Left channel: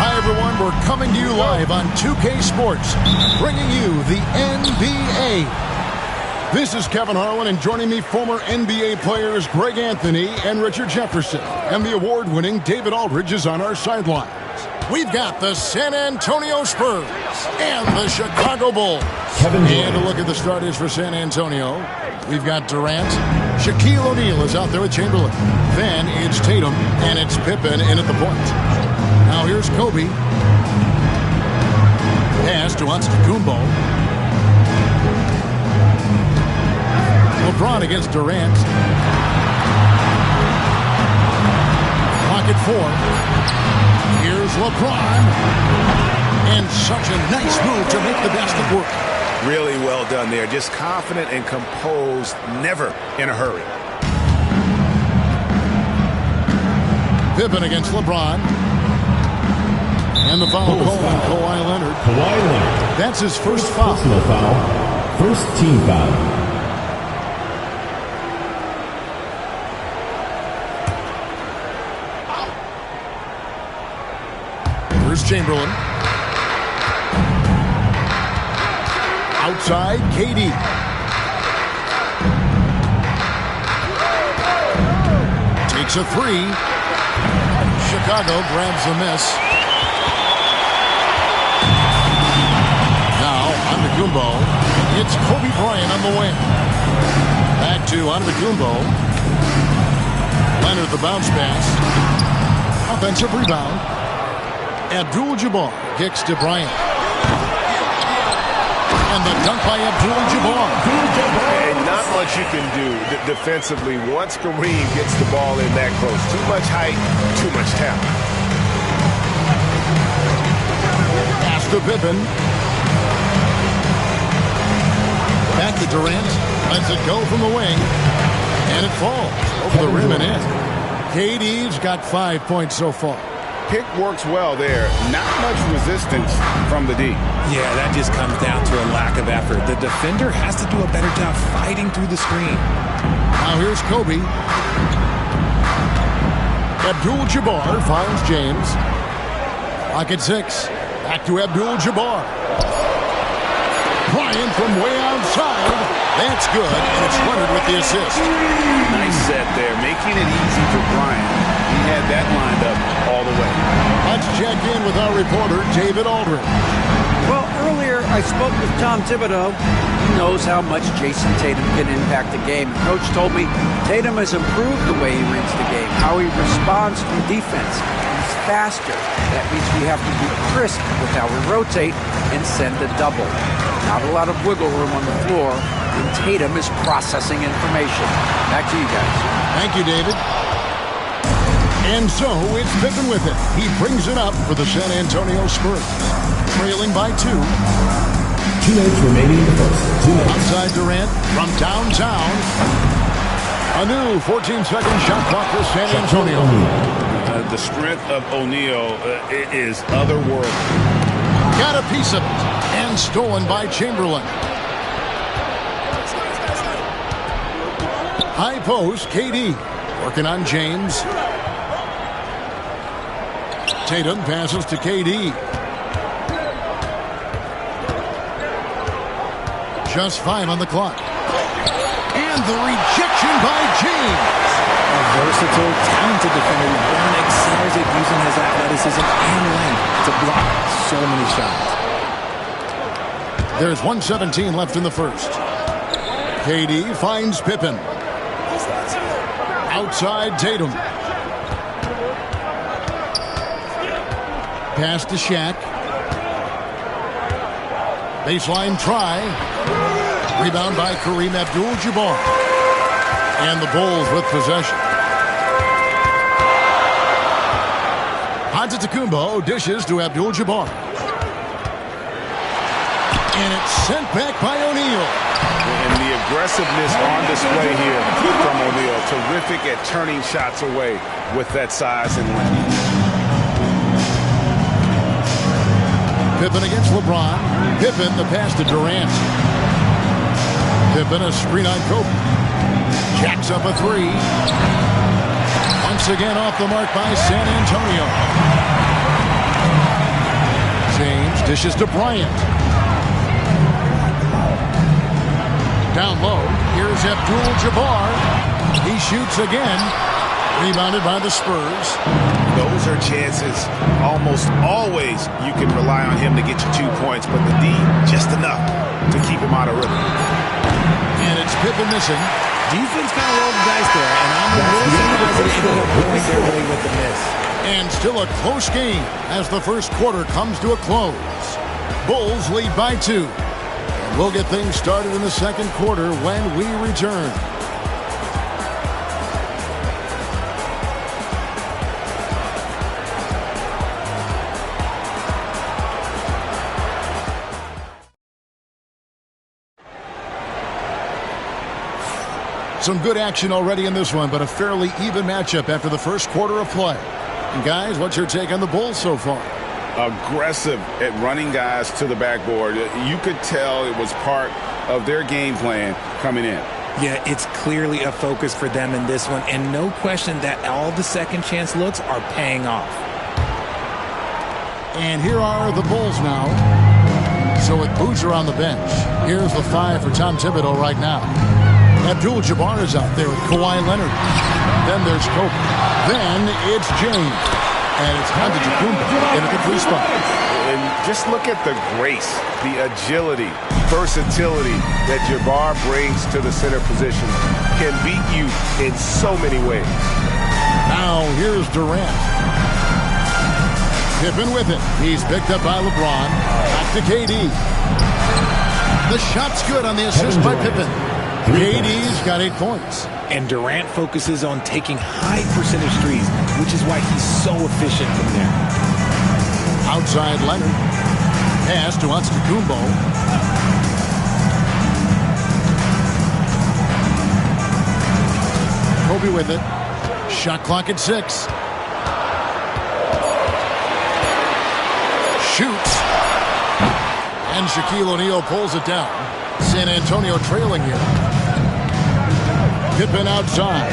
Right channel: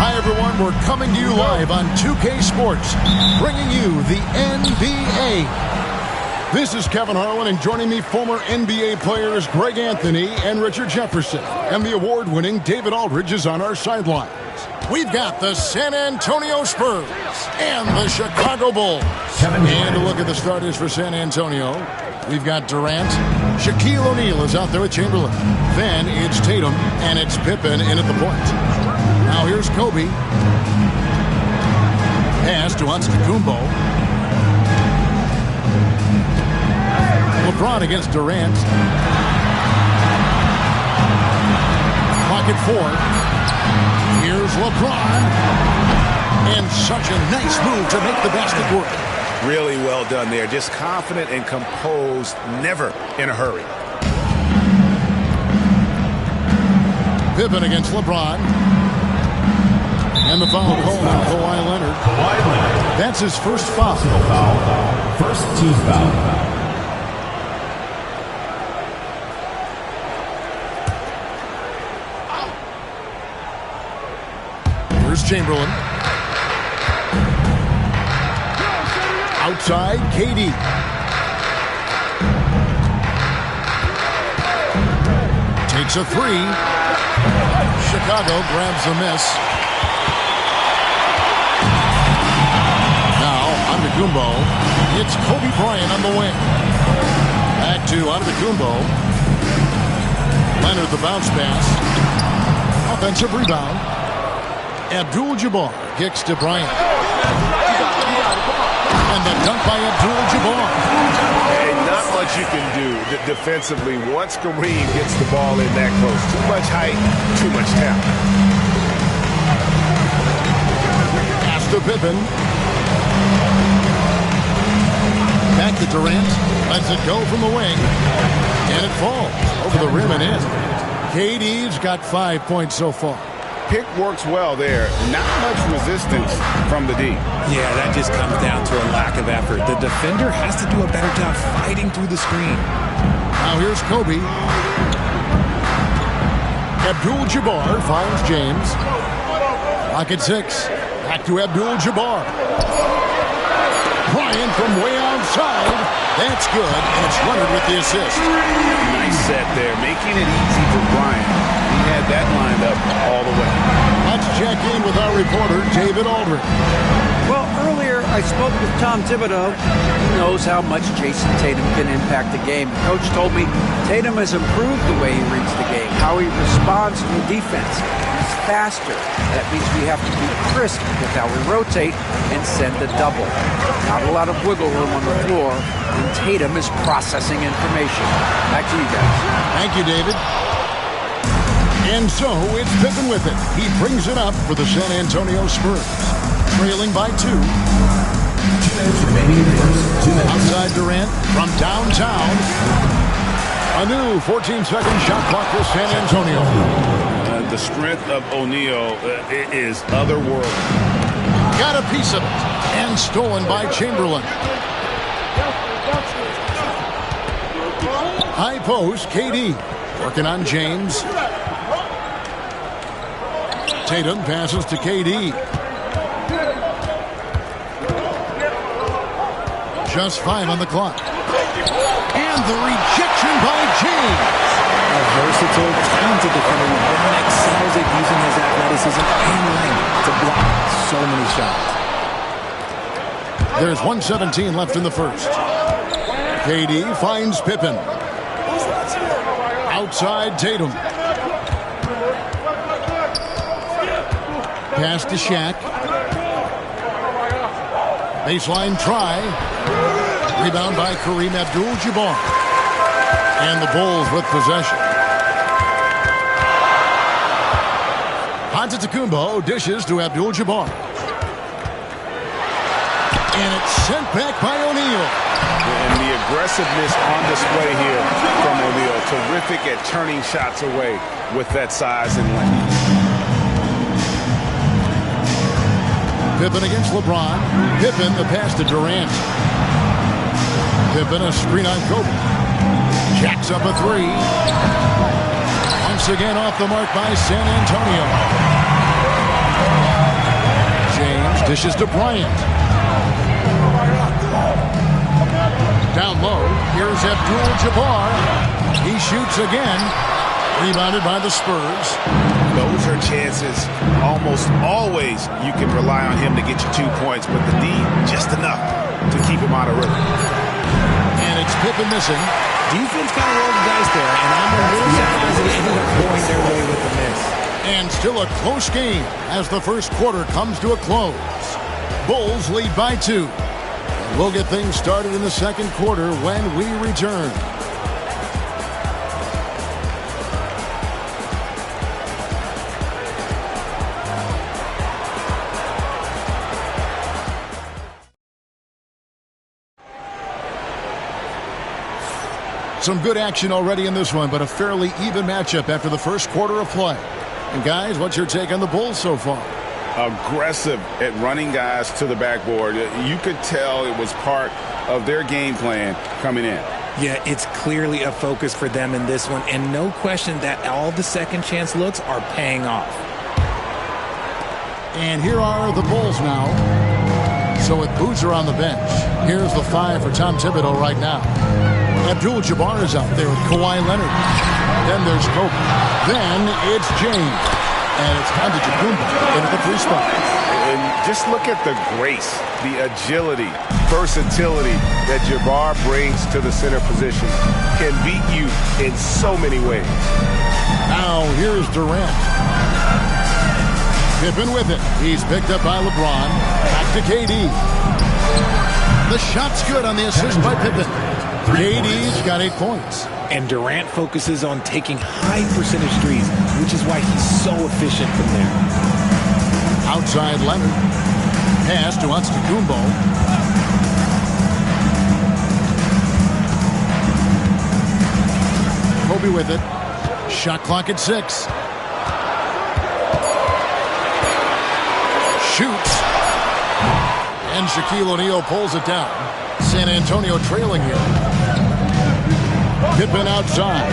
Hi, everyone. We're coming to you live on 2K Sports, bringing you the NBA. This is Kevin Harlan, and joining me, former NBA players Greg Anthony and Richard Jefferson. And the award-winning David Aldridge is on our sidelines. We've got the San Antonio Spurs and the Chicago Bulls. And a look at the starters for San Antonio. We've got Durant. Shaquille O'Neal is out there with Chamberlain. Then it's Tatum, and it's Pippen in at the point. Now here's Kobe. Pass to Antetokounmpo. LeBron against Durant. Clock at 4. Here's LeBron. And such a nice move to make the basket work. Really well done there. Just confident and composed, never in a hurry. Pippen against LeBron. And the foul called on Kawhi Leonard. That's his first foul. Personal foul. First team foul. Here's Chamberlain. Outside, KD. Takes a 3. Chicago grabs the miss. Now, Antetokounmpo. It's Kobe Bryant on the wing. Back to Antetokounmpo. Leonard the bounce pass. Offensive rebound. Abdul-Jabbar kicks to Bryant. And the dunk by Abdul-Jabbar. And not much you can do defensively once Kareem gets the ball in that close. Too much height, too much talent. Pass to Pippen. Back to Durant. Lets it go from the wing. And it falls over the rim and in. KD's got 5 points so far. Pick works well there. Not much resistance from the D. Yeah, that just comes down to a lack of effort. The defender has to do a better job fighting through the screen. Now here's Kobe. Abdul-Jabbar finds James. Clock at 6. Back to Abdul-Jabbar. Bryant from way outside. That's good, and it's Leonard with the assist. Nice set there, making it easy for Bryant. He had that lined up all the way. Let's check in with our reporter, David Aldridge. Well, earlier I spoke with Tom Thibodeau. He knows how much Jason Tatum can impact the game. Coach told me Tatum has improved the way he reads the game, how he responds to the defense. He's faster. That means we have to be crisp with how we rotate and send a double. Not a lot of wiggle room on the floor when Tatum is processing information. Back to you guys. Thank you, David. And so it's Pippen with it. He brings it up for the San Antonio Spurs. Trailing by 2. 2 minutes remaining in the first. 2 minutes. Outside Durant from downtown. A new 14-second shot clock for San Antonio. The strength of O'Neal is otherworldly. Got a piece of it. And stolen by Chamberlain. High post, KD. Working on James. Tatum passes to KD. Just 5 on the clock. And the rejection by James. A versatile, talented defender. LeBron excels at using his athleticism and length to block so many shots. There's 1:17 left in the first. KD finds Pippen. Outside Tatum. pass to Shaq. Baseline try. Rebound by Kareem Abdul-Jabbar. And the Bulls with possession. Antetokounmpo dishes to Abdul-Jabbar. And it's sent back by O'Neal. And the aggressiveness on display here from O'Neal. Terrific at turning shots away with that size and length. Pippen against LeBron. Pippen the pass to Durant. Pippen a screen on Kobe. Jacks up a three. Once again off the mark by San Antonio. James dishes to Bryant. Down low, here's Abdul-Jabbar. He shoots again. Rebounded by the Spurs. Those are chances. Almost always you can rely on him to get you 2 points, but the D, just enough to keep him out of rhythm. And it's Pippen missing. Defense kind of rolled the dice there, and I'm a little surprised that it ended up going their way with the miss. And still a close game as the first quarter comes to a close. Bulls lead by 2. And we'll get things started in the second quarter when we return. Some good action already in this one, but a fairly even matchup after the first quarter of play. And guys, what's your take on the Bulls so far? Aggressive at running guys to the backboard. You could tell it was part of their game plan coming in. Yeah, it's clearly a focus for them in this one, and no question that all the second chance looks are paying off. And here are the Bulls now. So with Boozer on the bench, here's the 5 for Tom Thibodeau right now. Abdul-Jabbar is out there with Kawhi Leonard. Then there's Kobe. Then it's James. And it's Antetokounmpo in at the 3 spot. And just look at the grace, the agility, versatility that Jabbar brings to the center position. Can beat you in so many ways. Now here's Durant. Pippen with it. He's picked up by LeBron. Back to KD. The shot's good on the assist by Pippen. KD's got 8 points. And Durant focuses on taking high percentage threes, which is why he's so efficient from there. Outside Leonard. Pass to Antetokounmpo. Kobe with it. Shot clock at 6. Shoots. And Shaquille O'Neal pulls it down. San Antonio trailing here. Pippen outside.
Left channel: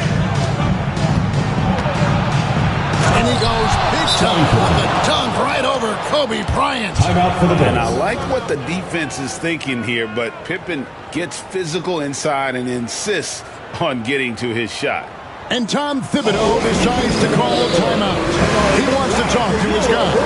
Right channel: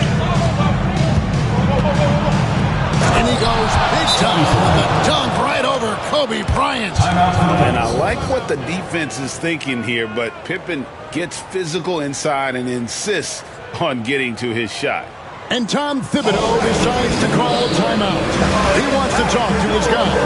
And he goes big time with the dunk right over Kobe Bryant. And I like what the defense is thinking here, but Pippen gets physical inside and insists on getting to his shot. And Tom Thibodeau decides to call a timeout. He wants to talk to his guys.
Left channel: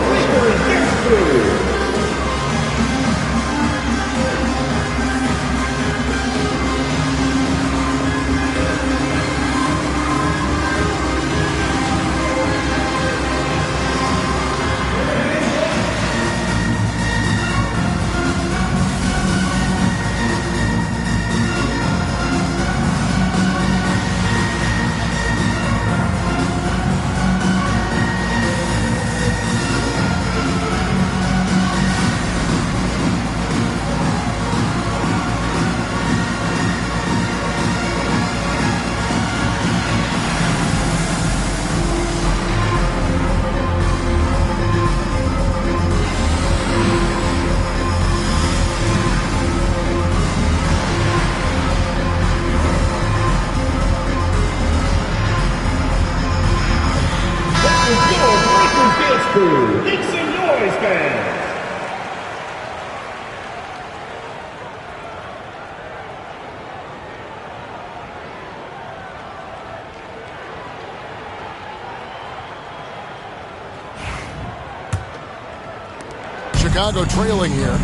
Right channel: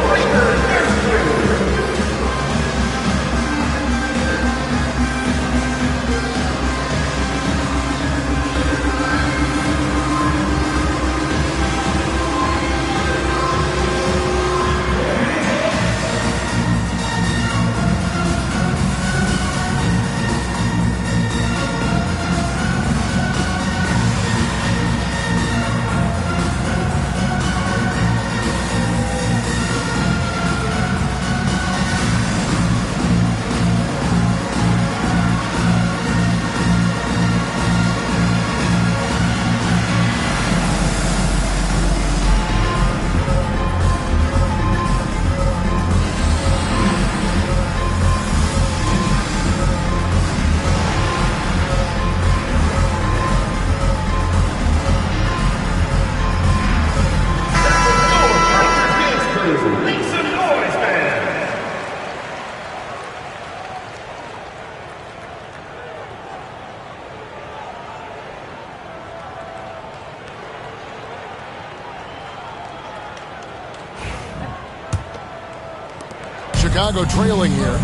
Chicago trailing here.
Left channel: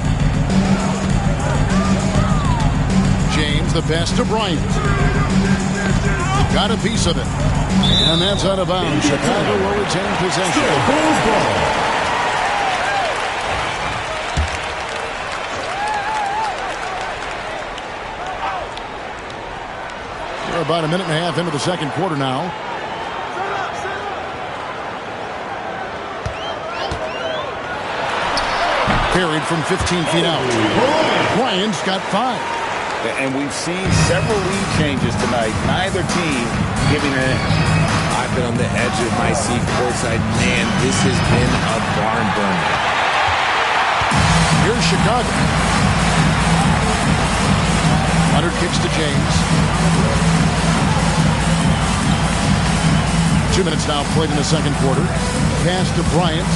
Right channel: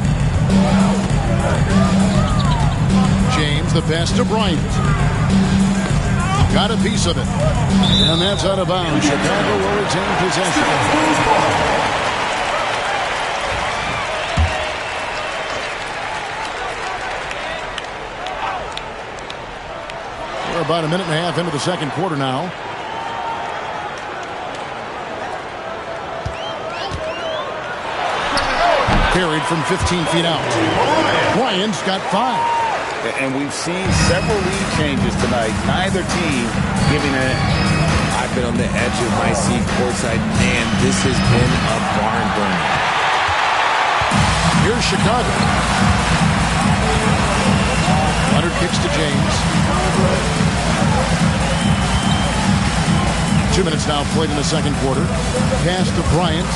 James, the pass to Bryant. Got a piece of it. And that's out of bounds. Chicago will retain possession. We're about a minute and a half into the second quarter now. Carried from 15 feet out. Bryant's got 5. And we've seen several lead changes tonight. Neither team giving an inch. I've been on the edge of my seat courtside. Man, this has been a barn burner. Here's Chicago. Leonard kicks to James. 2 minutes now played in the second quarter. Pass to Bryant.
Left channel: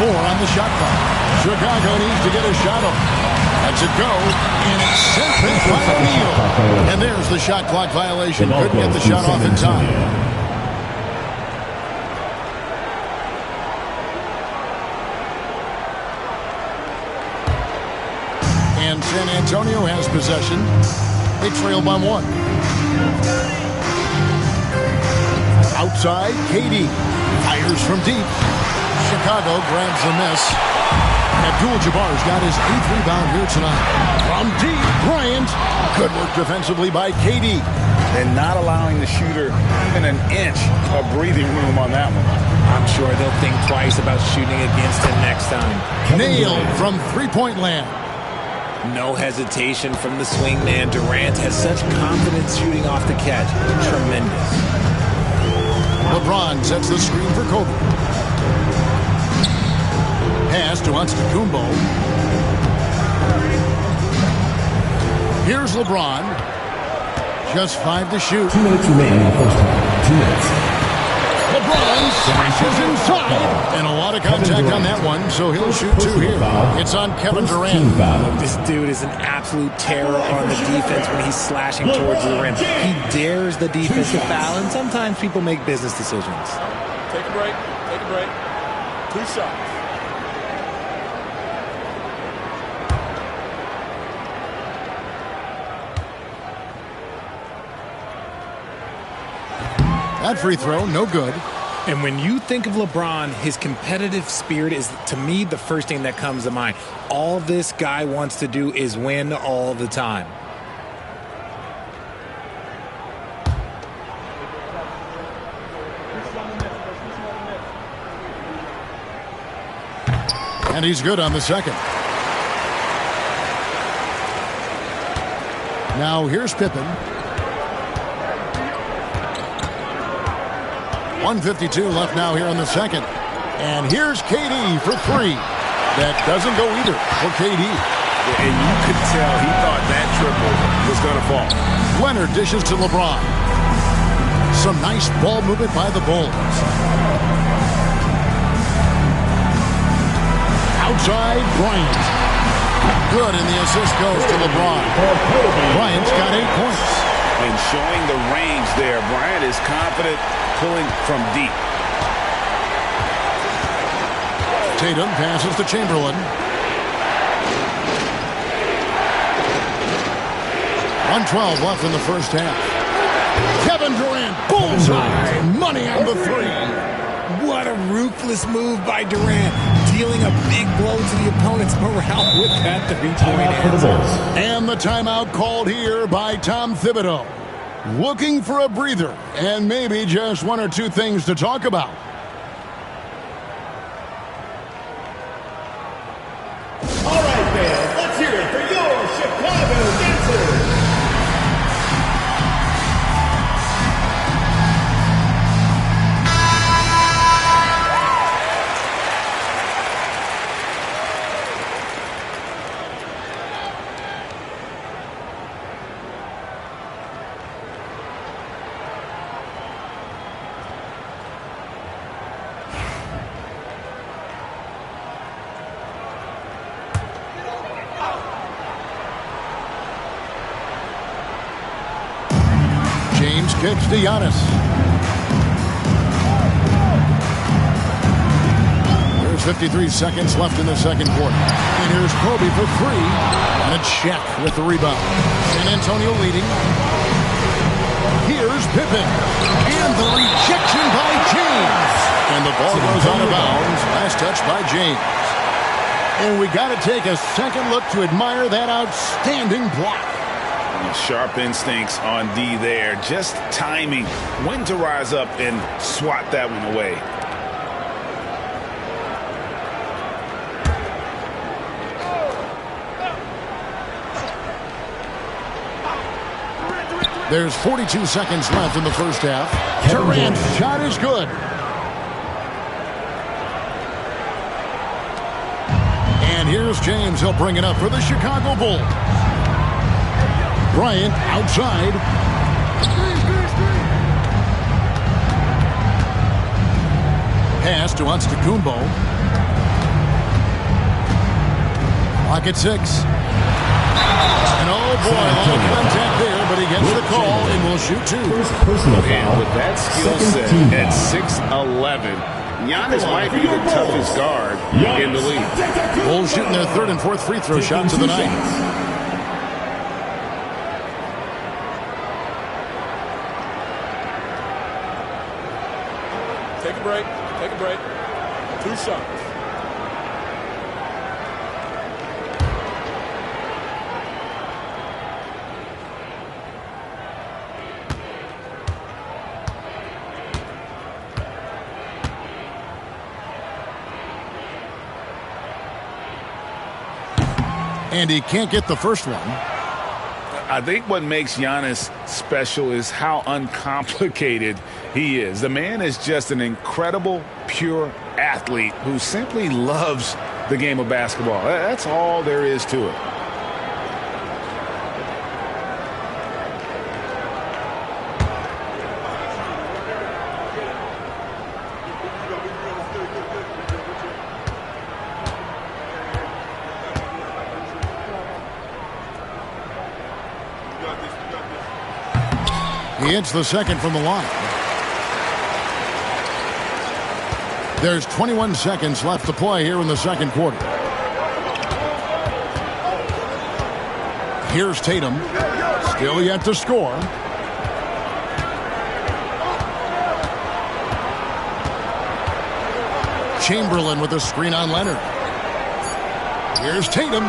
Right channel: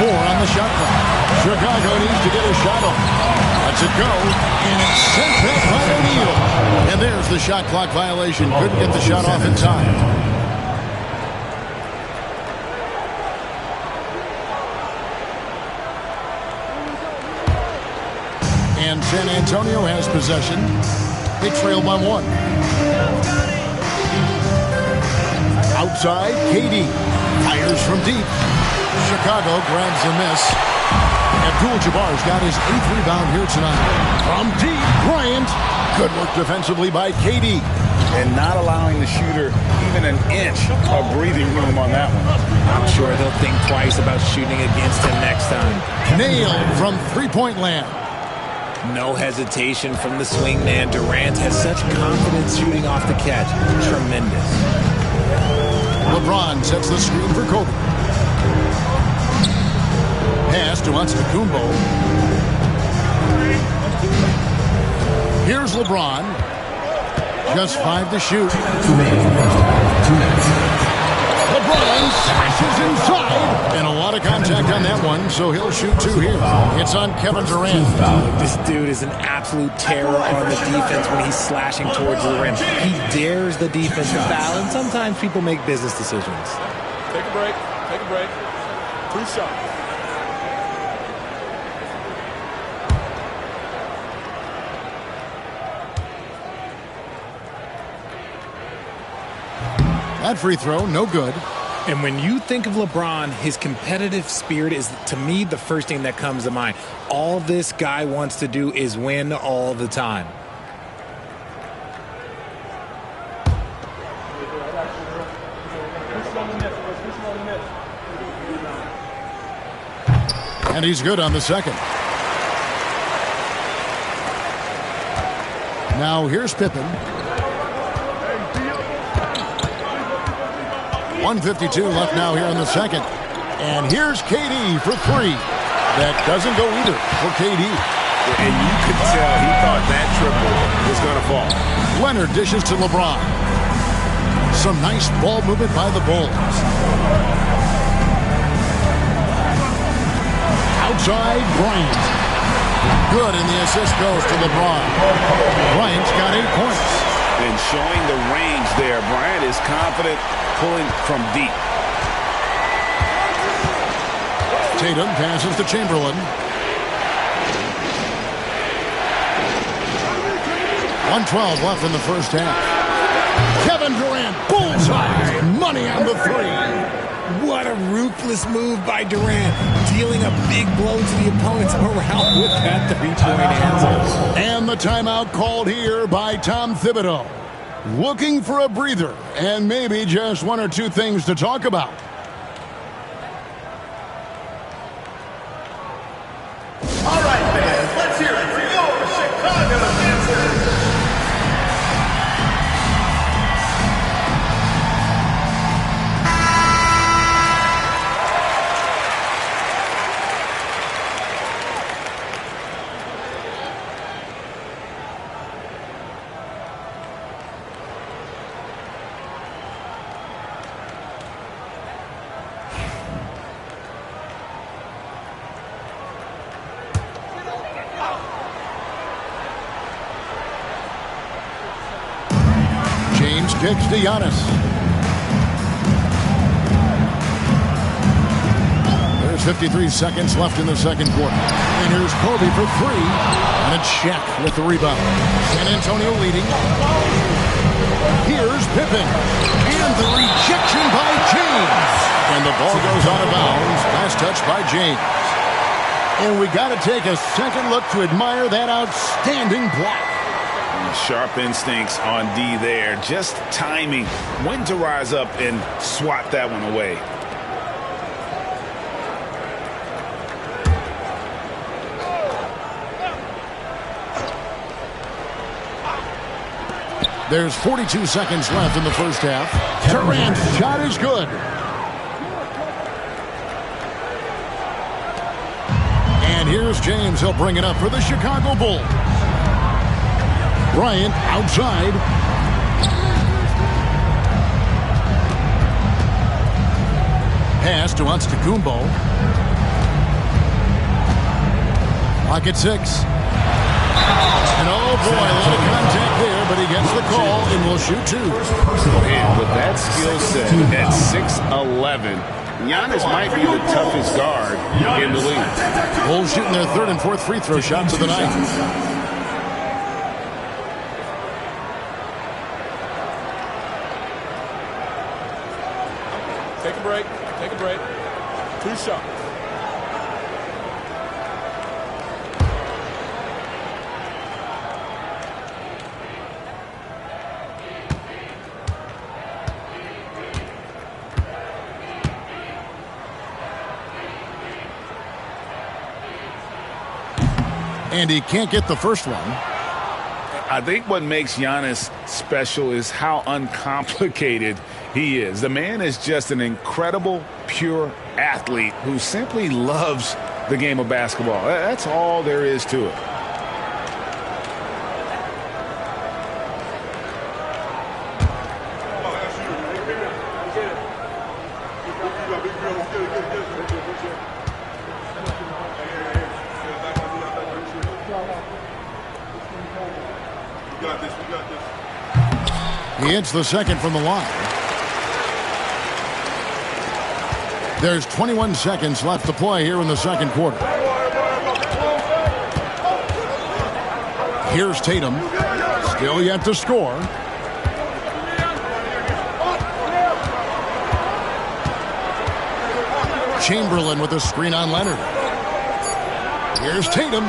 4 on the shot clock. Chicago needs to get a shot off. Lets it go, and it's sent back by O'Neal. And there's the shot clock violation. Couldn't get the shot off in time. And San Antonio has possession. They trail by 1. Outside, KD fires from deep. Chicago grabs the miss. Abdul-Jabbar's got his 8th rebound here tonight. From deep, Bryant. Good work defensively by KD. And not allowing the shooter even an inch of breathing room on that one. I'm sure they'll think twice about shooting against him next time. Nailed from three-point land. No hesitation from the swing man. Durant has such confidence shooting off the catch. Tremendous. LeBron sets the screen for Kobe. Pass to Antetokounmpo. Here's LeBron. Just 5 to shoot. 2 minutes remaining in the first half. 2 minutes. LeBron smashes inside. And a lot of contact on that one, so he'll shoot 2 here. It's on Kevin Durant. This dude is an absolute terror on the defense when he's slashing towards the rim. He dares the defense to foul, and sometimes people make business decisions. Take a break. Take a break. 2 shots. That free throw, no good. And when you think of LeBron, his competitive spirit is, to me, the first thing that comes to mind. All this guy wants to do is win all the time. And he's good on the second. Now here's Pippen. 1:52 left now here in the second. And here's KD for 3. That doesn't go either for KD. And you could tell he thought that triple was going to fall. Leonard dishes to LeBron. Some nice ball movement by the Bulls. Outside, Bryant. Good, and the assist goes to LeBron. Bryant's got 8 points. And showing the range there, Bryant is confident pulling from deep. Tatum passes to Chamberlain. 1:12 left in the first half. Kevin Durant, bullseye, money on the 3. What a ruthless move by Durant, dealing a big blow to the opponent's morale with that 3-point answer. And the timeout called here by Tom Thibodeau. Looking for a breather and maybe just 1 or 2 things to talk about. All right, fans, let's hear it for your Chicago dancers. James kicks to Giannis. There's 53 seconds left in the second quarter. And here's Kobe for 3. And it's Shaq with the rebound. San Antonio leading. Here's Pippen. And the rejection by James. And the ball goes out of bounds. Last touch by James. And we got to take a second look to admire that outstanding block. Sharp instincts on D there. Just timing when to rise up and swat that one away. There's 42 seconds left in the first half. Durant's shot is good. And here's James. He'll bring it up for the Chicago Bulls. Bryant outside. Pass to Antetokounmpo. Clock at 6. And oh boy, a lot of contact there, but he gets the call and will shoot 2. And with that skill set at 6'11", Giannis might be the toughest guard in the league. Bulls shooting their 3rd and 4th free throw shots of the night. Take a break. Take a break. 2 shots. And he can't get the first one. I think what makes Giannis special is how uncomplicated he is. The man is just an incredible, pure athlete who simply loves the game of basketball. That's all there is to it. He hits the second from the line. There's 21 seconds left to play here in the second quarter. Here's Tatum. Still yet to score. Chamberlain with a screen on Leonard. Here's Tatum.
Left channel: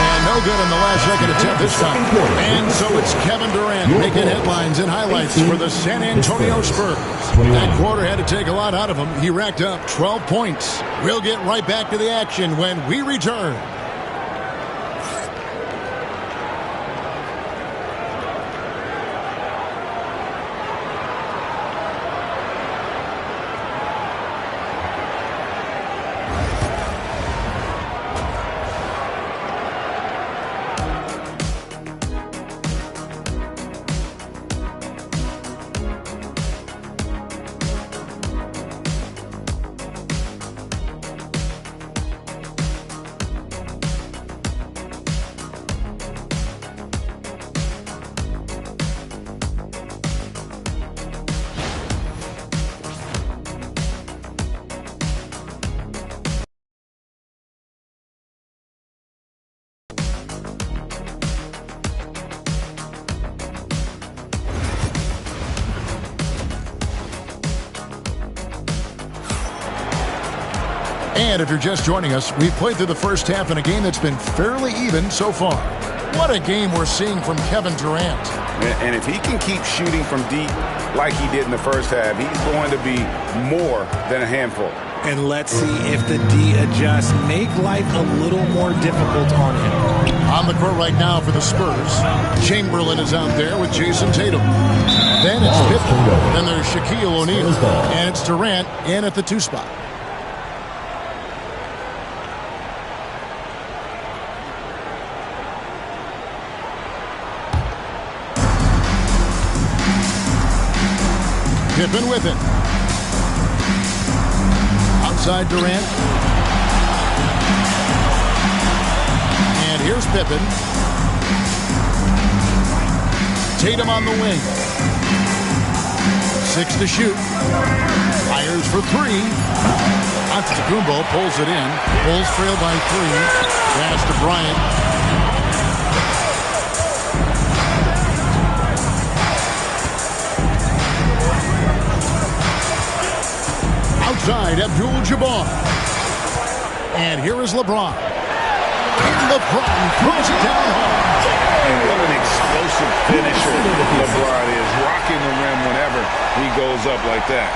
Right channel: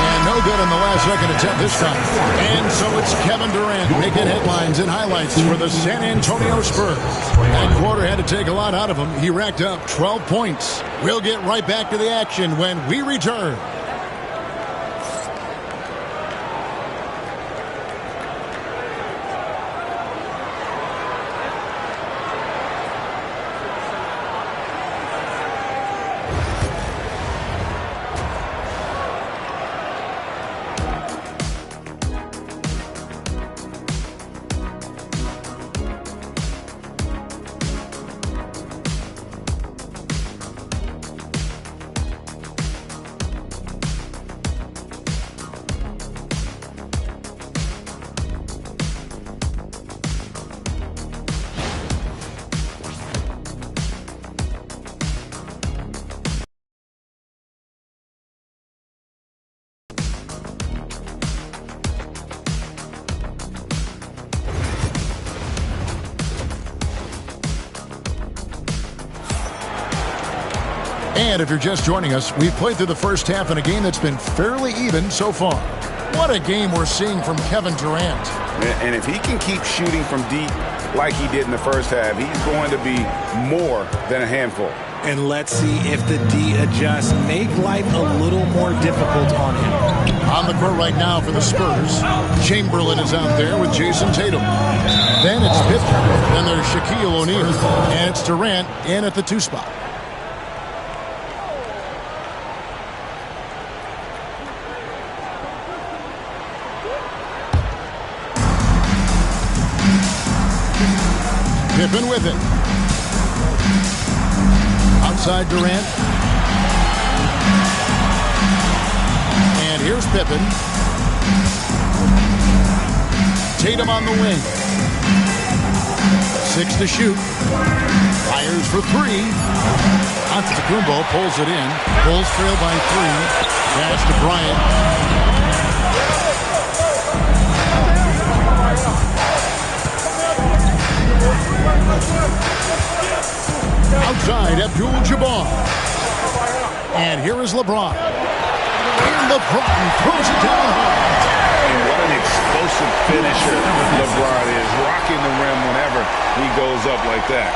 And no good on the last second attempt this time. And so it's Kevin Durant making headlines and highlights for the San Antonio Spurs. That quarter had to take a lot out of him. He racked up 12 points. We'll get right back to the action when we return. And if you're just joining us, we've played through the first half in a game that's been fairly even so far. What a game we're seeing from Kevin Durant. And if he can keep shooting from deep like he did in the first half, he's going to be more than a handful. And let's see if the D adjusts, make life a little more difficult on him. On the court right now for the Spurs, Chamberlain is out there with Jason Tatum. Then it's Pippen. Then there's Shaquille O'Neal. And it's Durant in at the 2 spot. Pippen with it. Outside Durant. And here's Pippen. Tatum on the wing. 6 to shoot. Fires for 3. Antetokounmpo pulls it in. Bulls trail by 3. Pass to Bryant. Outside, Abdul-Jabbar. And here is LeBron. And LeBron throws it down home. And what an explosive finisher LeBron is, rocking the rim whenever he goes up like that.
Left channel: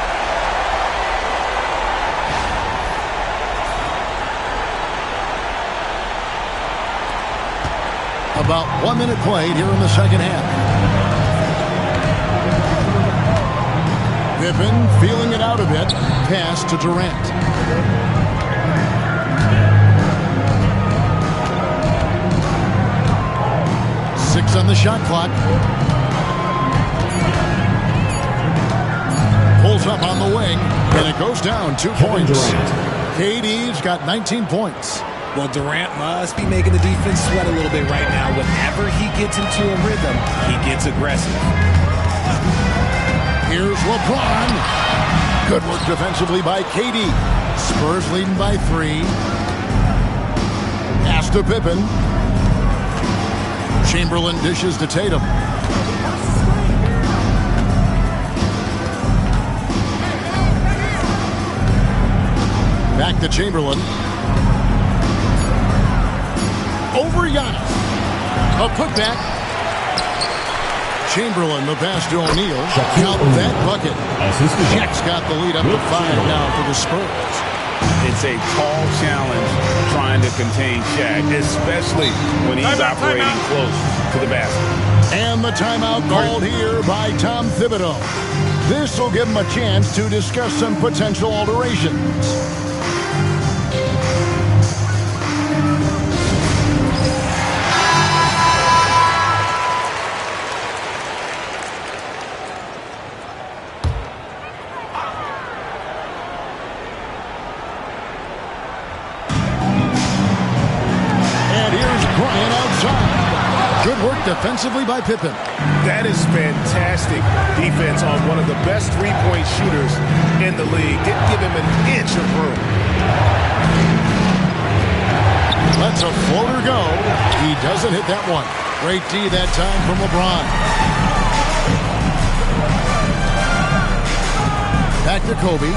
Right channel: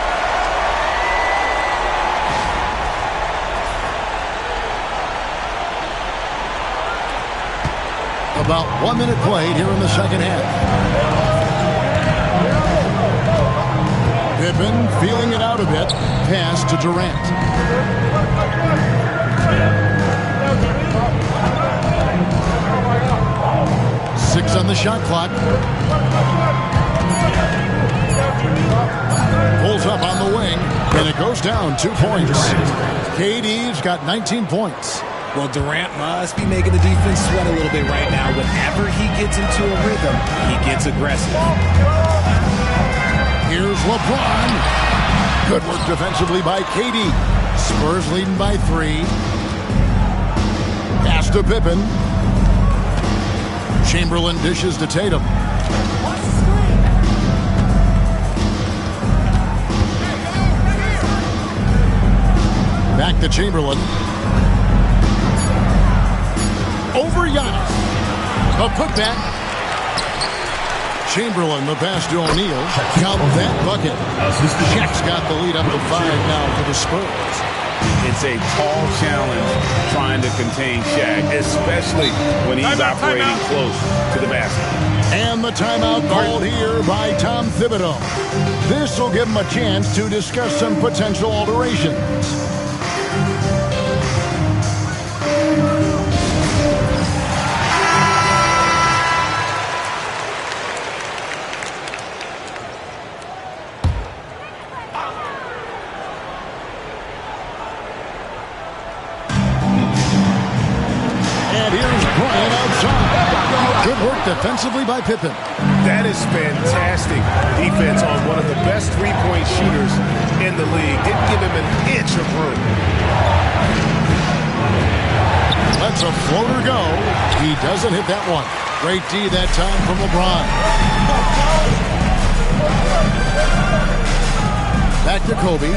About 1 minute played here in the second half. Pippen feeling it out a bit. Pass to Durant. Six on the shot clock. Pulls up on the wing, and it goes down 2 points. KD's got 19 points. Well, Durant must be making the defense sweat a little bit right now. Whenever he gets into a rhythm, he gets aggressive. Here's LeBron. Good work defensively by KD. Spurs leading by 3. Pass to Pippen. Chamberlain dishes to Tatum. Back to Chamberlain. Over Giannis. A putback. Chamberlain, the pass to O'Neal. Count that bucket. Shaq's got the lead up to 5 now for the Spurs. It's a tall challenge trying to contain Shaq, especially when he's operating close to the basket. And the timeout called here by Tom Thibodeau. This will give him a chance to discuss some potential alterations. Good work defensively by Pippen. That is fantastic defense on one of the best three-point shooters in the league. Didn't give him an inch of room. Lets a floater go. He doesn't hit that one. Great D that time from LeBron. Back to Kobe.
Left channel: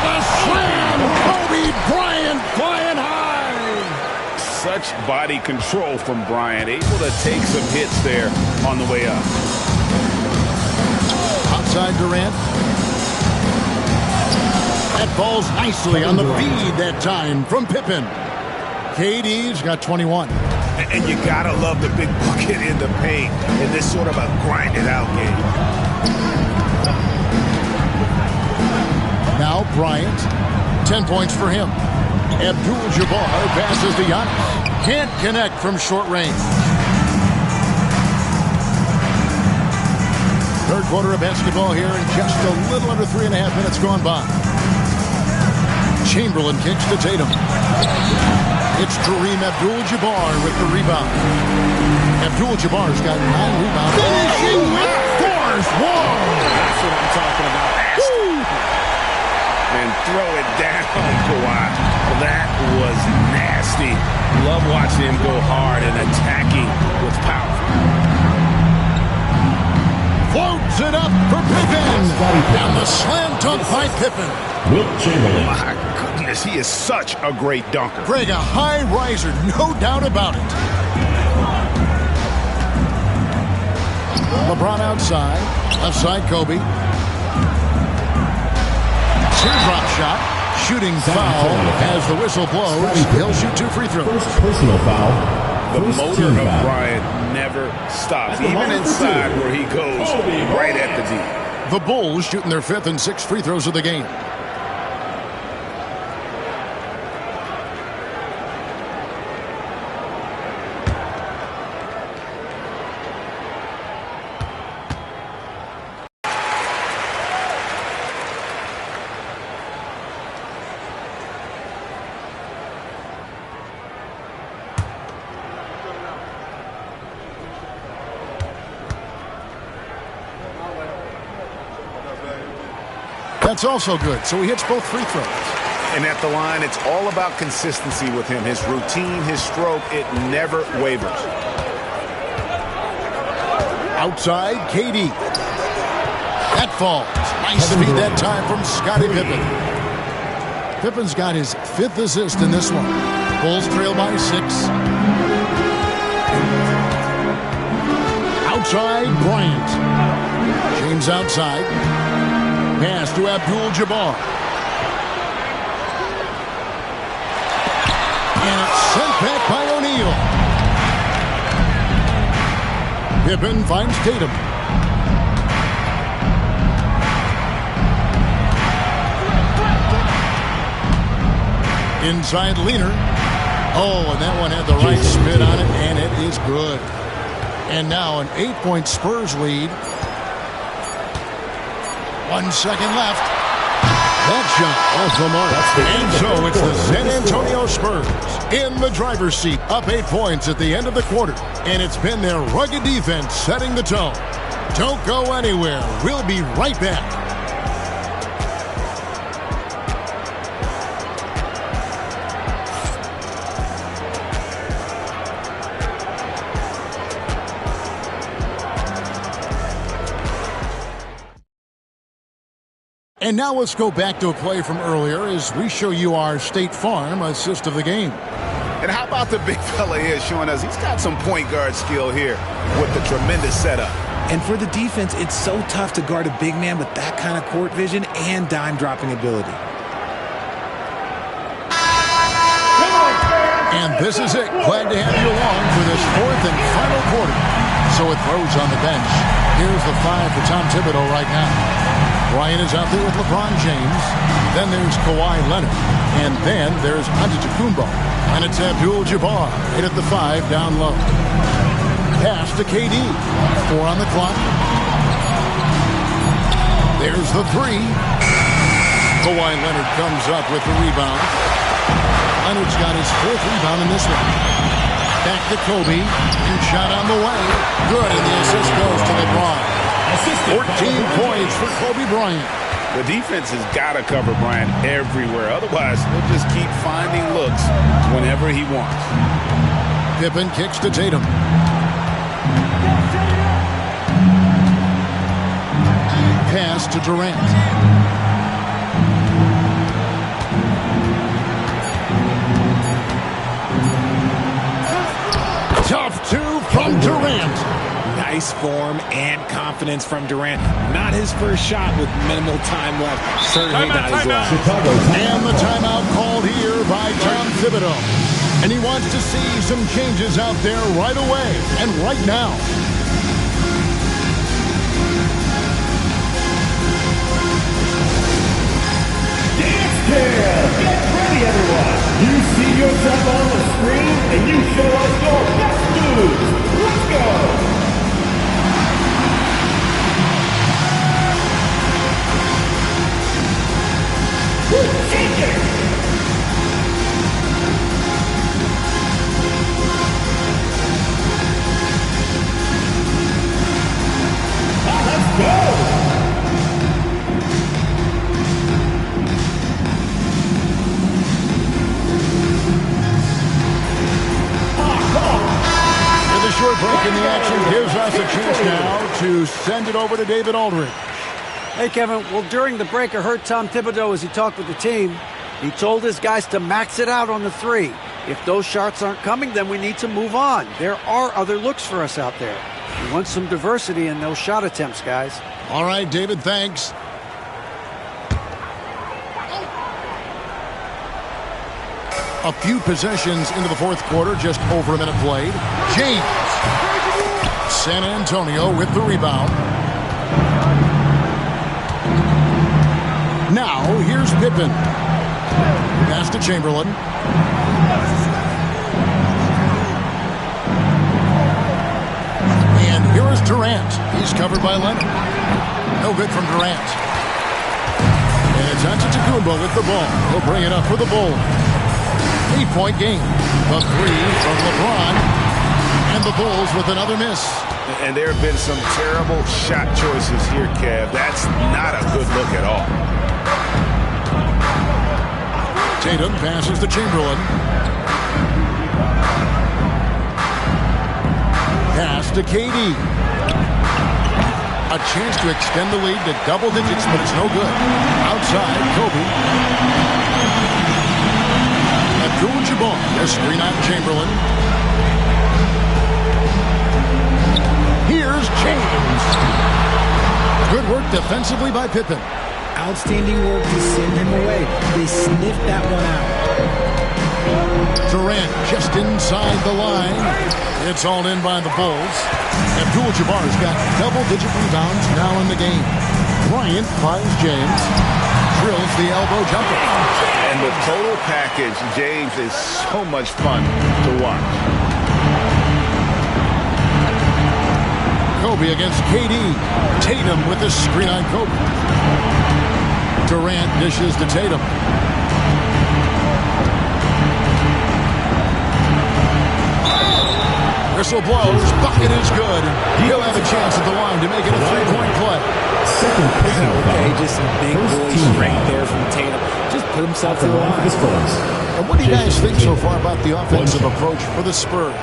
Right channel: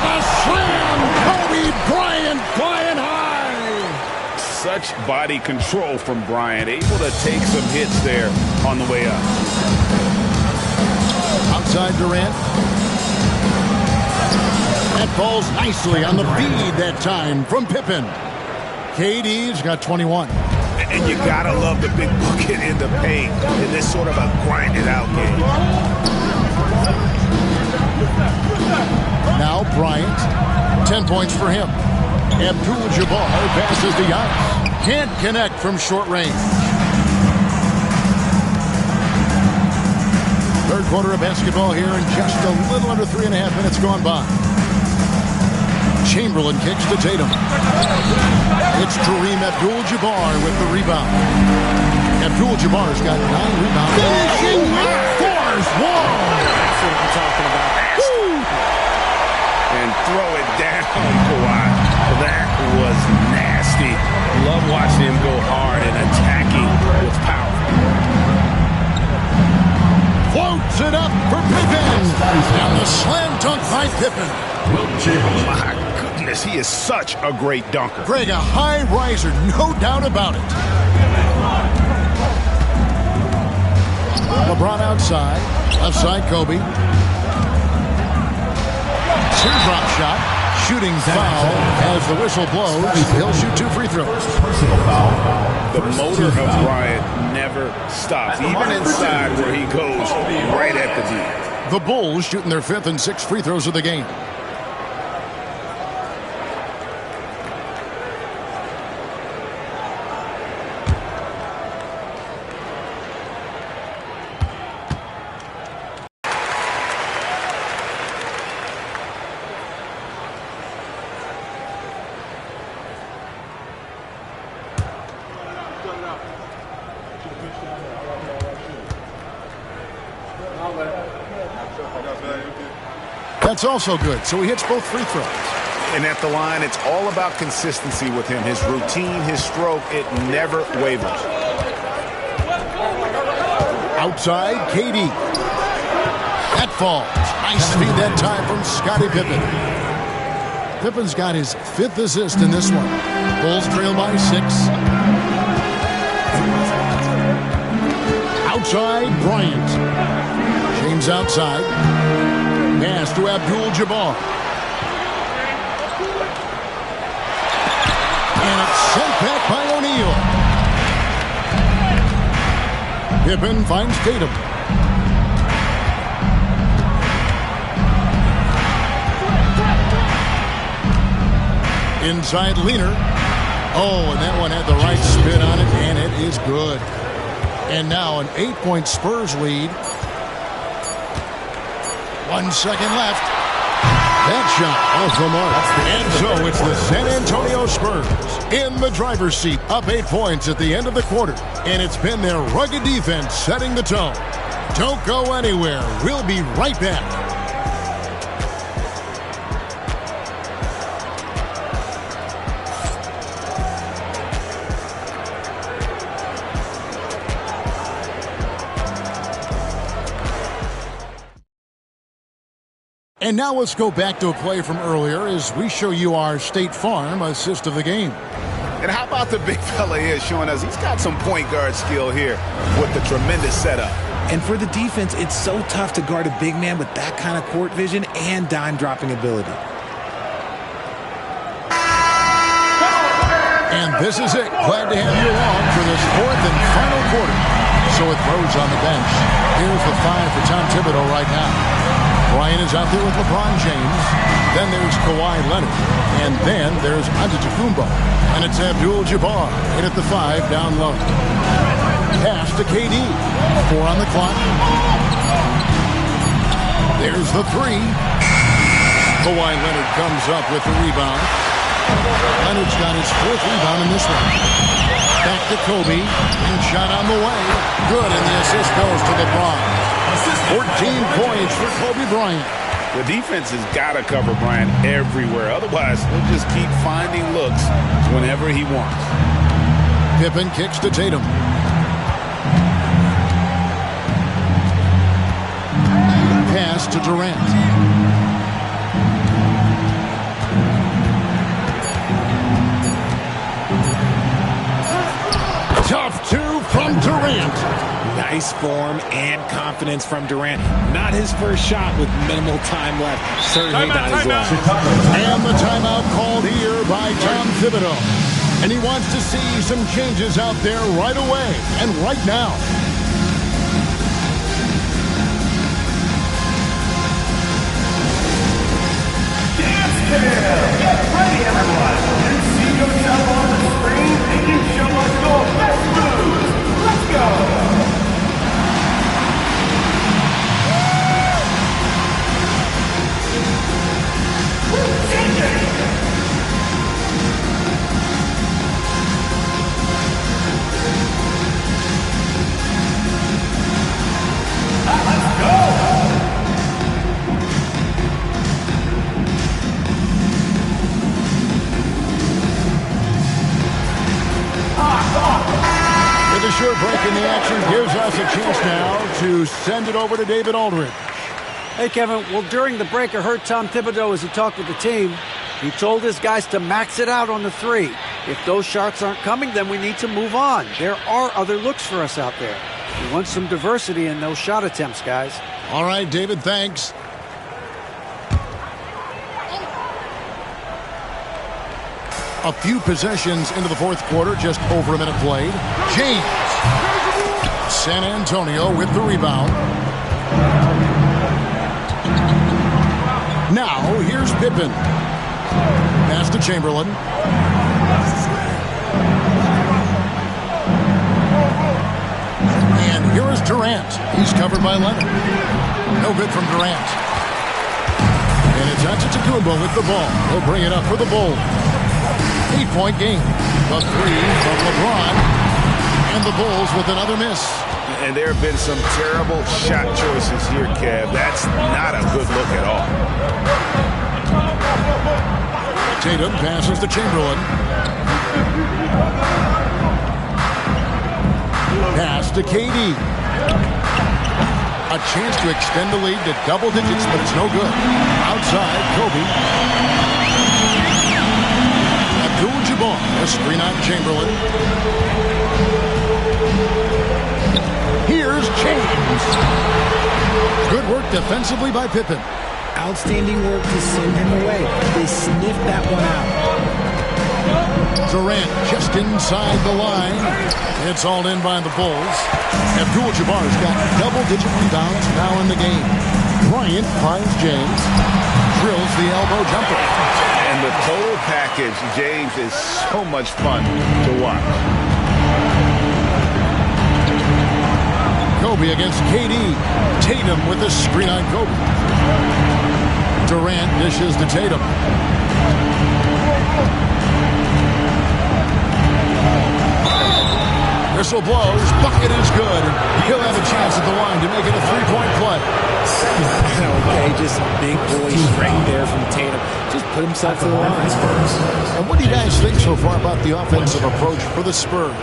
The slam! Kobe Bryant flying high! Such body control from Bryant, able to take some hits there on the way up. Outside Durant. That falls nicely on the feed that time from Pippen. KD's got 21. And you gotta love the big bucket in the paint in this sort of a grinded out game. Now Bryant, 10 points for him. Abdul-Jabbar passes to Giannis. Can't connect from short range. Third quarter of basketball here and just a little under 3.5 minutes gone by. Chamberlain kicks to Tatum. It's Kareem Abdul-Jabbar with the rebound. Abdul-Jabbar's got 9 rebounds. Finishing with force. Whoa! That's what I'm talking about. And throw it down, Kawhi. Well, that was nasty. Love watching him go hard and attacking with power. Floats it up for Pippen. And the slam dunk by Pippen. Wilt Chamberlain. My goodness, he is such a great dunker. Greg, a high riser, no doubt about it. LeBron outside. Left side, Kobe. Teardrop shot. Shooting foul as the whistle blows. He'll shoot 2 free throws. First personal foul. The motor of Bryant never stops, even inside where he goes right at the D. The Bulls shooting their 5th and 6th free throws of the game. That's also good, so he hits both free throws. And at the line, it's all about consistency with him. His routine, his stroke, it never wavers. Outside, KD. That falls. Nice feed that time from Scottie Pippen. Pippen's got his 5th assist in this one. Bulls trail by 6. Outside, Bryant. James outside. Pass to Abdul-Jabbar. And it's sent back by O'Neal. Pippen finds Tatum. Inside Leaner. Oh, and that one had the right spin on it, and it is good. And now an 8-point Spurs lead. 1 second left. That shot off the mark. And so it's the San Antonio Spurs in the driver's seat, up 8 points at the end of the quarter. And it's been their rugged defense setting the tone. Don't go anywhere. We'll be right back. And now let's go back to a play from earlier as we show you our State Farm assist of the game. And how about the big fella here showing us he's got some point guard skill here with the tremendous setup. And for the defense, it's so tough to guard a big man with that kind of court vision and dime-dropping ability. And this is it. Glad to have you along for this 4th and final quarter. So with Rose on the bench, here's the 5 for Tom Thibodeau right now. Bryant is out there with LeBron James. Then there's Kawhi Leonard. And then there's Antetokounmpo. And it's Abdul-Jabbar in at the 5 down low. Pass to KD. 4 on the clock. There's the 3. Kawhi Leonard comes up with the rebound. Leonard's got his 4th rebound in this one. Back to Kobe. And shot on the way. Good, and the assist goes to LeBron. 14 points for Kobe Bryant. The defense has got to cover Bryant everywhere. Otherwise, he'll just keep finding looks whenever he wants. Pippen kicks to Tatum. Pass to Durant. Tough 2 from Durant. Nice form and confidence from Durant. Not his first shot with minimal time left. Certainly not his last. And the timeout called here by Tom Thibodeau. And he wants to see some changes out there right away and right now. Dance Cam! Get ready, everyone! You see yourself on the screen, and you show us your best moves. Let's go! Let's go! With a short break in the action gives us a chance now to send it over to David Aldridge. Hey, Kevin. Well, during the break, I heard Tom Thibodeau as he talked with the team. He told his guys to max it out on the 3. If those shots aren't coming, then we need to move on. There are other looks for us out there. We want some diversity in those shot attempts, guys. All right, David, thanks. A few possessions into the 4th quarter, just over a minute played. James. San Antonio with the rebound. Now, here's Pippen. Pass to Chamberlain. And here is Durant. He's covered by Leonard. No good from Durant. And it's Antetokounmpo with the ball. He'll bring it up for the Bulls. 8-point game. The 3 from LeBron. And the Bulls with another miss. And there have been some terrible shot choices here, Kev. That's not a good look at all. Tatum passes to Chamberlain. Pass to KD. A chance to extend the lead to double digits, but it's no good. Outside, Kobe. Abdul-Jabbar, a screen on Chamberlain. Here's James. Good work defensively by Pippen. Outstanding work to send him away. They sniffed that one out. Durant just inside the line. It's all in by the Bulls. Abdul-Jabbar's got double-digit rebounds now in the game. Bryant finds James. Drills the elbow jumper. And the total package, James, is so much fun to watch. Kobe against KD. Tatum with the screen on Kobe. Durant dishes to Tatum. Whistle blows. Bucket is good. He'll have a chance at the line to make it a three-point play. Okay, just some big boy strength there from Tatum. Just put himself to the line. And what do you guys think so far about the offensive approach for the Spurs?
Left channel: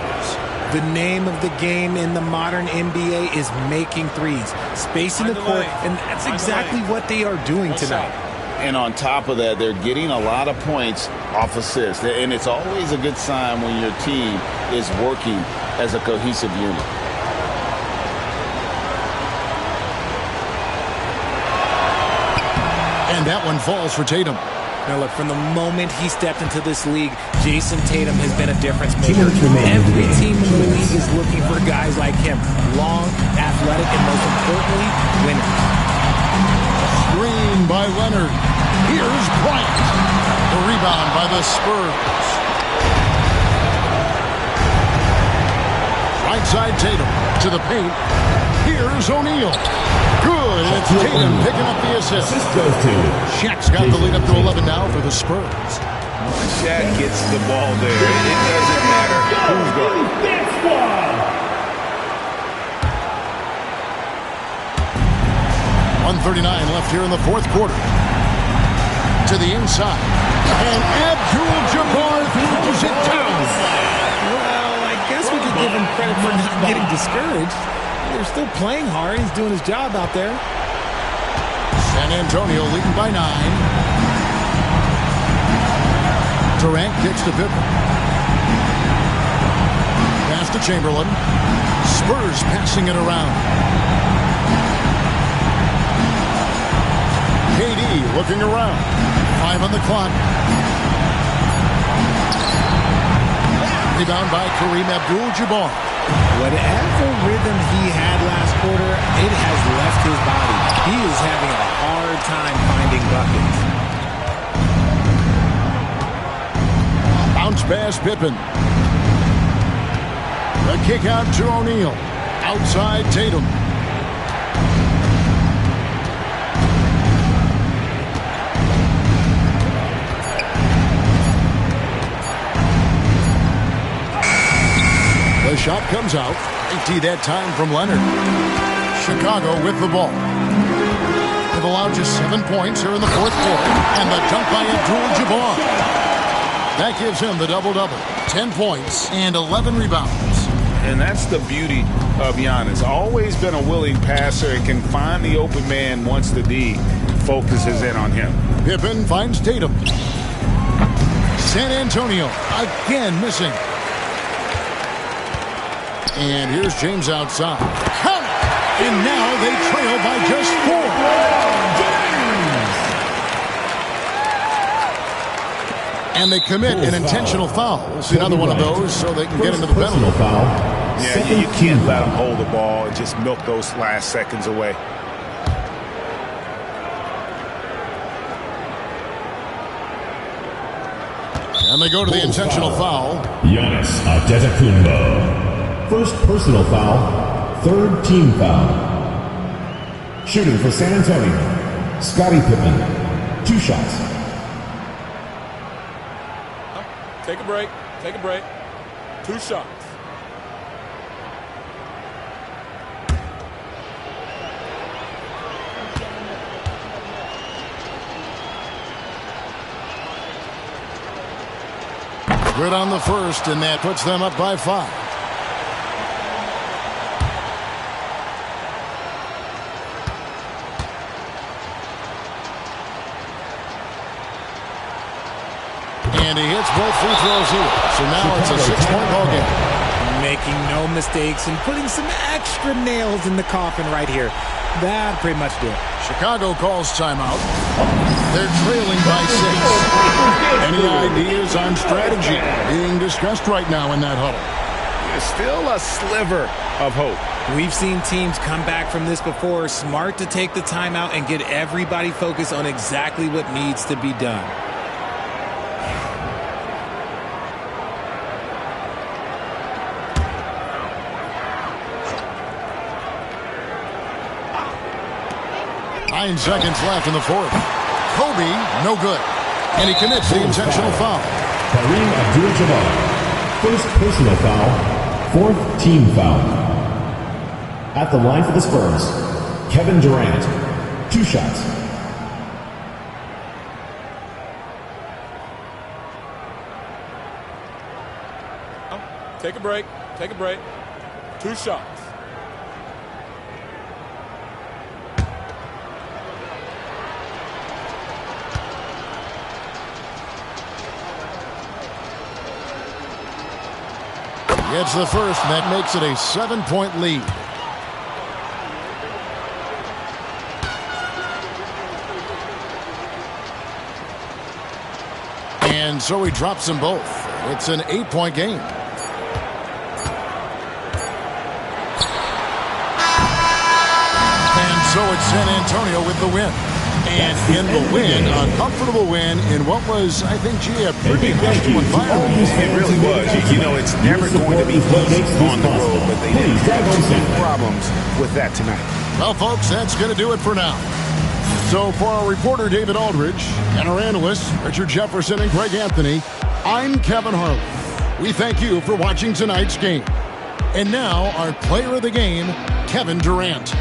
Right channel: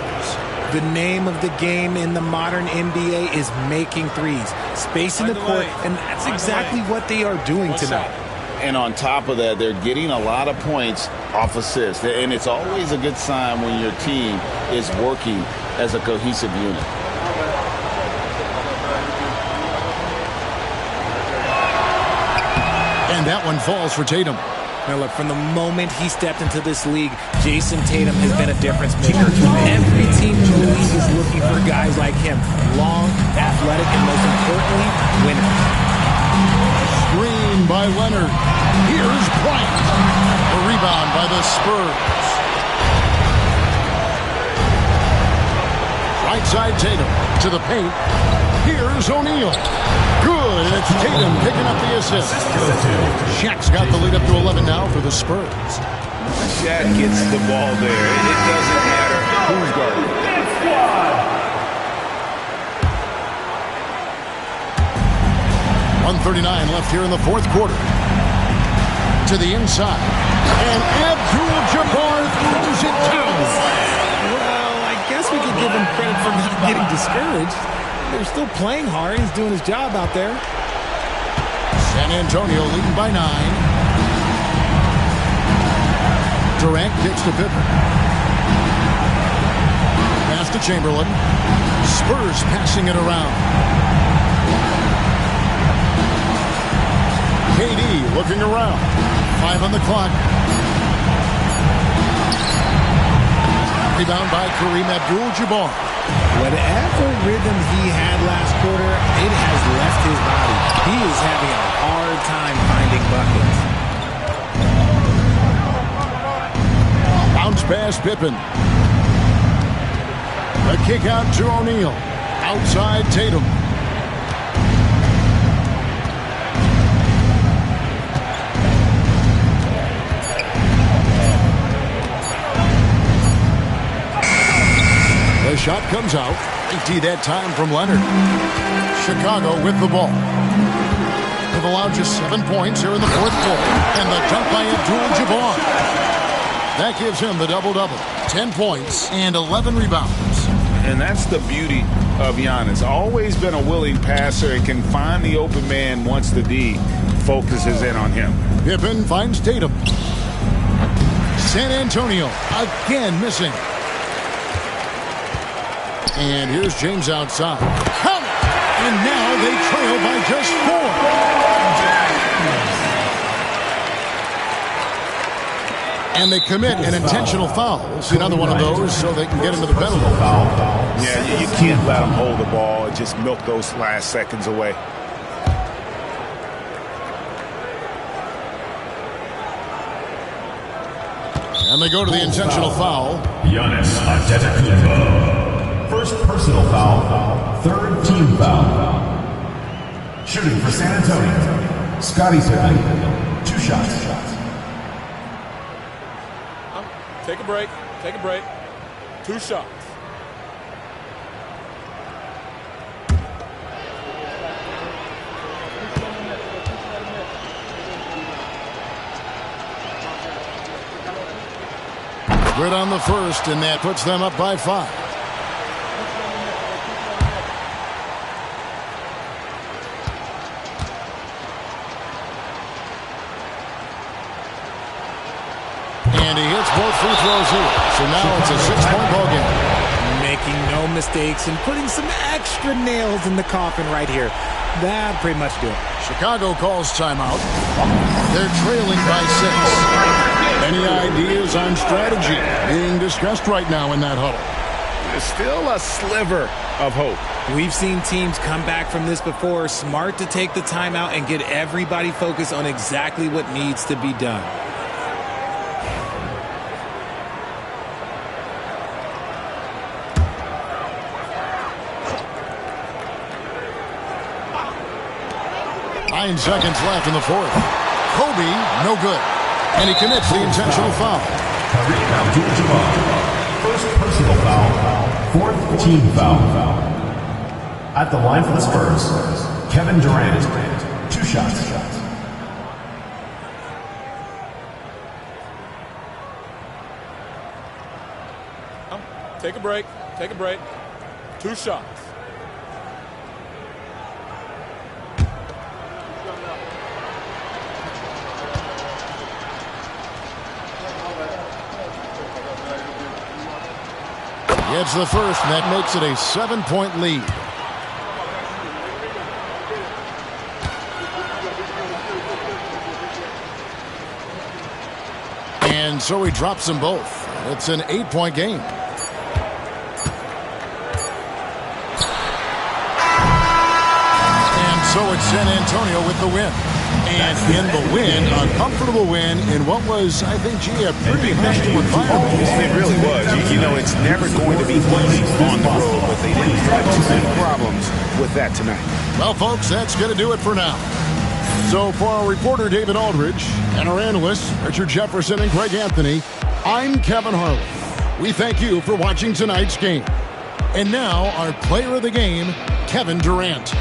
The name of the game in the modern NBA is making threes. Spacing the court, and that's exactly what they are doing tonight. And on top of that, they're getting a lot of points off assists. And it's always a good sign when your team is working as a cohesive unit. And that one falls for Tatum. Now look, from the moment he stepped into this league, Jason Tatum has been a difference maker. Every team in the league is looking for guys like him. Long, athletic, and most importantly, winners. Screen by Leonard. Here's Bryant. The rebound by the Spurs. Right side Tatum to the paint. Here's O'Neal. Good, and it's Tatum picking up the assist. Shaq's got the lead up to 11 now for the Spurs. Shaq gets the ball there. It doesn't matter who's guarding. 1:39 left here in the fourth quarter. To the inside. And Abdul-Jabbar throws it down. Well, I guess we could give him credit for not getting discouraged. They're still playing hard. He's doing his job out there. San Antonio leading by 9. Durant kicks to Pippen. Pass to Chamberlain. Spurs passing it around. KD looking around. 5 on the clock. Rebound by Kareem Abdul-Jabbar. Whatever rhythm he had last quarter, it has left his body. He is having a hard time finding buckets. Bounce pass Pippen. The kick out to O'Neal. Outside Tatum. The shot comes out. Empty that time from Leonard. Chicago with the ball. They've allowed just 7 points here in the fourth quarter. And the dunk by Abdul-Jabbar. That gives him the double-double. 10 points and 11 rebounds. And that's the beauty of Giannis. Always been a willing passer and can find the open man once the D focuses in on him. Pippen finds Tatum. San Antonio again missing. And here's James outside. Count it! And now they trail by just 4. And they commit an intentional foul. See another one of those so they can get into the penalty. Yeah, you can't let them hold the ball and just milk those last seconds away. And they go to the intentional foul. Giannis Antetokounmpo. First personal foul, third team foul. Shooting for San Antonio, Scottie Pippen, 2 shots. Take a break. Take a break. 2 shots. Good on the first, and that puts them up by 5. And he hits both free throws here. So now it's a 6-point ball game. Making no mistakes and putting some extra nails in the coffin right here. That'd pretty much do it. Chicago calls timeout. They're trailing by 6. Any ideas on strategy being discussed right now in that huddle? There's still a sliver of hope. We've seen teams come back from this before. Smart to take the timeout and get everybody focused on exactly what needs to be done. Nine seconds left in the fourth. Kobe, no good. And he commits the intentional foul. Kareem Abdul-Jabbar. First personal foul. Fourth team foul. At the line for the Spurs, Kevin Durant. 2 shots. Take a break. Take a break. 2 shots. Gets the first, and that makes it a 7-point lead. And so he drops them both. It's an 8-point game. And so it's San Antonio with the win. And in the win, a comfortable win in what was, I think, a pretty hostile environment. It really was. You know, it's never going to be easy on the road, but they didn't have too many problems with that tonight. Well, folks, that's going to do it for now. So for our reporter, David Aldridge, and our analysts, Richard Jefferson and Greg Anthony, I'm Kevin Harlan. We thank you for watching tonight's game. And now, our player of the game, Kevin Durant.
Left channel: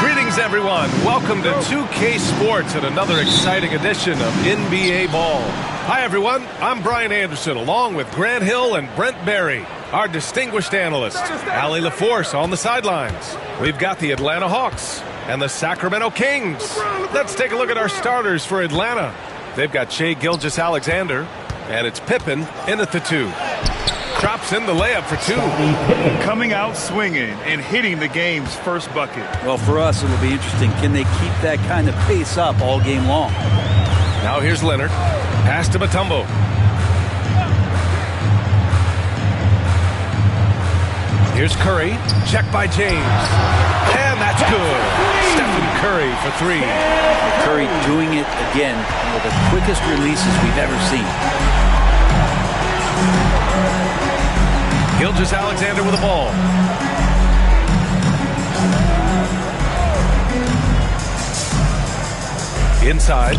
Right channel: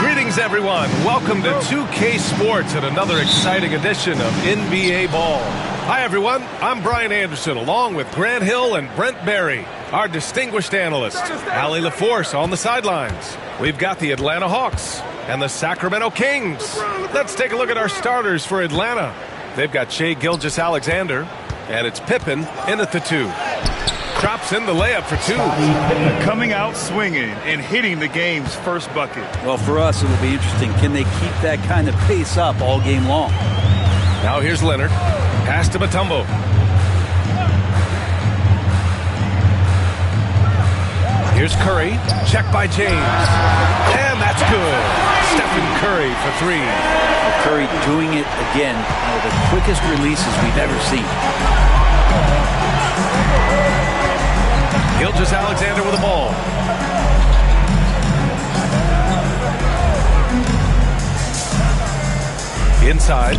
Greetings, everyone. Welcome to 2K Sports and another exciting edition of NBA Ball. Hi, everyone. I'm Brian Anderson, along with Grant Hill and Brent Barry, our distinguished analysts. Allie LaForce on the sidelines. We've got the Atlanta Hawks and the Sacramento Kings. Let's take a look at our starters for Atlanta. They've got Shai Gilgeous-Alexander, and it's Pippen in at the 2. Drops in the layup for 2. Coming out swinging and hitting the game's first bucket. Well, for us, it'll be interesting. Can they keep that kind of pace up all game long? Now here's Leonard. Pass to Mutombo. Here's Curry. Check by James. And that's good. Stephen Curry for 3. Curry doing it again. One of the quickest releases we've ever seen. Gilgeous-Alexander with the ball. Inside.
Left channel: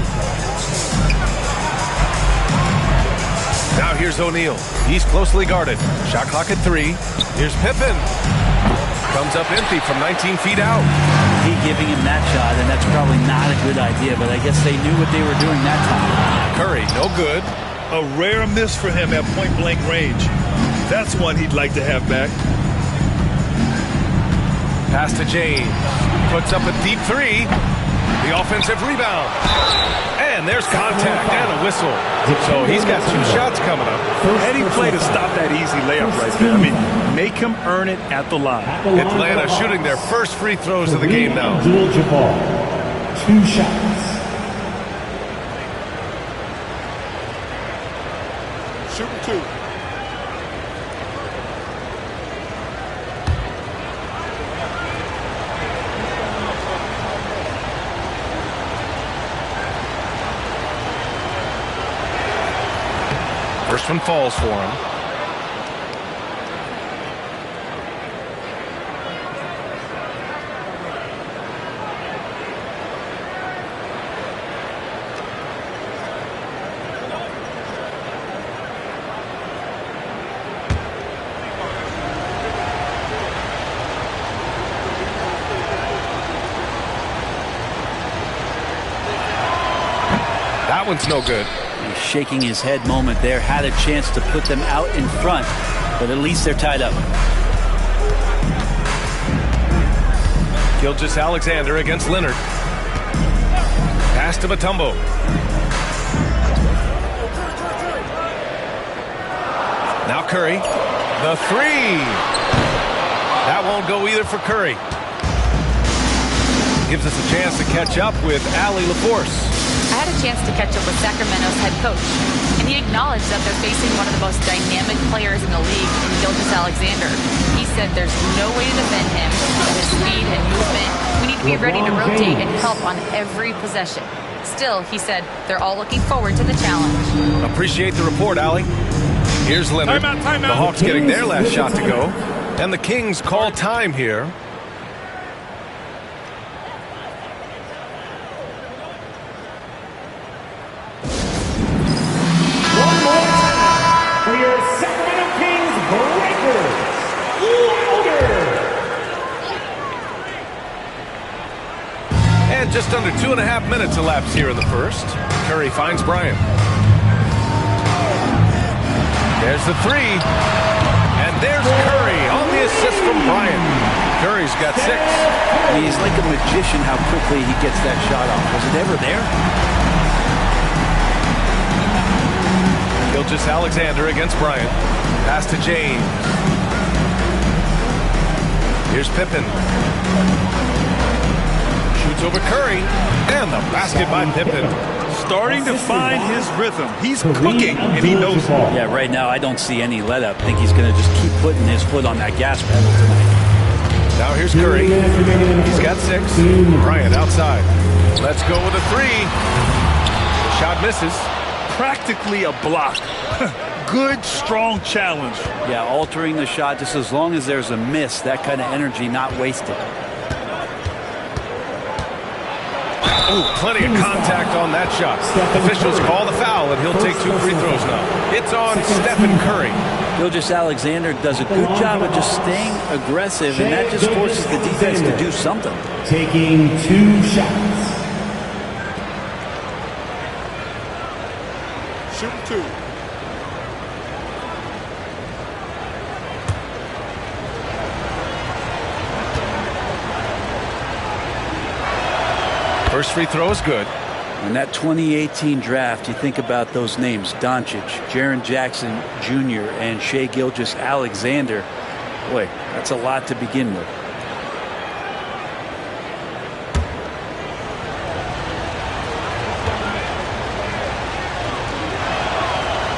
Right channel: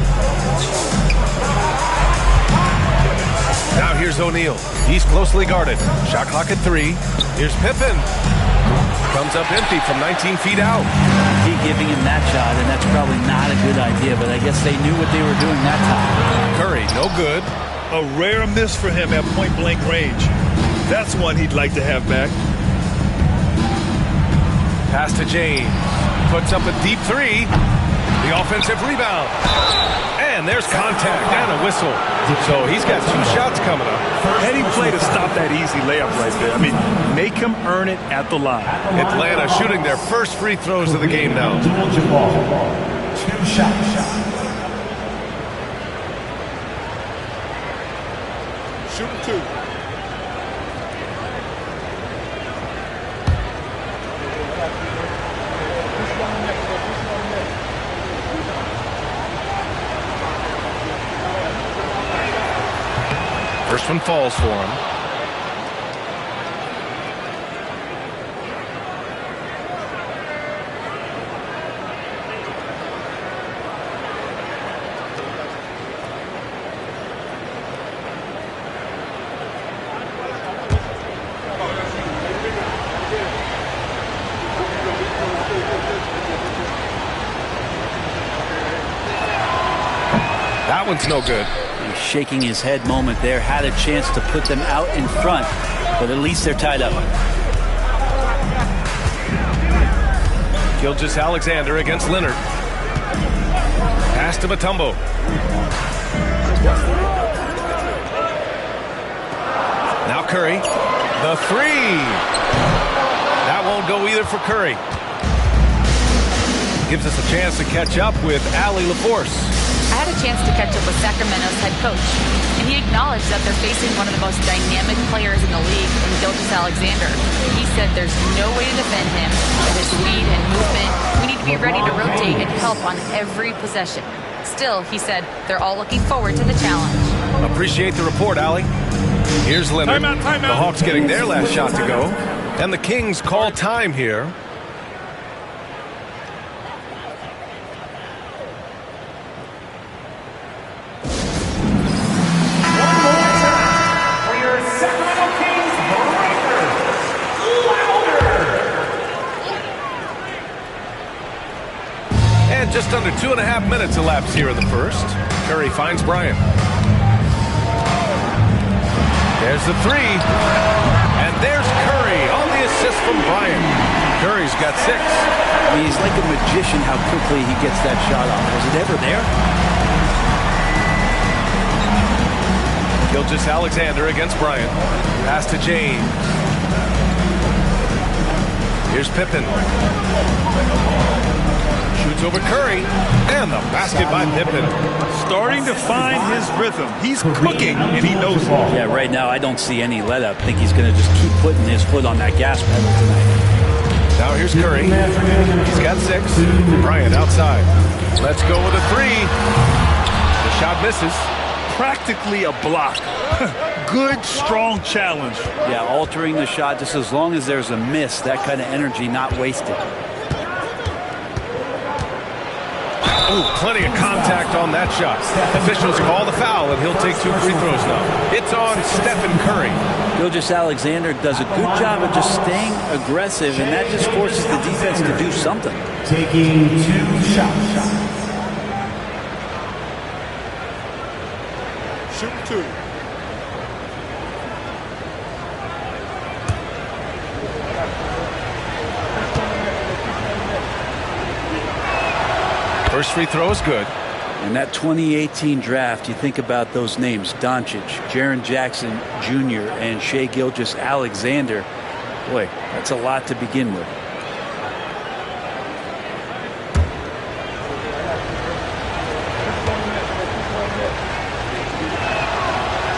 Now here's O'Neal. He's closely guarded. Shot clock at 3. Here's Pippen. Comes up empty from 19 feet out. He giving him that shot, and that's probably not a good idea, but I guess they knew what they were doing that time. Curry, no good. A rare miss for him at point-blank range. That's one he'd like to have back. Pass to James. Puts up a deep 3. The offensive rebound. And there's contact and a whistle. So he's got 2 shots coming up. Heady play to stop that easy layup right there. I mean, make him earn it at the line. Atlanta shooting their first free throws of the game now. Abdul-Jabbar, 2 shots. Shooting 2. First one falls for him. That one's no good. He's shaking his head moment there. Had a chance to put them out in front, but at least they're tied up. Gilgeous-Alexander against Leonard. Pass to Mutombo. Now Curry. The 3. That won't go either for Curry. Gives us a chance to catch up with Allie LaForce. I had a chance to catch up with Sacramento's head coach, and he acknowledged that they're facing one of the most dynamic players in the league in Gilgeous-Alexander. He said there's no way to defend him, that his speed and movement, we need to be ready to rotate and help on every possession. Still, he said, they're all looking forward to the challenge. Appreciate the report, Allie. Here's Leonard. Timeout. The Hawks getting their last shot to go. And the Kings call time here. And just under 2.5 minutes elapsed here in the first. Curry finds Bryant. There's the 3. And there's Curry on the assist from Bryant. Curry's got 6. I mean, he's like a magician how quickly he gets that shot off. Was it ever there? Gilgeous-Alexander against Bryant. Pass to James. Here's Pippen. Shoots over Curry. And the basket by Pippen. Starting to find his rhythm. He's cooking, and he knows it. Yeah, right now I don't see any let up. I think he's going to just keep putting his foot on that gas pedal tonight. Now here's Curry. He's got 6. Bryant outside. Let's go with a 3. The shot misses. Practically a block. Good, strong challenge. Yeah, altering the shot just as long as there's a miss, that kind of energy not wasted. Ooh, plenty of contact on that shot. Officials call the foul, and he'll take 2 free throws now. It's on Stephen Curry. Gilgeous-Alexander does a good job of just staying aggressive, and that just forces the defense to do something. Taking 2 shots. Shooting 2. First free throw is good. And that 2018 draft, you think about those names, Doncic, Jaren Jackson Jr., and Shai Gilgeous-Alexander. Boy, that's a lot to begin with.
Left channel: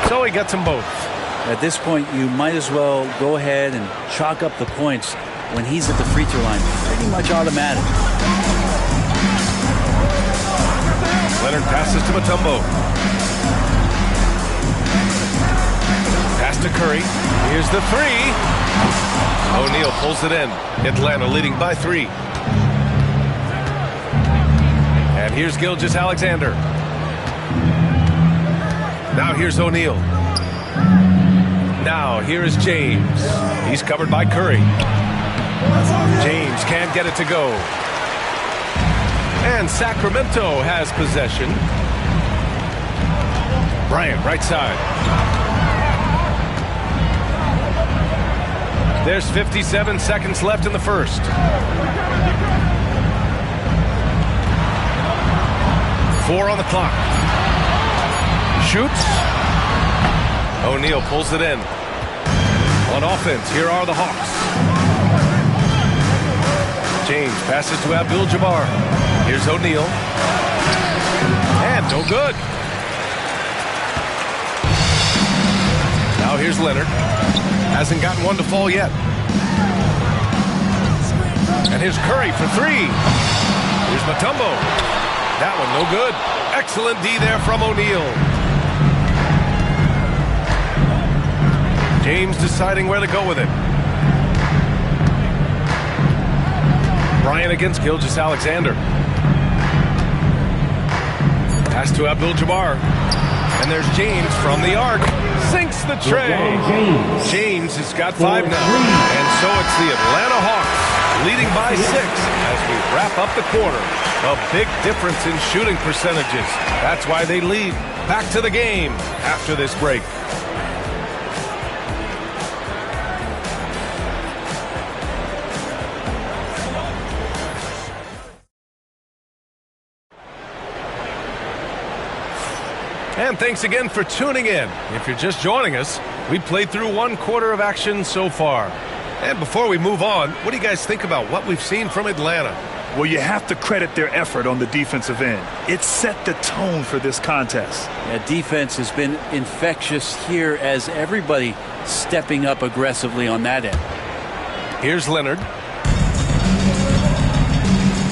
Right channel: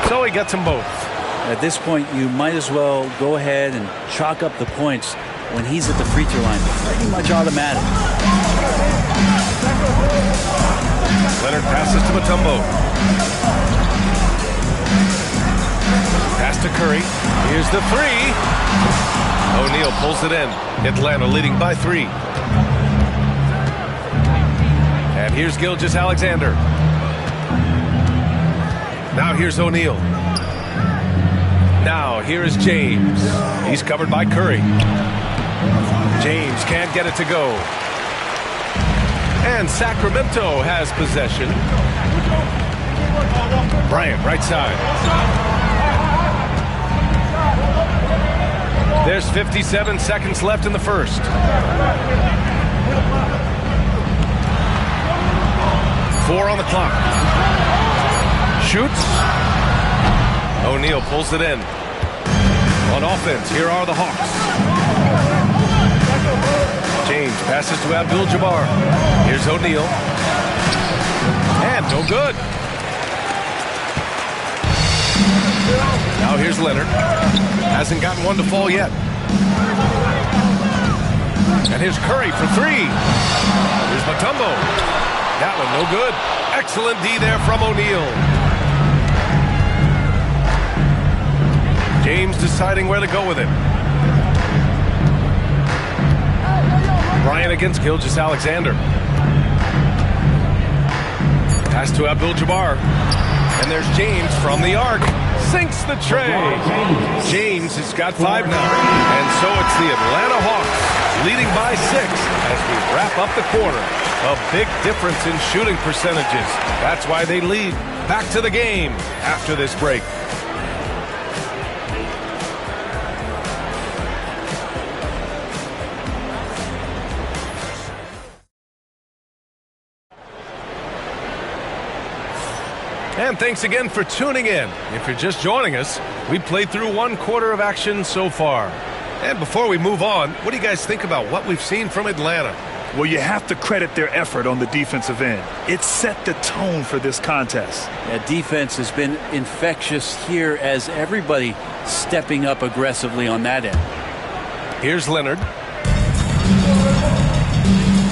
So he gets them both. At this point, you might as well go ahead and chalk up the points when he's at the free throw line. Pretty much automatic. Leonard passes to Mutombo. Pass to Curry. Here's the 3. O'Neal pulls it in. Atlanta leading by 3. And here's Gilgeous-Alexander. Now here's O'Neal. now here is James. He's covered by Curry. James can't get it to go. And Sacramento has possession. Bryant, right side. There's 57 seconds left in the first. Four on the clock. Shoots. O'Neal pulls it in. On offense, here are the Hawks. James passes to Abdul-Jabbar. Here's O'Neal. And no good. Now here's Leonard. Hasn't gotten one to fall yet. And here's Curry for three. Here's Mutombo. That one no good. Excellent D there from O'Neal. James deciding where to go with it. Bryant against Gilgeous-Alexander. Pass to Abdul-Jabbar. And there's James from the arc. Sinks the tray. James has got 5 now. And so it's the Atlanta Hawks leading by 6 as we wrap up the quarter. A big difference in shooting percentages. That's why they lead. Back to the game after this break. And thanks again for tuning in. If you're just joining us, we played through 1 quarter of action so far. And before we move on, what do you guys think about what we've seen from Atlanta? Well, you have to credit their effort on the defensive end. It set the tone for this contest. Yeah, defense has been infectious here as everybody stepping up aggressively on that end. Here's Leonard.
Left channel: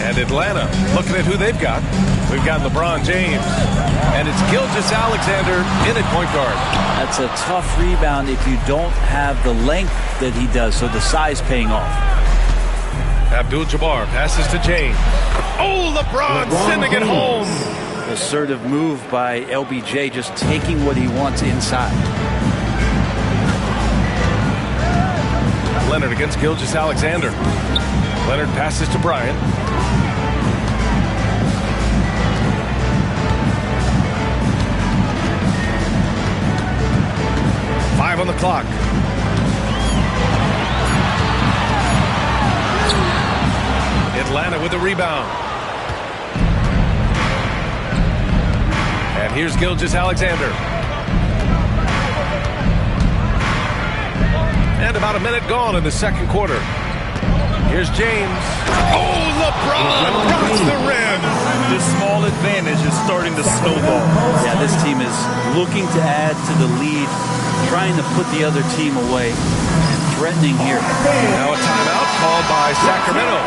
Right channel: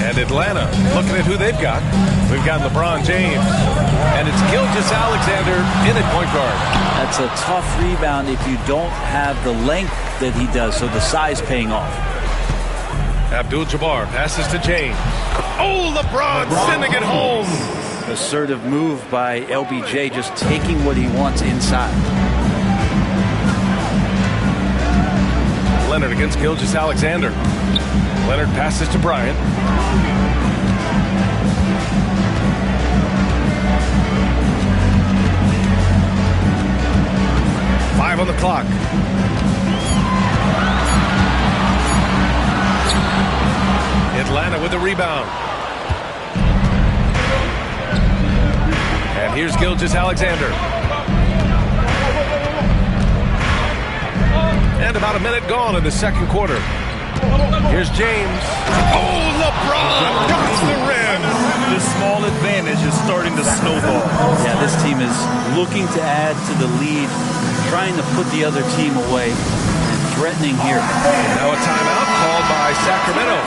And Atlanta, looking at who they've got. We've got LeBron James. And it's Gilgeous-Alexander in at point guard. That's a tough rebound if you don't have the length that he does, so the size paying off. Abdul-Jabbar passes to James. Oh, LeBron sending it home. Assertive move by LBJ, just taking what he wants inside. Leonard against Gilgeous-Alexander. Leonard passes to Bryant. Five on the clock. Atlanta with the rebound. And here's Gilgeous-Alexander. And about a minute gone in the second quarter. Here's James. Oh, LeBron rocks the rim. This small advantage is starting to snowball. Yeah, this team is looking to add to the lead, trying to put the other team away, and threatening here. Now a timeout called by Sacramento.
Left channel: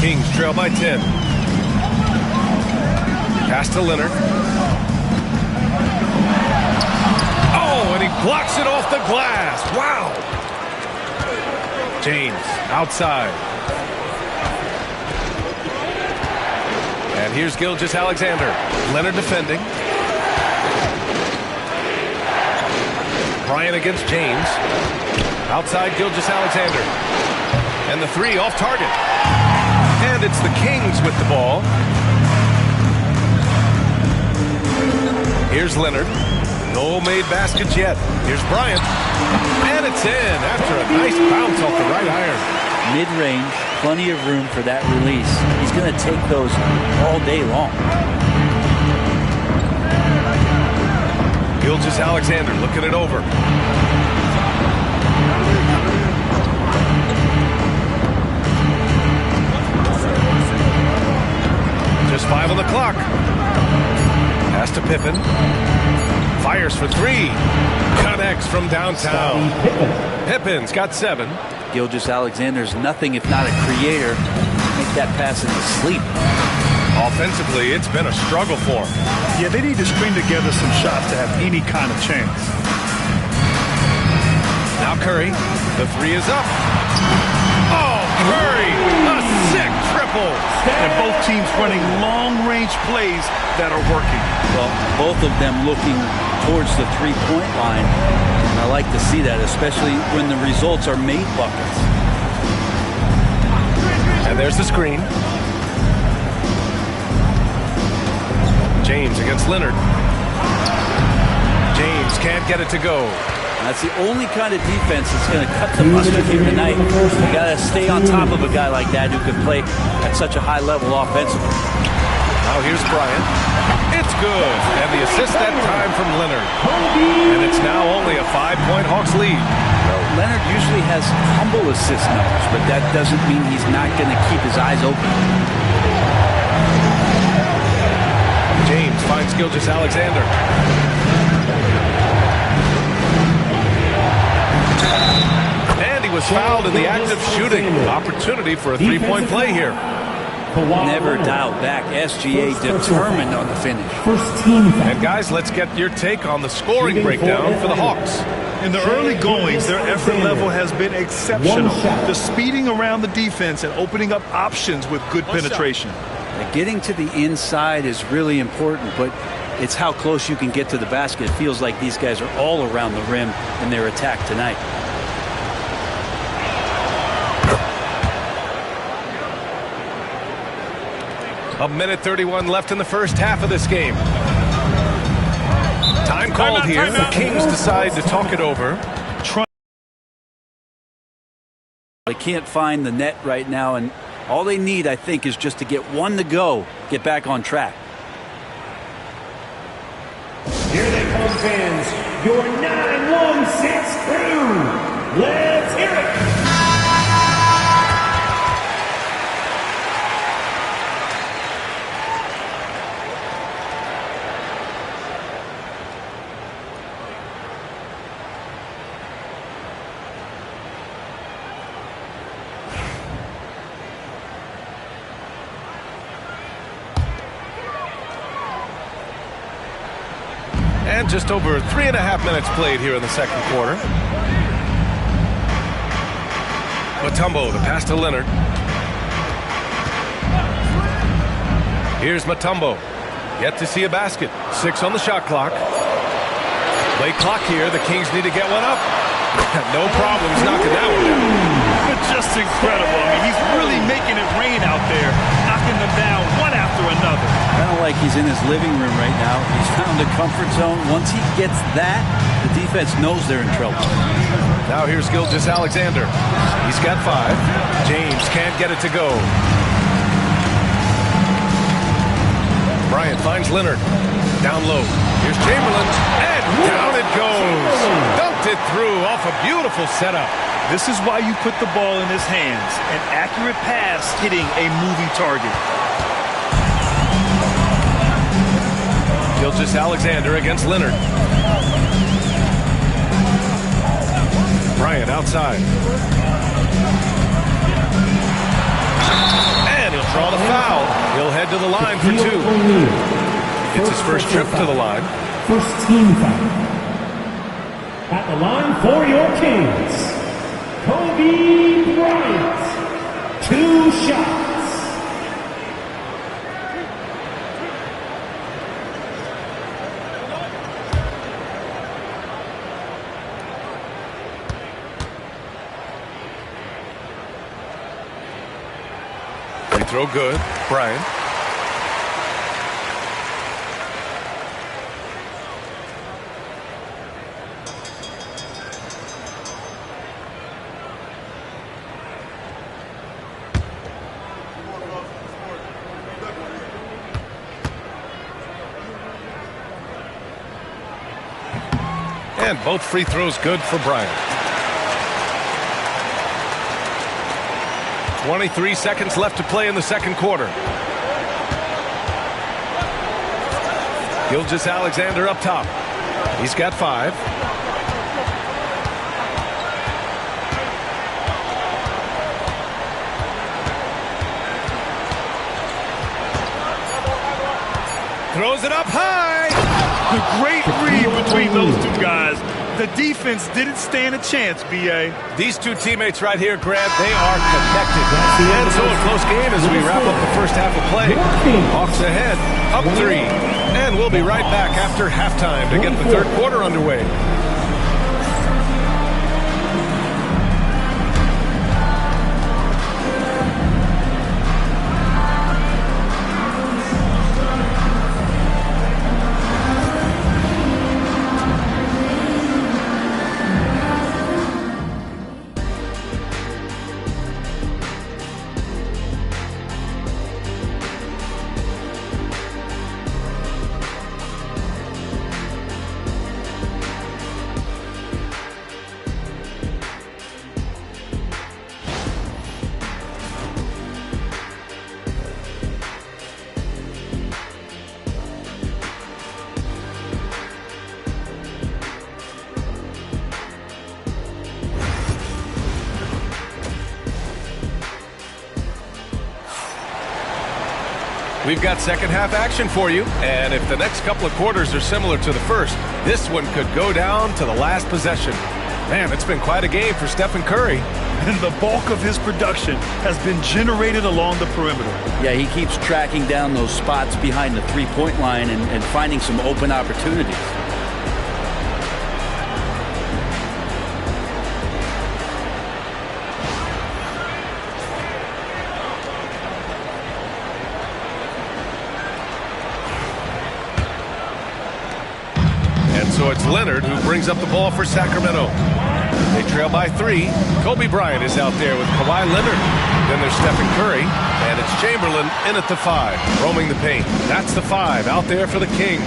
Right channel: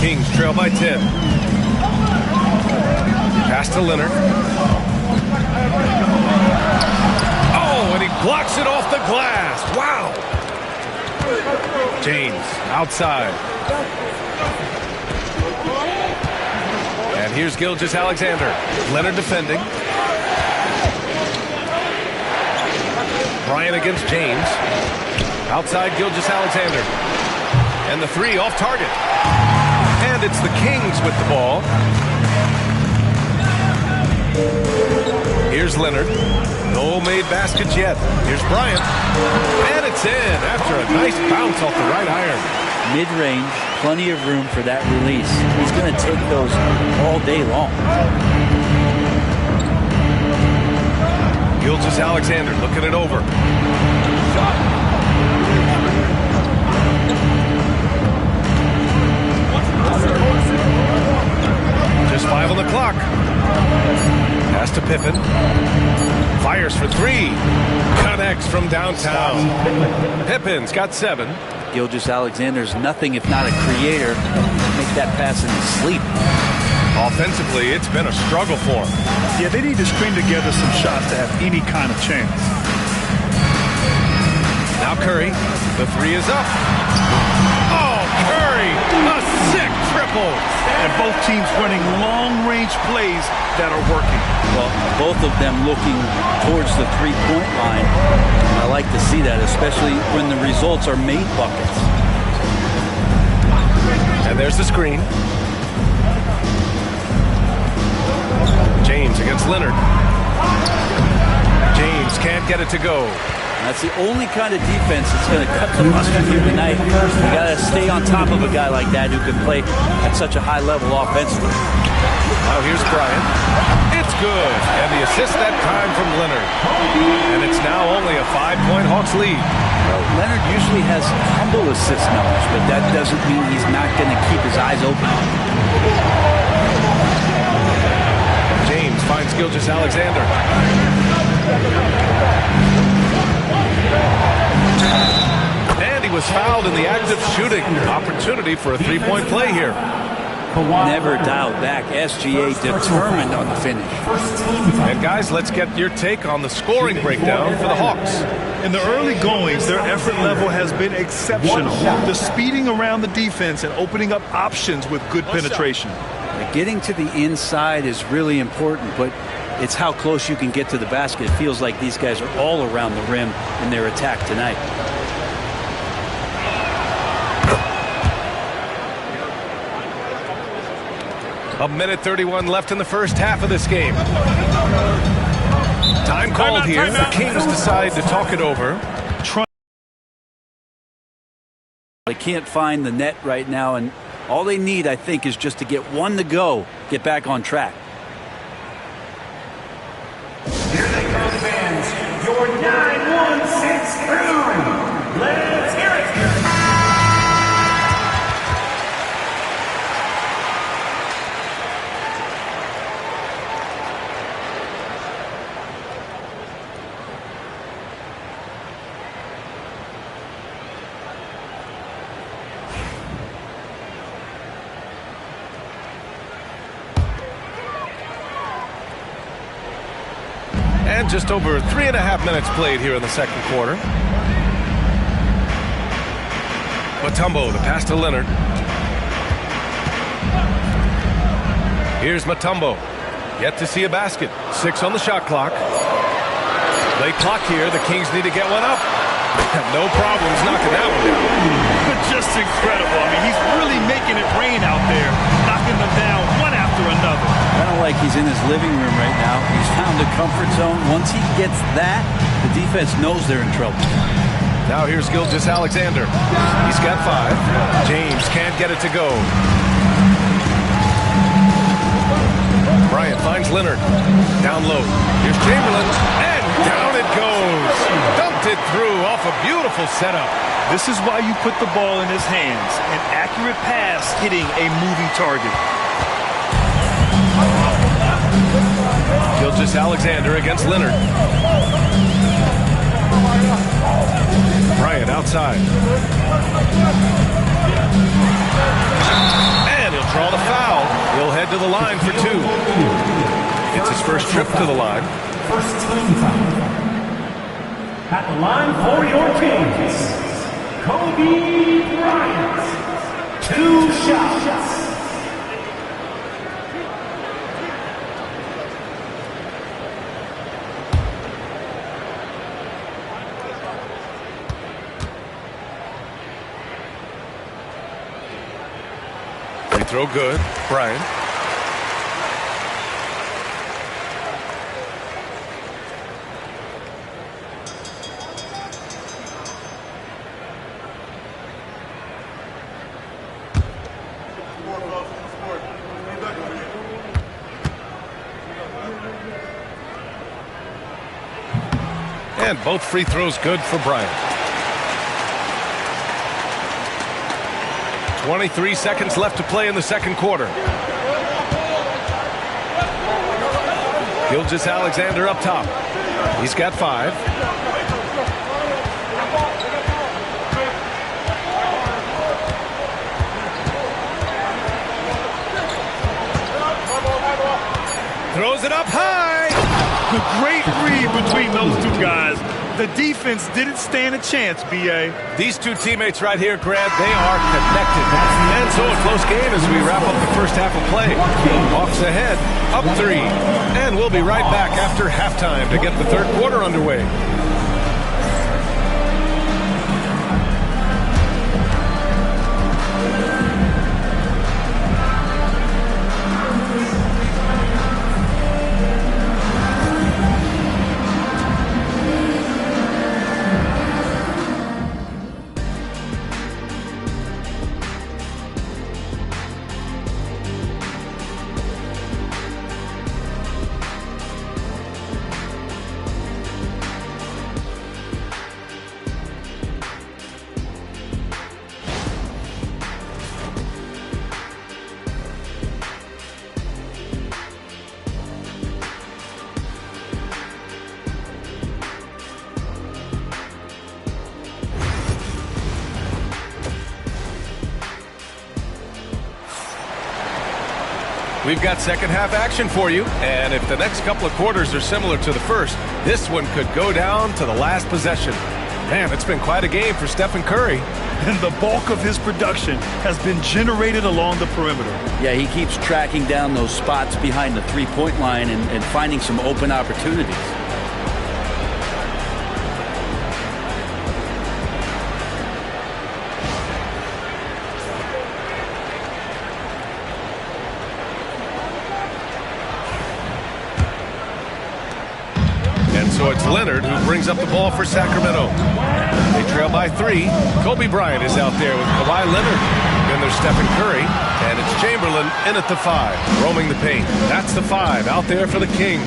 Kings trail by 10. Pass to Leonard. Oh, and he blocks it off the glass. Wow. James outside. And here's Gilgeous-Alexander. Leonard defending. Bryant against James. Outside Gilgeous-Alexander. And the three off target. And it's the Kings with the ball. Here's Leonard. No made baskets yet. Here's Bryant. And it's in after a nice bounce off the right iron. Mid-range, plenty of room for that release. He's going to take those all day long. Gilgeous-Alexander looking it over. Just 5 on the clock. Pass to Pippen. Fires for 3. Connects from downtown. Pippen's got 7. Gilgeous-Alexander's nothing if not a creator. Make that pass in his sleep. Offensively, it's been a struggle for him. Yeah, they need to string together some shots to have any kind of chance. Now Curry. The 3 is up. Oh, Curry, a sick triple. And both teams running long-range plays that are working. Well, both of them looking towards the three-point line. And I like to see that, especially when the results are made buckets. And there's the screen. James against Leonard. James can't get it to go. That's the only kind of defense that's going to cut the mustard here tonight. You got to stay on top of a guy like that who can play at such a high level offensively. Now here's Bryant. It's good. And the assist that time from Leonard. And it's now only a 5-point Hawks lead. Well, Leonard usually has humble assist numbers, but that doesn't mean he's not going to keep his eyes open. James finds Gilgeous-Alexander. And he was fouled in the act of shooting. Opportunity for a three-point play here. Never dialed back. SGA determined on the finish. And guys, let's get your take on the scoring breakdown for the Hawks. In the early goings, their effort level has been exceptional. The speeding around the defense and opening up options with good penetration. Getting to the inside is really important, but it's how close you can get to the basket. It feels like these guys are all around the rim in their attack tonight. A minute 31 left in the first half of this game. Time called here. The Kings decide to talk it over. They can't find the net right now, and all they need, I think, is just to get one to go, get back on track. Here they come, fans. Your 916 crew. Let's hear it. And just over 3.5 minutes played here in the second quarter. Mutombo, the pass to Leonard. Here's Mutombo. Yet to see a basket. 6 on the shot clock. Late clock here. The Kings need to get one up. No problems knocking that one down. Just incredible. I mean, he's really making it rain out there, knocking them down one after another. I don't like he's in his living room right now. He's found a comfort zone. Once he gets that, the defense knows they're in trouble. Now here's Gilgeous-Alexander. He's got 5. James can't get it to go. Bryant finds Leonard. Down low. Here's Chamberlain. And down it goes. Dumped it through off a beautiful setup. This is why you put the ball in his hands. An accurate pass hitting a moving target. Gilgeous-Alexander against Leonard. Bryant outside. And he'll draw the foul. He'll head to the line for 2. It's his first trip to the line. First team foul. At the line for your Kings, Kobe Bryant. 2 shots. Free throw good. Bryant. And both free throws good for Bryant. 23 seconds left to play in the second quarter. Gilgeous-Alexander up top. He's got 5. Throws it up high. The great read between those two guys. The defense didn't stand a chance, B.A. These two teammates right here, Grant, they are connected. And so a close game as we wrap up the first half of play. Hawks ahead, up 3. And we'll be right back after halftime to get the third quarter underway. We've got second half action for you, and if the next couple of quarters are similar to the first, this one could go down to the last possession. Man, it's been quite a game for Stephen Curry. And the bulk of his production has been generated along the perimeter. Yeah, he keeps tracking down those spots behind the three-point line and finding some open opportunities. So it's Leonard who brings up the ball for Sacramento. They trail by 3. Kobe Bryant is out there with Kawhi Leonard. Then there's Stephen Curry, and it's Chamberlain in at the 5, roaming the paint. That's the 5 out there for the Kings.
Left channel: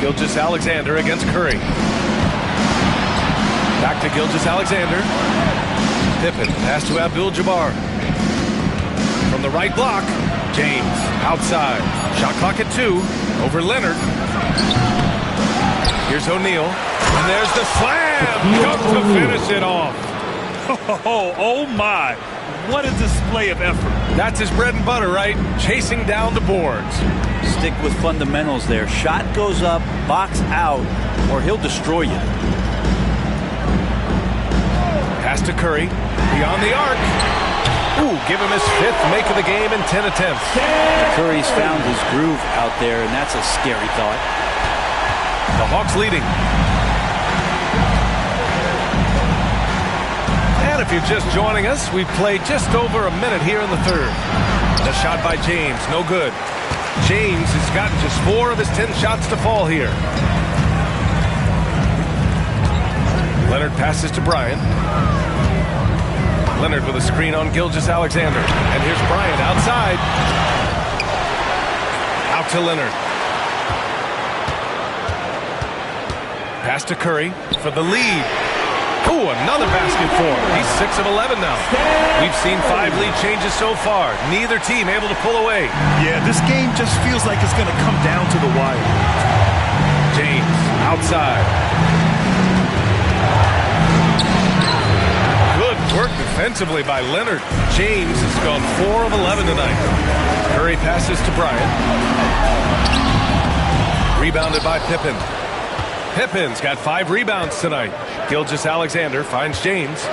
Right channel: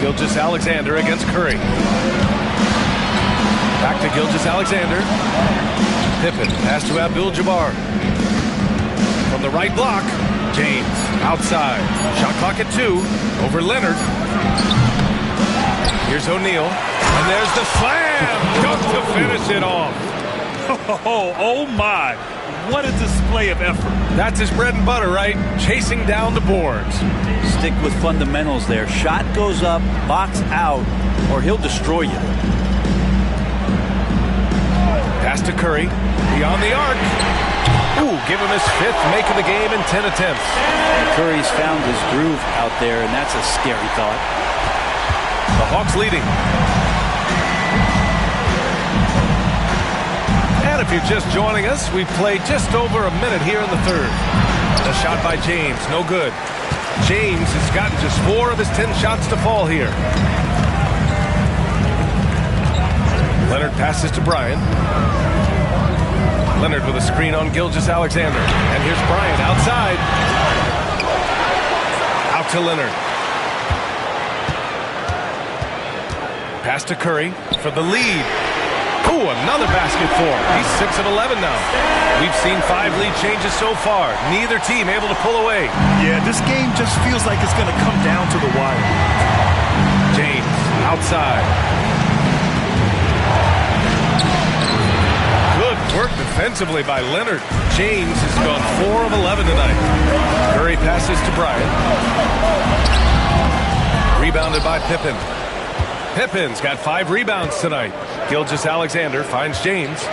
Gilgeous-Alexander against Curry. Back to Gilgeous-Alexander. Pippen, pass to Abdul-Jabbar. From the right block, James outside. Shot clock at 2. Over Leonard. Here's O'Neal. And there's the slam. Dunk to finish it off. Oh my. What a display of effort. That's his bread and butter, right? Chasing down the boards. Stick with fundamentals there. Shot goes up, box out, or he'll destroy you. Pass to Curry. Beyond the arc. Ooh, give him his 5th make of the game in 10 attempts. Curry's found his groove out there, and that's a scary thought. The Hawks leading. And if you're just joining us, we've played just over a minute here in the third. A shot by James, no good. James has gotten just 4 of his 10 shots to fall here. Leonard passes to Bryant. Leonard with a screen on Gilgeous-Alexander. And here's Bryant outside. Out to Leonard. Pass to Curry for the lead. Ooh, another basket for him. He's 6 of 11 now. We've seen 5 lead changes so far. Neither team able to pull away. Yeah, this game just feels like it's going to come down to the wire. James outside. Good work defensively by Leonard. James has gone 4 of 11 tonight. Curry passes to Bryant. Rebounded by Pippen. Pippen's got 5 rebounds tonight. Gilgeous-Alexander finds James.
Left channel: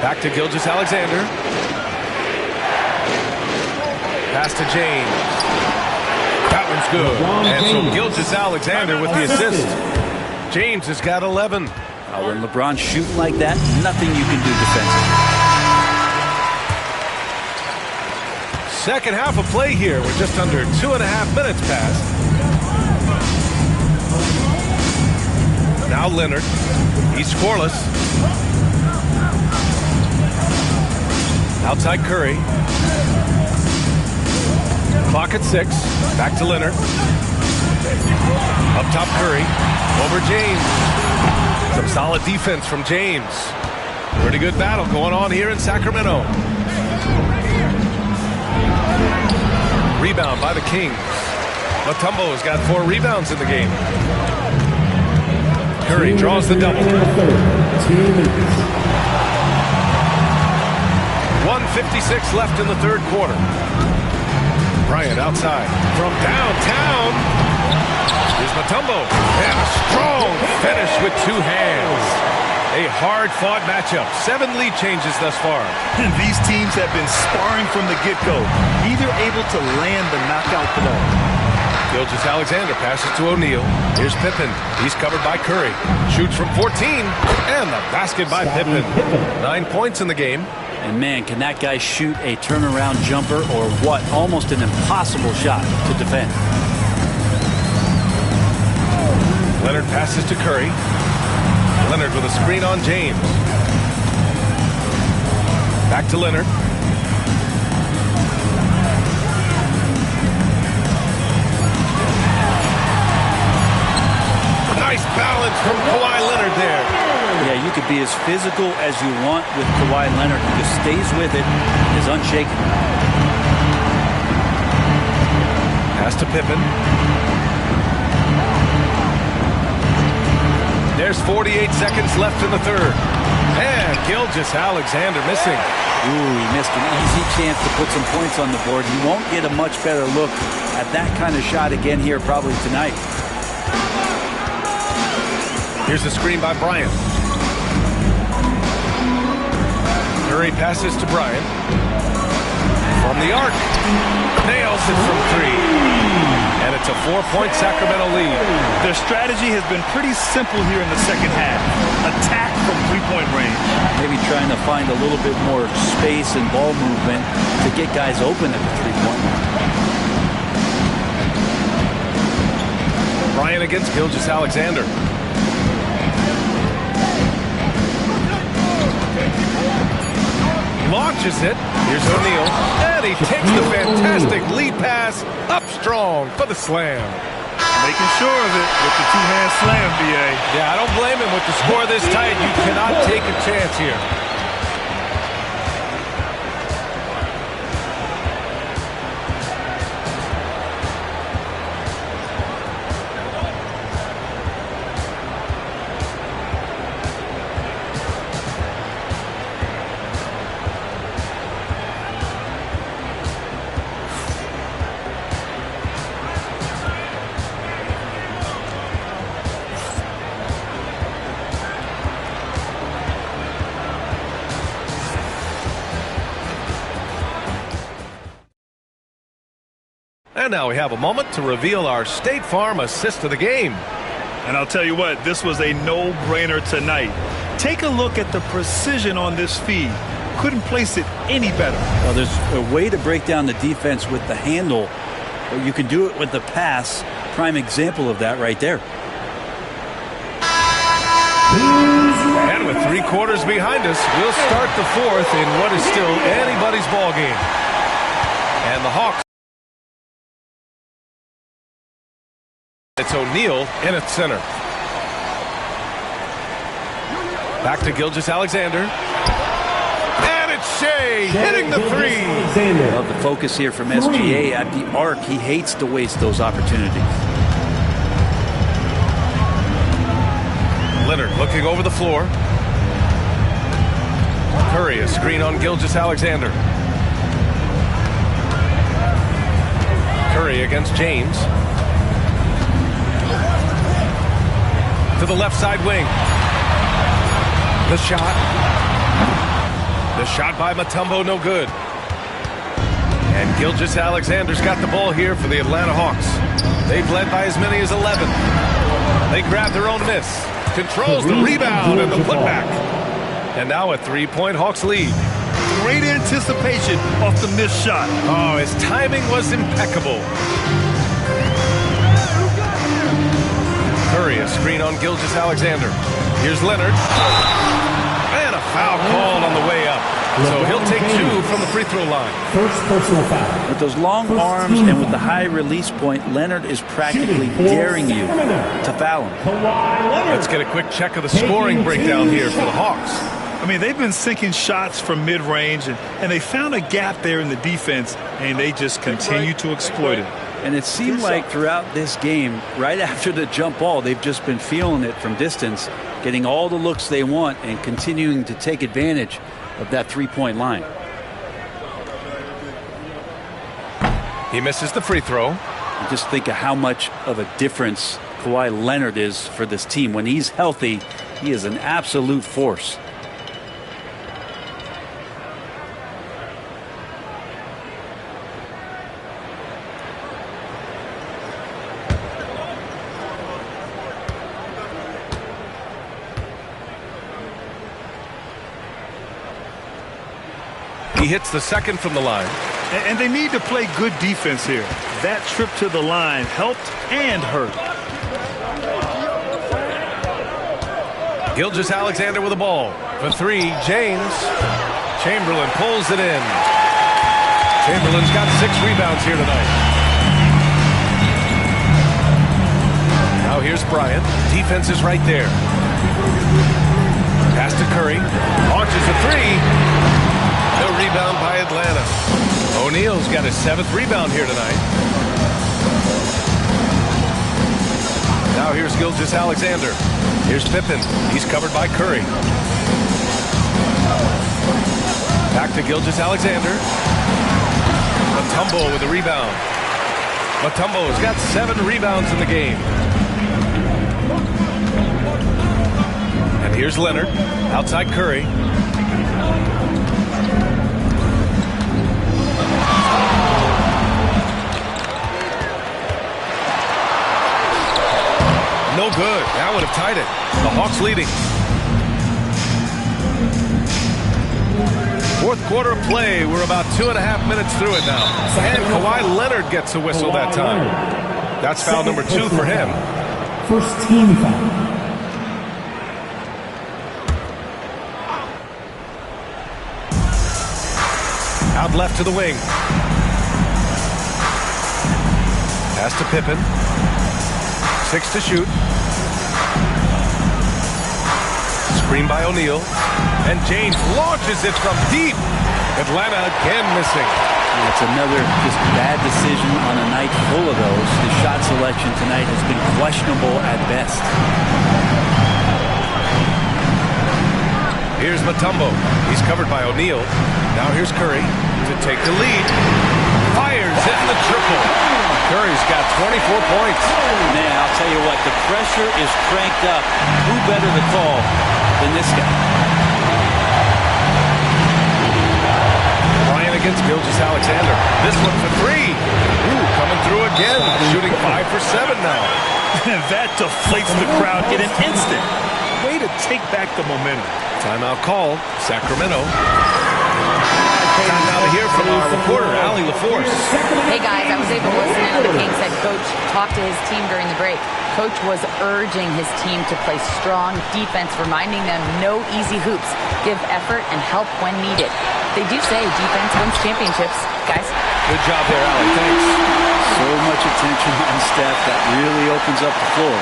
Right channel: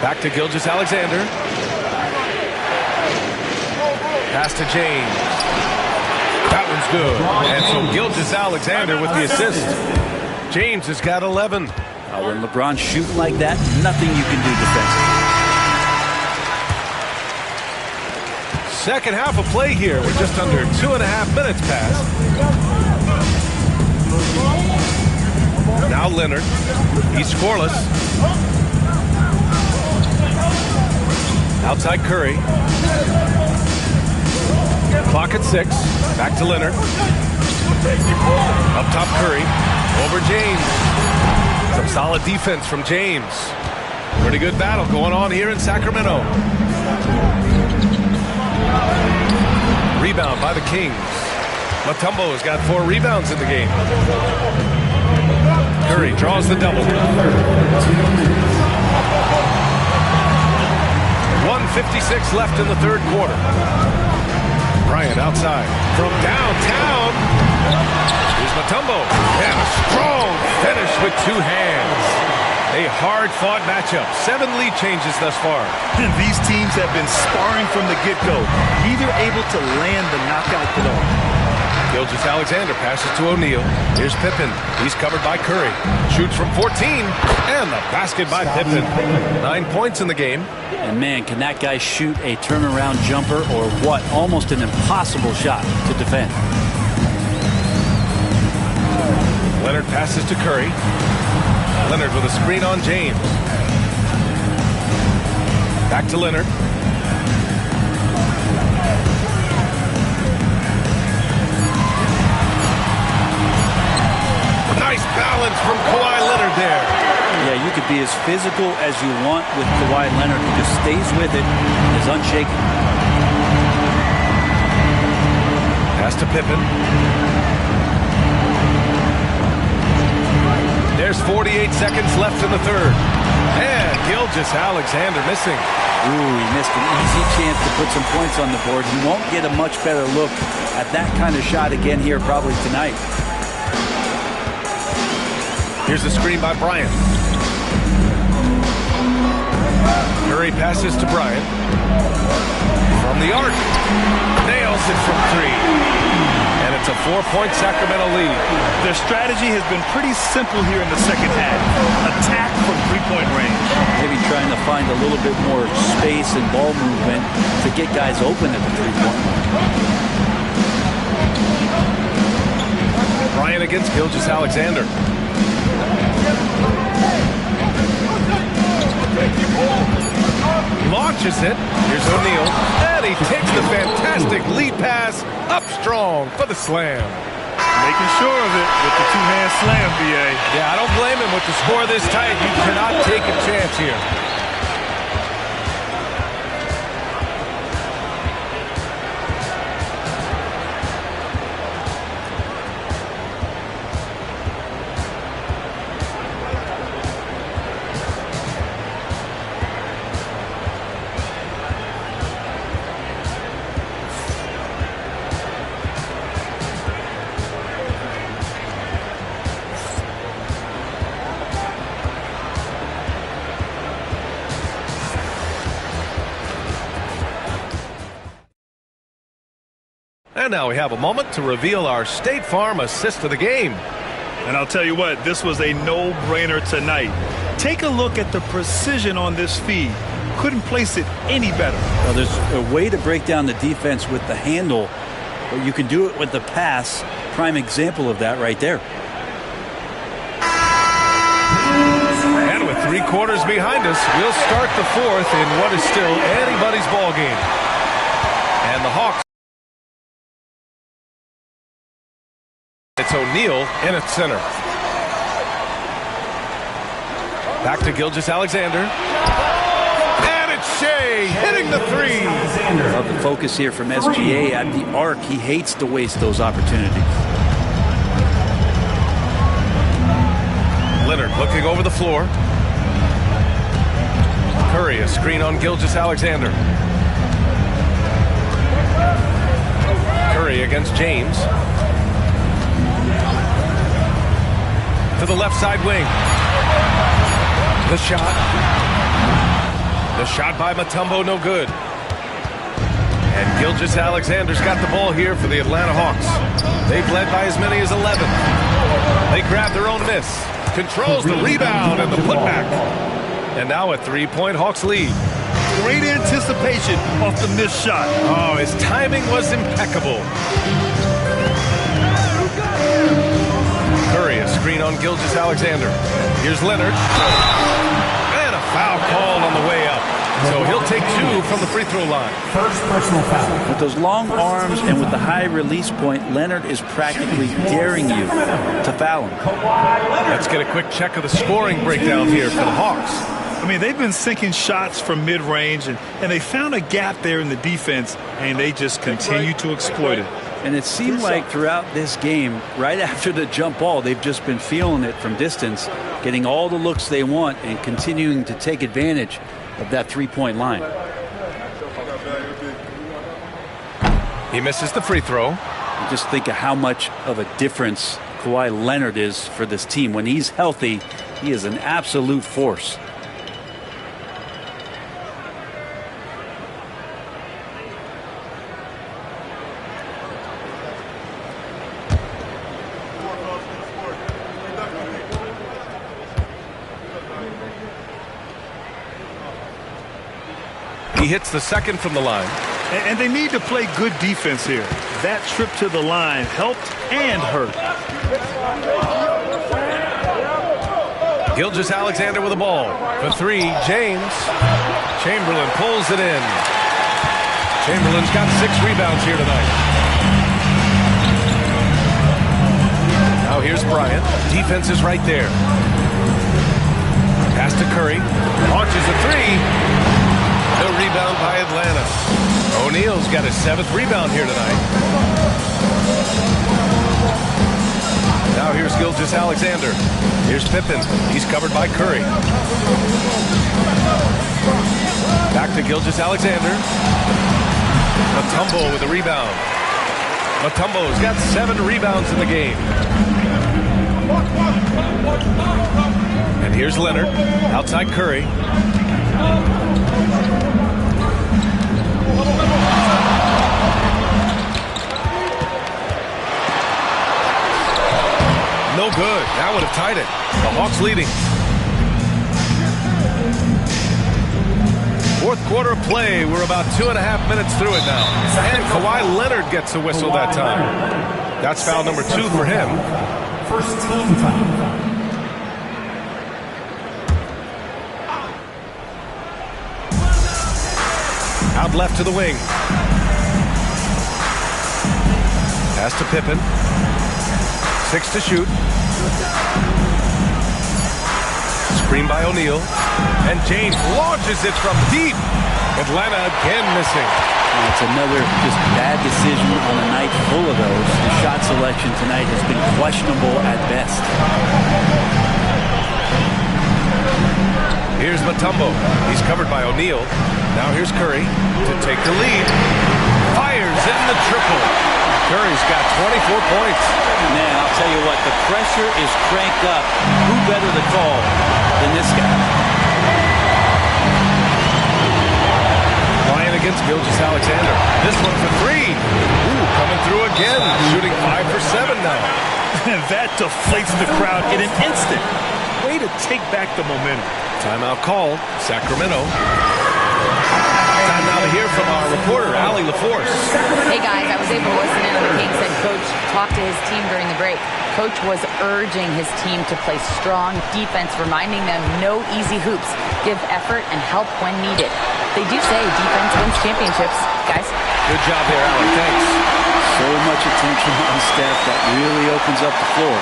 Back to Gilgeous-Alexander. Pass to James. That one's good. And so Gilgeous-Alexander with the assist. James has got 11. When LeBron's shooting like that, nothing you can do defensively. Second half of play here. We're just under 2.5 minutes past. Now Leonard. He's scoreless. Outside Curry. Clock at 6. Back to Leonard. Up top Curry. Over James. Some solid defense from James. Pretty good battle going on here in Sacramento. Rebound by the Kings. Mutombo has got 4 rebounds in the game. Curry draws the double. 1:56 left in the third quarter. Bryant outside from downtown. Here's Mutombo. And a strong finish with two hands. A hard-fought matchup. 7 lead changes thus far. And these teams have been sparring from the get-go. Neither able to land the knockout blow. Gilgeous-Alexander passes to O'Neal. Here's Pippen. He's covered by Curry. Shoots from 14. And the basket by Pippen. 9 points in the game. And man, can that guy shoot a turnaround jumper or what? Almost an impossible shot to defend. Leonard passes to Curry. Leonard with a screen on James. Back to Leonard. Nice balance from Kawhi Leonard there. Yeah, you could be as physical as you want with Kawhi Leonard. He just stays with it and is unshaken. Pass to Pippen. There's 48 seconds left in the third. And Gilgeous-Alexander missing. Ooh, he missed an easy chance to put some points on the board. He won't get a much better look at that kind of shot again here probably tonight. Here's the screen by Bryant. Curry passes to Bryant. From the arc. Nails it from 3. And it's a 4-point Sacramento lead. Their strategy has been pretty simple here in the second half. Attack from 3-point range. Maybe trying to find a little bit more space and ball movement to get guys open at the 3-point line. Bryant against Gilgeous-Alexander. Launches it. Here's O'Neal. And he takes the fantastic lead pass up strong for the slam. Making sure of it with the two-hand slam, B.A. Yeah, I don't blame him with the score this tight. You cannot take a chance here. And now we have a moment to reveal our State Farm assist of the game. And I'll tell you what, this was a no-brainer tonight. Take a look at the precision on this feed. Couldn't place it any better. Well, there's a way to break down the defense with the handle, but you can do it with the pass. Prime example of that right there. And with 3 quarters behind us, we'll start the fourth in what is still anybody's ball game. And the Hawks. It's O'Neal in at center. Back to Gilgeous-Alexander. And it's Shea hitting the 3. Love the focus here from SGA at the arc. He hates to waste those opportunities. Leonard looking over the floor. Curry, a screen on Gilgeous-Alexander. Curry against James. To the left side wing. The shot. The shot by Mutombo, no good. And Gilgeous-Alexander's got the ball here for the Atlanta Hawks. They've led by as many as 11. They grab their own miss. Controls the rebound and the putback. And now a 3-point Hawks lead. Great anticipation off the missed shot. Oh, his timing was impeccable. Curry, a screen on Gilgeous-Alexander. Here's Leonard. And a foul called on the way up. So he'll take 2 from the free throw line. First personal foul. With those long arms and with the high release point, Leonard is practically daring you to foul him. Let's get a quick check of the scoring breakdown here for the Hawks. I mean, they've been sinking shots from mid-range, and they found a gap there in the defense, and they just continue to exploit it. And it seemed like throughout this game, right after the jump ball, they've just been feeling it from distance, getting all the looks they want and continuing to take advantage of that 3-point line. He misses the free throw. You just think of how much of a difference Kawhi Leonard is for this team. When he's healthy, he is an absolute force. He hits the second from the line. And they need to play good defense here. That trip to the line helped and hurt. Gilgeous-Alexander with the ball. For three, James. Chamberlain pulls it in. Chamberlain's got 6 rebounds here tonight. Now here's Bryant. Defense is right there. Pass to Curry. Launches a three. No rebound by Atlanta. O'Neal's got his 7th rebound here tonight. Now here's Gilgeous-Alexander. Here's Pippen. He's covered by Curry. Back to Gilgeous-Alexander. Mutombo with a rebound. Mutombo's got 7 rebounds in the game. And here's Leonard. Outside Curry. No good. That would have tied it. The Hawks leading. 4th quarter of play. We're about 2.5 minutes through it now. And Kawhi Leonard gets a whistle that time. That's foul number 2 for him. First team foul. Out left to the wing. Pass to Pippen. 6 to shoot. Screen by O'Neal. And James launches it from deep. Atlanta again missing. It's another just bad decision on a night full of those. His shot selection tonight has been questionable at best. Here's Mutombo. He's covered by O'Neal. Now here's Curry to take the lead. Fires in the triple. Curry's got 24 points. Man, I'll tell you what, the pressure is cranked up. Who better to call than this guy? Bryant against Gilgeous-Alexander. This one for 3. Ooh, coming through again. Shooting 5 for 7 now. That deflates the crowd in an instant. Way to take back the momentum. Timeout called. Sacramento. Time now to hear from our reporter, Allie LaForce. Hey guys, I was able to listen in on the Kings head coach talk to his team during the break. Coach was urging his team to play strong defense, reminding them no easy hoops, give effort and help when needed. They do say defense wins championships, guys. Good job there, Allie. Thanks. So much attention on Steph that really opens up the floor.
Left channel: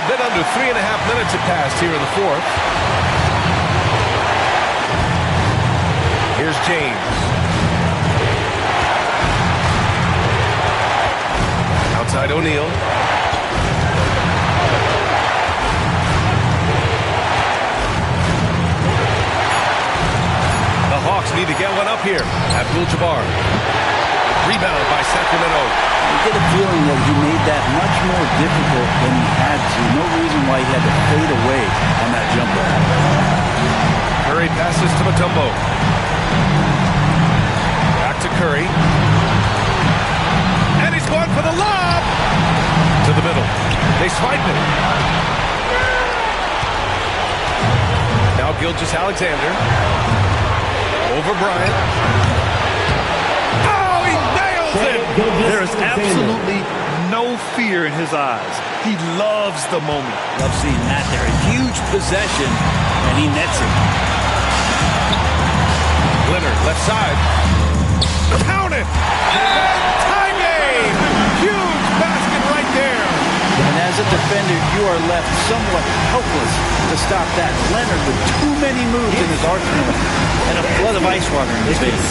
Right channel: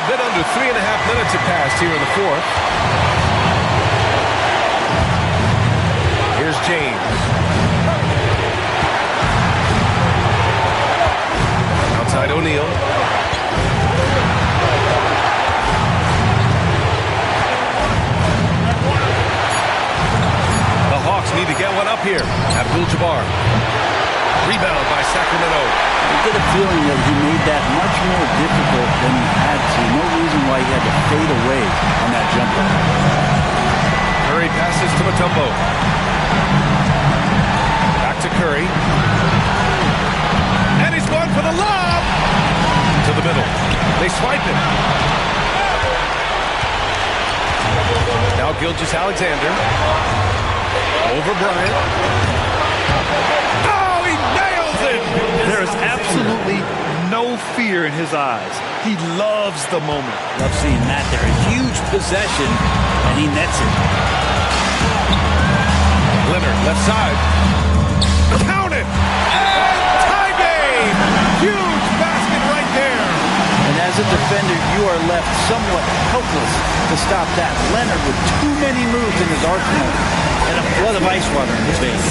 A bit under 3.5 minutes have passed here in the 4th. Here's James. Outside O'Neal. The Hawks need to get one up here. Abdul-Jabbar. Rebound by Sacramento. I get a feeling that he made that much more difficult than he had to. No reason why he had to fade away on that jumper. Curry passes to Mutombo. Back to Curry. And he's going for the lob. To the middle. They swipe it. Now Gilgeous-Alexander. Over Bryant. Oh, he nails it! There is absolutely no fear in his eyes. He loves the moment. Love seeing that there. A huge possession, and he nets it. Leonard, left side. Count it! And tie game! Huge basket right there. And as a defender, you are left somewhat helpless to stop that. Leonard with too many moves in his arsenal and a flood of ice water in his veins.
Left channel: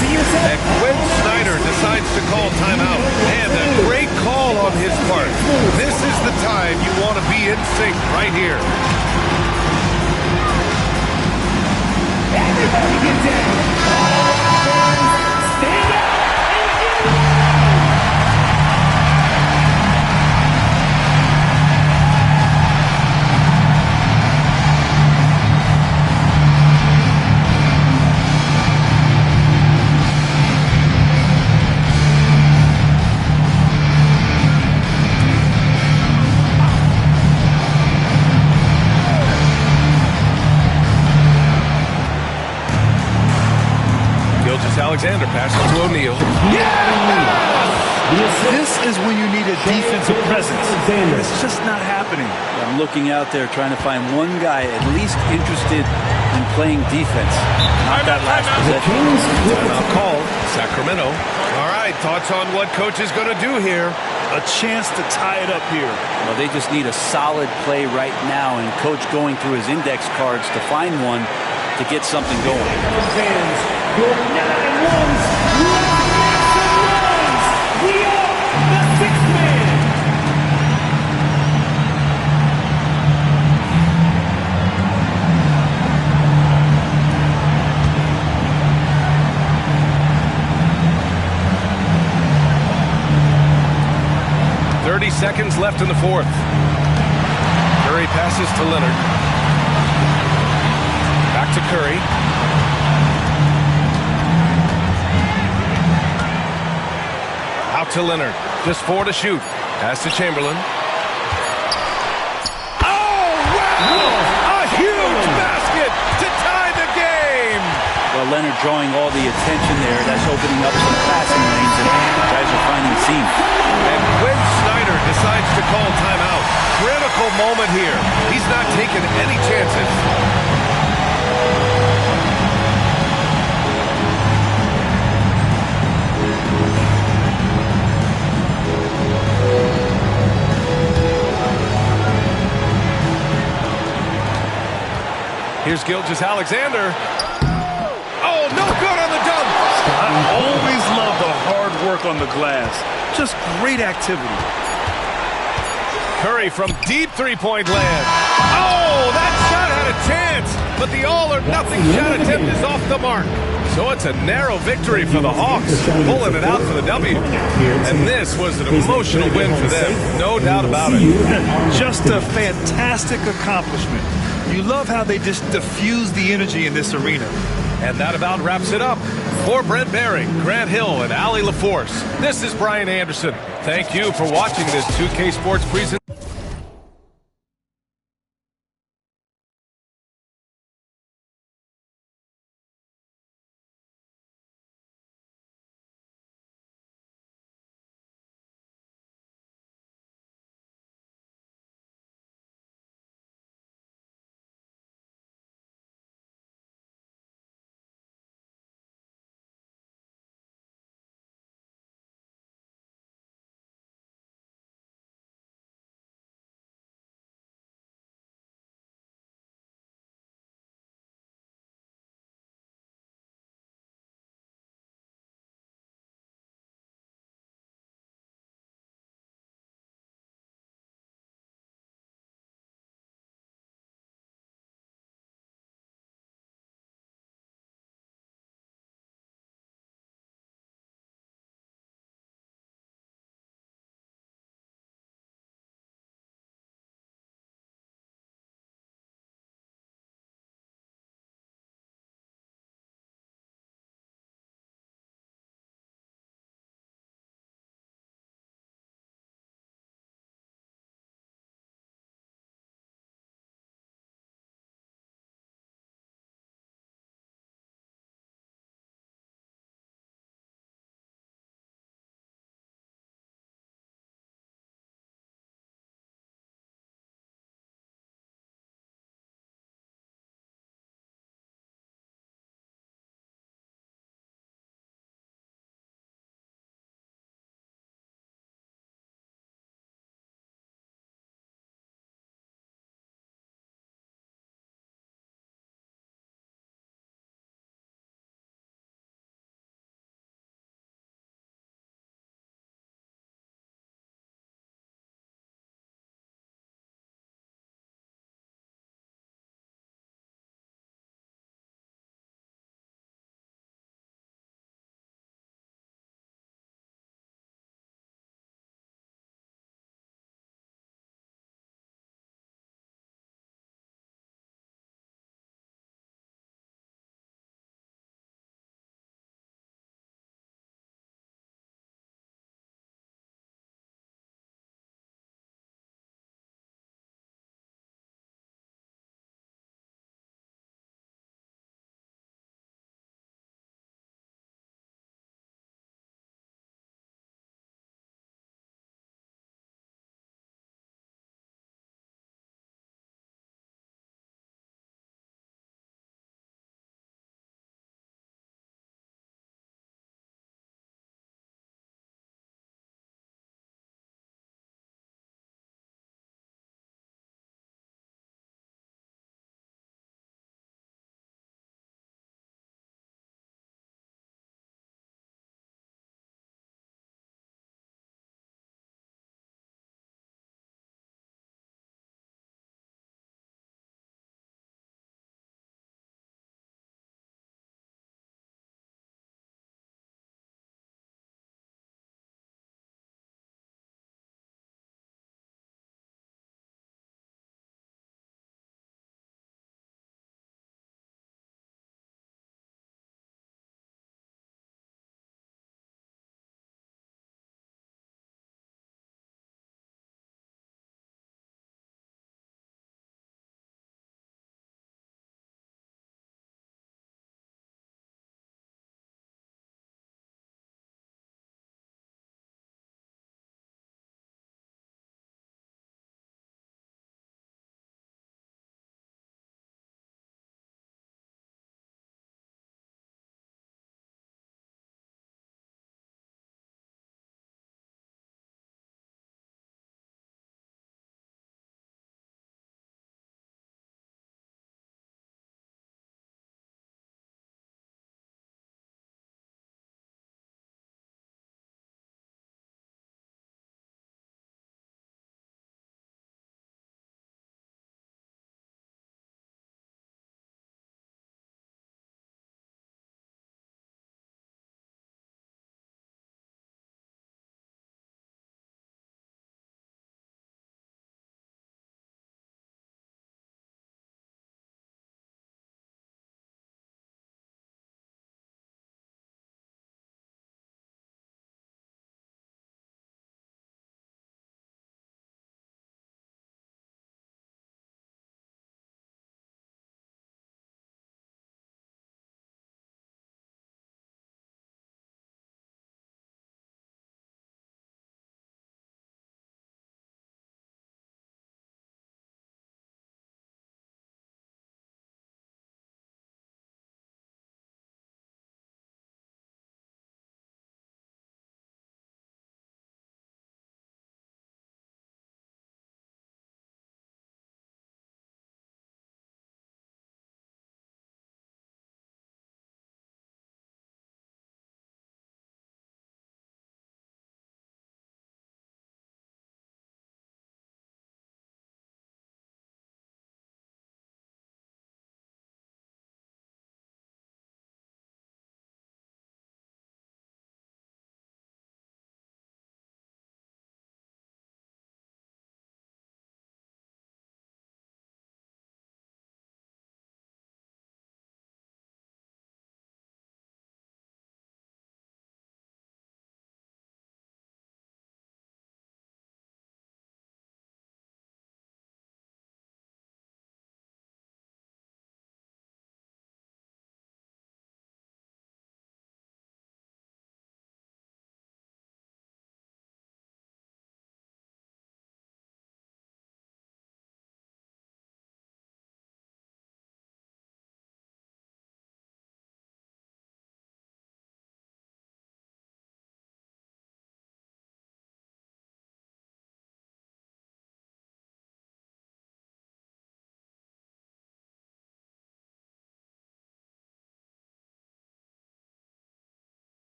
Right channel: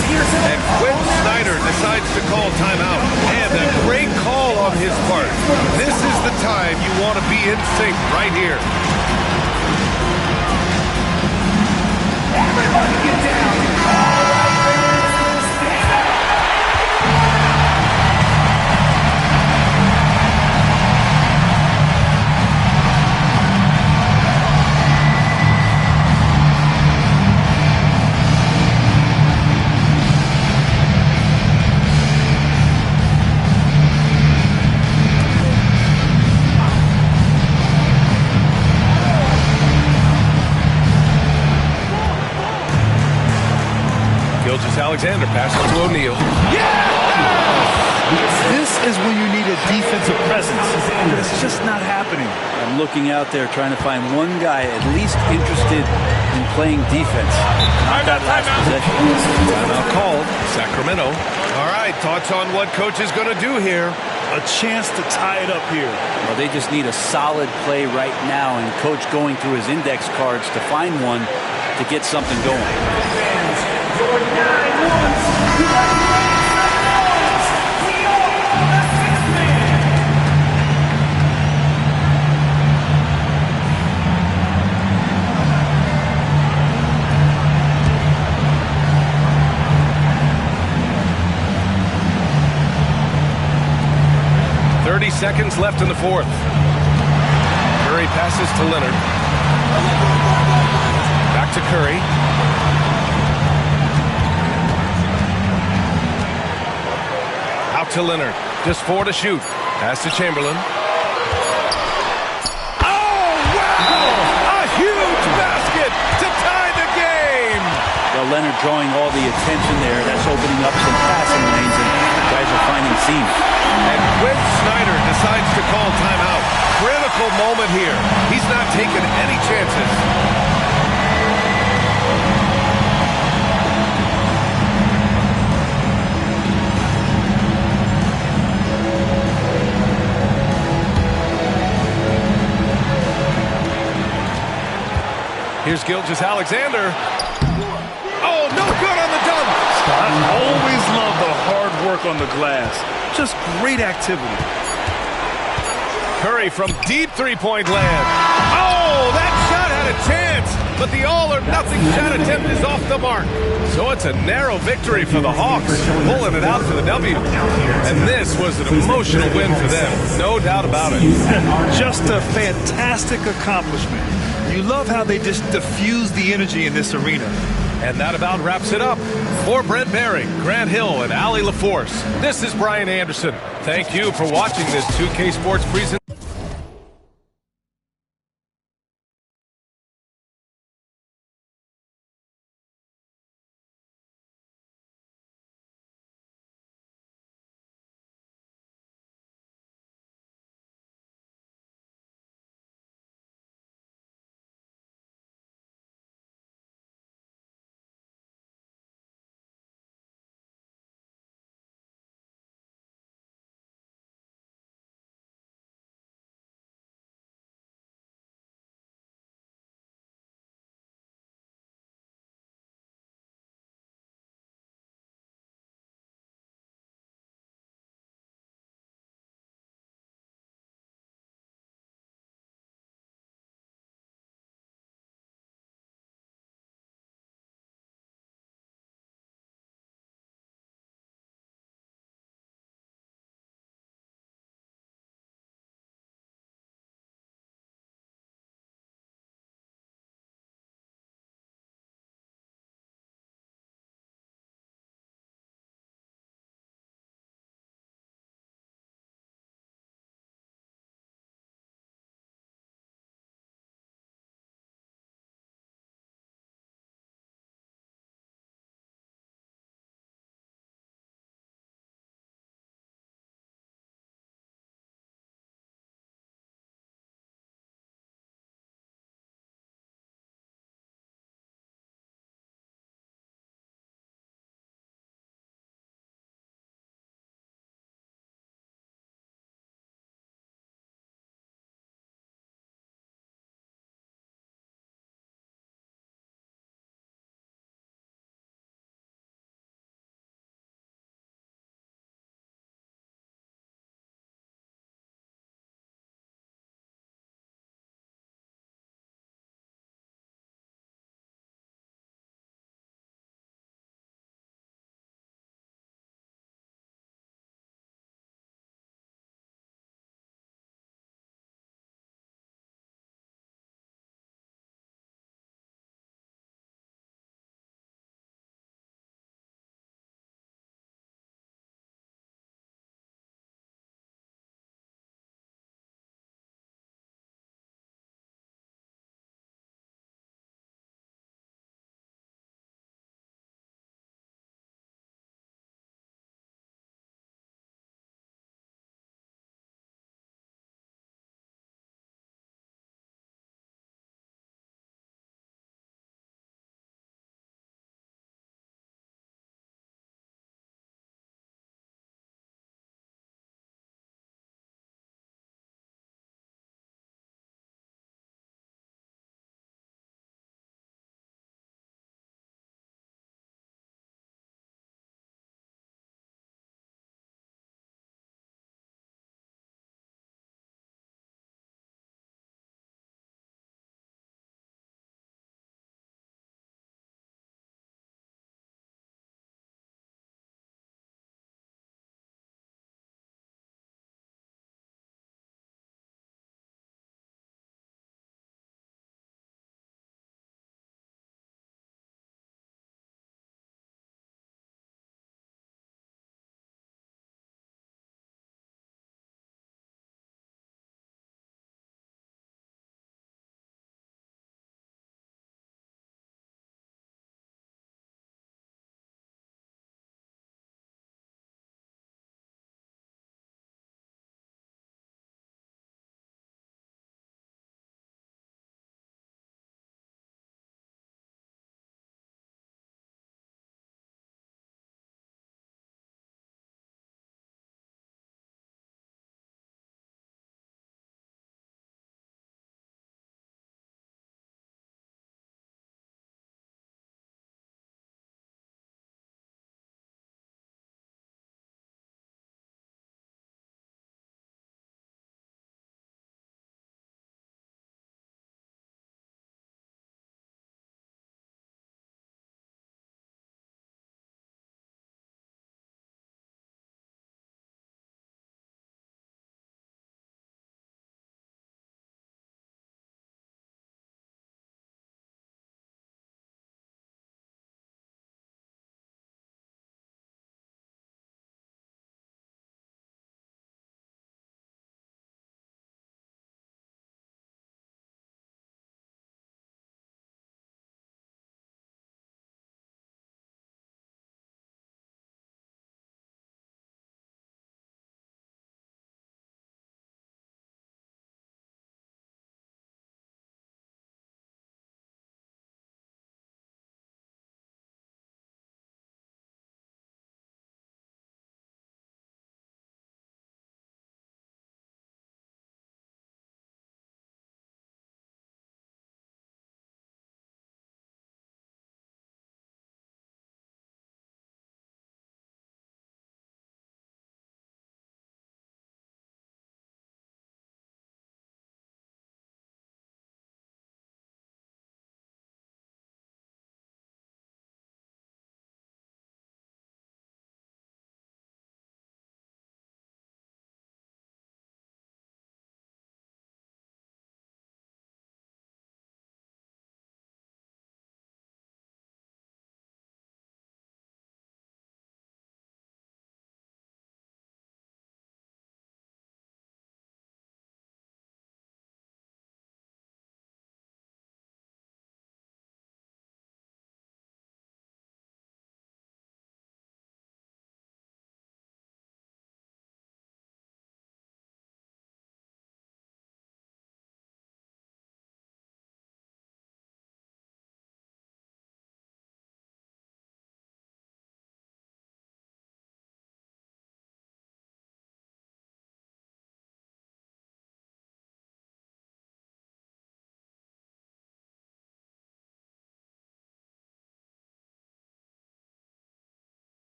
And Quinn Snyder decides to call timeout. And a great call on his part. This is the time you want to be in sync right here. Everybody get down. All right, fans, stand up. Gilgeous-Alexander passes to O'Neal. This is when you need a defensive presence. It's just not happening. I'm looking out there trying to find one guy at least interested in playing defense. Not that last possession. Timeout called. Sacramento. All right, thoughts on what coach is going to do here? A chance to tie it up here. Well, they just need a solid play right now, and coach going through his index cards to find one to get something going. Fans, your 9-1s, let's make some noise. We are the sixth man. Seconds left in the fourth. Curry passes to Leonard. Back to Curry. Out to Leonard. Just 4 to shoot. Pass to Chamberlain. Oh, wow! A huge basket to tie the game! Well, Leonard drawing all the attention there. That's opening up some passing lanes, and guys are finding seams. And Quinn Snyder decides to call timeout. Critical moment here. He's not taking any chances. Here's Gilgeous-Alexander. Oh, no good on the dunk. I always love the hard work on the glass. Just great activity. Curry from deep three-point land. Oh, that shot had a chance, but the all-or-nothing shot attempt is off the mark. So it's a narrow victory for the Hawks, pulling it out for the W. And this was an emotional win for them, no doubt about it. Just a fantastic accomplishment. You love how they just diffuse the energy in this arena. And that about wraps it up. For Brent Barry, Grant Hill, and Allie LaForce, this is Brian Anderson. Thank you for watching this 2K Sports presentation.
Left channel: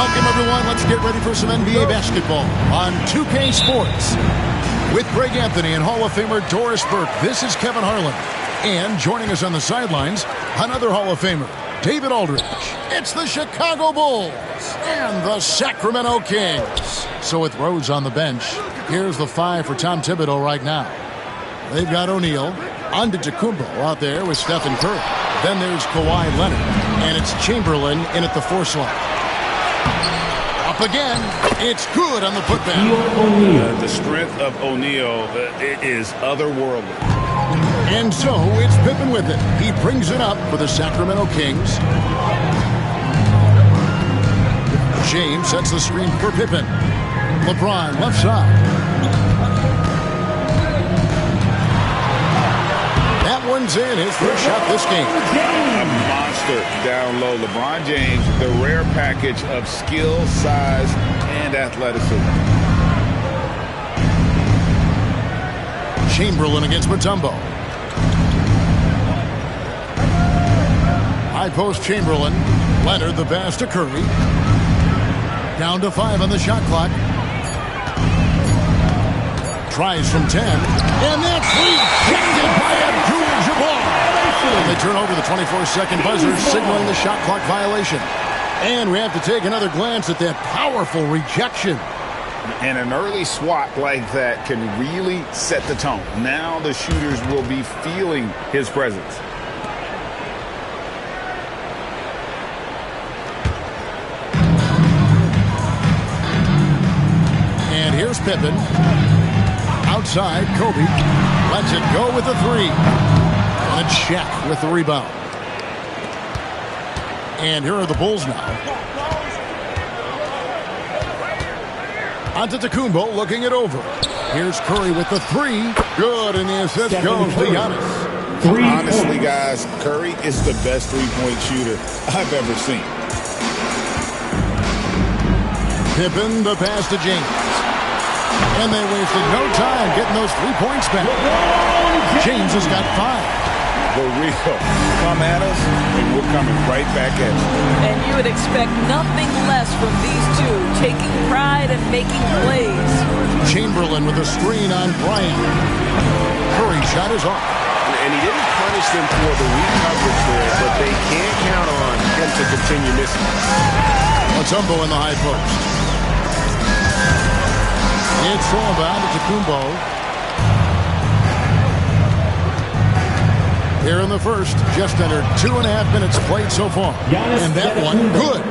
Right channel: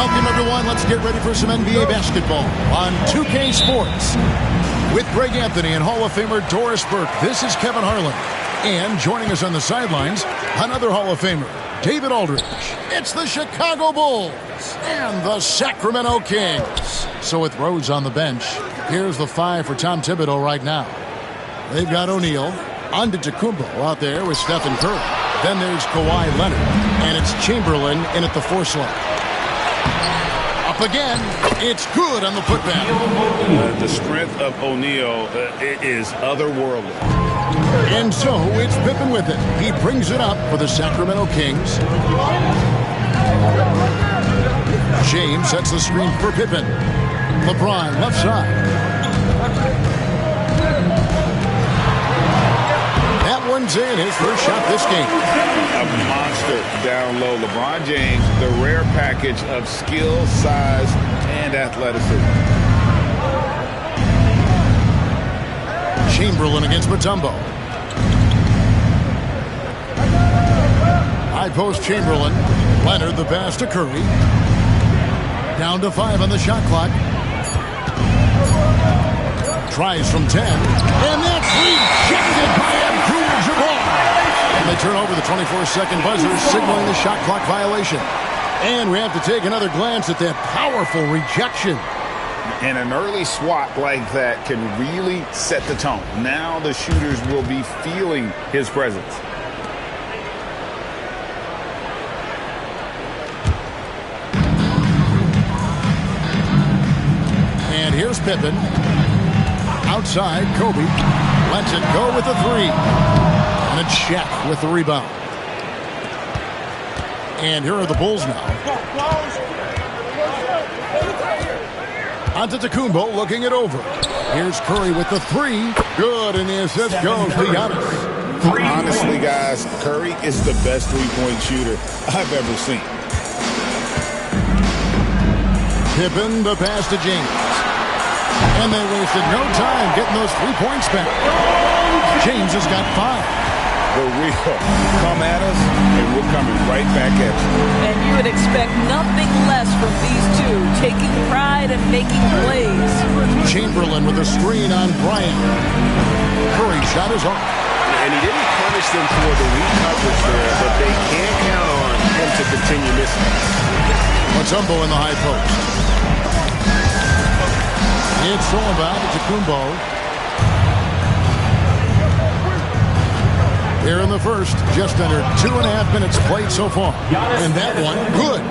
Welcome, everyone. Let's get ready for some NBA basketball on 2K Sports. With Greg Anthony and Hall of Famer Doris Burke, this is Kevin Harlan. And joining us on the sidelines, another Hall of Famer, David Aldridge. It's the Chicago Bulls and the Sacramento Kings. So with Rose on the bench, here's the 5 for Tom Thibodeau right now. They've got O'Neal, Antetokounmpo out there with Stephen Curry. Then there's Kawhi Leonard, and it's Chamberlain in at the 4 slot. Up again, it's good on the putback. The strength of O'Neal is otherworldly. And so it's Pippen with it. He brings it up for the Sacramento Kings. James sets the screen for Pippen. LeBron left side. That one's in, his first shot this game. A monster down low. LeBron James, the rare package of skill, size, and athleticism. Chamberlain against Mutombo. High post Chamberlain. Leonard the pass to Curry. Down to 5 on the shot clock. Tries from 10. And that's rejected by Abdul-Jabbar. And they turn over the 24-second buzzer, signaling the shot clock violation. And we have to take another glance at that powerful rejection. And an early swat like that can really set the tone. Now the shooters will be feeling his presence. And here's Pippen. Outside, Kobe lets it go with the 3. And it's Shaq with the rebound. And here are the Bulls now. Antetokounmpo looking it over. Here's Curry with the 3. Good, and the assist goes to Giannis. Honestly, guys, Curry is the best three-point shooter I've ever seen. Pippen, the pass to James. And they wasted no time getting those 3 points back. James has got 5. The real. Come at us, and we're coming right back at you. And you would expect nothing less from these two, taking pride and making plays. Chamberlain with a screen on Bryant. Curry shot is off. And he didn't punish them for the weak coverage there, but they can't count on him to continue missing. Mutombo in the high post. It's all about Antetokounmpo. Here in the first, just under 2.5 minutes played so far. And that one, good.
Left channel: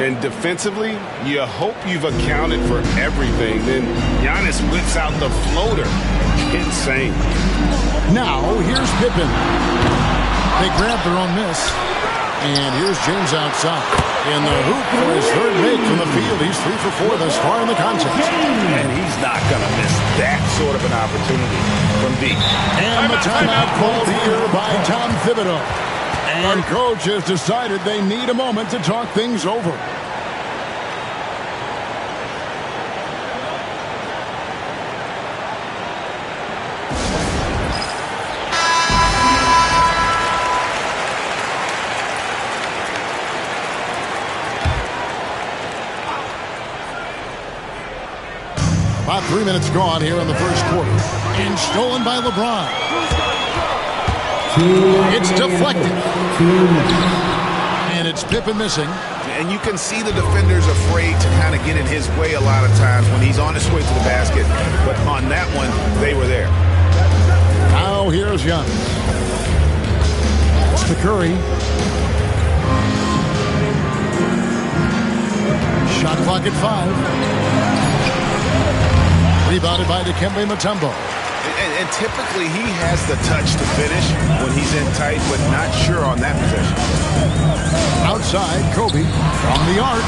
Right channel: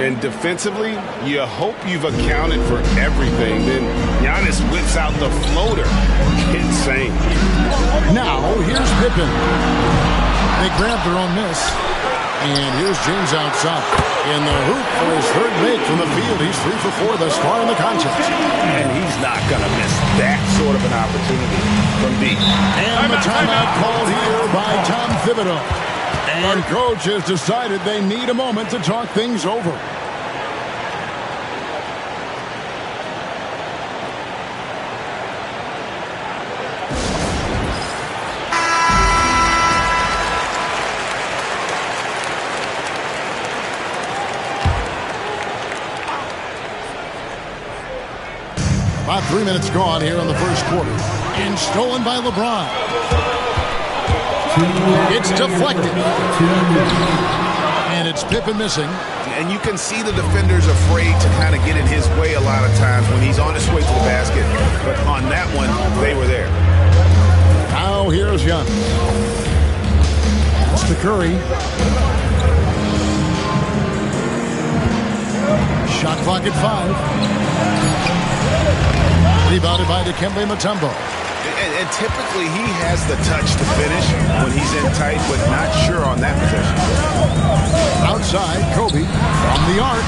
And defensively, you hope you've accounted for everything. Then Giannis whips out the floater. Insane. Now, here's Pippen. They grab their own miss. And here's James outside. In the hoop for his third make from the field. He's 3 for 4 thus far in the contest. And he's not going to miss that sort of an opportunity from deep. And the timeout called here by Tom Thibodeau. And coach has decided they need a moment to talk things over. About 3 minutes gone here in the first quarter. And stolen by LeBron. It's deflected. And it's Pippen missing. And you can see the defenders afraid to kind of get in his way a lot of times when he's on his way to the basket. But on that one, they were there. Now here's Young. It's to Curry. Shot clock at 5. Rebounded by Dikembe Mutombo. And typically he has the touch to finish when he's in tight, but not sure on that possession. Outside, Kobe from the arc.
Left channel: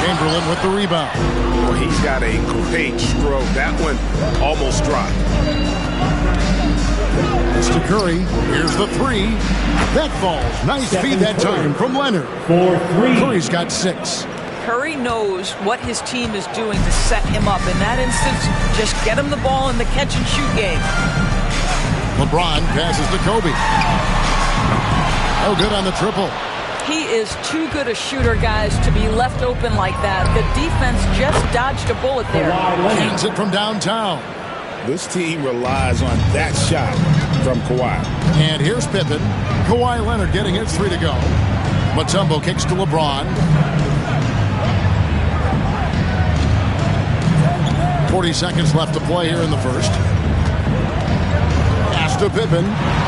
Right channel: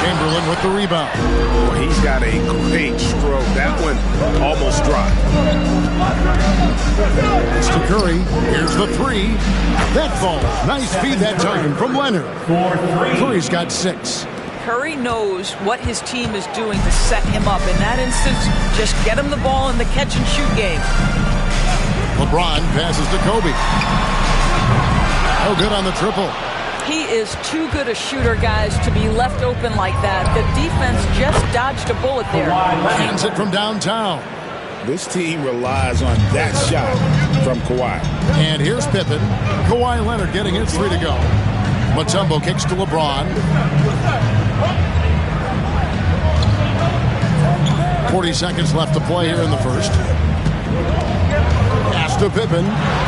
Chamberlain with the rebound. Well, he's got a great stroke. That one almost dropped. It's to Curry. Here's the 3. That falls. Nice feed that time from Leonard. Curry's got 6. Curry knows what his team is doing to set him up. In that instance, just get him the ball in the catch-and-shoot game. LeBron passes to Kobe. No good on the triple. He is too good a shooter, guys, to be left open like that. The defense just dodged a bullet there. Hands it from downtown. This team relies on that shot from Kawhi. And here's Pippen. Kawhi Leonard getting his 3 to go. Mutombo kicks to LeBron. 40 seconds left to play here in the first. Pass to Pippen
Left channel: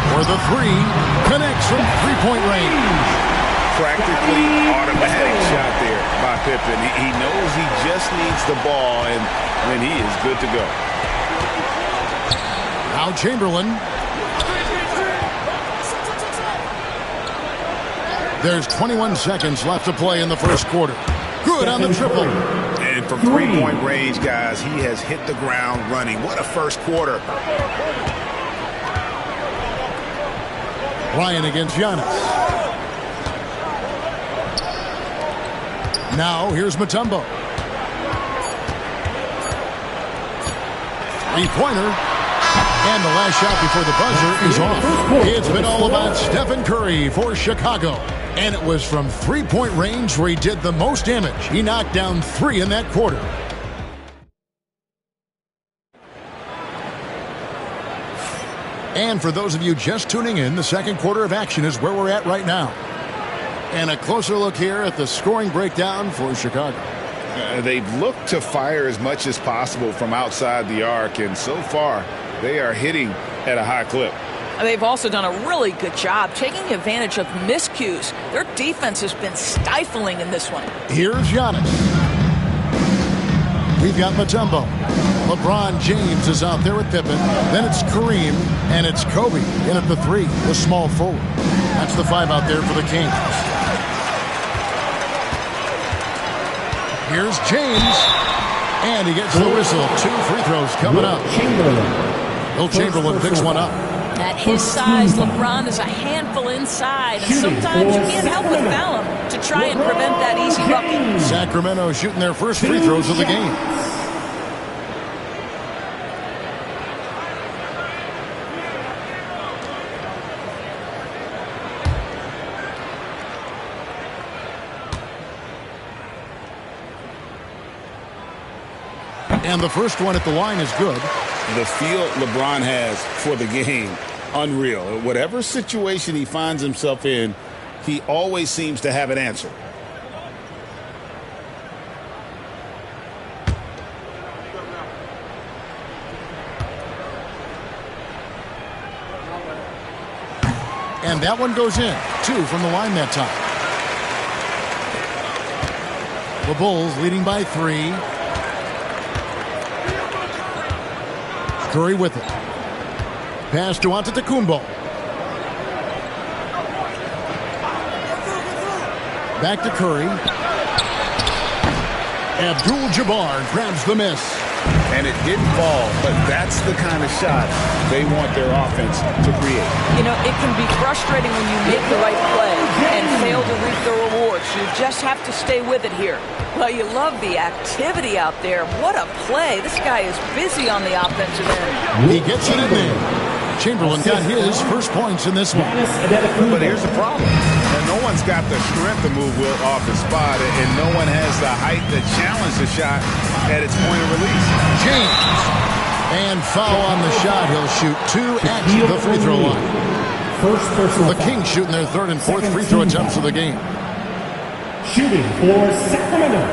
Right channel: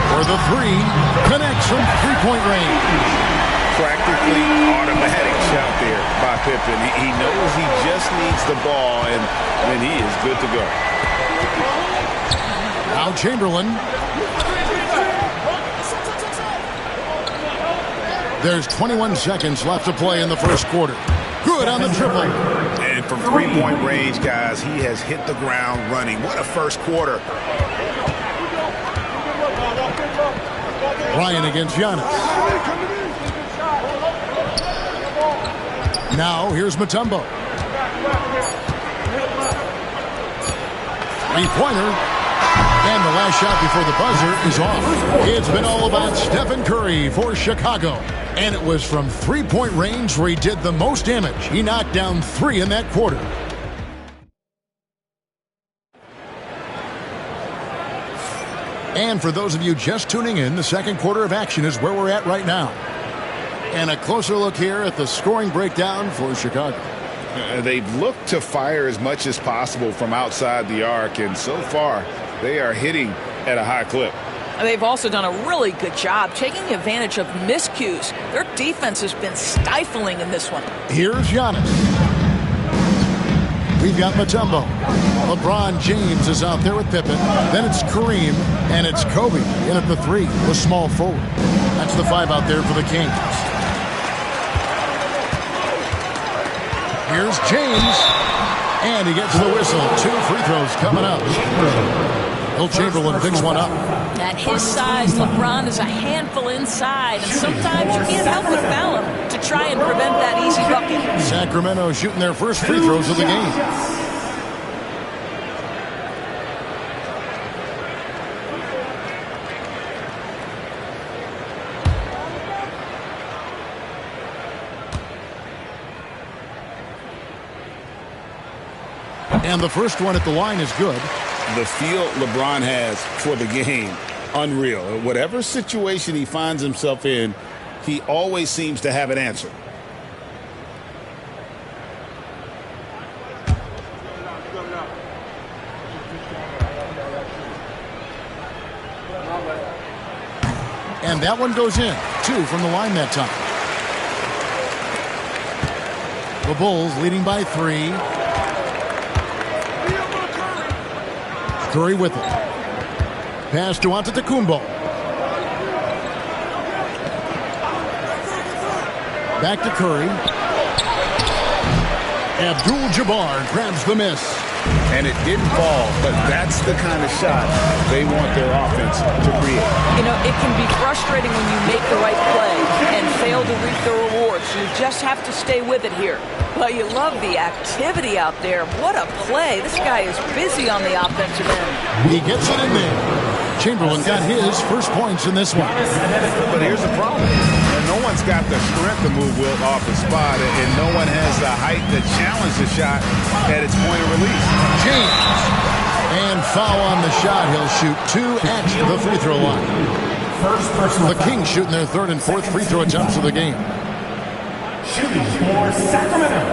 for the 3. Connects from three-point range. Practically automatic shot there by Pippen. He knows he just needs the ball, and then he is good to go. Now Chamberlain. There's 21 seconds left to play in the first quarter. Good on the triple. And from three-point range, guys, he has hit the ground running. What a first quarter. Ryan against Giannis. Now here's Mutombo. Three-pointer. And the last shot before the buzzer is off. It's been all about Stephen Curry for Chicago. And it was from three-point range where he did the most damage. He knocked down 3 in that quarter. And for those of you just tuning in, the second quarter of action is where we're at right now. And a closer look here at the scoring breakdown for Chicago. They've looked to fire as much as possible from outside the arc, and so far they are hitting at a high clip. They've also done a really good job taking advantage of miscues. Their defense has been stifling in this one. Here's Giannis. We've got Mutombo. LeBron James is out there with Pippen. Then it's Kareem, and it's Kobe in at the 3, the small forward. That's the 5 out there for the Kings. Here's James, and he gets the whistle. 2 free throws coming up. Will Chamberlain picks one up. At his size, LeBron is a handful inside, and sometimes you can't help but foul him to try and prevent that easy bucket. Sacramento shooting their first free throws of the game. And the first one at the line is good. The feel LeBron has for the game, unreal. Whatever situation he finds himself in, he always seems to have an answer. And that one goes in. 2 from the line that time. The Bulls leading by 3. Curry with it. Pass to Antetokounmpo. Back to Curry. Abdul-Jabbar grabs the miss. And it didn't fall, but that's the kind of shot they want their offense to create. You know, it can be frustrating when you make the right play and fail to reap the rewards. You just have to stay with it here. Well, you love the activity out there. What a play. This guy is busy on the offensive end. He gets it in there. Chamberlain got his first points in this one. But here's the problem. And no one's got the strength to move Wilt off the spot, and no one has the height to challenge the shot at its point of release. James. And foul on the shot. He'll shoot 2 at the free throw line. The Kings shooting their 3rd and 4th free throw attempts of the game. Shooting for Sacramento,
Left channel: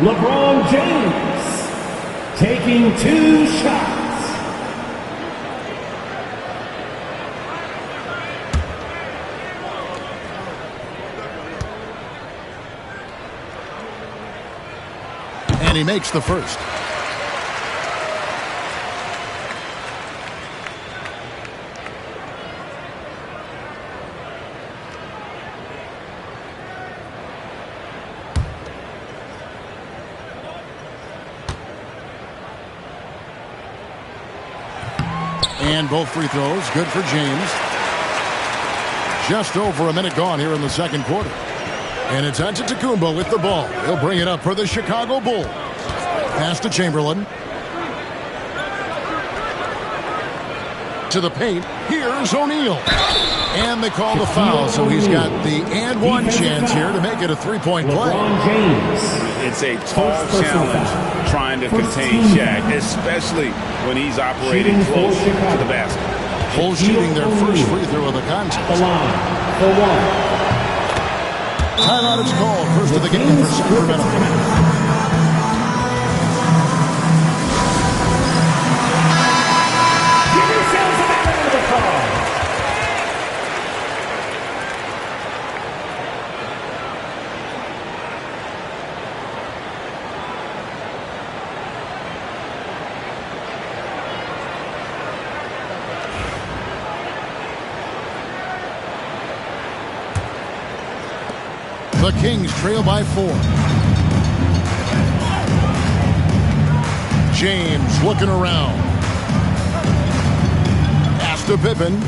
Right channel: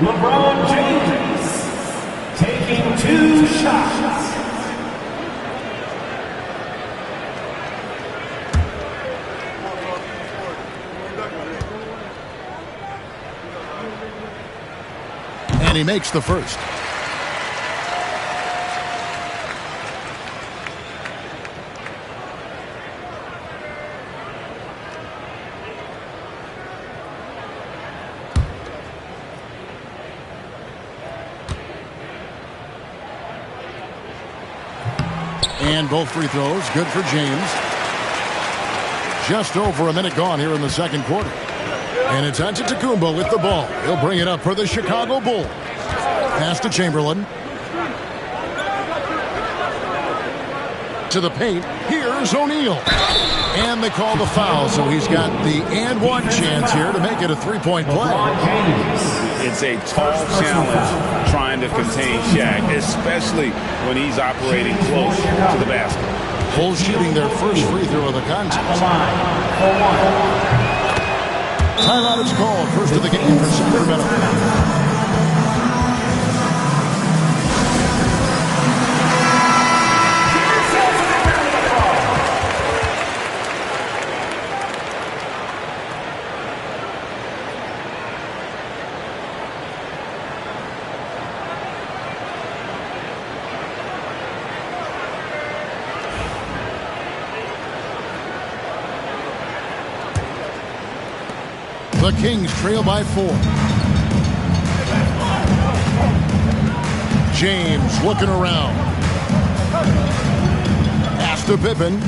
LeBron James, taking 2 shots. And he makes the first. And both free throws good for James. Just over a minute gone here in the second quarter. And it's Antetokounmpo with the ball. He'll bring it up for the Chicago Bulls. Pass to Chamberlain. To the paint. Here Here's O'Neal. And they call the foul, so he's got the and one chance here to make it a three-point play. It's a tall challenge trying to contain Shaq, especially when he's operating close to the basket. Bulls shooting their first free throw of the contest. Timeout is called. First of the game for Sacramento. The Kings trail by 4. James looking around. Pass to Pippen.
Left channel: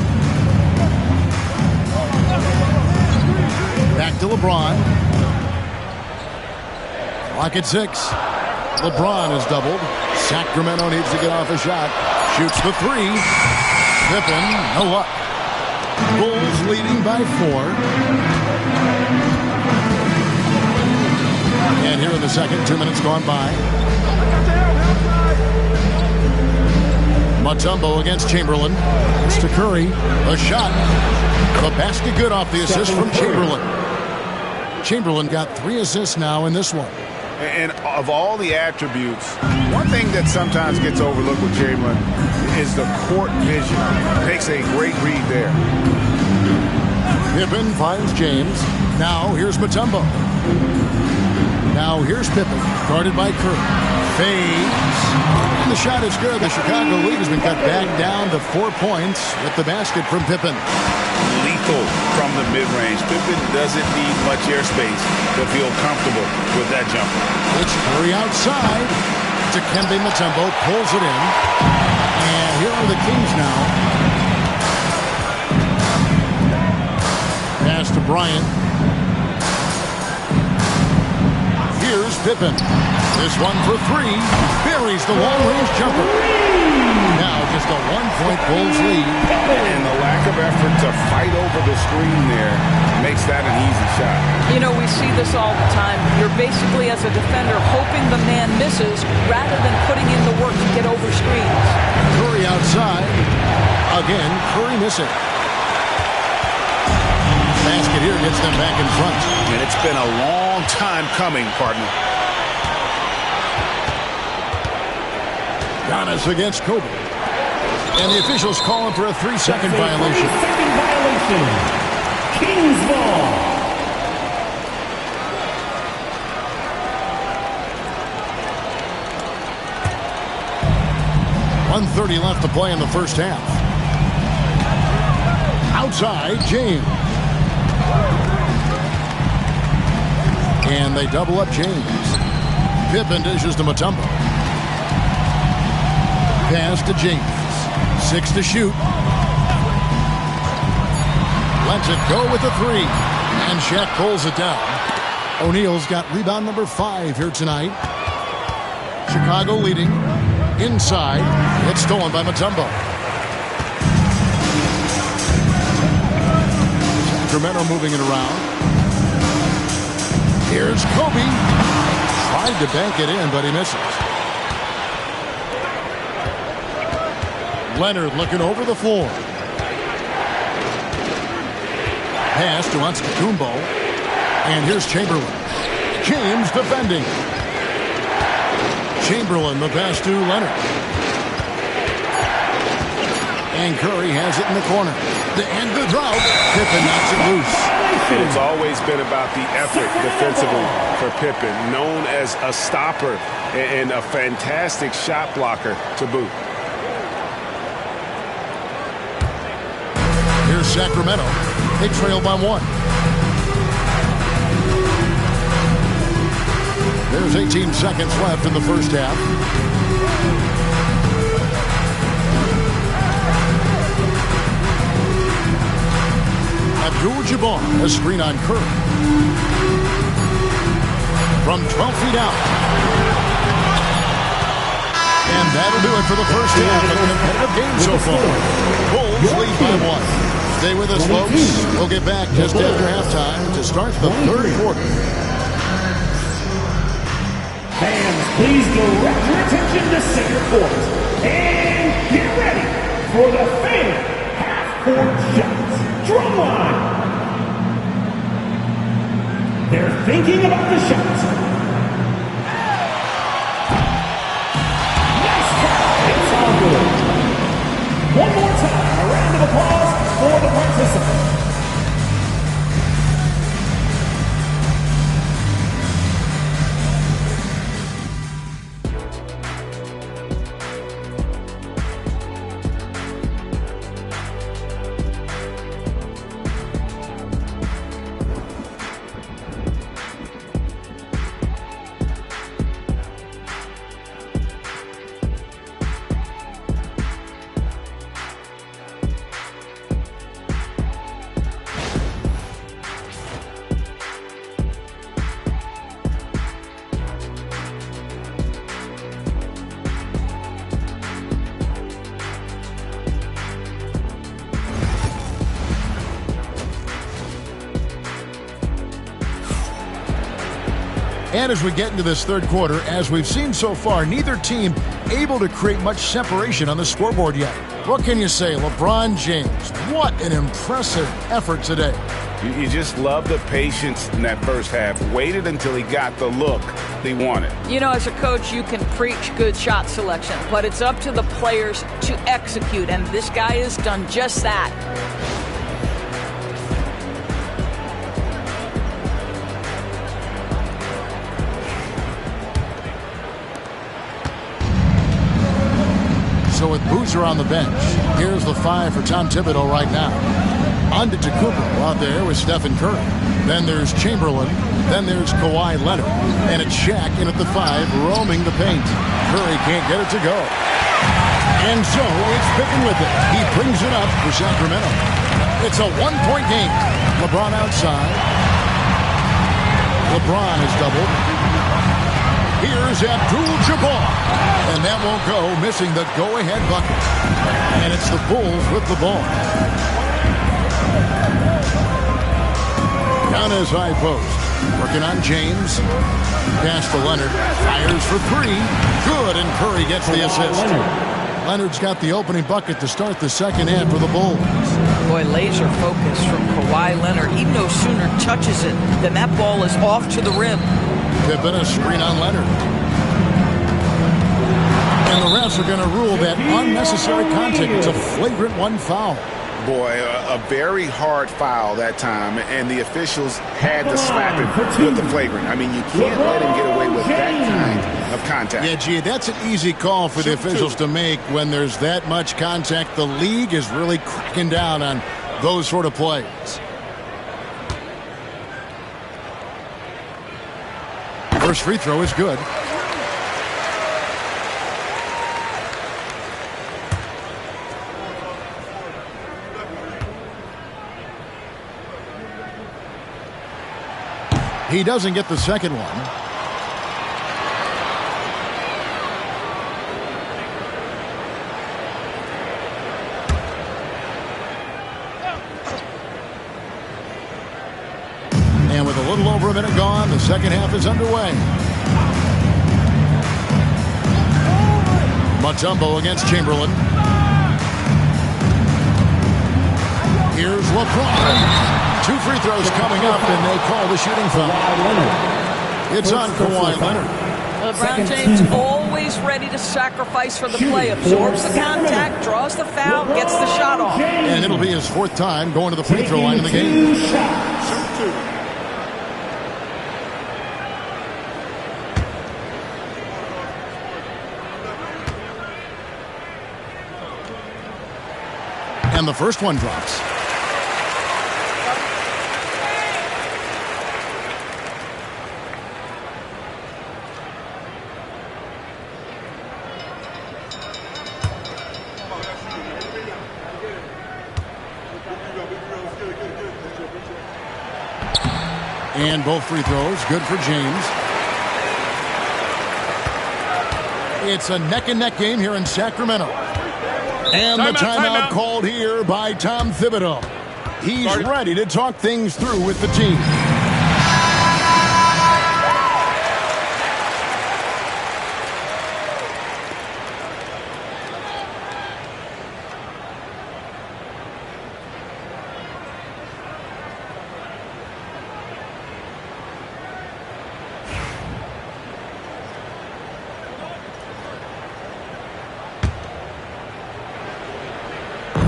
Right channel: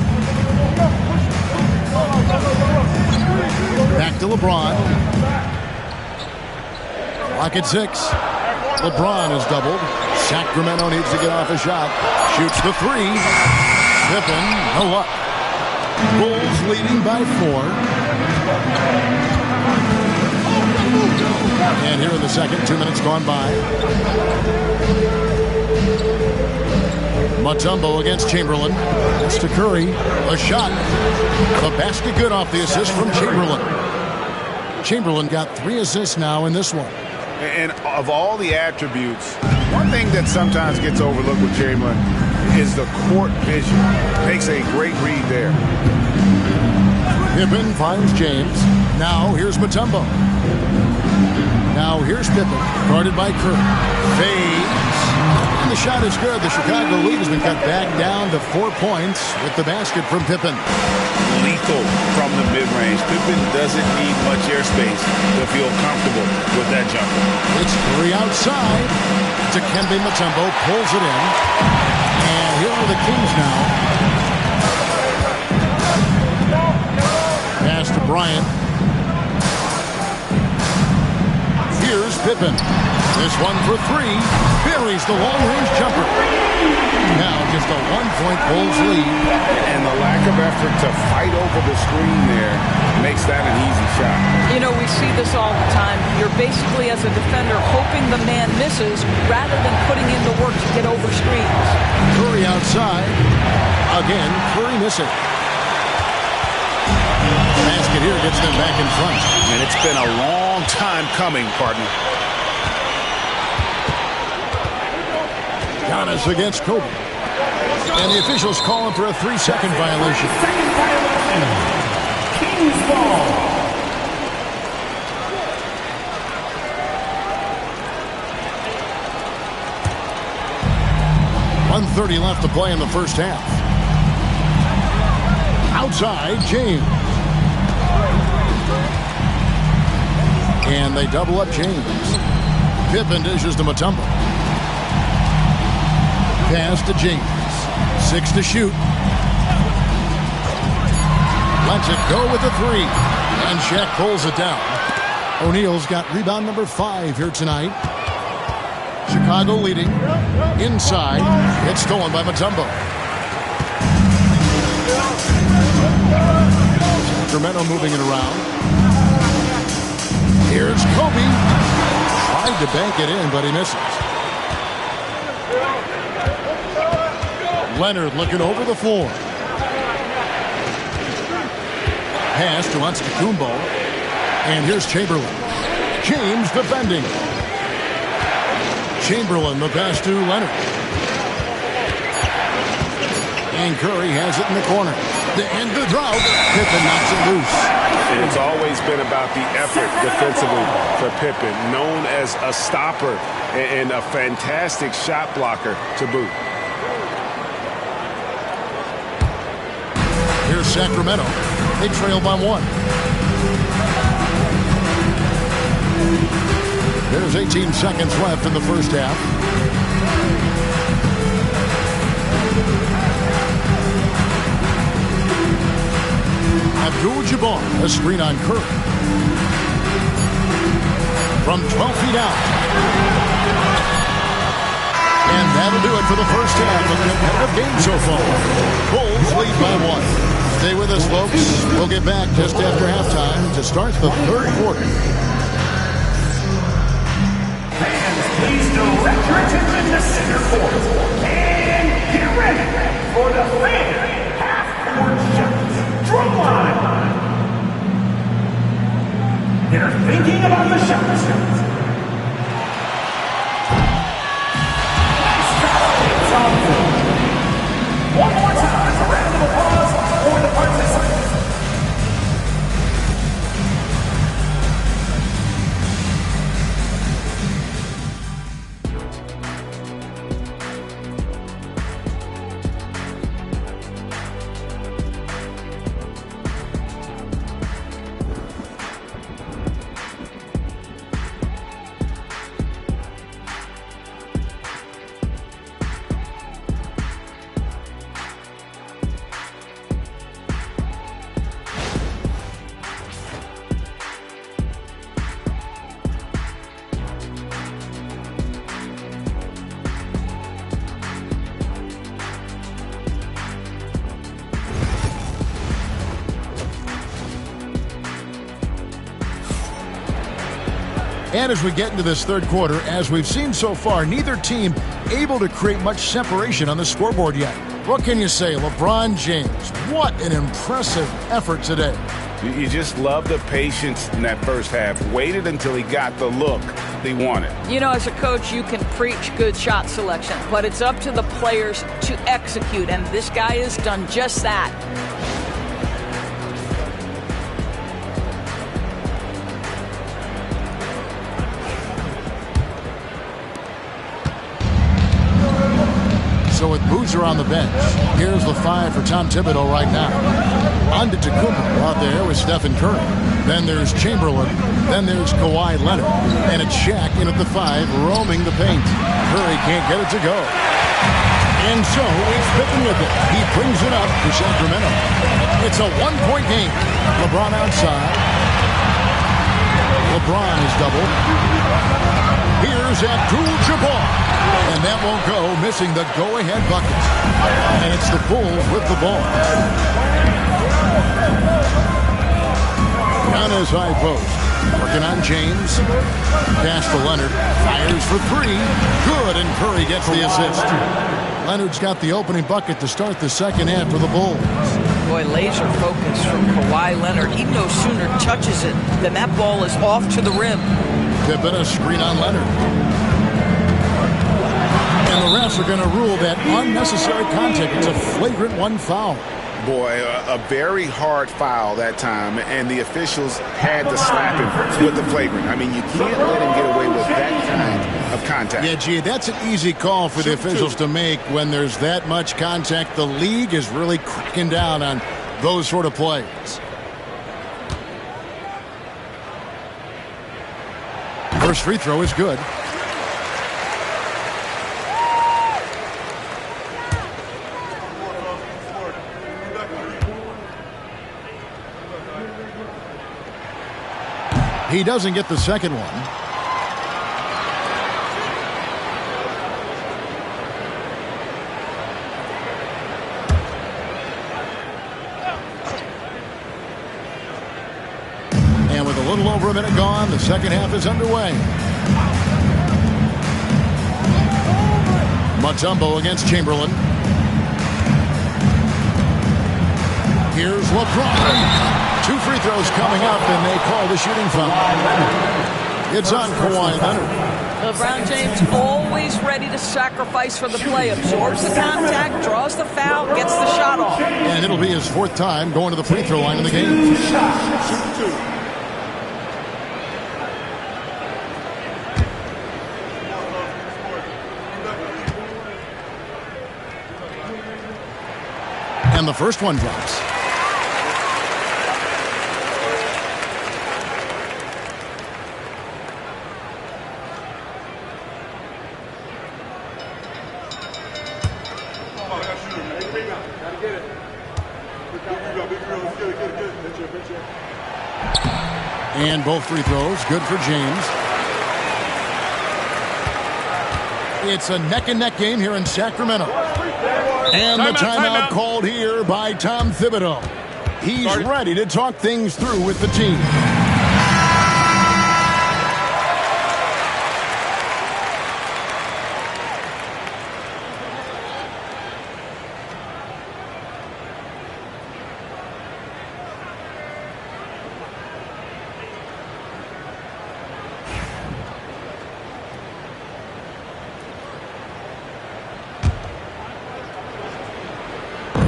Back to LeBron. Clock at 6. LeBron is doubled. Sacramento needs to get off a shot. Shoots the 3. Pippen, no luck. Bulls leading by 4. And here in the second, 2 minutes gone by. Mutombo against Chamberlain. It's to Curry. A shot. The basket good off the assist from Chamberlain. Chamberlain got 3 assists now in this one. And of all the attributes, one thing that sometimes gets overlooked with Chamberlain is the court vision. Makes a great read there. Pippen finds James. Now here's Mutombo. Now here's Pippen, guarded by Curry. Fades. And the shot is good. The Chicago lead has been cut back down to 4 points with the basket from Pippen. Lethal from the mid-range. Pippen doesn't need much airspace to feel comfortable with that jumper. It's Curry outside. Dikembe Mutombo pulls it in. And here are the Kings now. Pass to Bryant. Here's Pippen. This one for 3. Buries the long-range jumper. Now just a 1-point Bulls lead. And the lack of effort to fight over the screen there makes that an easy shot. You know, we see this all the time. You're basically, as a defender, hoping the man misses rather than putting in the work to get over screens. Curry outside. Again, Curry missing. Basket here gets them back in front. And it's been a long time coming, partner. Giannis against Kobe. And the officials calling for a 3-second violation. Second violation. Kings ball. .130 left to play in the first half. Outside, James. And they double up James. Pippen dishes to Mutombo. Pass to James. 6 to shoot. Lets it go with a 3. And Shaq pulls it down. O'Neal's got rebound number 5 here tonight. Chicago leading. Inside. It's stolen by Mutombo. Sacramento moving it around. Here's Kobe. Tried to bank it in, but he misses. Leonard looking over the floor. Pass to Antetokounmpo. And here's Chamberlain. James defending. Chamberlain the pass to Leonard. And Curry has it in the corner. To end the drought, Pippen knocks it loose. And it's always been about the effort defensively for Pippen, known as a stopper and a fantastic shot blocker to boot. Here's Sacramento. They trail by 1. There's 18 seconds left in the first half. Abdul-Jabbar, a screen on Curry. From 12 feet out. And that'll do it for the first half. A competitive game so far. Bulls lead by 1. Stay with us, folks. We'll get back just after halftime to start the third quarter. Fans, please direct your attention to center court. And get ready for the fan half-court shots. Drumline. They're thinking about the shots. Nice try. It's on board. One more time, a round of applause for the participants. And as we get into this third quarter, as we've seen so far, neither team able to create much separation on the scoreboard yet. What can you say? LeBron James, what an impressive effort today. You just love the patience in that first half. Waited until he got the look he wanted. You know, as a coach, you can preach good shot selection, but it's up to the players to execute, and this guy has done just that. So with Boozer on the bench, here's the 5 for Tom Thibodeau right now. Antetokounmpo out there with Stephen Curry. Then there's Chamberlain. Then there's Kawhi Leonard. And it's Shaq in at the 5, roaming the paint. Curry can't get it to go. And so it's Pippen with it. He brings it up for Sacramento. It's a one-point game. LeBron outside. LeBron is doubled. Here's Abdul-Jabbar. And that won't go, missing the go-ahead bucket. And it's the Bulls with the ball. Giannis high post. Working on James. Pass to Leonard. Fires for 3. Good, and Curry gets the assist. Leonard's got the opening bucket to start the second half for the Bulls. Boy, laser focus from Kawhi Leonard. He no sooner touches it than that ball is off to the rim. Pippen, a screen on Leonard. And the refs are going to rule that unnecessary contact. It's a flagrant 1 foul. Boy, a very hard foul that time, and the officials had to slap him with the flagrant. I mean, you can't let him get away with that kind of contact. Yeah, gee, that's an easy call for the officials to make when there's that much contact. The league is really cracking down on those sort of plays. First free throw is good. He doesn't get the second one. And with a little over a minute gone, the second half is underway. Mutombo against Chamberlain. Here's LeBron. 2 free throws coming up, and they call the shooting foul. It's on Kawhi Leonard. LeBron James always ready to sacrifice for the play. Absorbs the contact, draws the foul, gets the shot off. And it'll be his 4th time going to the free throw line in the game. Shoot 2. And the first one drops. And both free throws, good for James. It's a neck-and-neck game here in Sacramento. And the timeout called here by Tom Thibodeau. He's ready to talk things through with the team.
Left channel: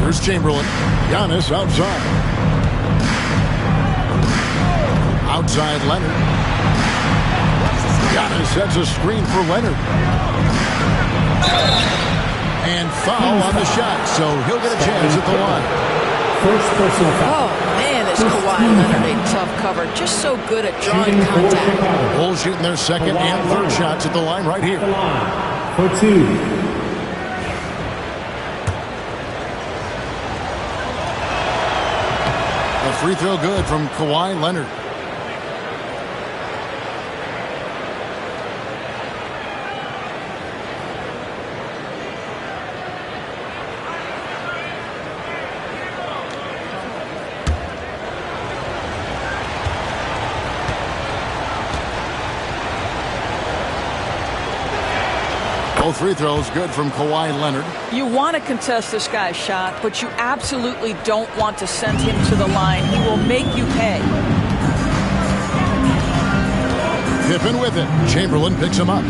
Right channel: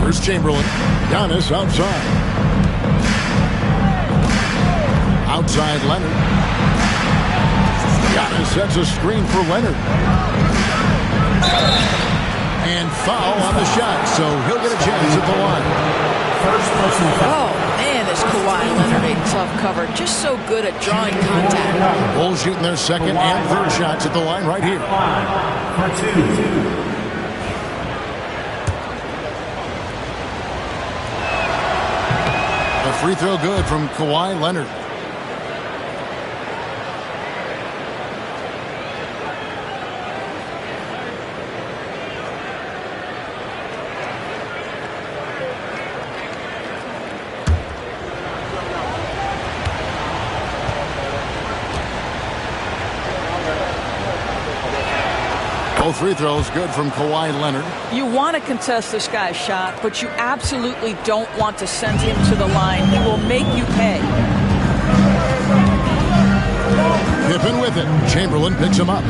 Here's Chamberlain. Giannis outside. Outside Leonard. Giannis sets a screen for Leonard. And foul on the shot, so he'll get a chance at the line. First personal foul. Oh, man, is Kawhi Leonard a tough cover. Just so good at drawing contact. Bulls shooting their second and third shots at the line right here. For two. A free throw good from Kawhi Leonard. Both free throws good from Kawhi Leonard. You want to contest this guy's shot, but you absolutely don't want to send him to the line. He will make you pay. Pippen with it. Chamberlain picks him up.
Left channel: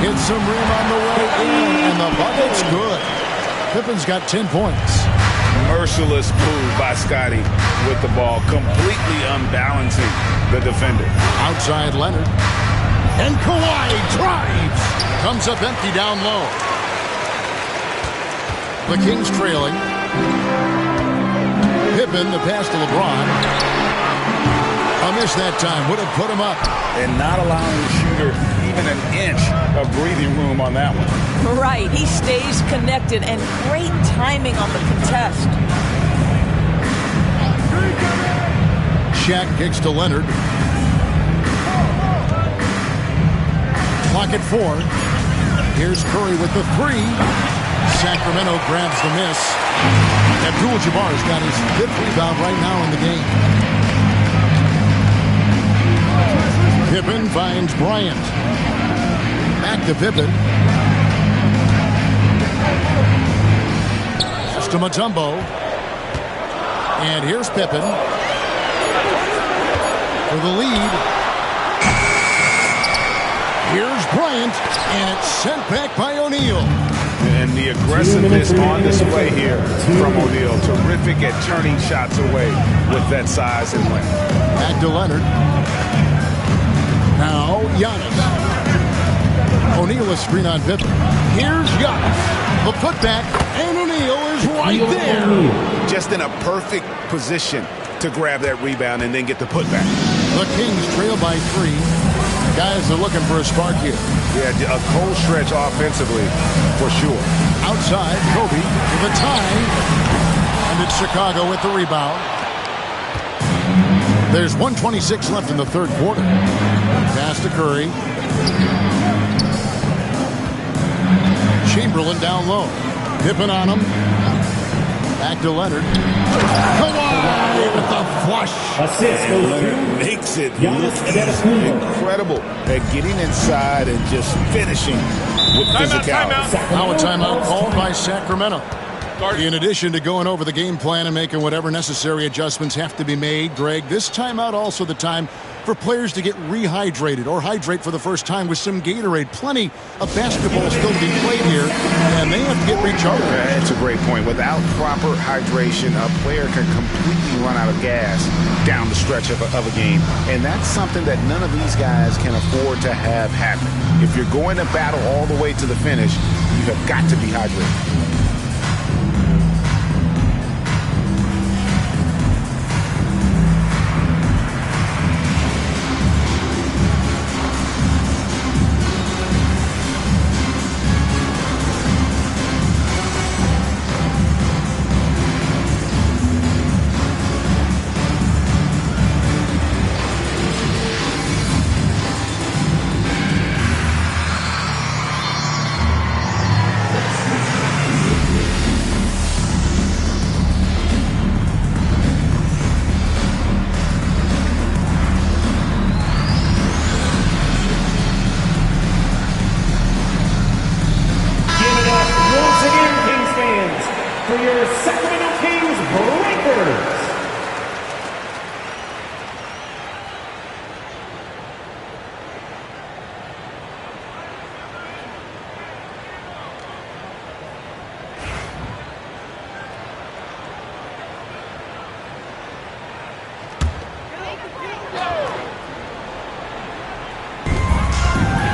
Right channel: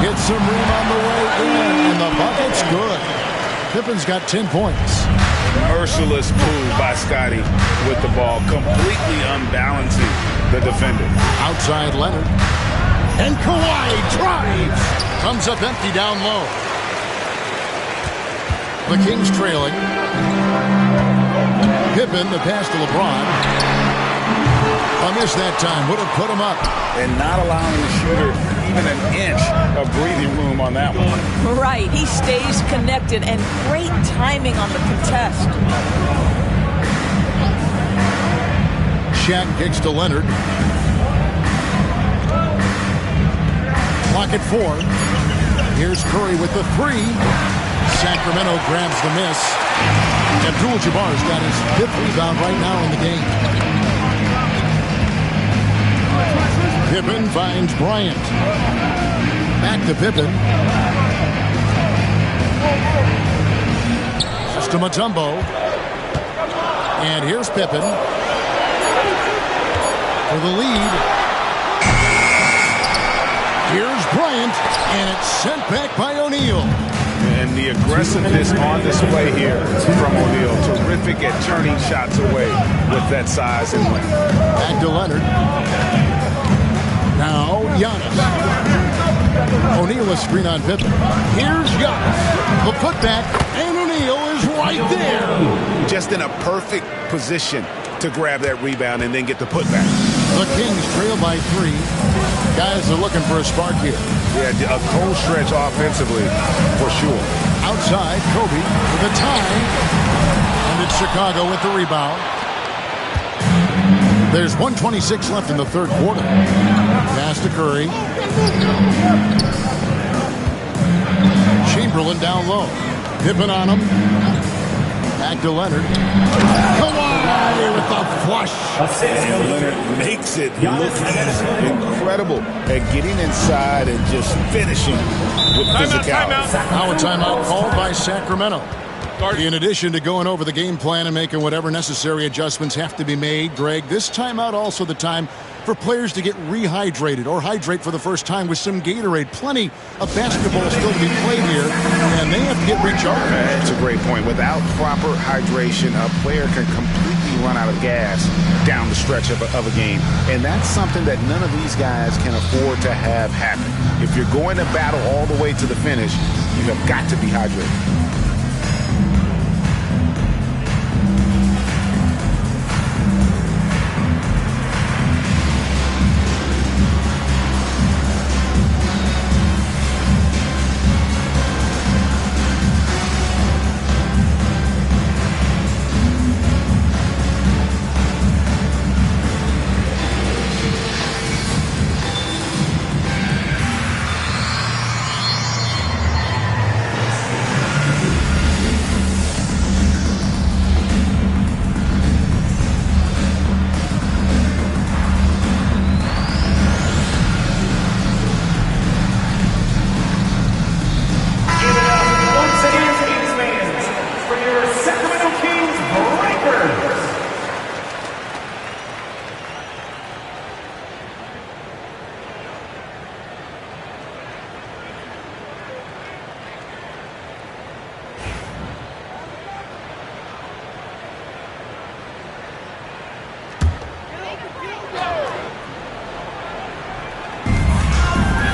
Hits some rim on the way in, and the bucket's good. Pippen's got 10 points. Merciless move by Scotty with the ball, completely unbalancing the defender. Outside Leonard. And Kawhi drives. Comes up empty down low. The Kings trailing. Pippen, the pass to LeBron. A miss that time. Would have put him up. And not allowing the shooter even an inch of breathing room on that one. Right. He stays connected, and great timing on the contest. Shaq kicks to Leonard. Clock at 4. Here's Curry with the 3. Sacramento grabs the miss. Abdul-Jabbar's got his 5th rebound right now in the game. Pippen finds Bryant. Back to Pippen. Just to Mutombo. And here's Pippen for the lead. Here's Bryant, and it's sent back by O'Neal. And the aggressiveness on display here from O'Neal. Terrific at turning shots away with that size and length. Back to Leonard. Now Giannis. O'Neal a screen on Pippen. Here's Giannis. The putback, and O'Neal is right there. Just in a perfect position to grab that rebound and then get the putback. The Kings trail by 3. Guys are looking for a spark here. Yeah, a cold stretch offensively, for sure. Outside, Kobe with a tie. And it's Chicago with the rebound. There's 1:26 left in the third quarter. Pass to Curry. Chamberlain down low. Pippen on him. Back to Leonard. Kawhi with the flush. And Leonard makes it look easy. Incredible at getting inside and just finishing with physicality. Now a timeout called by Sacramento. In addition to going over the game plan and making whatever necessary adjustments have to be made, Greg, this timeout also the time for players to get rehydrated or hydrate for the first time with some Gatorade. Plenty of basketball still to be played here, and they have to get recharged. That's a great point. Without proper hydration, a player can completely run out of gas down the stretch of a game, and that's something that none of these guys can afford to have happen. If you're going to battle all the way to the finish, you have got to be hydrated.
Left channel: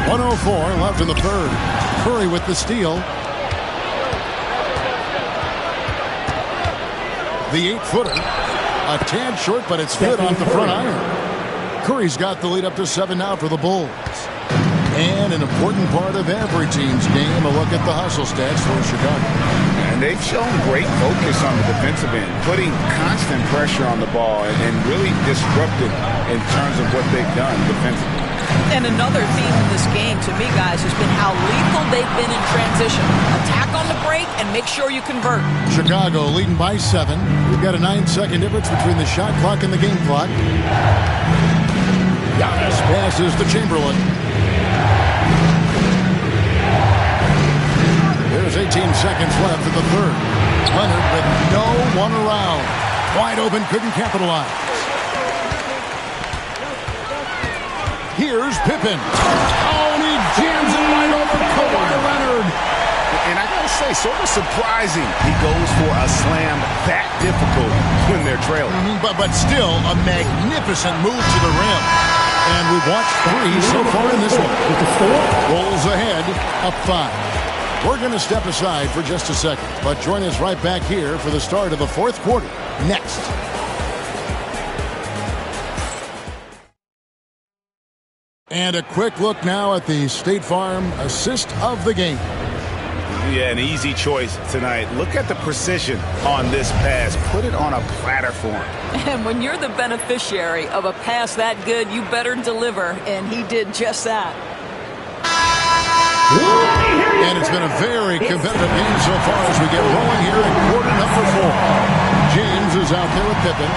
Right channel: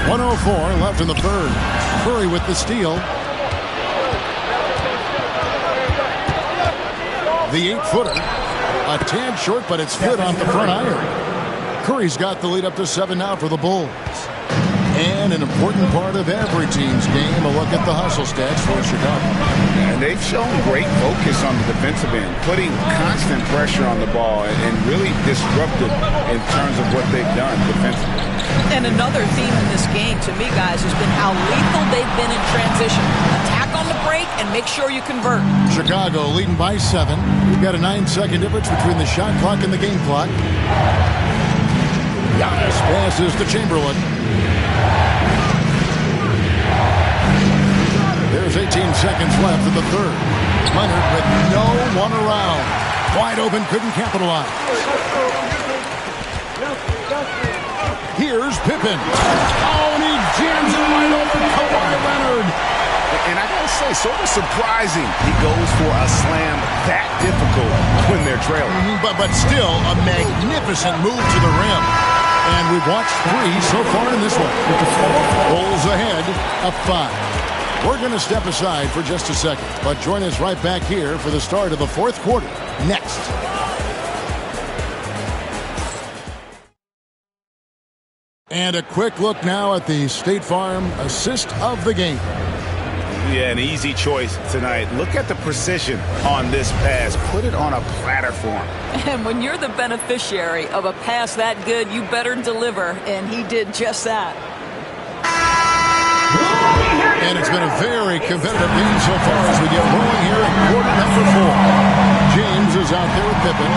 1:04 left in the third. Curry with the steal. The 8-footer. A tad short, but it's good off the front iron. Curry's got the lead up to 7 now for the Bulls. And an important part of every team's game, a look at the hustle stats for Chicago. And they've shown great focus on the defensive end, putting constant pressure on the ball and really disruptive in terms of what they've done defensively. And another theme in this game, to me, guys, has been how lethal they've been in transition. Attack on the break and make sure you convert. Chicago leading by 7. We've got a 9-second difference between the shot clock and the game clock. Giannis passes to Chamberlain. There's 18 seconds left in the third. Leonard with no one around. Wide open, couldn't capitalize. Here's Pippen. Oh, and he jams it right over Kawhi Leonard. And I gotta say, sort of surprising he goes for a slam that difficult when they're trailing. But still a magnificent move to the rim. And we've watched 3 so far in this one. Bulls ahead, up 5. We're going to step aside for just a second, but join us right back here for the start of the fourth quarter next. And a quick look now at the State Farm assist of the game. Yeah, an easy choice tonight. Look at the precision on this pass. Put it on a platter for him. And when you're the beneficiary of a pass that good, you better deliver, and he did just that. And it's been a very competitive game so far as we get rolling here in quarter number 4. James is out there with Pippen.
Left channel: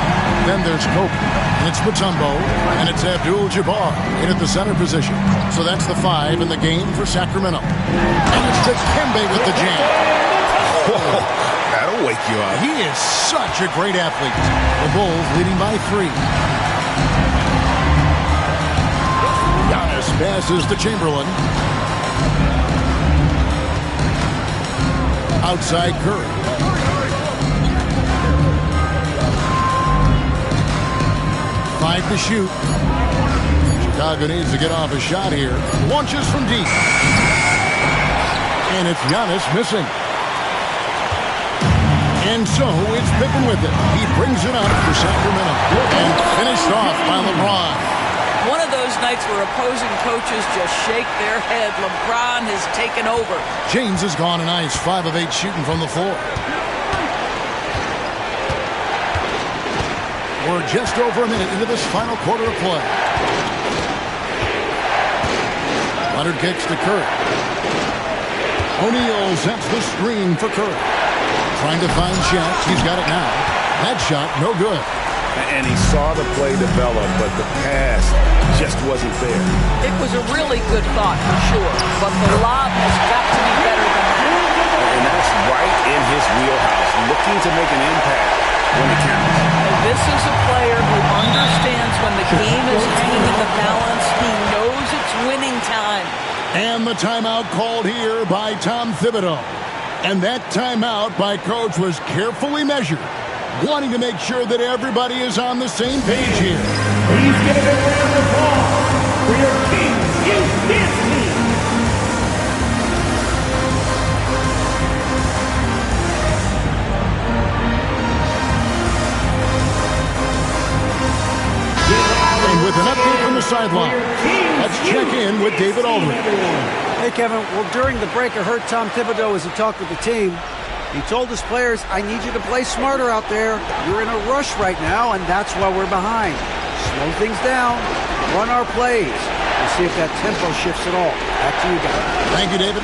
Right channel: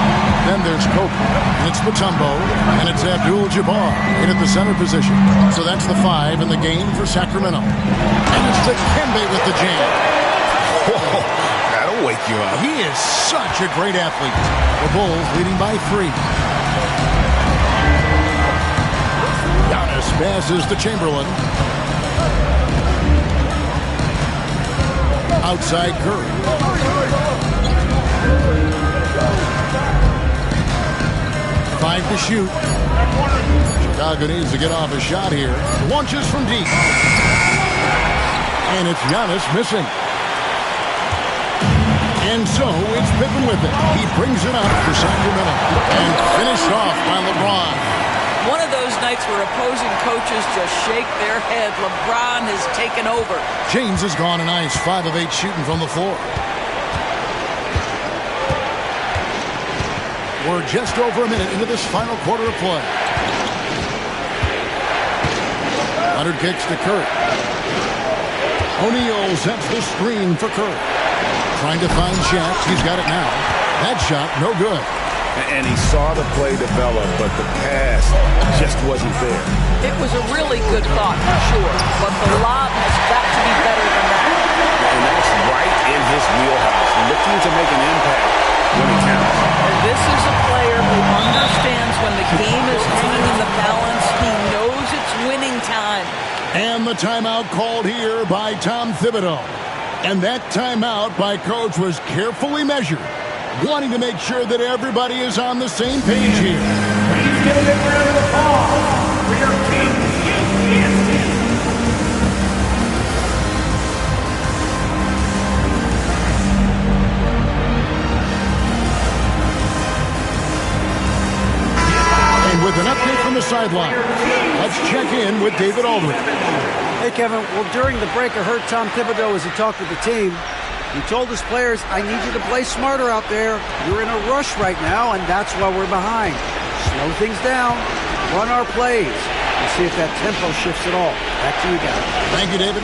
Then there's Kobe. And it's Mutombo. And it's Abdul-Jabbar in at the center position. So that's the 5 in the game for Sacramento. And it's Dikembe with the jam. Whoa, that'll wake you up. He is such a great athlete. The Bulls leading by 3. Giannis passes to Chamberlain. Outside Curry. Five to shoot. Chicago needs to get off a shot here. Launches from deep. And it's Giannis missing. And so it's Pippen with it. He brings it up for Sacramento. And finished off by LeBron. One of those nights where opposing coaches just shake their head. LeBron has taken over. James has gone a nice 5 of 8 shooting from the floor. We're just over a minute into this final quarter of play. Leonard kicks to Curry. O'Neal sets the screen for Curry. Trying to find Shaq. He's got it now. That shot, no good. And he saw the play develop, but the pass just wasn't there. It was a really good thought for sure, but the lob has got to be better than that. And that's right in his wheelhouse, looking to make an impact when it counts. And this is a player who understands when the game is hanging in the balance. He knows it's winning time. And the timeout called here by Tom Thibodeau. And that timeout by Coach was carefully measured, wanting to make sure that everybody is on the same page here. Please give a big round of applause for your king in his team. And with an update from the sideline, let's check in with David Aldridge. Hey, Kevin. Well, during the break, I heard Tom Thibodeau as he talked with the team. He told his players, I need you to play smarter out there. You're in a rush right now, and that's why we're behind. Slow things down. Run our plays. We'll see if that tempo shifts at all. Back to you guys. Thank you, David.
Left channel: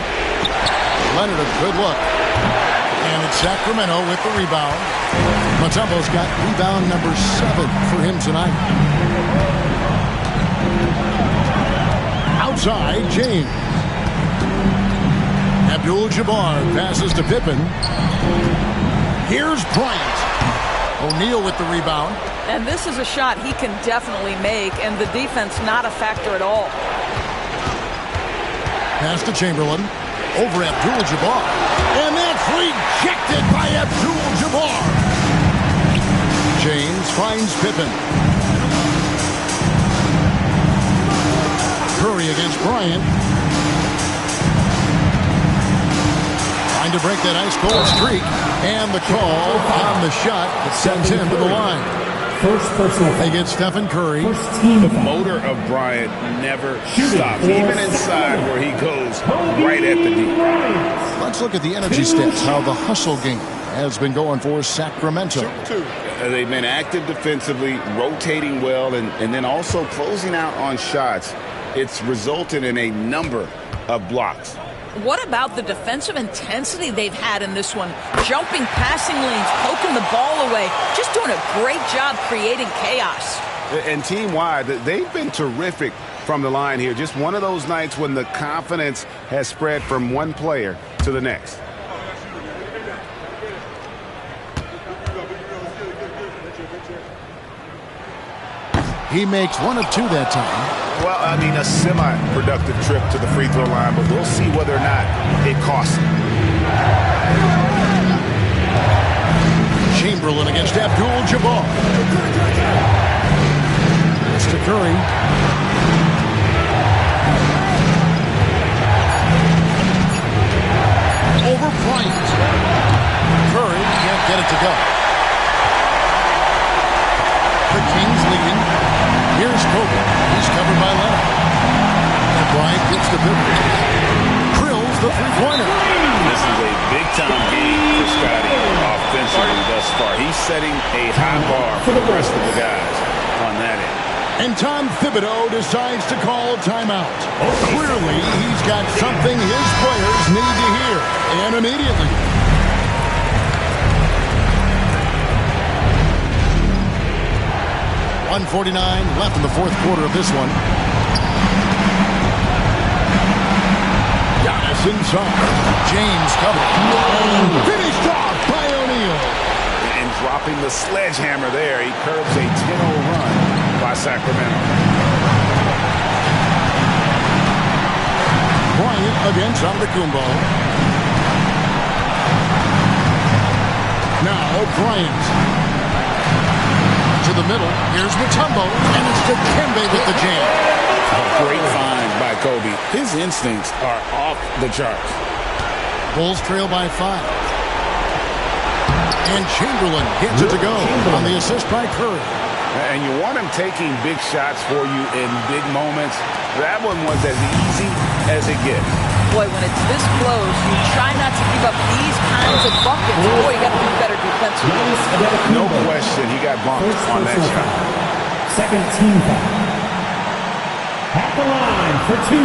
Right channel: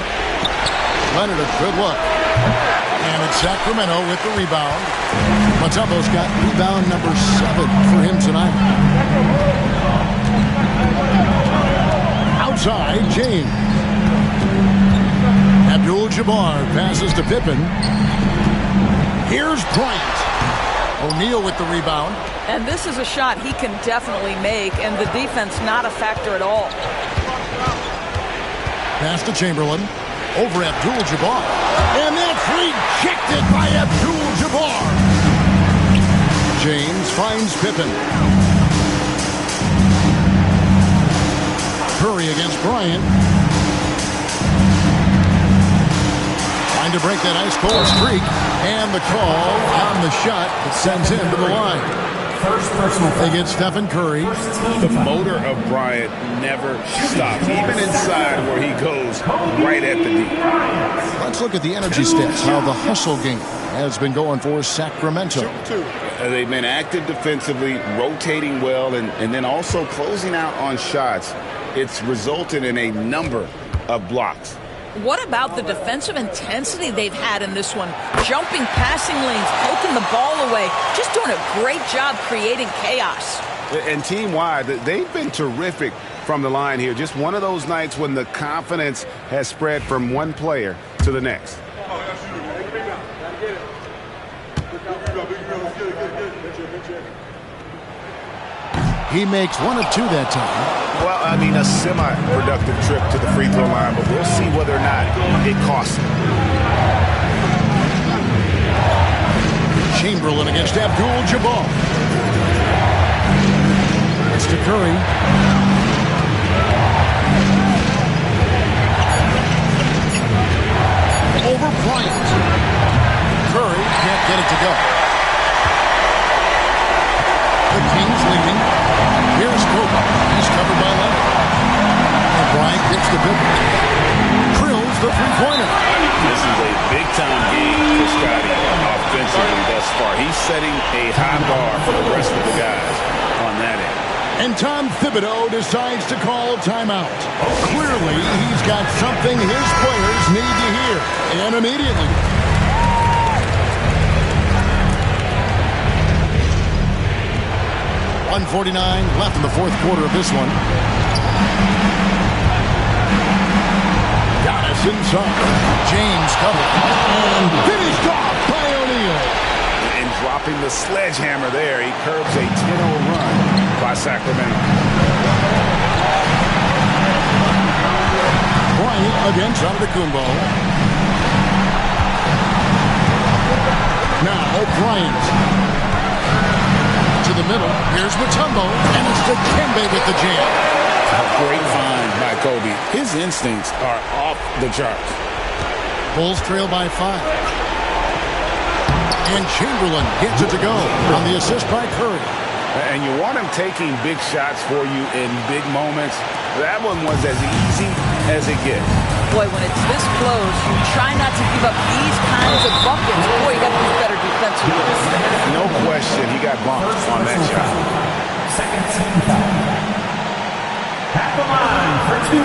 Leonard, a good look. And it's Sacramento with the rebound. Mutombo's got rebound number 7 for him tonight. Outside, James. Abdul-Jabbar passes to Pippen. Here's Bryant. O'Neal with the rebound. And this is a shot he can definitely make, and the defense not a factor at all. Pass to Chamberlain. Over Abdul-Jabbar. And that's rejected by Abdul-Jabbar. James finds Pippen. Curry against Bryant. Trying to break that ice-cold streak. And the call on the shot that sends him to the line. First personal. They get Stephen Curry. The motor of Bryant never stops, even inside where he goes right at the D. Let's look at the energy stats, how the hustle game has been going for Sacramento. They've been active defensively, rotating well, and then also closing out on shots. It's resulted in a number of blocks. What about the defensive intensity they've had in this one? Jumping passing lanes, poking the ball away, just doing a great job creating chaos. And team-wide, they've been terrific from the line here. Just one of those nights when the confidence has spread from one player to the next. He makes one of two that time. Well, I mean, a semi-productive trip to the free throw line, but we'll see whether or not it costs him. Chamberlain against Abdul-Jabbar. It's to Curry. Over Bryant. Curry can't get it to go. The Kings leading. Here's Kobe. He's covered by Leonard. And Bryant gets the pivot. Drills the three-pointer. This is a big-time game for Scotty offensively thus far. He's setting a high bar for the rest of the guys on that end. And Tom Thibodeau decides to call timeout. Clearly, he's got something his players need to hear. And immediately. .149 left in the fourth quarter of this one. Giannis inside. James covered. And finished off by O'Neal. And dropping the sledgehammer there, he curbs a 10-0 run by Sacramento. Bryant against Antetokounmpo. Now Bryant. To the middle. Here's Mutombo. And it's Dikembe with the jam. A great find by Kobe. His instincts are off the charts. Bulls trail by 5. And Chamberlain gets it to go on the assist by Curry. And you want him taking big shots for you in big moments. That one was as easy as it gets. Boy, when it's this close, you try not to give up these kinds of buckets. Boy, you got to be better defensively. No question, he got bumped on that shot. Second team foul. At the line for 2,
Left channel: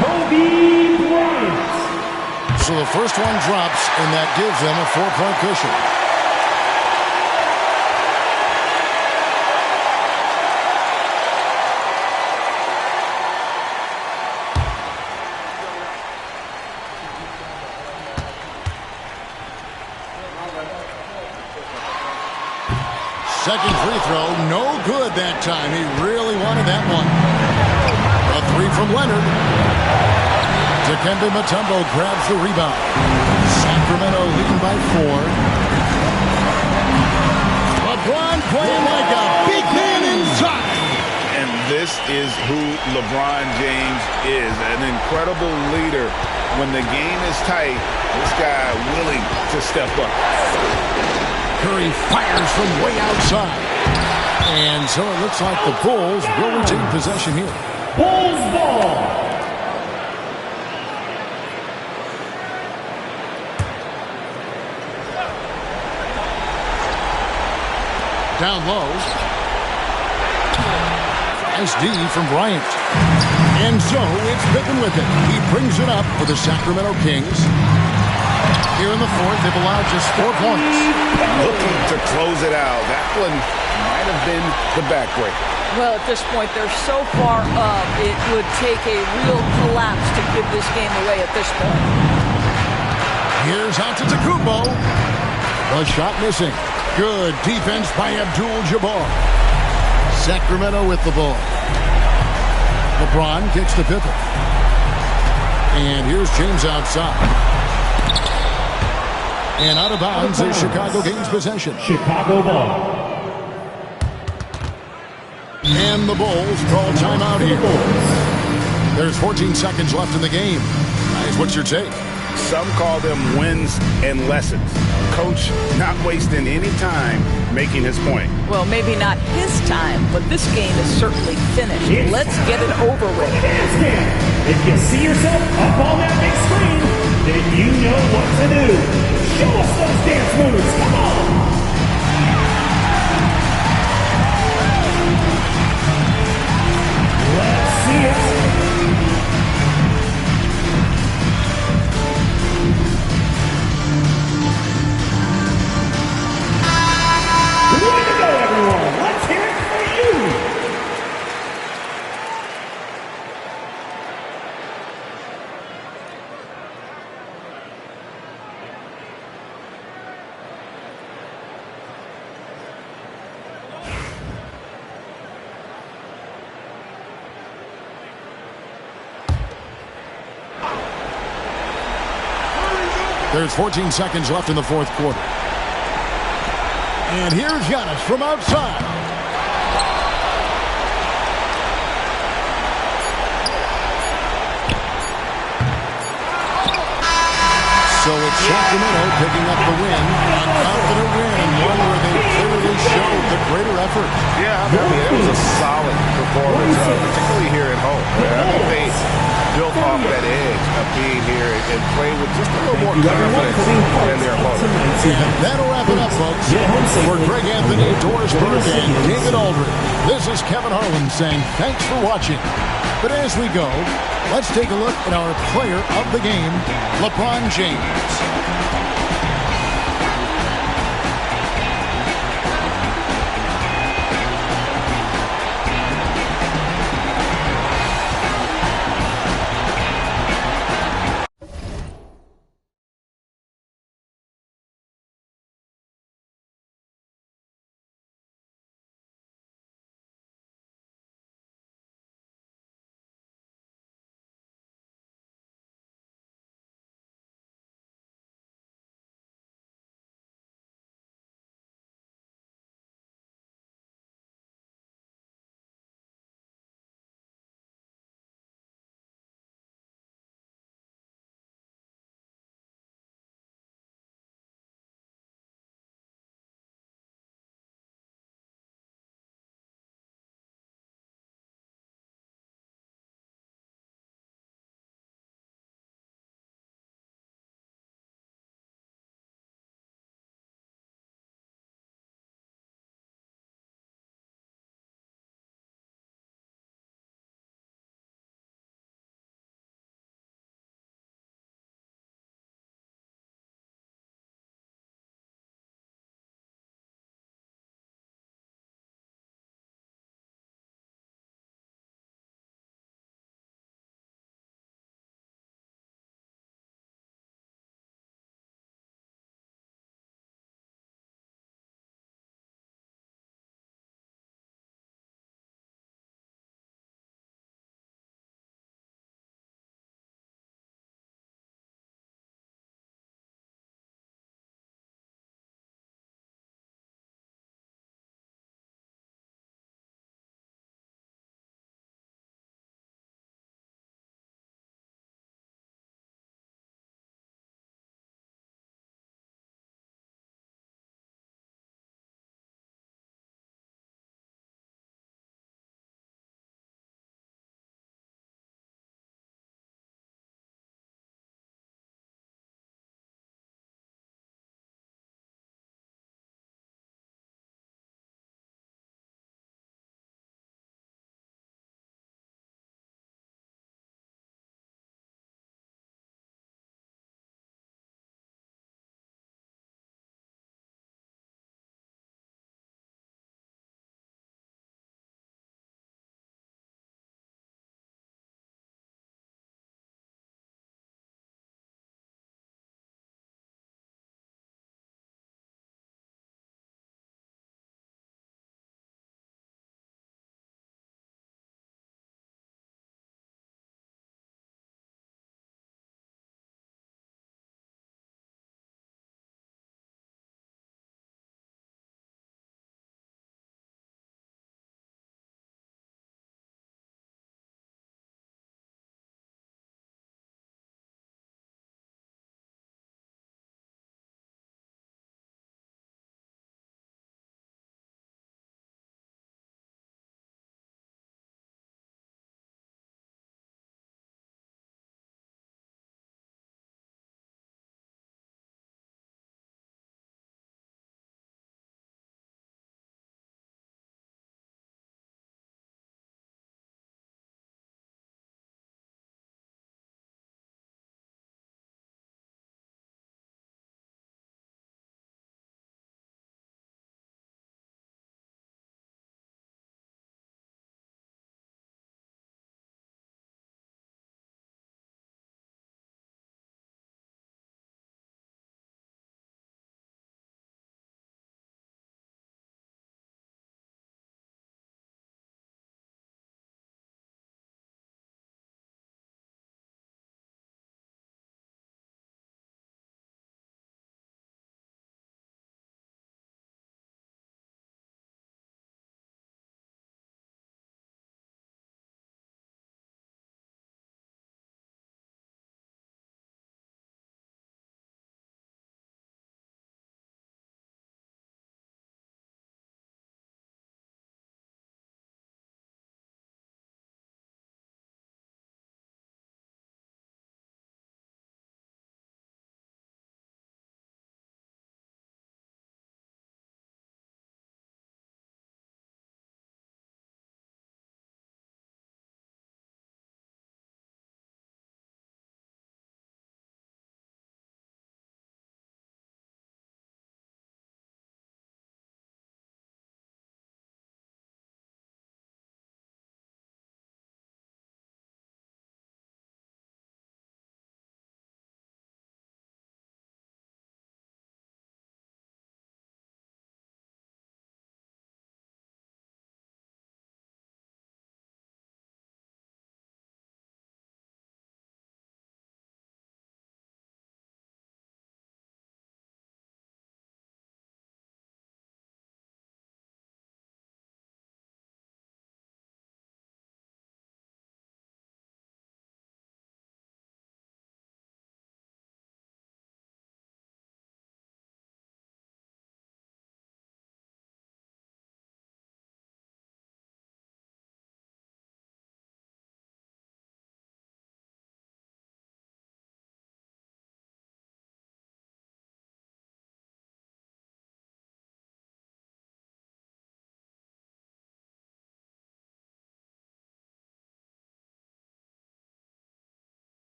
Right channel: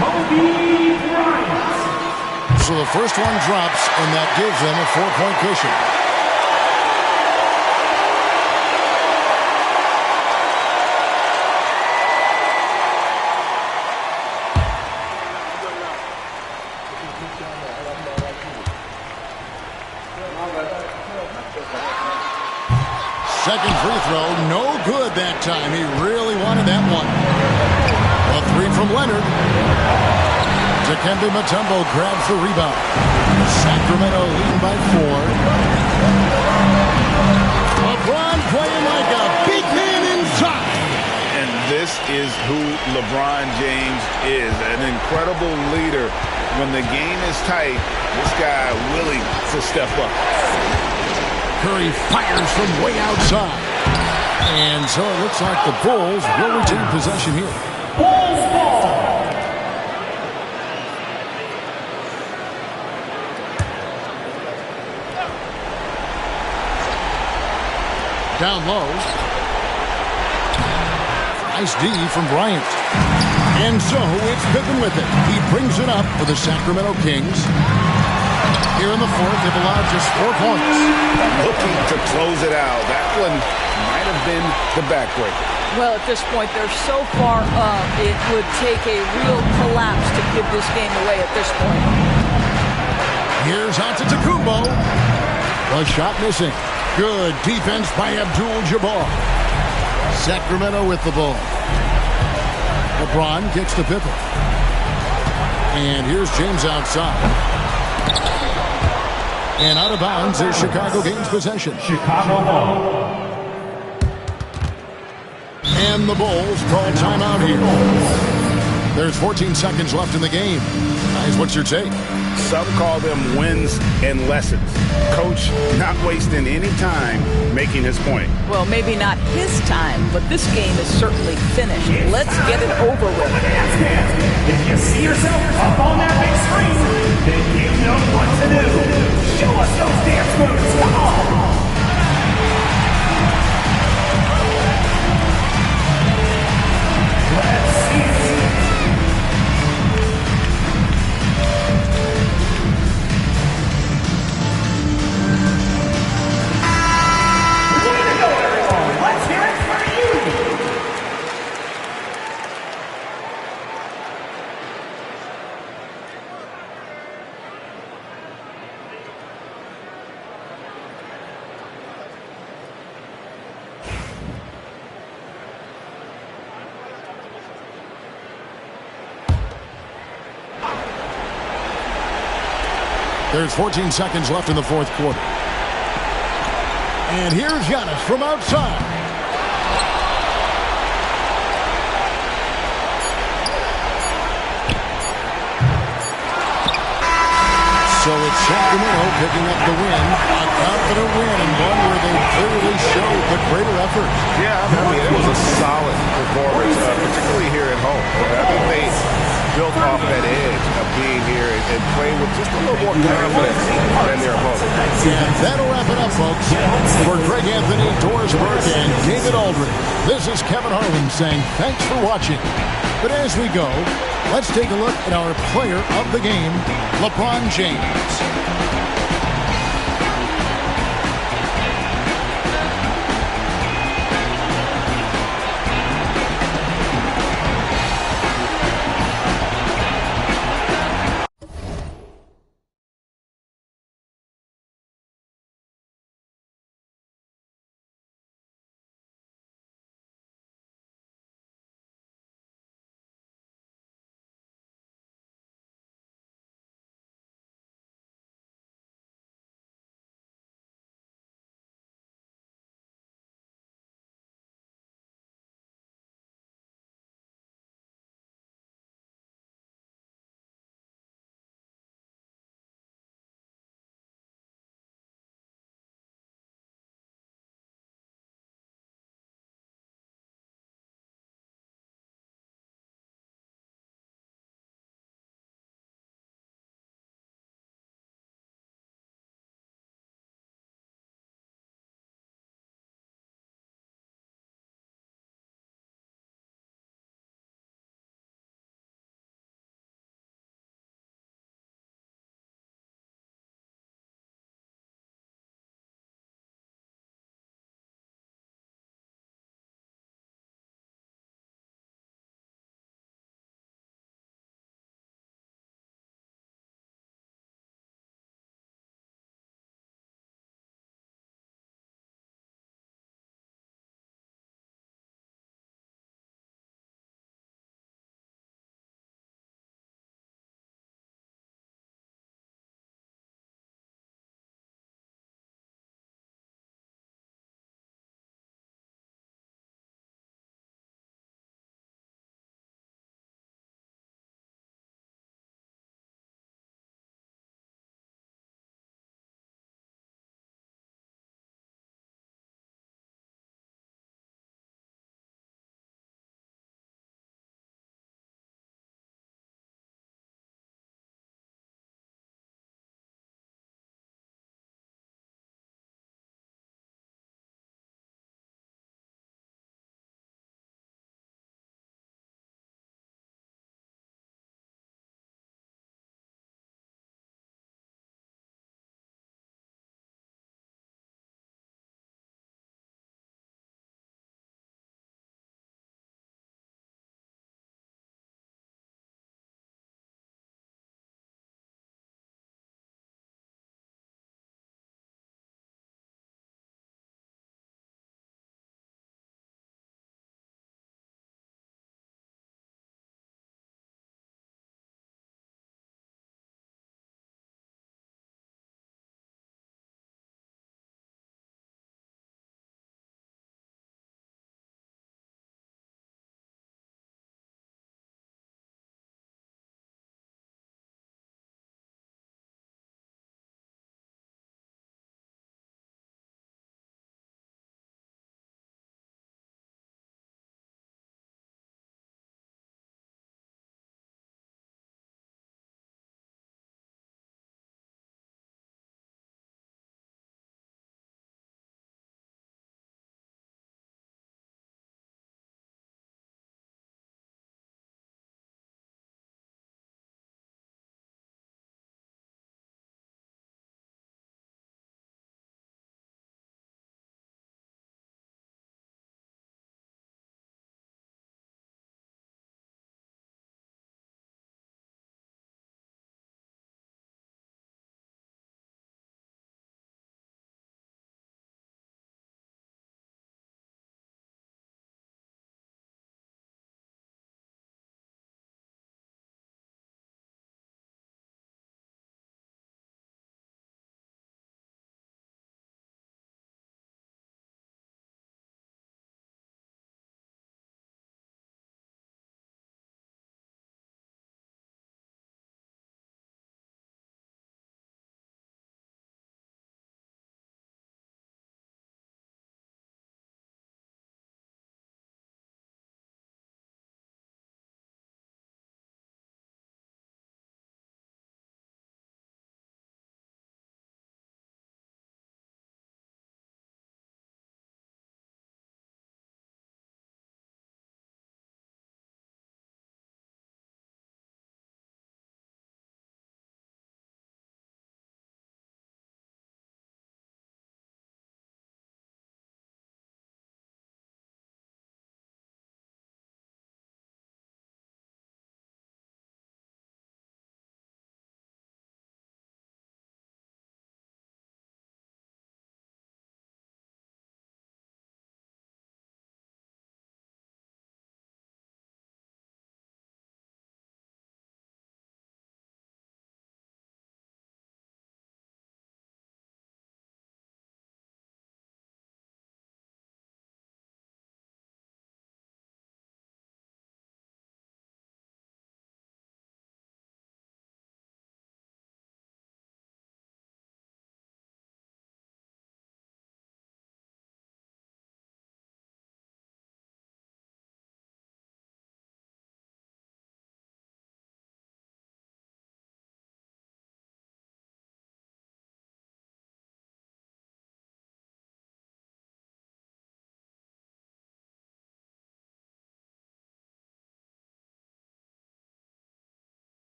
Kobe Bryant. So the first one drops, and that gives them a 4-point cushion. Second free throw, no good that time. He really wanted that one. A 3 from Leonard. Dikembe Mutombo grabs the rebound. Sacramento leading by 4. LeBron playing like a big man inside. And this is who LeBron James is, an incredible leader. When the game is tight, this guy willing to step up. Curry fires from way outside. And so it looks like the Bulls will retain possession here. Bulls ball. Down low. Nice D from Bryant. And so it's Pippen with it. He brings it up for the Sacramento Kings. Here in the fourth, they've allowed just 4 points. Looking to close it out. That one might have been the backbreaker. Well, at this point, they're so far up, it would take a real collapse to give this game away at this point. Here's Antetokounmpo. The shot missing. Good defense by Abdul-Jabbar. Sacramento with the ball. LeBron kicks to Pippen. And here's James outside. And out of bounds as Chicago gains possession. Chicago ball. And the Bulls call timeout here. There's 14 seconds left in the game. Guys, what's your take? Some call them wins and lessons. Coach not wasting any time making his point. Well, maybe not his time, but this game is certainly finished. Let's get it over with. Dance, dance. If you see yourself up on that big screen, then you know what to do. Show us those dance moves. Come on. Let's see it. Way to go, everyone. Let's hear it for you. There's 14 seconds left in the fourth quarter. And here's Giannis from outside. So it's Sacramento picking up the win. A confident win and one where they clearly showed the greater effort. Yeah, I mean, it was a solid performance, particularly here at home. I think they built off that edge of being here and playing with just a little more confidence than their opponent. And that'll wrap it up, folks. For Greg Anthony, Doris Burke, and David Aldridge, this is Kevin Harlan saying thanks for watching. But as we go, let's take a look at our player of the game, LeBron James.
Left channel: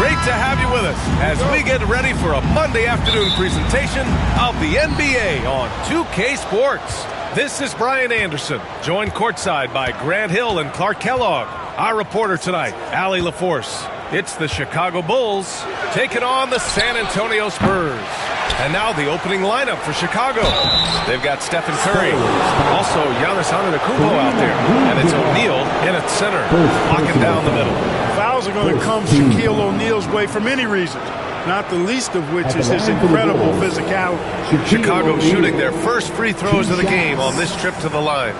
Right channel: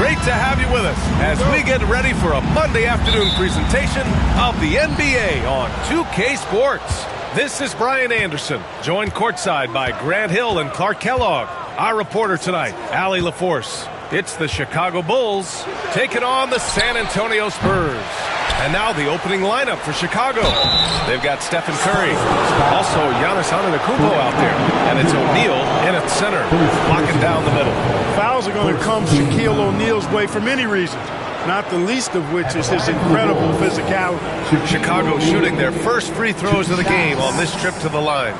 Great to have you with us as we get ready for a Monday afternoon presentation of the NBA on 2K Sports. This is Brian Anderson, joined courtside by Grant Hill and Clark Kellogg. Our reporter tonight, Allie LaForce. It's the Chicago Bulls taking on the San Antonio Spurs. And now the opening lineup for Chicago. They've got Stephen Curry, also Giannis Antetokounmpo out there, and it's O'Neal in at center, locking down the middle. Fouls are going to come Shaquille O'Neal's way for many reasons, not the least of which is his incredible physicality. Chicago shooting their first free throws of the game on this trip to the line.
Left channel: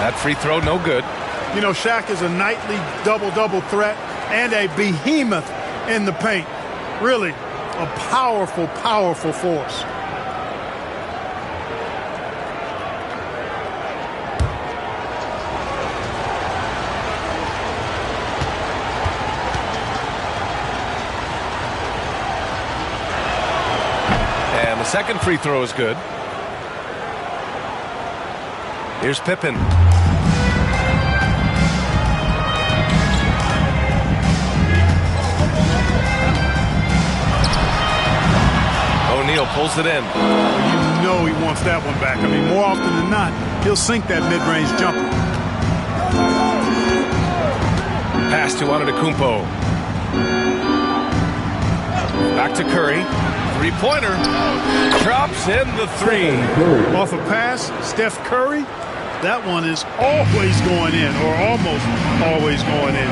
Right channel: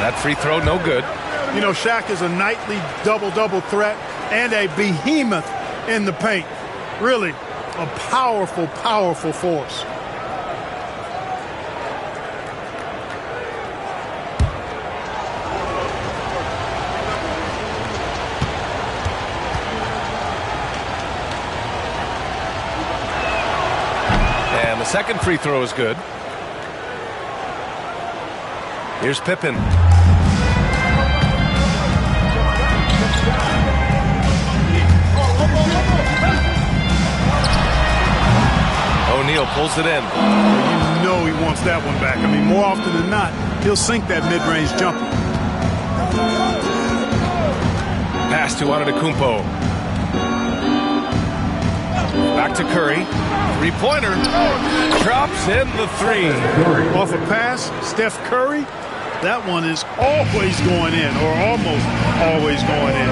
That free throw, no good. You know, Shaq is a nightly double-double threat and a behemoth in the paint. Really a powerful, powerful force. And the second free throw is good. Here's Pippen. O'Neal pulls it in. Well, you know he wants that one back. I mean, more often than not, he'll sink that mid-range jumper. Pass to Antetokounmpo. Back to Curry. Three-pointer. Drops in the three. Off a pass, Steph Curry. That one is always going in, or almost always going in.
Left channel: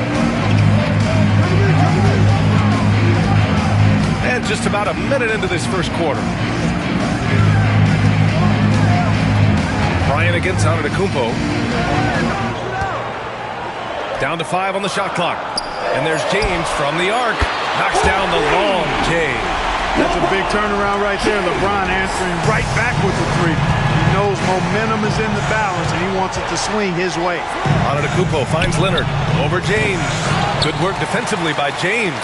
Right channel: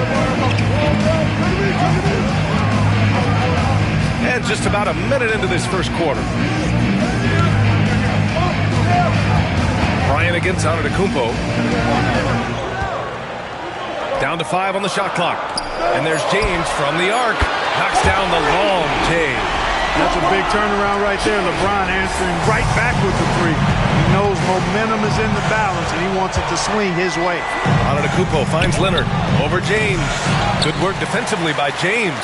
And just about a minute into this first quarter. Bryant against Antetokounmpo. Down to 5 on the shot clock. And there's James from the arc. Knocks down the long J. That's a big turnaround right there. LeBron answering right back with the three. He knows momentum is in the balance, and he wants it to swing his way. Antetokounmpo finds Leonard over James. Good work defensively by James.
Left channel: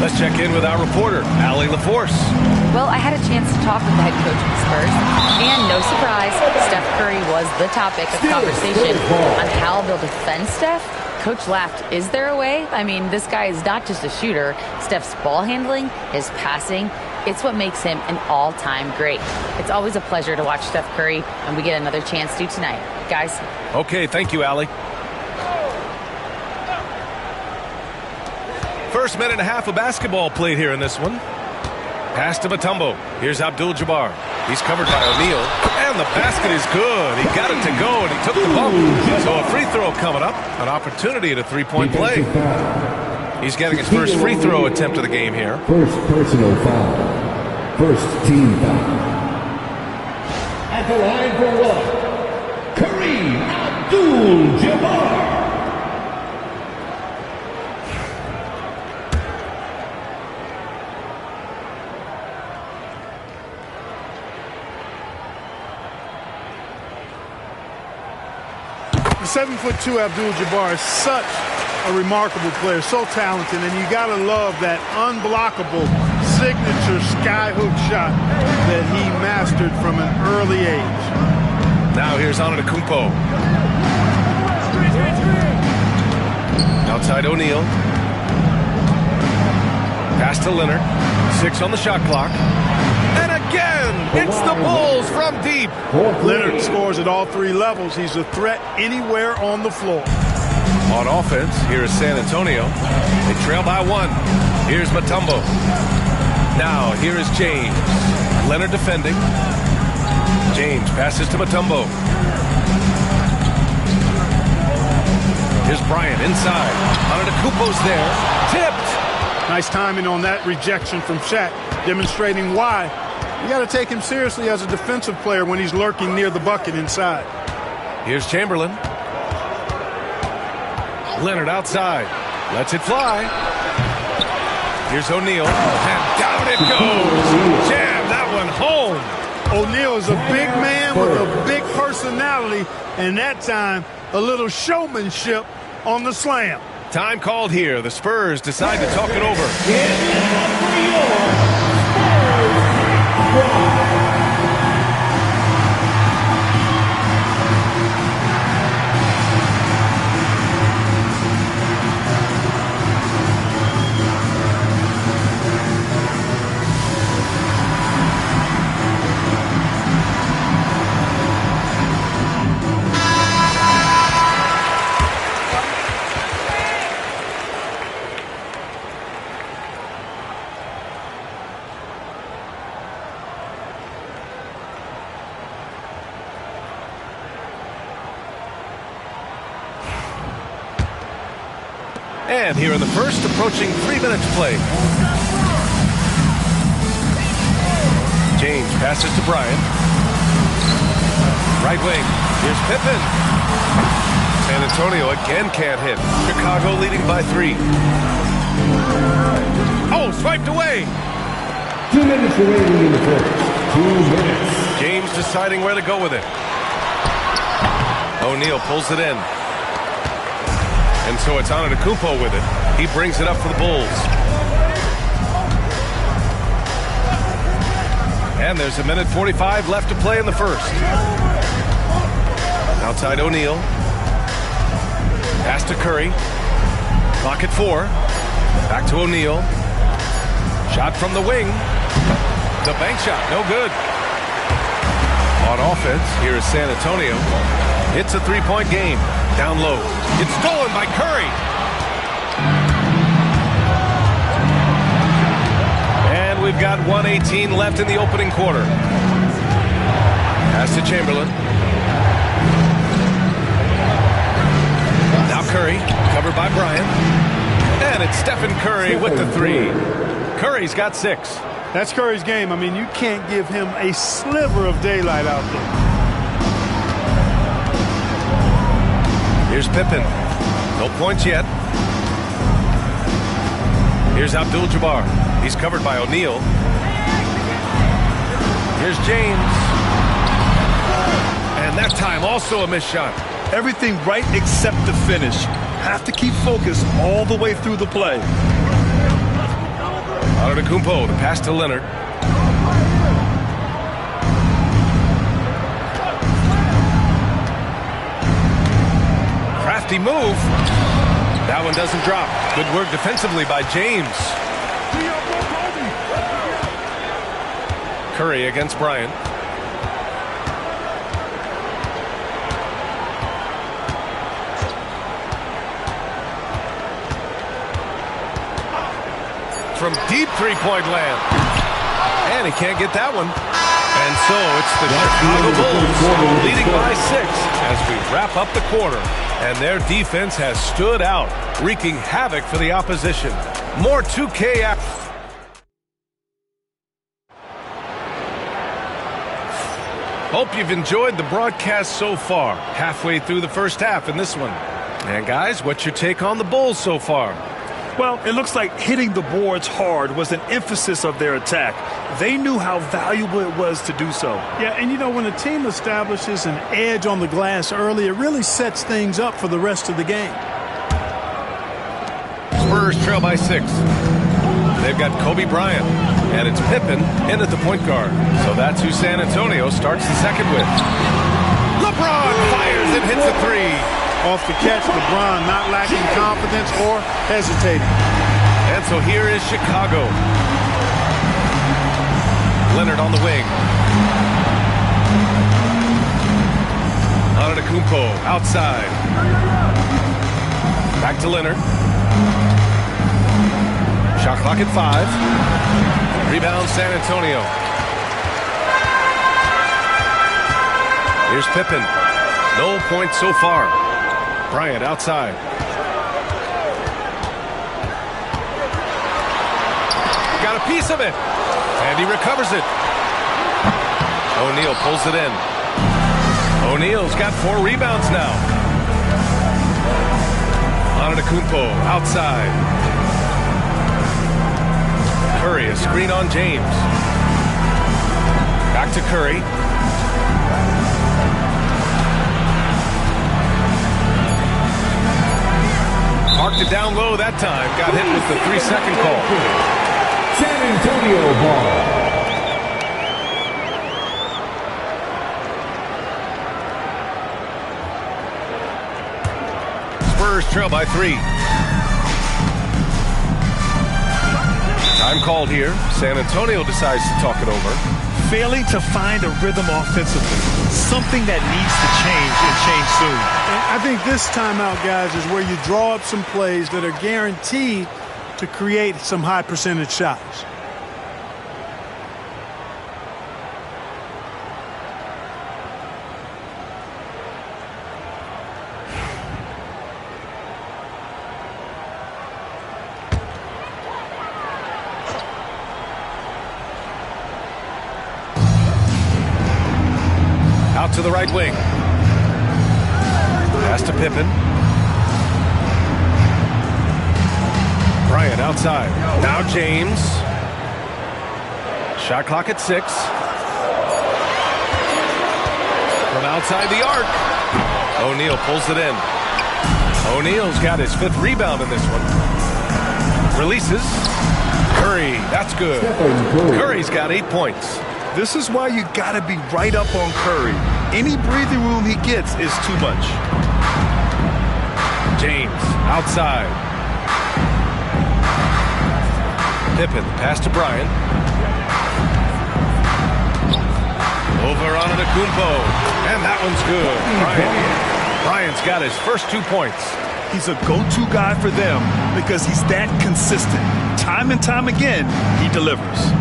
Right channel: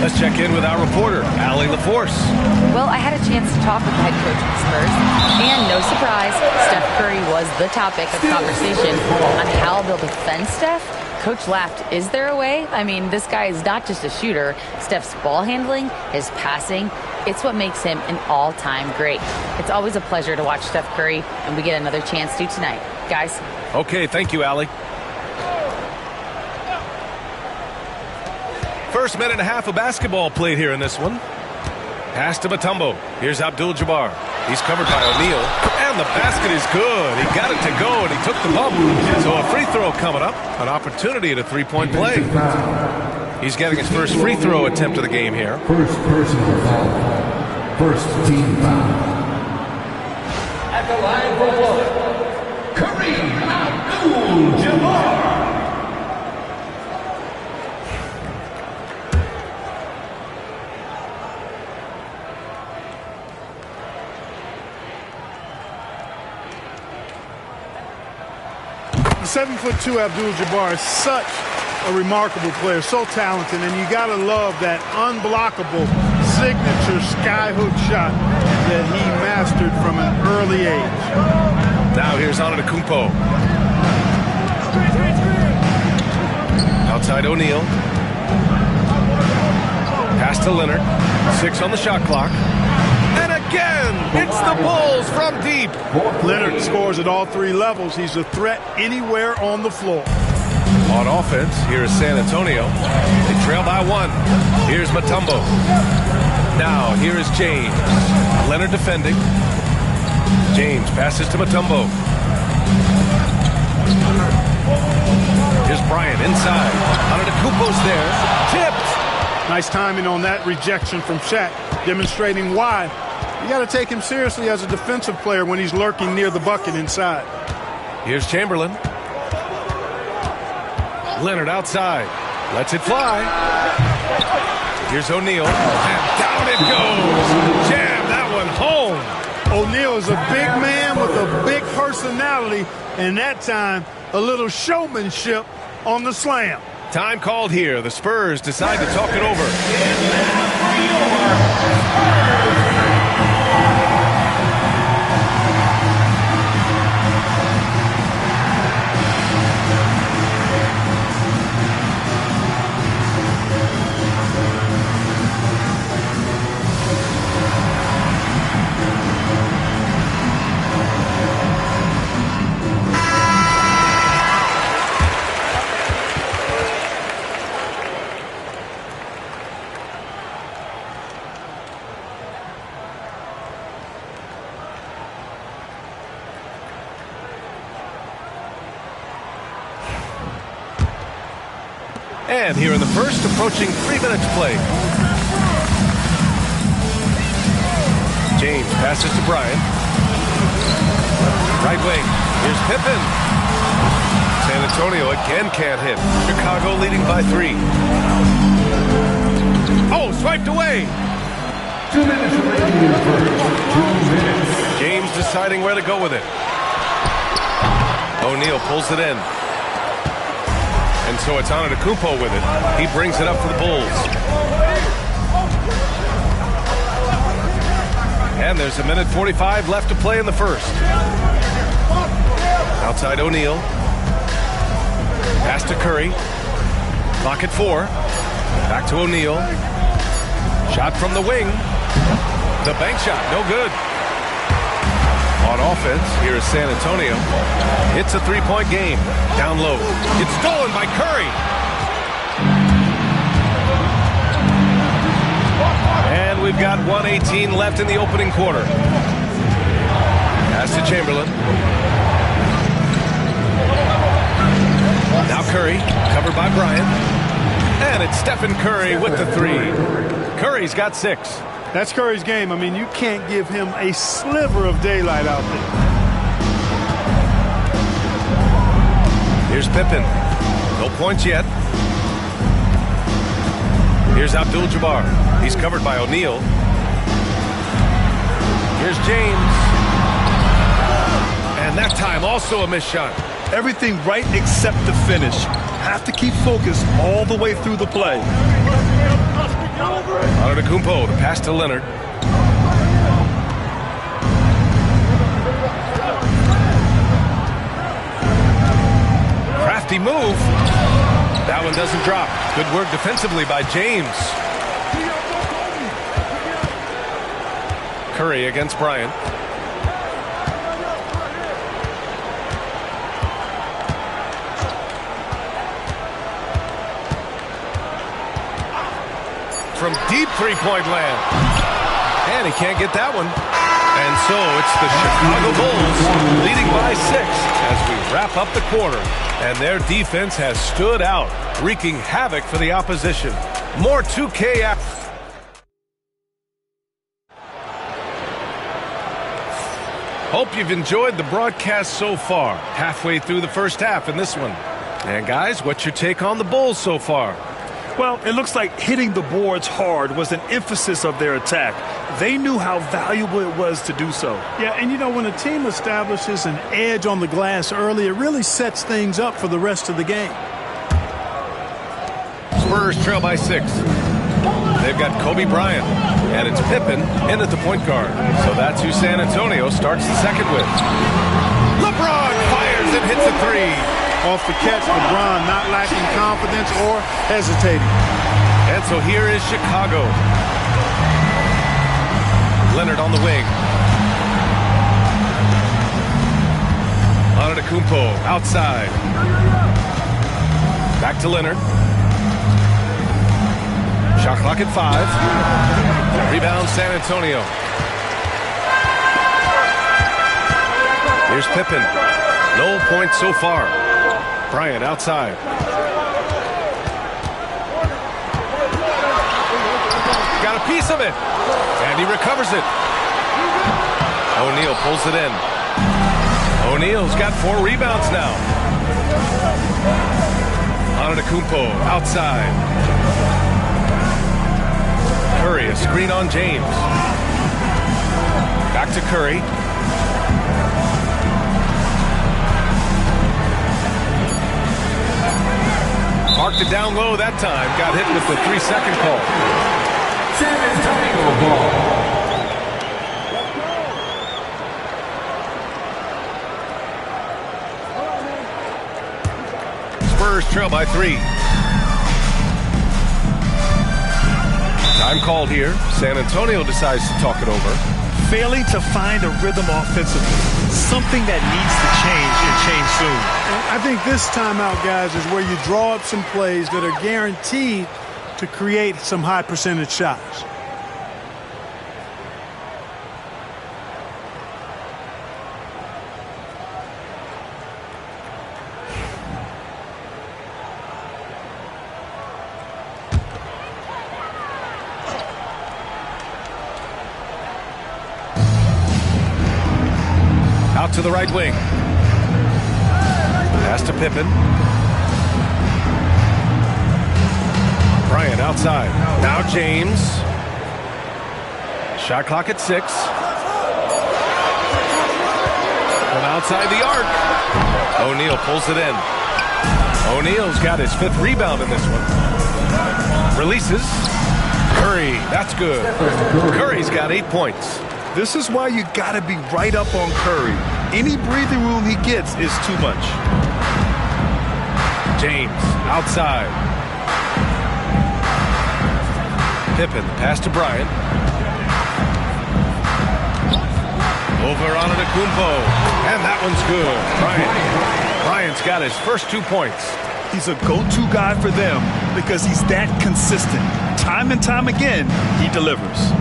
Let's check in with our reporter, Allie LaForce. Well, I had a chance to talk with the head coach of the Spurs, and no surprise, Steph Curry was the topic of conversation on how they'll defend Steph. Coach laughed. Is there a way? I mean, this guy is not just a shooter. Steph's ball handling, his passing, it's what makes him an all-time great. It's always a pleasure to watch Steph Curry, and we get another chance to tonight. Guys. Okay, thank you, Allie. First minute and a half of basketball played here in this one. Pass to Mutombo. Here's Abdul-Jabbar. He's covered by O'Neal. And the basket is good. He got it to go, and he took the bump. So a free throw coming up. An opportunity at a three-point play. He's getting his first free throw attempt of the game here. First personal foul. First team foul. At the line for one, Kareem Abdul-Jabbar. The 7'2" Abdul-Jabbar is such a remarkable player, so talented, and you got to love that unblockable signature skyhook shot that he mastered from an early age. Now here's Antetokounmpo. Outside O'Neal. Pass to Leonard. 6 on the shot clock. And again, it's the Bulls from deep. Leonard scores at all three levels. He's a threat anywhere on the floor. On offense, here is San Antonio. They trail by 1. Here's Mutombo. Now, here is James. Leonard defending. James passes to Mutombo. Here's Bryant inside. Antetokounmpo's there. Tipped. Nice timing on that rejection from Shaq, demonstrating why you got to take him seriously as a defensive player when he's lurking near the bucket inside. Here's Chamberlain. Leonard outside. Lets it fly. Here's O'Neal. And down it goes. Jam that one home. O'Neal is a big man with a big personality, and that time a little showmanship on the slam. Time called here. The Spurs decide to talk it over. And here in the first, approaching 3 minutes play. James passes to Bryant. Right wing. Here's Pippen. San Antonio again can't hit. Chicago leading by 3. Oh, swiped away. 2 minutes remaining in the first. 2 minutes. James deciding where to go with it. O'Neal pulls it in. And so it's Antetokounmpo with it. He brings it up for the Bulls. And there's 1:45 left to play in the first. Outside O'Neal. Pass to Curry. Clock at 4. Back to O'Neal. Shot from the wing. The bank shot, no good. On offense, here is San Antonio. It's a three-point game. Down low. It's stolen by Curry. And we've got 1:18 left in the opening quarter. Pass to Chamberlain. Now Curry, covered by Bryant. And it's Stephen Curry with the three. Curry's got 6. That's Curry's game. I mean, you can't give him a sliver of daylight out there. Here's Pippen. No points yet. Here's Abdul-Jabbar. He's covered by O'Neal. Here's James. And that time also a missed shot. Everything right except the finish. Have to keep focused all the way through the play. Antetokounmpo, the pass to Leonard. Crafty move. That one doesn't drop. Good work defensively by James. Curry against Bryant. From deep three-point land. And he can't get that one. And so it's the Chicago Bulls leading by 6 as we wrap up the quarter. And their defense has stood out, wreaking havoc for the opposition. More 2K action. Hope you've enjoyed the broadcast so far. Halfway through the first half in this one. And guys, what's your take on the Bulls so far? Well, it looks like hitting the boards hard was an emphasis of their attack. They knew how valuable it was to do so. Yeah, and you know, when a team establishes an edge on the glass early, it really sets things up for the rest of the game. Spurs trail by 6. They've got Kobe Bryant, and it's Pippen in at the point guard. So that's who San Antonio starts the second with. LeBron fires and hits a 3. Off the catch, LeBron not lacking confidence or hesitating. And so here is Chicago. Leonard on the wing. Antetokounmpo outside. Back to Leonard. Shot clock at 5. Rebound San Antonio. Here's Pippen. No points so far. Bryant outside. Got a piece of it. And he recovers it. O'Neal pulls it in. O'Neal's got 4 rebounds now. Antetokounmpo outside. Curry, a screen on James. Back to Curry. Parked it down low that time. Got hit with the 3-second call. San Antonio ball. Spurs trail by 3. Time called here. San Antonio decides to talk it over. Failing to find a rhythm offensively. Something that needs to change and change soon. And I think this timeout, guys, is where you draw up some plays that are guaranteed to create some high percentage shots. Out to the right wing. Pass to Pippen. Bryant outside. Now James. Shot clock at 6. From outside the arc. O'Neal pulls it in. O'Neal's got his 5th rebound in this one. Releases. Curry, that's good. Curry's got 8 points. This is why you got to be right up on Curry. Any breathing room he gets is too much. James outside. Pippen, the pass to Bryant. Over Antetokounmpo. And that one's good. Bryant's got his first 2 points. He's a go-to guy for them because he's that consistent. Time and time again, he delivers.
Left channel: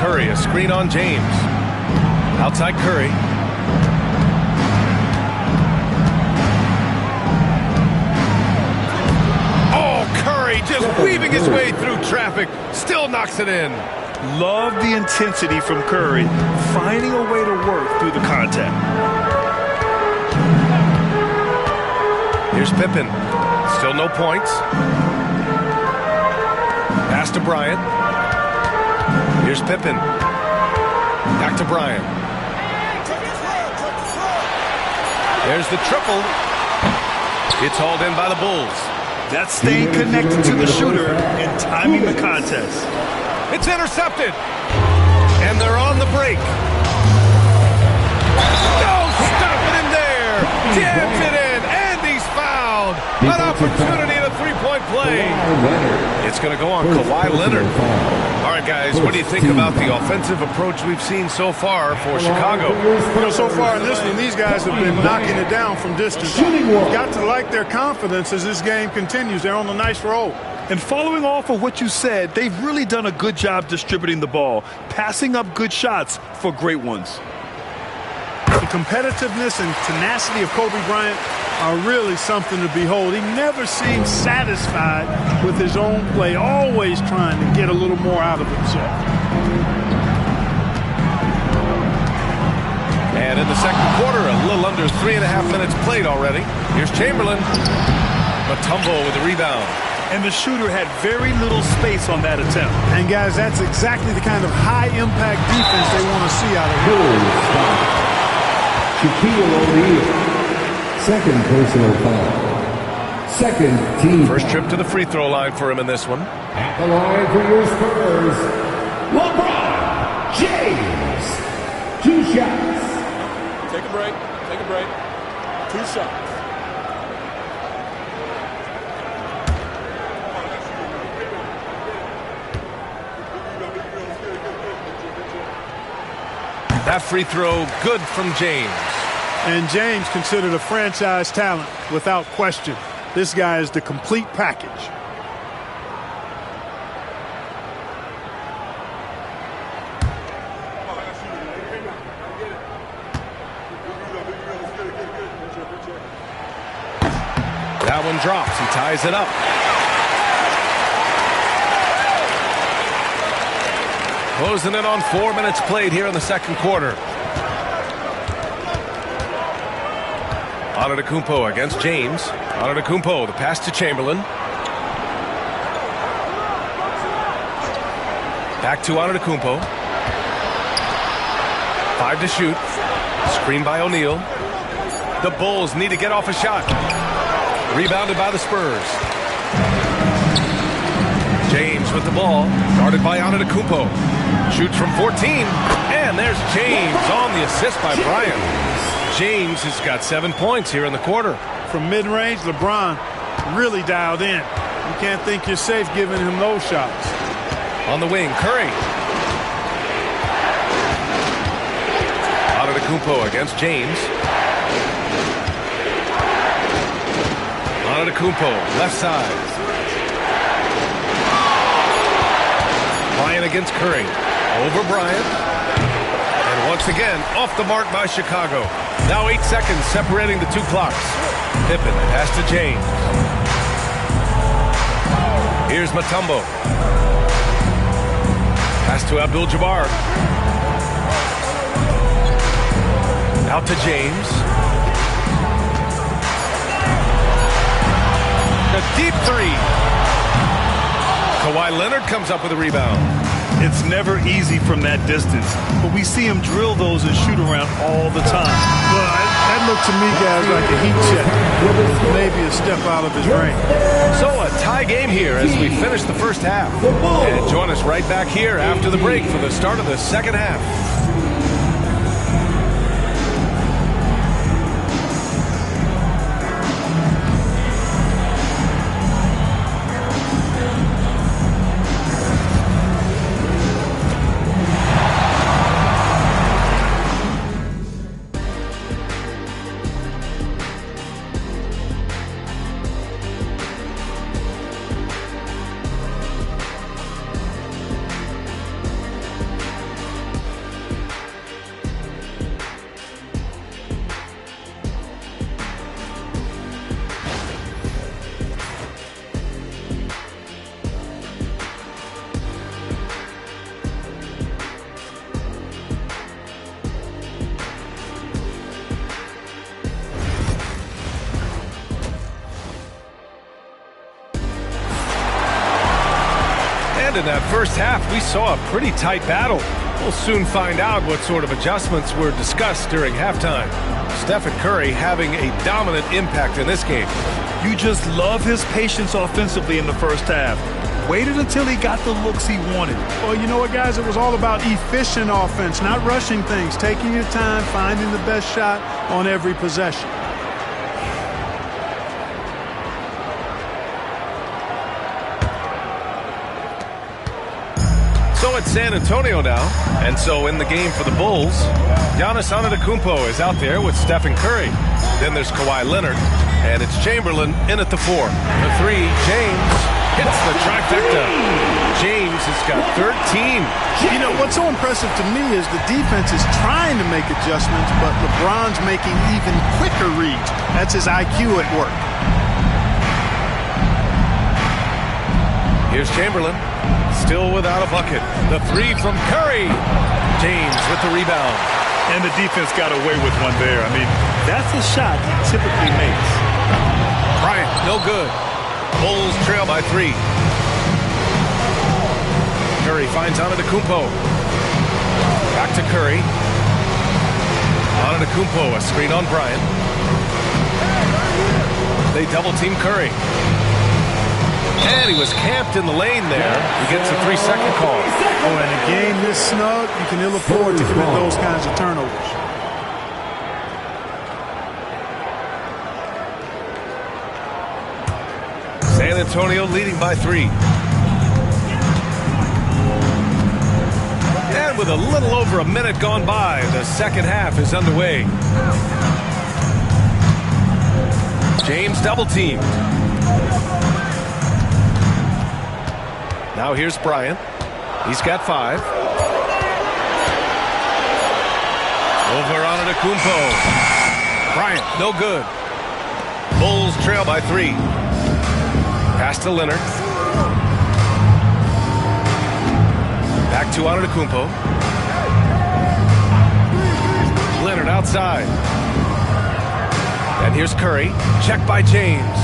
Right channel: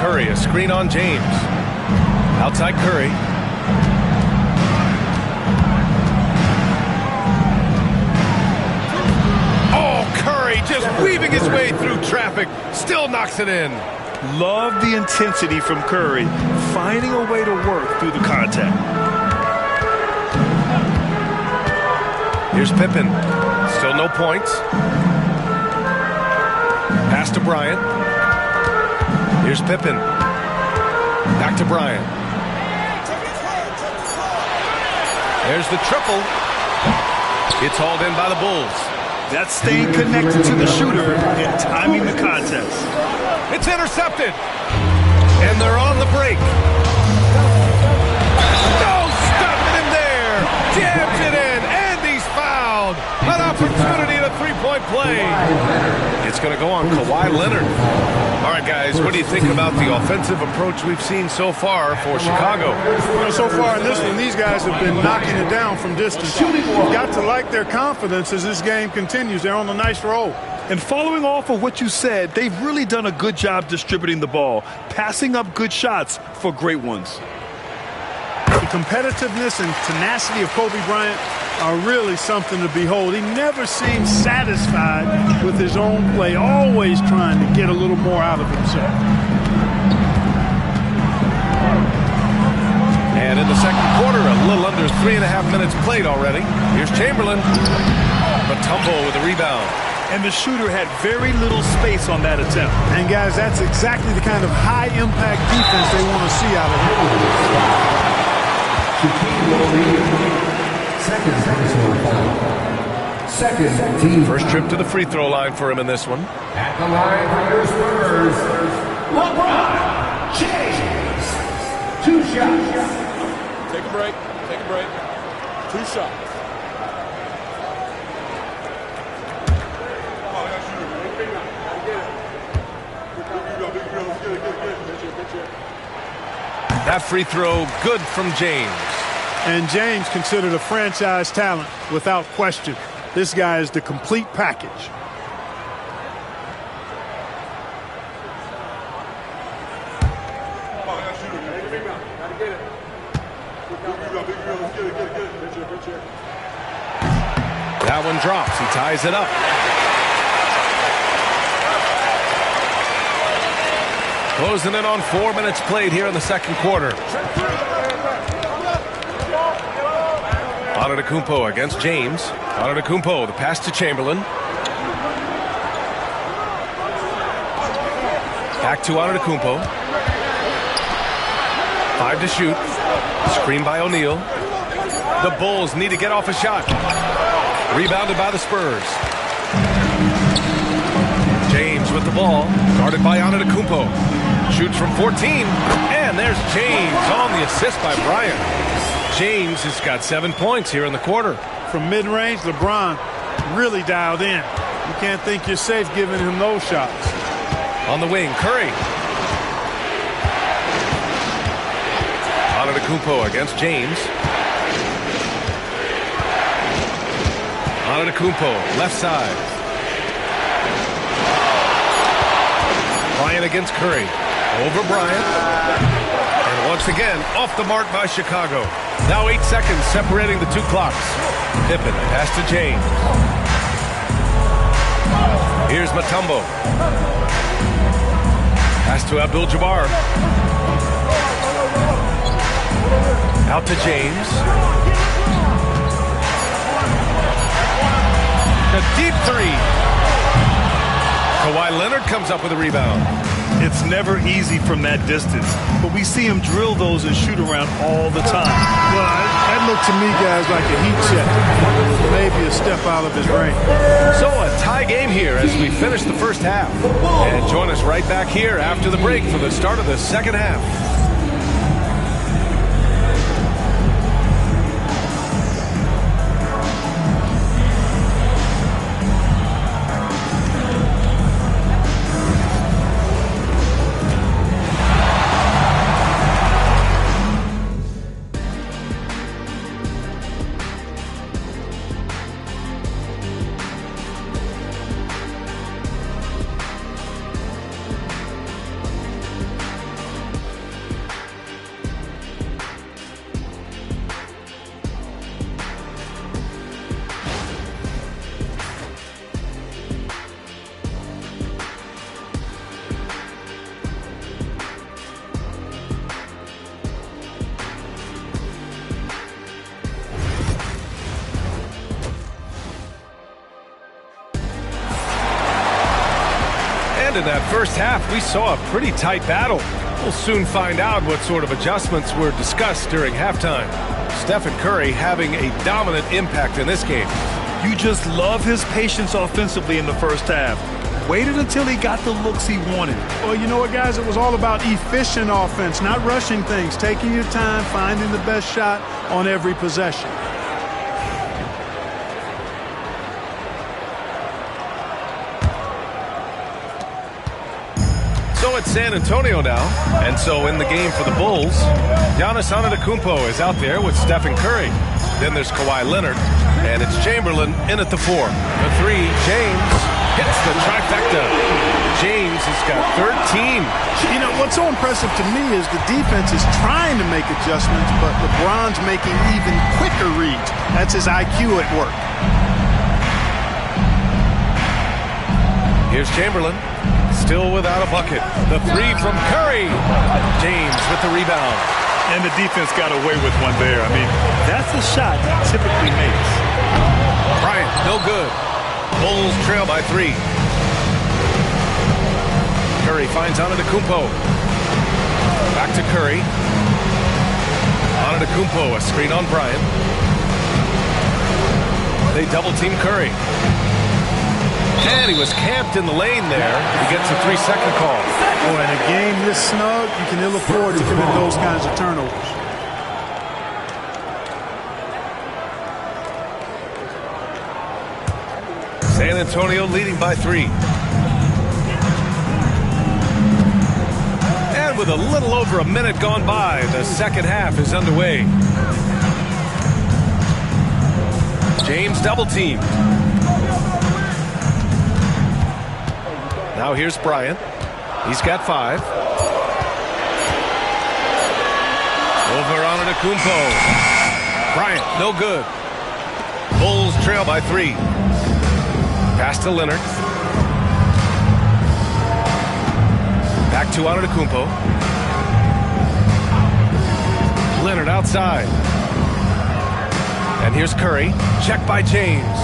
Curry, a screen on James. Outside Curry. Oh, Curry just weaving his way through traffic. Still knocks it in. Love the intensity from Curry, finding a way to work through the contact. Here's Pippen. Still no points. Pass to Bryant. Here's Pippen. Back to Bryant. There's the triple. It's hauled in by the Bulls. That's staying connected to the shooter and timing the contest. It's intercepted. And they're on the break. No, stopping him there. Jams it in, and he's fouled. An opportunity at a three-point play. It's going to go on Kawhi Leonard. All right, guys, what do you think about the offensive approach we've seen so far for Chicago? You know, so far in this one, these guys have been knocking it down from distance. You've got to like their confidence as this game continues. They're on a nice roll. And following off of what you said, they've really done a good job distributing the ball, passing up good shots for great ones. The competitiveness and tenacity of Kobe Bryant are really something to behold. He never seems satisfied with his own play, always trying to get a little more out of himself. And in the second quarter, a little under 3.5 minutes played already. Here's Chamberlain. Mutombo with the rebound. And the shooter had very little space on that attempt. And, guys, that's exactly the kind of high-impact defense they want to see out of him. Shaquille O'Neal, second personal foul. Second team. First trip to the free throw line for him in this one. At the line for your Spurs, LeBron James. 2 shots. Take a break. Take a break. 2 shots. That free throw good from James. And James considered a franchise talent without question. This guy is the complete package. That one drops. He ties it up. Closing in on 4 minutes played here in the second quarter. Antetokounmpo against James. Antetokounmpo, the pass to Chamberlain. Back to Antetokounmpo. 5 to shoot. Screen by O'Neal. The Bulls need to get off a shot. Rebounded by the Spurs. James with the ball. Guarded by Antetokounmpo. Shoots from 14. And there's James on the assist by Bryant. James has got 7 points here in the quarter. From mid-range, LeBron really dialed in. You can't think you're safe giving him those shots. On the wing, Curry. Antetokounmpo against James. Antetokounmpo, left side. Bryant against Curry. Over Bryant. And once again, off the mark by Chicago. Now 8 seconds separating the 2 clocks. Pippen, pass to James. Here's Mutombo. Pass to Abdul-Jabbar. Out to James. A deep three. Kawhi Leonard comes up with a rebound. It's never easy from that distance, but we see him drill those and shoot around all the time. Well, that looked to me, guys, like a heat check. Maybe a step out of his range. So a tie game here as we finish the first half. And join us right back here after the break for the start of the second half. And in that first half, we saw a pretty tight battle. We'll soon find out what sort of adjustments were discussed during halftime. Stephen Curry having a dominant impact in this game. You just love his patience offensively in the first half. Waited until he got the looks he wanted. Well, you know what, guys? It was all about efficient offense, not rushing things, taking your time, finding the best shot on every possession. So it's San Antonio now, and so in the game for the Bulls, Giannis Antetokounmpo is out there with Stephen Curry. Then there's Kawhi Leonard, and it's Chamberlain in at the 4. The 3, James hits the trifecta. James has got 13. You know, what's so impressive to me is the defense is trying to make adjustments, but LeBron's making even quicker reads. That's his IQ at work. Here's Chamberlain. Still without a bucket. The 3 from Curry. James with the rebound. And the defense got away with one there. I mean, that's a shot he typically makes. Bryant, no good. Bulls trail by 3. Curry finds Antetokounmpo. Back to Curry. Antetokounmpo, a screen on Bryant. They double team Curry. And he was camped in the lane there. He gets a 3-second call. Oh, in a game this snug, you can ill afford to commit those kinds of turnovers. San Antonio leading by 3. And with a little over a minute gone by, the second half is underway. James double teamed. Now here's Bryant. He's got 5. Over Antetokounmpo. Bryant, no good. Bulls trail by 3. Pass to Leonard. Back to Antetokounmpo. Leonard outside. And here's Curry. Check by James.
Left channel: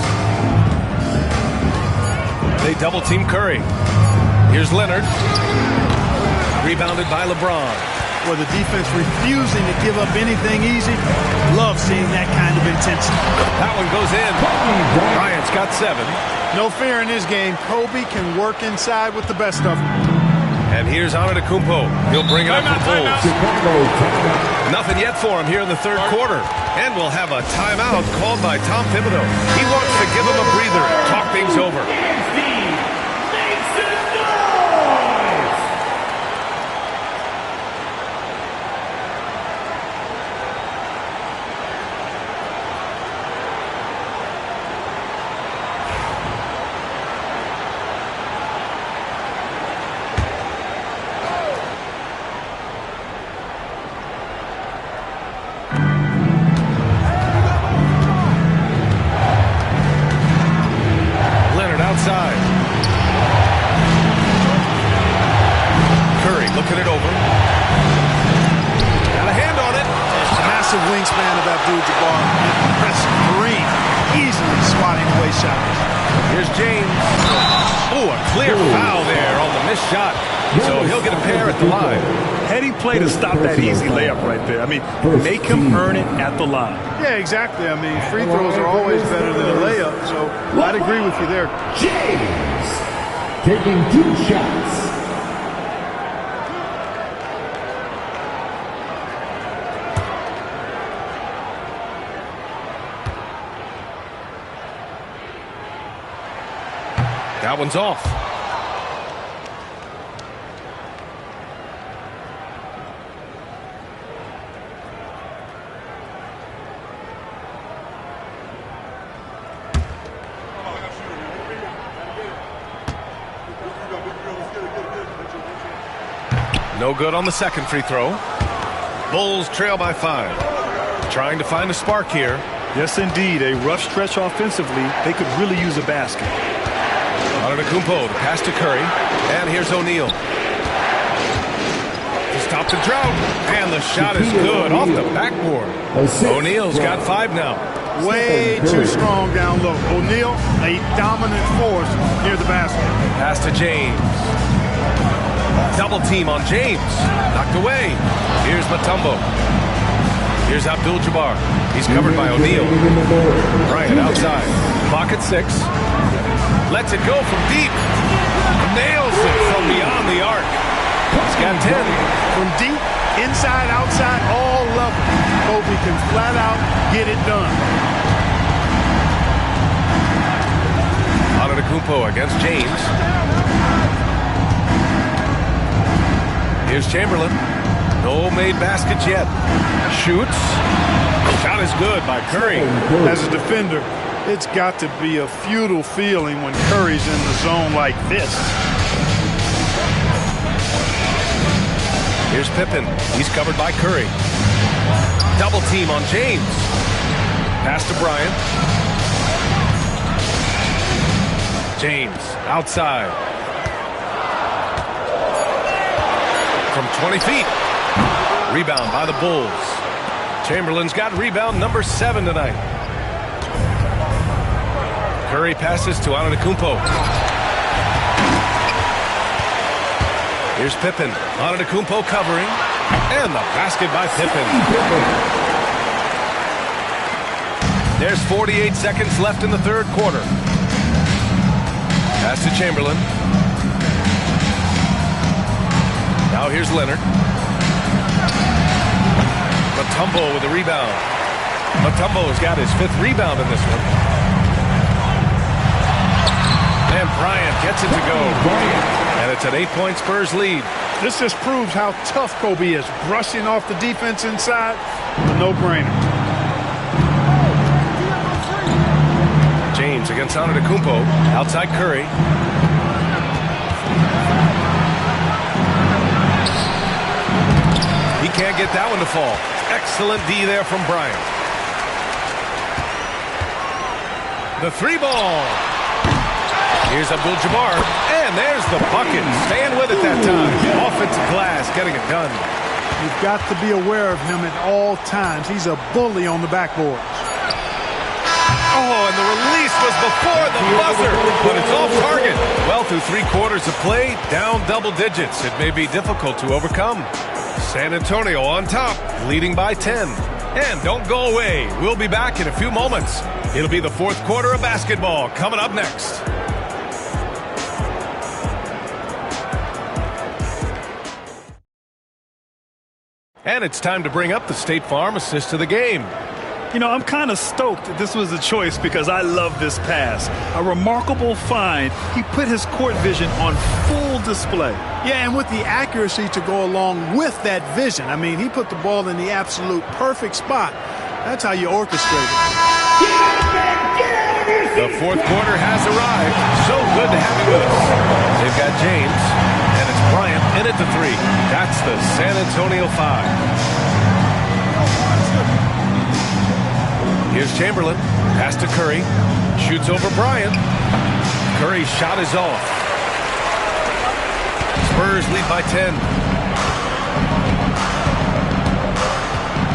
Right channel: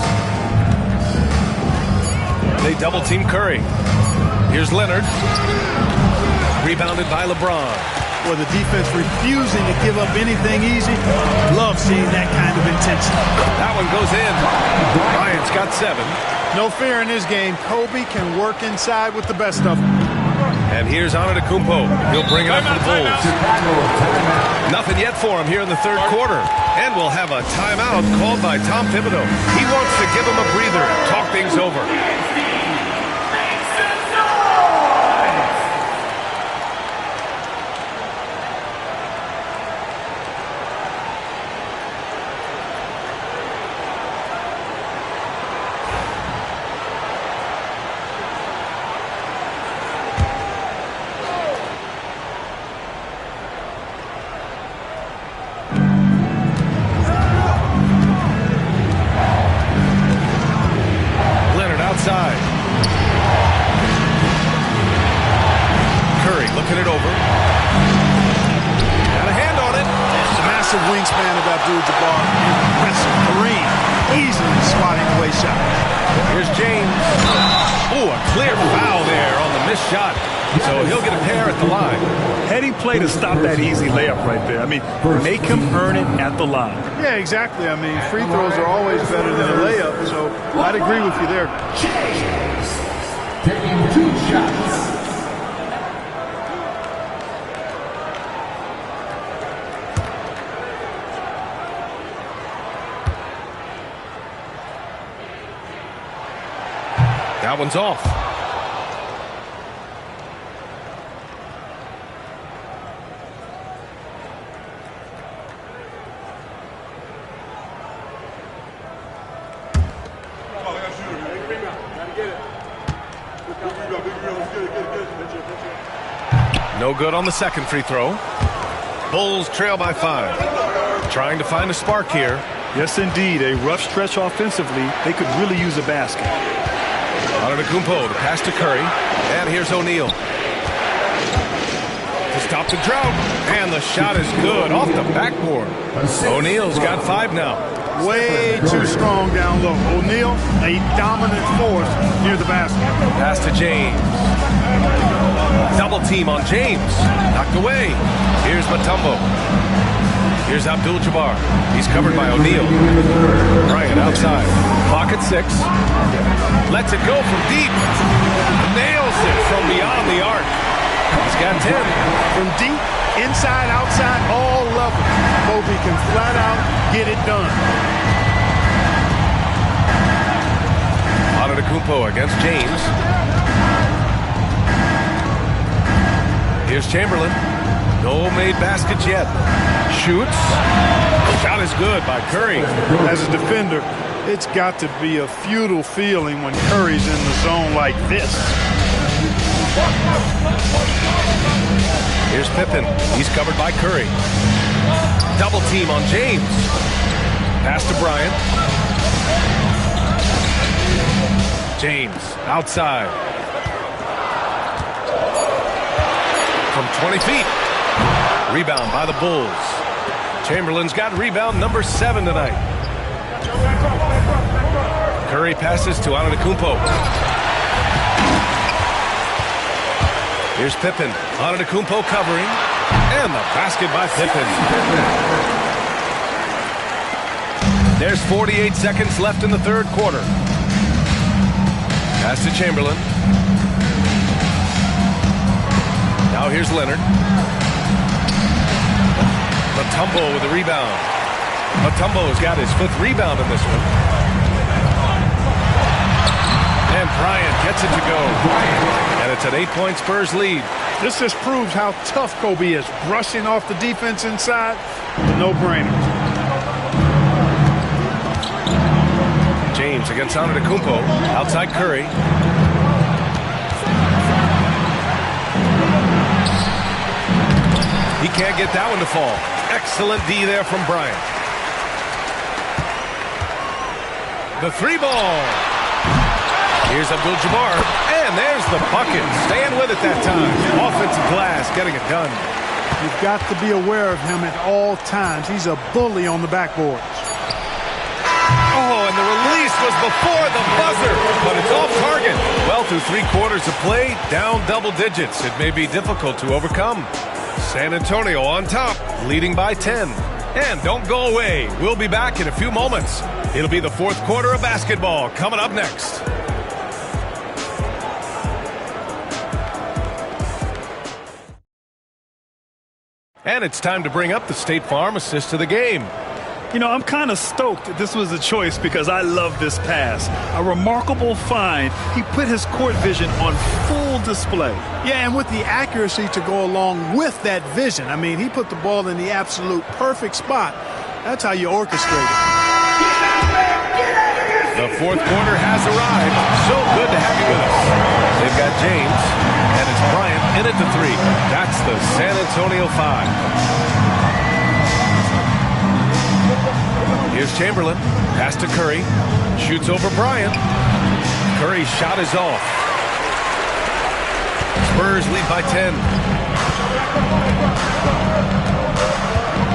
They double team Curry. Here's Leonard. Rebounded by LeBron. Well, the defense refusing to give up anything easy. Love seeing that kind of intensity. That one goes in. Bryant's got 7. No fear in his game. Kobe can work inside with the best of them. And here's Antetokounmpo. He'll bring it up for the Bulls. Nothing yet for him here in the third quarter. And we'll have a timeout called by Tom Thibodeau. He wants to give him a breather and talk things over. Outside. Curry looking it over. Got a hand on it. The massive wingspan of Abdul-Jabbar. Impressive. Kareem easily swatting away shots. Here's James. Oh, a clear foul there on the missed shot. So he'll get a pair at the line. Heady play to stop that easy layup right there. I mean, make him earn it at the line. Yeah, exactly. I mean, free throws are always better than a layup, so I'd agree with you there. James taking 2 shots. That one's off. No good on the second free throw. Bulls trail by 5. Trying to find a spark here. Yes, indeed. A rough stretch offensively. They could really use a basket. Antetokounmpo, the pass to Curry. And here's O'Neal. To stop the drought. And the shot is good off the backboard. O'Neal's got 5 now. Way too strong down low. O'Neal, a dominant force near the basket. Pass to James. Double team on James. Knocked away. Here's Mutombo. Here's Abdul-Jabbar. He's covered by O'Neal. Bryant outside. Clock at 6. Lets it go from deep. Nails it from beyond the arc. He's got 10. From deep, inside, outside, all levels. Kobe can flat out get it done. Antetokounmpo against James. Here's Chamberlain. No made baskets yet. Shoots. Shot is good by Curry. As a defender, it's got to be a futile feeling when Curry's in the zone like this. Here's Pippen. He's covered by Curry. Double team on James. Pass to Bryant. James outside. From 20 feet. Rebound by the Bulls. Chamberlain's got rebound number 7 tonight. Curry passes to Antetokounmpo. Here's Pippen. Antetokounmpo covering. And the basket by Pippen. There's 48 seconds left in the third quarter. Pass to Chamberlain. Now here's Leonard. Mutombo with a rebound. Mutombo's got his 5th rebound in this one. And Bryant gets it to go. And it's an 8-point Spurs lead. This just proves how tough Kobe is. Brushing off the defense inside, a no-brainer. James against Antetokounmpo. Outside Curry. He can't get that one to fall. Excellent D there from Bryant. The 3-ball. Here's Abdul-Jabbar. And there's the bucket. Staying with it that time. Offensive glass, getting it done. You've got to be aware of him at all times. He's a bully on the backboards. Oh, and the release was before the buzzer, but it's off target. Well, through 3 quarters of play, down double digits. It may be difficult to overcome. San Antonio on top, leading by 10. And don't go away. We'll be back in a few moments. It'll be the 4th quarter of basketball coming up next. And it's time to bring up the State Farm assist to the game. You know, I'm kind of stoked this was a choice because I love this pass. A remarkable find. He put his court vision on full display. Yeah, and with the accuracy to go along with that vision. I mean, he put the ball in the absolute perfect spot. That's how you orchestrate it. The 4th quarter has arrived. So good to have you with us. They've got James, and it's Bryant in at the 3. That's the San Antonio 5. Here's Chamberlain. Pass to Curry. Shoots over Bryant. Curry's shot is off. Spurs lead by 10.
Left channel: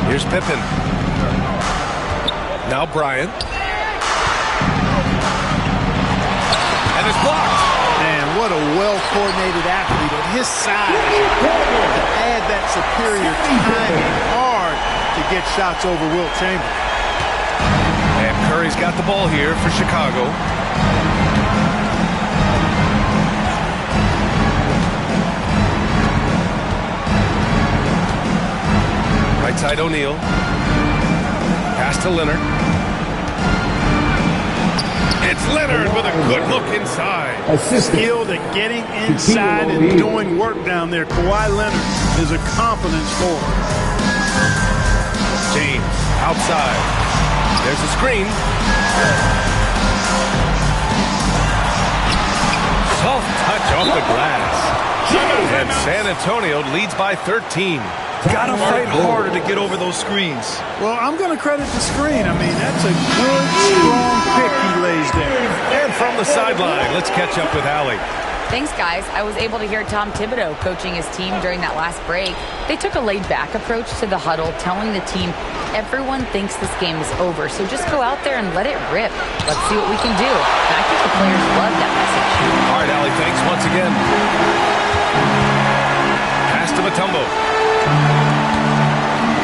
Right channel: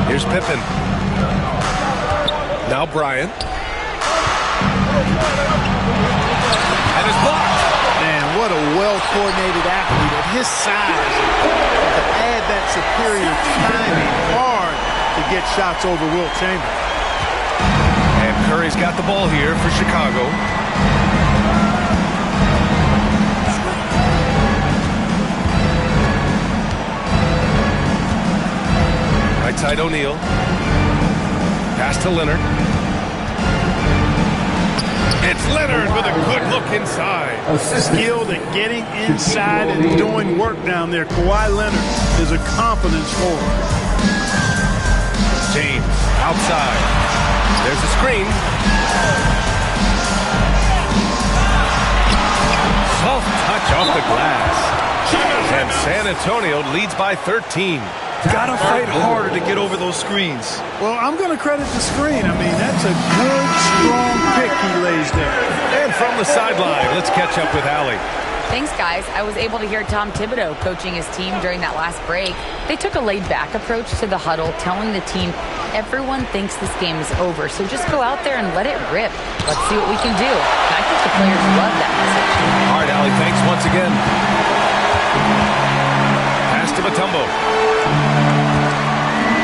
Here's Pippen. Now Bryant. And it's blocked. Man, what a well-coordinated athlete at his size. To add that superior timing, hard to get shots over Wilt Chamberlain. And Curry's got the ball here for Chicago. Right side O'Neal. Pass to Leonard. It's Leonard with a good look inside. Skilled at getting inside and doing work down there. Kawhi Leonard is a confidence forward. James outside. There's a screen. Soft touch off the glass. And San Antonio leads by 13. Gotta fight harder to get over those screens. Well, I'm going to credit the screen. I mean, that's a good, strong pick he lays there. And from the sideline, let's catch up with Allie. Thanks, guys. I was able to hear Tom Thibodeau coaching his team during that last break. They took a laid-back approach to the huddle, telling the team everyone thinks this game is over, so just go out there and let it rip. Let's see what we can do. And I think the players love that message. All right, Allie, thanks once again. to Mutombo.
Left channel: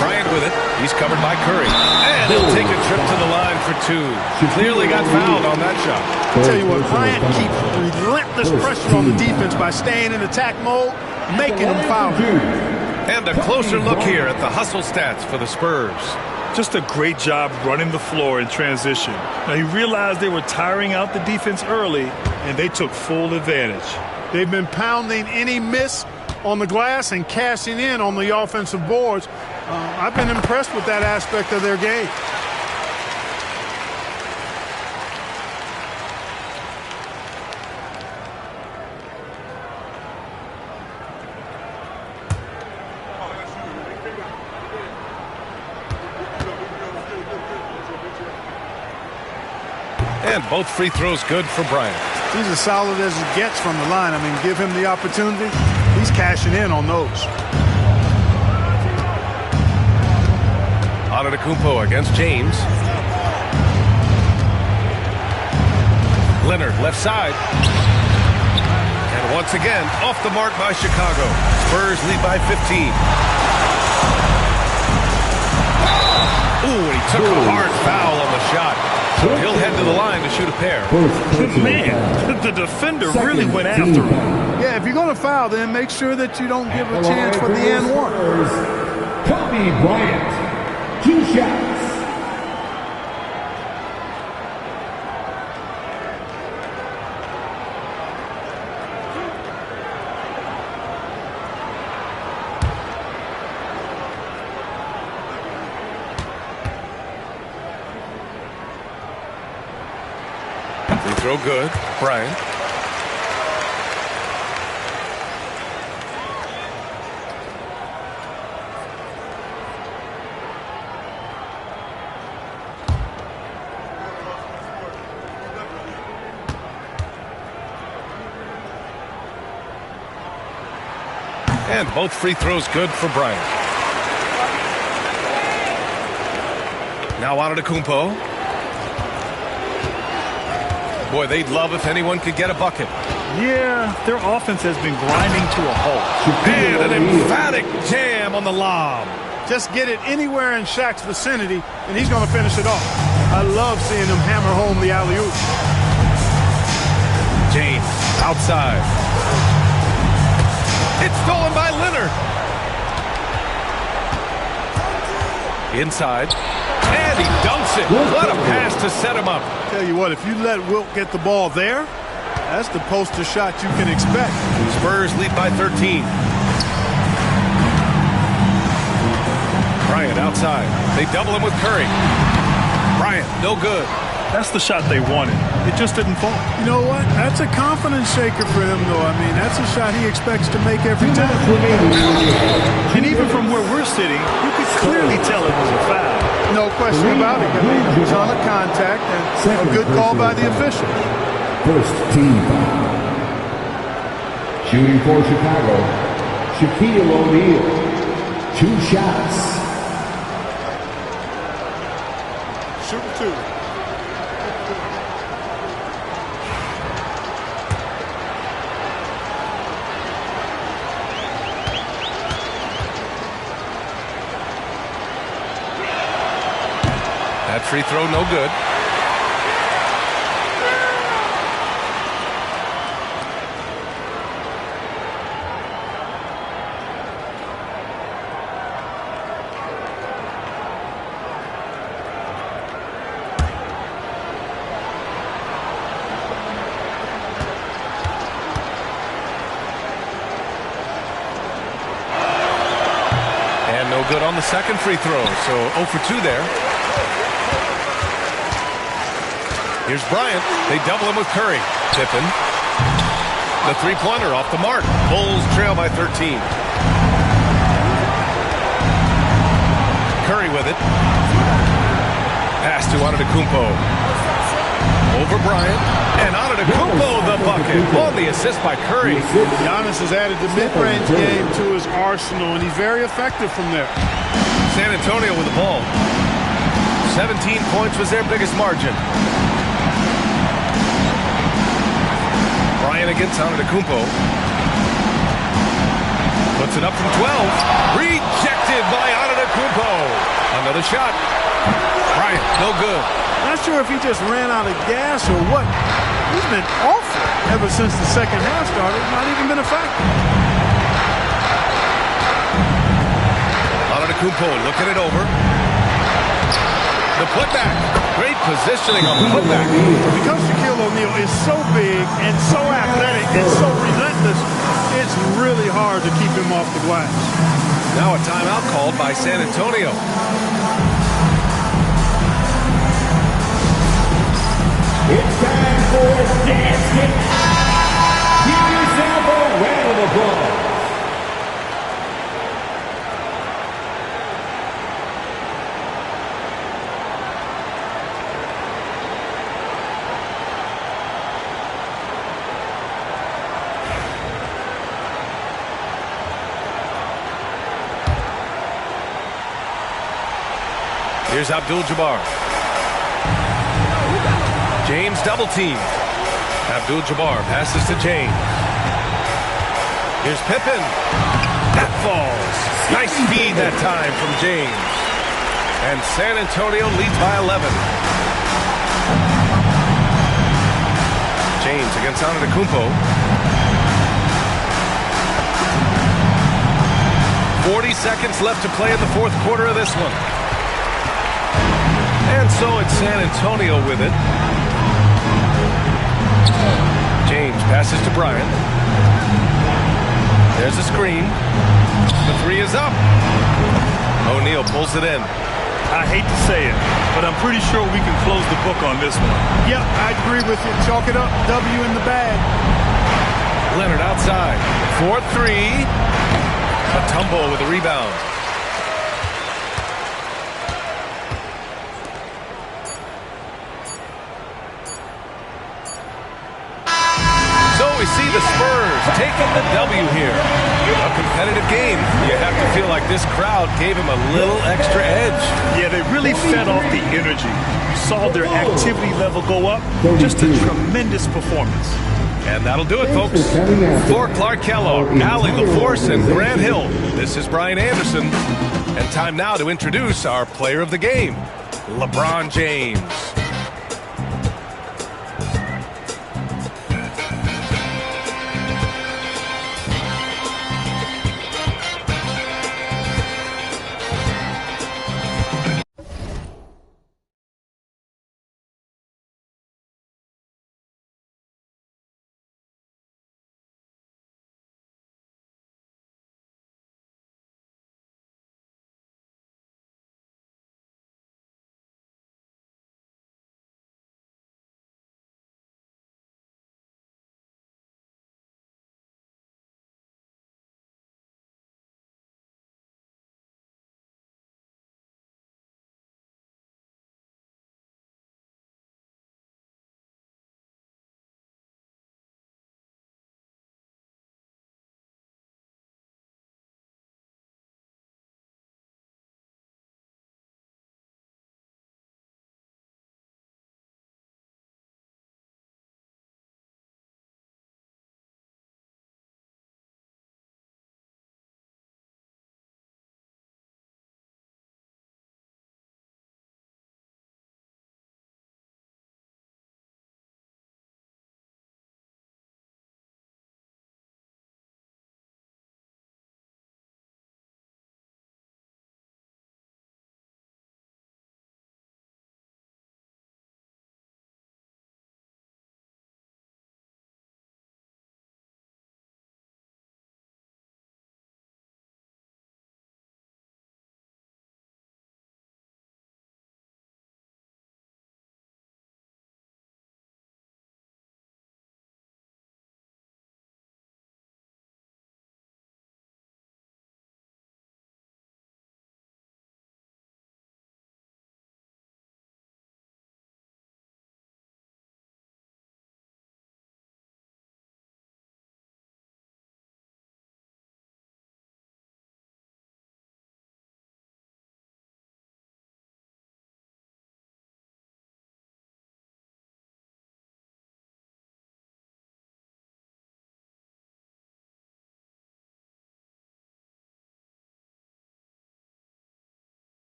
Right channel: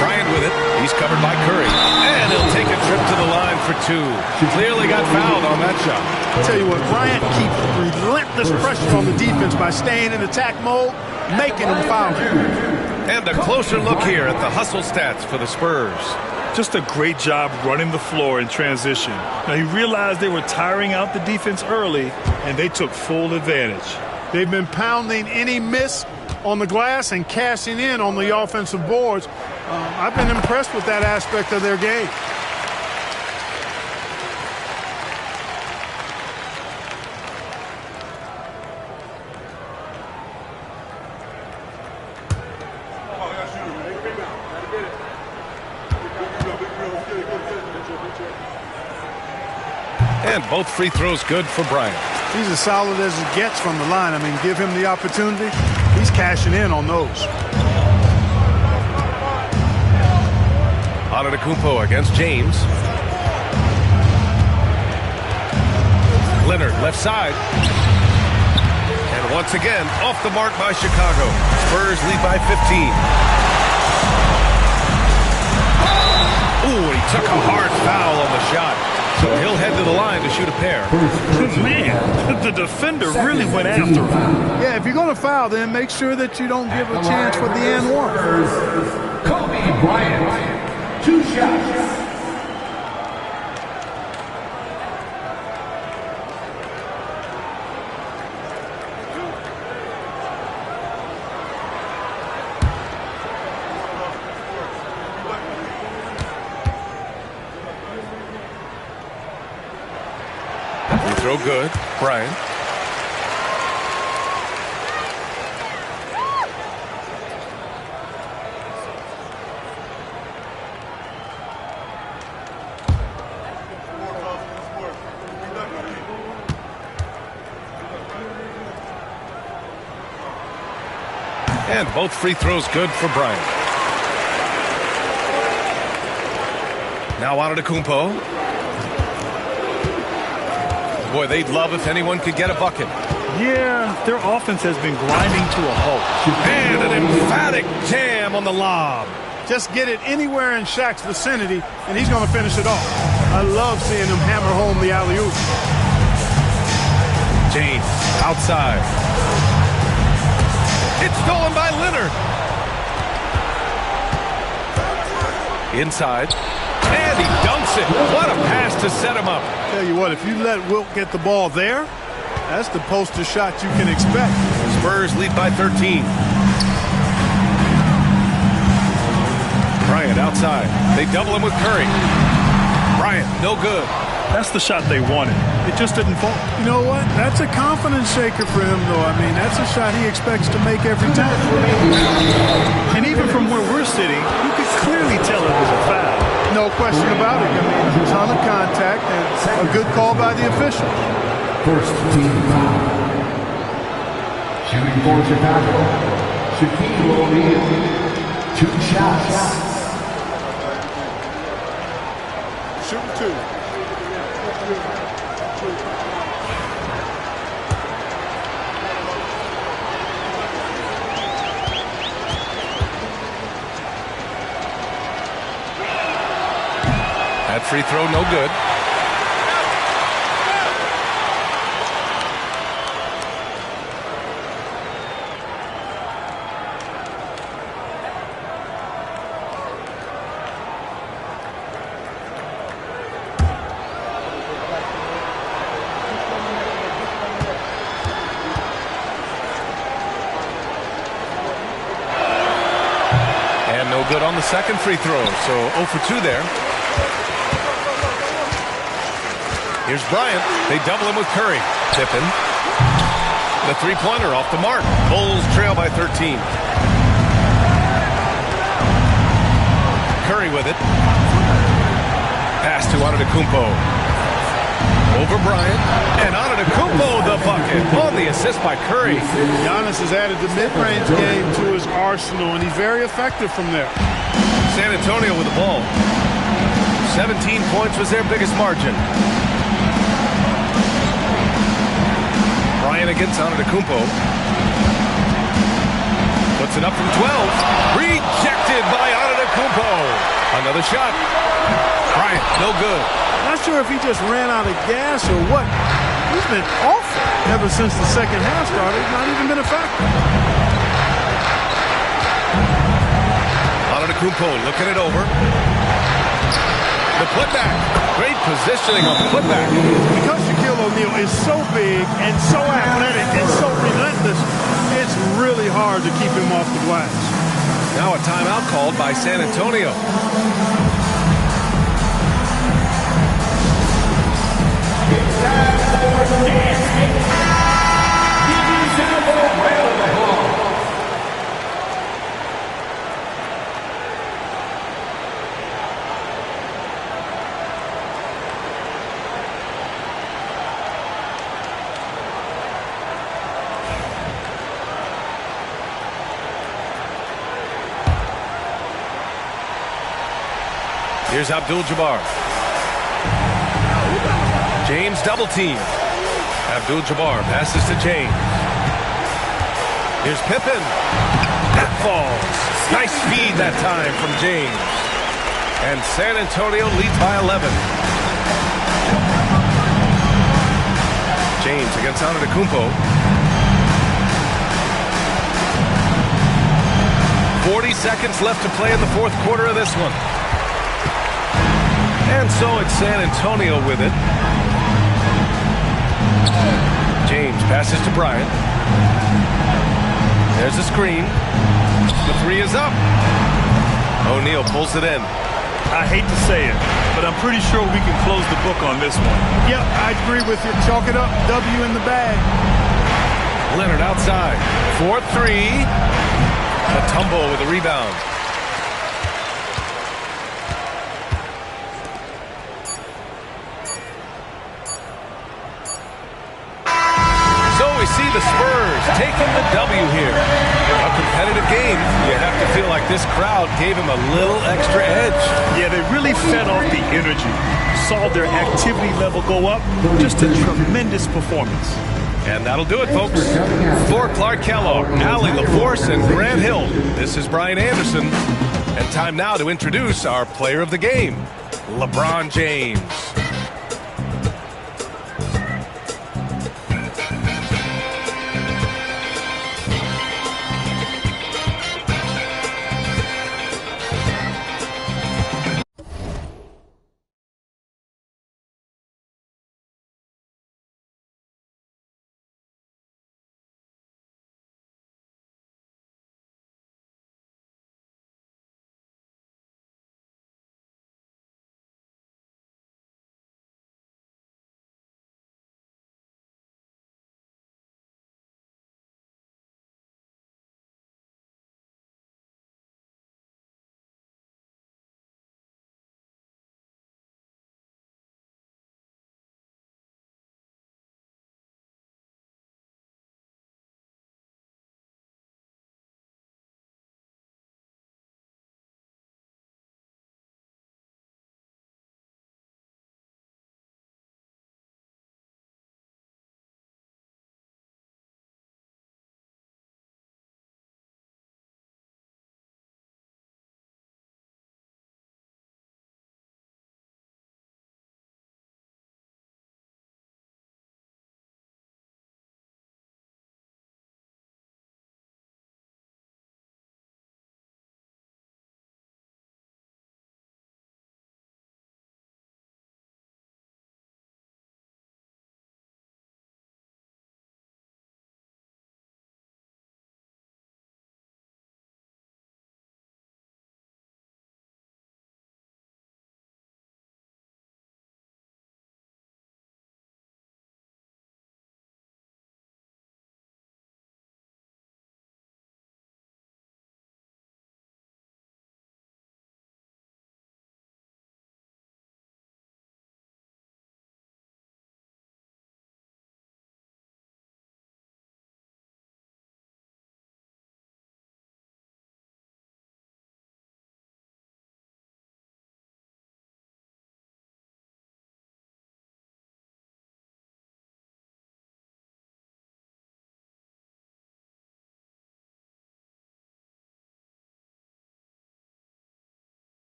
Bryant with it. He's covered by Curry. And he'll take a trip to the line for two. Clearly got fouled on that shot. I'll tell you what, Bryant keeps relentless pressure on the defense by staying in attack mode, making them foul. And a closer look here at the hustle stats for the Spurs. Just a great job running the floor in transition. Now, he realized they were tiring out the defense early, and they took full advantage. They've been pounding any miss on the glass and cashing in on the offensive boards. I've been impressed with that aspect of their game. And both free throws good for Bryant. He's as solid as it gets from the line. I mean, give him the opportunity. He's cashing in on those. Antetokounmpo against James. Leonard left side. And once again, off the mark by Chicago. Spurs lead by 15. Ooh, and he took a hard foul on the shot. So he'll head to the line to shoot a pair. Man, the defender really went after him. Yeah, if you're going to foul, then make sure that you don't give a chance for the and one. Kobe Bryant, 2 shots. Free throw good. Bryant. And both free throws good for Bryant. Now Antetokounmpo. Boy, they'd love if anyone could get a bucket. Yeah, their offense has been grinding to a halt. And an emphatic jam on the lob. Just get it anywhere in Shaq's vicinity, and he's going to finish it off. I love seeing him hammer home the alley-oop. James outside. It's stolen by Leonard. Inside. And he dunks it. What a pass to set him up. Tell you what, if you let Wilt get the ball there, that's the poster shot you can expect. Spurs lead by 13. Bryant outside. They double him with Curry. Bryant, no good. That's the shot they wanted. It just didn't fall. You know what? That's a confidence shaker for him, though. I mean, that's a shot he expects to make every time. And even from where we're sitting, you could clearly tell it was a foul. No question about it. I mean, a ton of contact and a good call by the officials. First team foul. Shooting for Chicago, Shaquille O'Neal. 2 shots. Shooting 2. That free throw, no good. And no good on the second free throw, so 0 for 2 there. Here's Bryant. They double him with Curry. Tippin. The three-pointer off the mark. Bulls trail by 13. Curry with it. Pass to Antetokounmpo. Over Bryant. And Antetokounmpo the bucket on the assist by Curry. Giannis has added the mid-range game to his arsenal, and he's very effective from there. San Antonio with the ball. 17 points was their biggest margin. Bryant against Antetokounmpo. Puts it up from 12. Rejected by Antetokounmpo. Another shot. Bryant, no good. Not sure if he just ran out of gas or what. He's been awful ever since the second half started. Not even been a factor. Antetokounmpo looking it over. The putback. Great positioning on the putback. Because Shaquille O'Neal is so big and so athletic and so relentless, it's really hard to keep him off the glass. Now a timeout called by San Antonio. It's time for dancing. Here's our round of applause. Here's Abdul-Jabbar. James double teamed. Abdul-Jabbar passes to James. Here's Pippen. That falls. Nice feed that time from James. And San Antonio leads by 11. James against Antetokounmpo. 40 seconds left to play in the fourth quarter of this one. And so it's San Antonio with it. James passes to Bryant. There's a screen. The three is up. O'Neal pulls it in. I hate to say it, but I'm pretty sure we can close the book on this one. Yeah, I agree with you. Chalk it up. W in the bag. Leonard outside. 4-3. Mutombo with a rebound. So we see the Spurs taking the W here. A competitive game. You have to feel like this crowd gave him a little extra edge. Yeah, they really fed off the energy. Saw their activity level go up. Just a tremendous performance. And that'll do it, folks. For Clark Kellogg, Allie LaForce, and Grant Hill, this is Brian Anderson. And time now to introduce our player of the game, LeBron James.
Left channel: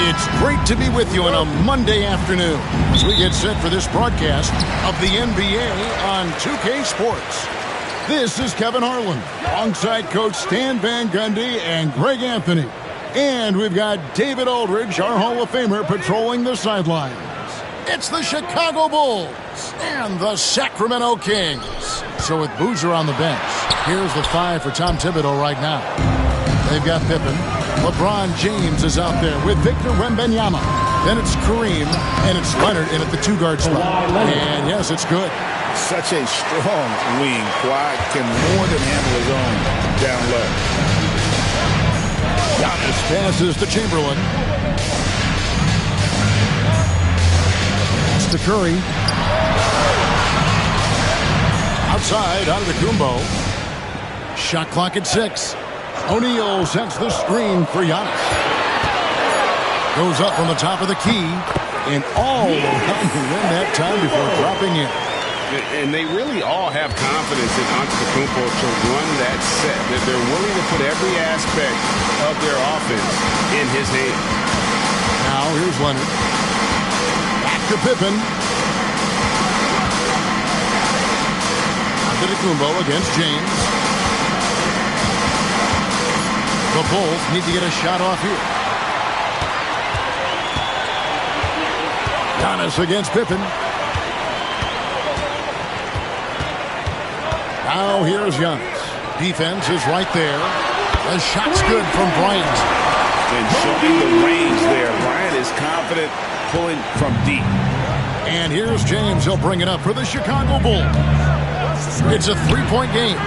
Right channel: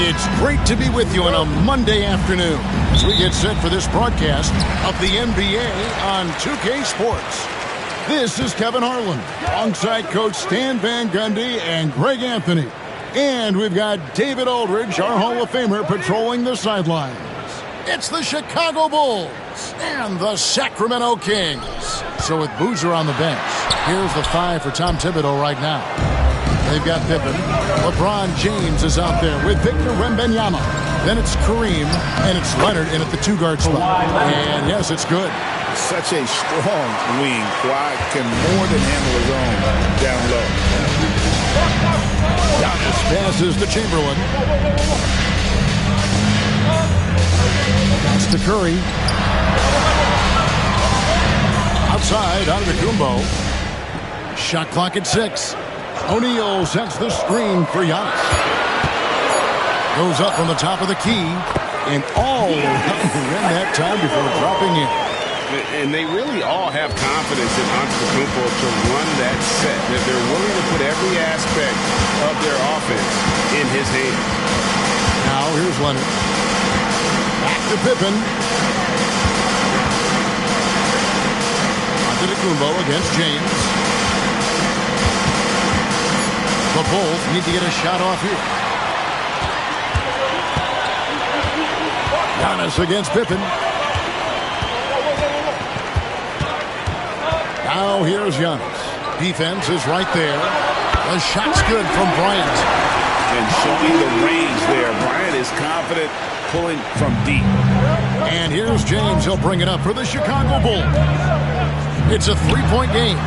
It's great to be with you on a Monday afternoon as we get set for this broadcast of the NBA on 2K Sports. This is Kevin Harlan alongside Coach Stan Van Gundy and Greg Anthony. And we've got David Aldridge, our Hall of Famer, patrolling the sidelines. It's the Chicago Bulls and the Sacramento Kings. So with Boozer on the bench, here's the 5 for Tom Thibodeau right now. They've got Pippen. LeBron James is out there with Victor Wembanyama. Then it's Kareem, and it's Leonard in at the 2-guard spot. And yes, it's good. Such a strong wing. Kawhi can more than handle his own down low. Giannis passes to Chamberlain. That's to Curry. Outside, Antetokounmpo. Shot clock at 6. O'Neal sets the screen for Giannis. Goes up from the top of the key and all around the rim that time before dropping in. And they really all have confidence in Antetokounmpo to run that set. They're willing to put every aspect of their offense in his hands. Now here's Leonard. Back to Pippen. Antetokounmpo against James. The Bulls need to get a shot off here. Giannis against Pippen. Now here's Giannis. Defense is right there. The shot's good from Bryant. And showing the range there. Bryant is confident pulling from deep. And here's James. He'll bring it up for the Chicago Bulls. It's a 3-point game.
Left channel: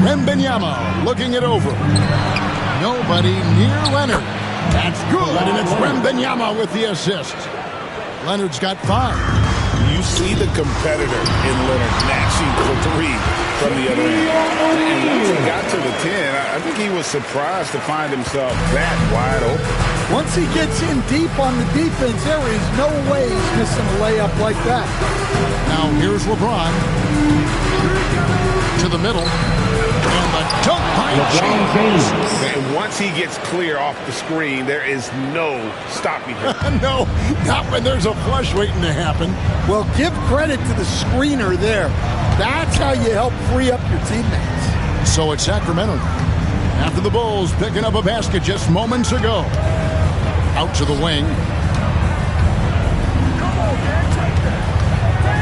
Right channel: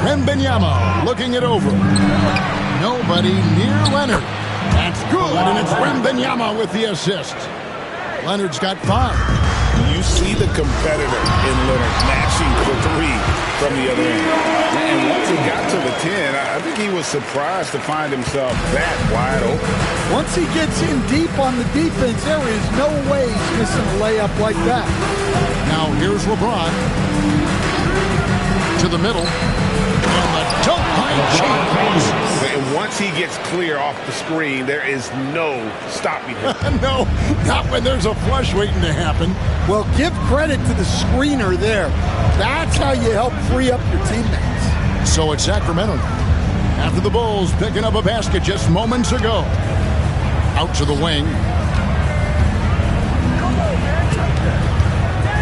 Wembanyama looking it over. Nobody near Leonard. That's good, and it's Wembanyama with the assist. Leonard's got 5. You see the competitor in Leonard matching the 3 from the other end. And once he got to the 10, I think he was surprised to find himself that wide open. Once he gets in deep on the defense, there is no way he's missing a layup like that. Now here's LeBron. To the middle. And the dunk by James. And once he gets clear off the screen, there is no stopping him. No, not when there's a flush waiting to happen. Well, give credit to the screener there. That's how you help free up your teammates. So it's Sacramento after the Bulls picking up a basket just moments ago. Out to the wing.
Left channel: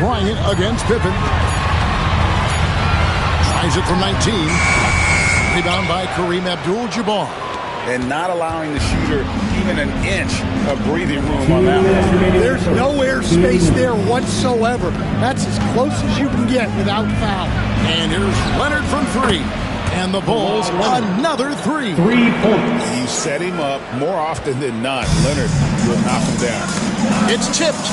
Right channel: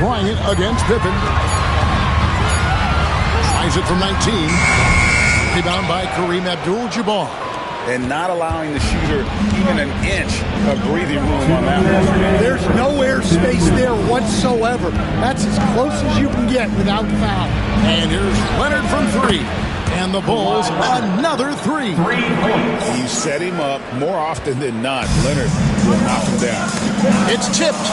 Bryant against Pippen. Tries it from 19. Rebound by Kareem Abdul-Jabbar. And not allowing the shooter even an inch of breathing room on that one. There's no airspace there whatsoever. That's as close as you can get without foul. And here's Leonard from 3. And the Bulls, another 3. 3 points. You set him up more often than not. Leonard will knock him down. It's tipped.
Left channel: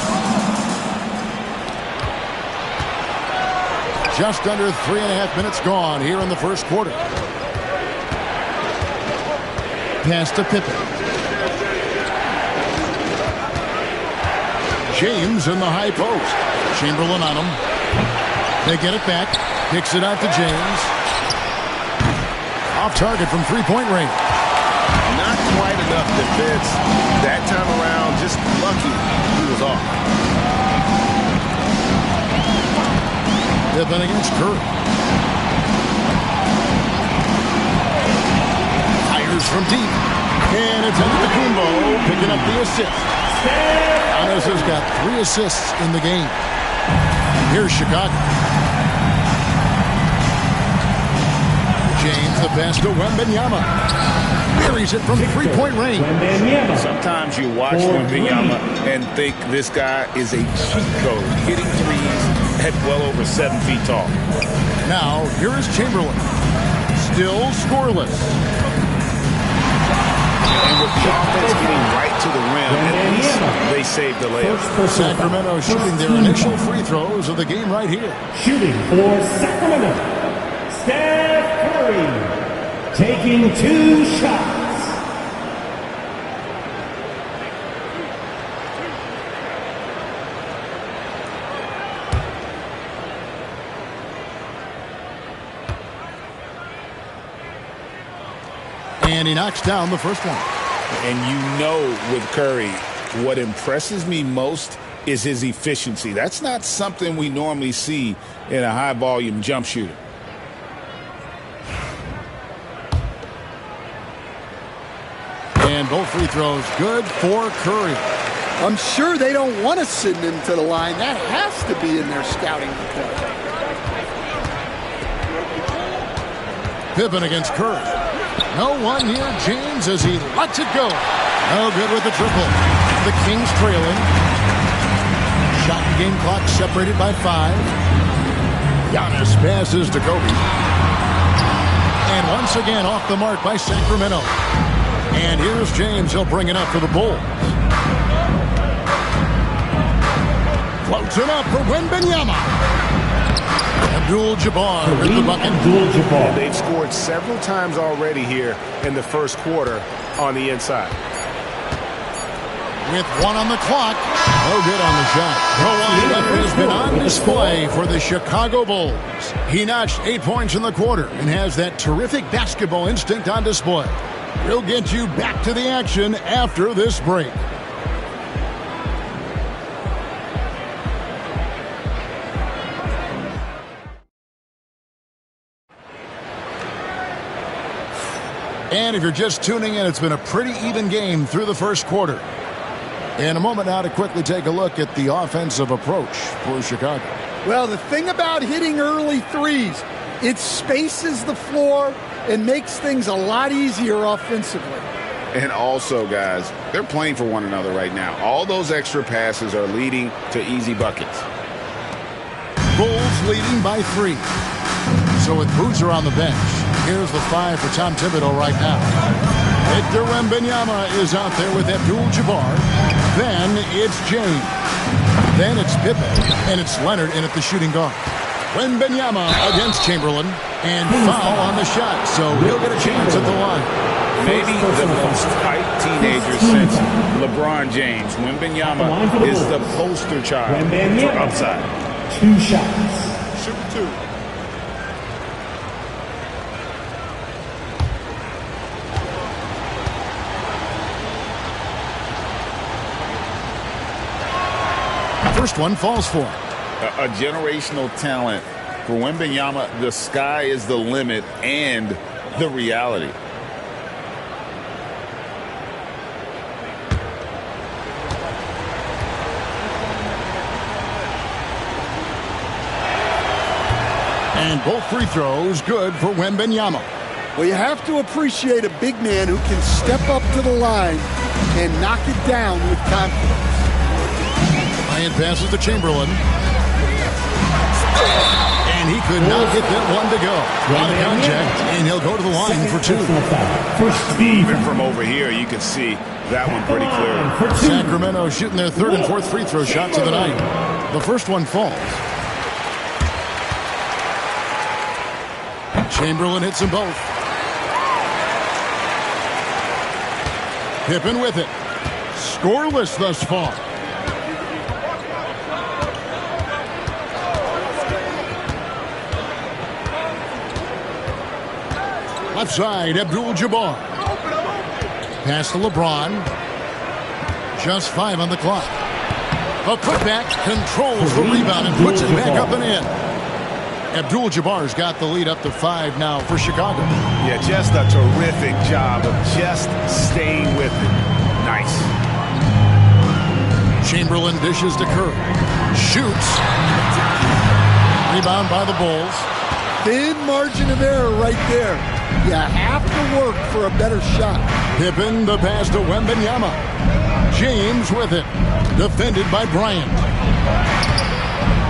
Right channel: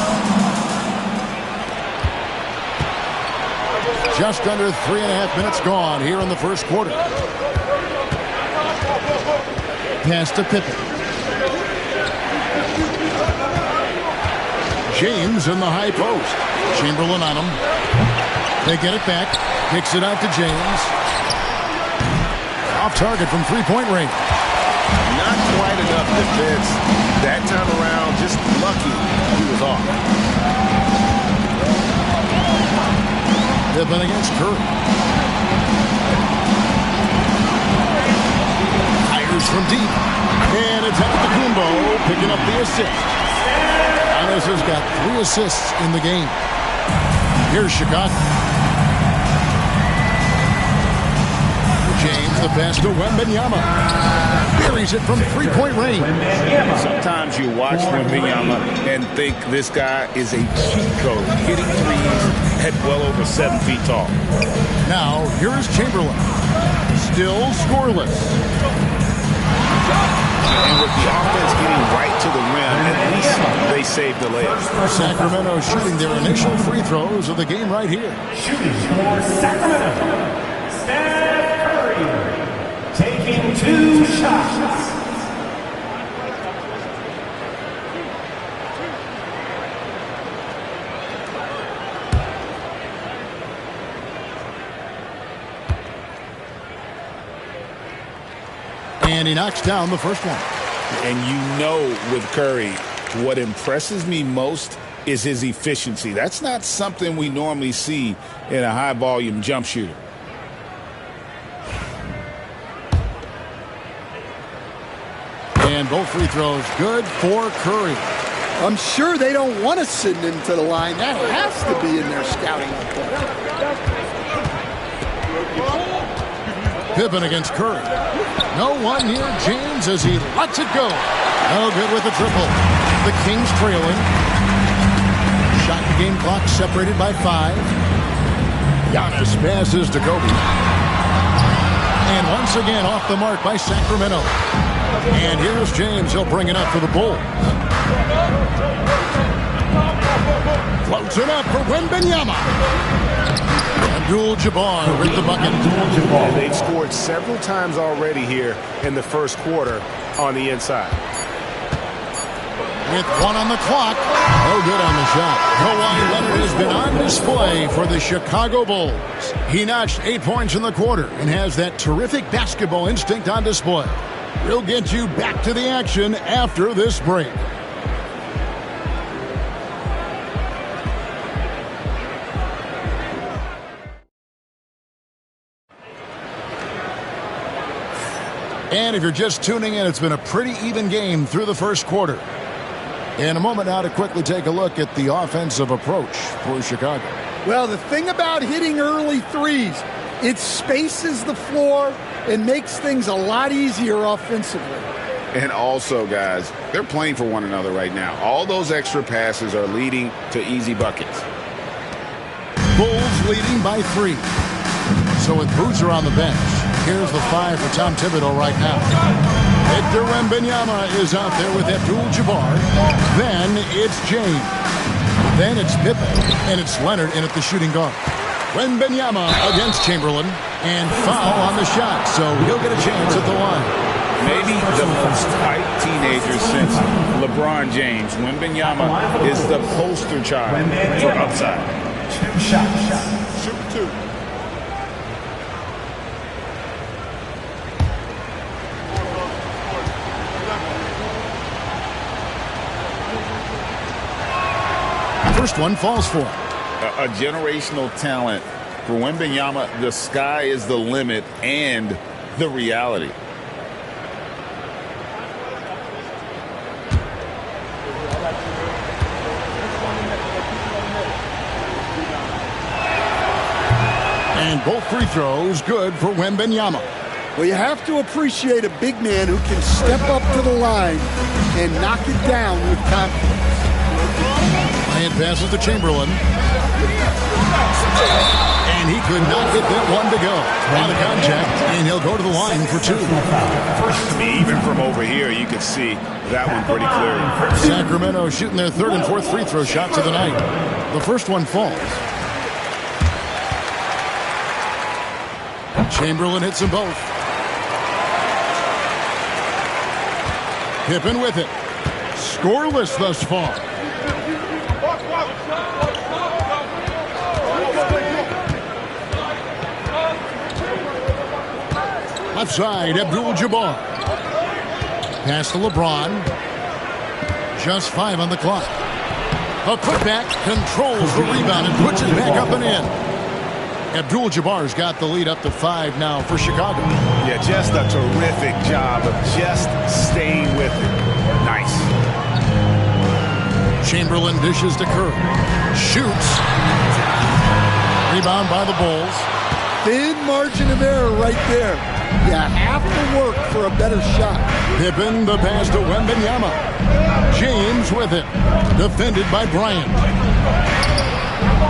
Just under 3.5 minutes gone here in the first quarter. Pass to Pippen. James in the high post. Chamberlain on him. They get it back. Kicks it out to James. Off target from 3-point range. Not quite enough defense that time around. Just lucky he was off. Pippen against Curry. Fires from deep. And it's Antetokounmpo picking up the assist. Giannis has got 3 assists in the game. Here's Chicago. James the pass to Wembanyama. Buries it from 3-point range. Sometimes you watch Wembanyama and think this guy is a cheat code, hitting threes at well over 7 feet tall. Now, here's Chamberlain. Still scoreless. And with the offense getting right to the rim, at least they saved the layup. Sacramento shooting their initial free throws of the game right here. Shooting for Sacramento, Steph Curry, taking 2 shots. And he knocks down the first one. And you know with Curry, what impresses me most is his efficiency. That's not something we normally see in a high-volume jump shooter. And both free throws good for Curry. I'm sure they don't want to send him to the line. That has to be in their scouting report. Pippen against Curry. No one near James as he lets it go. No good with the triple. The Kings trailing. Shot and game clock separated by 5. Giannis passes to Kobe. And once again off the mark by Sacramento. And here's James. He'll bring it up for the Bulls. Floats it up for Wembanyama. Abdul-Jabbar with the bucket. And they've scored several times already here in the first quarter on the inside. With 1 on the clock. No good on the shot. Kawhi Leonard has been on display for the Chicago Bulls. He notched 8 points in the quarter and has that terrific basketball instinct on display. We'll get you back to the action after this break. And if you're just tuning in, it's been a pretty even game through the first quarter. In a moment now to quickly take a look at the offensive approach for Chicago. Well, the thing about hitting early threes, it spaces the floor and makes things a lot easier offensively. And also, guys, they're playing for one another right now. All those extra passes are leading to easy buckets. Bulls leading by 3. So with Boozer on the bench, here's the 5 for Tom Thibodeau right now. Victor Wembanyama is out there with Abdul-Jabbar. Then it's James. Then it's Pippen. And it's Leonard in at the shooting guard. Wembanyama against Chamberlain. And foul on the shot, so he'll get a chance at the line. Maybe the most tight teenager since LeBron James. Wembanyama is the poster child for upside. 2 shots. Shoot 2. First one falls for him. A generational talent. For Wembanyama, the sky is the limit and the reality. And both free throws good for Wembanyama. Well, you have to appreciate a big man who can step up to the line and knock it down with confidence. Bryant passes to Chamberlain. And he could not get that one to go. Out of contact, and he'll go to the line for 2. Even from over here, you can see that one pretty clearly. Sacramento shooting their 3rd and 4th free throw shots of the night. The first one falls. Chamberlain hits them both. Pippen with it. Scoreless thus far. Left side, Abdul-Jabbar. Pass to LeBron. Just 5 on the clock. A putback controls the rebound and puts it back up and in. Abdul-Jabbar's got the lead up to 5 now for Chicago. Yeah, just a terrific job of just staying with it. Nice. Chamberlain dishes to Curry. Shoots. Rebound by the Bulls. Thin margin of error right there. You have to work for a better shot. Pippen, the pass to Wembanyama. James with it. Defended by Bryant.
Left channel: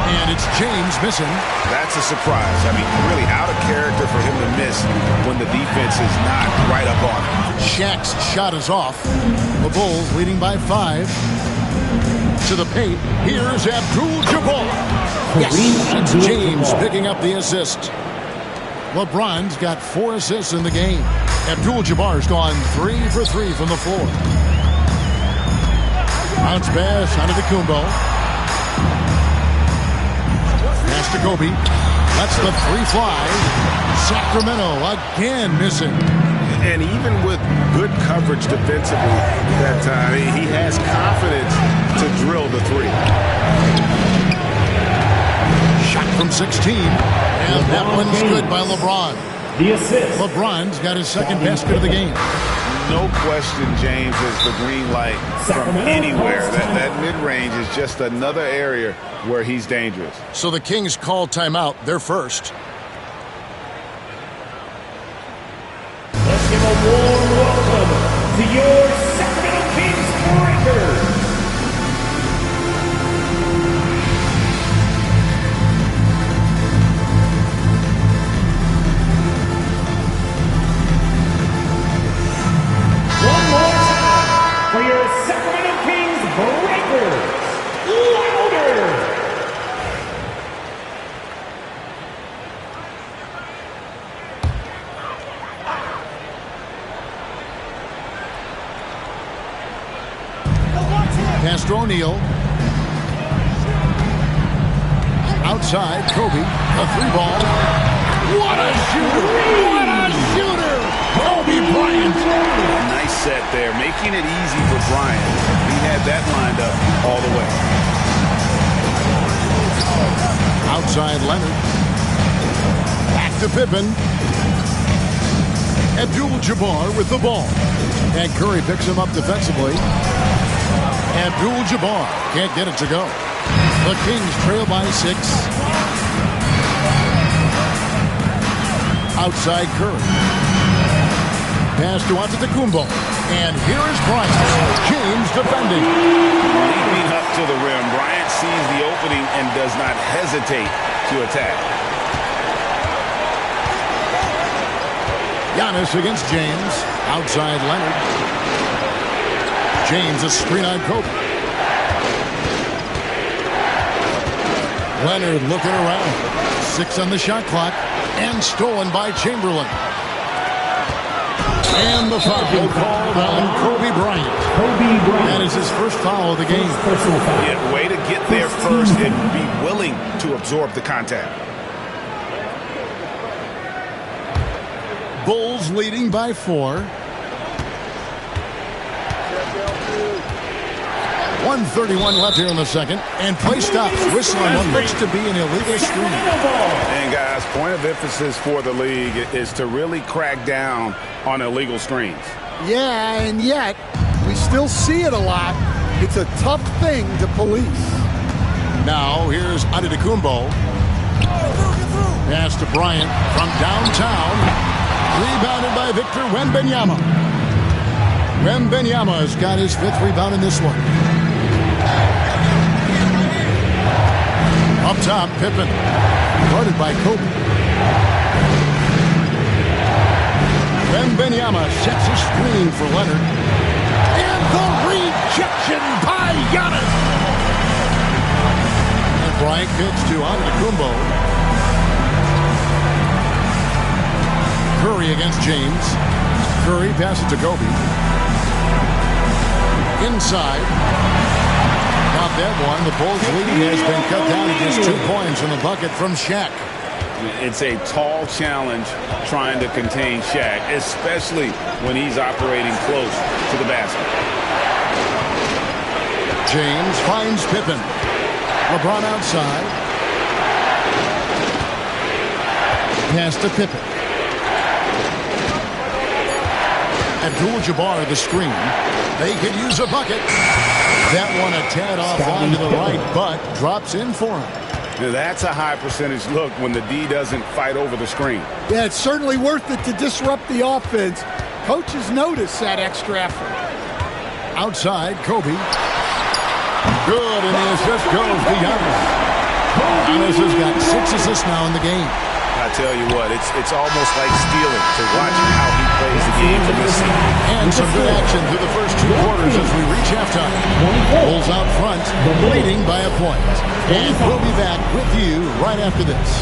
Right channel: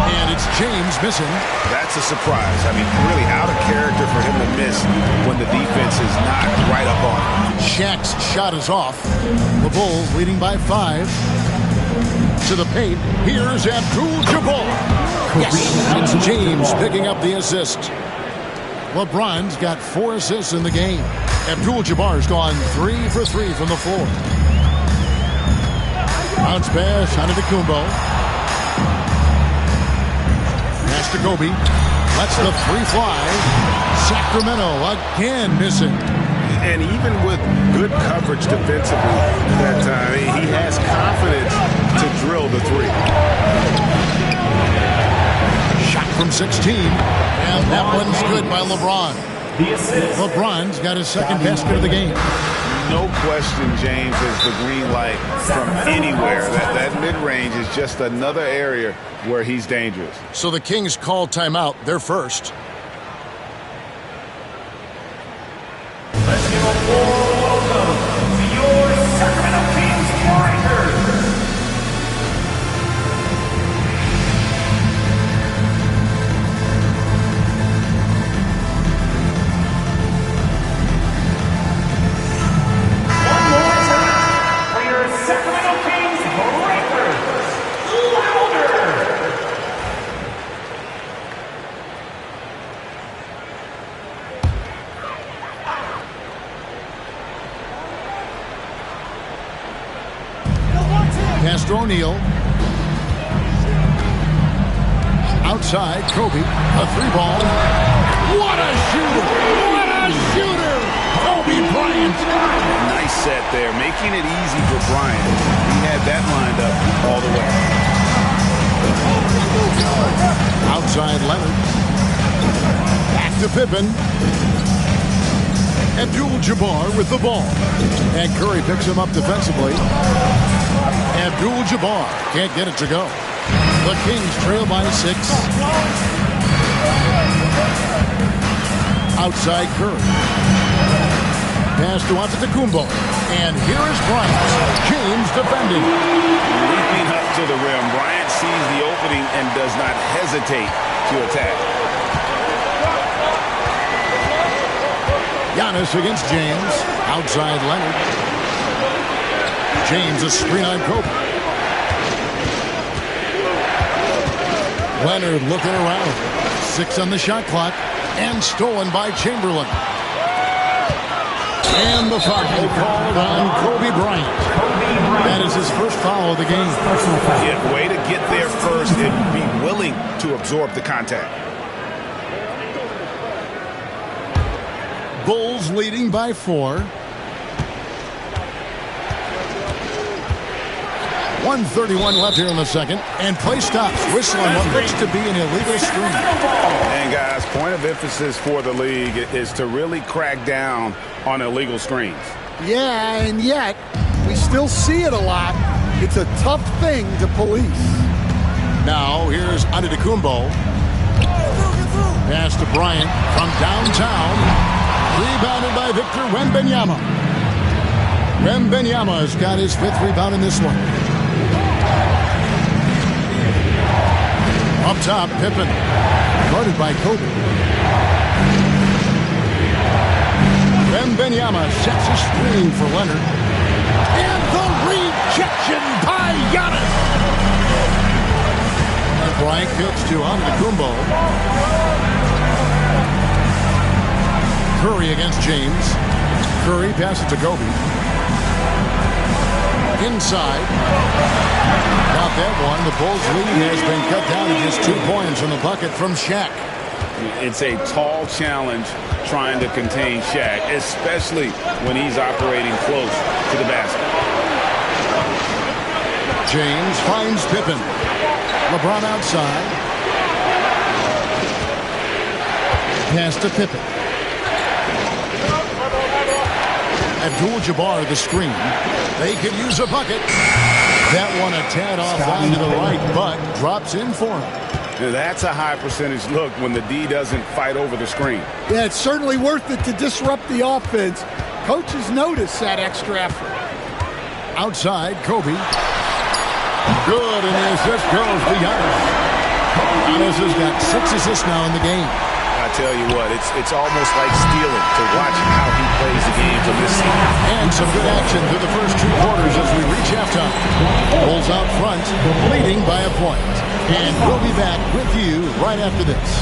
And it's James missing. That's a surprise. I mean, really out of character for him to miss when the defense is not right up on him. Shaq's shot is off. The Bulls leading by 5. To the paint. Here's Abdul-Jabbar. Yes, it's James picking up the assist. LeBron's got 4 assists in the game. Abdul-Jabbar's gone 3 for 3 from the floor. Bounce pass onto Kumbo. Pass to Kobe. Lets the 3 fly. Sacramento again missing. And even with good coverage defensively that time, he has confidence to drill the three. Shot from 16. And that one's good by LeBron. The assist. LeBron's got his second basket of the game. No question, James, is the green light from anywhere. That mid-range is just another area where he's dangerous. So the Kings call timeout. They're first. Let's give a warm welcome to your Sacramento Kings Breakers. One more time for your Sacramento Kings Breakers. Louder! Pass to O'Neal. Outside, Kobe. A three ball. What a shooter! What a shooter! Kobe Bryant. Nice set there, making it easy for Bryant. He had that lined up all the way. Outside, Leonard. Back to Pippen. Abdul-Jabbar with the ball. And Curry picks him up defensively. Abdul-Jabbar can't get it to go. The Kings trail by 6. Outside Curry. Pass to Antetokounmpo. And here is Bryant. James defending. Leaping up to the rim. Bryant sees the opening and does not hesitate to attack. Giannis against James. Outside Leonard. James a screen on Kobe. Leonard looking around. 6 on the shot clock. And stolen by Chamberlain. And the foul called on Kobe Bryant. That is his first foul of the game. Yeah, way to get there first and be willing to absorb the contact. Bulls leading by 4. 1:31 left here in the second. And play stops. Whistle on what looks to be an illegal screen. And guys, point of emphasis for the league is to really crack down on illegal screens. Yeah, and yet we still see it a lot. It's a tough thing to police. Now here's Antetokounmpo. Pass to Bryant from downtown. Rebounded by Victor Wembanyama. Wembanyama has got his 5th rebound in this one. Up top, Pippen. Guarded by Kobe. Wembanyama sets a screen for Leonard. And the rejection by Giannis. And Bryant kicks to Antetokounmpo. Curry against James. Curry passes to Kobe. Inside. Got that one. The Bulls' lead has been cut down to just 2 points from the bucket from Shaq. It's a tall challenge trying to contain Shaq, especially when he's operating close to the basket. James finds Pippen. LeBron outside. Pass to Pippen. Abdul-Jabbar the screen. They could use a bucket. That one a tad offline to the right, but drops in for him. Now that's a high percentage look when the D doesn't fight over the screen. Yeah, it's certainly worth it to disrupt the offense. Coaches notice that extra effort. Outside, Kobe. Good, and the assist goes to Giannis. Giannis has got 6 assists now in the game. I tell you what, it's almost like stealing to watch how he plays the game from this seat. And some good action through the first 2 quarters as we reach halftime. Bulls out front, leading by a point. And we'll be back with you right after this.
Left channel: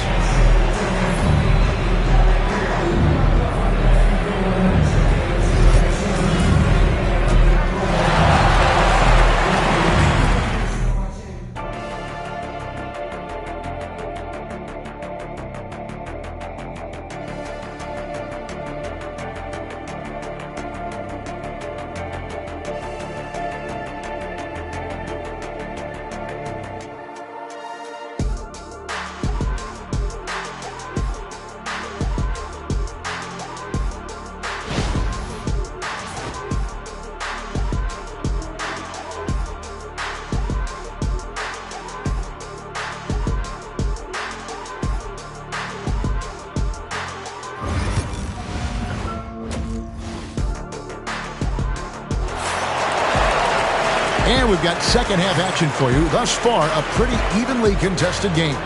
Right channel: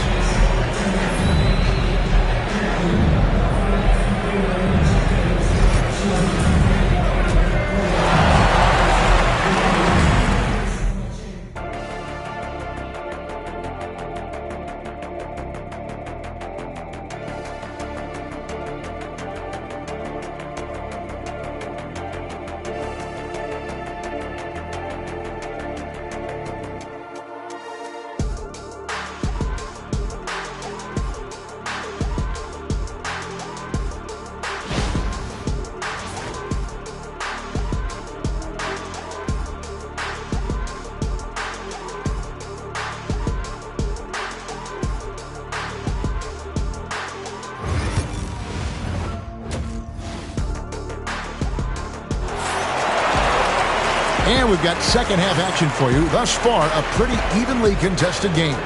And we've got second half action for you. Thus far, a pretty evenly contested game.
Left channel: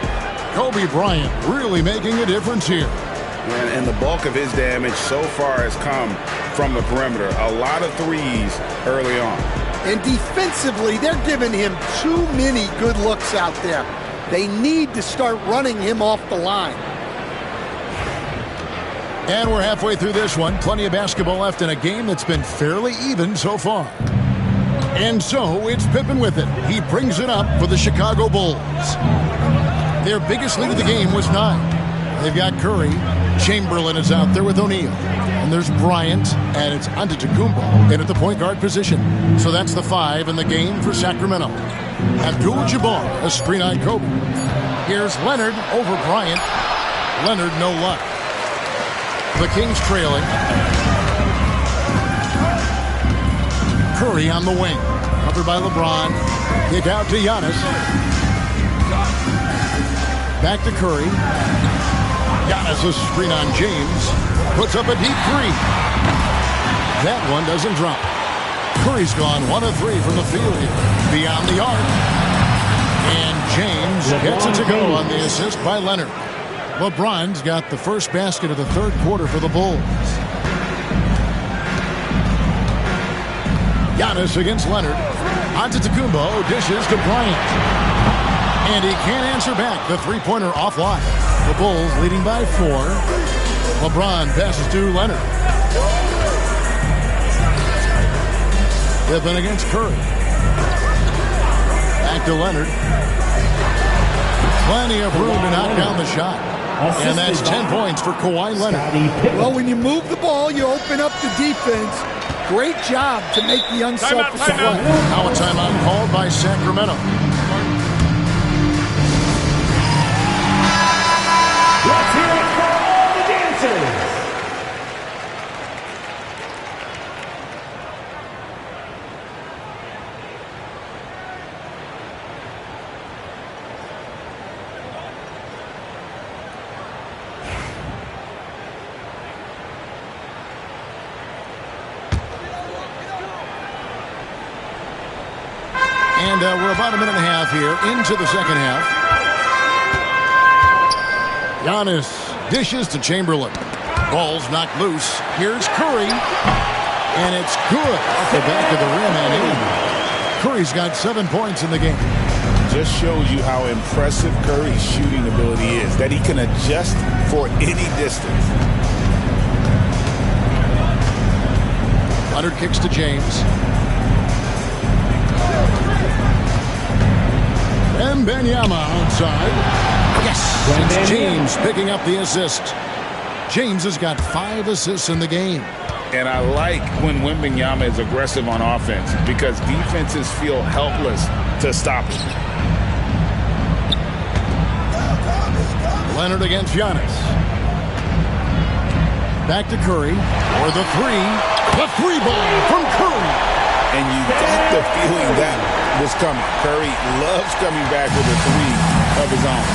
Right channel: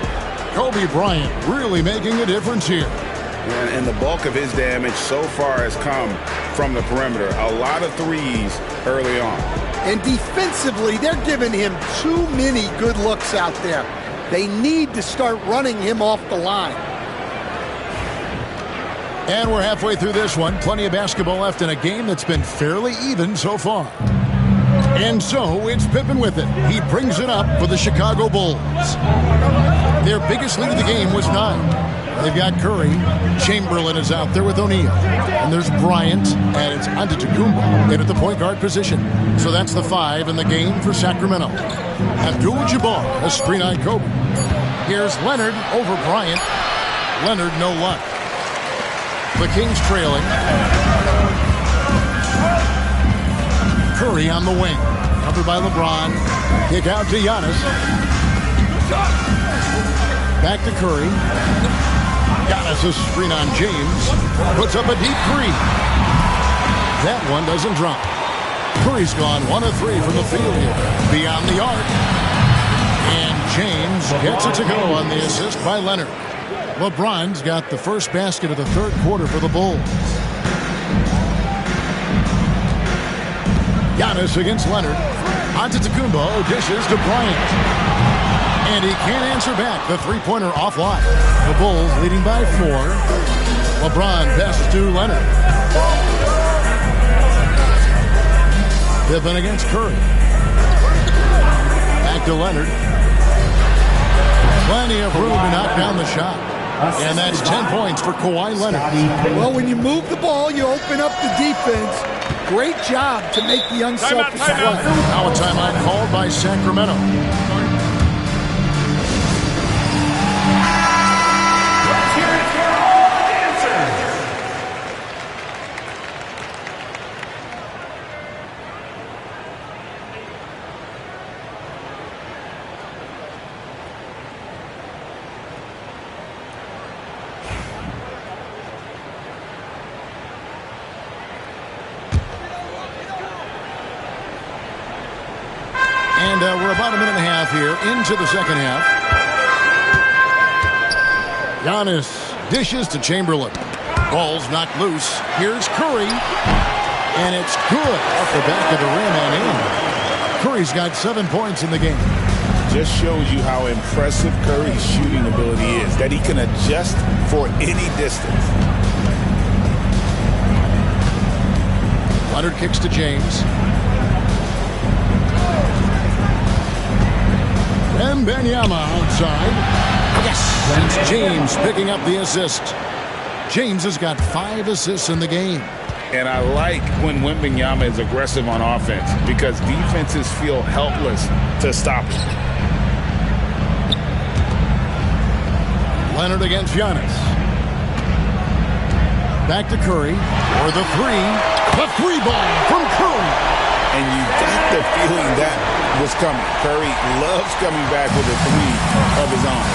Kobe Bryant really making a difference here. And the bulk of his damage so far has come from the perimeter. A lot of threes early on. And defensively, they're giving him too many good looks out there. They need to start running him off the line. And we're halfway through this one. Plenty of basketball left in a game that's been fairly even so far. And so it's Pippen with it. He brings it up for the Chicago Bulls. Their biggest lead of the game was 9. They've got Curry. Chamberlain is out there with O'Neal. And there's Bryant, and it's Antetokounmpo in at the point guard position. So that's the 5 in the game for Sacramento. Abdul-Jabbar, a screen on Kobe. Here's Leonard over Bryant. Leonard, no luck. The Kings trailing. Curry on the wing. Covered by LeBron. Kick out to Giannis. Back to Curry. Giannis a screen on James. Puts up a deep 3. That one doesn't drop. Curry's gone 1 of 3 from the field here. Beyond the arc. And James gets it to go on the assist by Leonard. LeBron's got the first basket of the third quarter for the Bulls. Giannis against Leonard. Antetokounmpo dishes to Bryant. And he can't answer back. The three-pointer offline. The Bulls leading by 4. LeBron passes to Leonard. Pippen against Curry. Back to Leonard. Plenty of room to knock down the shot. And that's 10 points for Kawhi Leonard. Well, when you move the ball, you open up the defense. Great job to make the unselfish play. Now a timeout called by Sacramento. Let's hear it for all the dancers. And we're about a minute and a half here into the second half. Giannis dishes to Chamberlain. Ball's knocked loose. Here's Curry. And it's good off the back of the rim and in. Curry's got 7 points in the game. Just shows you how impressive Curry's shooting ability is, that he can adjust for any distance. Leonard kicks to James. Wembanyama outside. Yes, it's James picking up the assist. James has got 5 assists in the game. And I like when Wembanyama is aggressive on offense because defenses feel helpless to stop him. Leonard against Giannis. Back to Curry for the 3. The 3 ball from Curry. And you got the feeling that was coming. Curry loves coming back with a 3 of his own.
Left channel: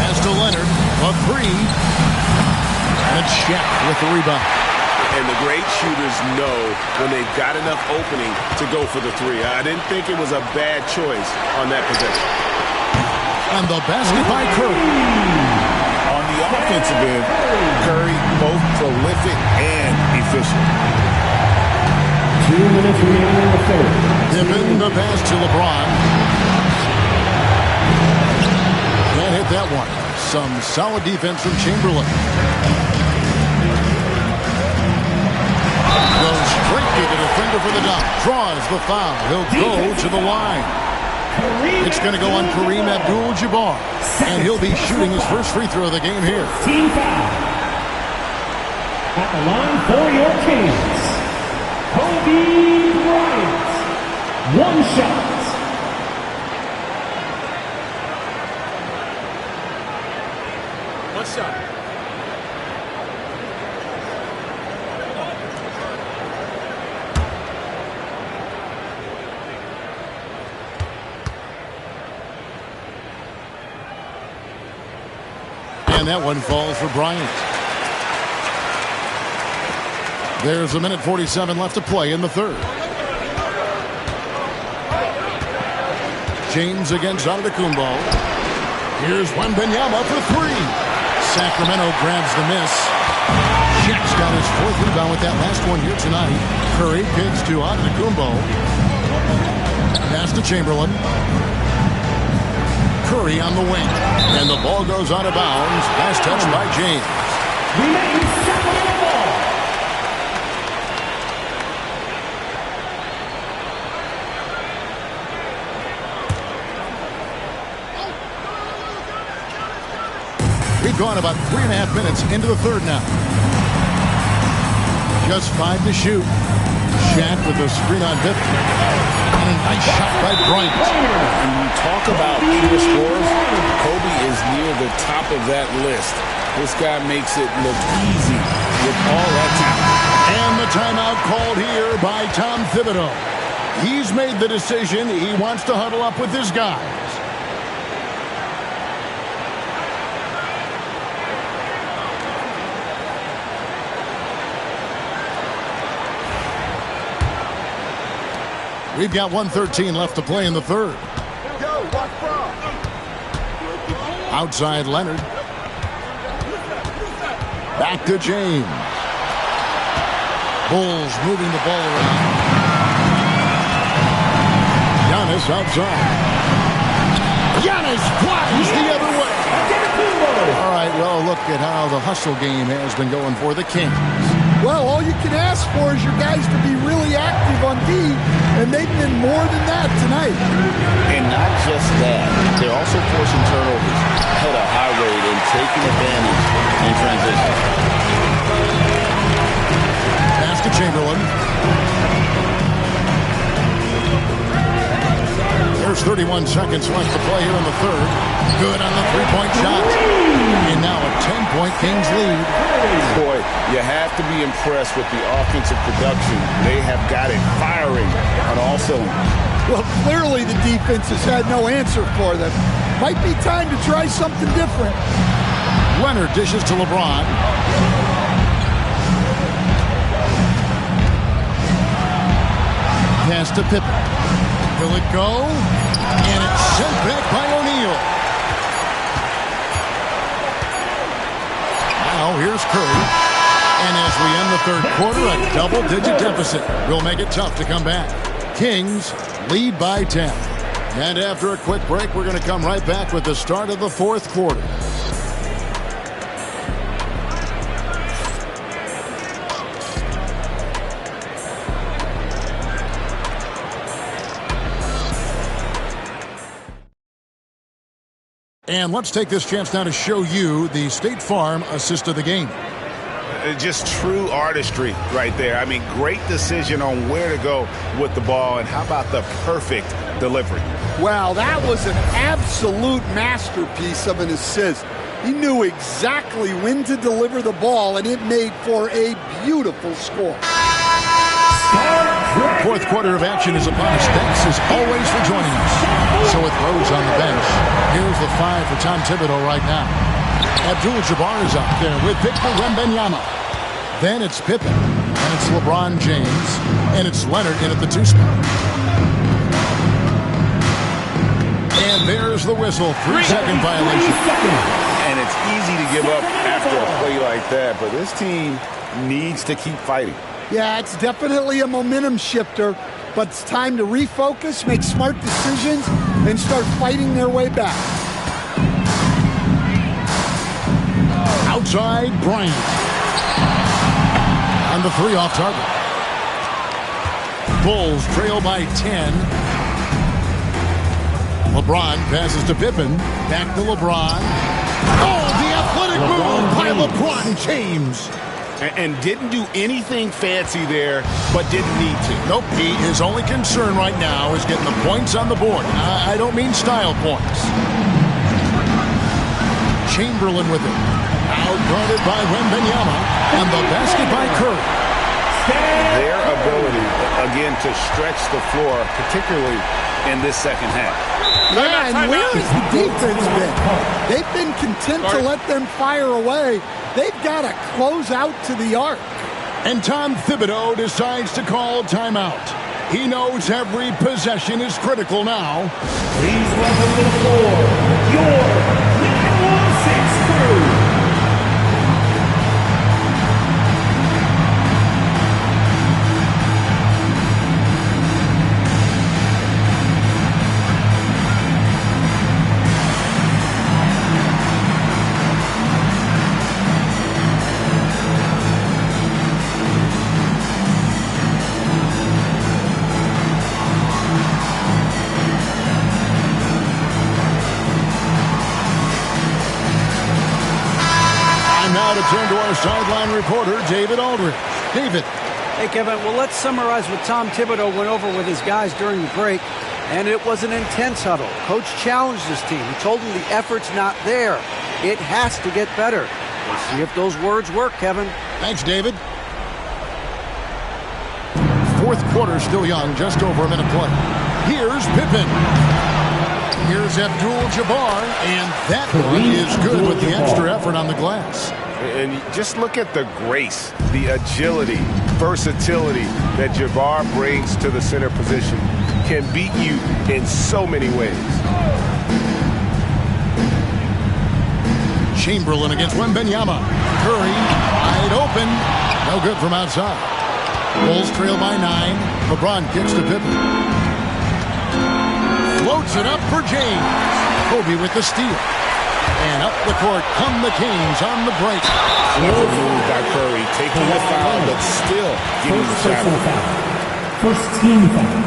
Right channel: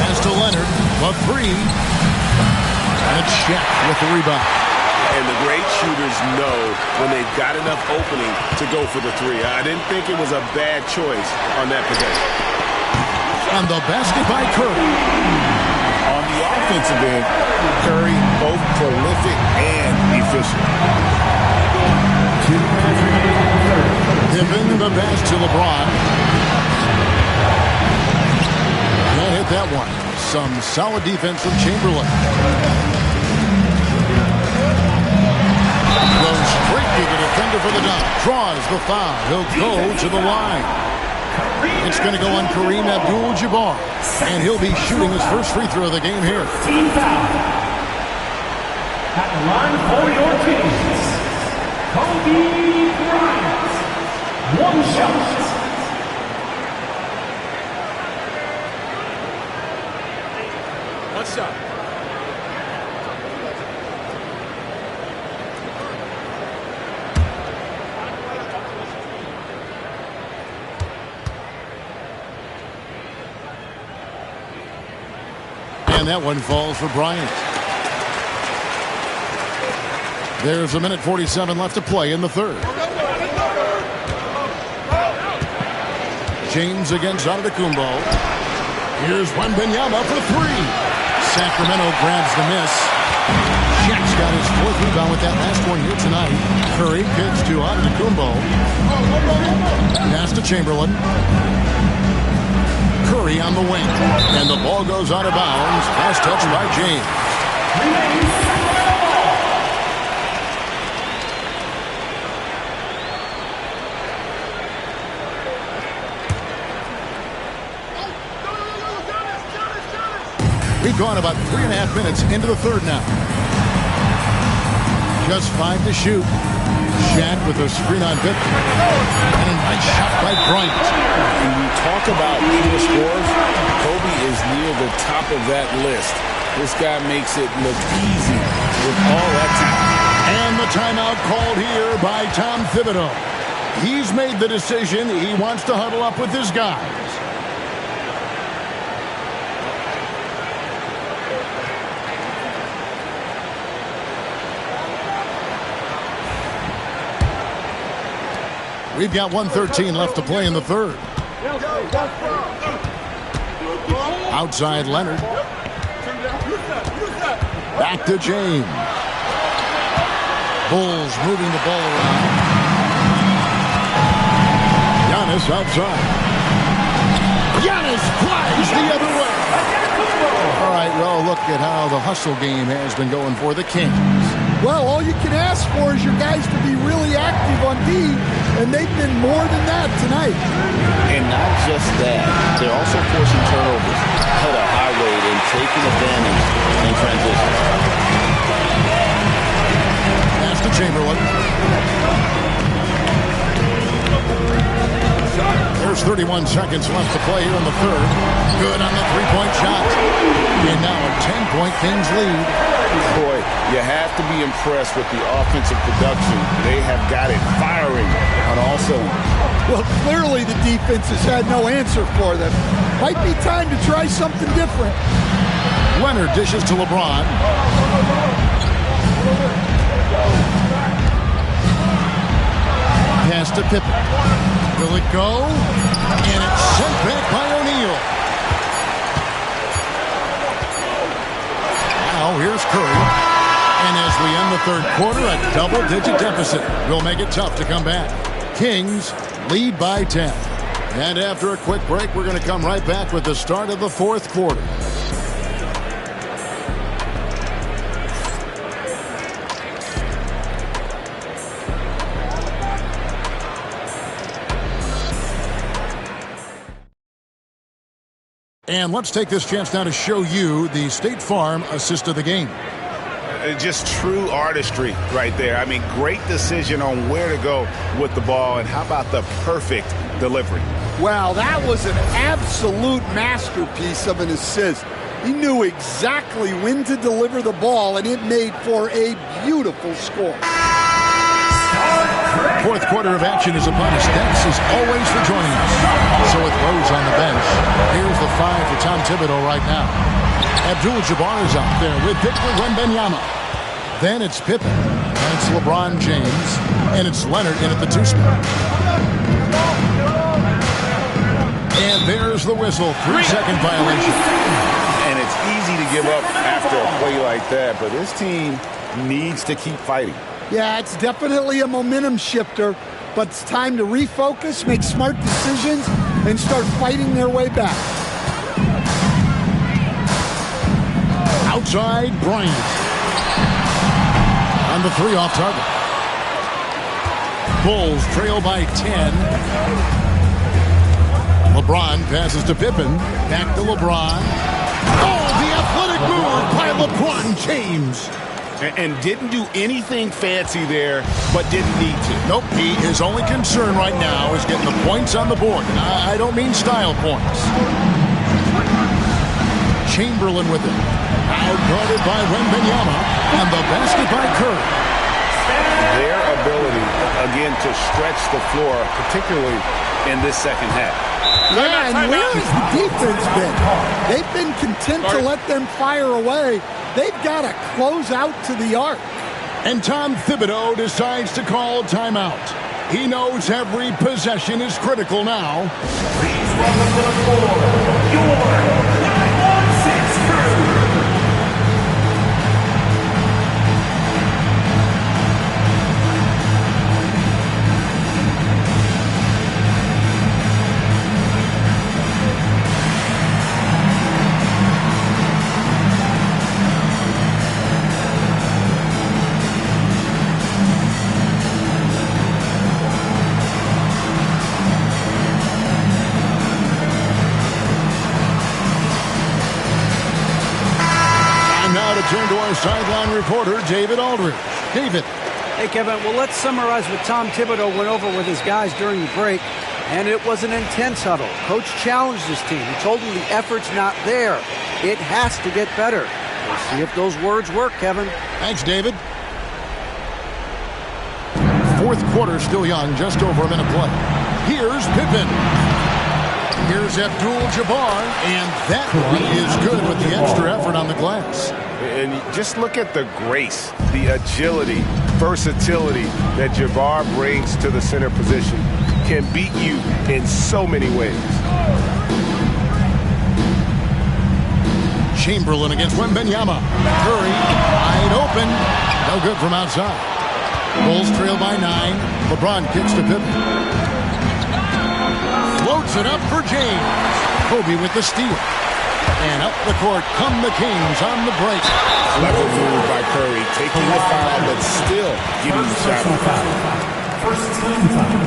Pass to Leonard, the 3. And it's Shaq with the rebound. And the great shooters know when they've got enough opening to go for the 3. I didn't think it was a bad choice on that possession. And the basket by Curry. On the offensive end, Curry both prolific and efficient. 2 minutes remaining in the third. Pippen the pass to LeBron. Can't hit that one. Some solid defense from Chamberlain. Goes straight to the defender for the dunk. Draws the foul. He'll go to the line. It's going to go on Kareem Abdul-Jabbar. And he'll be shooting his first free throw of the game here. Team foul. At the line for your Kings, Kobe Bryant. 1 shot. One shot. And that one falls for Bryant. There's 1:47 left to play in the third. James against Antetokounmpo. Here's Wembanyama for three. Sacramento grabs the miss. Shaq's got his fourth rebound with that last one here tonight. Curry kicks to Antetokounmpo. Pass to Chamberlain. Curry on the wing. And the ball goes out of bounds. Pass touched by James. We've gone about 3.5 minutes into the third now. Just 5 to shoot. Shaq with a screen on Pippen. And a nice shot by Bryant. When you talk about pure scores, Kobe is near the top of that list. This guy makes it look easy with all that talent. And the timeout called here by Tom Thibodeau. He's made the decision. He wants to huddle up with his guys. We've got 1:13 left to play in the third. Outside Leonard. Back to James. Bulls moving the ball around. Giannis outside. Giannis flies the other way. All right, well, look at how the hustle game has been going for the Kings. Well, all you can ask for is your guys to be really active on D, and they've been more than that tonight. And not just that, they're also forcing turnovers at a high rate and taking advantage in transition. Pass to Chamberlain. There's 31 seconds left to play here in the third. Good on the three-point shot. And now a 10-point Kings lead. Boy, you have to be impressed with the offensive production. They have got it firing on all cylinders. Well, clearly the defense has had no answer for them. Might be time to try something different. Leonard dishes to LeBron. Pass to Pippen. Will it go? And it's sent back by O'Neal. Now here's Curry. And as we end the third quarter, a double-digit deficit will make it tough to come back. Kings lead by 10. And after a quick break, we're going to come right back with the start of the fourth quarter. And let's take this chance now to show you the State Farm assist of the game. Just true artistry right there. I mean, great decision on where to go with the ball, and how about the perfect delivery? Wow, that was an absolute masterpiece of an assist. He knew exactly when to deliver the ball, and it made for a beautiful score. Fourth quarter of action is upon us. Thanks as always for joining us. So with Rose on the bench, here's the 5 for Tom Thibodeau right now. Abdul-Jabbar is out there with Victor Wembanyama. Then it's Pippen, and it's LeBron James, and it's Leonard in at the 2-spot. And there's the whistle, 3-second violation. And it's easy to give up after a play like that, but this team needs to keep fighting. Yeah, it's definitely a momentum shifter, but it's time to refocus, make smart decisions, and start fighting their way back. Outside, Bryant. On the 3 off target. Bulls trail by 10. LeBron passes to Pippen. Back to LeBron. Oh, the athletic move by LeBron James. And didn't do anything fancy there, but didn't need to. Nope, his only concern right now is getting the points on the board. And I don't mean style points. Chamberlain with it. Out-guarded by Wembanyama. And the basket by Curry. Their ability, again, to stretch the floor, particularly in this second half. Yeah, and where has the defense been? They've been content to let them fire away. They've got to close out to the arc. And Tom Thibodeau decides to call timeout. He knows every possession is critical now. Please welcome to the floor your 916 crew. Now to turn to our sideline reporter, David Aldridge. David. Hey, Kevin. Well, let's summarize what Tom Thibodeau went over with his guys during the break. And it was an intense huddle. Coach challenged his team. He told them the effort's not there. It has to get better. We'll see if those words work, Kevin. Thanks, David. Fourth quarter still young, just over a minute play. Here's Pippen. Here's Abdul-Jabbar, and that one is good with the extra effort on the glass. And just look at the grace, the agility, versatility that Jabbar brings to the center position. Can beat you in so many ways. Chamberlain against Wembanyama. Curry wide open. No good from outside. Bulls trail by 9. LeBron kicks to Pippen. Floats it up for James. Kobe with the steal. And up the court come the Kings on the break. Clever move by Curry, taking the foul, but still getting the shot. First team foul.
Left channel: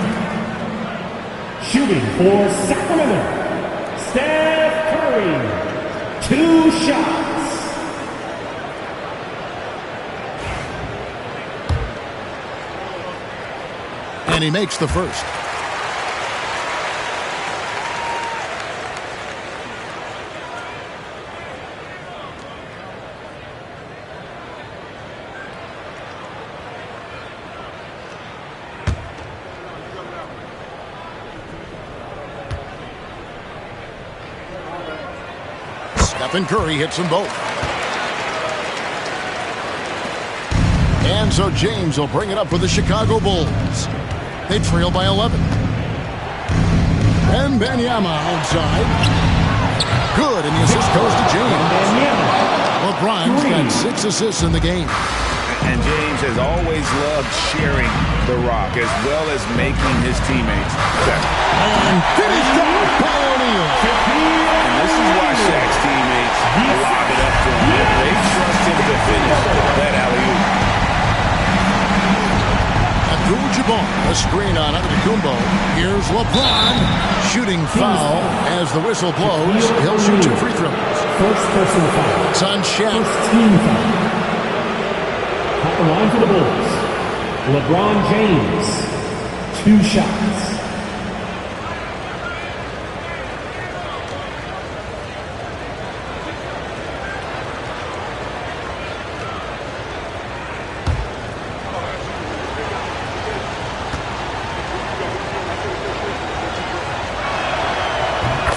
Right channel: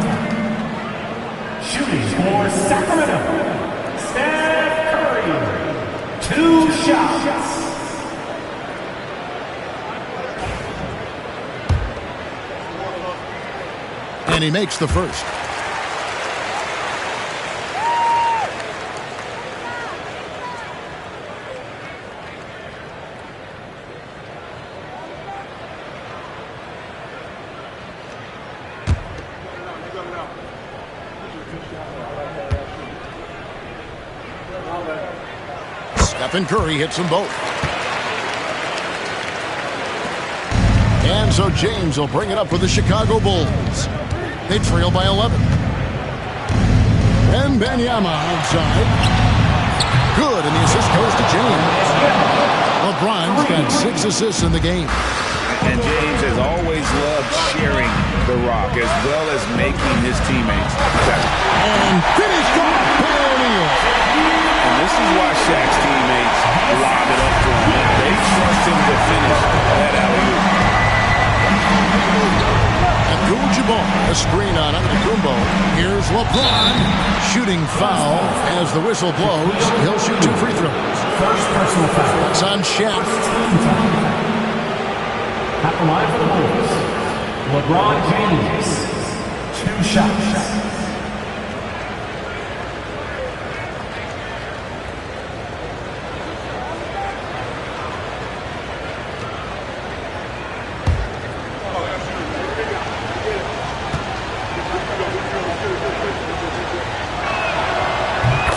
Shooting for Sacramento, Steph Curry. 2 shots. And he makes the first. Stephen Curry hits them both. And so James will bring it up for the Chicago Bulls. They trail by 11. Wembanyama outside. Good, and the assist goes to James. LeBron's got 6 assists in the game. And James has always loved sharing the rock as well as making his teammates better. And finished off by O'Neal. And this is why Shaq's teammates lob it up for him. They trust him to finish that alley-oop. Abdul-Jabbar, a screen on Antetokounmpo. Here's LeBron. Shooting foul as the whistle blows. He'll shoot 2 free throws. First personal foul. It's on Shaq. First team foul. At the line for the Bulls, LeBron James. 2 shots.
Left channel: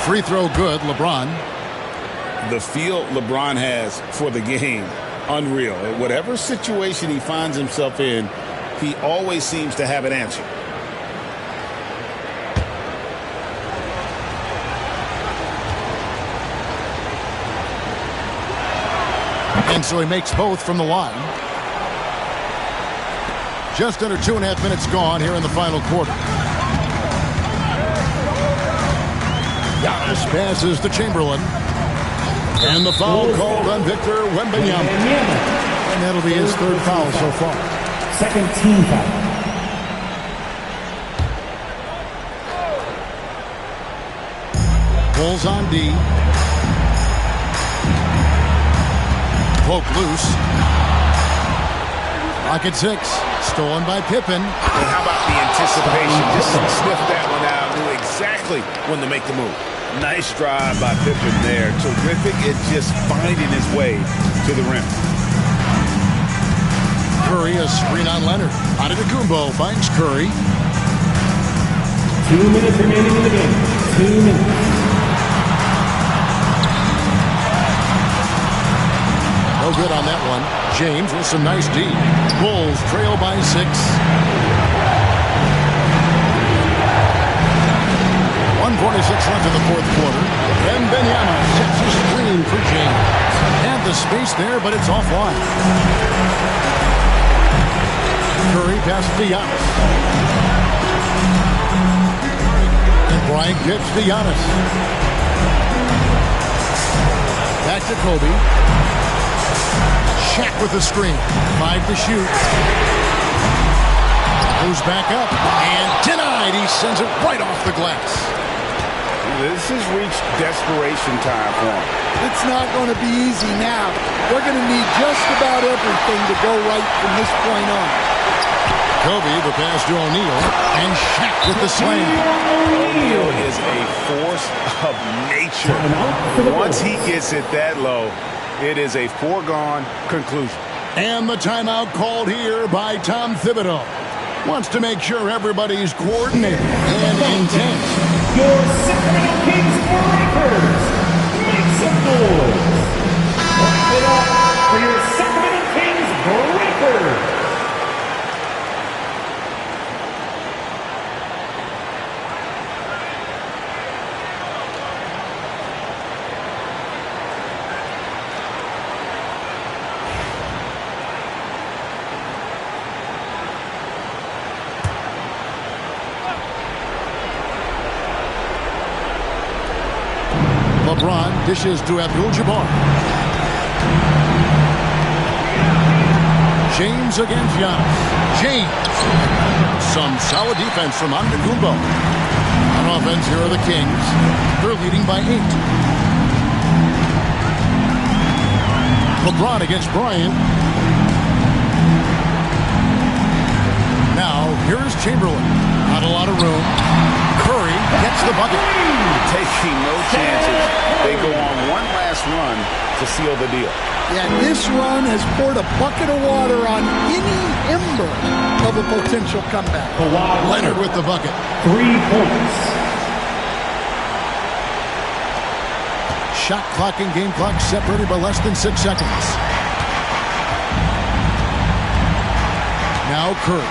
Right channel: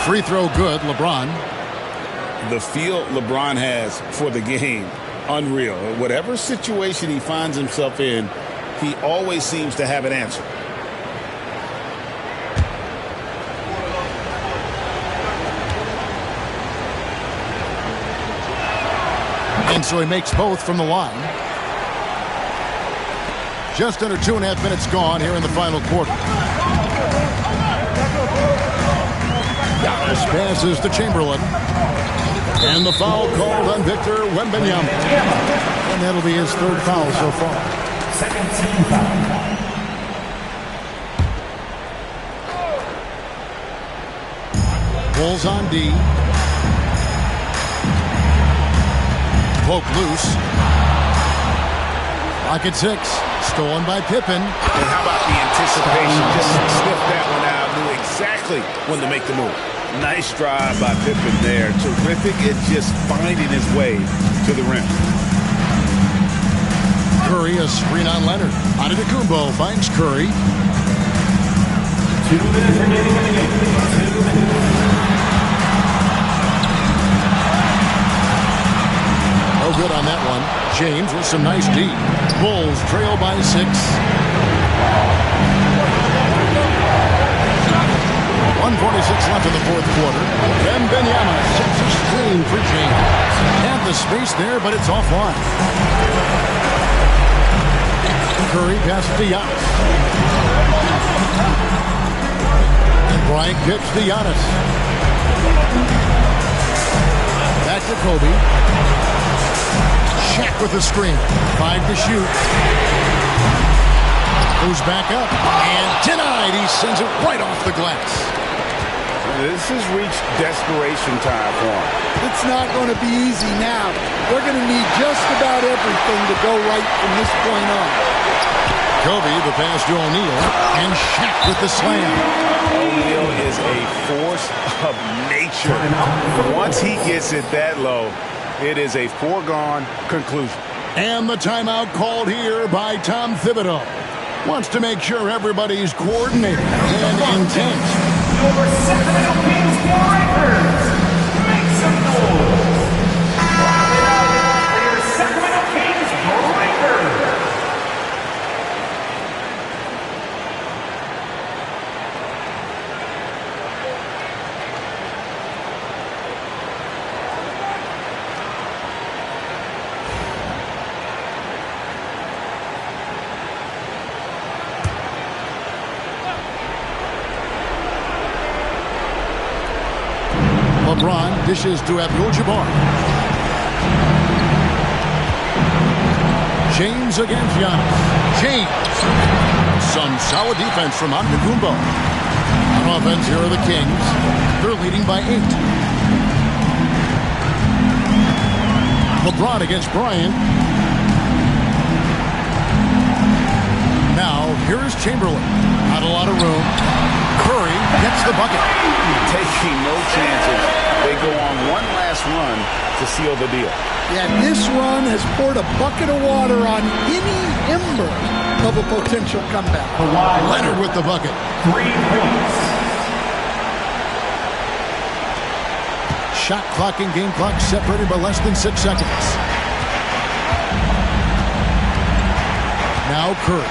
Free throw good, LeBron. The feel LeBron has for the game, unreal. Whatever situation he finds himself in, he always seems to have an answer. And so he makes both from the line. Just under 2.5 minutes gone here in the final quarter. Giannis passes to Chamberlain. And the foul called on Victor Wembanyama. And that'll be his 3rd foul so far. Second team foul. Bulls on D. Poke loose. Rocket 6. Stolen by Pippen. And how about the anticipation? Just sniffed that one out. Knew exactly when to make the move. Nice drive by Pippen there. Terrific at just finding his way to the rim. Curry, a screen on Leonard. Antetokounmpo finds Curry. 2 minutes remaining in the game. 2 minutes. No good on that one. James with some nice D. Bulls trail by 6. 1:46 left in the fourth quarter. Wembanyama sets a screen for James. Had the space there, but it's offline. Curry passes to Giannis. And Bryant kicks to Giannis. Back to Kobe. Shaq with the screen. 5 to shoot. Goes back up and denied. He sends it right off the glass. This has reached desperation time for him. It's not going to be easy now. They're going to need just about everything to go right from this point on. Kobe, the pass to O'Neal, and Shaq with the slam. O'Neal is a force of nature. Once he gets it that low, it is a foregone conclusion. And the timeout called here by Tom Thibodeau. Wants to make sure everybody's coordinated and intent. Your Sacramento Kings breakers, make some noise. Clap it up for your Sacramento Kings breakers. LeBron dishes to Abdul-Jabbar. James against Giannis. James. Some solid defense from Antetokounmpo. On offense, here are the Kings. They're leading by 8. LeBron against Bryant. Now, here's Chamberlain. Not a lot of room. Curry gets the bucket. Taking no chances. They go on one last run to seal the deal. Yeah, this run has poured a bucket of water on any ember of a potential comeback. Leonard with the bucket. 3 points. Shot clock and game clock separated by less than 6 seconds. Now Curry.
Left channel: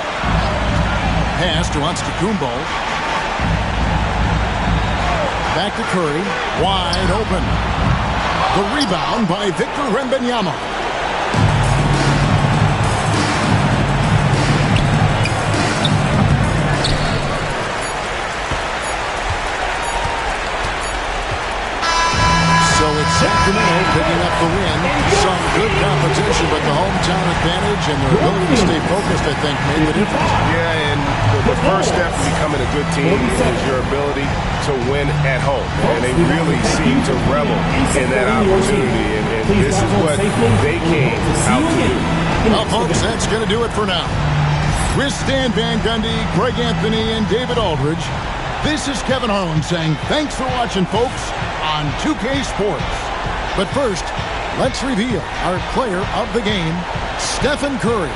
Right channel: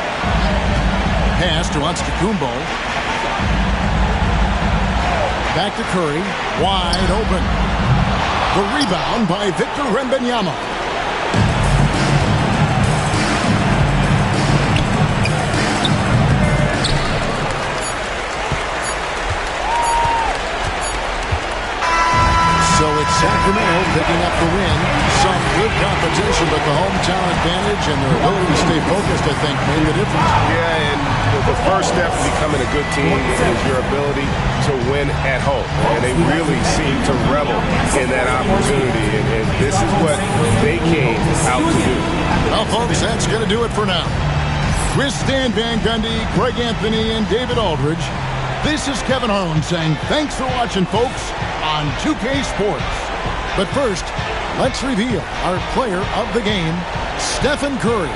Pass to Antetokounmpo. Back to Curry. Wide open. The rebound by Victor Wembanyama. So it's Sacramento picking up the win. Some good competition, but the hometown advantage and their ability to stay focused, I think, made the difference. Yeah, and the first step to becoming a good team is your ability to win at home. And they really seem to revel in that opportunity, and this is what they came out to do. Well, folks, that's going to do it for now. With Stan Van Gundy, Greg Anthony, and David Aldridge, this is Kevin Harlan saying thanks for watching, folks, on 2K Sports. But first, let's reveal our player of the game, Stephen Curry.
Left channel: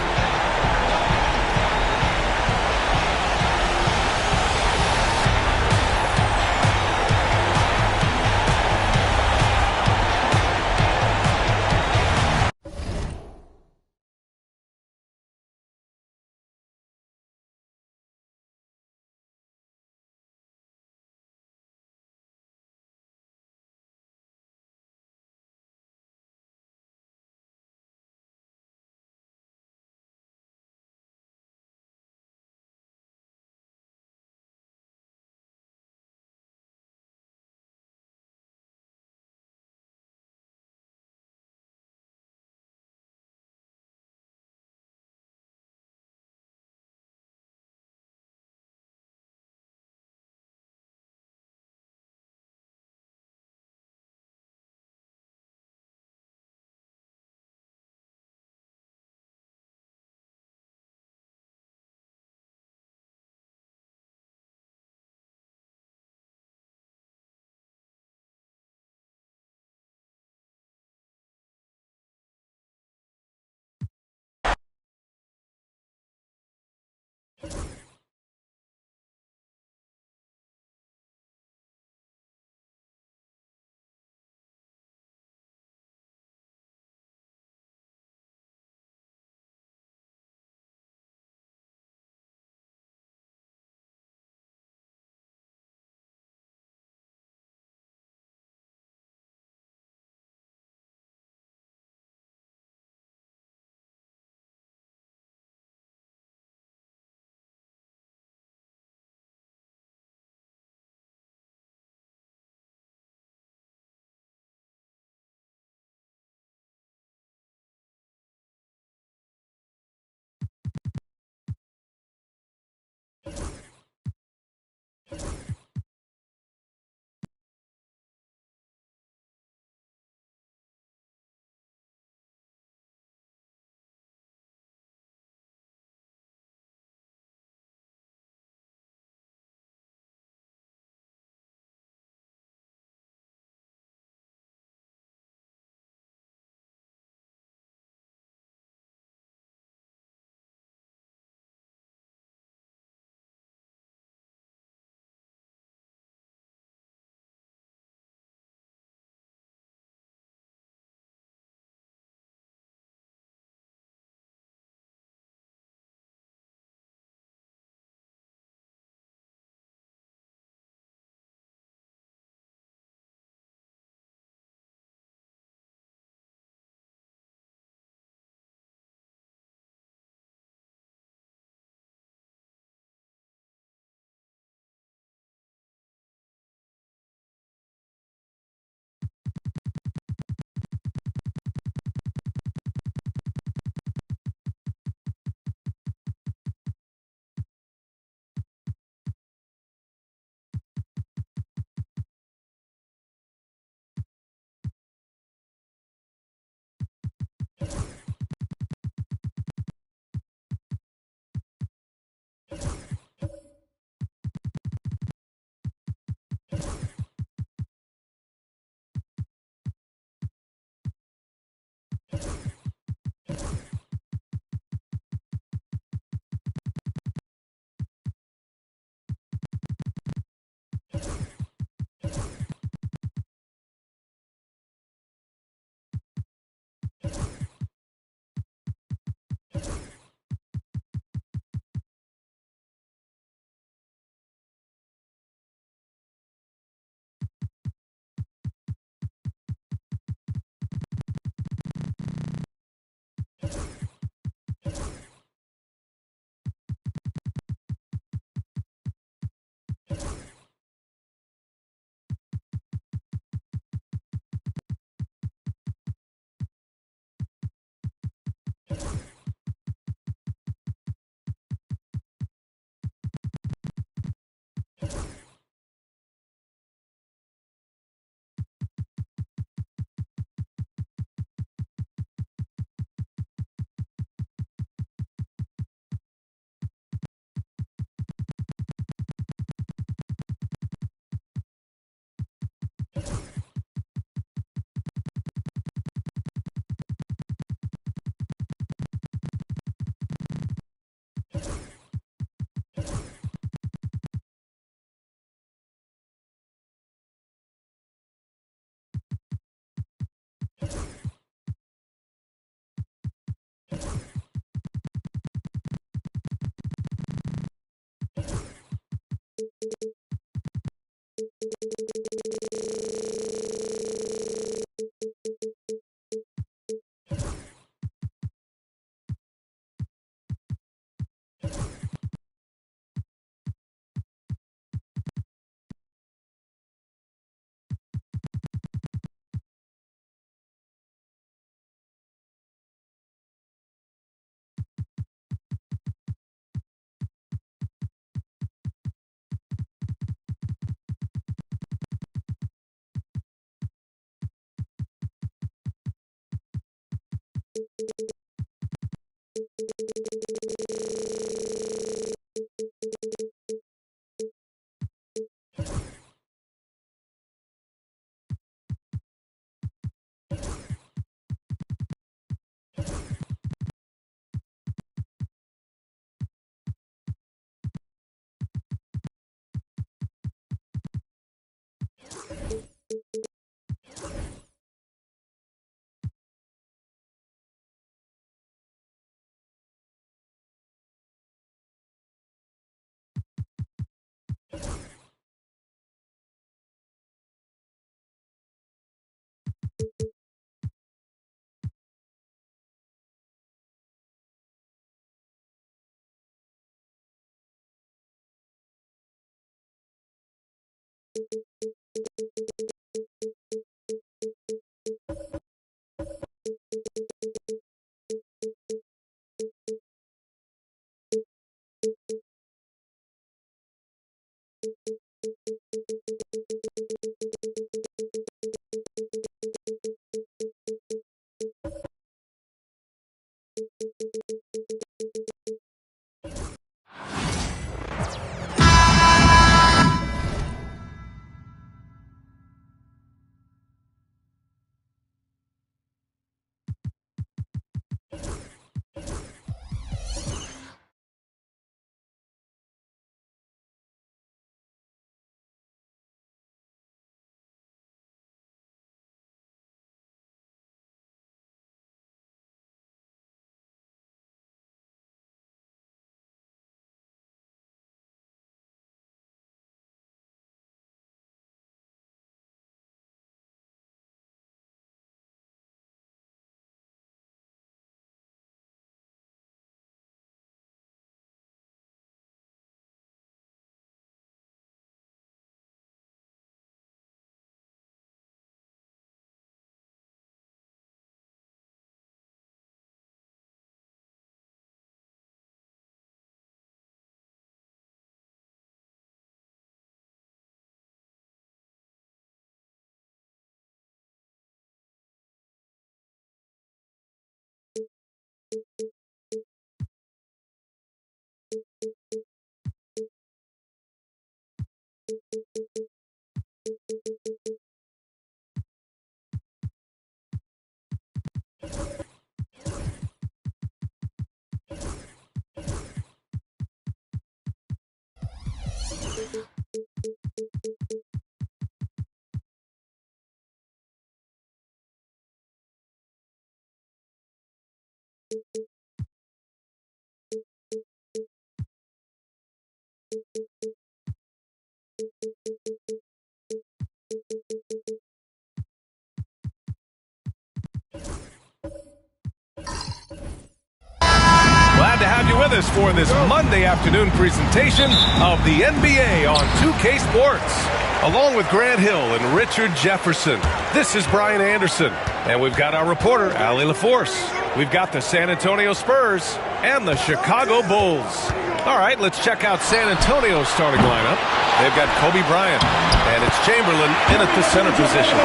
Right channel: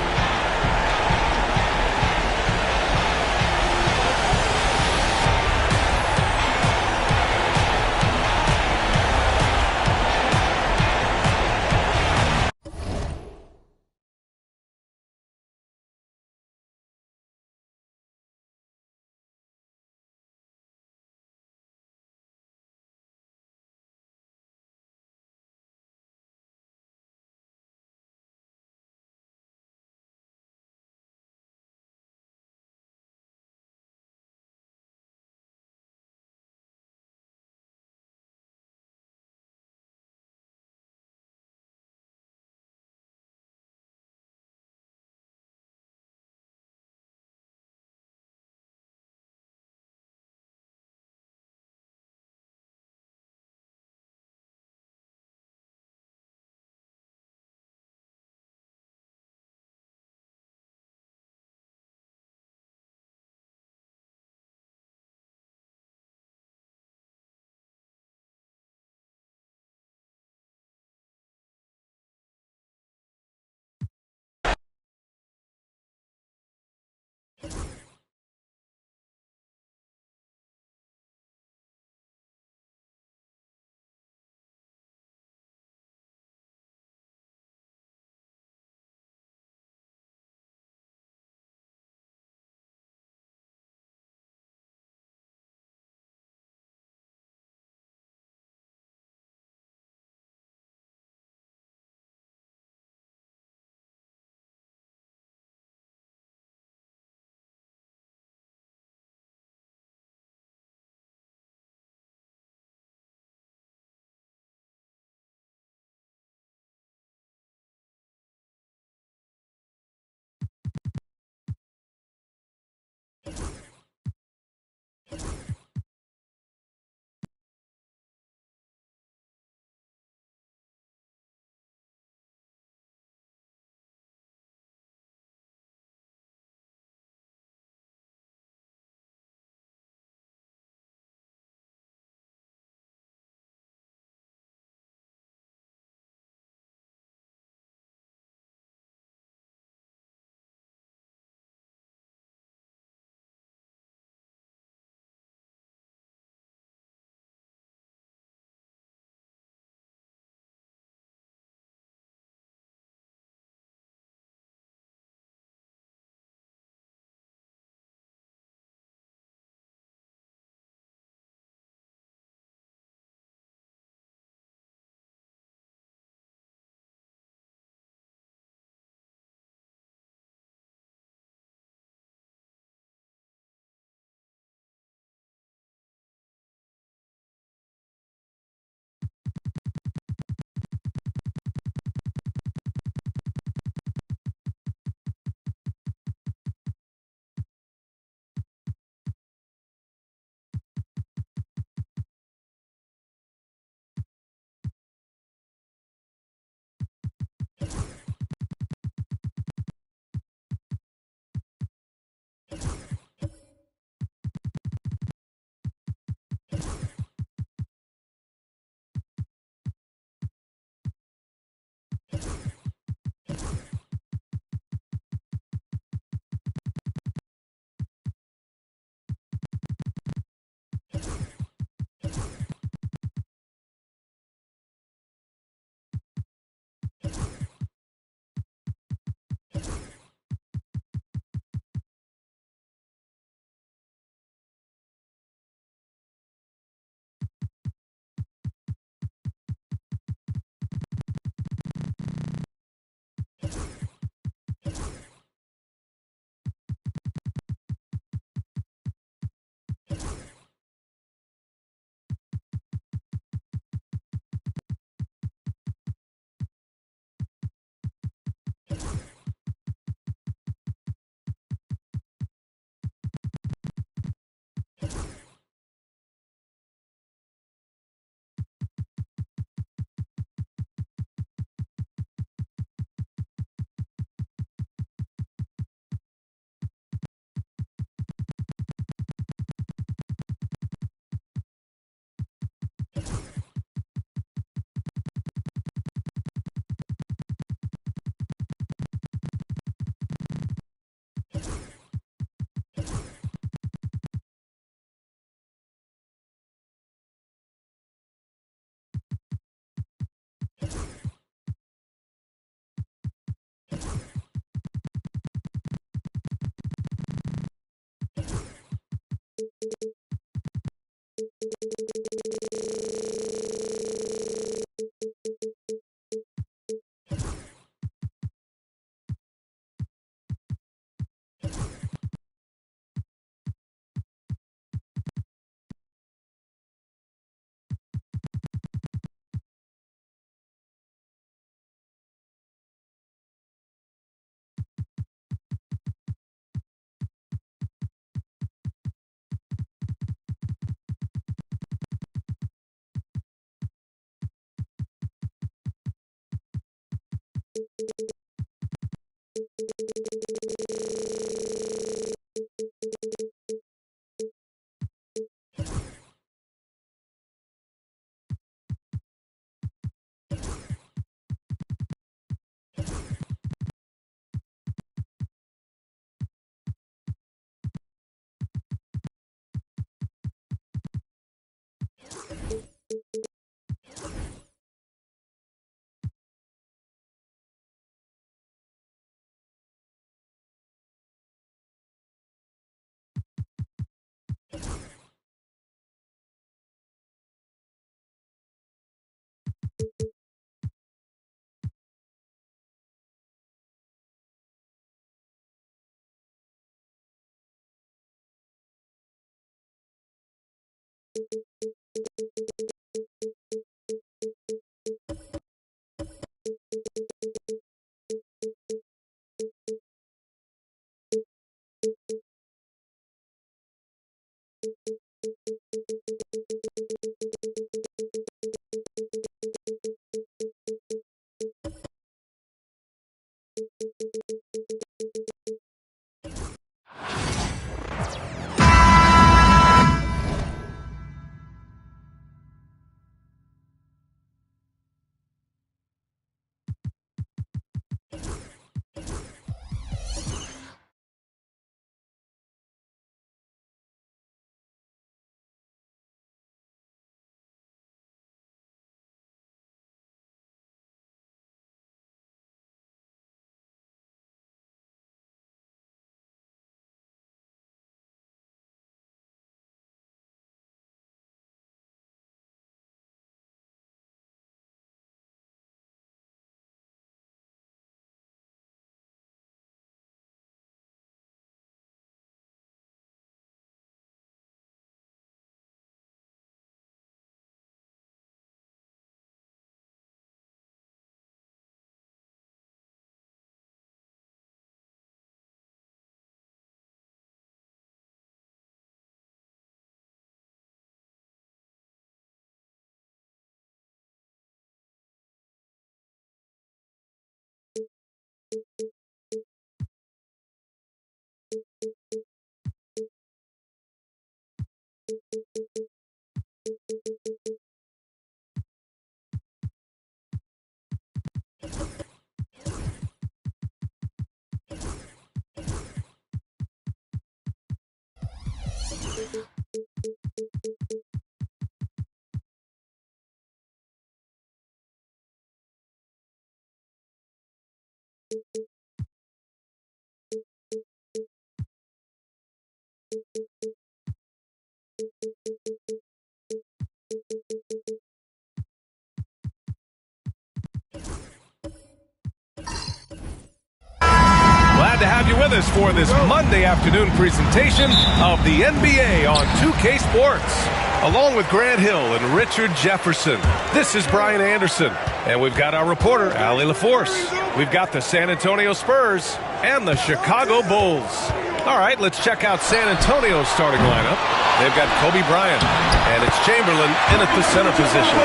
Glad to have you with us for this Monday afternoon presentation of the NBA on 2K Sports. Along with Grant Hill and Richard Jefferson, this is Brian Anderson. And we've got our reporter, Allie LaForce. We've got the San Antonio Spurs and the Chicago Bulls. All right, let's check out San Antonio's starting lineup. They've got Kobe Bryant, and it's Chamberlain in at the center position.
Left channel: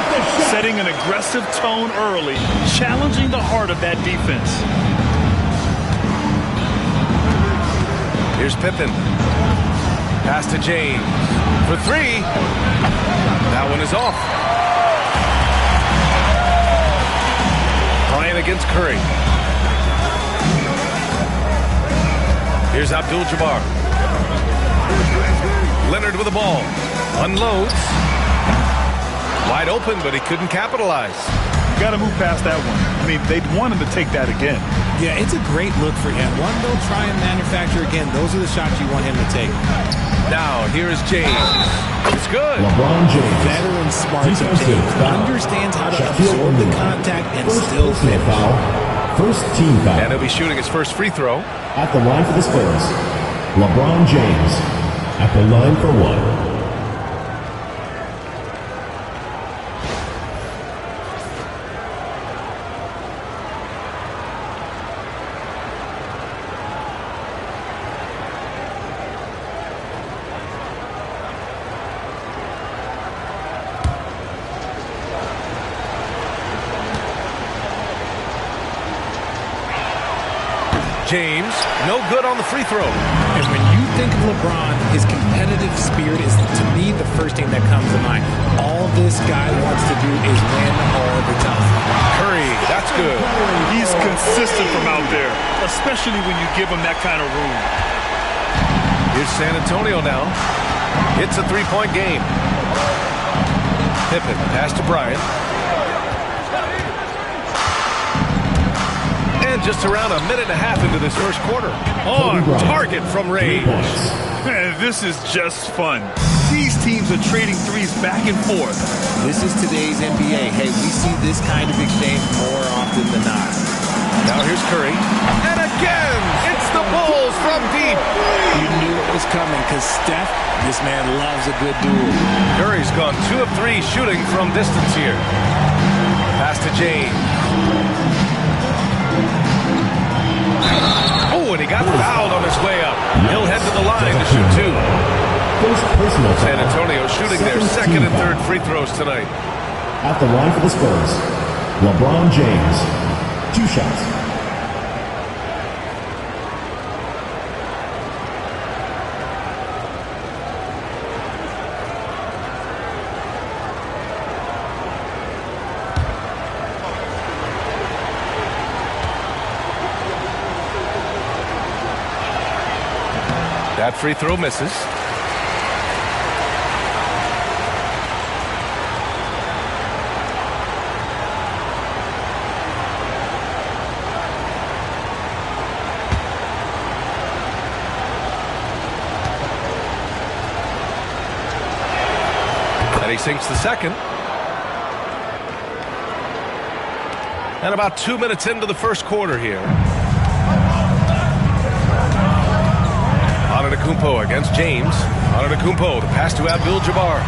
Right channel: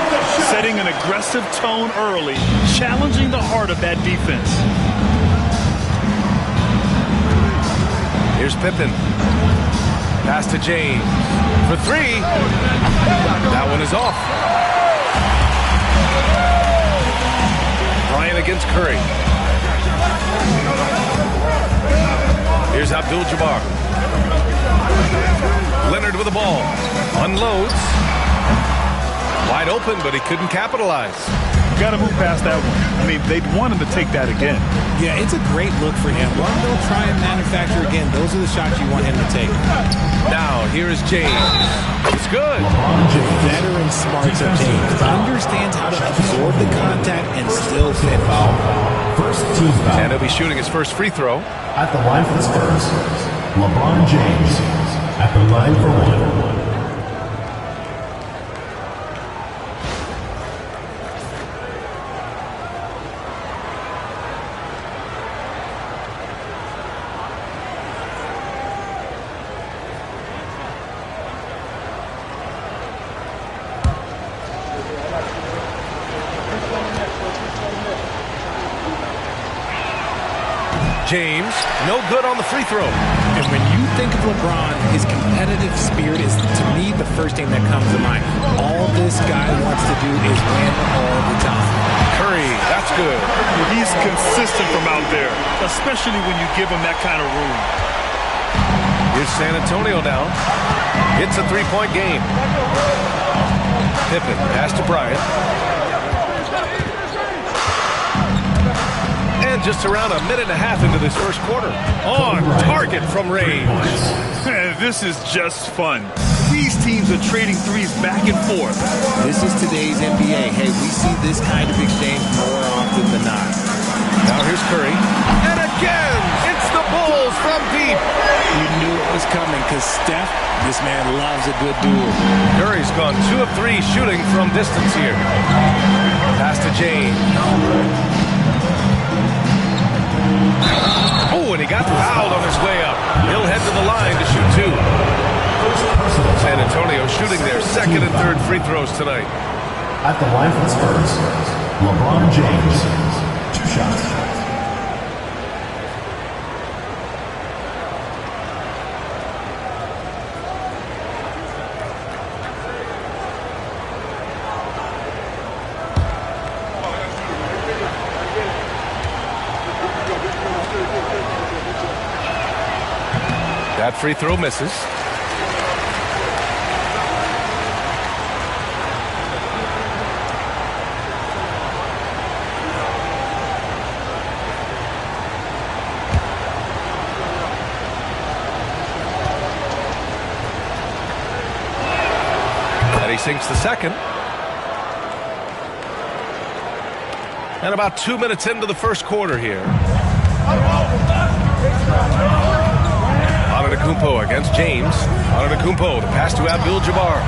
Setting an aggressive tone early, challenging the heart of that defense. Here's Pippen. Pass to James. For three. That one is off. Bryant against Curry. Here's Abdul-Jabbar. Leonard with the ball. Unloads. Wide open, but he couldn't capitalize. You got to move past that one. I mean, they'd want him to take that again. Yeah, it's a great look for him. One they'll try and manufacture again. Those are the shots you want him to take. Now, here is James. It's good. LeBron James. Veteran smarts of James. Understands how to absorb the contact and still finish. First team foul. And he'll be shooting his first free throw. At the line for the Spurs, LeBron James at the line for one. James, no good on the free throw. And when you think of LeBron, his competitive spirit is, to me, the first thing that comes to mind. All this guy wants to do is win all the time. Curry, that's good. He's consistent from out there, especially when you give him that kind of room. Here's San Antonio now. It's a three-point game. Pippen, pass to Bryant. And just around a minute and a half into this first quarter. On target from range. This is just fun. These teams are trading threes back and forth. This is today's NBA. Hey, we see this kind of exchange more often than not. Now here's Curry. And again, it's the Bulls from deep. You knew it was coming because Steph, this man loves a good duel. Curry's gone 2 of 3 shooting from distance here. Pass to James. Oh, and he got fouled on his way up. He'll head to the line to shoot 2. San Antonio shooting their second and third free throws tonight. At the line for the Spurs, LeBron James. 2 shots. That free throw misses. And he sinks the second. And about 2 minutes into the first quarter here. Antetokounmpo against James. Antetokounmpo, the pass to Abdul-Jabbar.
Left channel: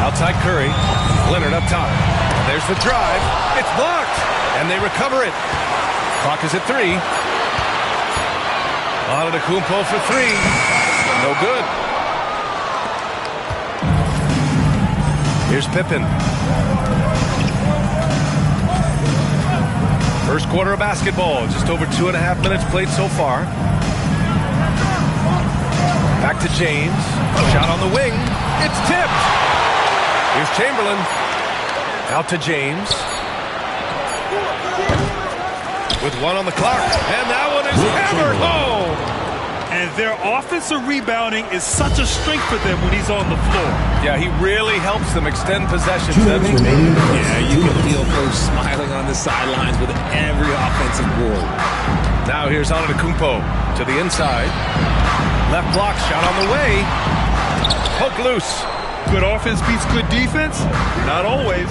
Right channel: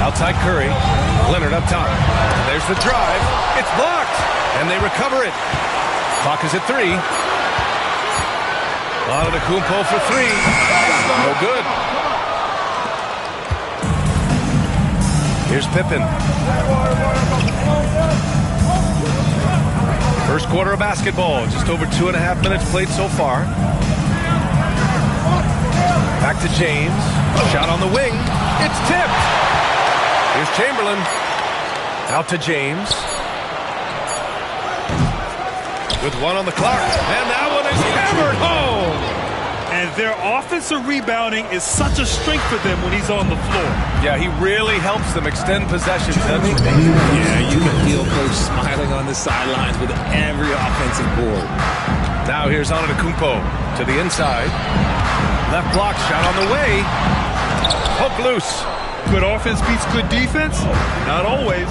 Outside Curry. Leonard up top. And there's the drive. It's blocked. And they recover it. Clock is at 3. Antetokounmpo for 3. No good. Here's Pippen. First quarter of basketball, just over 2.5 minutes played so far. Back to James. Shot on the wing. It's tipped. Here's Chamberlain. Out to James. With 1 on the clock. And that one is hammered home. And their offensive rebounding is such a strength for them when he's on the floor. Yeah, he really helps them extend possessions, doesn't he? Yeah, you can feel Coach smiling on the sidelines with every offensive board. Now here's Antetokounmpo to the inside. Left block, shot on the way. Poke loose. Good offense beats good defense? Not always.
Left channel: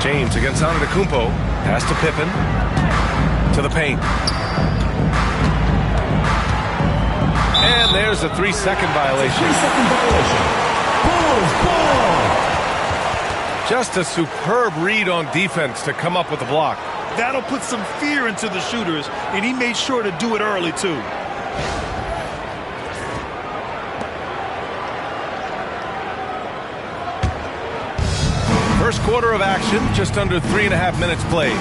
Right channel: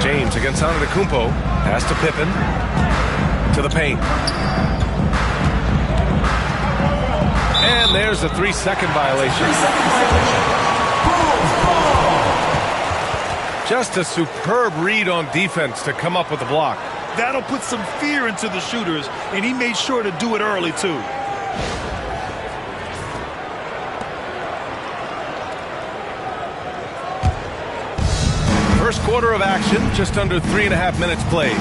James against Antetokounmpo. Pass to Pippen. To the paint. And there's a 3-second violation. 3-second violation. Ball. Just a superb read on defense to come up with the block. That'll put some fear into the shooters, and he made sure to do it early, too. First quarter of action, just under 3.5 minutes played.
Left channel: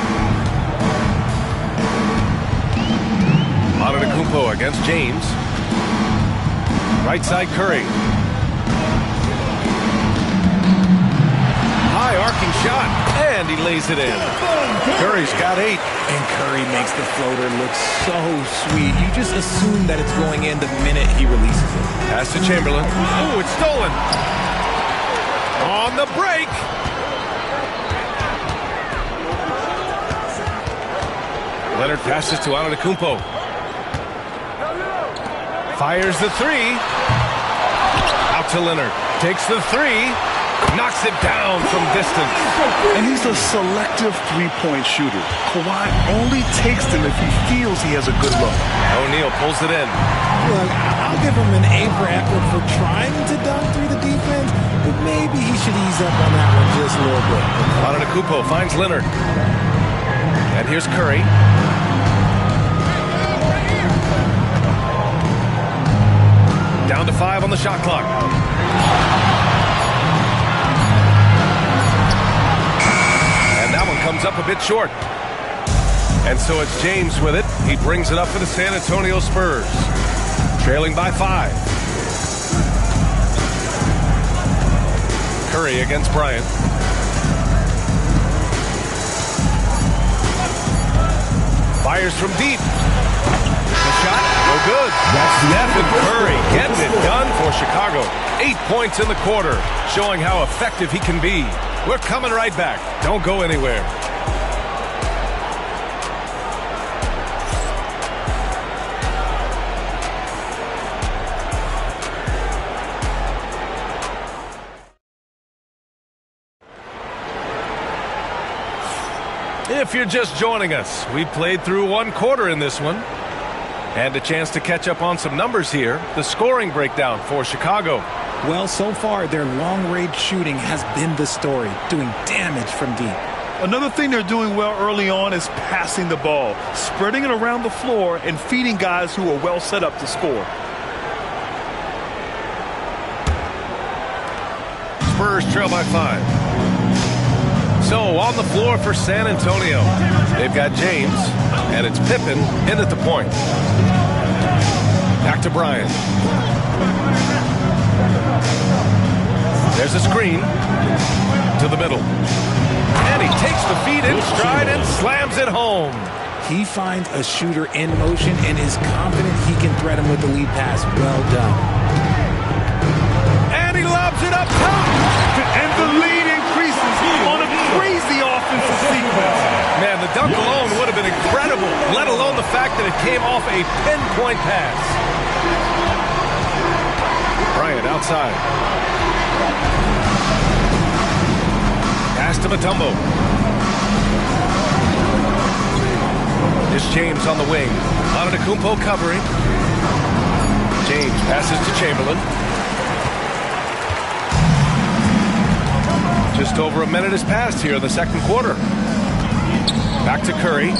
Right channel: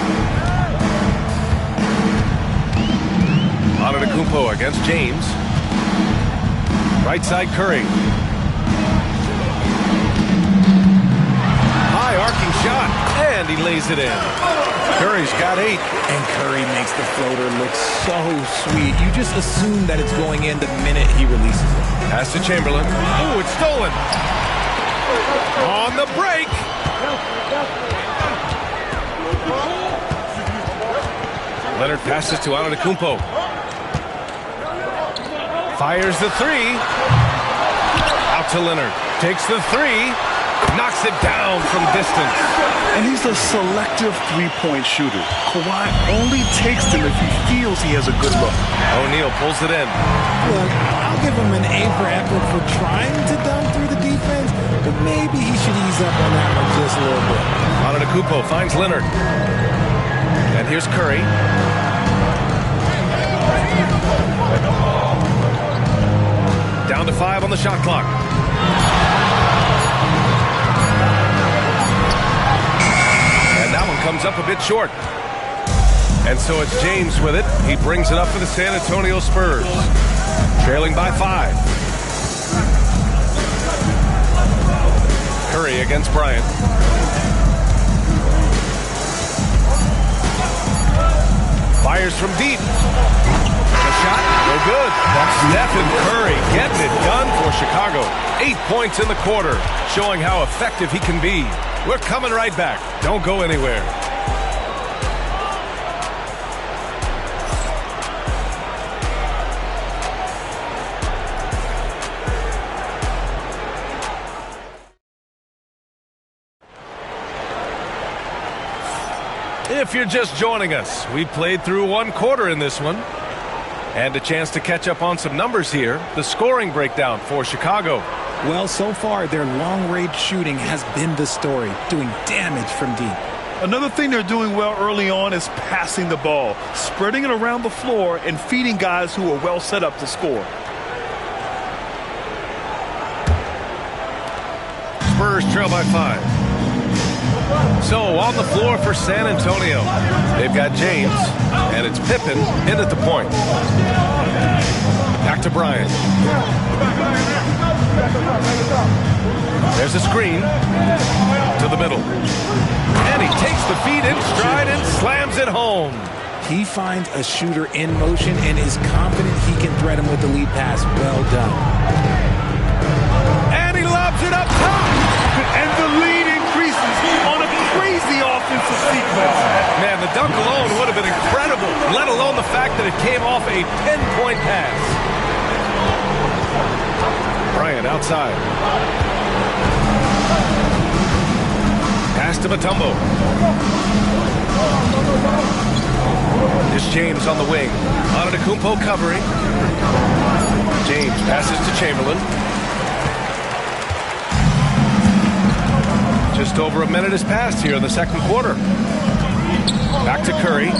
Antetokounmpo against James. Right side Curry. High arcing shot, and he lays it in. Curry's got 8. And Curry makes the floater look so sweet. You just assume that it's going in the minute he releases it. Pass to Chamberlain. Oh, it's stolen. On the break. Leonard passes to Antetokounmpo. Fires the 3. Out to Leonard. Takes the 3. Knocks it down from distance. And he's a selective three-point shooter. Kawhi only takes them if he feels he has a good look. O'Neal pulls it in. Look, I'll give him an A for effort for trying to dunk through the defense, but maybe he should ease up on that one just a little bit. Antetokounmpo finds Leonard. And here's Curry. Down to 5 on the shot clock. That one comes up a bit short. And so it's James with it. He brings it up for the San Antonio Spurs. Trailing by 5. Curry against Bryant. Fires from deep. The shot, no good. That's Stephen Curry getting it done for Chicago. 8 points in the quarter, showing how effective he can be. We're coming right back. Don't go anywhere. If you're just joining us, we played through 1 quarter in this one. And a chance to catch up on some numbers here. The scoring breakdown for Chicago. Well, so far, their long-range shooting has been the story, doing damage from deep. Another thing they're doing well early on is passing the ball, spreading it around the floor and feeding guys who are well set up to score. Spurs trail by 5. So on the floor for San Antonio, they've got James, and it's Pippen in at the point. Back to Bryant. There's a screen to the middle. And he takes the feed in stride and slams it home. He finds a shooter in motion and is confident he can threat him with the lead pass. Well done. And he lobs it up top. And the lead increases on a crazy offensive sequence. Man, the dunk alone would have been incredible, let alone the fact that it came off a pinpoint pass. Bryant outside. Pass to Mutombo. This James on the wing. Antetokounmpo covering. James passes to Chamberlain. Just over a minute has passed here in the second quarter. Back to Curry.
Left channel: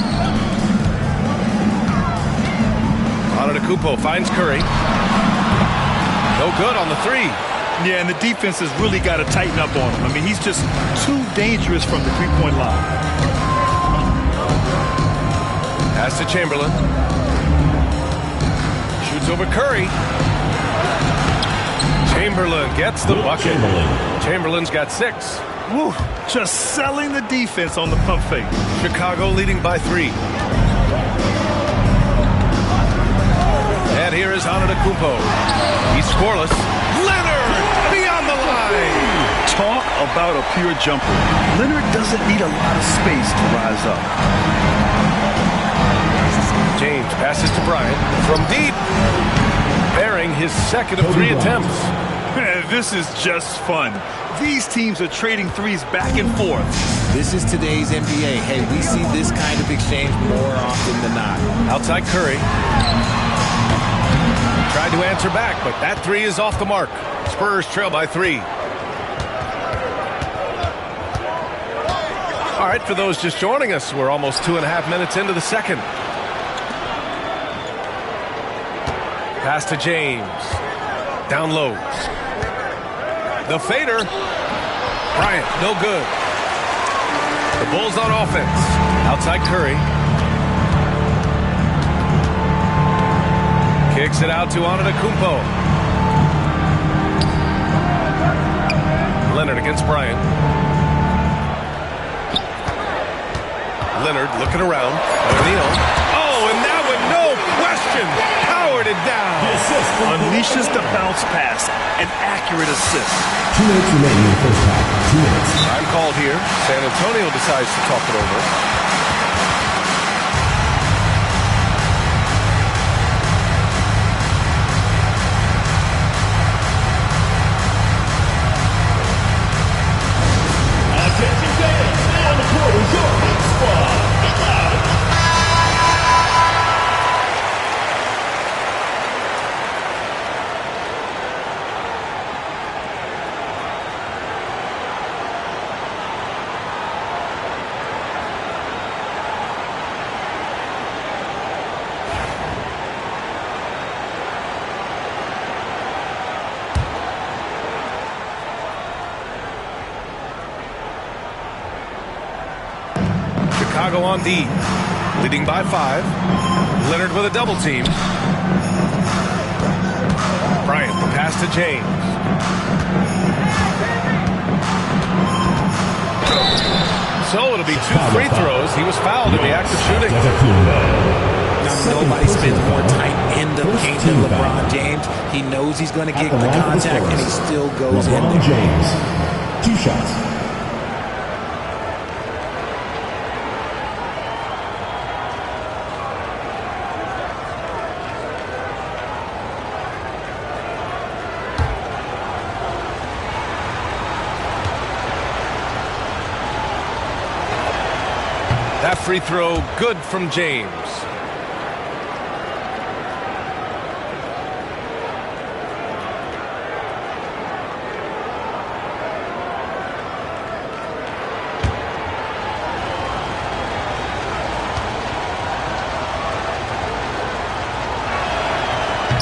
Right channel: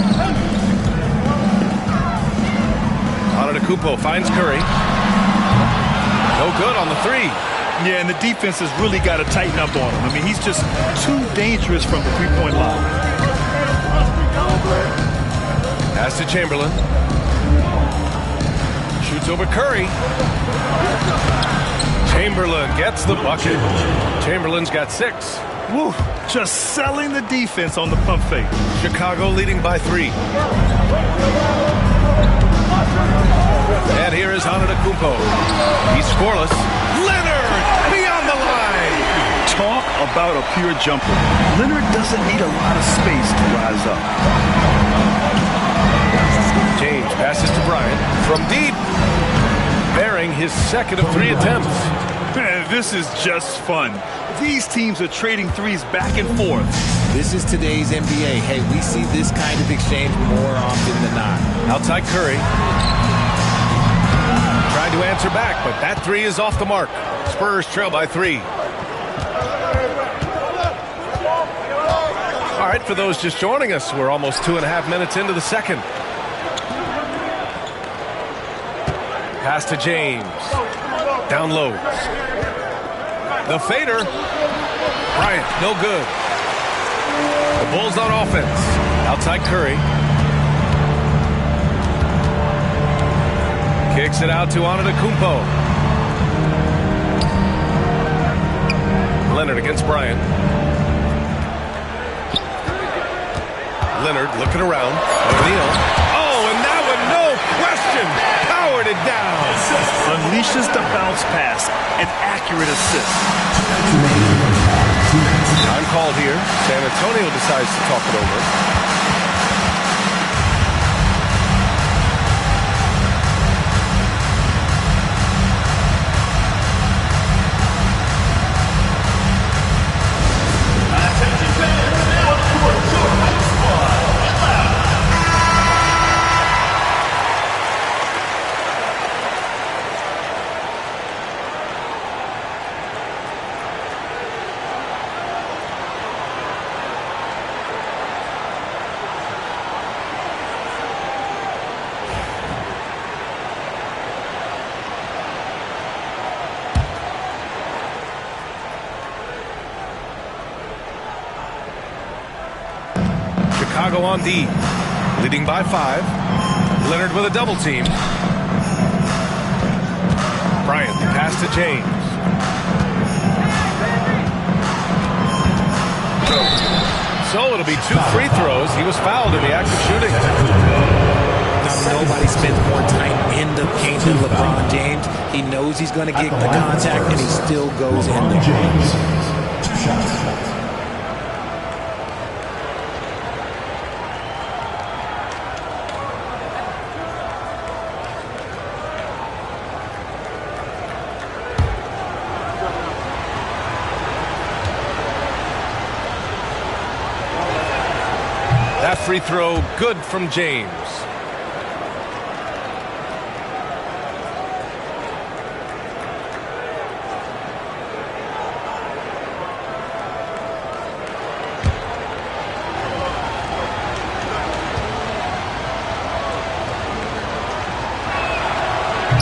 Antetokounmpo finds Curry. No good on the 3. Yeah, and the defense has really got to tighten up on him. I mean, he's just too dangerous from the three-point line. Pass to Chamberlain. Shoots over Curry. Chamberlain gets the bucket. Chamberlain's got 6. Woo, just selling the defense on the pump fake. Chicago leading by 3. And here is Antetokounmpo. He's scoreless. Leonard beyond the line. Talk about a pure jumper. Leonard doesn't need a lot of space to rise up. James passes to Bryant from deep. Bearing his second of 3 attempts. This is just fun. These teams are trading threes back and forth. This is today's NBA. Hey, we see this kind of exchange more often than not. Outside Curry. Tried to answer back, but that 3 is off the mark. Spurs trail by 3. All right, for those just joining us, we're almost 2.5 minutes into the second. Pass to James. Down low. The fader. Bryant, no good. The Bulls on offense. Outside Curry. Kicks it out to Antetokounmpo. Leonard against Bryant. Leonard looking around. O'Neal. Oh, and that one, no question, powered it down. Unleashes the bounce pass. An accurate assist. 2 minutes remaining in the first half. 2 minutes. Time called here. San Antonio decides to talk it over. Chicago on D, leading by 5. Leonard with a double team. Bryant, the pass to James. So it'll be 2 free throws. He was fouled in the act of shooting. Now, nobody spends more time in the paint than LeBron James. He knows he's going to get the contact, and he still goes in there. James, 2 shots. That free throw good from James.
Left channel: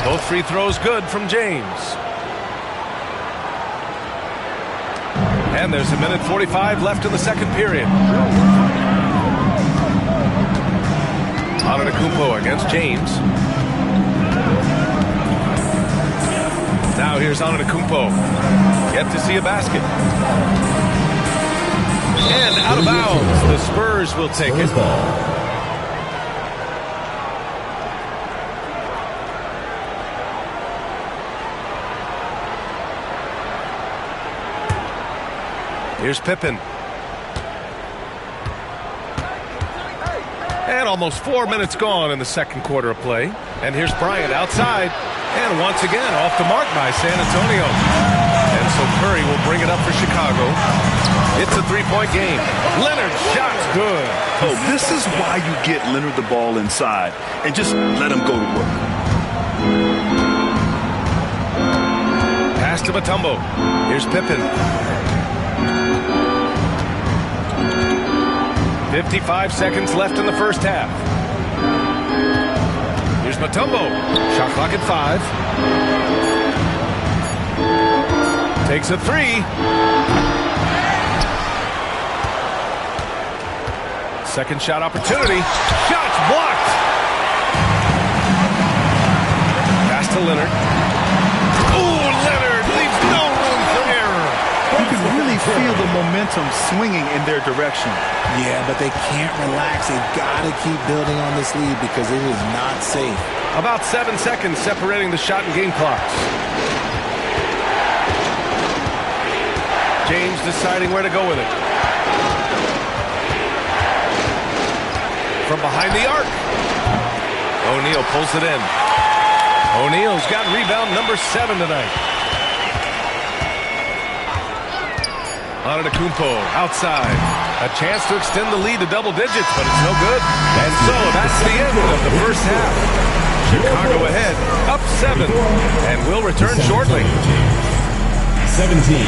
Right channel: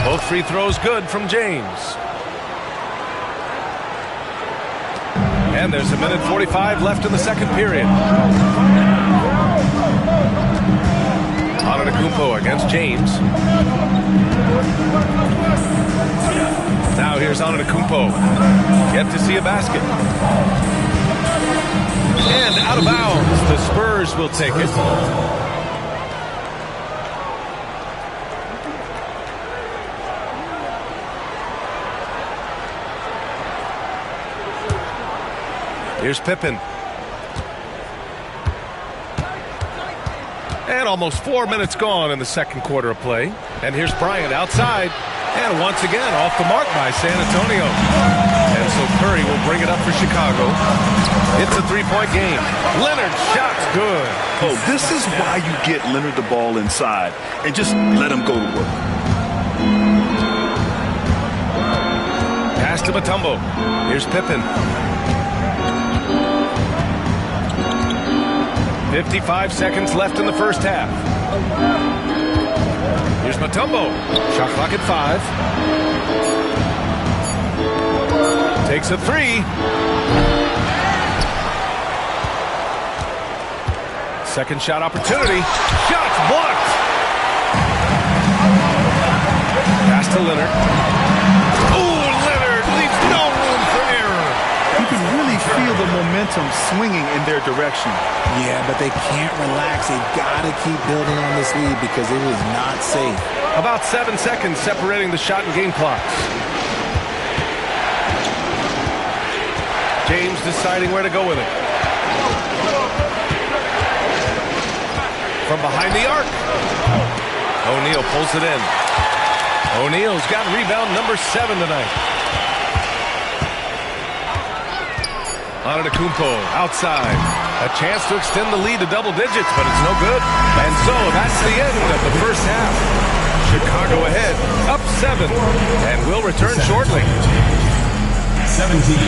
Both free throws good from James. And there's 1:45 left in the second period. Antetokounmpo against James. Now here's Antetokounmpo. Yet to see a basket. And out of bounds. The Spurs will take it. Here's Pippen. And almost 4 minutes gone in the second quarter of play. And here's Bryant outside. And once again off the mark by San Antonio. And so Curry will bring it up for Chicago. It's a 3-point game. Leonard shot's good. Oh, this is why you get Leonard the ball inside and just let him go to work. Pass to Mutombo. Here's Pippen. 55 seconds left in the first half. Here's Mutombo. Shot clock at 5. Takes a 3. Second shot opportunity. Shots blocked. Pass to Leonard. Oh, Leonard leaves no room for error. You can really feel the momentum swinging in their direction. Yeah, but they can't relax. They've got to keep building on this lead because it is not safe. About 7 seconds separating the shot and game clocks. James deciding where to go with it. From behind the arc. O'Neal pulls it in. O'Neal's got rebound number 7 tonight. Antetokounmpo outside. A chance to extend the lead to double digits, but it's no good. And so that's the end of the first half. Chicago ahead, up 7, and we'll return shortly. 17.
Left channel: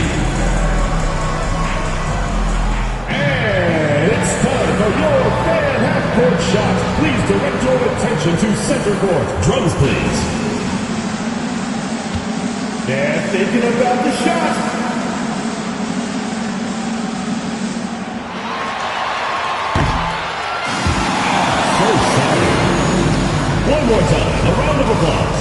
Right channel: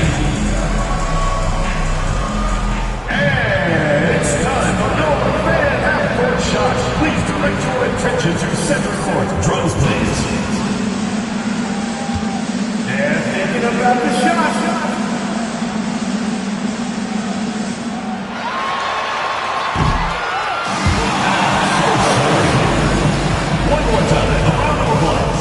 And it's time for your fan half-court shot. Please direct your attention to center court. Drums, please. They're thinking about the shot. One more time, a round of applause.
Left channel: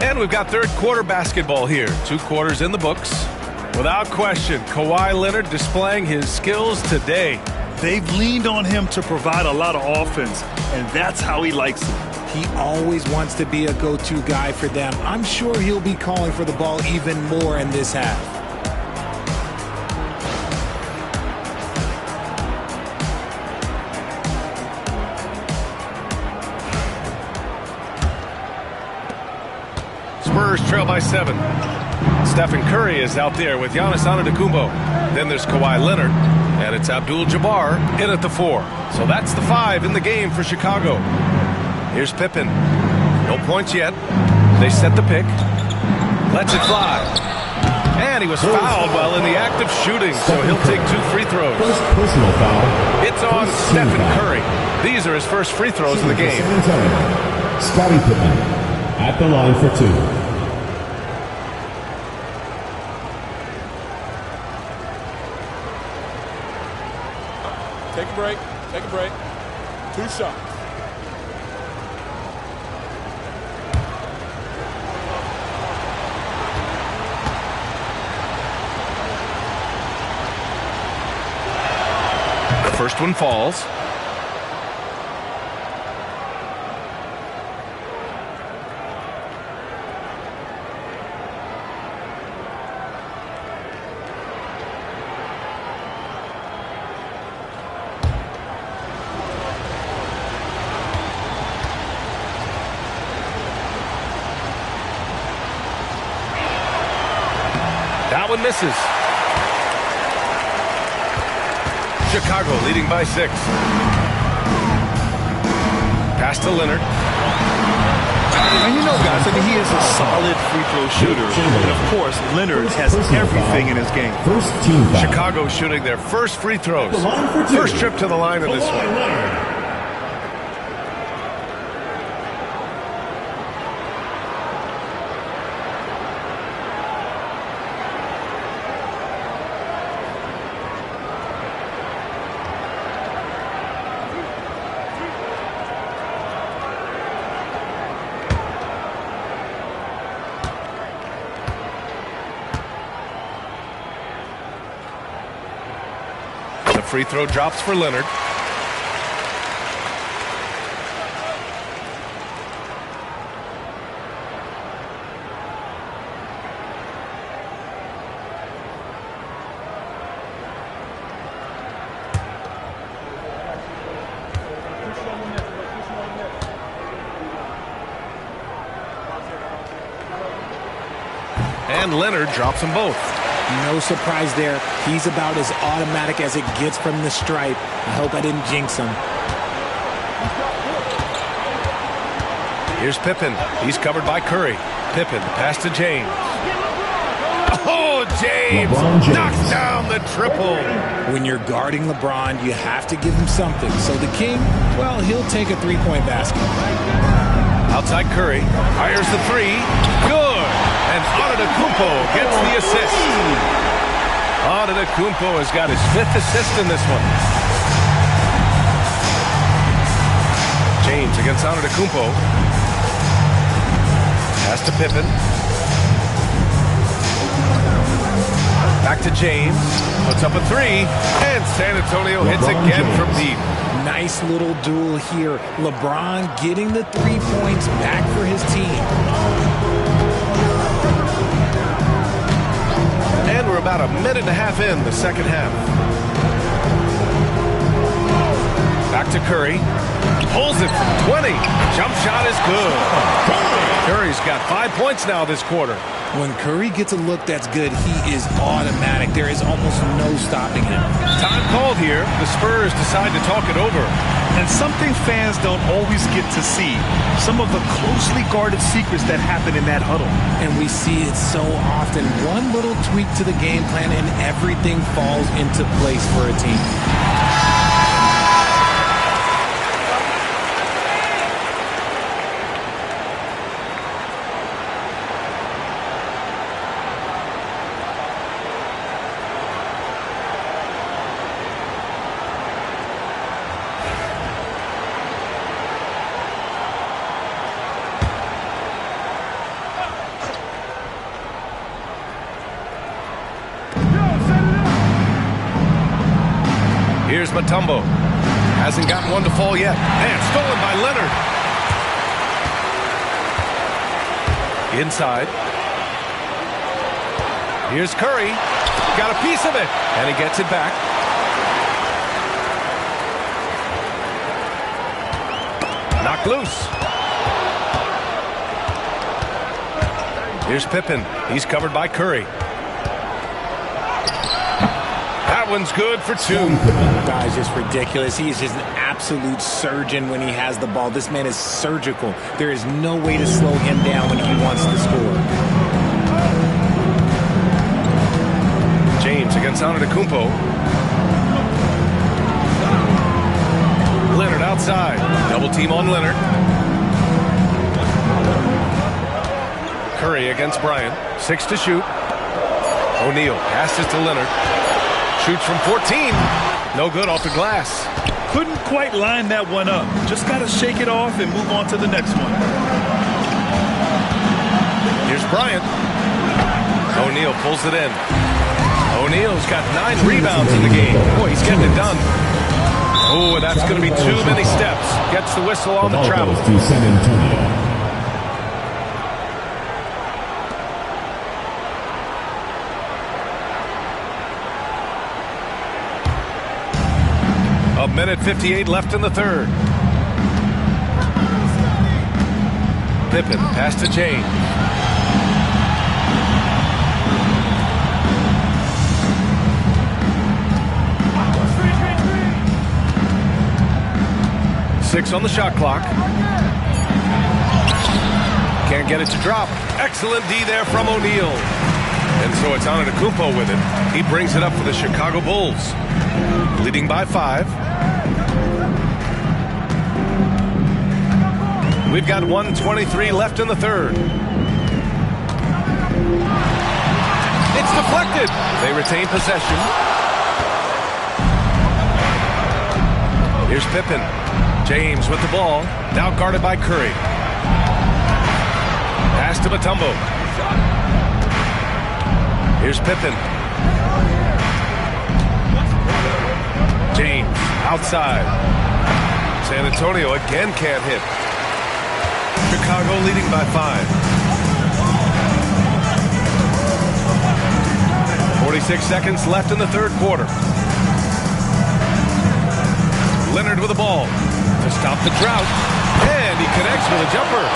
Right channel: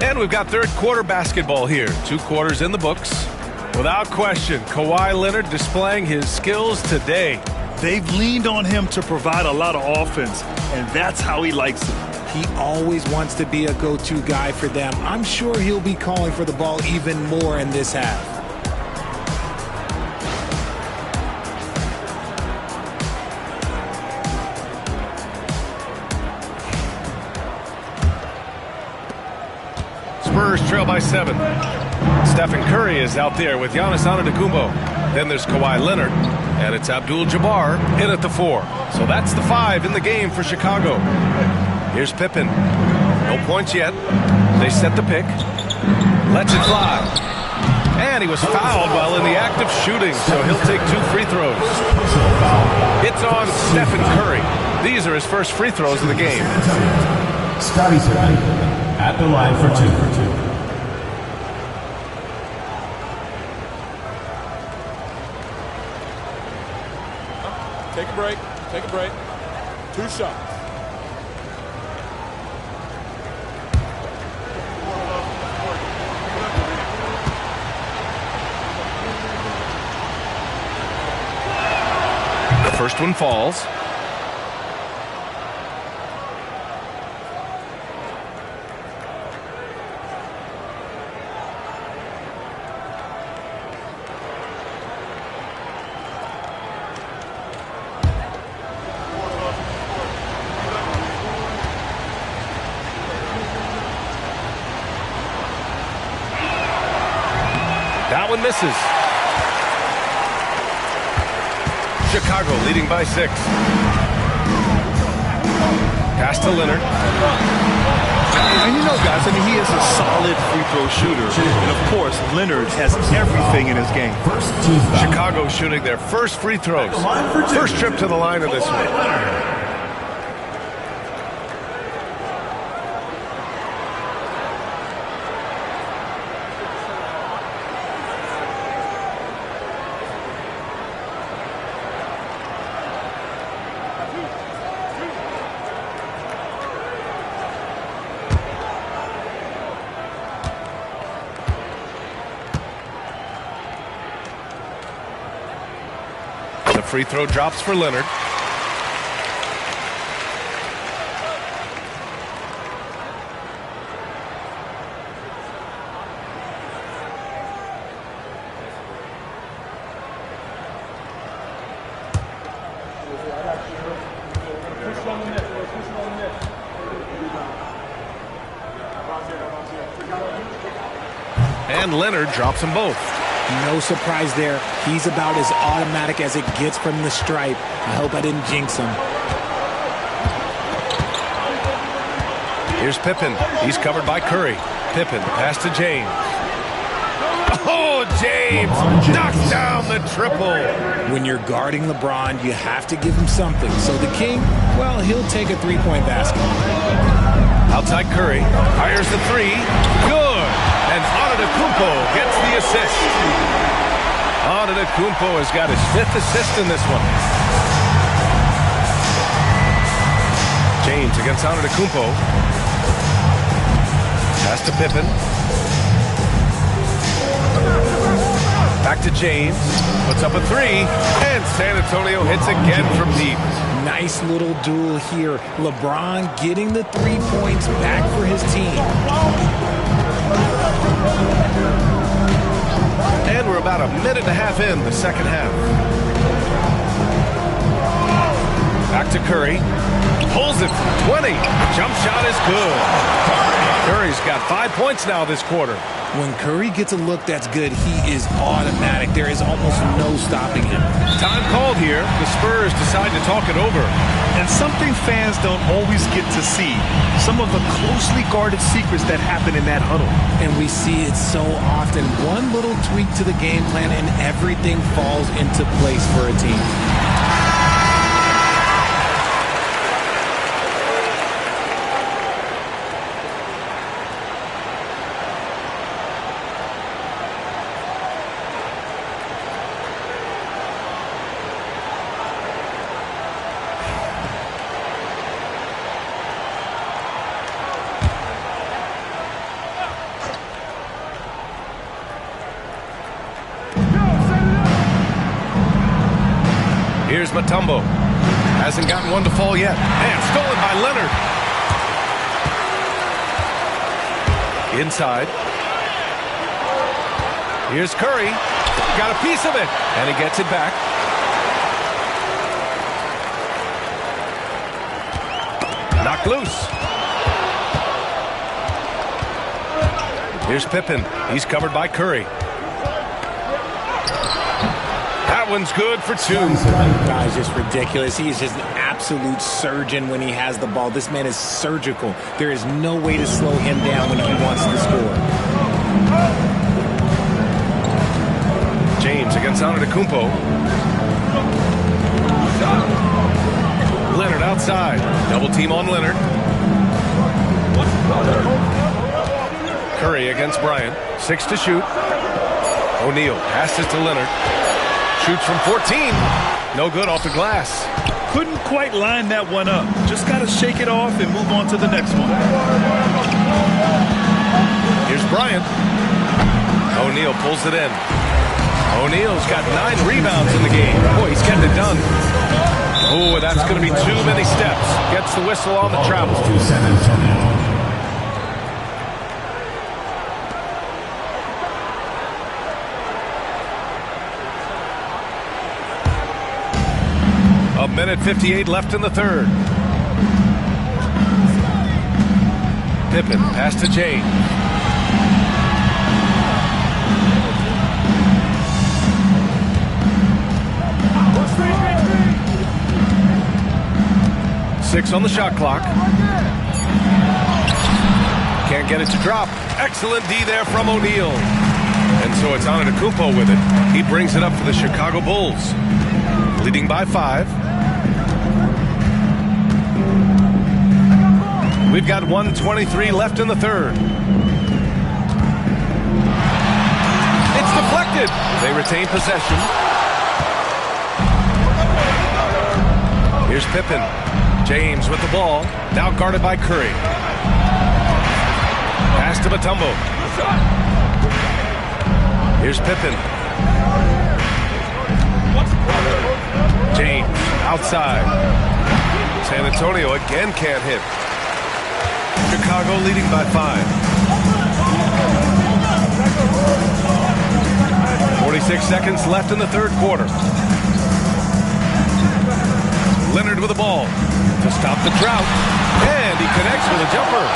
And we've got third quarter basketball here. 2 quarters in the books. Without question, Kawhi Leonard displaying his skills today. They've leaned on him to provide a lot of offense, and that's how he likes it. He always wants to be a go-to guy for them. I'm sure he'll be calling for the ball even more in this half. Spurs trail by 7. Stephen Curry is out there with Giannis Antetokounmpo. Then there's Kawhi Leonard, and it's Abdul-Jabbar in at the 4. So that's the 5 in the game for Chicago. Here's Pippen. No points yet. They set the pick. Lets it fly. And he was fouled while in the act of shooting, so he'll take 2 free throws. Personal foul. It's on Stephen Curry. These are his first free throws of the game. Scottie Pippen at the line for 2. Take a break. Take a break. 2 shots. The first one falls. That one misses. Chicago leading by 6. Pass to Leonard. And you know, guys, I mean, he is a solid free throw shooter. And, of course, Leonard has everything in his game. Chicago shooting their first free throws. First trip to the line of this one. Free throw drops for Leonard. And Leonard drops them both. No surprise there. He's about as automatic as it gets from the stripe. I hope I didn't jinx him. Here's Pippen. He's covered by Curry. Pippen, pass to James. Oh, James knocks down the triple. When you're guarding LeBron, you have to give him something. So the King, well, he'll take a three-point basket. Outside Curry. Fires the 3. Good. And Antetokounmpo gets the assist. Antetokounmpo has got his 5th assist in this one. James against Antetokounmpo. Pass to Pippen. Back to James. Puts up a 3. And San Antonio hits again from deep. Nice little duel here. LeBron getting the 3 points back for his team. And we're about a minute and a half in the second half. Back to Curry. Pulls it from 20. Jump shot is good. Curry's got 5 points now this quarter. When Curry gets a look that's good, he is automatic. There is almost no stopping him. Time called here. The Spurs decide to talk it over. And something fans don't always get to see. Some of the closely guarded secrets that happen in that huddle. And we see it so often. One little tweak to the game plan and everything falls into place for a team. Here's Mutombo. Hasn't gotten one to fall yet. And stolen by Leonard. Inside. Here's Curry. Got a piece of it. And he gets it back. Knocked loose. Here's Pippen. He's covered by Curry. That one's good for 2. Guy's just ridiculous. He is just an absolute surgeon when he has the ball. This man is surgical. There is no way to slow him down when he wants to score. James against Antetokounmpo. Leonard outside. Double team on Leonard. Curry against Bryant. 6 to shoot. O'Neal passes to Leonard. Shoots from 14. No good off the glass. Couldn't quite line that one up. Just got to shake it off and move on to the next one. Here's Bryant. O'Neal pulls it in. O'Neal's got 9 rebounds in the game. Boy, he's getting it done. Oh, that's going to be too many steps. Gets the whistle on the travel. To San Antonio. A minute 58 left in the third. Pippen pass to James. Six on the shot clock. Can't get it to drop. Excellent D there from O'Neal. And so it's Antetokounmpo with it. He brings it up for the Chicago Bulls. Leading by 5. We've got 1:23 left in the third. It's deflected. They retain possession. Here's Pippen. James with the ball. Now guarded by Curry. Pass to Mutombo. Here's Pippen. James outside. San Antonio again can't hit. Chicago leading by 5. 46 seconds left in the third quarter. Leonard with the ball to stop the drought. And he connects with a jumper.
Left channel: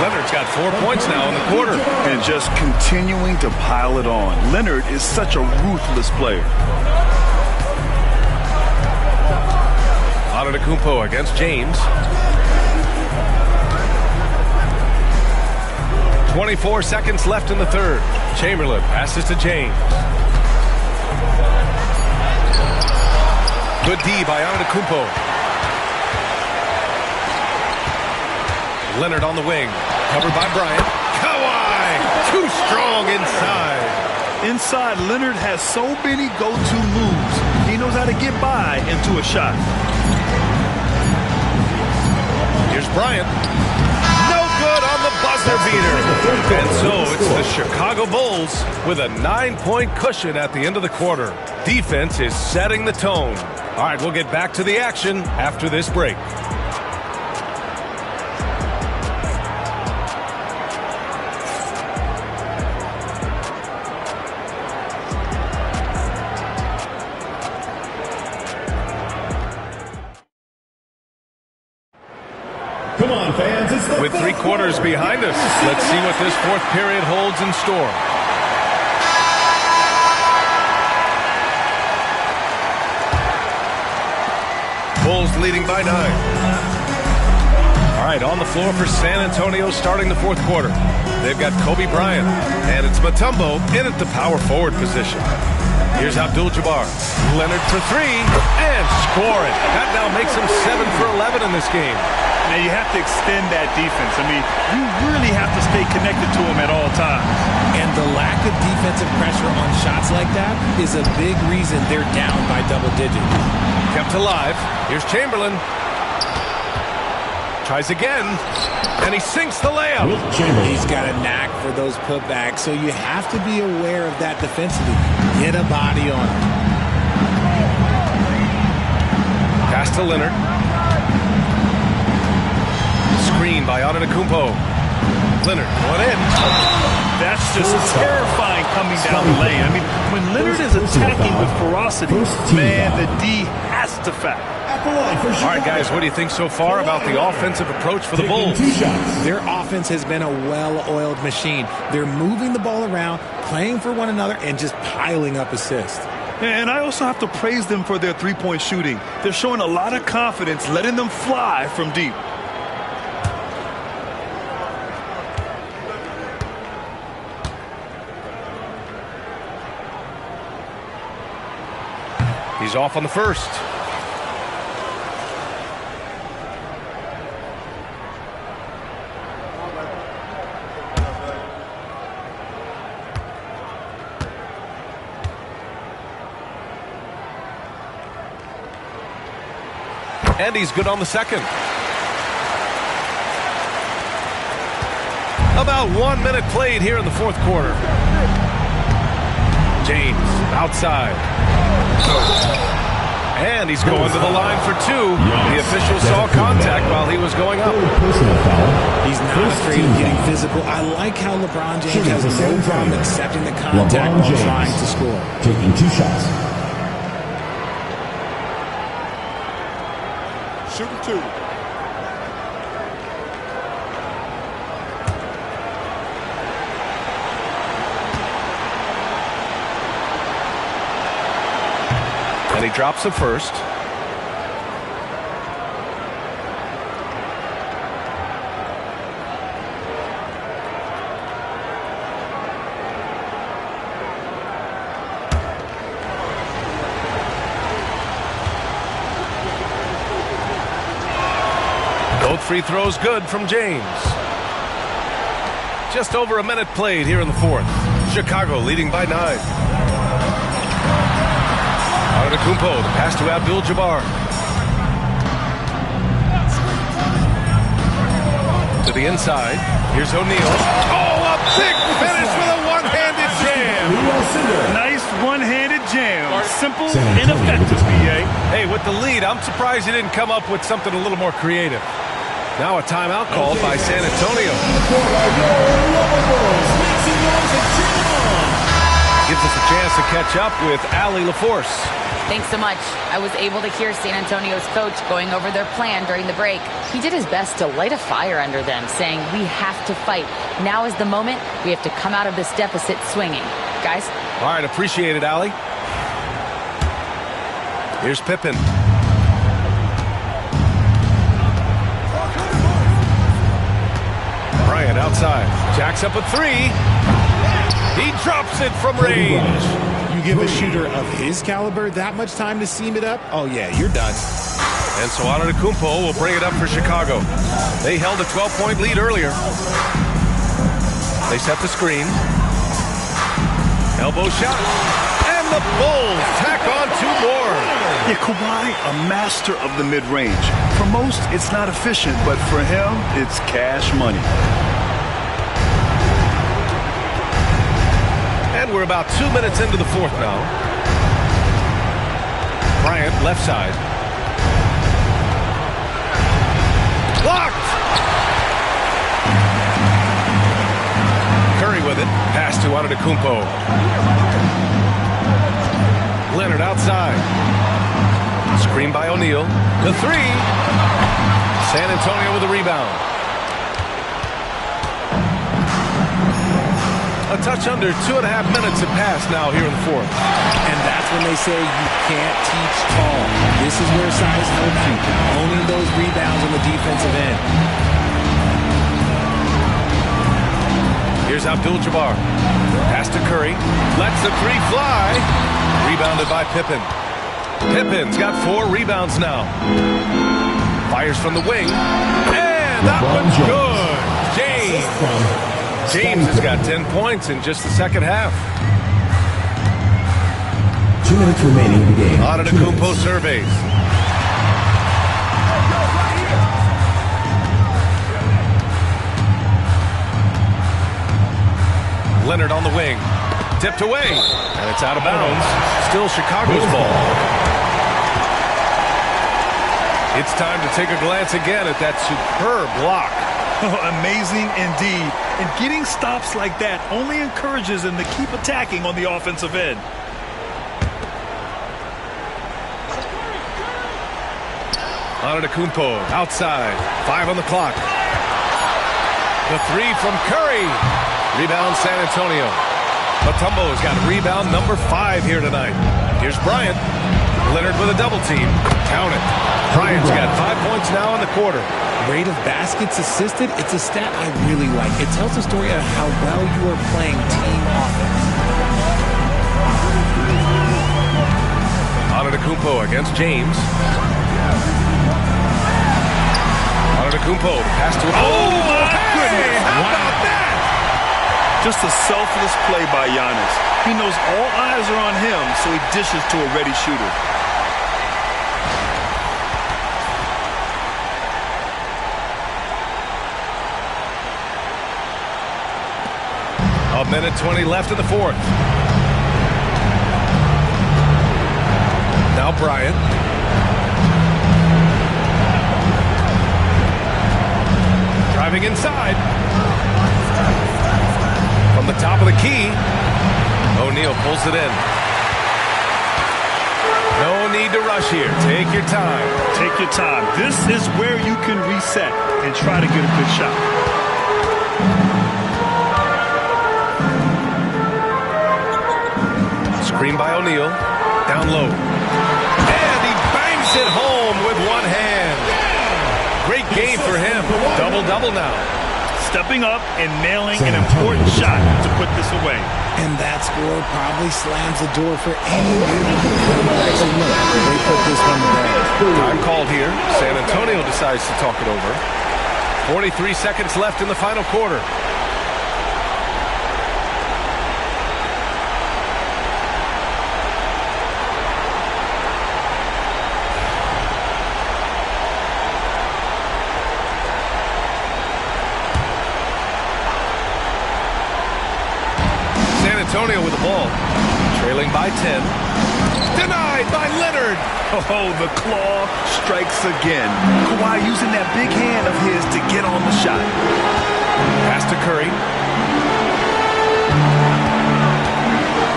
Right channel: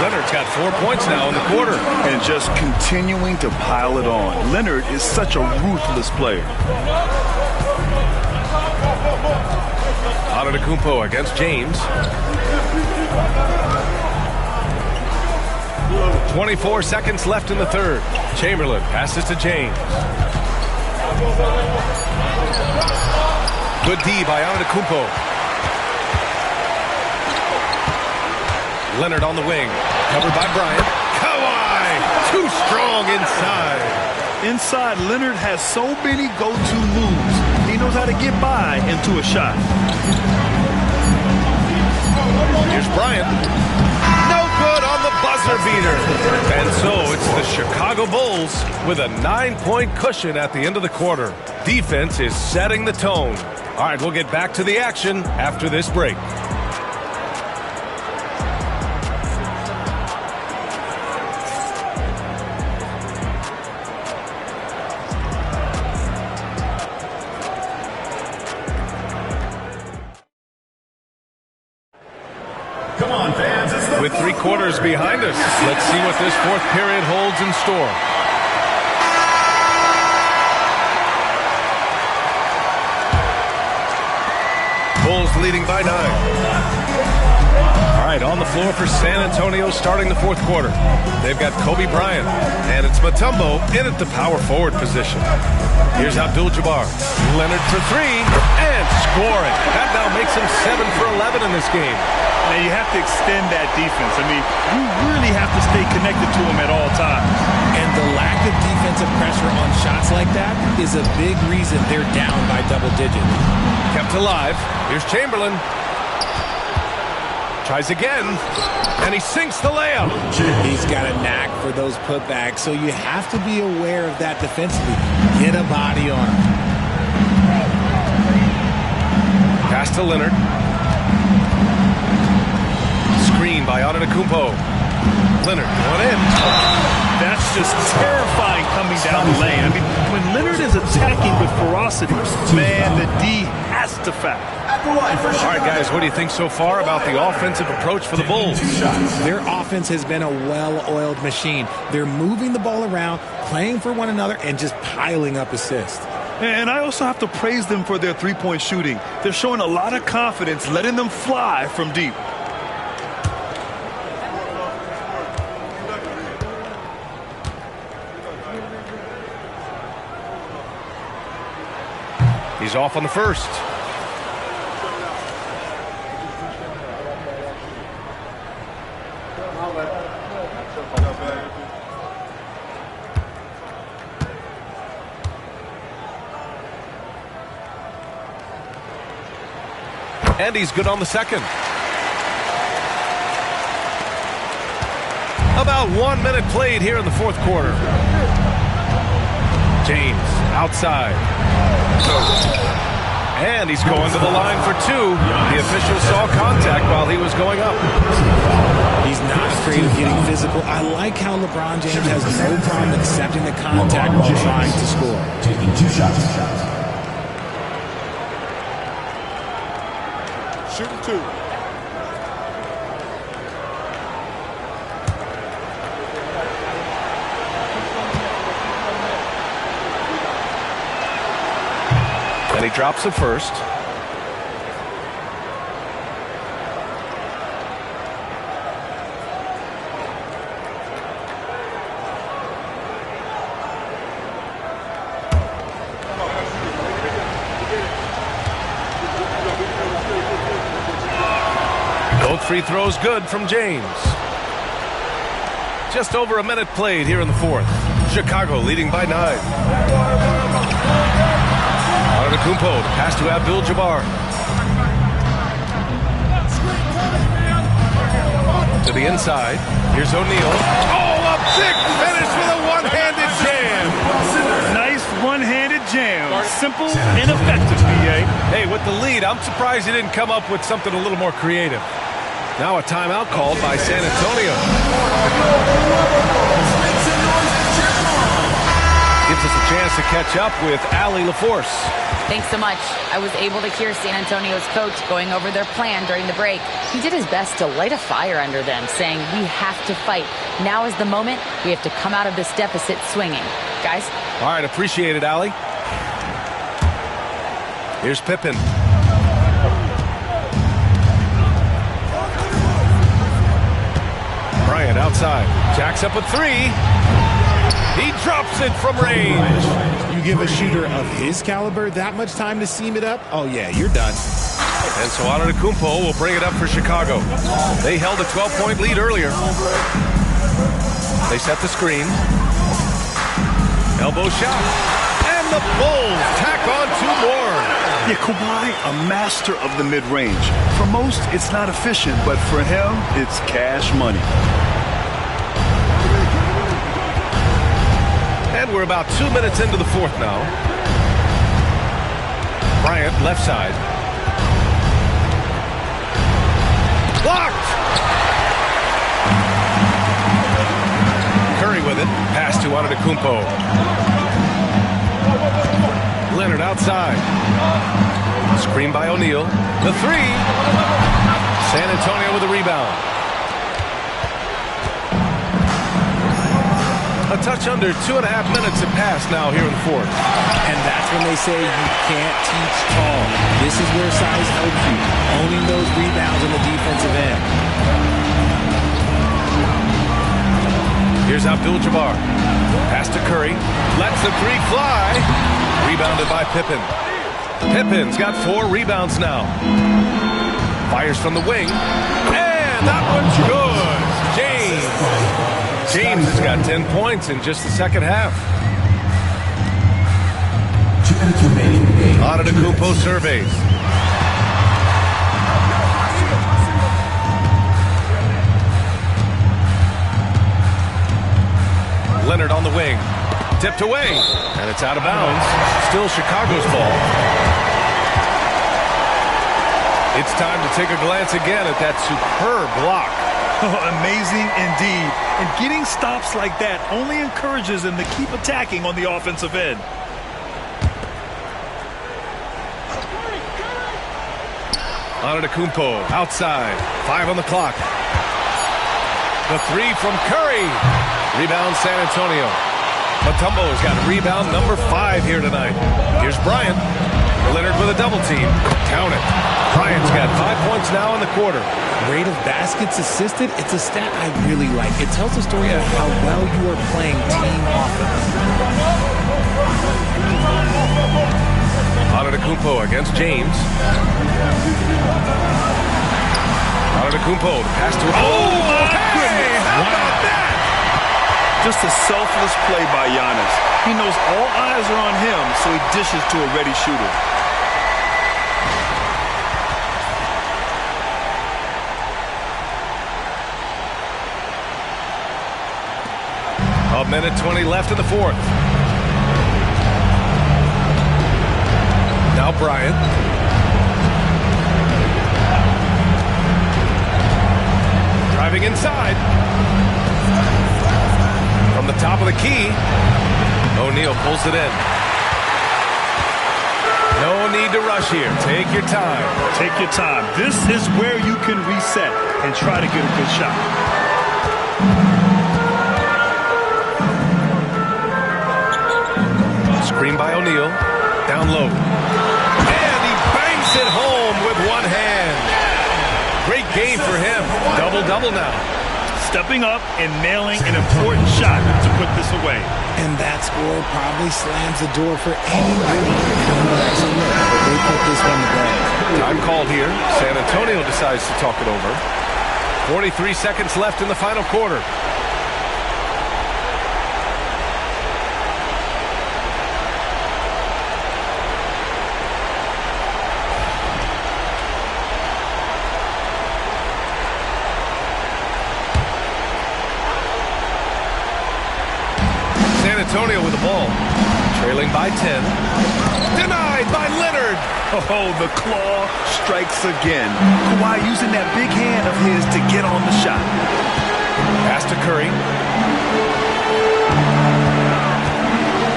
Leonard's got 4 points now in the quarter. And just continuing to pile it on. Leonard is such a ruthless player. Antetokounmpo against James. 24 seconds left in the third. Chamberlain passes to James. Good D by Antetokounmpo. Leonard on the wing. Covered by Bryant. Kawhi! Too strong inside. Inside, Leonard has so many go-to moves. He knows how to get by into a shot. Here's Bryant. No good on the buzzer beater. And so it's the Chicago Bulls with a 9-point cushion at the end of the quarter. Defense is setting the tone. All right, we'll get back to the action after this break. Come on, fans. It's the With 3 quarters behind us, let's see what this fourth period holds in store. Bulls leading by 9. All right, on the floor for San Antonio starting the fourth quarter. They've got Kobe Bryant, and it's Mutombo in at the power forward position. Here's Abdul-Jabbar. Leonard for 3, and scoring. That now makes him 7 for 11 in this game. Now, you have to extend that defense. I mean, you really have to stay connected to him at all times. And the lack of defensive pressure on shots like that is a big reason they're down by double digits. Kept alive. Here's Chamberlain. Tries again, and he sinks the layup. He's got a knack for those putbacks, so you have to be aware of that defensively. Get a body on him. Pass to Leonard. Screen by Antetokounmpo. Leonard going in. That's just terrifying coming down the lane. I mean, when Leonard is attacking with ferocity, man, the D has to foul. At the line for Chicago. All right, guys, what do you think so far about the offensive approach for the Bulls? Their offense has been a well-oiled machine. They're moving the ball around, playing for one another, and just piling up assists. And I also have to praise them for their three-point shooting. They're showing a lot of confidence, letting them fly from deep. He's off on the first. And he's good on the second. About 1 minute played here in the fourth quarter. James outside. And he's going to the line for two. The official saw contact while he was going up. He's not afraid of getting physical. I like how LeBron James has no problem accepting the contact while trying to score. Taking 2 shots. Shooting 2. And he drops the first. Both free throws good from James. Just over a minute played here in the fourth. Chicago leading by 9. Antetokounmpo, the pass to Abdul-Jabbar. To the inside. Here's O'Neal. Oh, a big finish with a one-handed jam. Nice one-handed jam. Simple and effective, B.A. Hey, with the lead, I'm surprised he didn't come up with something a little more creative. Now a timeout called by San Antonio. Gives us a chance to catch up with Allie LaForce. Thanks so much. I was able to hear San Antonio's coach going over their plan during the break. He did his best to light a fire under them, saying, we have to fight. Now is the moment. We have to come out of this deficit swinging. Guys? All right, appreciate it, Allie. Here's Pippen. Bryant outside. Jacks up a 3. He drops it from range. You give a shooter of his caliber that much time to seam it up? Oh, yeah, you're done. And so Antetokounmpo will bring it up for Chicago. They held a 12-point lead earlier. They set the screen. Elbow shot. And the Bulls tack on 2 more. Yeah, Kawhi, a master of the mid-range. For most, it's not efficient, but for him, it's cash money. And we're about 2 minutes into the fourth now. Bryant, left side. Blocked! Curry with it. Pass to Antetokounmpo. Leonard outside. Screen by O'Neal. The 3. San Antonio with the rebound. A touch under 2.5 minutes have passed now here in the fourth. And that's when they say you can't teach tall. This is where size helps you. Owning those rebounds on the defensive end. Here's Abdul-Jabbar. Pass to Curry. Lets the 3 fly. Rebounded by Pippen. Pippen's got 4 rebounds now. Fires from the wing. And that one's good. James has got 10 points in just the second half. 2 minutes remaining in the game. Antetokounmpo surveys. Leonard on the wing. Tipped away. And it's out of bounds. Still Chicago's ball. It's time to take a glance again at that superb block. Oh, amazing indeed. And getting stops like that only encourages them to keep attacking on the offensive end. Antetokounmpo outside. 5 on the clock. The 3 from Curry. Rebound San Antonio. Mutombo's got rebound number 5 here tonight. Here's Bryant. Leonard with a double team. Count it. Bryant's got 5 points now in the quarter. Rate of baskets assisted, it's a stat I really like. It tells the story of how well you are playing team offense. Antetokounmpo against James. Antetokounmpo, the pass to... Oh, my goodness! How about that? Just a selfless play by Giannis. He knows all eyes are on him, so he dishes to a ready shooter. A minute 20 left in the fourth. Now Bryant. Driving inside. From the top of the key. O'Neal pulls it in. No need to rush here. Take your time. Take your time. This is where you can reset and try to get a good shot. Screen by O'Neal. Down low. And he bangs it home with one hand. Great game for him. Double-double now. Stepping up and nailing an important shot to put this away. And that score probably slams the door for anybody to come back and look. They put this one to bed. Time called here. San Antonio decides to talk it over. 43 seconds left in the final quarter. San Antonio with the ball. Trailing by 10. Denied by Leonard. Oh, the claw strikes again. Kawhi using that big hand of his to get on the shot. Pass to Curry.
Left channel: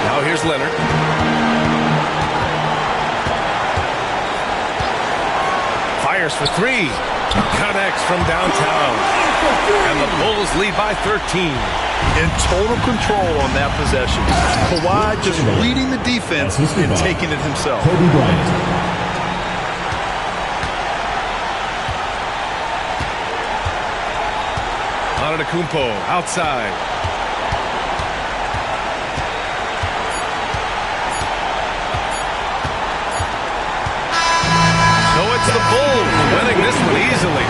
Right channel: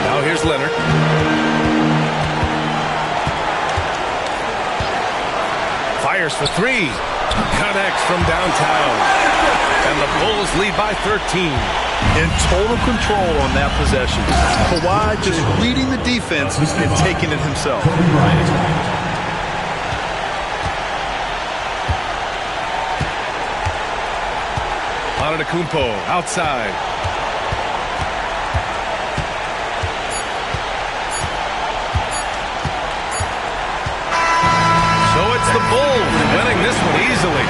Now here's Leonard. Fires for 3. Connects from downtown. And the Bulls lead by 13. In total control on that possession. Kawhi just reading the defense and taking it himself. Kobe Bryant. Antetokounmpo outside. So it's the Bulls winning this one easily.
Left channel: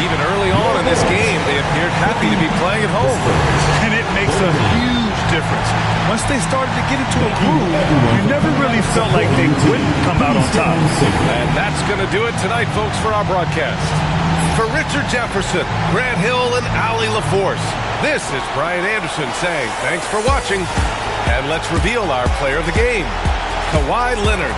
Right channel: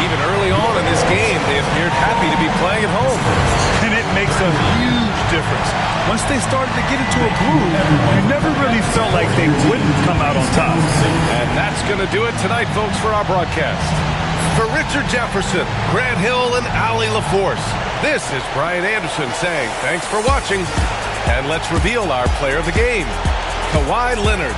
Even early on in this game, they appeared happy to be playing at home. And it makes a huge difference. Once they started to get into a groove, you never really felt like they wouldn't come out on top. And that's going to do it tonight, folks, for our broadcast. For Richard Jefferson, Grant Hill, and Allie LaForce, this is Brian Anderson saying thanks for watching. And let's reveal our player of the game, Kawhi Leonard.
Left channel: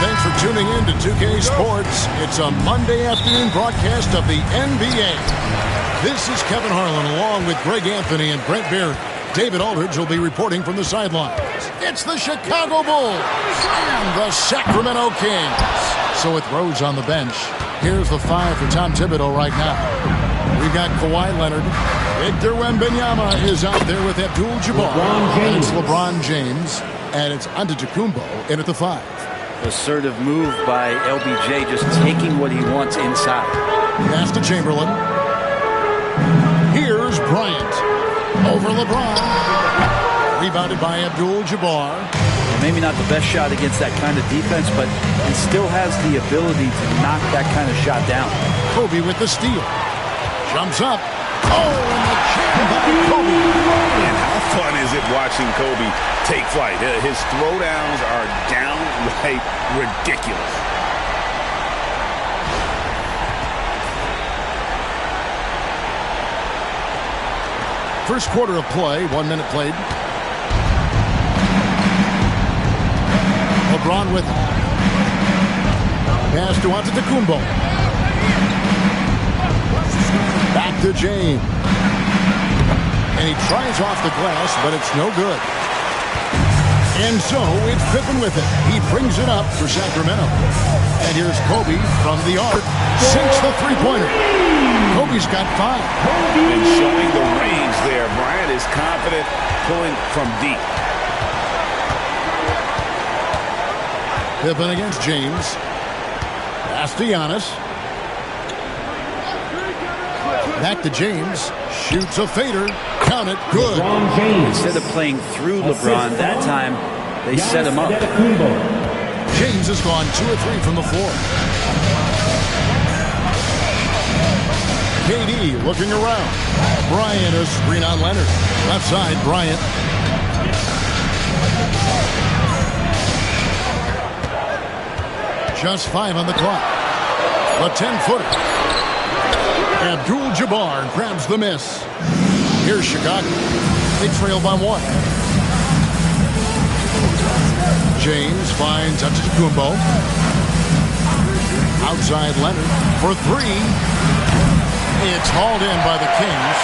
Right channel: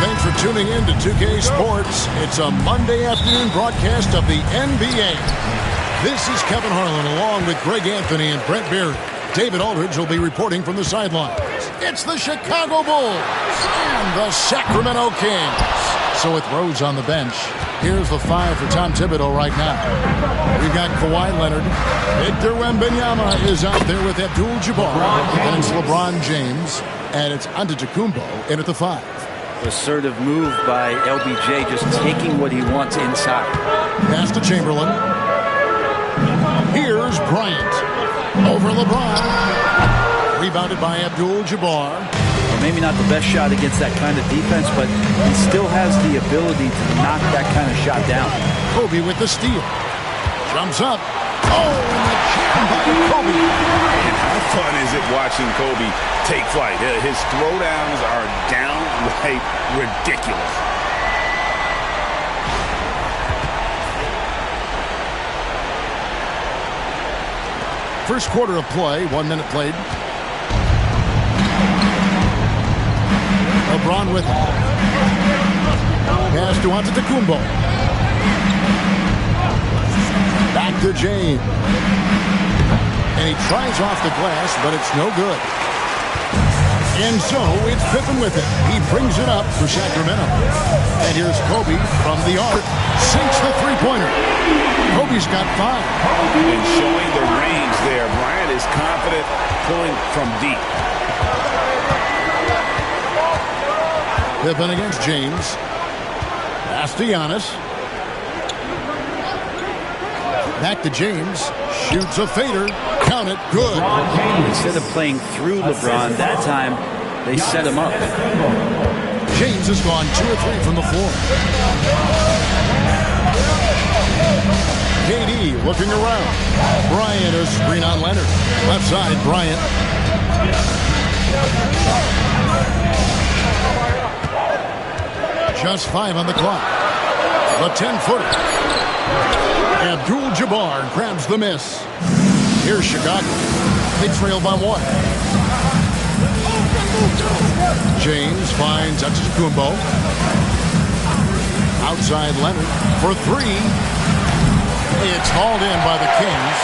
Thanks for tuning in to 2K Sports. It's a Monday afternoon broadcast of the NBA. This is Kevin Harlan along with Greg Anthony and Brent Berry. David Aldridge will be reporting from the sidelines. It's the Chicago Bulls and the Sacramento Kings. So with Rose on the bench, here's the 5 for Tom Thibodeau right now. We've got Kawhi Leonard. Victor Wembanyama is out there with Abdul-Jabbar. And it's LeBron James. And it's Antetokounmpo in at the 5. Assertive move by LBJ, just taking what he wants inside. Pass to Chamberlain. Here's Bryant. Over LeBron. Rebounded by Abdul-Jabbar. Well, maybe not the best shot against that kind of defense, but he still has the ability to knock that kind of shot down. Kobe with the steal. Jumps up. Oh, and the jam by Kobe. And how fun is it watching Kobe take flight? His throwdowns are downright ridiculous. First quarter of play, 1 minute played. LeBron with it. Pass to Antetokounmpo. Back to James. And he tries off the glass, but it's no good. And so it's Pippen with it. He brings it up for Sacramento. And here's Kobe from the arc. Sinks the three-pointer. Kobe's got 5. And showing the range there. Bryant is confident pulling from deep. Pippen against James. Pass to Giannis. Back to James. Shoots a fader. Count it. Good. Instead of playing through LeBron, that time they set him up. James has gone 2 or 3 from the floor. KD looking around. Bryant a screen on Leonard. Left side, Bryant. Just 5 on the clock. The 10-footer. Abdul-Jabbar grabs the miss. Here's Chicago. They trail by 1. James finds Antetokounmpo. Outside Leonard for 3. It's hauled in by the Kings.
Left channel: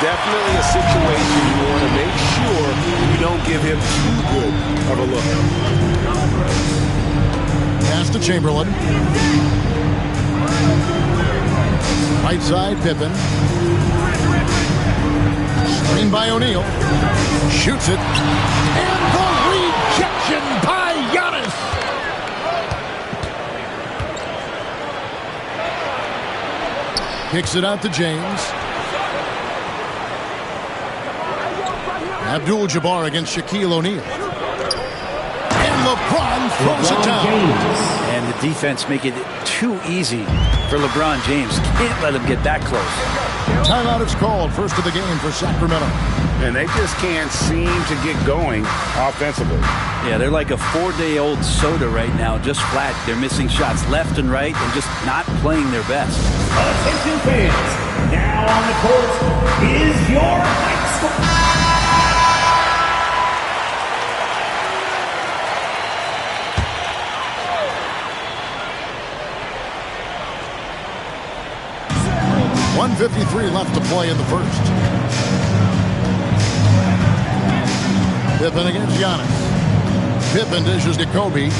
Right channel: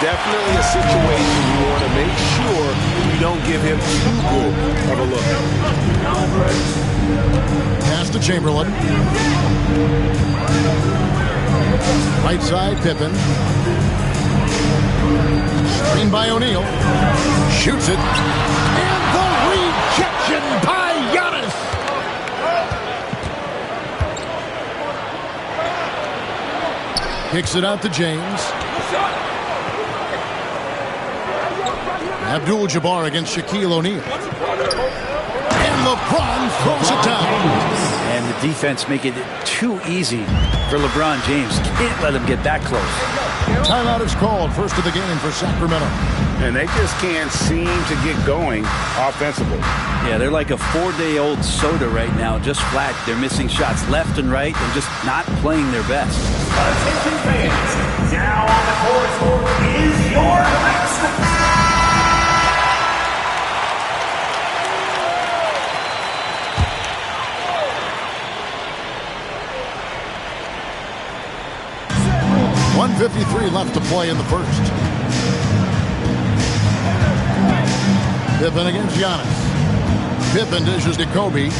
Definitely a situation you want to make sure you don't give him too good of a look. Pass to Chamberlain. Right side, Pippen. Screen by O'Neal. Shoots it. And the rejection by Giannis. Kicks it out to James. Abdul-Jabbar against Shaquille O'Neal. And LeBron throws it down. And the defense make it too easy for LeBron James. Can't let him get that close. Timeout is called. First of the game for Sacramento. And they just can't seem to get going offensively. Yeah, they're like a 4-day-old soda right now, just flat. They're missing shots left and right and just not playing their best. Attention fans, now on the court is your high school. .153 left to play in the first. Pippen against Giannis. Pippen dishes to Kobe. The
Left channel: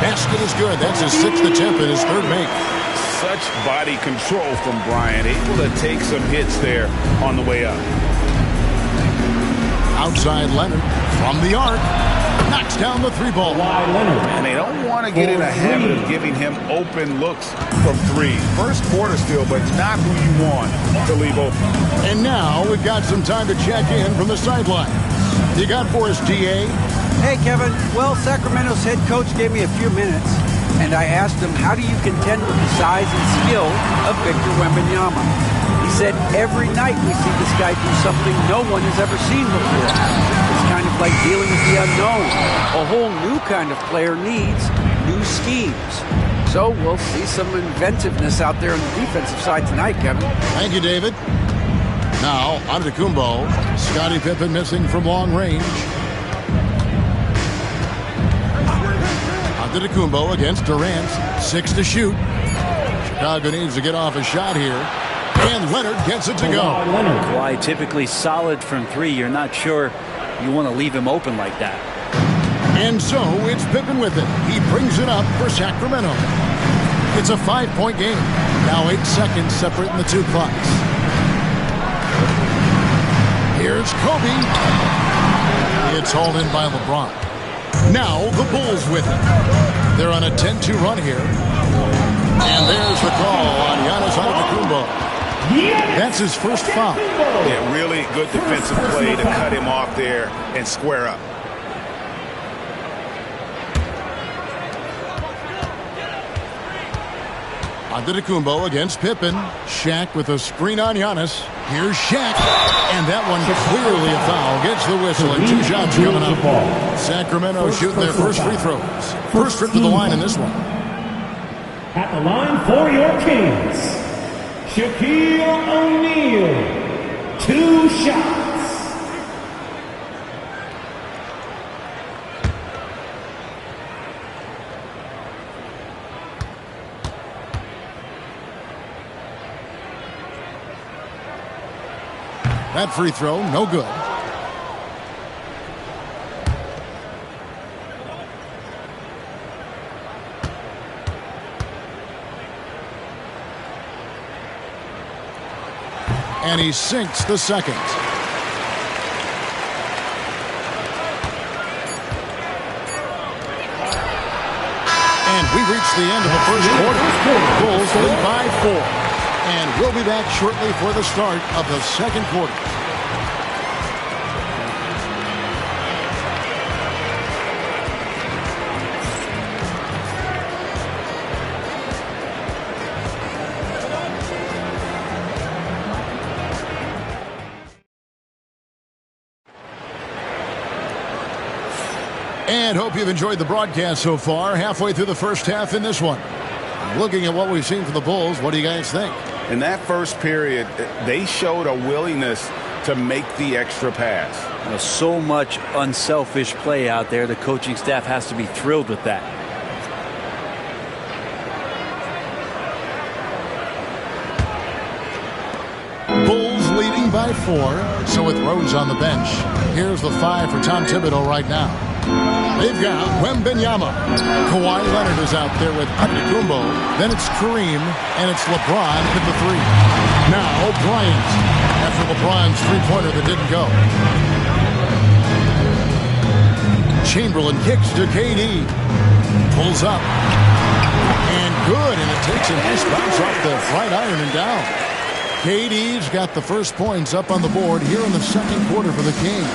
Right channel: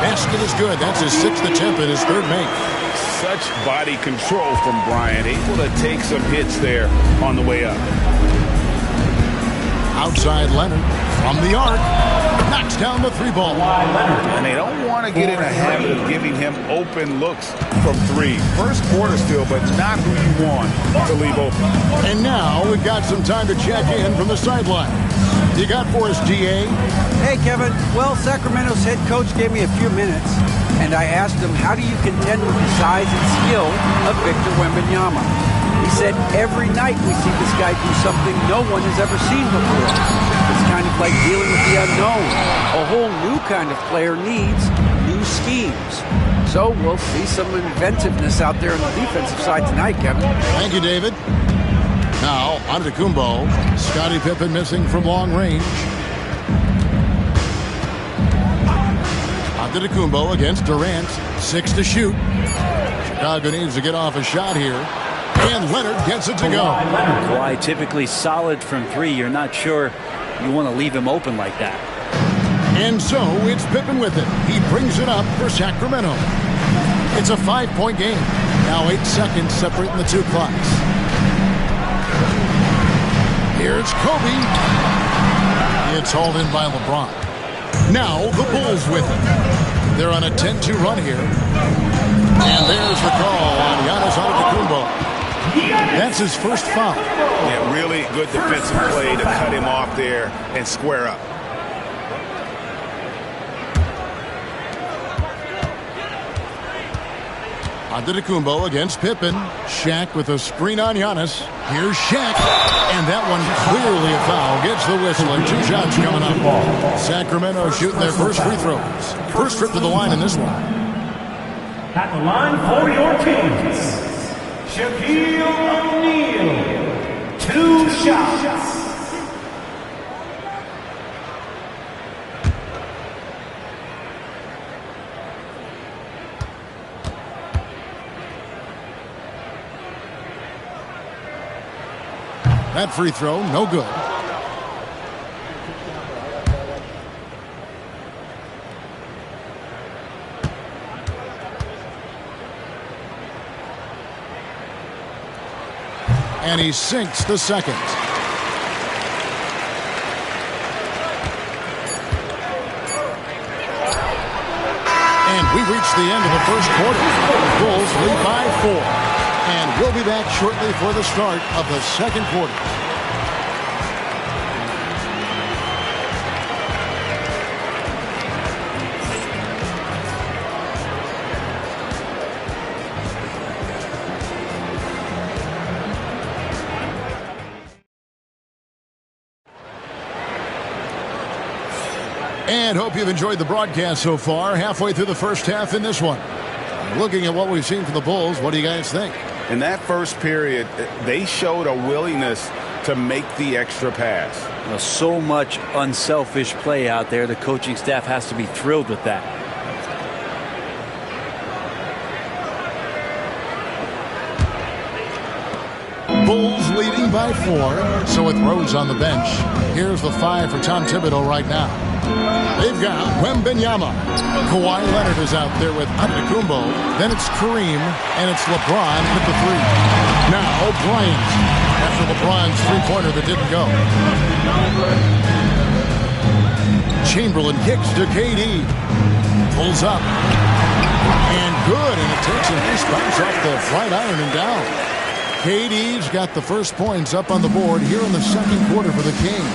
basket is good. That's his 6th attempt and his 3rd make. Such body control from Bryant. Able to take some hits there on the way up. Outside Leonard from the arc. knocks down the three ball. And they don't want to get in a habit of giving him open looks from three. First quarter still, but not who you want to leave open. And now we've got some time to check in from the sideline. You got for us, DA? Hey, Kevin. Well, Sacramento's head coach gave me a few minutes, and I asked him, how do you contend with the size and skill of Victor Wembanyama? He said, every night we see this guy do something no one has ever seen before. It's kind of like dealing with the unknown. A whole new kind of player needs new schemes. So we'll see some inventiveness out there on the defensive side tonight, Kevin. Thank you, David. Now, Antetokounmpo. Scottie Pippen missing from long range. Antetokounmpo against Durant. 6 to shoot. Chicago needs to get off a shot here. And Leonard gets it to go. Kawhi typically solid from three. You're not sure you want to leave him open like that. And so it's Pippen with it. He brings it up for Sacramento. It's a 5-point game. Now 8 seconds separating the two clocks. Here's Kobe. It's hauled in by LeBron. Now the Bulls with it. They're on a 10-2 run here. And there's the call on Giannis Antetokounmpo. That's his first foul. Yeah, really good defensive play to cut him off there and square up. Antetokounmpo against Pippen. Shaq with a screen on Giannis. Here's Shaq. And that one clearly a foul. Gets the whistle and 2 shots coming up. Sacramento shooting their first free throws. First trip to the line in this one. At the line for your Kings, Shaquille O'Neal. 2 shots. That free throw, no good. And he sinks the second. And we reach the end of the first quarter. Bulls lead by 4. And we'll be back shortly for the start of the second quarter. And hope you've enjoyed the broadcast so far. Halfway through the first half in this one. Looking at what we've seen from the Bulls, what do you guys think? In that first period, they showed a willingness to make the extra pass. So much unselfish play out there. The coaching staff has to be thrilled with that. Bulls leading by 4. So with Rose on the bench. Here's the 5 for Tom Thibodeau right now. They've got Wembanyama. Kawhi Leonard is out there with Antetokounmpo. Then it's Kareem, and it's LeBron with the 3. Now Bryant, after LeBron's three-pointer that didn't go. Chamberlain kicks to KD. Pulls up. And good, and it takes a nice bounce off the right iron and down. KD's got the first points up on the board here in the second quarter for the Kings.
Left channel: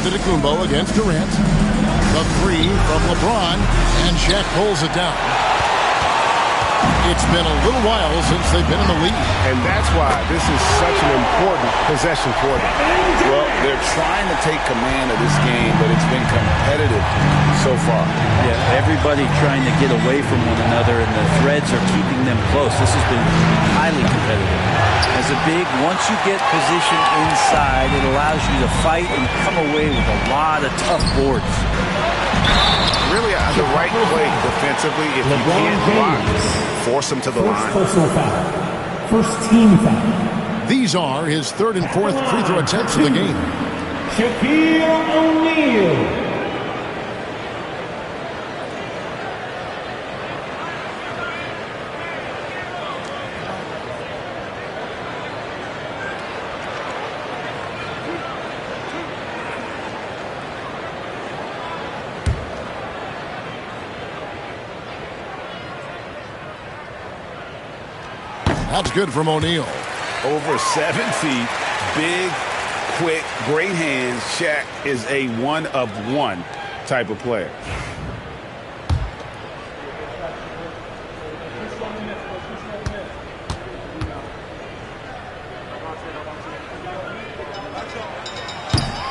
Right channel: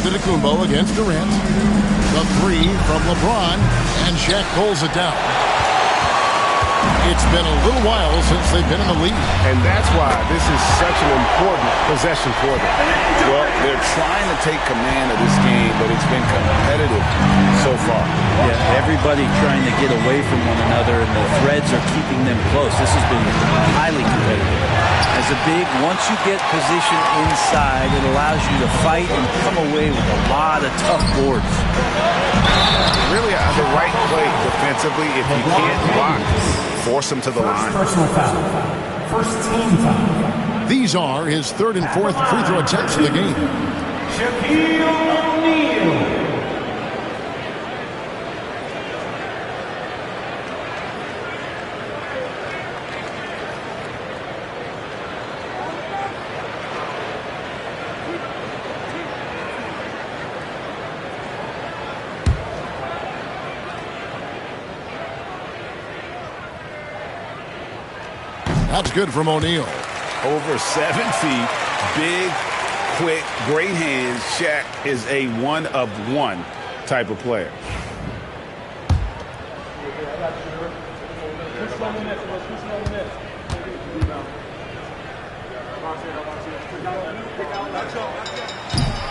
Antetokounmpo against Durant. The 3 from LeBron, and Shaq pulls it down. It's been a little while since they've been in the lead. And that's why this is such an important possession for them. Well, they're trying to take command of this game, but it's been competitive so far. Yeah, everybody trying to get away from one another, and the threads are keeping them close. This has been highly competitive. As a big, once you get position inside, it allows you to fight and come away with a lot of tough boards. Really, the right play defensively. If you can't block, force them to the line. Personal foul. First team foul. These are his 3rd and 4th free throw attempts of the game. Shaquille O'Neal. That's good from O'Neal. Over 7 feet, big, quick, great hands. Shaq is a one-of-one type of player.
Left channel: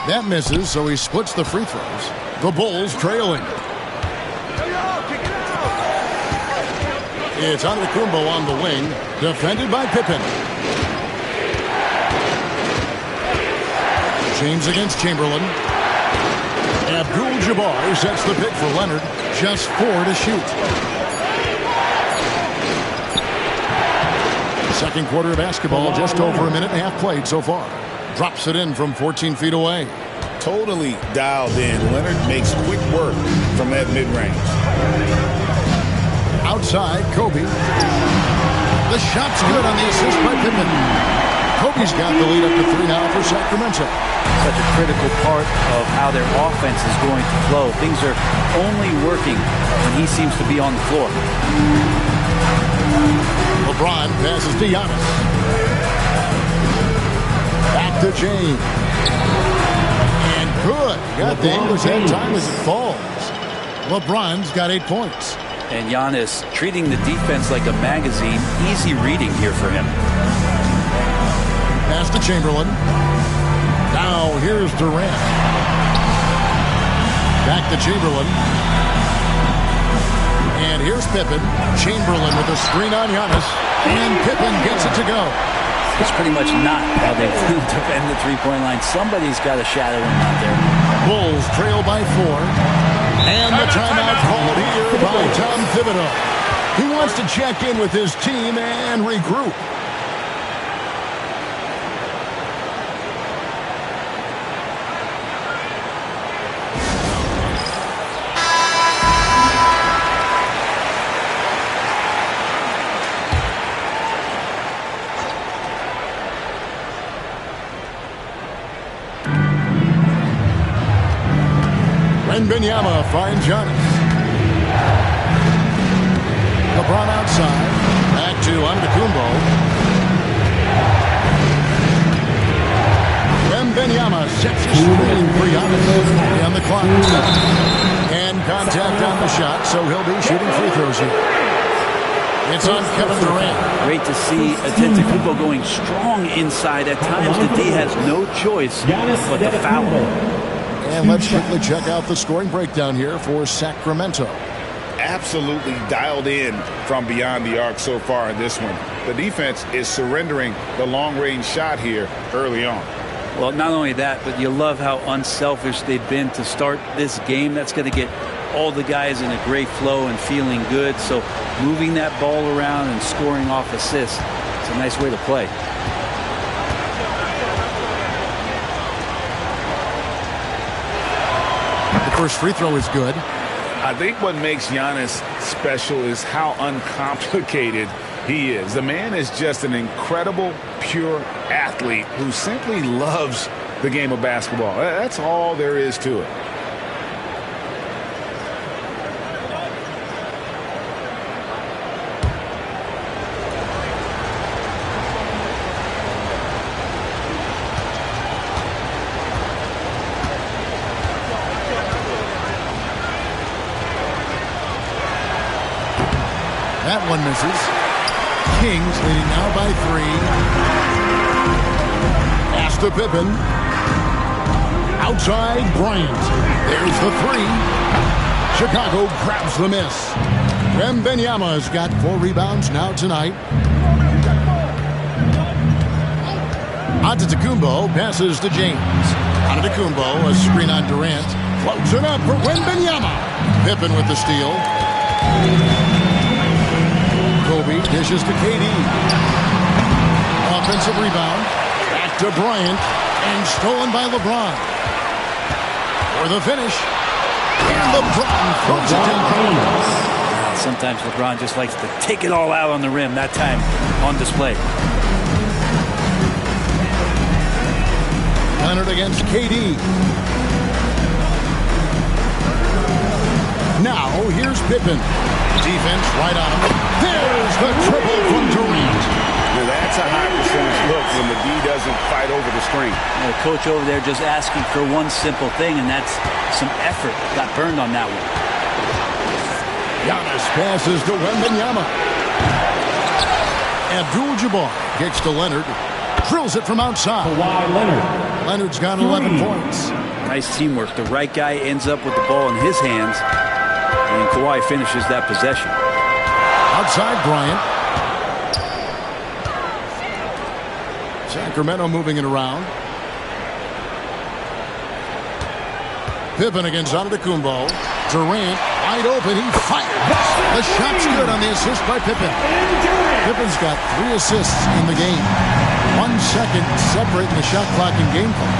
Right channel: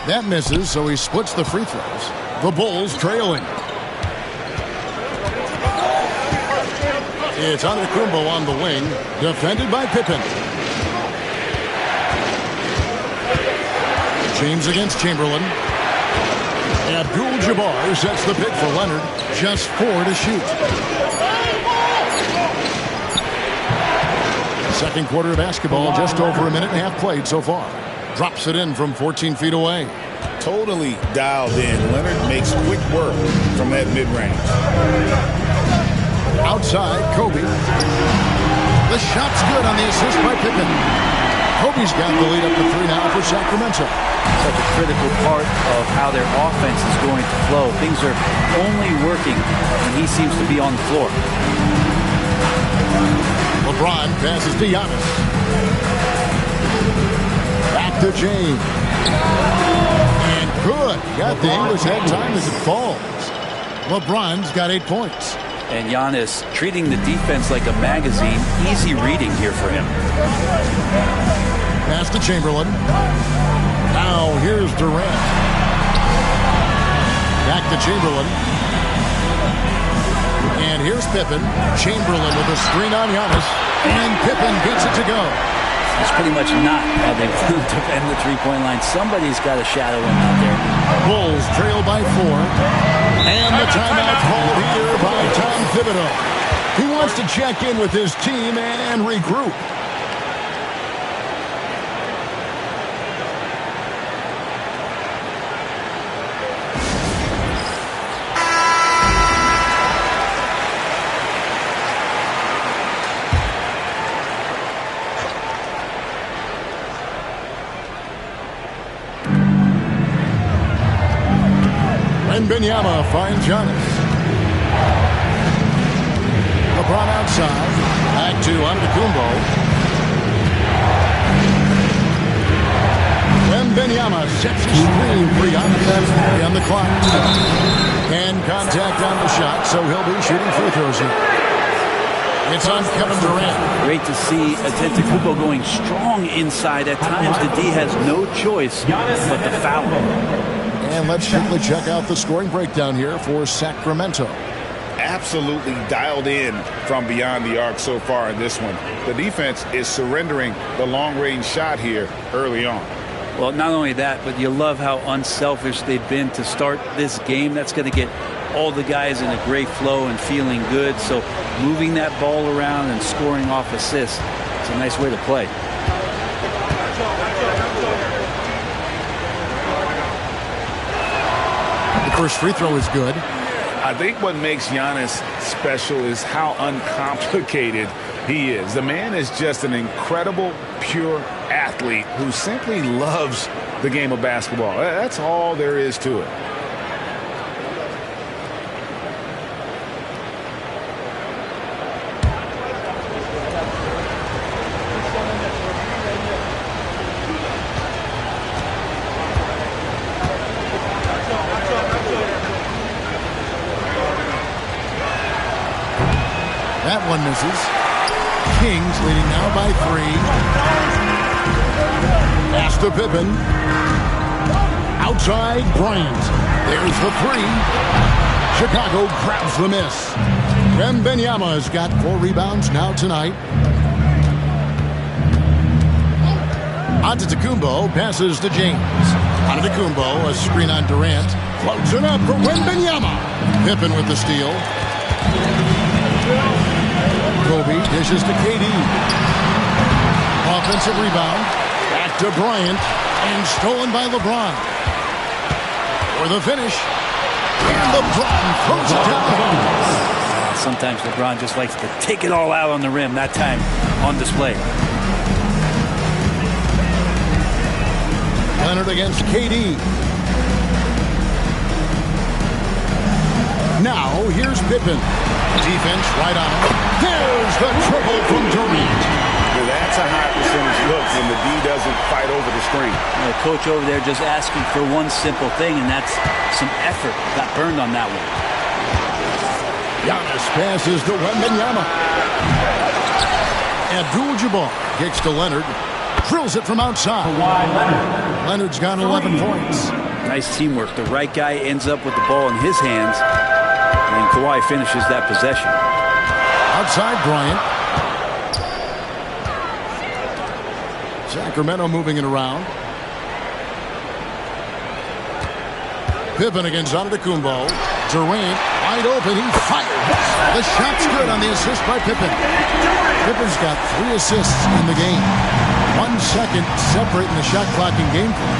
That misses, so he splits the free throws. The Bulls trailing. It's Antetokounmpo on the wing, defended by Pippen. James against Chamberlain. Abdul-Jabbar sets the pick for Leonard. Just 4 to shoot. Second quarter of basketball, just over a minute and a half played so far. Drops it in from 14 feet away. Totally dialed in. Leonard makes quick work from that mid-range. Outside, Kobe. The shot's good on the assist by Pippen. Kobe's got the lead up to 3 now for Sacramento. Such a critical part of how their offense is going to flow. Things are only working when he seems to be on the floor. LeBron passes to Giannis. Back to James. And good. Got the English that time as it falls. LeBron's got 8 points. And Giannis treating the defense like a magazine. Easy reading here for him. Pass to Chamberlain. Now here's Durant. Back to Chamberlain. And here's Pippen. Chamberlain with a screen on Giannis. And Pippen gets it to go. It's pretty much not how they defend the three-point line. Somebody's got to shadow him out there. Bulls trail by 4. And the timeout called here by Tom Thibodeau. He wants to check in with his team and regroup. Wembanyama finds Giannis. LeBron outside. Back to Antetokounmpo. Wembanyama sets his screen for Giannis. On the clock. And contact on the shot, so he'll be shooting free throws here. It's on Kevin Durant. Great to see Antetokounmpo going strong inside. At times, the D has no choice but to foul him. And let's quickly check out the scoring breakdown here for Sacramento. Absolutely dialed in from beyond the arc so far in this one. The defense is surrendering the long-range shot here early on. Well, not only that, but you love how unselfish they've been to start this game. That's going to get all the guys in a great flow and feeling good. So moving that ball around and scoring off assists, it's a nice way to play. The first free throw is good. I think what makes Giannis special is how uncomplicated he is. The man is just an incredible, pure athlete who simply loves the game of basketball. That's all there is to it. That one misses. Kings leading now by 3. Pass to Pippen. Outside Bryant. There's the 3. Chicago grabs the miss. Wembanyama's got 4 rebounds now tonight. Antetokounmpo passes to James. Antetokounmpo, a screen on Durant. Floats it up for Wembanyama. Pippen with the steal. Kobe dishes to KD. Offensive rebound. Back to Bryant. And stolen by LeBron. For the finish. And LeBron throws it down. Sometimes LeBron just likes to take it all out on the rim. That time on display. Leonard against KD. Now here's Pippen. Defense right on him. There's the triple from Durant. Now that's a high percentage look when the D doesn't fight over the screen. The coach over there just asking for one simple thing, and that's some effort. Got burned on that one. Giannis passes to Wembanyama. Abdul-Jabbar kicks to Leonard. Drills it from outside. Kawhi Leonard. Leonard's got 11 points. Nice teamwork. The right guy ends up with the ball in his hands, and Kawhi finishes that possession. Outside Bryant. Sacramento moving it around. Pippen against Antetokounmpo. Durant wide open. He fires. The shot's good on the assist by Pippen. Pippen's got 3 assists in the game. 1 second separating the shot clock and game clock.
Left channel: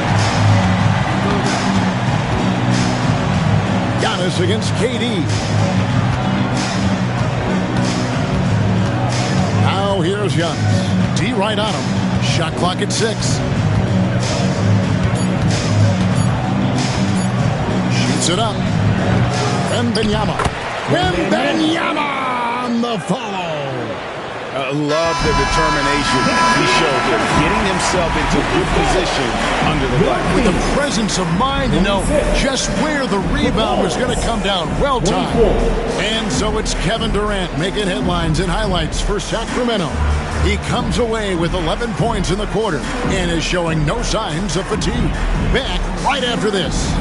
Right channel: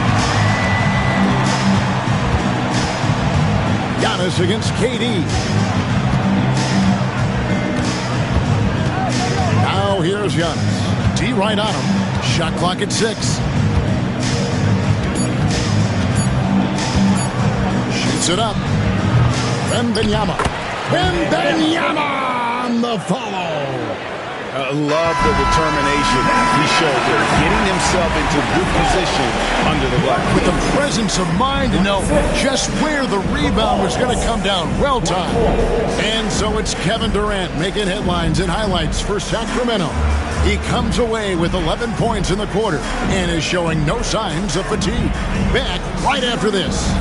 Giannis against KD. Now here's Giannis. D right on him. Shot clock at 6. Shoots it up. Wembanyama. Wembanyama on the follow. Love the determination he showed there, getting himself into good position under the glass. With the presence of mind to know just where the rebound was going to come down. Well timed. And so it's Kevin Durant making headlines and highlights for Sacramento. He comes away with 11 points in the quarter and is showing no signs of fatigue. Back right after this.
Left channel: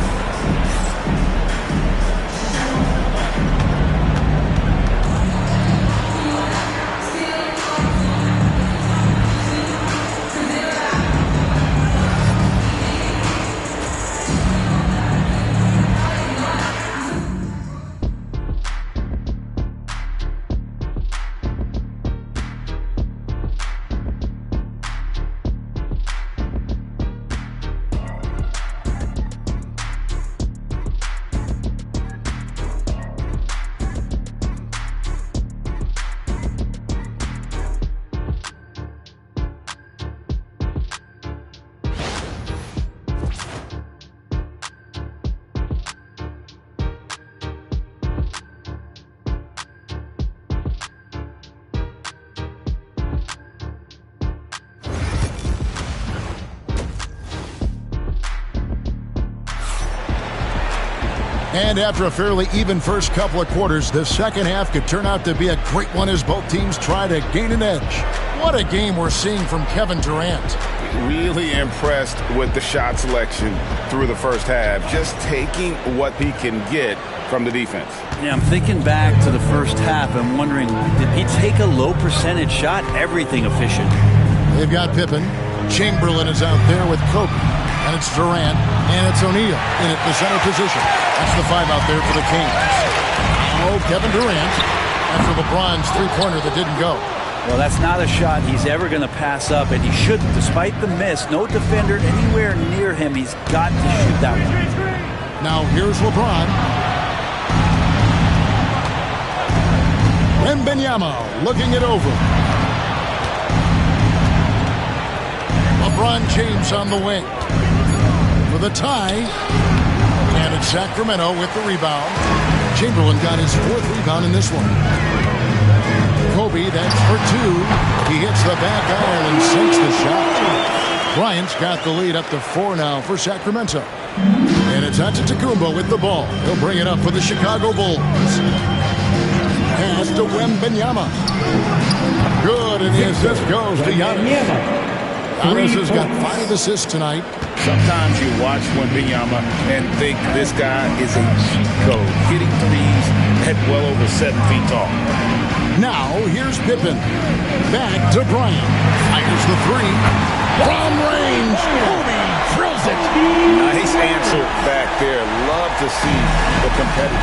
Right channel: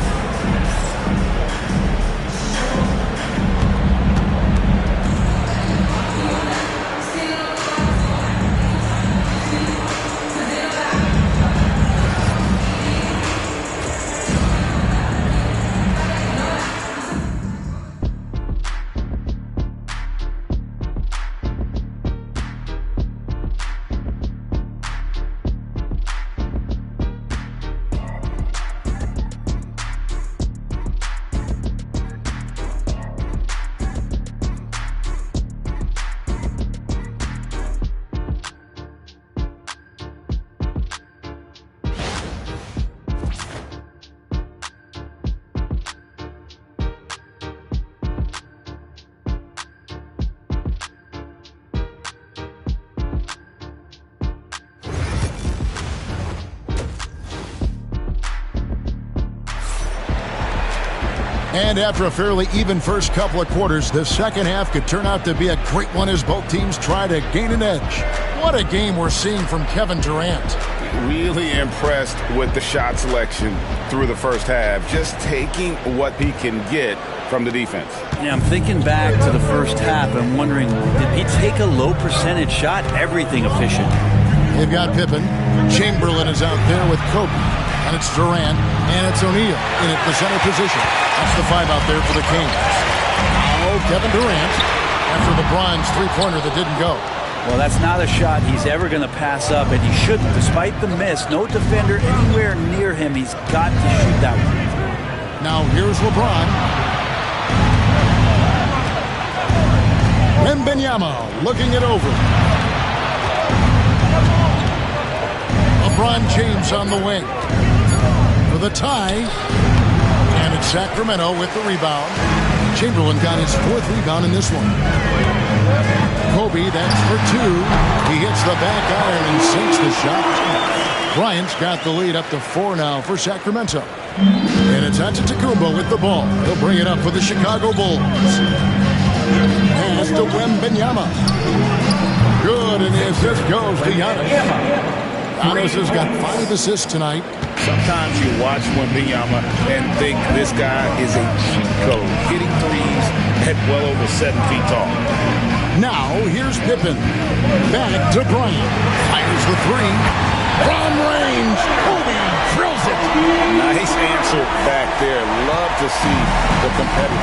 And after a fairly even first couple of quarters, the second half could turn out to be a great one as both teams try to gain an edge. What a game we're seeing from Kevin Durant. Really impressed with the shot selection through the first half, just taking what he can get from the defense. Yeah, I'm thinking back to the first half. I'm wondering, did he take a low percentage shot? Everything efficient. They've got Pippen. Chamberlain is out there with Kobe. And it's Durant, and it's O'Neal in at the center position. That's the 5 out there for the Kings. Now Kevin Durant after LeBron's three-pointer that didn't go. Well, that's not a shot he's ever going to pass up, and he shouldn't. Despite the miss, no defender anywhere near him. He's got to shoot that one. Now here's LeBron. Wembanyama looking it over. LeBron James on the wing for the tie. And it's Sacramento with the rebound. Chamberlain got his 4th rebound in this one. Kobe, that's for 2. He hits the back iron and sinks the shot. Bryant's got the lead up to 4 now for Sacramento. And it's Antetokounmpo with the ball. He'll bring it up for the Chicago Bulls. Pass to Wembanyama. Good, and the assist goes to Giannis. Giannis has got 5 assists tonight. Sometimes you watch Wembanyama and think this guy is a cheat code, hitting threes at well over 7 feet tall. Now here's Pippen. Back to Bryant. Fires the 3. From range, Kobe drills it. Nice answer back there. Love to see the competitors.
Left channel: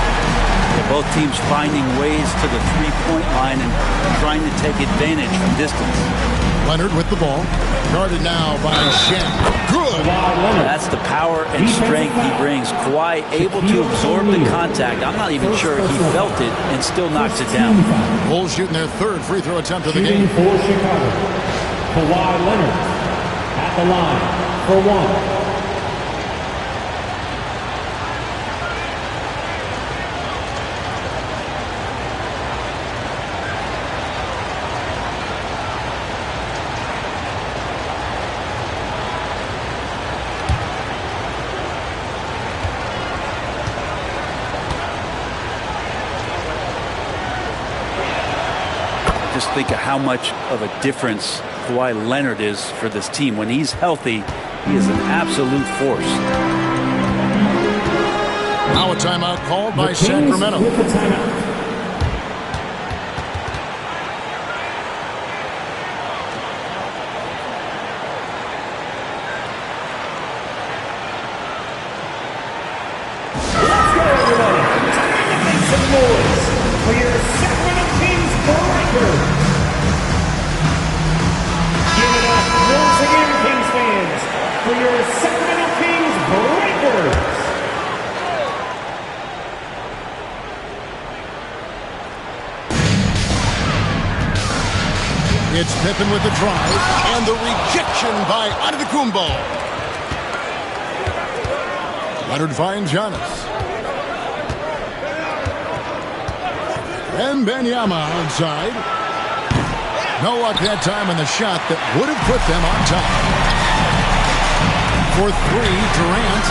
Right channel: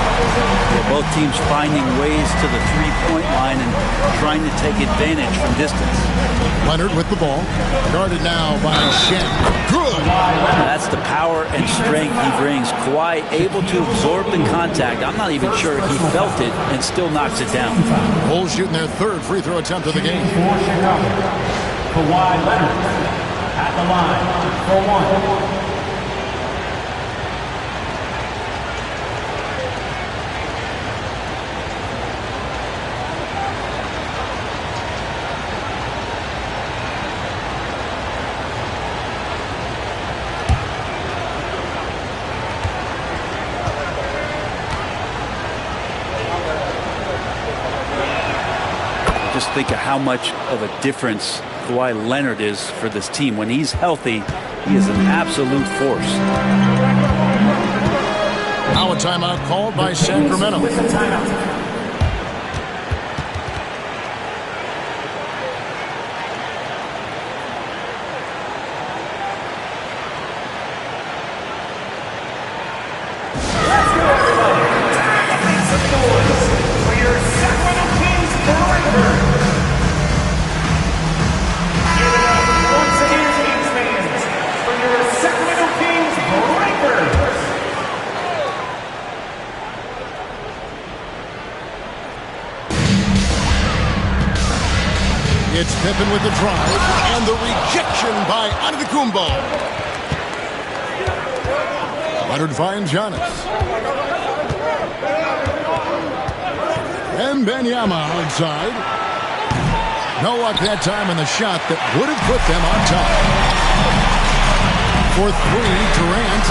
Yeah, both teams finding ways to the three-point line and trying to take advantage from distance. Leonard with the ball. Guarded now by Shaq. Good. That's the power and strength he brings. Kawhi able to absorb the contact. I'm not even sure he felt it and still knocks it down. Bulls shooting their 3rd free throw attempt of the game. For Chicago, Kawhi Leonard at the line for 1. just think of how much of a difference Kawhi Leonard is for this team. When he's healthy, he is an absolute force. Now a timeout called by Sacramento. With the timeout. It's Pippen with the drive and the rejection by Antetokounmpo. Leonard finds Giannis. And Wembanyama outside. No luck that time on the shot that would have put them on top. For three, Durant.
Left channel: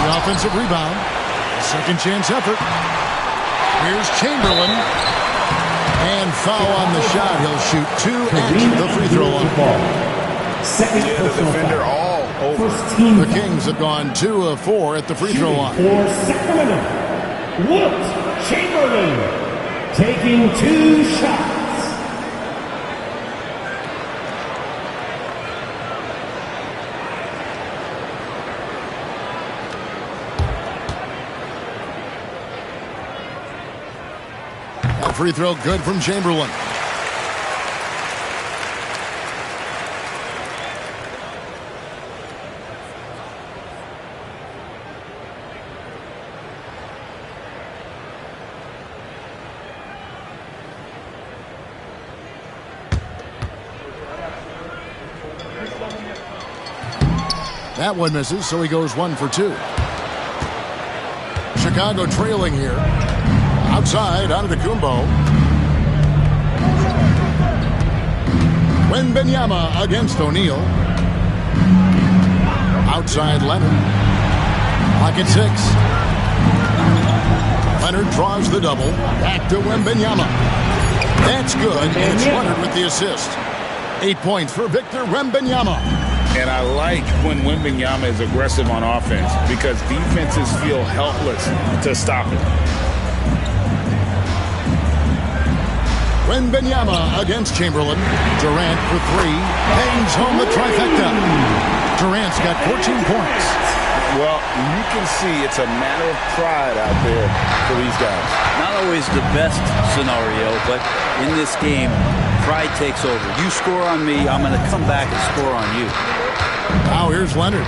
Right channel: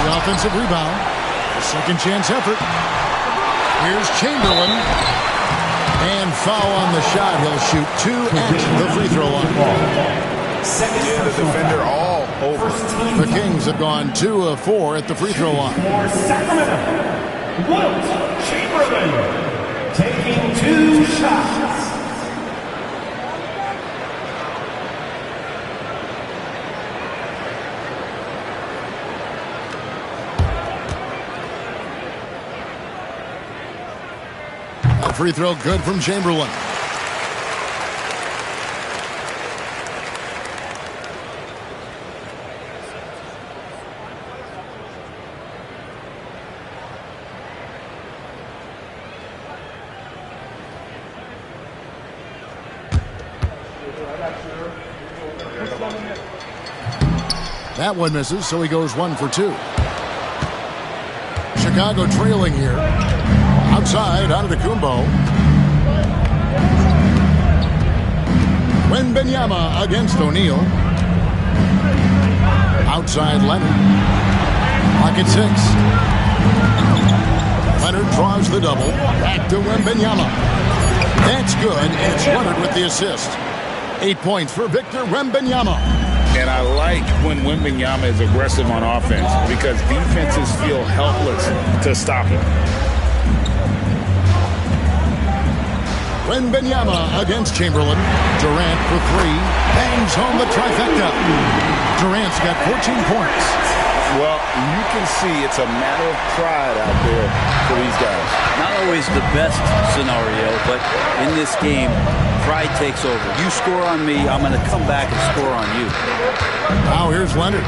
The offensive rebound. A second chance effort. Here's Chamberlain. And foul on the shot. He'll shoot two at the free throw line. Yeah, the defender all over. The Kings have gone 2 of 4 at the free throw line. For Sacramento, Wilt Chamberlain taking 2 shots. Free throw good from Chamberlain. That one misses, so he goes 1 for 2. Chicago trailing here. Outside, Antetokounmpo. Wembanyama against O'Neal. Outside, Leonard. Clock at 6. Leonard draws the double. Back to Wembanyama. That's good, and it's Leonard with the assist. 8 points for Victor Wembanyama. And I like when Wembanyama is aggressive on offense because defenses feel helpless to stop him. Wembanyama against Chamberlain. Durant for 3. Bangs home the trifecta. Durant's got 14 points. Well, you can see it's a matter of pride out there for these guys. Not always the best scenario, but in this game, pride takes over. You score on me, I'm going to come back and score on you. Now here's Leonard.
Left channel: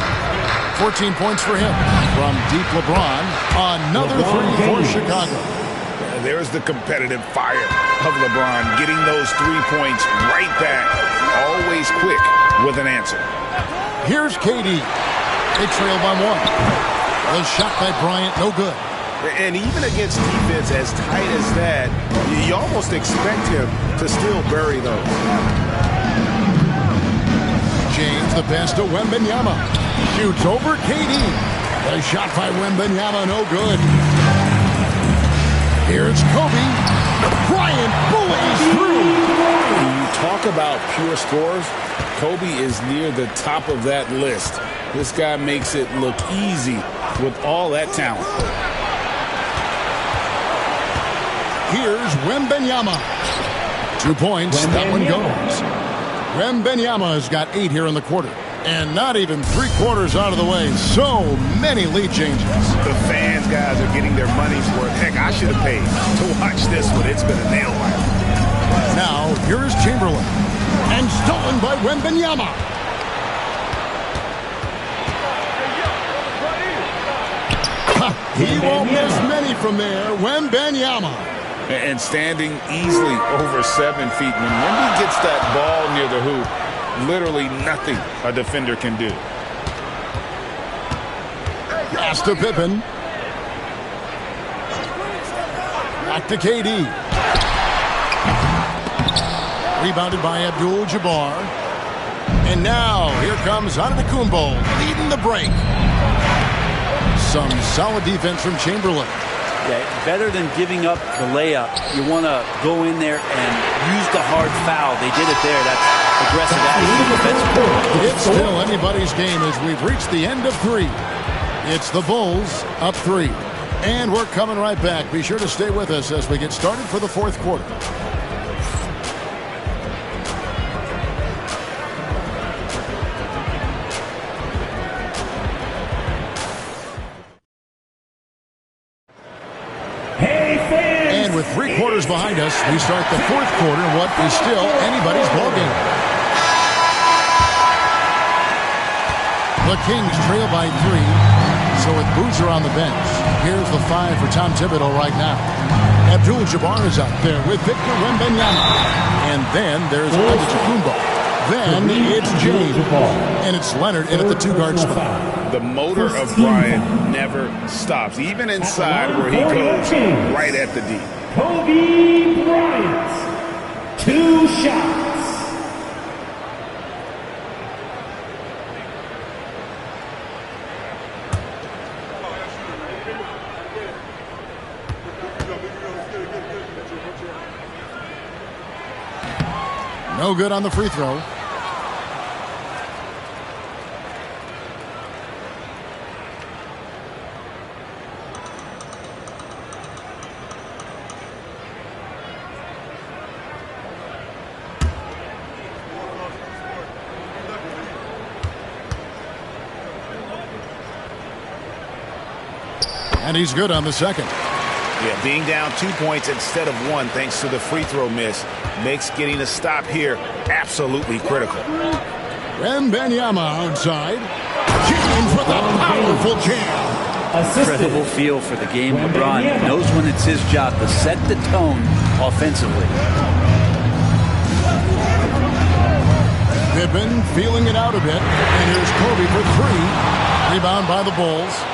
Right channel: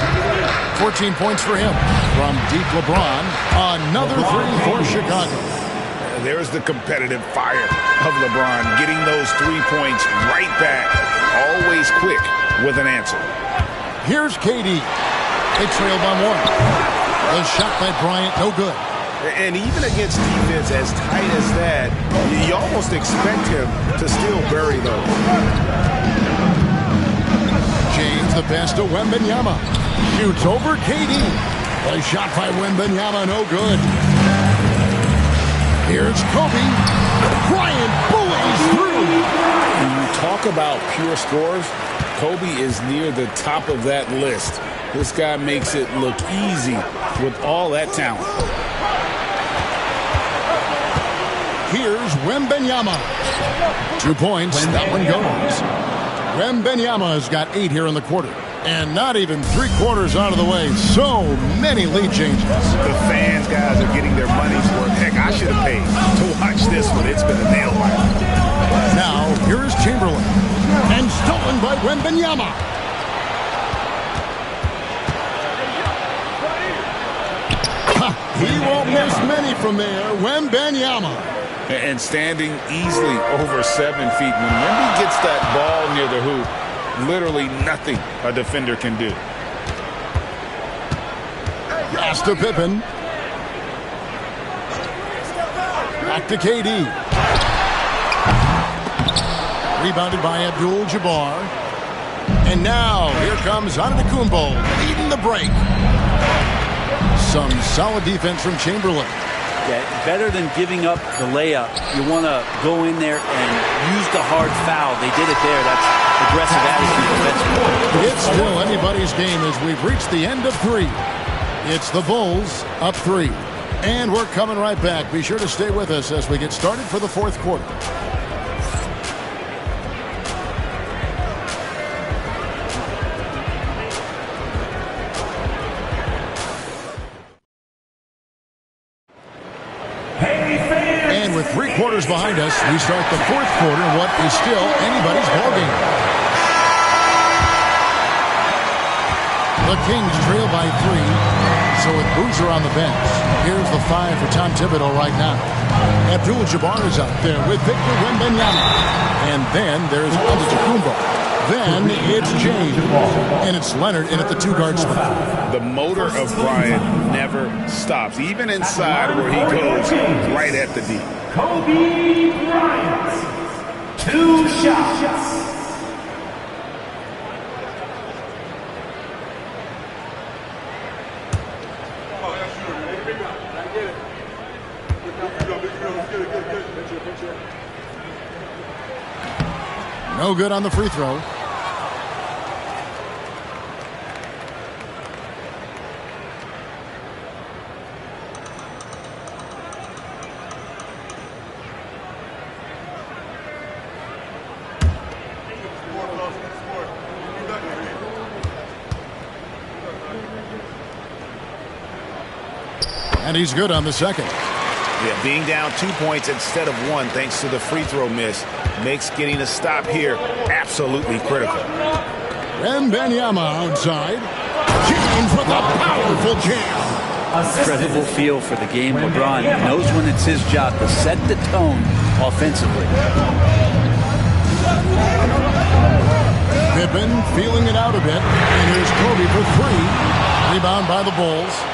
14 points for him. From deep LeBron, another 3 for Chicago. There's the competitive fire of LeBron, getting those 3 points right back, always quick with an answer. Here's KD. They trail by 1. The shot by Bryant, no good. And even against defense as tight as that, you almost expect him to still bury those. James, the pass to Wembanyama. Shoots over KD. The shot by Wembanyama, no good. Here's Kobe. Bryant bullies through. When you talk about pure scores, Kobe is near the top of that list. This guy makes it look easy with all that talent. Here's Wembanyama. 2 points. That one goes. Wembanyama has got 8 here in the quarter. And not even 3 quarters out of the way. So many lead changes. The fans, guys, are getting their money's worth. Heck, I should have paid to watch this one. It's been a nail biter. Now, here is Chamberlain. And stolen by Wembanyama. He won't miss many from there. Wembanyama. And standing easily over 7 feet. When Wemby gets that ball near the hoop, literally nothing a defender can do. Pass to Pippen. Back to KD. Rebounded by Abdul-Jabbar. And now, here comes Antetokounmpo leading the break. Some solid defense from Chamberlain. Yeah, better than giving up the layup. You want to go in there and use the hard foul. They did it there. That's aggressive attitude defensively. It's still anybody's game as we've reached the end of 3. It's the Bulls up 3. And we're coming right back. Be sure to stay with us as we get started for the 4th quarter. And with 3 quarters behind us, we start the 4th quarter in what is still anybody's ballgame. The Kings trail by 3. So with Boozer on the bench, here's the 5 for Tom Thibodeau right now. Abdul-Jabbar is out there with Victor Wembanyama. And then there's Antetokounmpo. Then it's James. And it's Leonard in at the 2-guard spot. The motor of Bryant never stops, even inside where he goes right at the D. Kobe Bryant, 2 shots. No good on the free throw. And he's good on the second. Yeah, being down 2 points instead of 1 thanks to the free throw miss makes getting a stop here absolutely critical. Wembanyama outside. James with a powerful jam. Incredible feel for the game. LeBron knows when it's his job to set the tone offensively. Pippen feeling it out a bit. And here's Kobe for 3. Rebound by the Bulls.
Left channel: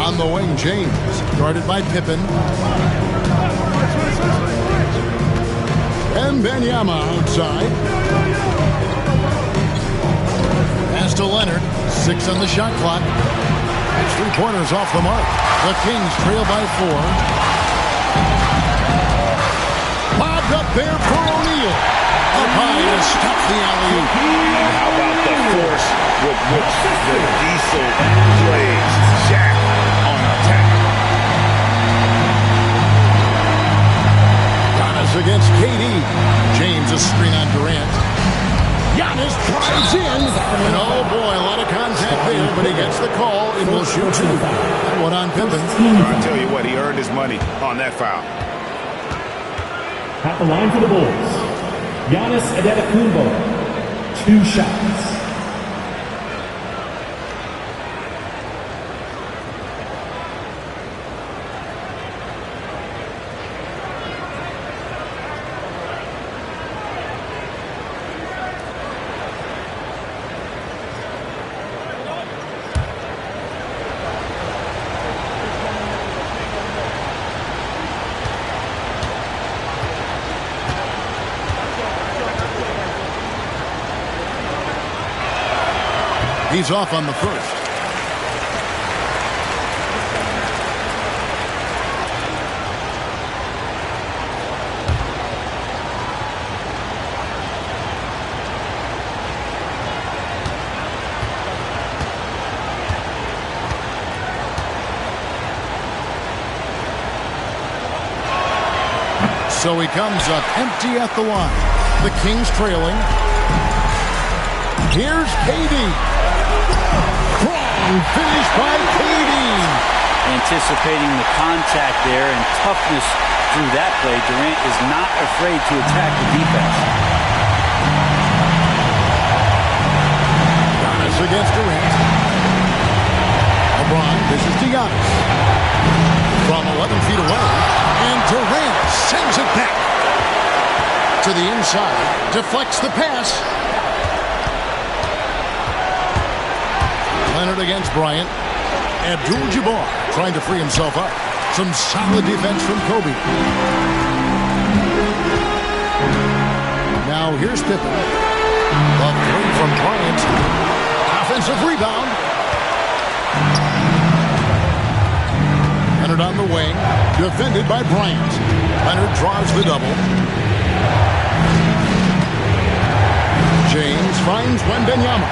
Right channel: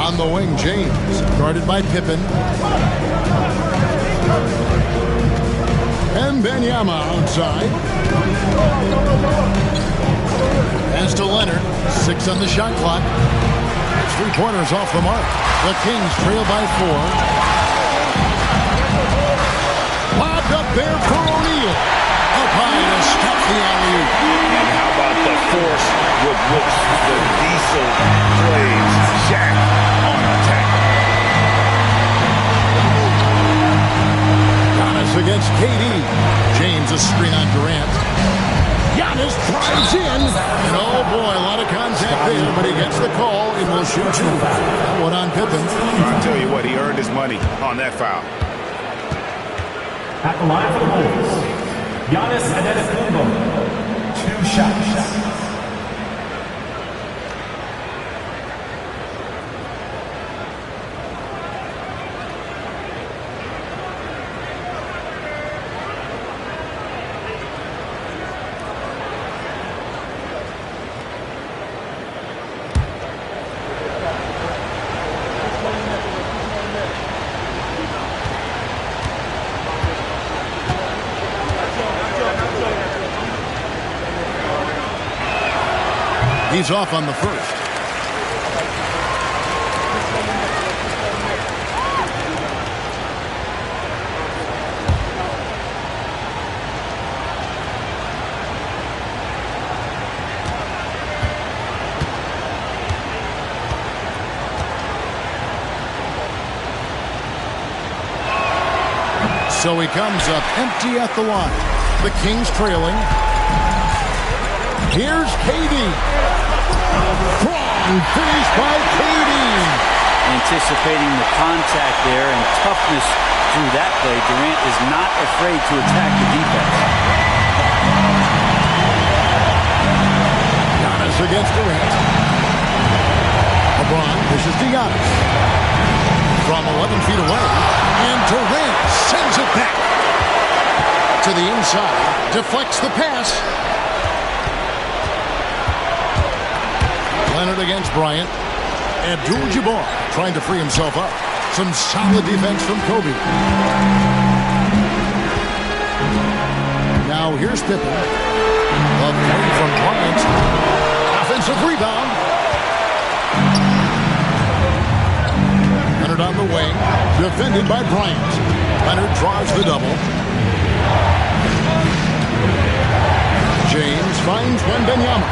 On the wing, James, guarded by Pippen. Wembanyama outside. Pass to Leonard. 6 on the shot clock. 3-pointers off the mark. The Kings trail by 4. Lobbed up there for O'Neal. Up high to stop the alley-oop. And how about the force with which the Diesel plays Shaq on attack? Giannis against KD. James a screen on Durant. Giannis drives in. And oh boy, a lot of contact there, but he gets the call and will shoot 2. That one on Pippen. I'll tell you what, he earned his money on that foul. At the line for the Bulls, Giannis Antetokounmpo, 2 shots. He's off on the first. So he comes up empty at the line. The Kings trailing. Here's KD. Strong finish by KD. Anticipating the contact there and toughness through that play, Durant is not afraid to attack the defense. Giannis against Durant. LeBron dishes to Giannis. From 11 feet away. And Durant sends it back. To the inside. Deflects the pass. Leonard against Bryant. Abdul-Jabbar trying to free himself up. Some solid defense from Kobe. Now here's Pippen. The 3 from Bryant. Offensive rebound. Leonard on the wing, defended by Bryant. Leonard draws the double. James finds Wembanyama.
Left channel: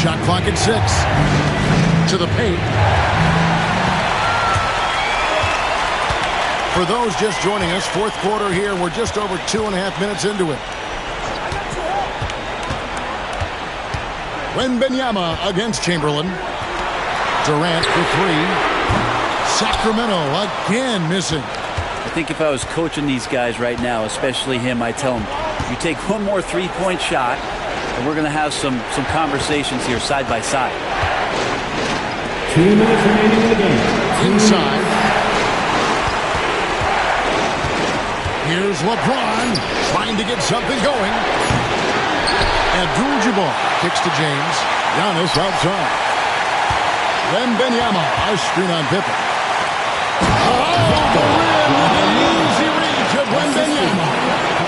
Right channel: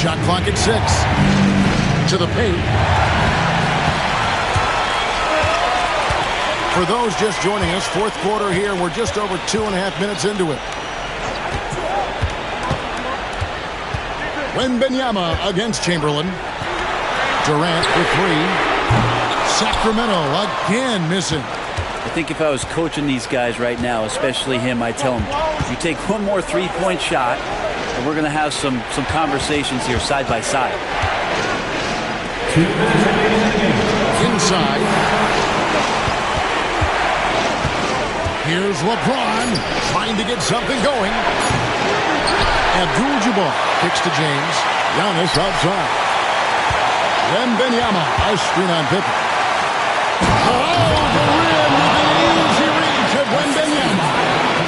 Shot clock at 6. To the paint. For those just joining us, fourth quarter here. We're just over 2.5 minutes into it. Wembanyama against Chamberlain. Durant for 3. Sacramento again missing. I think if I was coaching these guys right now, especially him, I'd tell him, you take one more three-point shot, and we're going to have some conversations here side by side. 2 minutes remaining in the game. Inside. Here's LeBron trying to get something going. Abdul-Jabbar kicks to James. Giannis outside. Wembanyama, a screen on Pippen. Oh, the rim with an easy reach of Wembanyama.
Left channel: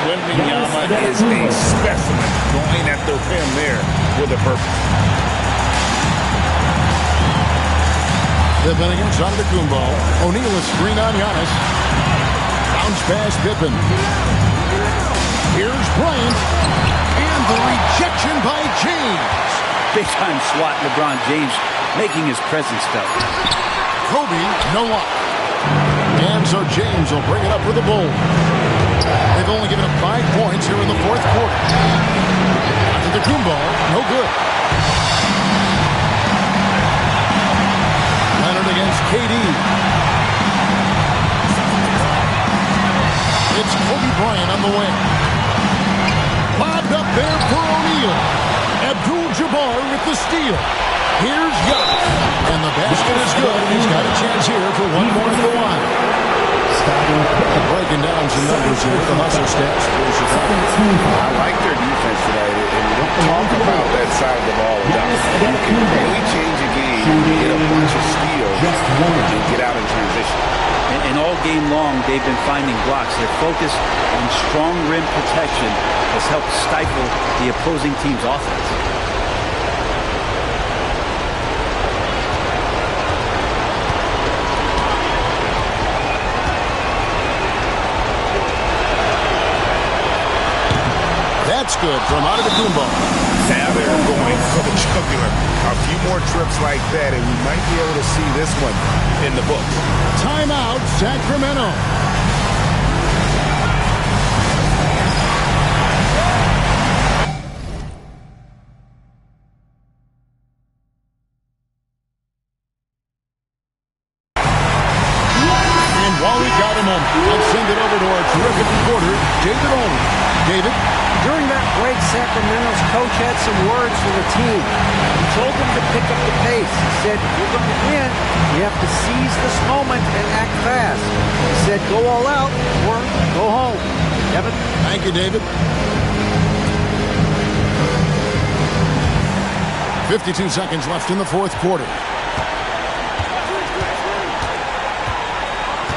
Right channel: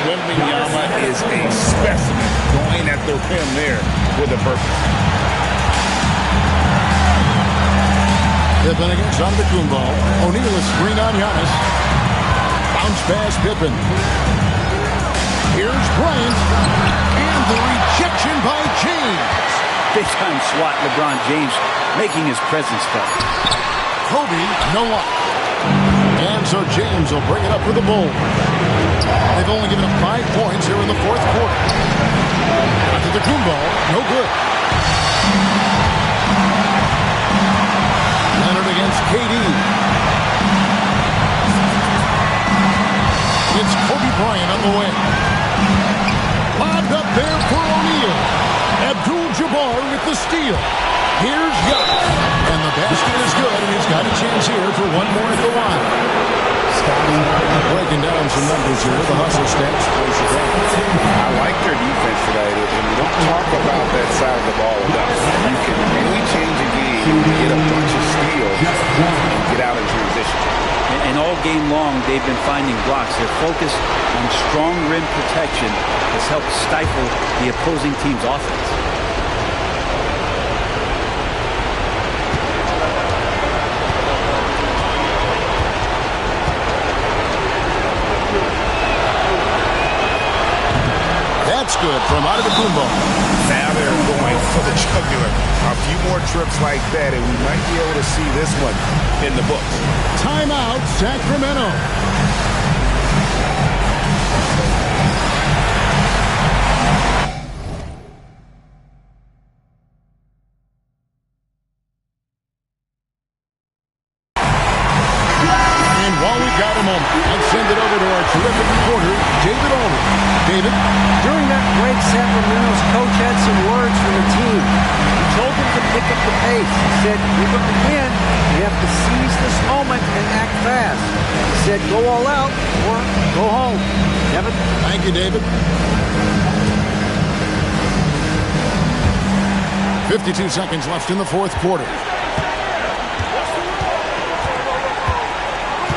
Wembanyama is a specimen going at the rim there with a purpose. Pippen against Antetokounmpo. O'Neal a screen on Giannis. Bounce pass Pippen. Here's Bryant. And the rejection by James. Big time swat, LeBron James making his presence felt. Kobe, no luck. And so James will bring it up for the Bulls. They've only given up 5 points here in the fourth quarter. Antetokounmpo, no good. Leonard against KD. It's Kobe Bryant on the wing. Lobbed up there for O'Neal. Abdul-Jabbar with the steal. Here's Giannis. And the basket is good, and he's got a chance here for one more at the line. Breaking down some numbers here. The hustle stats for Chicago. I like their defense tonight, and we don't talk about that side of the ball enough. You can really change a game, get a bunch of steals, and get out in transition. And all game long, they've been finding blocks. Their focus on strong rim protection has helped stifle the opposing team's offense. That's good from Antetokounmpo. Now they're going for the jugular. A few more trips like that, and we might be able to see this one in the books. Timeout, Sacramento. And while we've got a moment, let's send it over to our terrific reporter, David Aldridge. David? During that break, Sacramento's coach had some words for the team. He told them to pick up the pace. He said, if you're going to win, you have to seize this moment and act fast. He said, go all out or go home. Kevin? Thank you, David. 52 seconds left in the fourth quarter.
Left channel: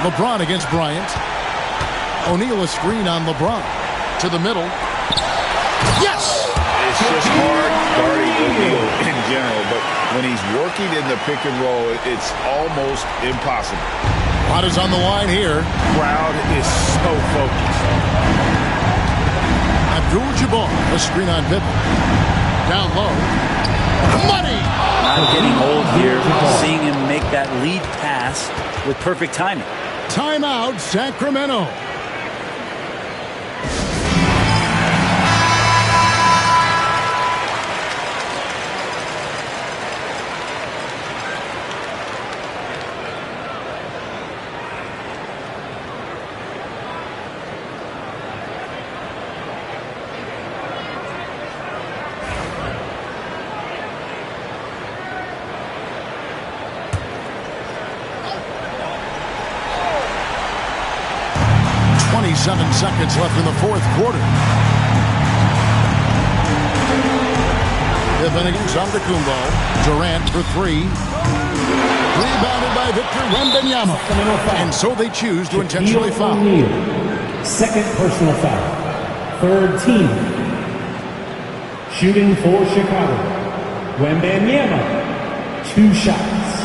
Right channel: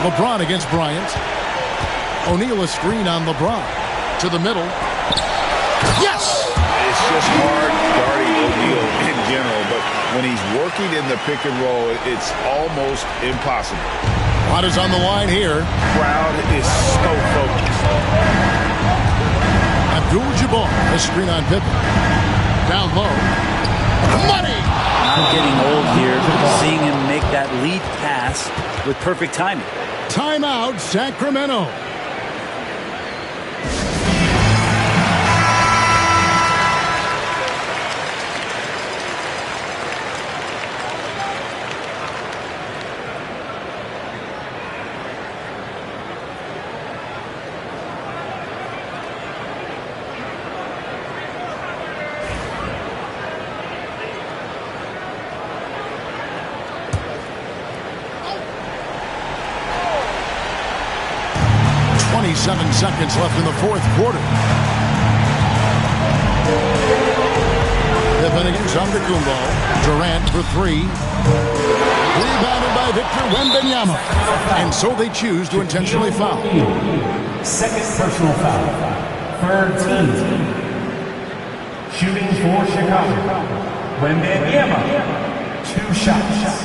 LeBron against Bryant. O'Neal a screen on LeBron. To the middle. Yes! It's just hard guarding O'Neal in general, but when he's working in the pick and roll, it's almost impossible. A lot is on the line here. Crowd is so focused. Abdul-Jabbar, a screen on Pippen. Down low. Money! Not getting old here. Seeing him make that lead pass with perfect timing. Timeout, Sacramento. Seven seconds left in the fourth quarter. Pippen against Antetokounmpo. Durant for 3. Rebounded by Victor Wembanyama. And so they choose to intentionally foul. Second personal foul. Third team. Shooting for Chicago. Wembanyama. 2 shots.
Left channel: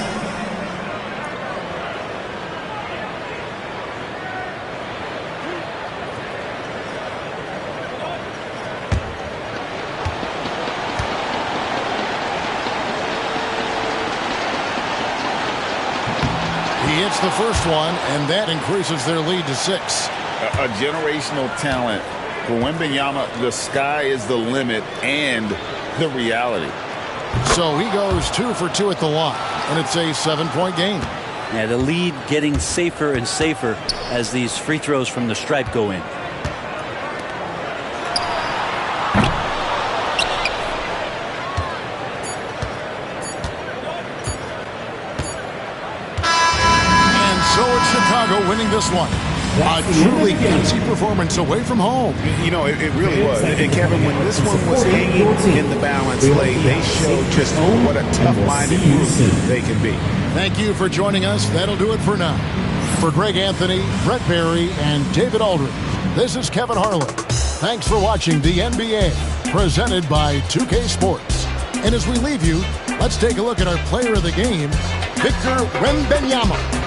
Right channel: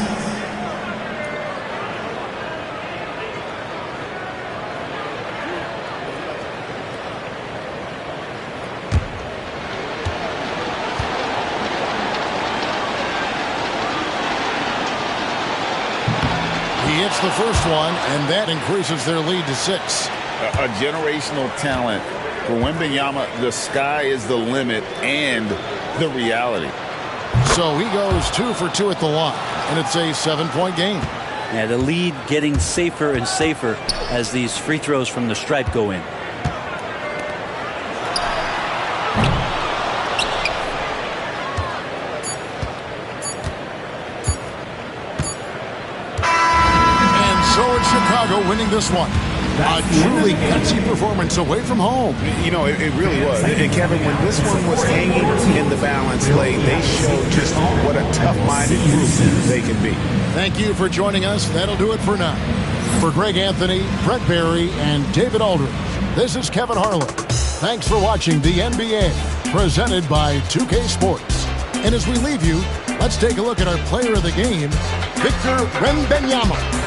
He hits the first one, and that increases their lead to 6. A generational talent. For Wembanyama, the sky is the limit and the reality. So he goes 2 for 2 at the line, and it's a 7-point game. Yeah, the lead getting safer and safer as these free throws from the stripe go in. And so it's Chicago winning this one. A truly gutsy performance away from home. You know, it really was. And Kevin, when this one was hanging in the balance late, they showed just what a tough-minded group they can be. Thank you for joining us. That'll do it for now. For Greg Anthony, Brett Barry, and David Aldridge, this is Kevin Harlan. Thanks for watching the NBA, presented by 2K Sports. And as we leave you, let's take a look at our player of the game, Victor Wembanyama.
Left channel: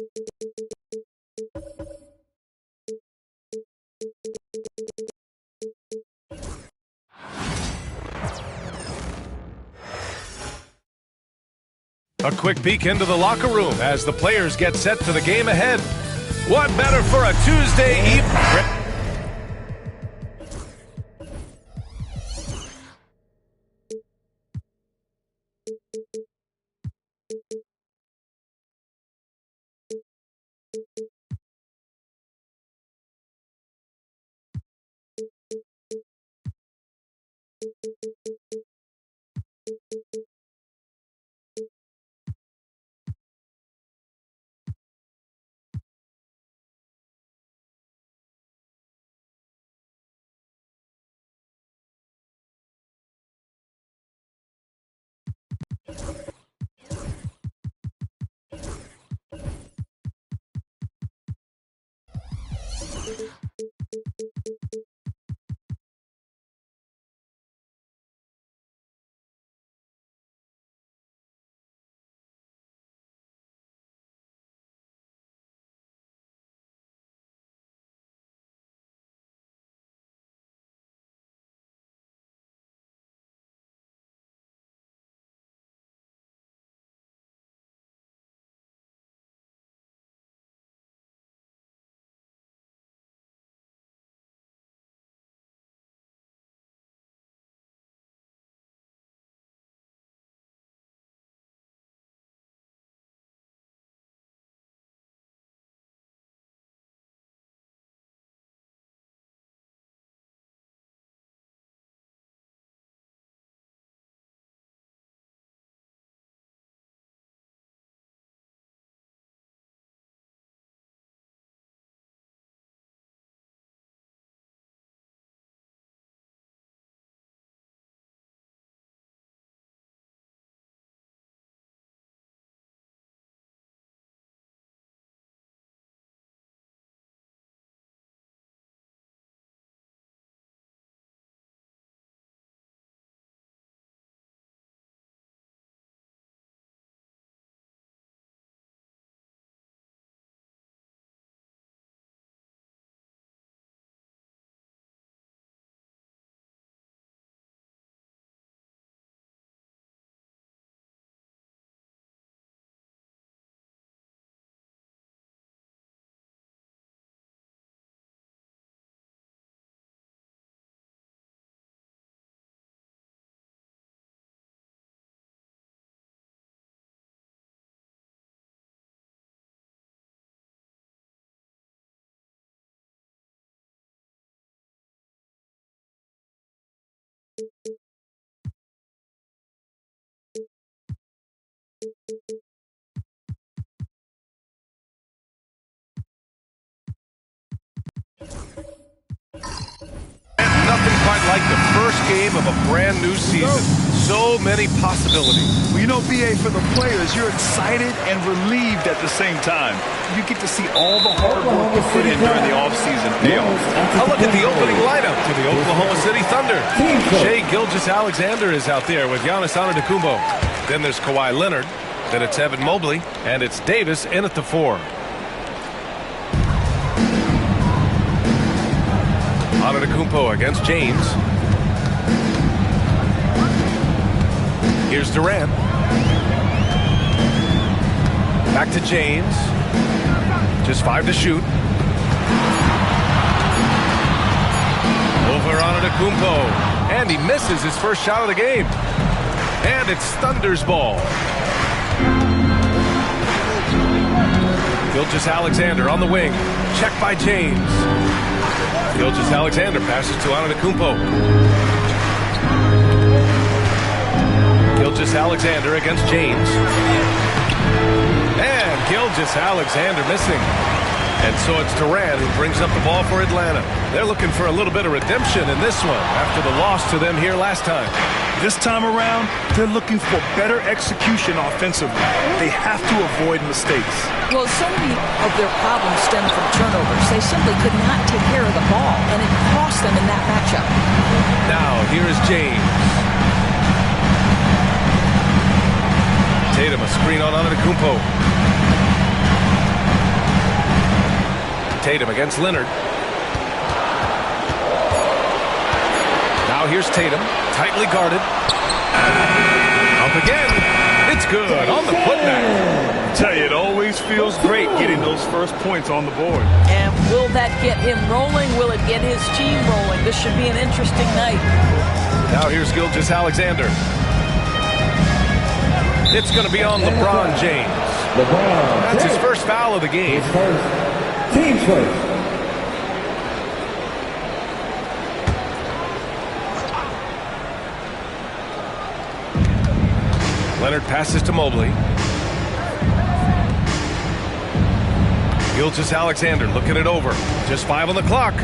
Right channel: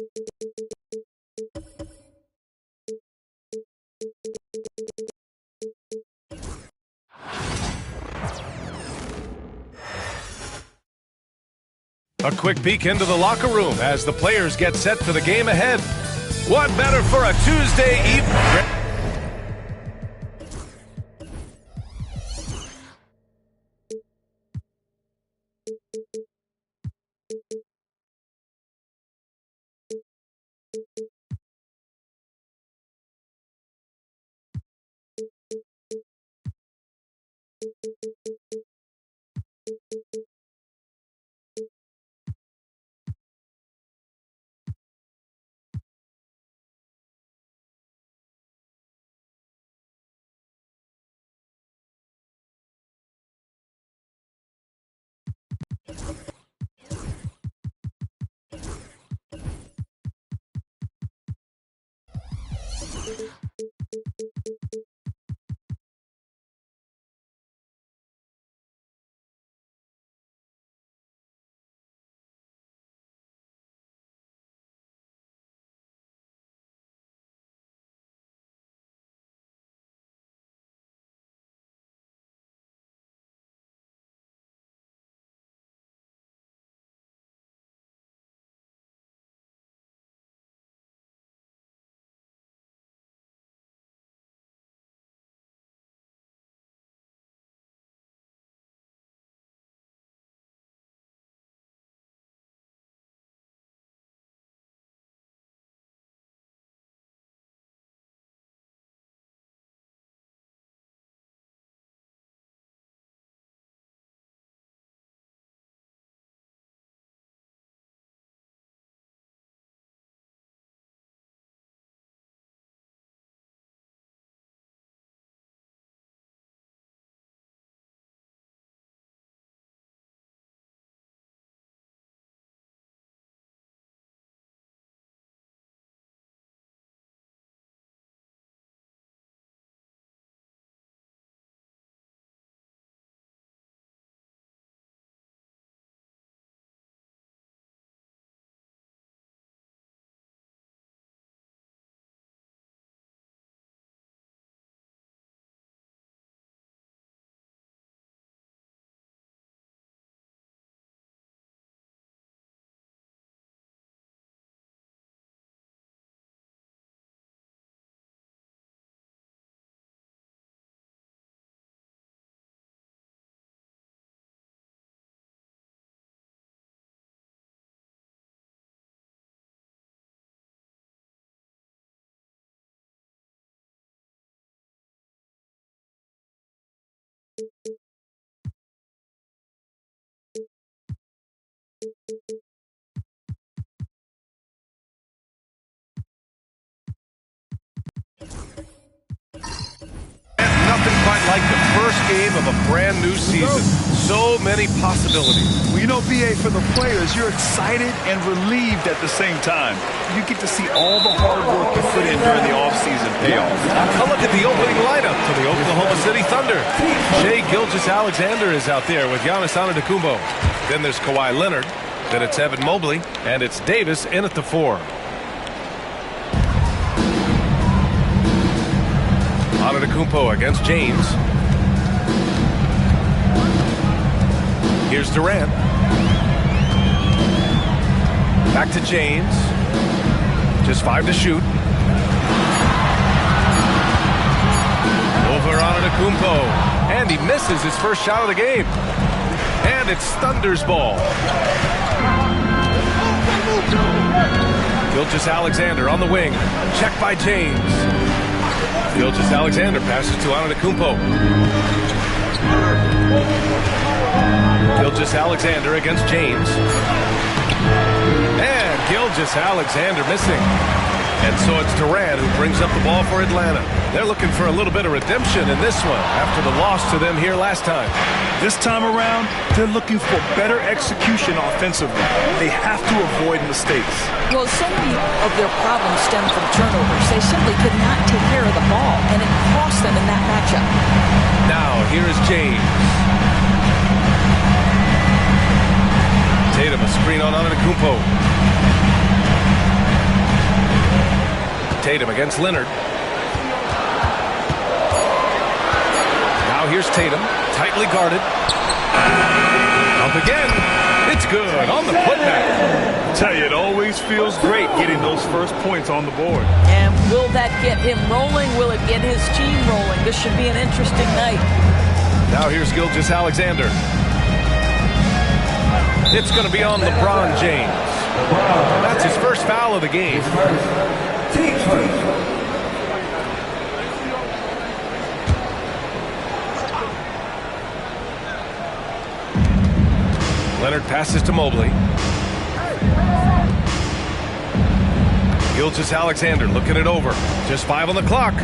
A quick peek into the locker room as the players get set for the game ahead. What better for a Tuesday evening? Nothing quite like the first game of a brand new season. So many possibilities. Well, you know, BA, for the players, you're excited and relieved at the same time. You get to see all the hard work you put in during the offseason pay off. A look at the opening lineup for the Oklahoma City Thunder. Shai Gilgeous-Alexander is out there with Giannis Antetokounmpo. Then there's Kawhi Leonard. Then it's Evan Mobley. And it's Davis in at the 4. Antetokounmpo against James. Here's Durant. Back to James. Just 5 to shoot. Over Antetokounmpo. And he misses his first shot of the game. And it's Thunder's ball. Gilgeous-Alexander on the wing. Check by James. Gilgeous-Alexander passes to Antetokounmpo. Gilgeous-Alexander against James. And Gilgeous-Alexander missing. And so it's Durant who brings up the ball for Atlanta. They're looking for a little bit of redemption in this one after the loss to them here last time. This time around, they're looking for better execution offensively. They have to avoid mistakes. Well, so many of their problems stem from turnovers. They simply could not take care of the ball, and it cost them in that matchup. Now, here is James. Tatum, a screen on Antetokounmpo. Tatum against Leonard. Now here's Tatum, tightly guarded. Up again. It's good on the putback. I tell you, it always feels great getting those first points on the board. And will that get him rolling? Will it get his team rolling? This should be an interesting night. Now here's Gilgeous-Alexander. It's going to be on LeBron James. That's his first foul of the game. Team first. Leonard passes to Mobley. Gilgeous-Alexander looking it over. Just 5 on the clock.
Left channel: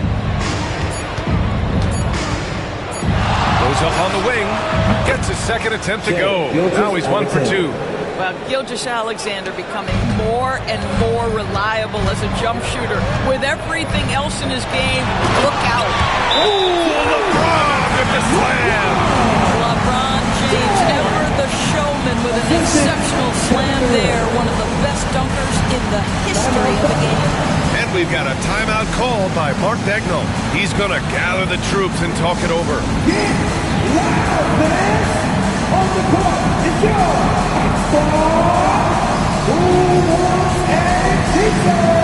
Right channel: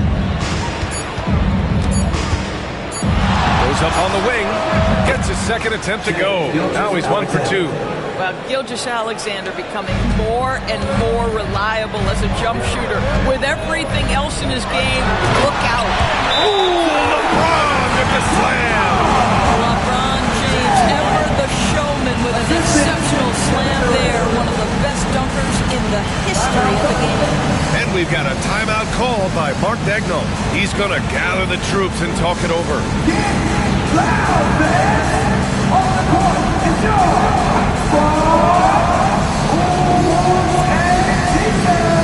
Goes up on the wing. Gets his second attempt to go. Now he's 1 for 2. Well, Gilgeous-Alexander becoming more and more reliable as a jump shooter. With everything else in his game, look out. Ooh, LeBron with the slam. LeBron James, ever the showman with an exceptional slam there. One of the best dunkers in the history of the game. And we've got a timeout called by Mark Daigneault. He's going to gather the troops and talk it over. Loud fans on the court. Enjoy Bulls and defense.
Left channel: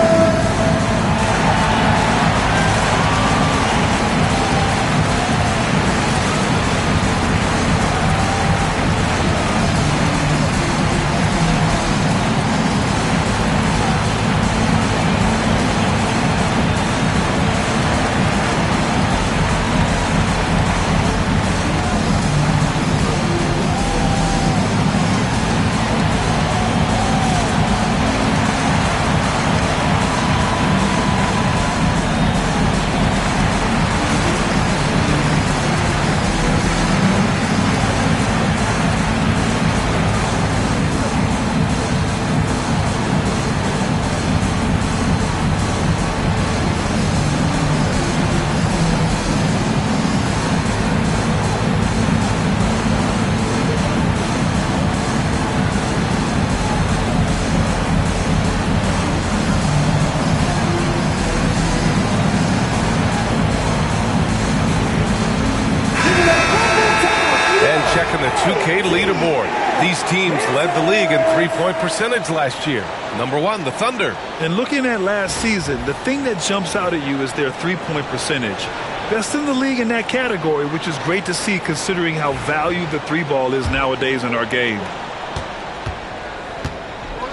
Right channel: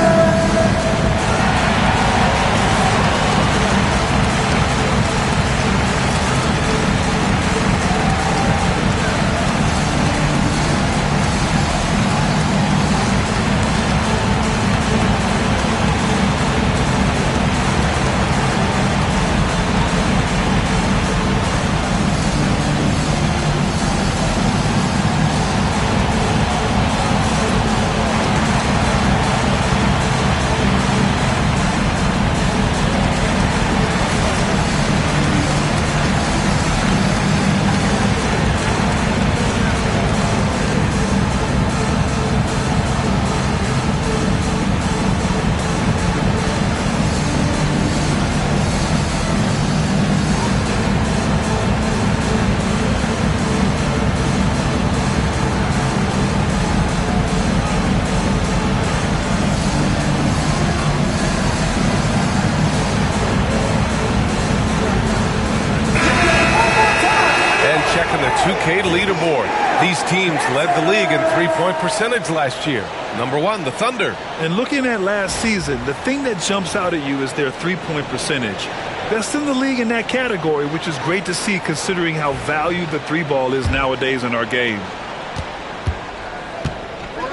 Checking the 2K leaderboard. These teams led the league in three-point percentage last year. Number 1, the Thunder. And looking at last season, the thing that jumps out at you is their three-point percentage. Best in the league in that category, which is great to see considering how valued the three ball is nowadays in our game.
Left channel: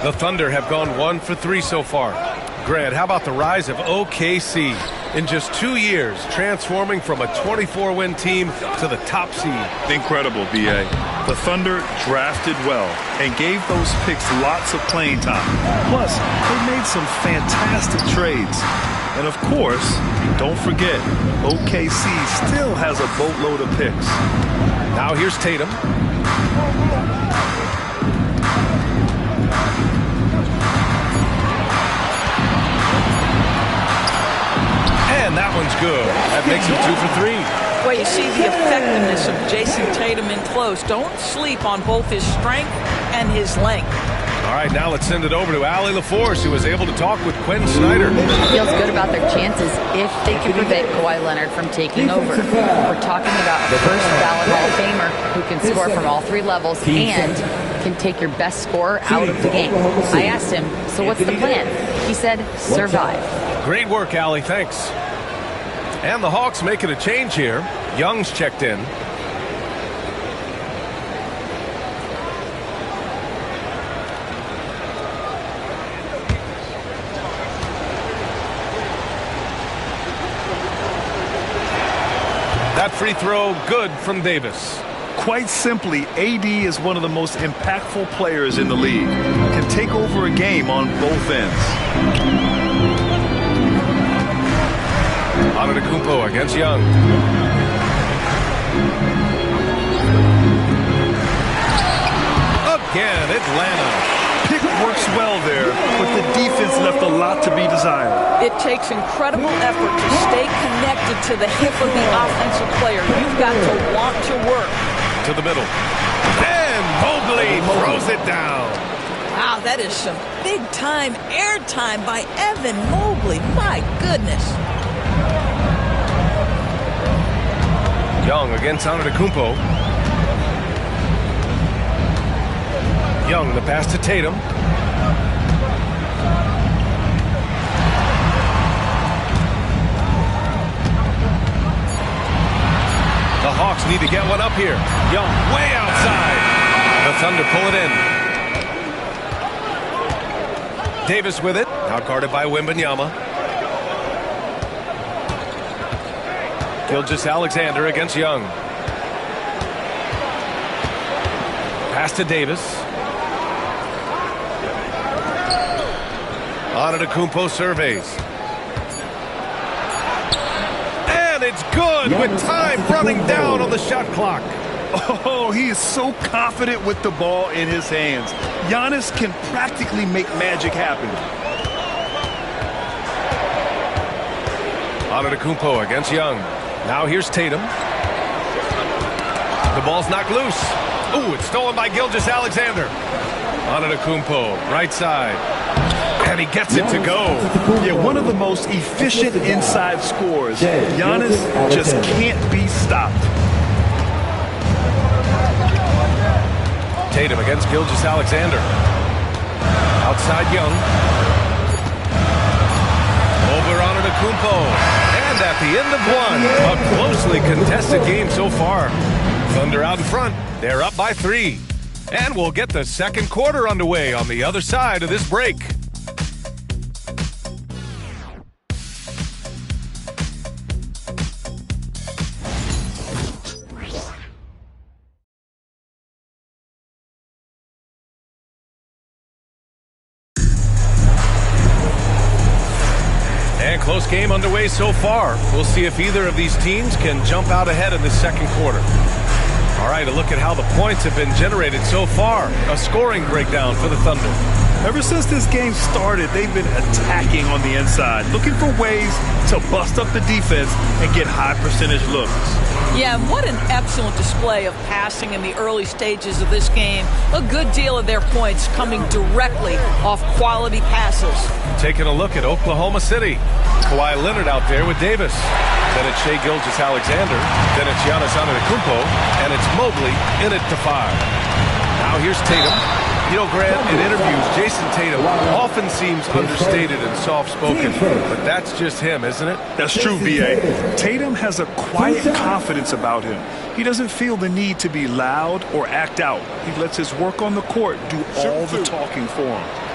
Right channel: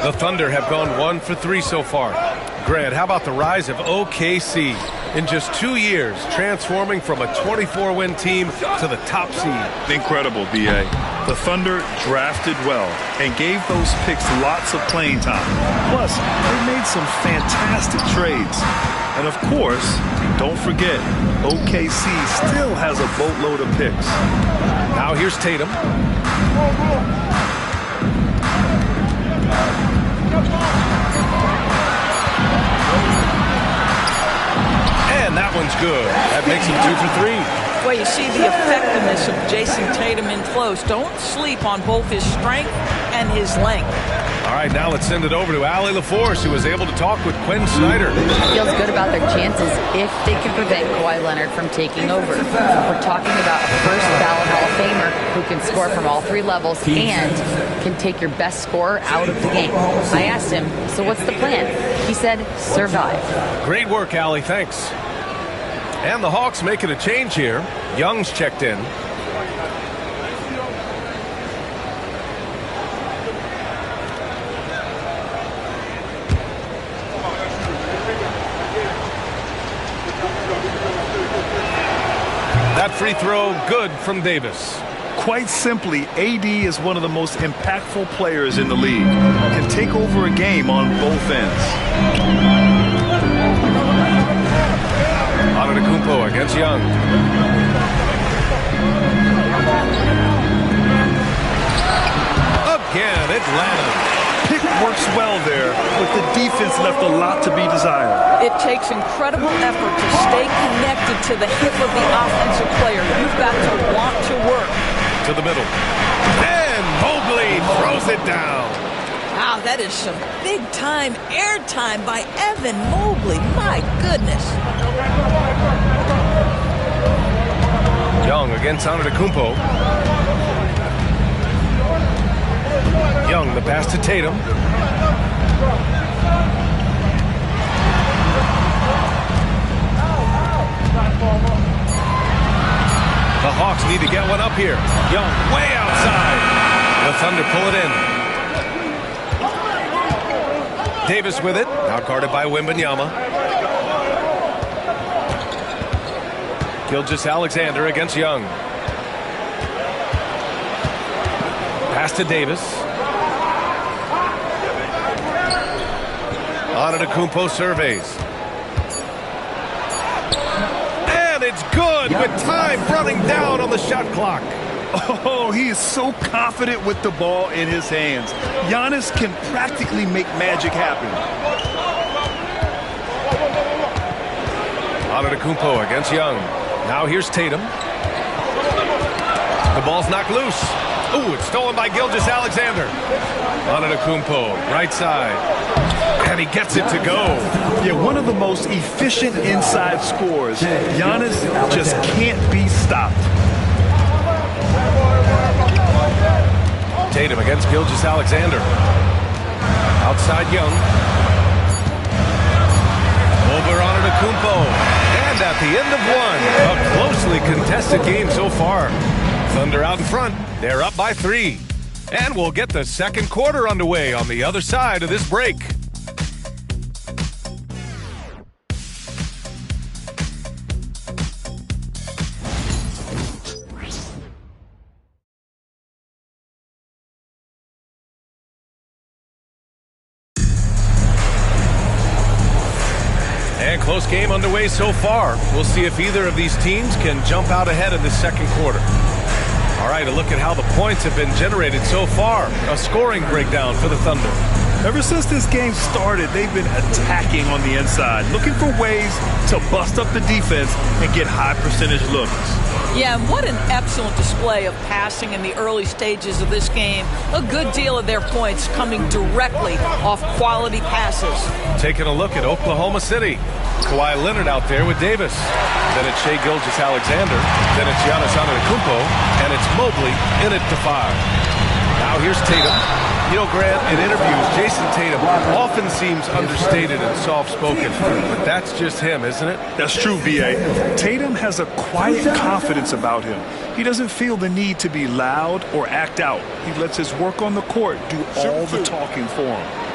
The Thunder have gone 1 for 3 so far. Grant, how about the rise of OKC? In just 2 years, transforming from a 24-win team to the top seed. Incredible, B.A. The Thunder drafted well and gave those picks lots of playing time. Plus, they made some fantastic trades. And of course, don't forget, OKC still has a boatload of picks. Now here's Tatum. And that one's good. That makes him 2 for 3. Well, you see the effectiveness of Jason Tatum in close. Don't sleep on both his strength and his length. All right, now let's send it over to Allie LaForce, who was able to talk with Quinn Snyder. Feels good about their chances if they can prevent Kawhi Leonard from taking over. We're talking about a first ballot Hall of Famer who can score from all 3 levels and can take your best scorer out of the game. I asked him, so what's the plan? He said, survive. Great work, Allie. Thanks. And the Hawks making a change here. Young's checked in. That free throw good from Davis. Quite simply, AD is one of the most impactful players in the league. Can take over a game on both ends. Antetokounmpo against Young. Again, Atlanta. Pick works well there, but the defense left a lot to be desired. It takes incredible effort to stay connected to the hip of the offensive player. You've got to want to work. To the middle. And Mobley throws it down. Wow, that is some big-time airtime by Evan Mobley. My goodness. Young against Antetokounmpo. Young, the pass to Tatum. The Hawks need to get one up here. Young way outside. The Thunder pull it in. Davis with it. Now guarded by Wembanyama. Gilgeous-Alexander against Young. Pass to Davis. Antetokounmpo surveys. And it's good with time running down on the shot clock. Oh, he is so confident with the ball in his hands. Giannis can practically make magic happen. Antetokounmpo against Young. Now here's Tatum. The ball's knocked loose. Ooh, it's stolen by Gilgeous-Alexander. Antetokounmpo, right side. And he gets it to go. Yeah, one of the most efficient inside scorers. Giannis just can't be stopped. Tatum against Gilgeous-Alexander. Outside Young. Over Antetokounmpo. And at the end of one, a closely contested game so far. Thunder out in front. They're up by 3. And we'll get the second quarter underway on the other side of this break. And close game underway so far. We'll see if either of these teams can jump out ahead in the second quarter. All right, a look at how the points have been generated so far. A scoring breakdown for the Thunder. Ever since this game started, they've been attacking on the inside, looking for ways to bust up the defense and get high percentage looks. Yeah, and what an excellent display of passing in the early stages of this game. A good deal of their points coming directly off quality passes. Taking a look at Oklahoma City. Kawhi Leonard out there with Davis. Then it's Shai Gilgeous-Alexander. Then it's Giannis Antetokounmpo. And it's Mobley in it to 5. Now here's Tatum. You know, Grant, in interviews, Jason Tatum often seems understated and soft-spoken, but that's just him, isn't it? That's true, V.A. Tatum has a quiet confidence about him. He doesn't feel the need to be loud or act out. He lets his work on the court do all the talking for him.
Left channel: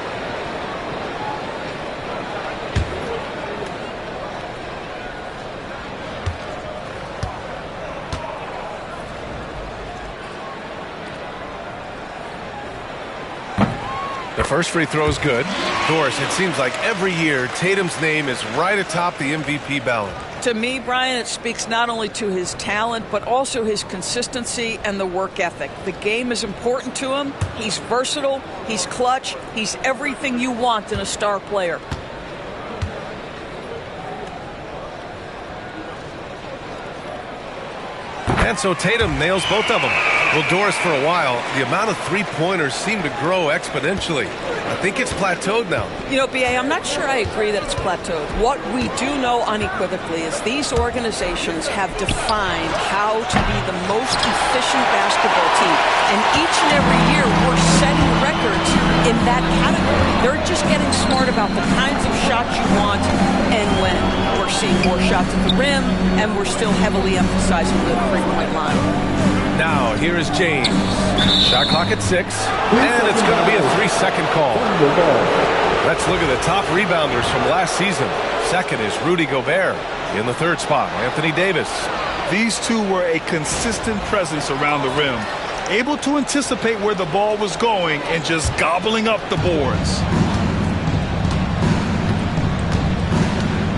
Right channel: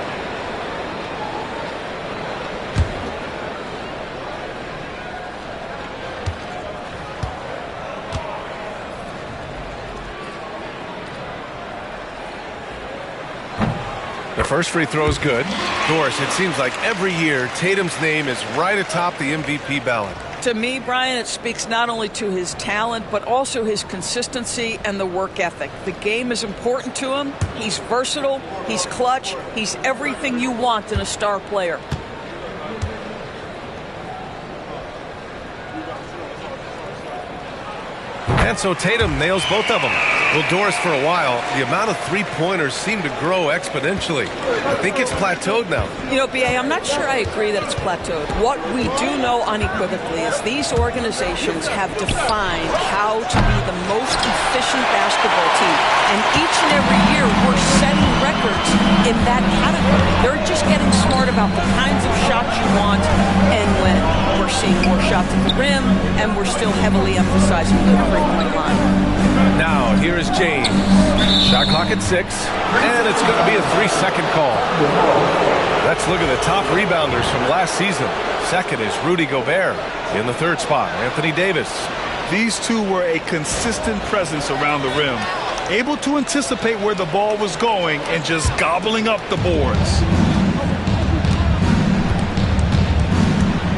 The first free throw is good. Doris, it seems like every year Tatum's name is right atop the MVP ballot. To me, Brian, it speaks not only to his talent, but also his consistency and the work ethic. The game is important to him. He's versatile. He's clutch. He's everything you want in a star player. And so Tatum nails both of them. Well, Doris, for a while, the amount of three-pointers seemed to grow exponentially. I think it's plateaued now. You know, B.A., I'm not sure I agree that it's plateaued. What we do know unequivocally is these organizations have defined how to be the most efficient basketball team. And each and every year, we're setting records in that category. They're just getting smart about the kinds of shots you want and when. We're seeing more shots at the rim, and we're still heavily emphasizing the three-point line. Now, here is James. Shot clock at 6, and it's going to be a 3-second call. Let's look at the top rebounders from last season. Second is Rudy Gobert. In the third spot, Anthony Davis. These two were a consistent presence around the rim, able to anticipate where the ball was going and just gobbling up the boards.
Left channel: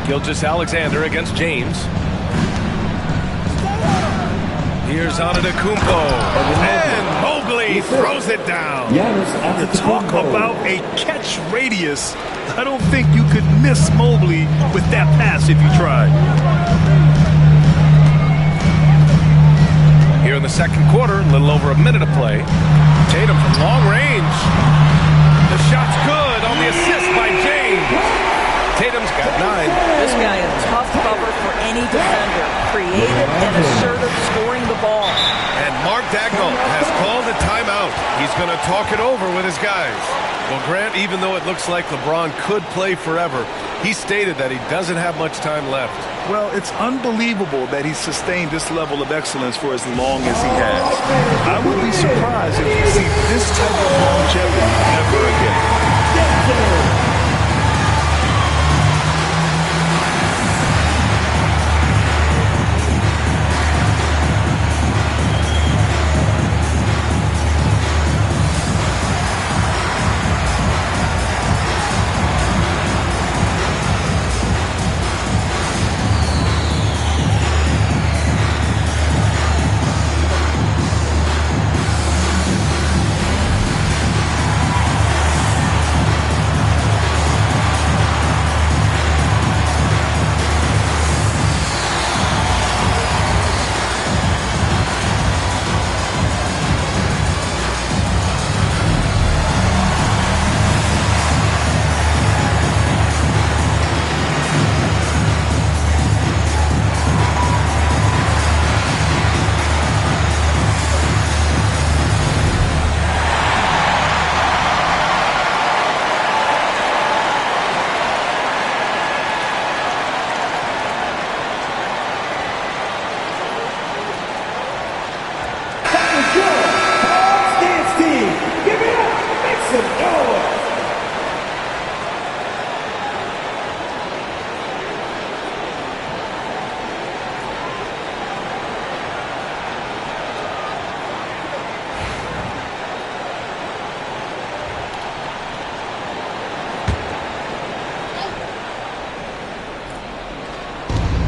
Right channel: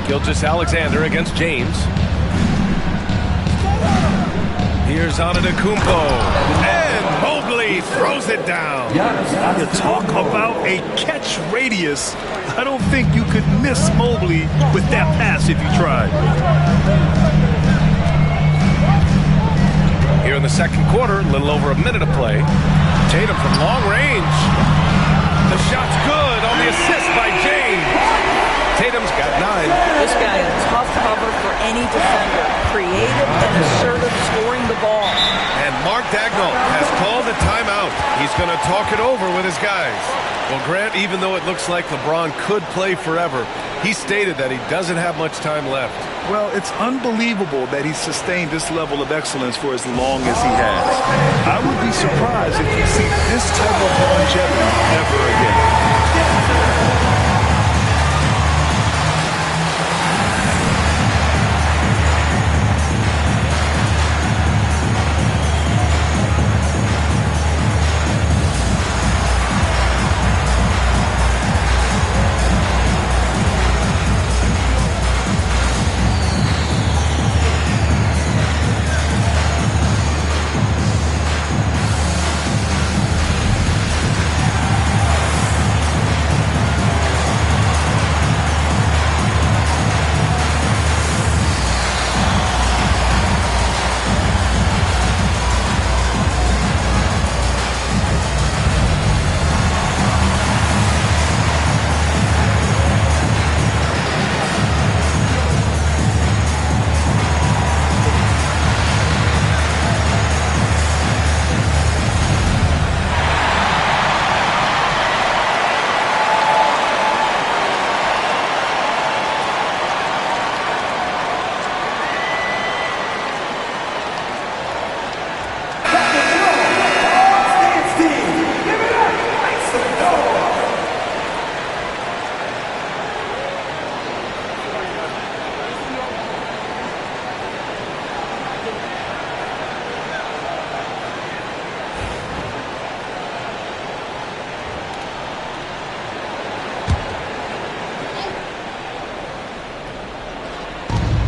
Gilgeous-Alexander against James. Here's Antetokounmpo. And Mobley throws it down. You talk about a catch radius. I don't think you could miss Mobley with that pass if you tried. Here in the second quarter, a little over a minute of play. Tatum from long range. The shot's good on the assist by James. Tatum's got 9. This guy a tough cover for any defender. Creative and assertive scoring the ball. And Mark Dagnall has called a timeout. He's going to talk it over with his guys. Well, Grant, even though it looks like LeBron could play forever, he stated that he doesn't have much time left. Well, it's unbelievable that he sustained this level of excellence for as long as he has. I would be surprised if we see this type of longevity ever again.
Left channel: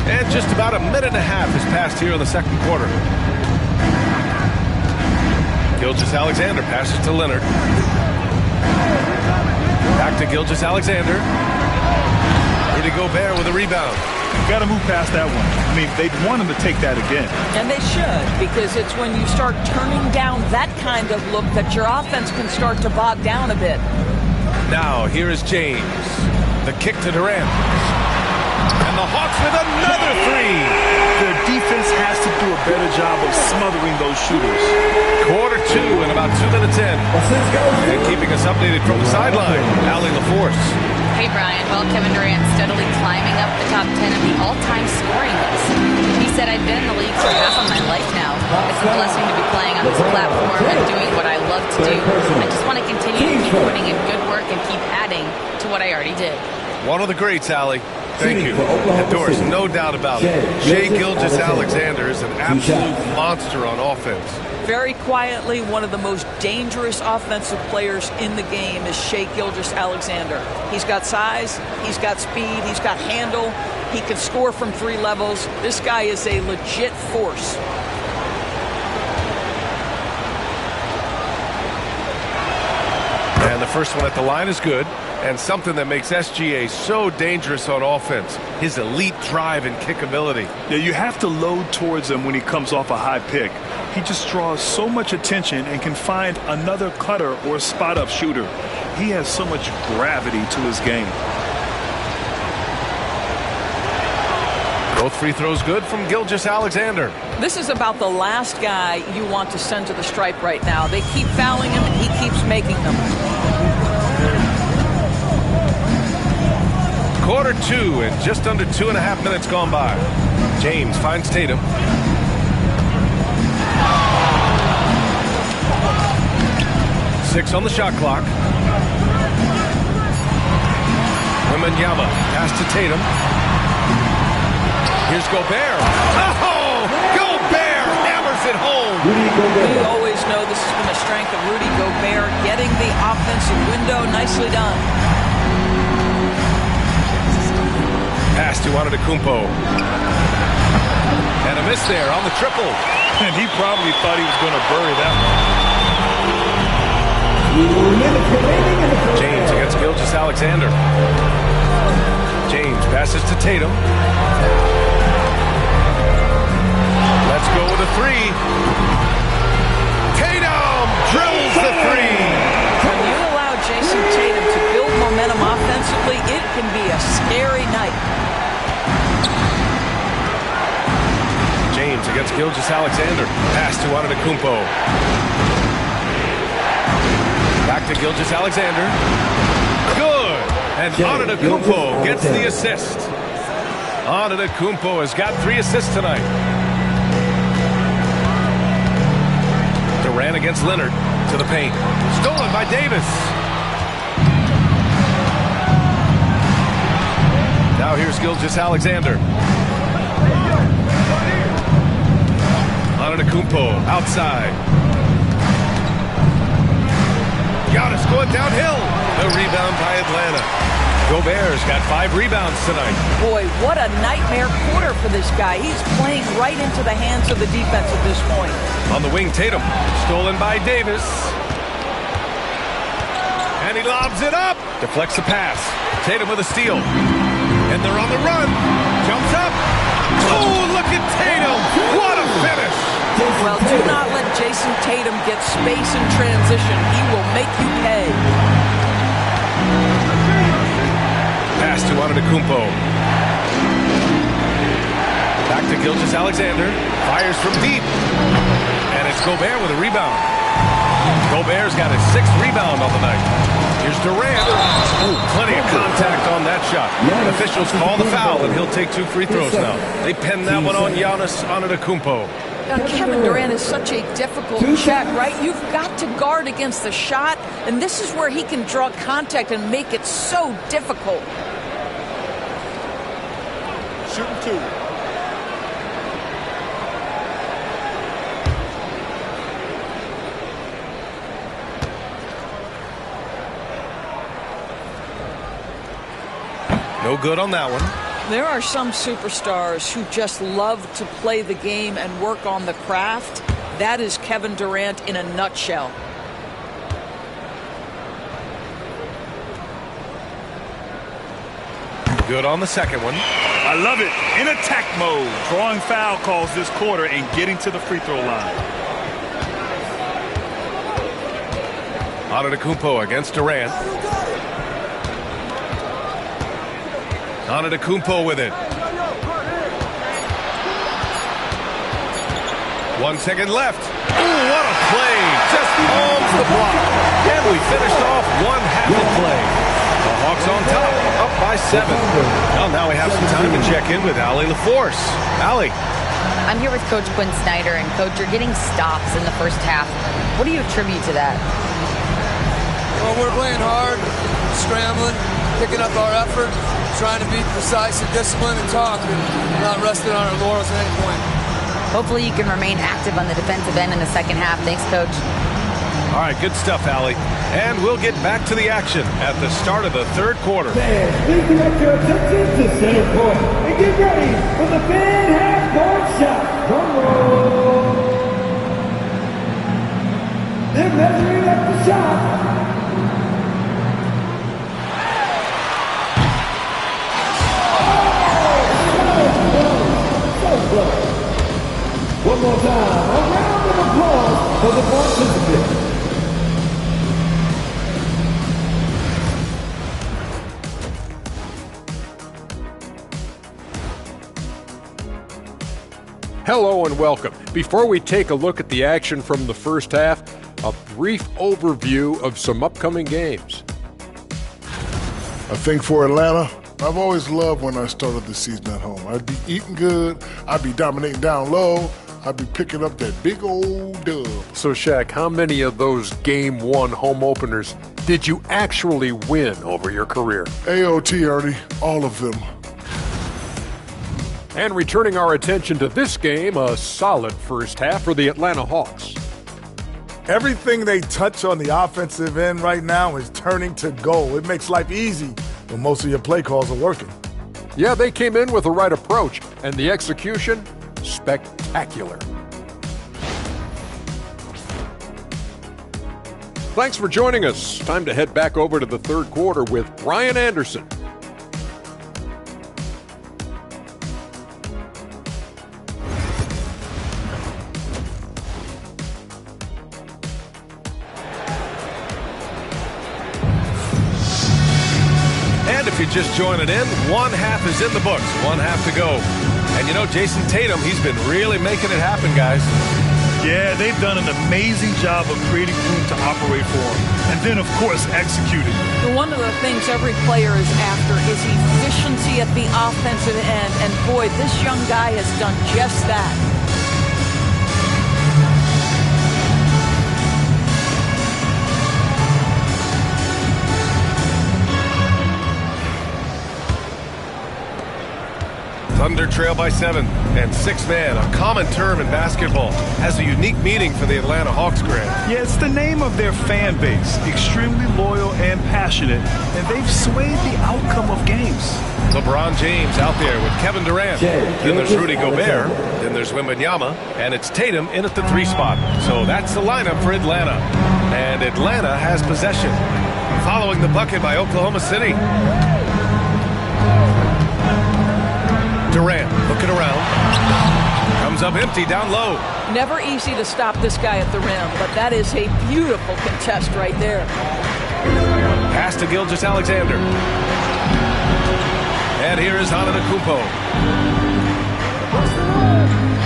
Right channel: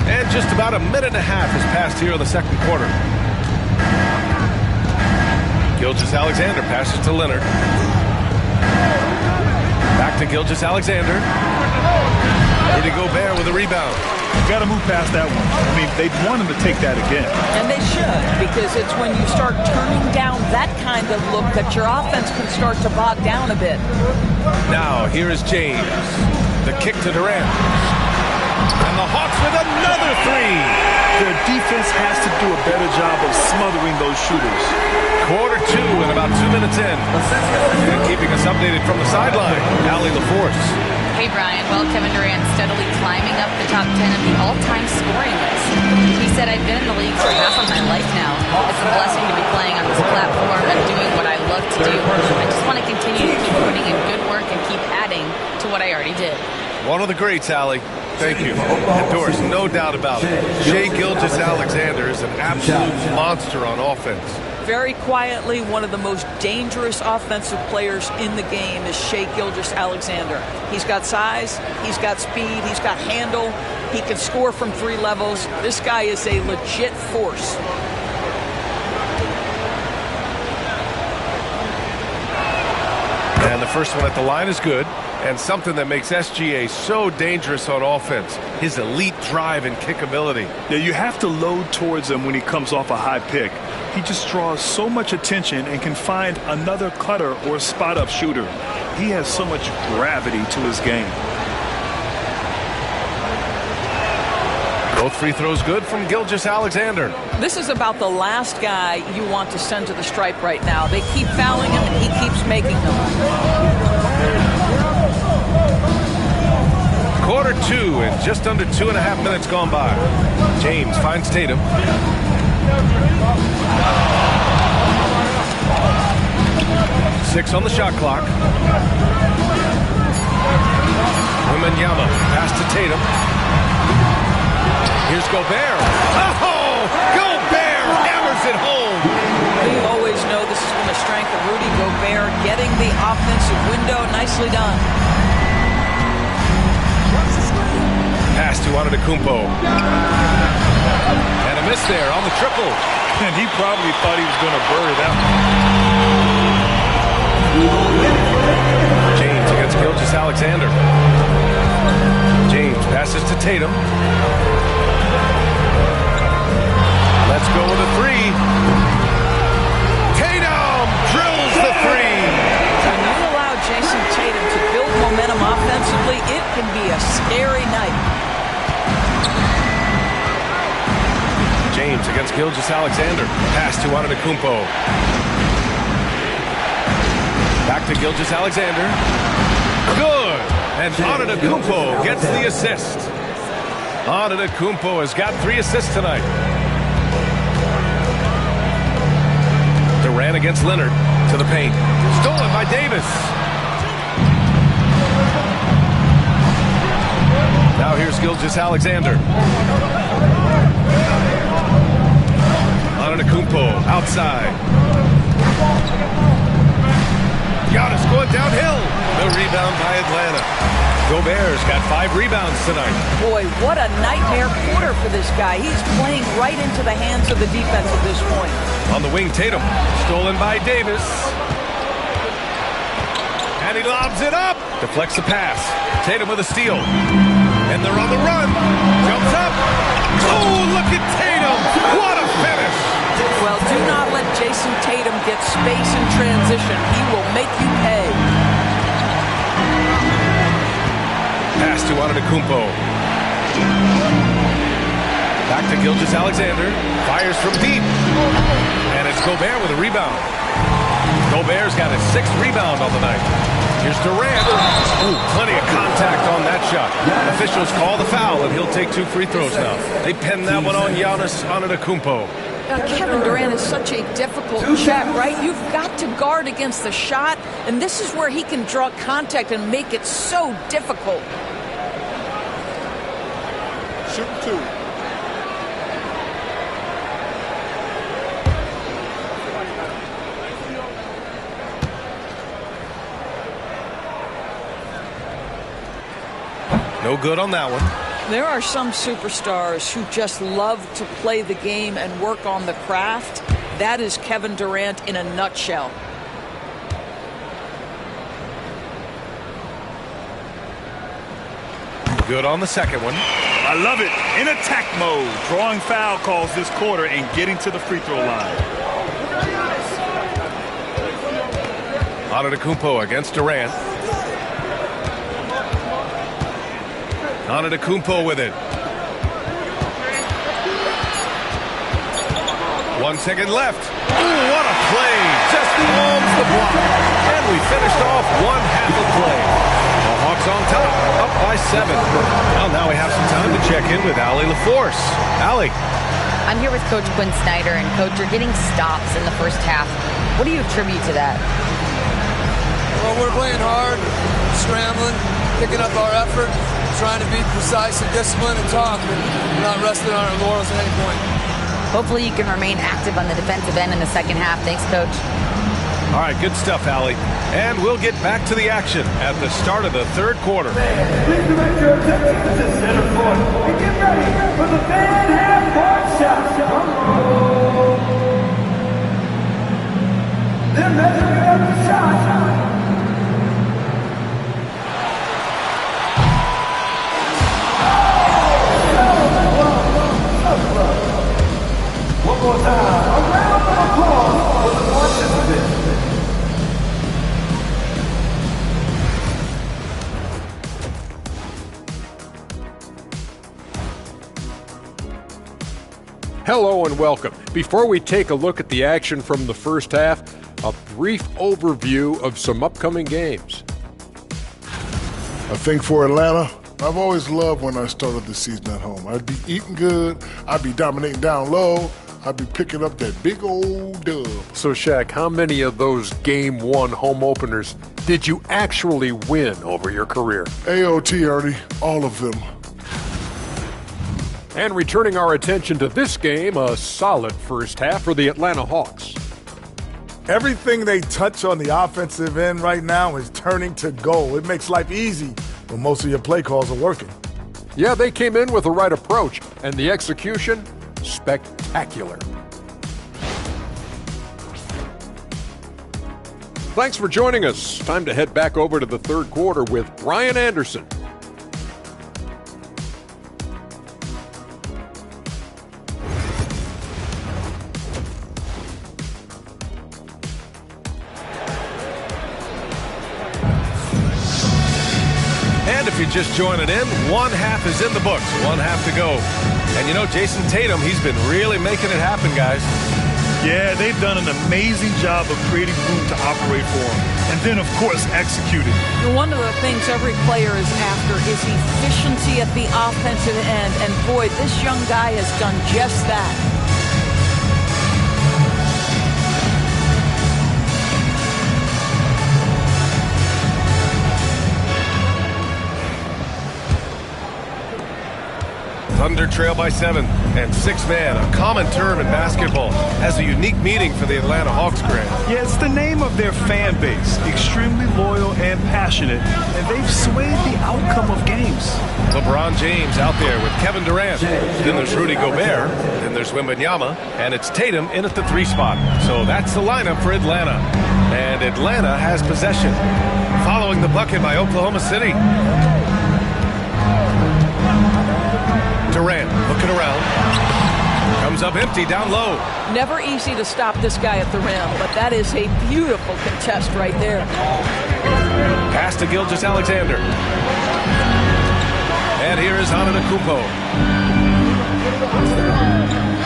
And just about a minute and a half has passed here in the second quarter. Gilgeous-Alexander passes to Leonard. Back to Gilgeous-Alexander. Rudy Gobert with a rebound. Got to move past that one. I mean, they'd want him to take that again. And they should, because it's when you start turning down that kind of look that your offense can start to bog down a bit. Now, here is James. The kick to Durant. And the Hawks with another three. Their defense has to do a better job of smothering those shooters. Quarter 2 and about 2 minutes in. And keeping us updated from the sideline, Allie LaForce. Hey, Brian. Well, Kevin Durant steadily climbing up the top 10 of the all-time scoring list. He said, I've been in the league for half of my life now. It's a blessing to be playing on this platform and doing what I love to do. I just want to continue to keep putting in good work and keep adding to what I already did. One of the greats, Allie. Thank you. And Doris, no doubt about it. Shai Gilgeous-Alexander is an absolute monster on offense. Very quietly, one of the most dangerous offensive players in the game is Shai Gilgeous-Alexander. He's got size, he's got speed, he's got handle, he can score from 3 levels. This guy is a legit force. And the first one at the line is good. And something that makes SGA so dangerous on offense, his elite drive and kickability. Yeah, you have to load towards him when he comes off a high pick. He just draws so much attention and can find another cutter or spot-up shooter. He has so much gravity to his game. Both free throws good from Gilgeous-Alexander. This is about the last guy you want to send to the stripe right now. They keep fouling him, and he keeps making them. Quarter 2 and just under 2.5 minutes gone by. James finds Tatum. Six on the shot clock. Wembanyama pass to Tatum. Here's Gobert. Oh! Gobert hammers it home. We always know this has been a strength of Rudy Gobert, getting the offensive window. Nicely done. Pass to Antetokounmpo. And a miss there on the triple. And he probably thought he was going to bury that one. James against Gilgeous-Alexander. James passes to Tatum. Let's go with a three. Tatum drills the three. When you allow Jason Tatum to build momentum offensively, it can be a scary night. James against Gilgeous-Alexander. Pass to Antetokounmpo. Back to Gilgeous-Alexander. Good. And Antetokounmpo gets the assist. Antetokounmpo has got 3 assists tonight. Durant against Leonard. To the paint. Stolen by Davis. Now here's Gilgeous-Alexander. Antetokounmpo outside. Giannis going downhill. The rebound by Atlanta. Gobert's got 5 rebounds tonight. Boy, what a nightmare quarter for this guy. He's playing right into the hands of the defense at this point. On the wing, Tatum. Stolen by Davis. And he lobs it up. Deflects the pass. Tatum with a steal. And they're on the run. Jumps up. Oh, look at Tatum. What a finish. Well, do not let Jason Tatum get space in transition. He will make you pay. Pass to Antetokounmpo. Back to Gilgeous-Alexander. Fires from deep. And it's Gobert with a rebound. Gobert's got his 6th rebound on the night. Here's Durant. Ooh, plenty of contact on that shot. Officials call the foul, and he'll take 2 free throws now. They pin that one on Giannis Antetokounmpo. Kevin Durant is such a difficult check, right? You've got to guard against the shot, and this is where he can draw contact and make it so difficult. Shooting 2. No good on that one. There are some superstars who just love to play the game and work on the craft. That is Kevin Durant in a nutshell. Good on the second one. I love it. In attack mode. Drawing foul calls this quarter and getting to the free throw line. Antetokounmpo against Durant. Antetokounmpo with it. 1 second left. Ooh, what a play. Just palms the block. And we finished off 1/2 of play. The Hawks on top, up by 7. Well, now we have some time to check in with Allie LaForce. Allie. I'm here with Coach Quinn Snyder, and Coach, you're getting stops in the first half. What do you attribute to that? Well, we're playing hard, scrambling, picking up our effort, trying to be precise and disciplined and talk, and not resting on our laurels at any point. Hopefully you can remain active on the defensive end in the second half. Thanks, Coach. All right, good stuff, Allie. And we'll get back to the action at the start of the 3rd quarter. Please direct your attention to center court and get ready for the fan half-court shot. Drum roll. They're measuring up the shot. One more time, a round of applause for the participants. Hello and welcome. Before we take a look at the action from the first half, a brief overview of some upcoming games. I think for Atlanta, I've always loved when I started the season at home. I'd be eating good, I'd be dominating down low, I'd be picking up that big old dub. So, Shaq, how many of those Game 1 home openers did you actually win over your career? AOT, Ernie, all of them. And returning our attention to this game, a solid first half for the Atlanta Hawks. Everything they touch on the offensive end right now is turning to goal. It makes life easy when most of your play calls are working. Yeah, they came in with the right approach, and the execution, spectacular. Thanks for joining us. Time to head back over to the 3rd quarter with Brian Anderson. And if you're just joining in, one half is in the books, one half to go. And you know, Jason Tatum, he's been really making it happen, guys. Yeah, they've done an amazing job of creating room to operate for him. And then, of course, executing. One of the things every player is after is efficiency at the offensive end. And boy, this young guy has done just that. Thunder trail by 7, and 6-man, a common term in basketball, has a unique meaning for the Atlanta Hawks, Grant. Yeah, it's the name of their fan base. Extremely loyal and passionate, and they've swayed the outcome of games. LeBron James out there with Kevin Durant. Then there's Rudy Gobert. Then there's Wembanyama, and it's Tatum in at the 3 spot. So that's the lineup for Atlanta. And Atlanta has possession. Following the bucket by Oklahoma City. Durant looking around. Comes up empty down low. Never easy to stop this guy at the rim, but that is a beautiful contest right there. Pass to Gilgeous-Alexander. And here is Antetokounmpo.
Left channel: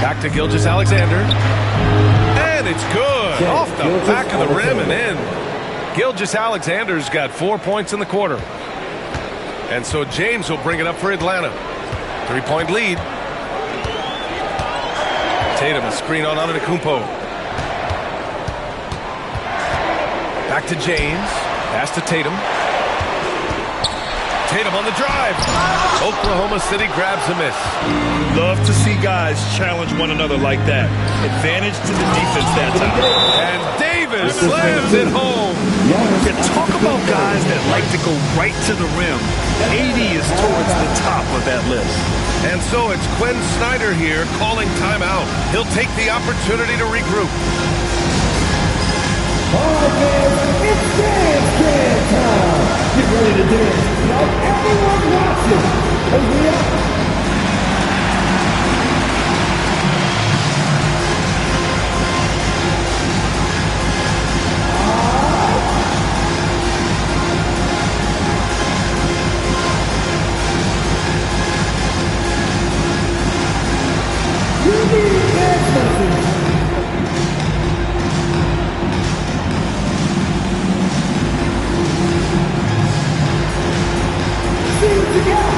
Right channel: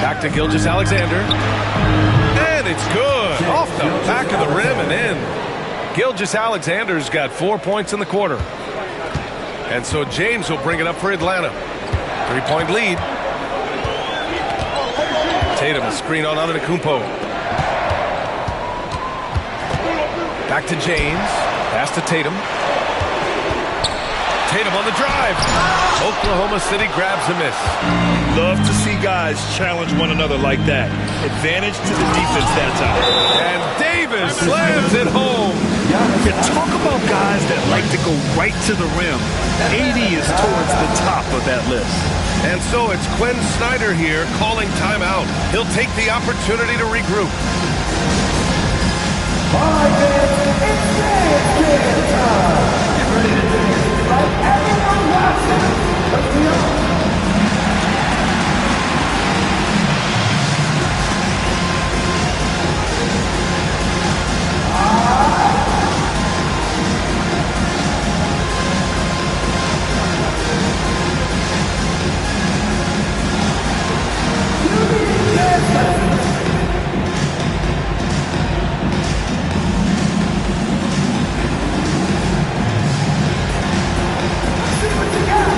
Back to Gilgeous-Alexander. And it's good. Off the back of the rim and in. Gilgeous-Alexander's got 4 points in the quarter. And so James will bring it up for Atlanta. 3-point lead. Tatum, a screen on Antetokounmpo. Back to James. Pass to Tatum. Tatum on the drive. Oklahoma City grabs a miss. Love to see guys challenge one another like that. Advantage to the defense that time. And Davis slams it home. Yeah, talk about guys that like to go right to the rim. AD is towards the top of that list. And so it's Quinn Snyder here calling timeout. He'll take the opportunity to regroup. All right, fans, it's dance time. Get ready to dance like everyone watching. Because we are. See what you got.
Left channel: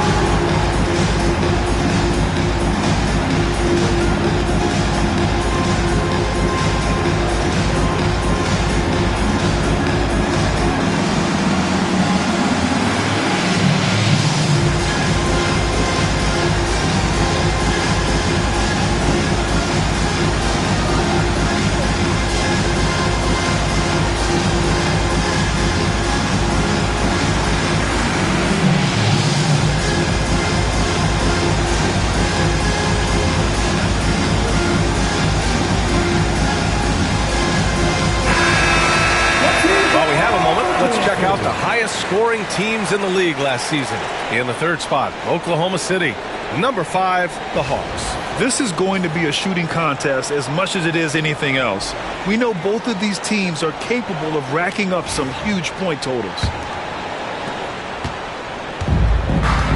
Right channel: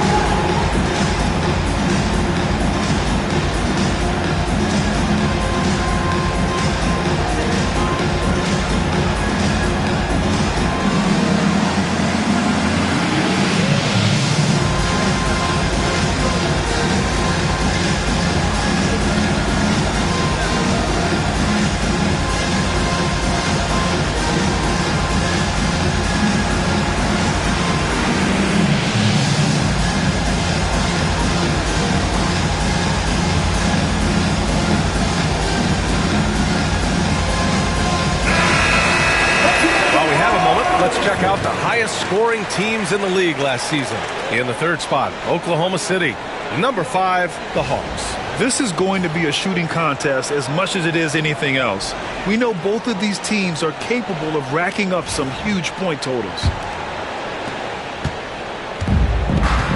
Let's check out the highest scoring teams in the league last season. In the 3rd spot, Oklahoma City. Number 5, the Hawks. This is going to be a shooting contest as much as it is anything else. We know both of these teams are capable of racking up some huge point totals.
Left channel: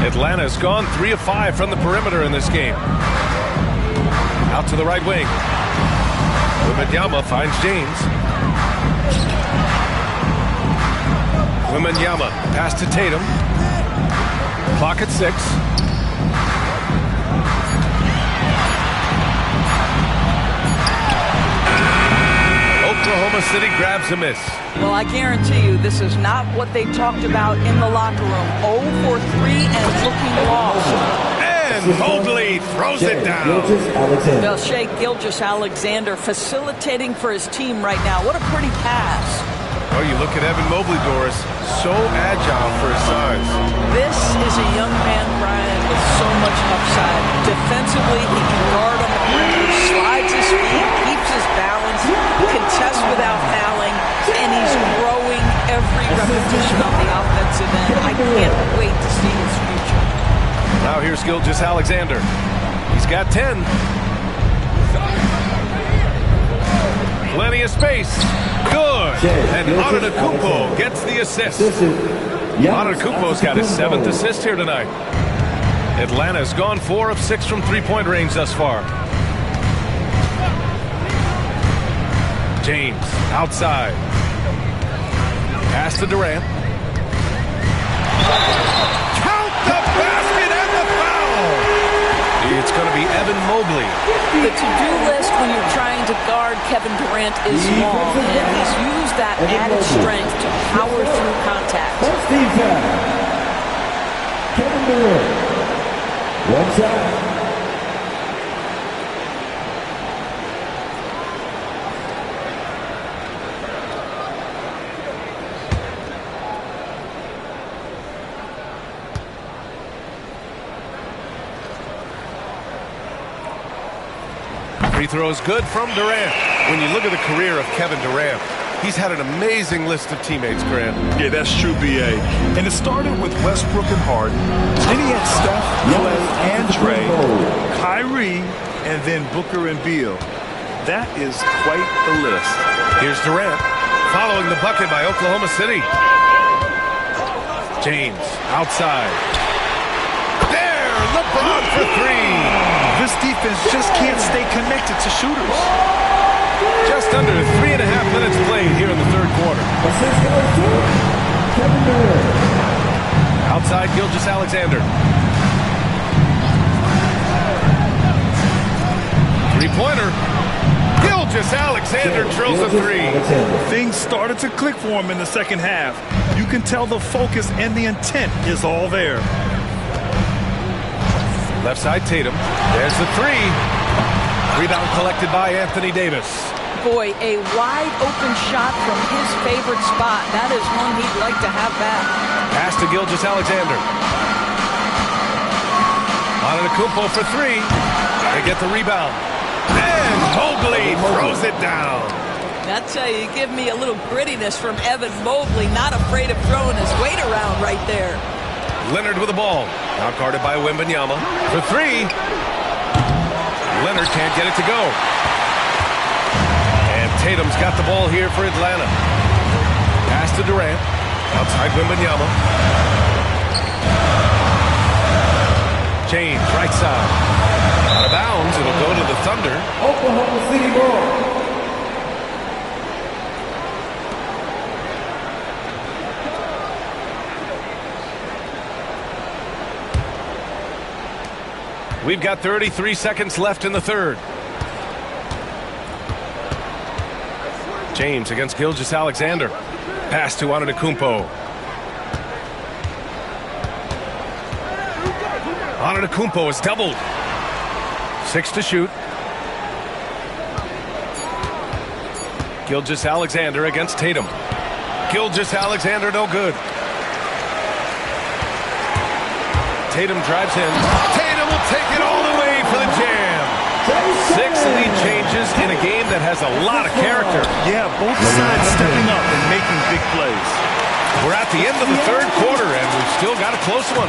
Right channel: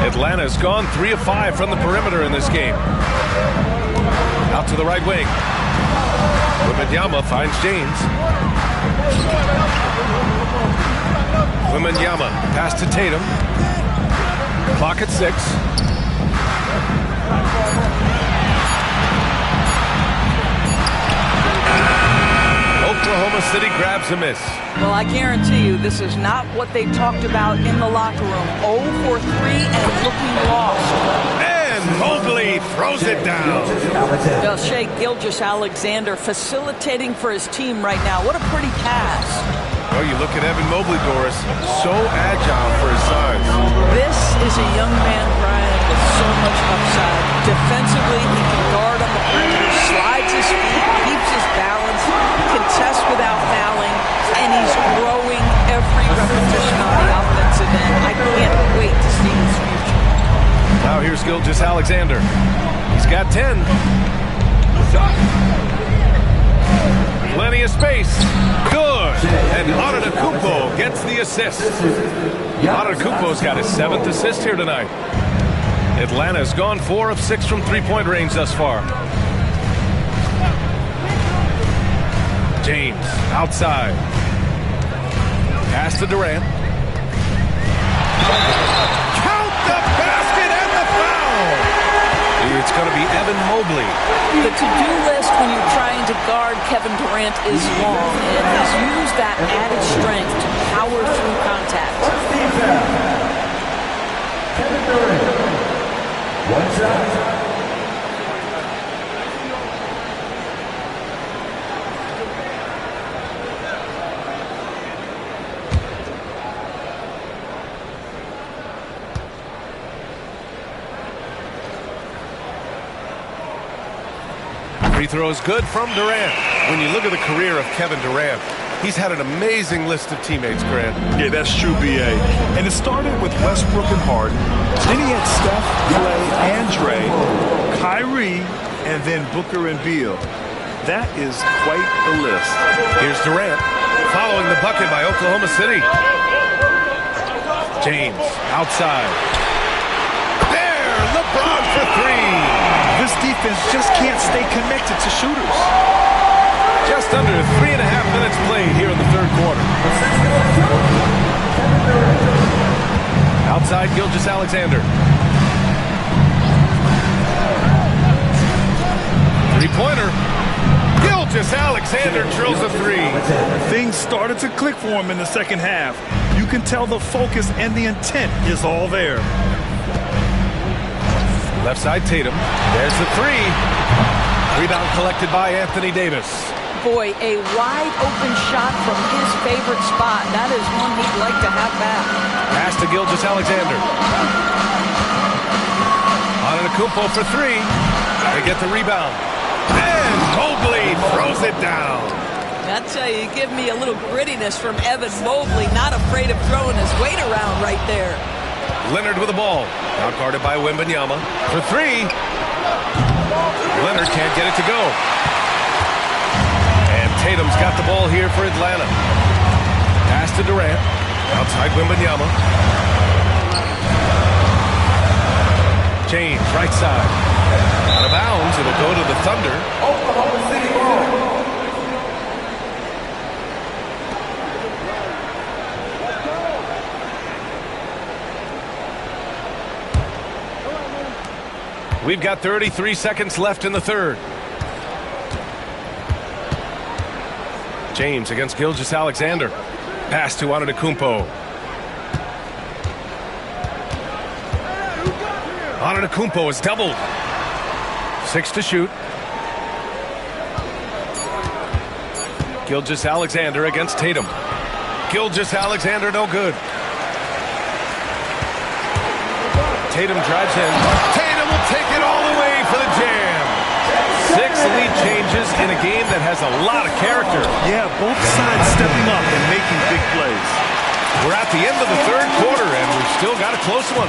Atlanta's gone 3 of 5 from the perimeter in this game. Out to the right wing. Wembanyama finds James. Wembanyama, pass to Tatum. Clock at 6. Oklahoma City grabs a miss. Well, I guarantee you this is not what they talked about in the locker room. 0 for 3 and looking lost. And Mobley throws it down. Well, Shea Gilgeous-Alexander facilitating for his team right now. What a pretty pass. Well, you look at Evan Mobley, Doris, so agile for his size. This is a young man, Brian, with so much upside. Defensively, he can guard on the perimeter, slides his feet, keeps his balance, contests without fouling, and he's growing every repetition on the offensive end. I can't wait to see his future. Now here's Gilgeous-Alexander. He's got 10. Plenty of space. Good. And Antetokounmpo gets the assist. Antetokounmpo's got his 7th assist here tonight. Atlanta's gone 4 of 6 from three-point range thus far. James outside. Pass to Durant. Count the basket and the foul. It's going to be Evan Mobley. The to-do list when you're trying to guard Kevin Durant is long, and he's used that added strength to power through contact. Kevin Durant. One shot. Free throw is good from Durant. When you look at the career of Kevin Durant, he's had an amazing list of teammates, Grant. Yeah, that's true, B.A. And it started with Westbrook and Harden. Then he had Steph, Clay, and Dre, Kyrie, and then Booker and Beal. That is quite the list. Here's Durant, following the bucket by Oklahoma City. James, outside. There, LeBron for 3. This defense just can't stay connected to shooters. Just under 3.5 minutes played here in the third quarter. Outside Gilgeous-Alexander. Three-pointer. Gilgeous-Alexander drills a 3. Things started to click for him in the second half. You can tell the focus and the intent is all there. Left side Tatum. There's the 3. Rebound collected by Anthony Davis. Boy, a wide open shot from his favorite spot. That is one he'd like to have back. Pass to Gilgeous-Alexander. Antetokounmpo for 3. They get the rebound. And Mobley throws it down. I tell you, give me a little grittiness from Evan Mobley. Not afraid of throwing his weight around right there. Leonard with the ball. Now guarded by Wembanyama for 3. Leonard can't get it to go. And Tatum's got the ball here for Atlanta. Pass to Durant. Outside Wembanyama. James, right side. Out of bounds. It'll go to the Thunder. Oklahoma City ball. We've got 33 seconds left in the third. James against Gilgeous-Alexander. Pass to Antetokounmpo. Antetokounmpo is doubled. 6 to shoot. Gilgeous-Alexander against Tatum. Gilgeous-Alexander no good. Tatum drives in. Tatum will take it all the way for the jam. 6 lead changes in a game that has a lot of character. Yeah, both sides stepping up and making big plays. We're at the end of the third quarter, and we've still got a close one.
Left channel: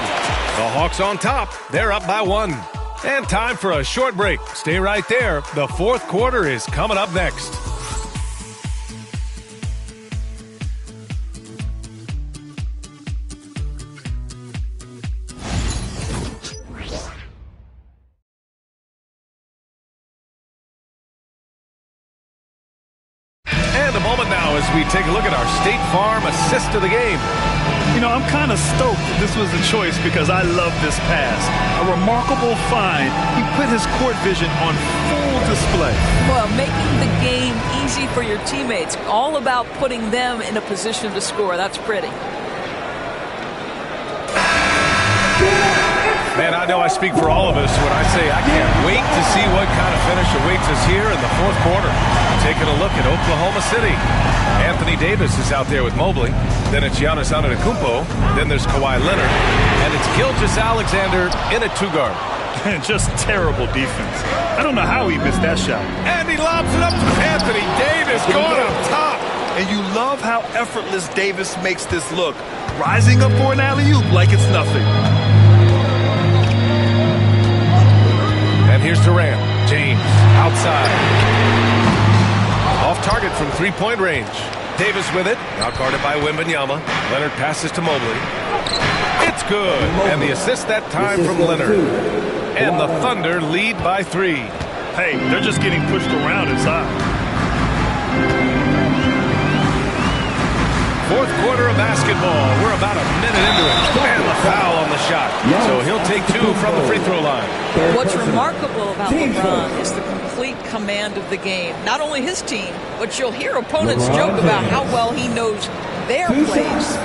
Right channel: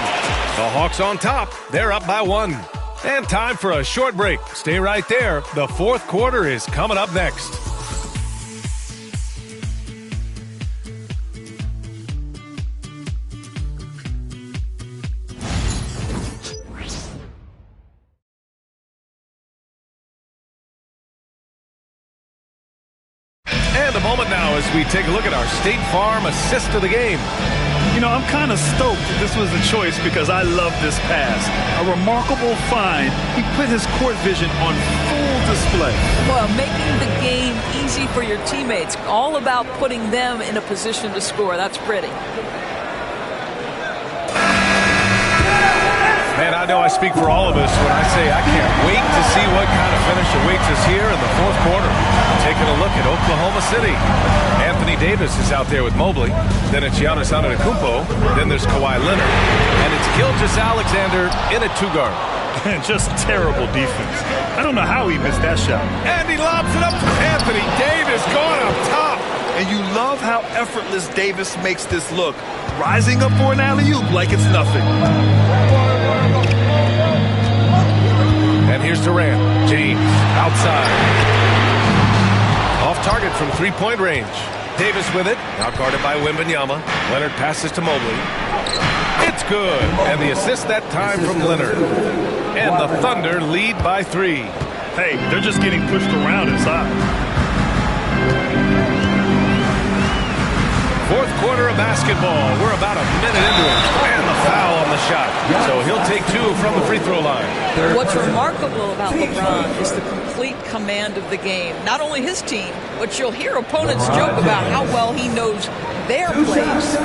The Hawks on top. They're up by 1. And time for a short break. Stay right there. The fourth quarter is coming up next. And a moment now as we take a look at our State Farm assist of the game. You know, I'm kind of stoked that this was a choice because I love this pass. A remarkable find. He put his court vision on full display. Well, making the game easy for your teammates. All about putting them in a position to score. That's pretty. Man, I know I speak for all of us when I say I can't wait to see what kind of finish awaits us here in the fourth quarter. Taking a look at Oklahoma City. Anthony Davis is out there with Mobley. Then it's Giannis Antetokounmpo. Then there's Kawhi Leonard. And it's Gilgeous-Alexander in at 2-guard. And just terrible defense. I don't know how he missed that shot. And he lobs it up to Anthony Davis going up top. And you love how effortless Davis makes this look. Rising up for an alley-oop like it's nothing. And here's Durant. James outside. Off target from three-point range. Davis with it. Now guarded by Wembanyama. Leonard passes to Mobley. good. And the assist that time from Leonard. And the Thunder lead by 3. Hey, they're just getting pushed around inside. Fourth quarter of basketball. We're about a minute into it. And the foul on the shot. So he'll take 2 from the free throw line. What's remarkable about LeBron is the complete command of the game. Not only his team, but you'll hear opponents joke about how well he knows their plays.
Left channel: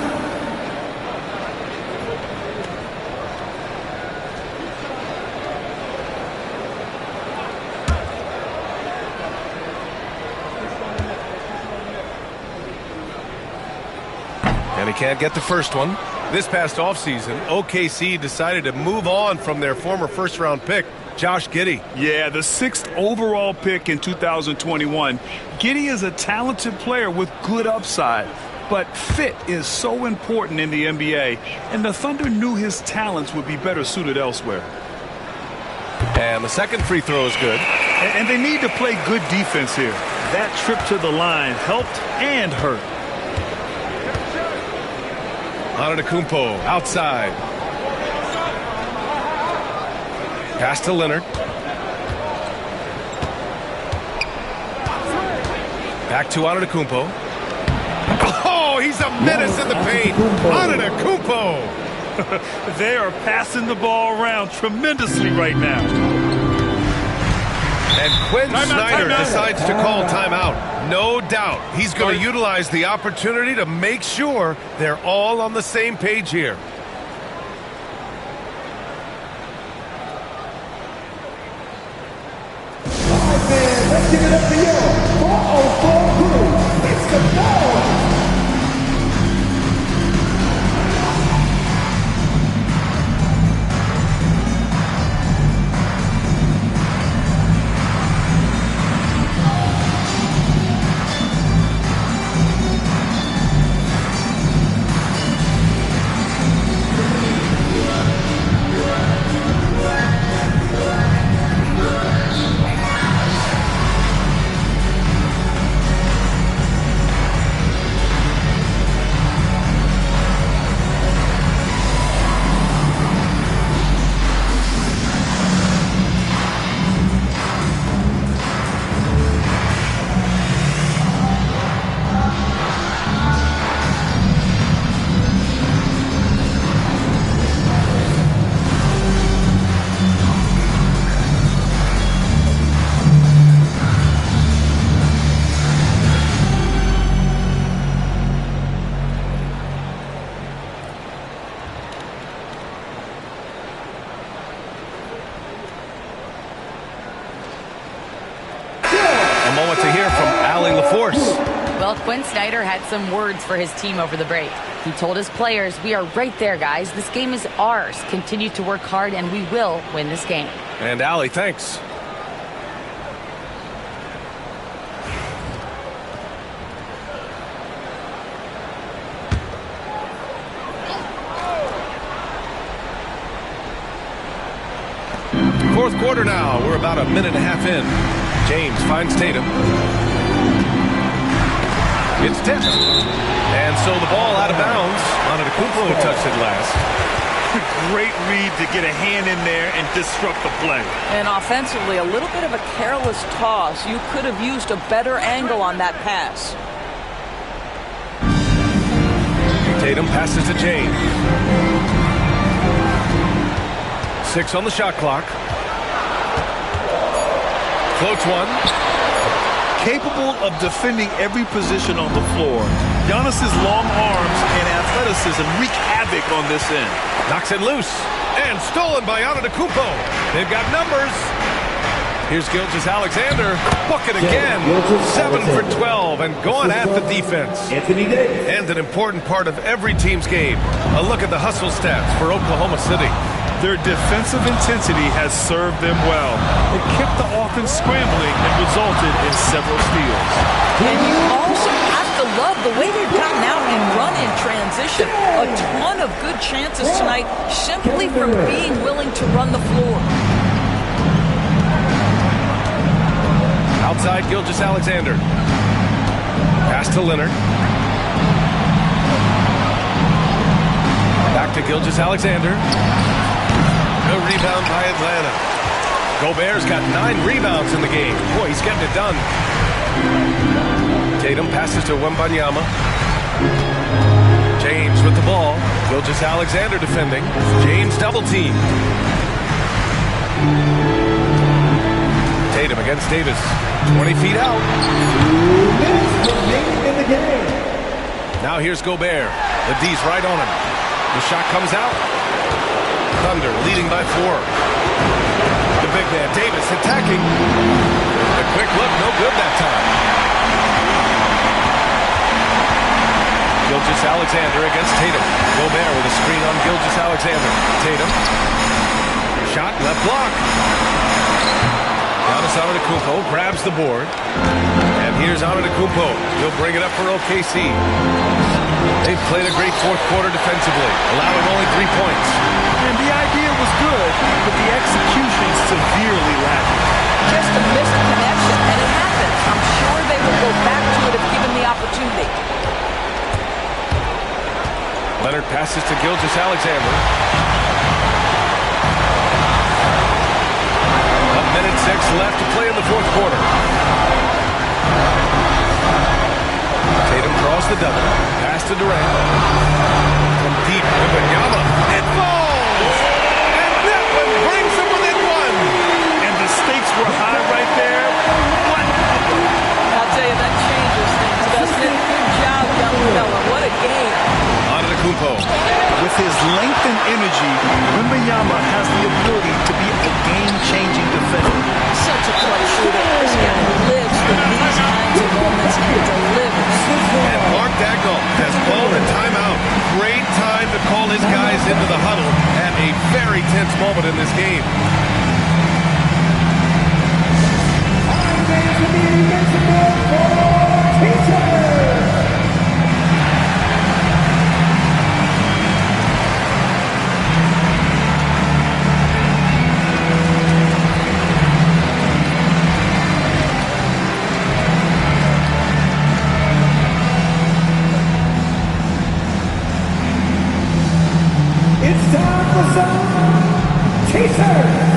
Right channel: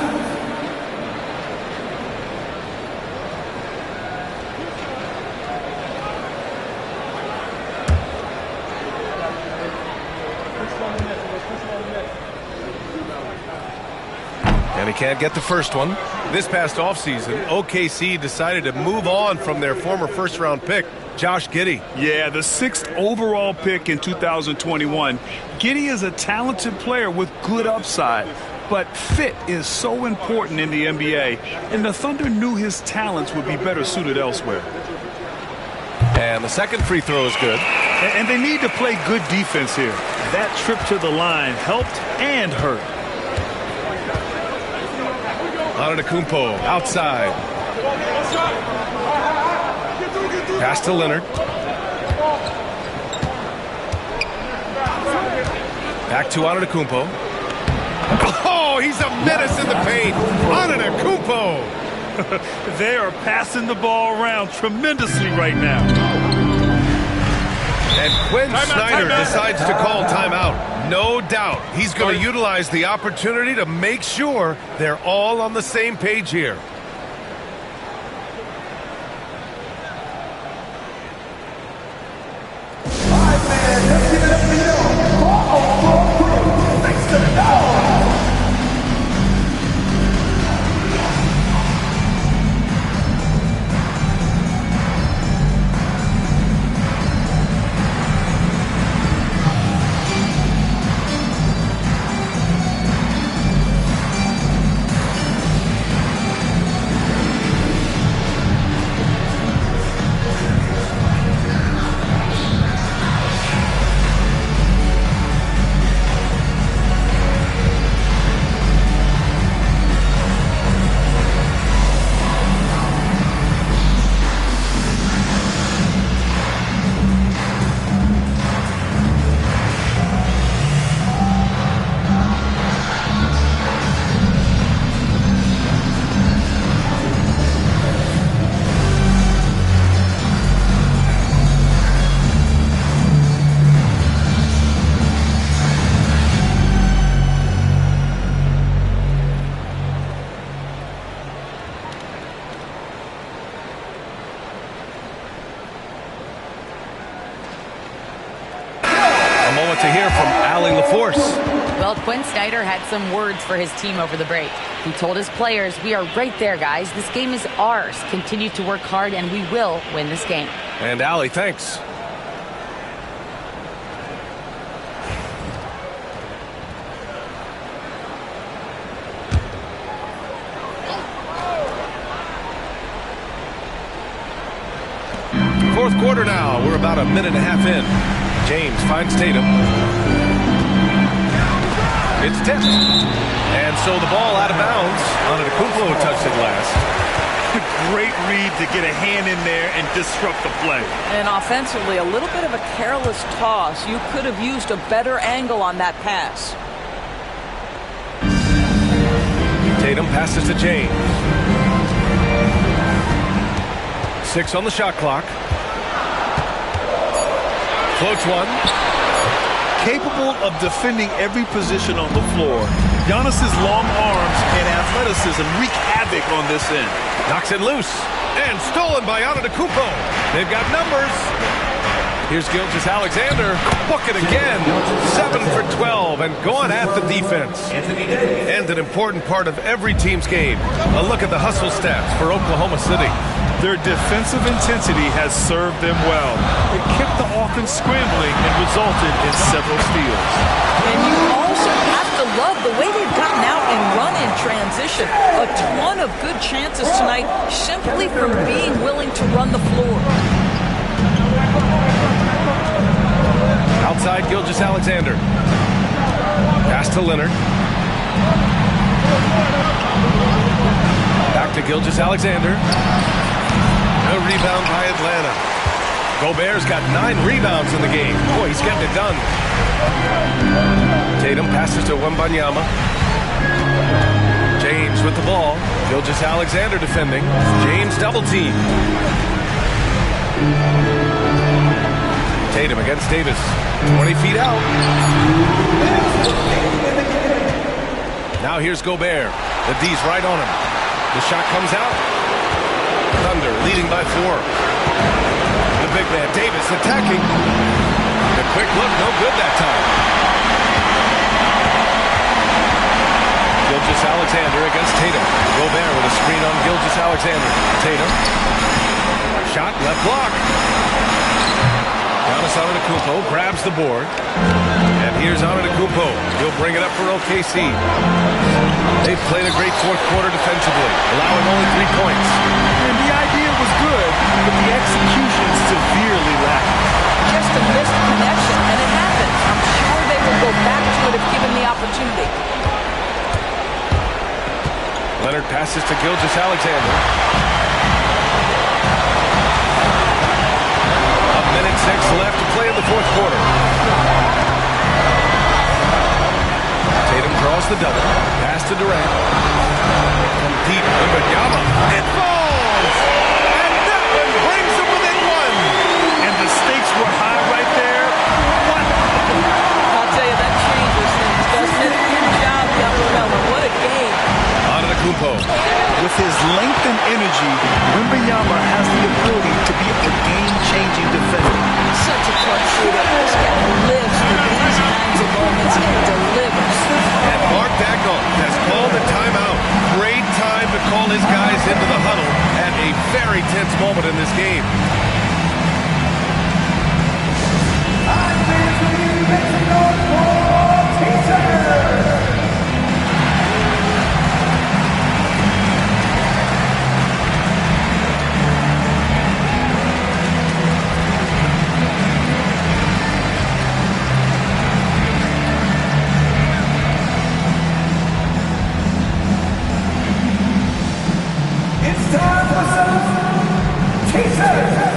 And he can't get the first one. This past offseason, OKC decided to move on from their former first-round pick, Josh Giddey. Yeah, the 6th overall pick in 2021. Giddey is a talented player with good upside, but fit is so important in the NBA, and the Thunder knew his talents would be better suited elsewhere. And the second free throw is good. And they need to play good defense here. That trip to the line helped and hurt. Antetokounmpo outside. Pass to Leonard. Back to Antetokounmpo. Oh, he's a menace in the paint. Antetokounmpo. They are passing the ball around tremendously right now. And Quinn Snyder decides to call timeout. No doubt he's going to utilize the opportunity to make sure they're all on the same page here. Let's give it up for you. 404 crew. Make some noise. Moment to hear from Allie LaForce. Well, Quinn Snyder had some words for his team over the break. He told his players, "We are right there, guys. This game is ours. Continue to work hard, and we will win this game." And Allie, thanks. Fourth quarter now. We're about a minute and a half in. James finds Tatum. It's tipped. And so the ball out of bounds. Antetokounmpo touched it last. Great read to get a hand in there and disrupt the play. And offensively, a little bit of a careless toss. You could have used a better angle on that pass. Tatum passes to James. 6 on the shot clock. Floats one. Capable of defending every position on the floor. Giannis's long arms and athleticism wreak havoc on this end. Knocks it loose. And stolen by Antetokounmpo. They've got numbers. Here's Gilgeous-Alexander. Book it again. 7 for 12 and going at the defense. And an important part of every team's game. A look at the hustle stats for Oklahoma City. Their defensive intensity has served them well. It kept the offense scrambling and resulted in several steals. And you also have to love the way they've gotten out and run in transition. A ton of good chances tonight simply from being willing to run the floor. Outside Gilgeous-Alexander. Pass to Leonard. Back to Gilgeous-Alexander. A rebound by Atlanta. Gobert's got 9 rebounds in the game. Boy, he's getting it done. Tatum passes to Wembanyama. James with the ball. Gilgeous-Alexander defending. James double team. Tatum against Davis. 20 feet out. Now here's Gobert. The D's right on him. The shot comes out. Thunder leading by 4. The big man Davis attacking. The quick look, no good that time. Gilgeous-Alexander against Tatum. Gobert with a screen on Gilgeous-Alexander. Tatum. Shot, left block. Giannis Antetokounmpo grabs the board. And here's Antetokounmpo. He'll bring it up for OKC. They've played a great fourth quarter defensively, allowing only 3 points. And the idea was good, but the execution severely lacking. Just a missed connection, and it happens. I'm sure they will go back to it if given the opportunity. Leonard passes to Gilgeous-Alexander. 1:06 left to play in the fourth quarter. Tatum draws the double. Pass to Durant. From deep, Wembanyama. It falls! And that one brings them within 1. And the stakes were high right there. What? I'll tell you, that changes things, doesn't it? Good job, young fella. What a game. Antetokounmpo. With his length and energy, Wembanyama has the ability to be a game-changing defender. Such a clutch shooter. This guy lives for these kinds of moments and delivers. And Mark Daigneault has called the timeout. Great time to call his guys into the huddle at a very tense moment in this game. It's time for some teasers.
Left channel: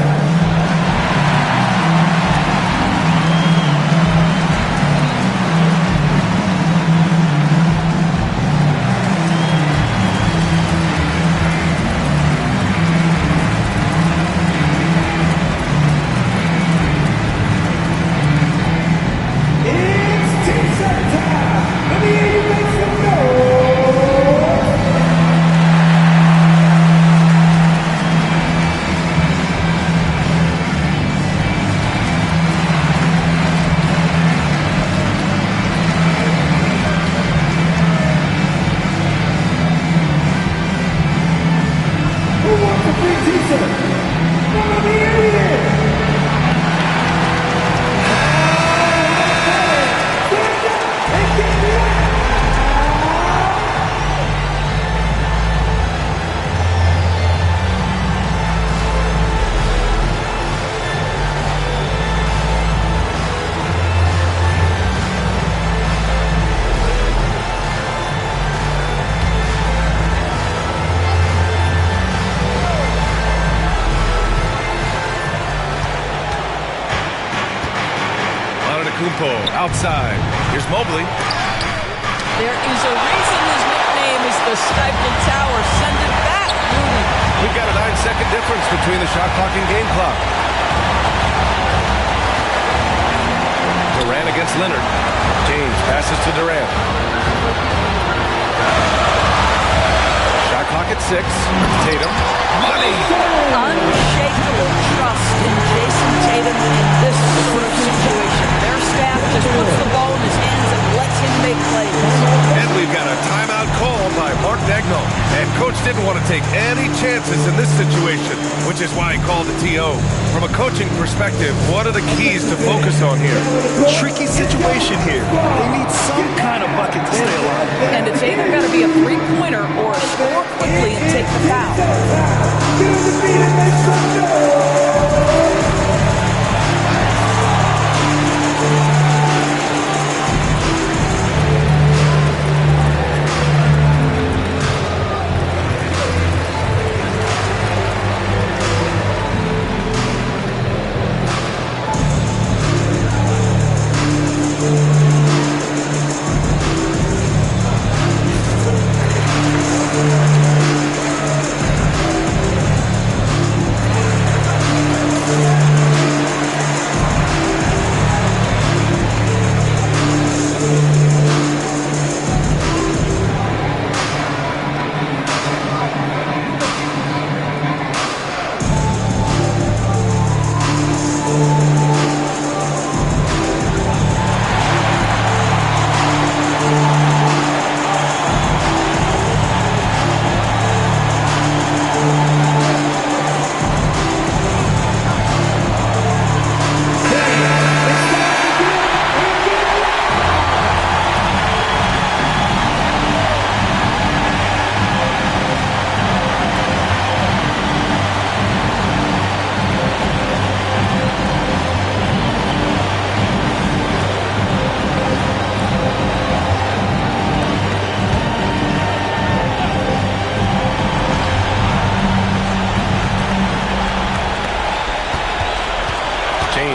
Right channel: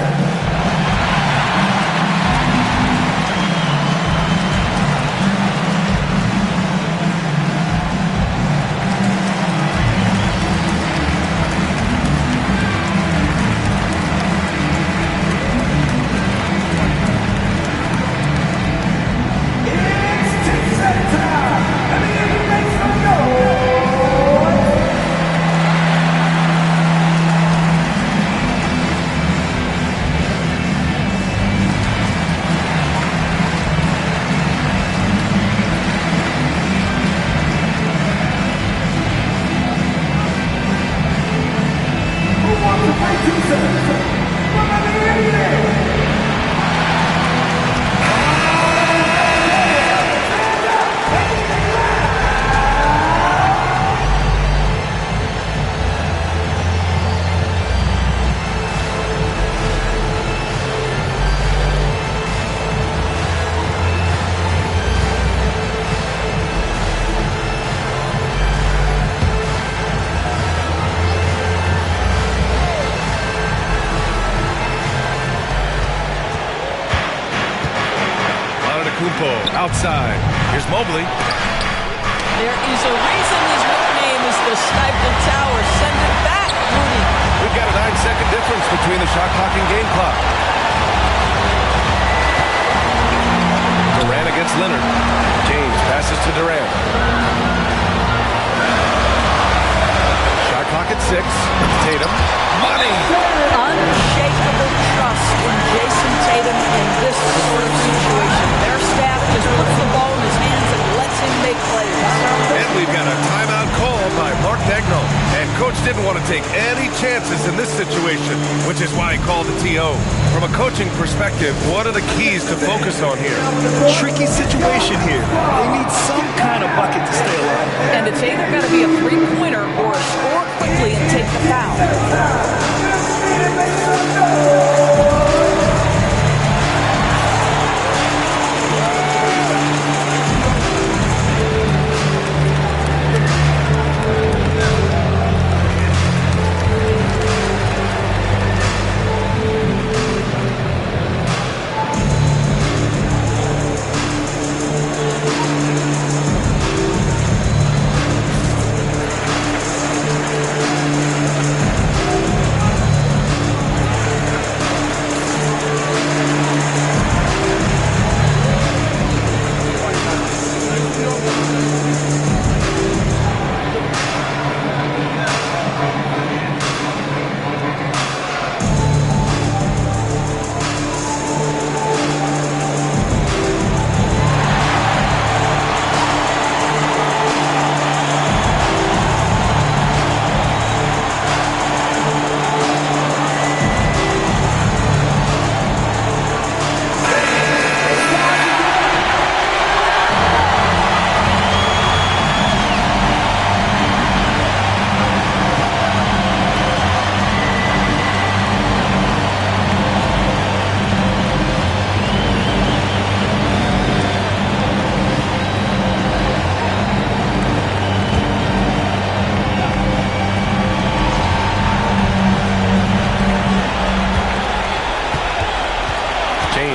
Outside. Here's Mobley. There is a reason his nickname is the Stifle Tower. Send it back, Rudy. We've got a 9-second difference between the shot clock and game clock. Durant against Leonard. James passes to Durant. Shot clock at 6. Tatum. Money! Unshakable trust in Jason Tatum in this sort of situation. Their staff just puts the ball in his hands and lets him make plays. And we've got a timeout called by Mark Daigneault. And Coach didn't want to take any chances in this situation, which is why he called the TO. From a coaching perspective, what are the keys to focus on here? Tricky situation here. They need some kind of bucket to stay alive. And it's either got to be a three-pointer or score quickly and take the foul.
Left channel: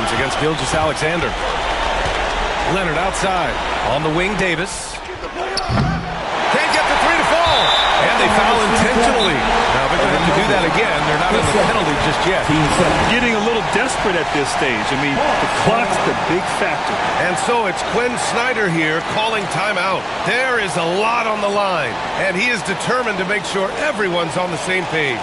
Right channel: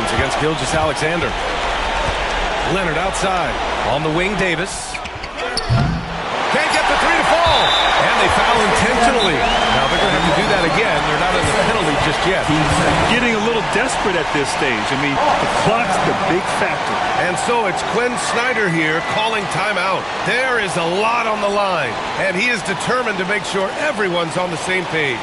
James against Gilgeous-Alexander. Leonard outside. On the wing, Davis. Can't get the three to fall. And they foul intentionally. Now they're going to have to do that again. They're not in the penalty just yet. Getting a little desperate at this stage. I mean, the clock's the big factor. And so it's Quinn Snyder here calling timeout. There is a lot on the line. And he is determined to make sure everyone's on the same page.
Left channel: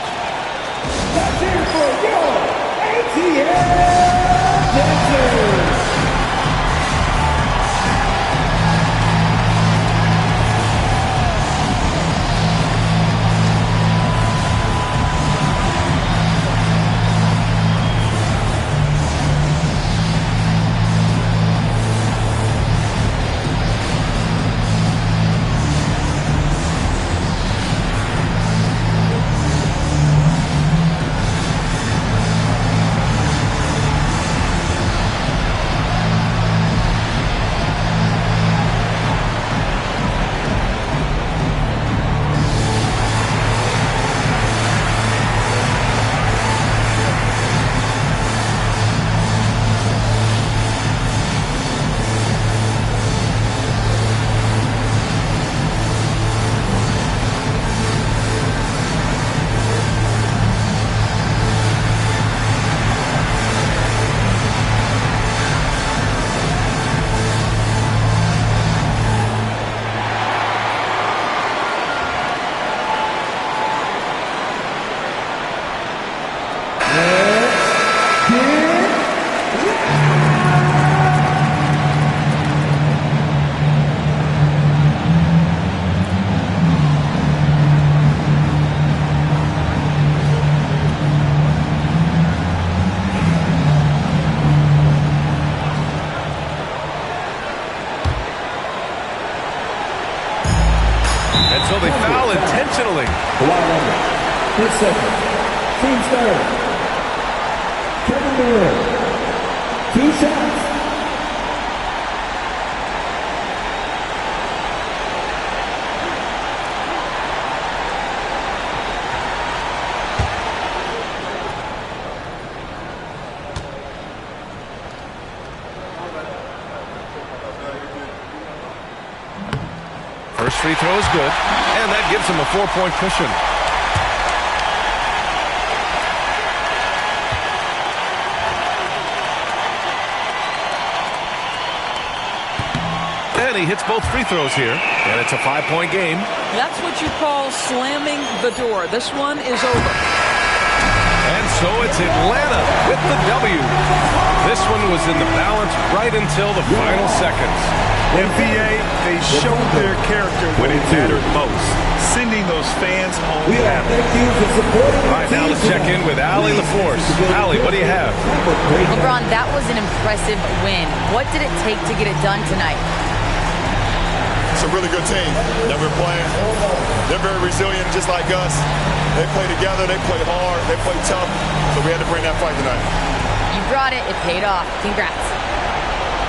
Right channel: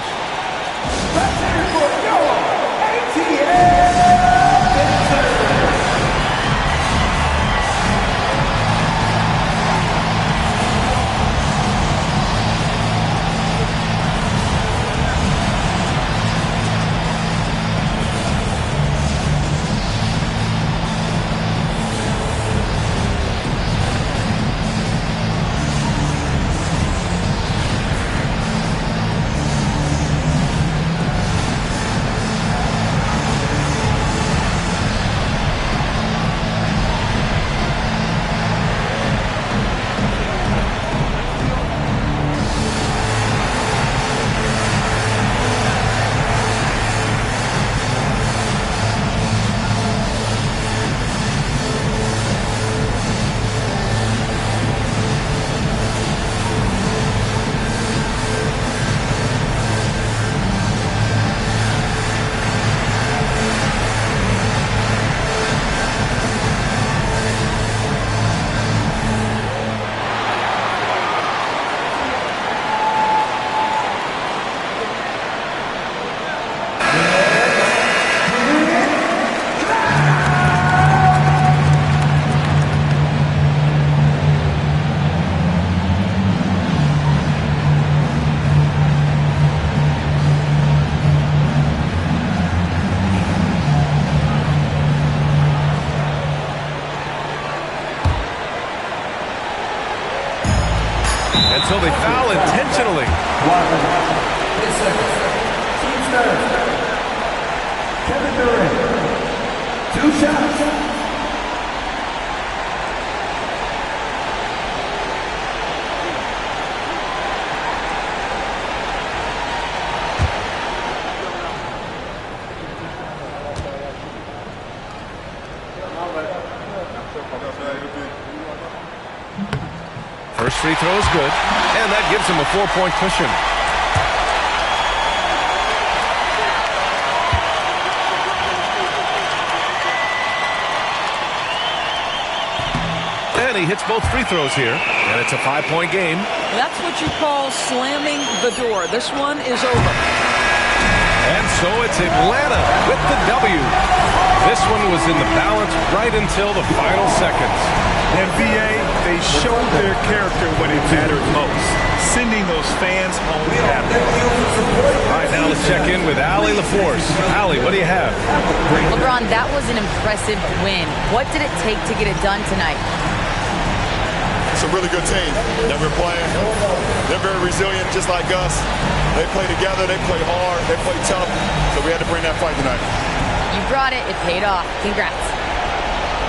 And so they foul intentionally. 10 seconds. Team starter. Kevin Durant. 2 shots. First free throw is good, and that gives him a 4-point cushion. And he hits both free throws here, and it's a 5-point game. That's what you call slamming the door. This one is over. And so it's Atlanta with the W. This one was in the balance right until the final seconds. NBA, they showed their character when it mattered most, sending those fans home happy. All right, now let's check in with Allie LaForce. Allie, what do you have? LeBron, that was an impressive win. What did it take to get it done tonight? It's a really good team that we're playing. They're very resilient, just like us. They play together, they play hard, they play tough, so we had to bring that fight tonight. You brought it. It paid off. Congrats.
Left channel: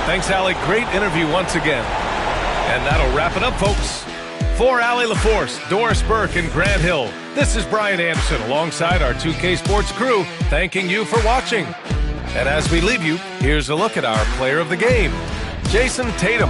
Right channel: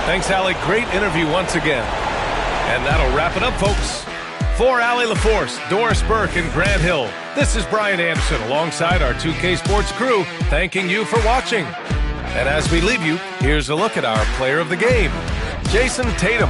Thanks, Allie. Great interview once again. And that'll wrap it up, folks. For Allie LaForce, Doris Burke, and Grant Hill, this is Brian Anderson alongside our 2K Sports crew, thanking you for watching. And as we leave you, here's a look at our player of the game, Jason Tatum.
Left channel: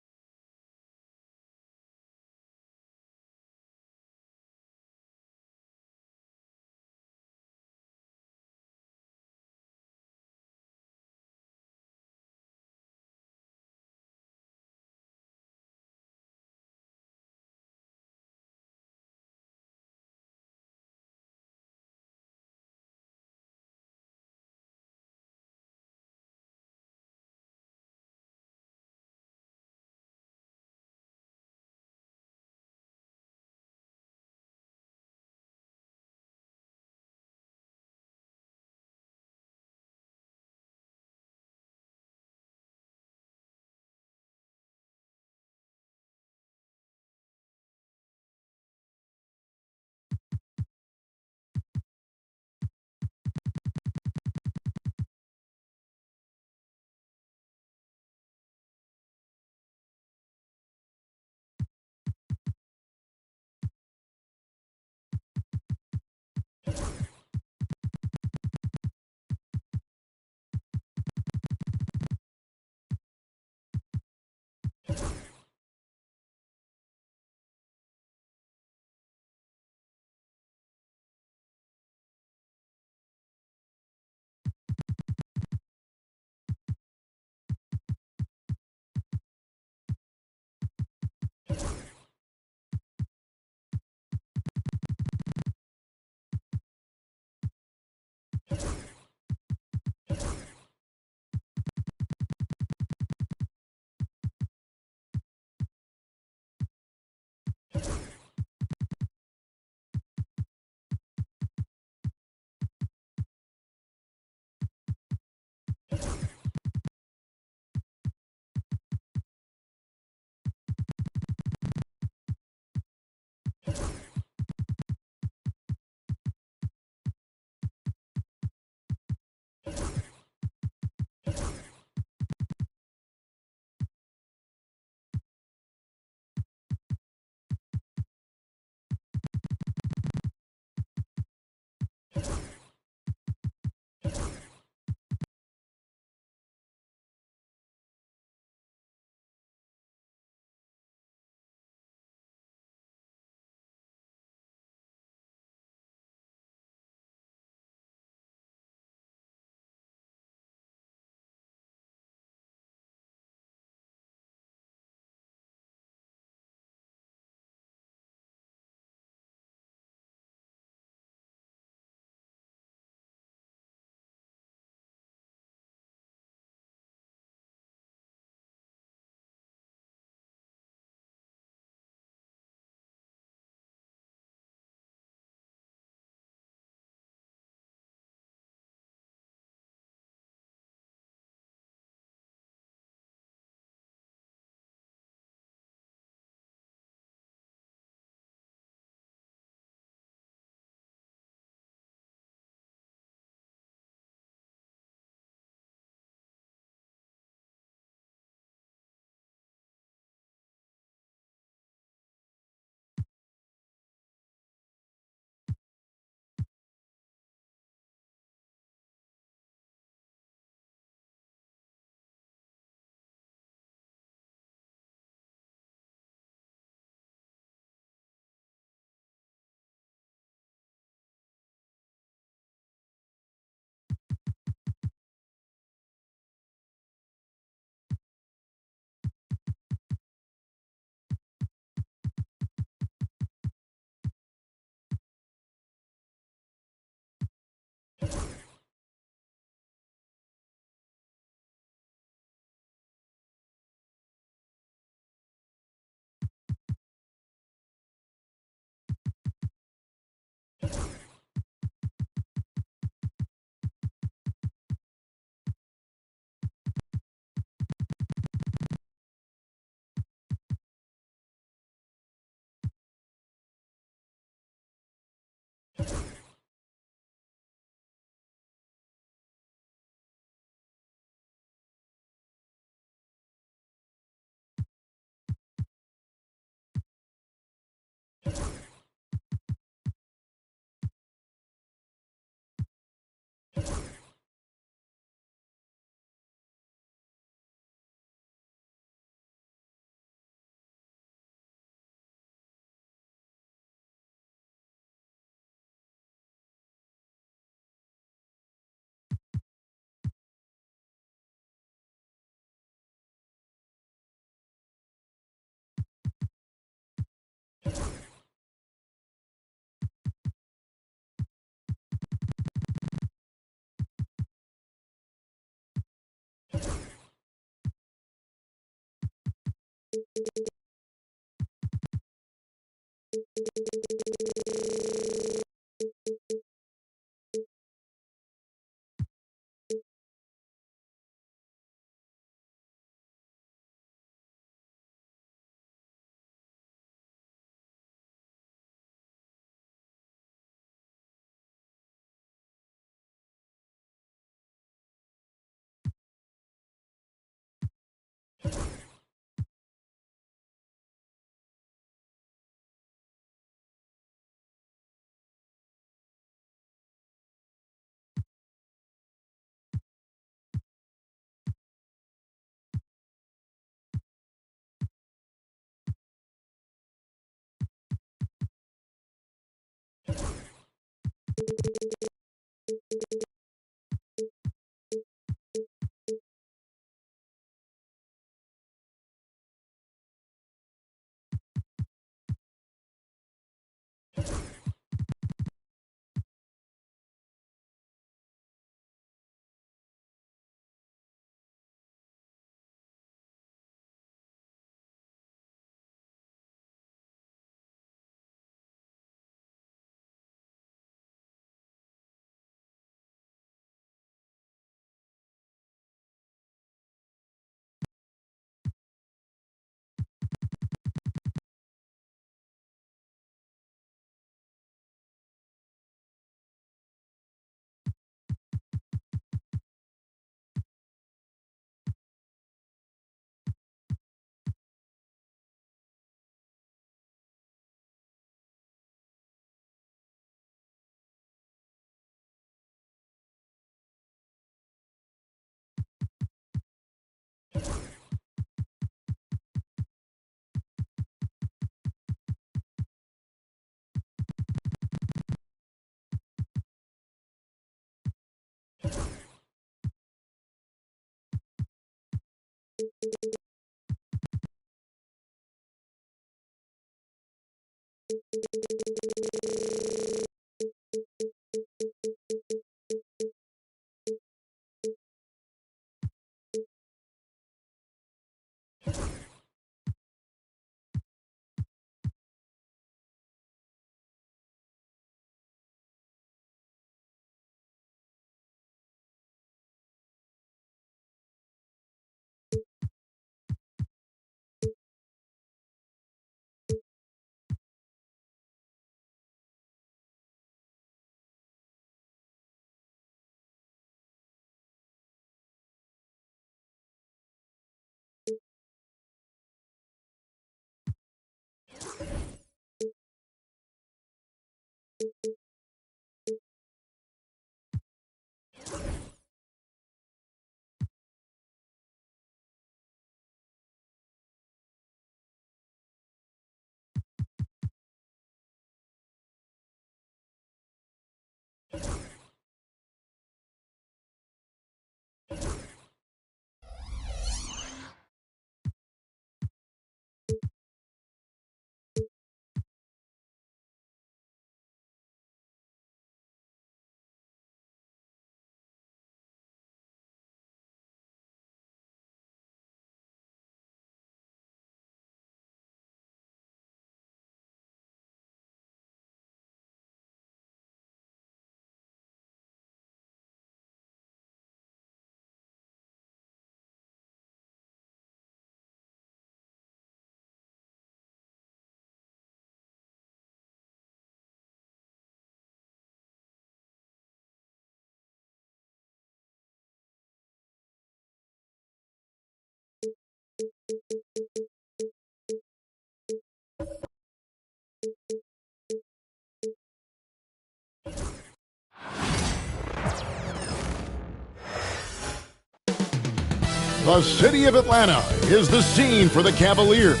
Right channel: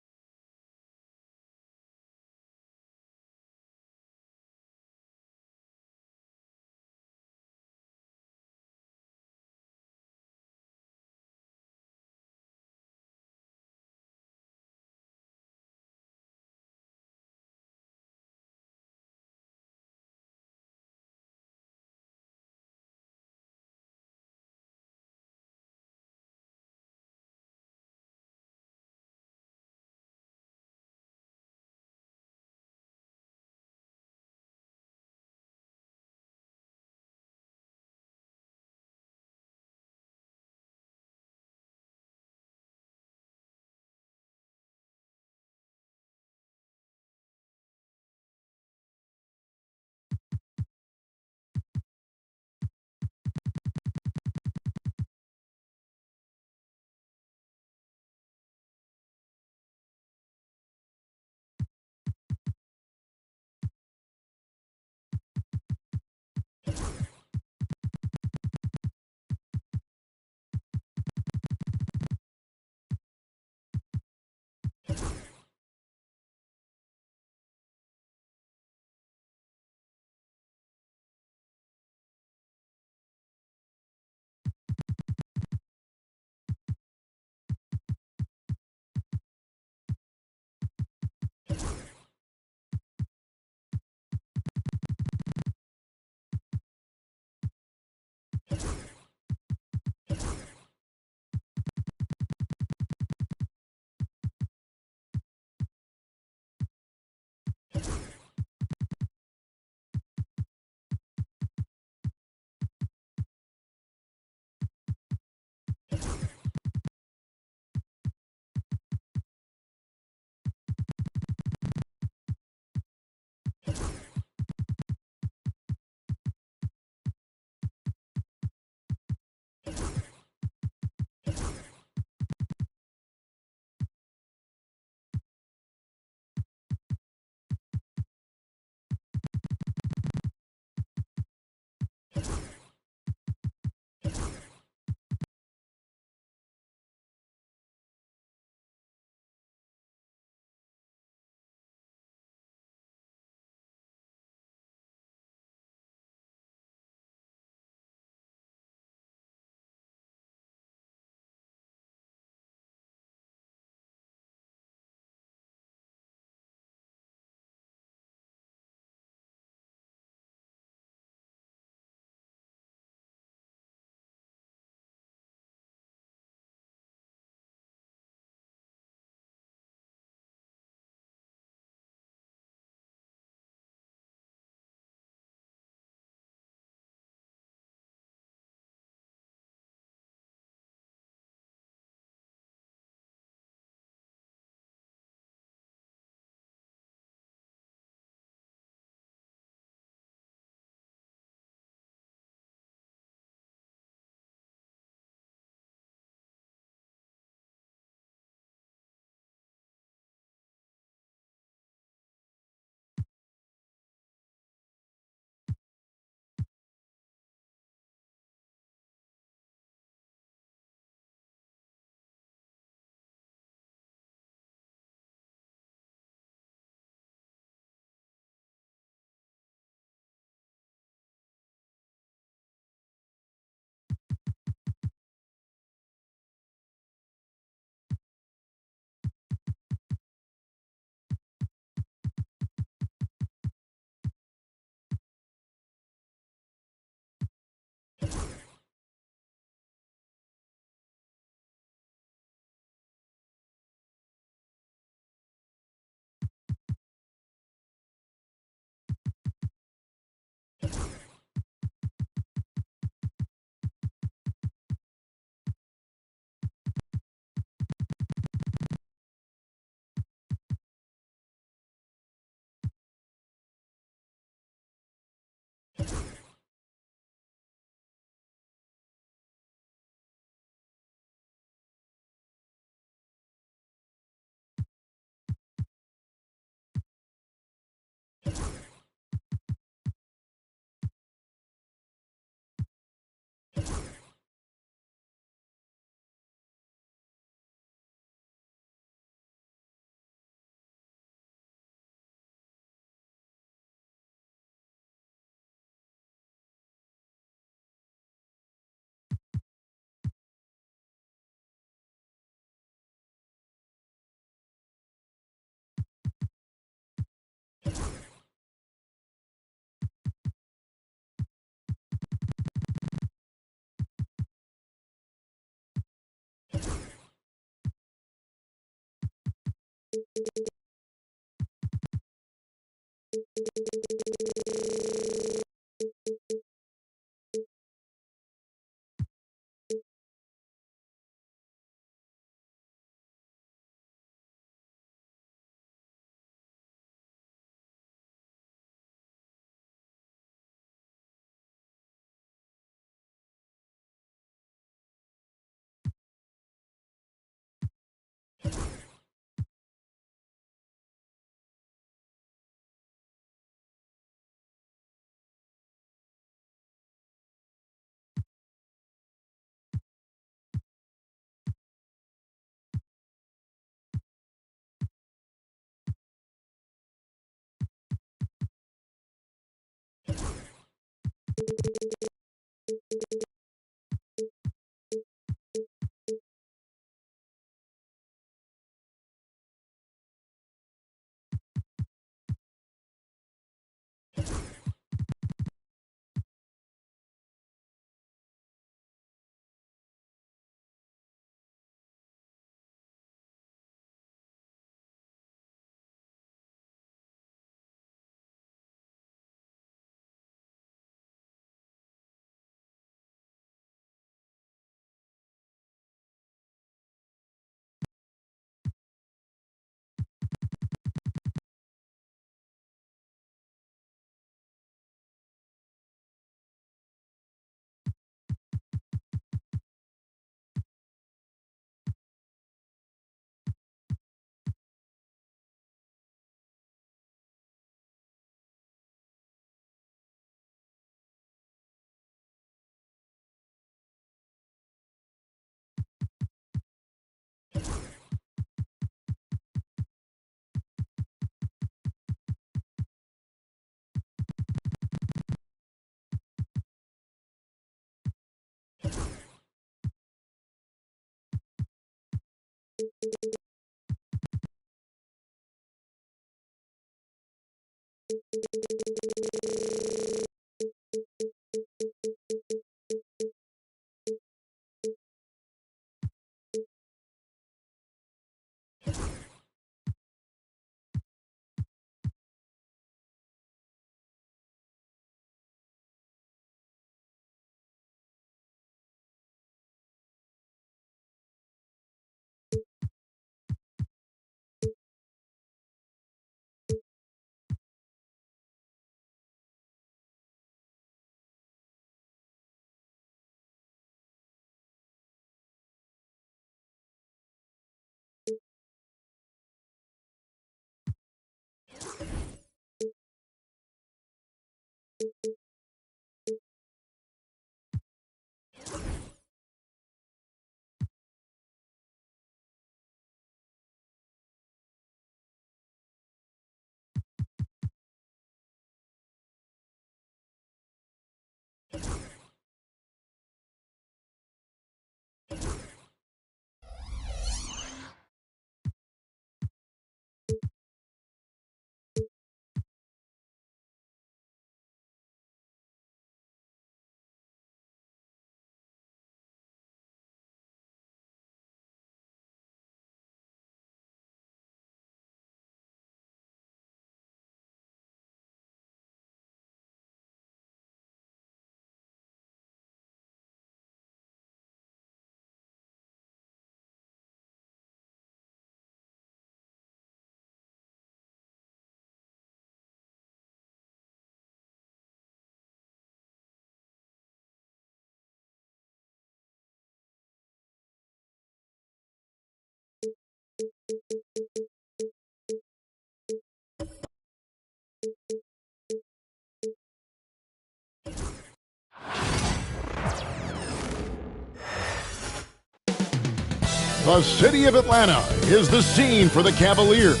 The city of Atlanta is the scene for the Cavaliers.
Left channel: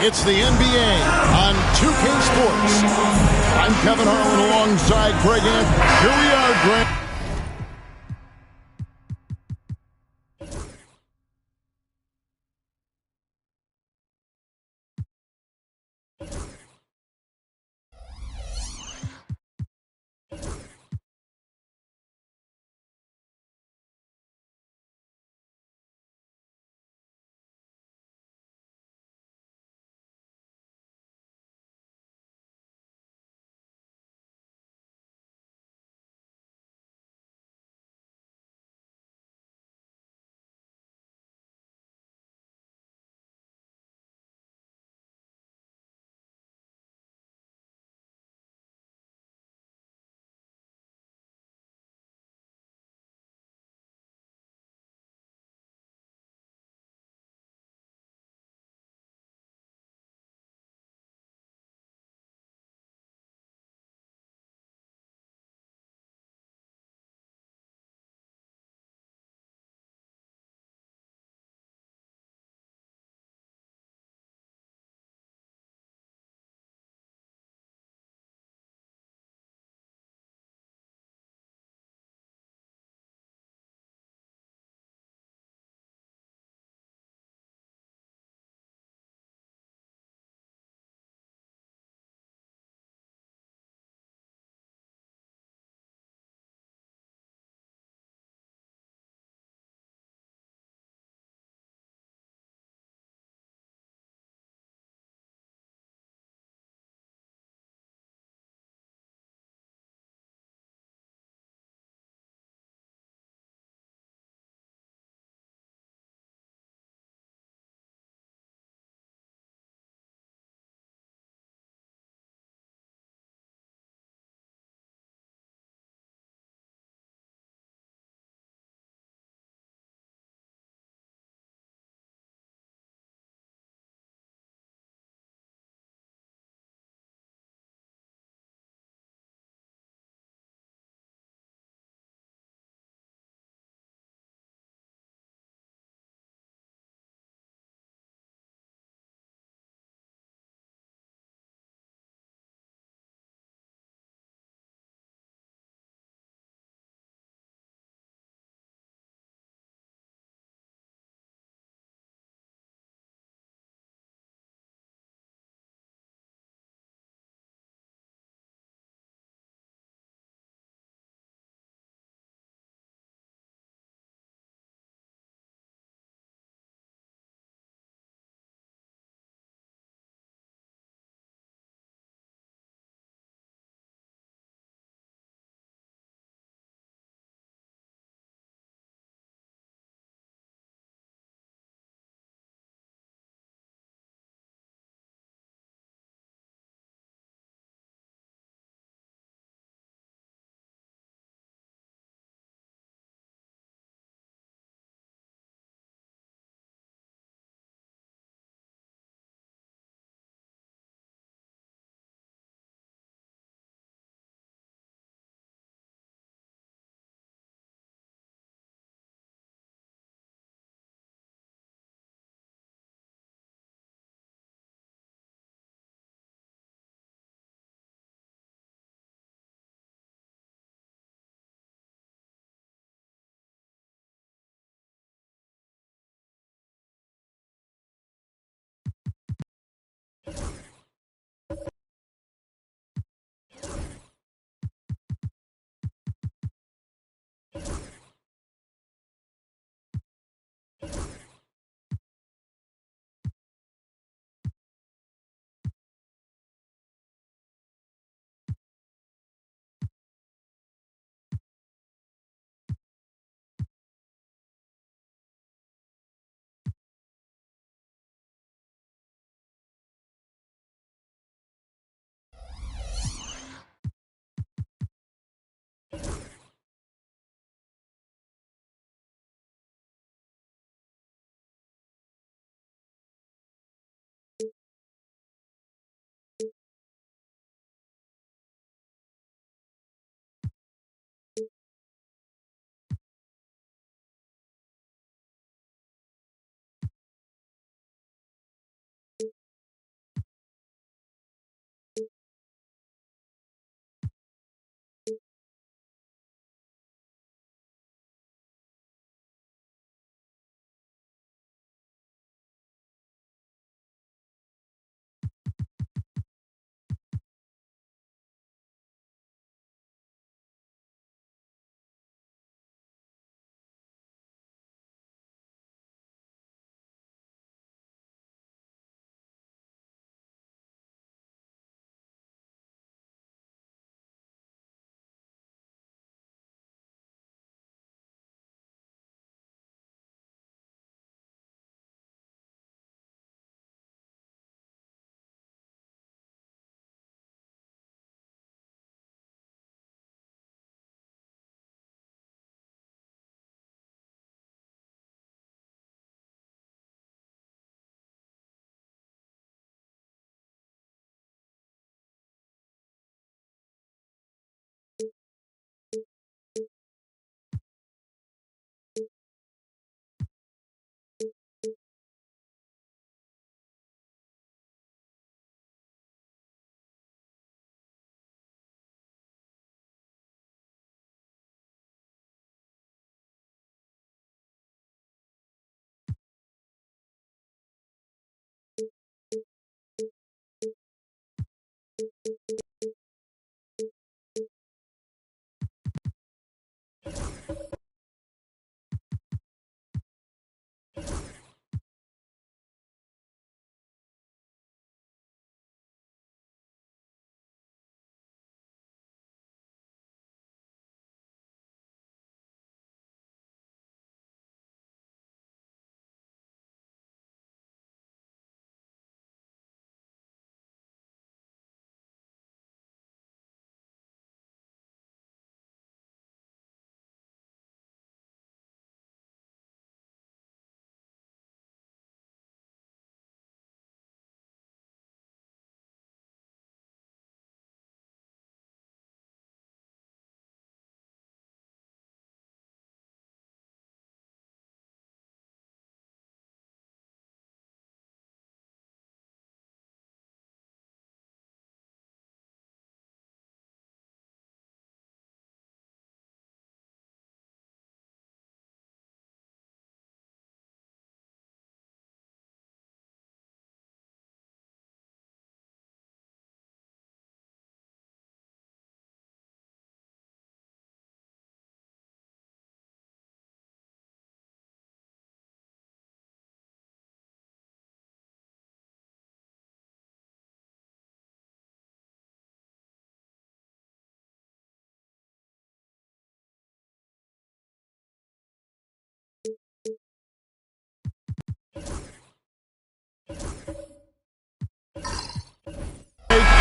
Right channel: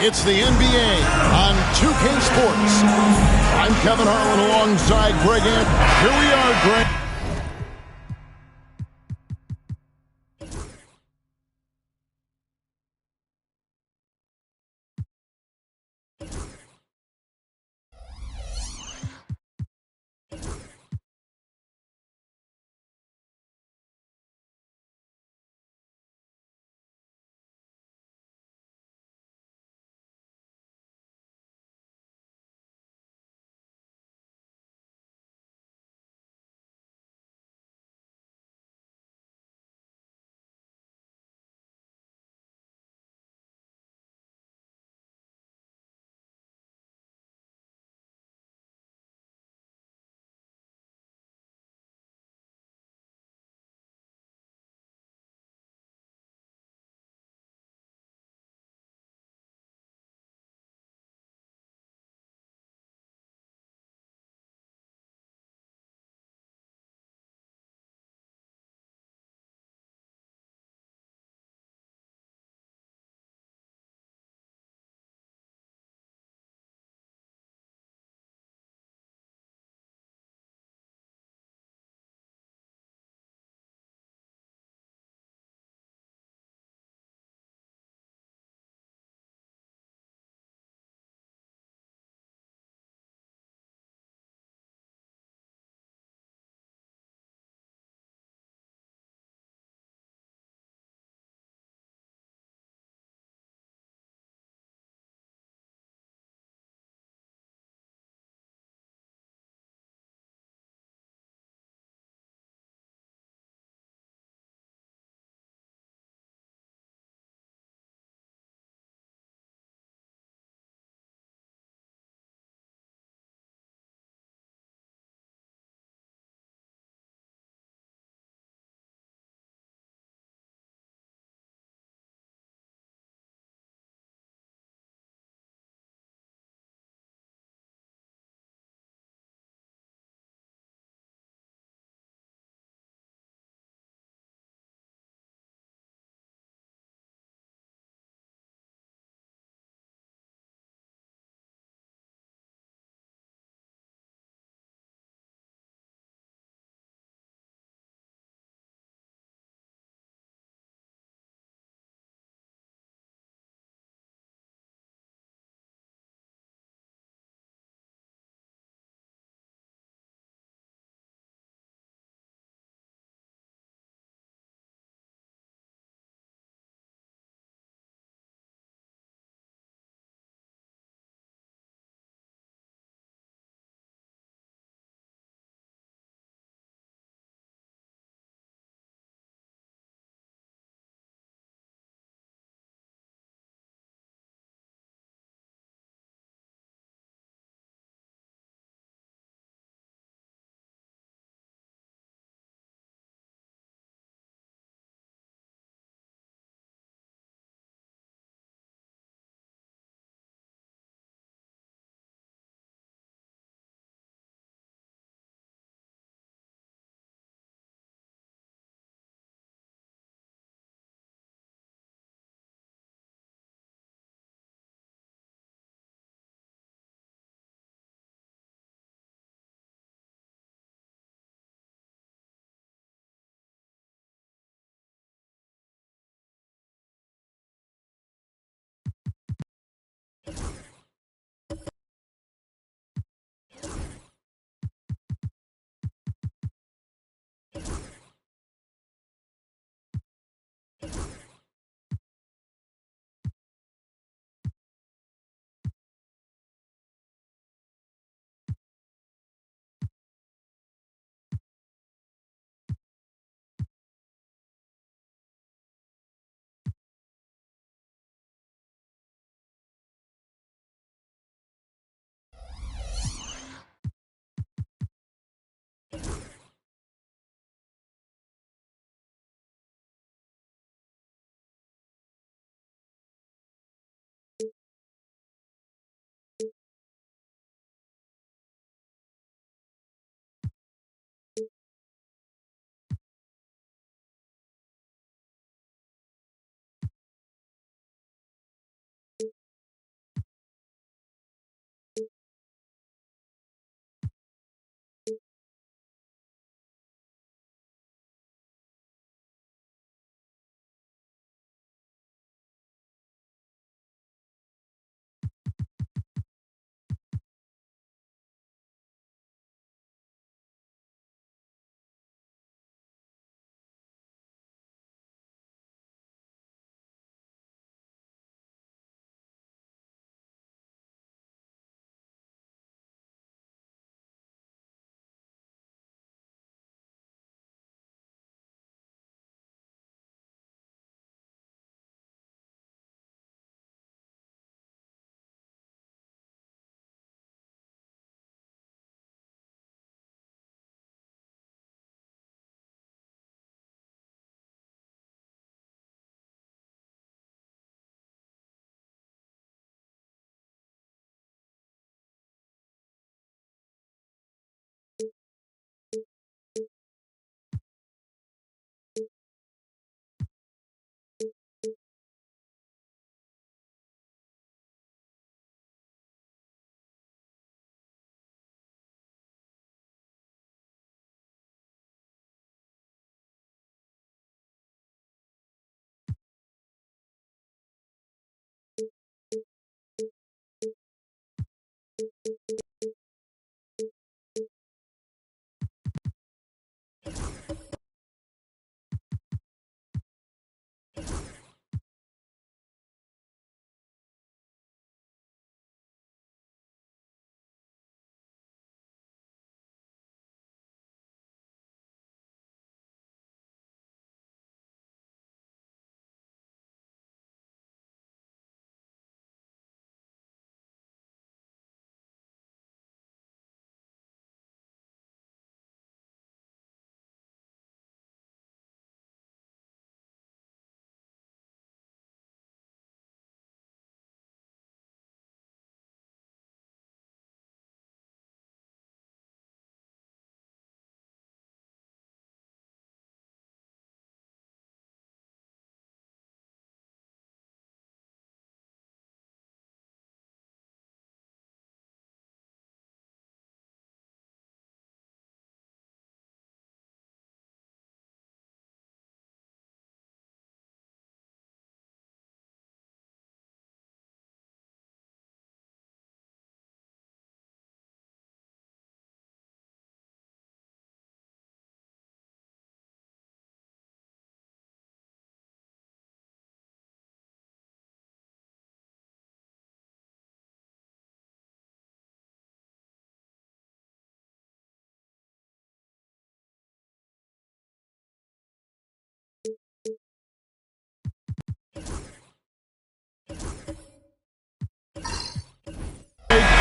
It's the NBA on 2K Sports. I'm Kevin Harlan alongside Greg Ant. Here we are, Greg.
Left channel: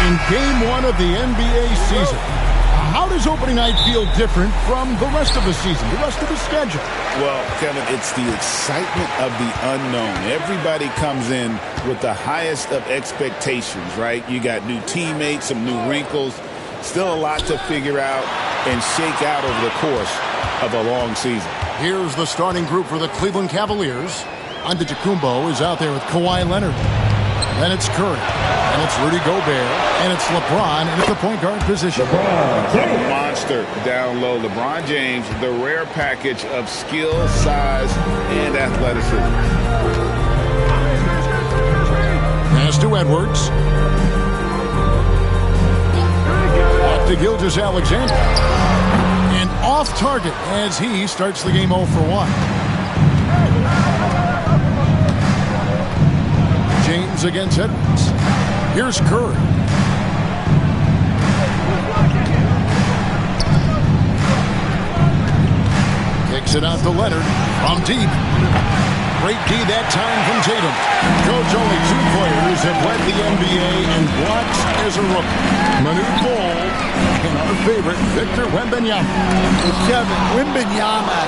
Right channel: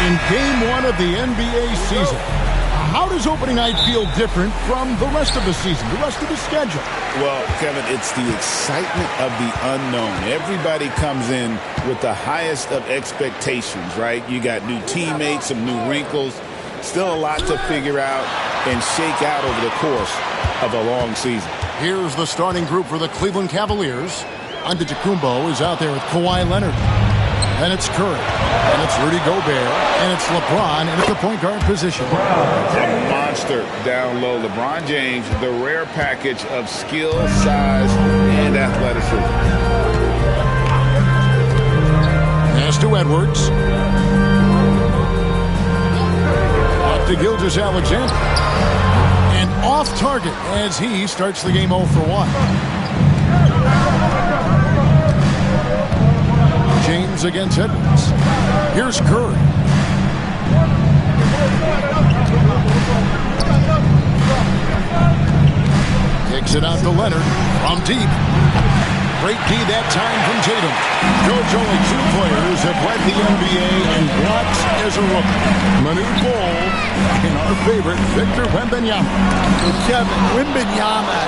in Game 1 of the NBA season. How does opening night feel different from the rest of the season, the rest of the schedule? Well, Kevin, it's the excitement of the unknown. Everybody comes in with the highest of expectations, right? You got new teammates, some new wrinkles, still a lot to figure out and shake out over the course of a long season. Here's the starting group for the Cleveland Cavaliers. Antetokounmpo is out there with Kawhi Leonard. Then it's Curry. And it's Rudy Gobert. And it's LeBron in at the point guard position. A monster down low. LeBron James, the rare package of skill, size, and athleticism. Pass to Edwards. Back to Gilgeous-Alexander. And off target as he starts the game 0 for 1. James against Edwards. Here's Curry. Kicks it out to Leonard from deep. Great D that time from Tatum. Coach, only 2 players have led the NBA in blocks as a rookie. Manute Bol and our favorite, Victor Wembanyama. Well, Kevin, Wembanyama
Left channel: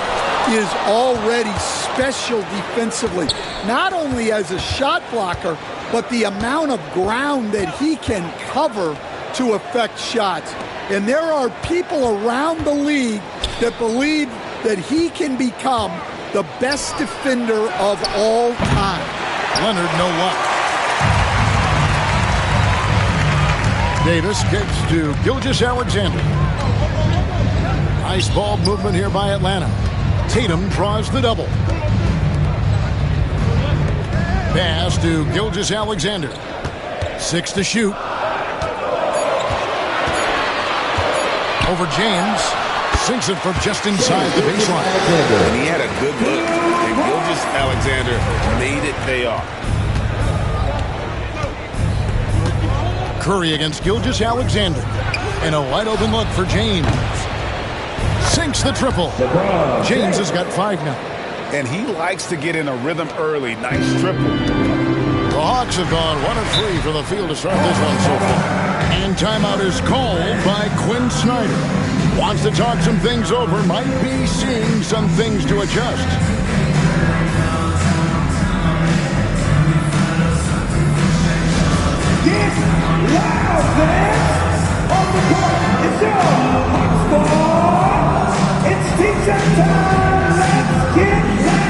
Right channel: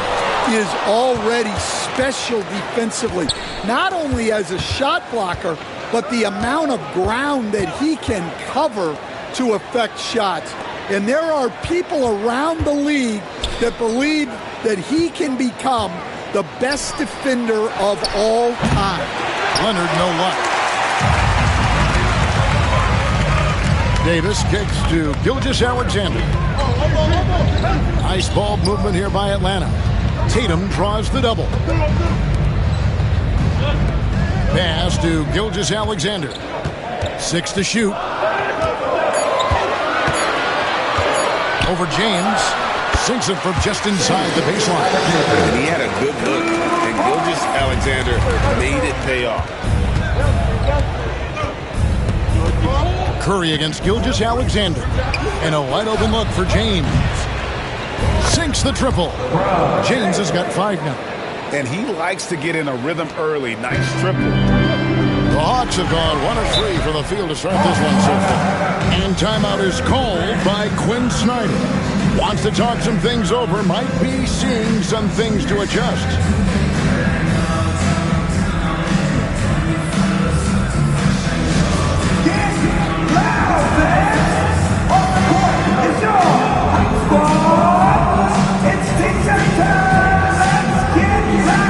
is already special defensively, not only as a shot blocker, but the amount of ground that he can cover to affect shots. And there are people around the league that believe that he can become the best defender of all time. Leonard, no luck. Davis kicks to Gilgeous-Alexander. Nice ball movement here by Atlanta. Tatum draws the double. Pass to Gilgeous-Alexander. 6 to shoot. Over James. Sinks it from just inside the baseline. And he had a good look. And Gilgeous-Alexander made it pay off. Curry against Gilgeous-Alexander. And a wide open look for James. Sinks the triple. James has got 5 now. And he likes to get in a rhythm early. Nice triple. The Hawks have gone 1 of 3 from the field to start this one so far. And timeout is called by Quinn Snyder. Wants to talk some things over. Might be seeing some things to adjust. Get loud, fans! On the court is your hot squad. It's teacher time. Let's get loud.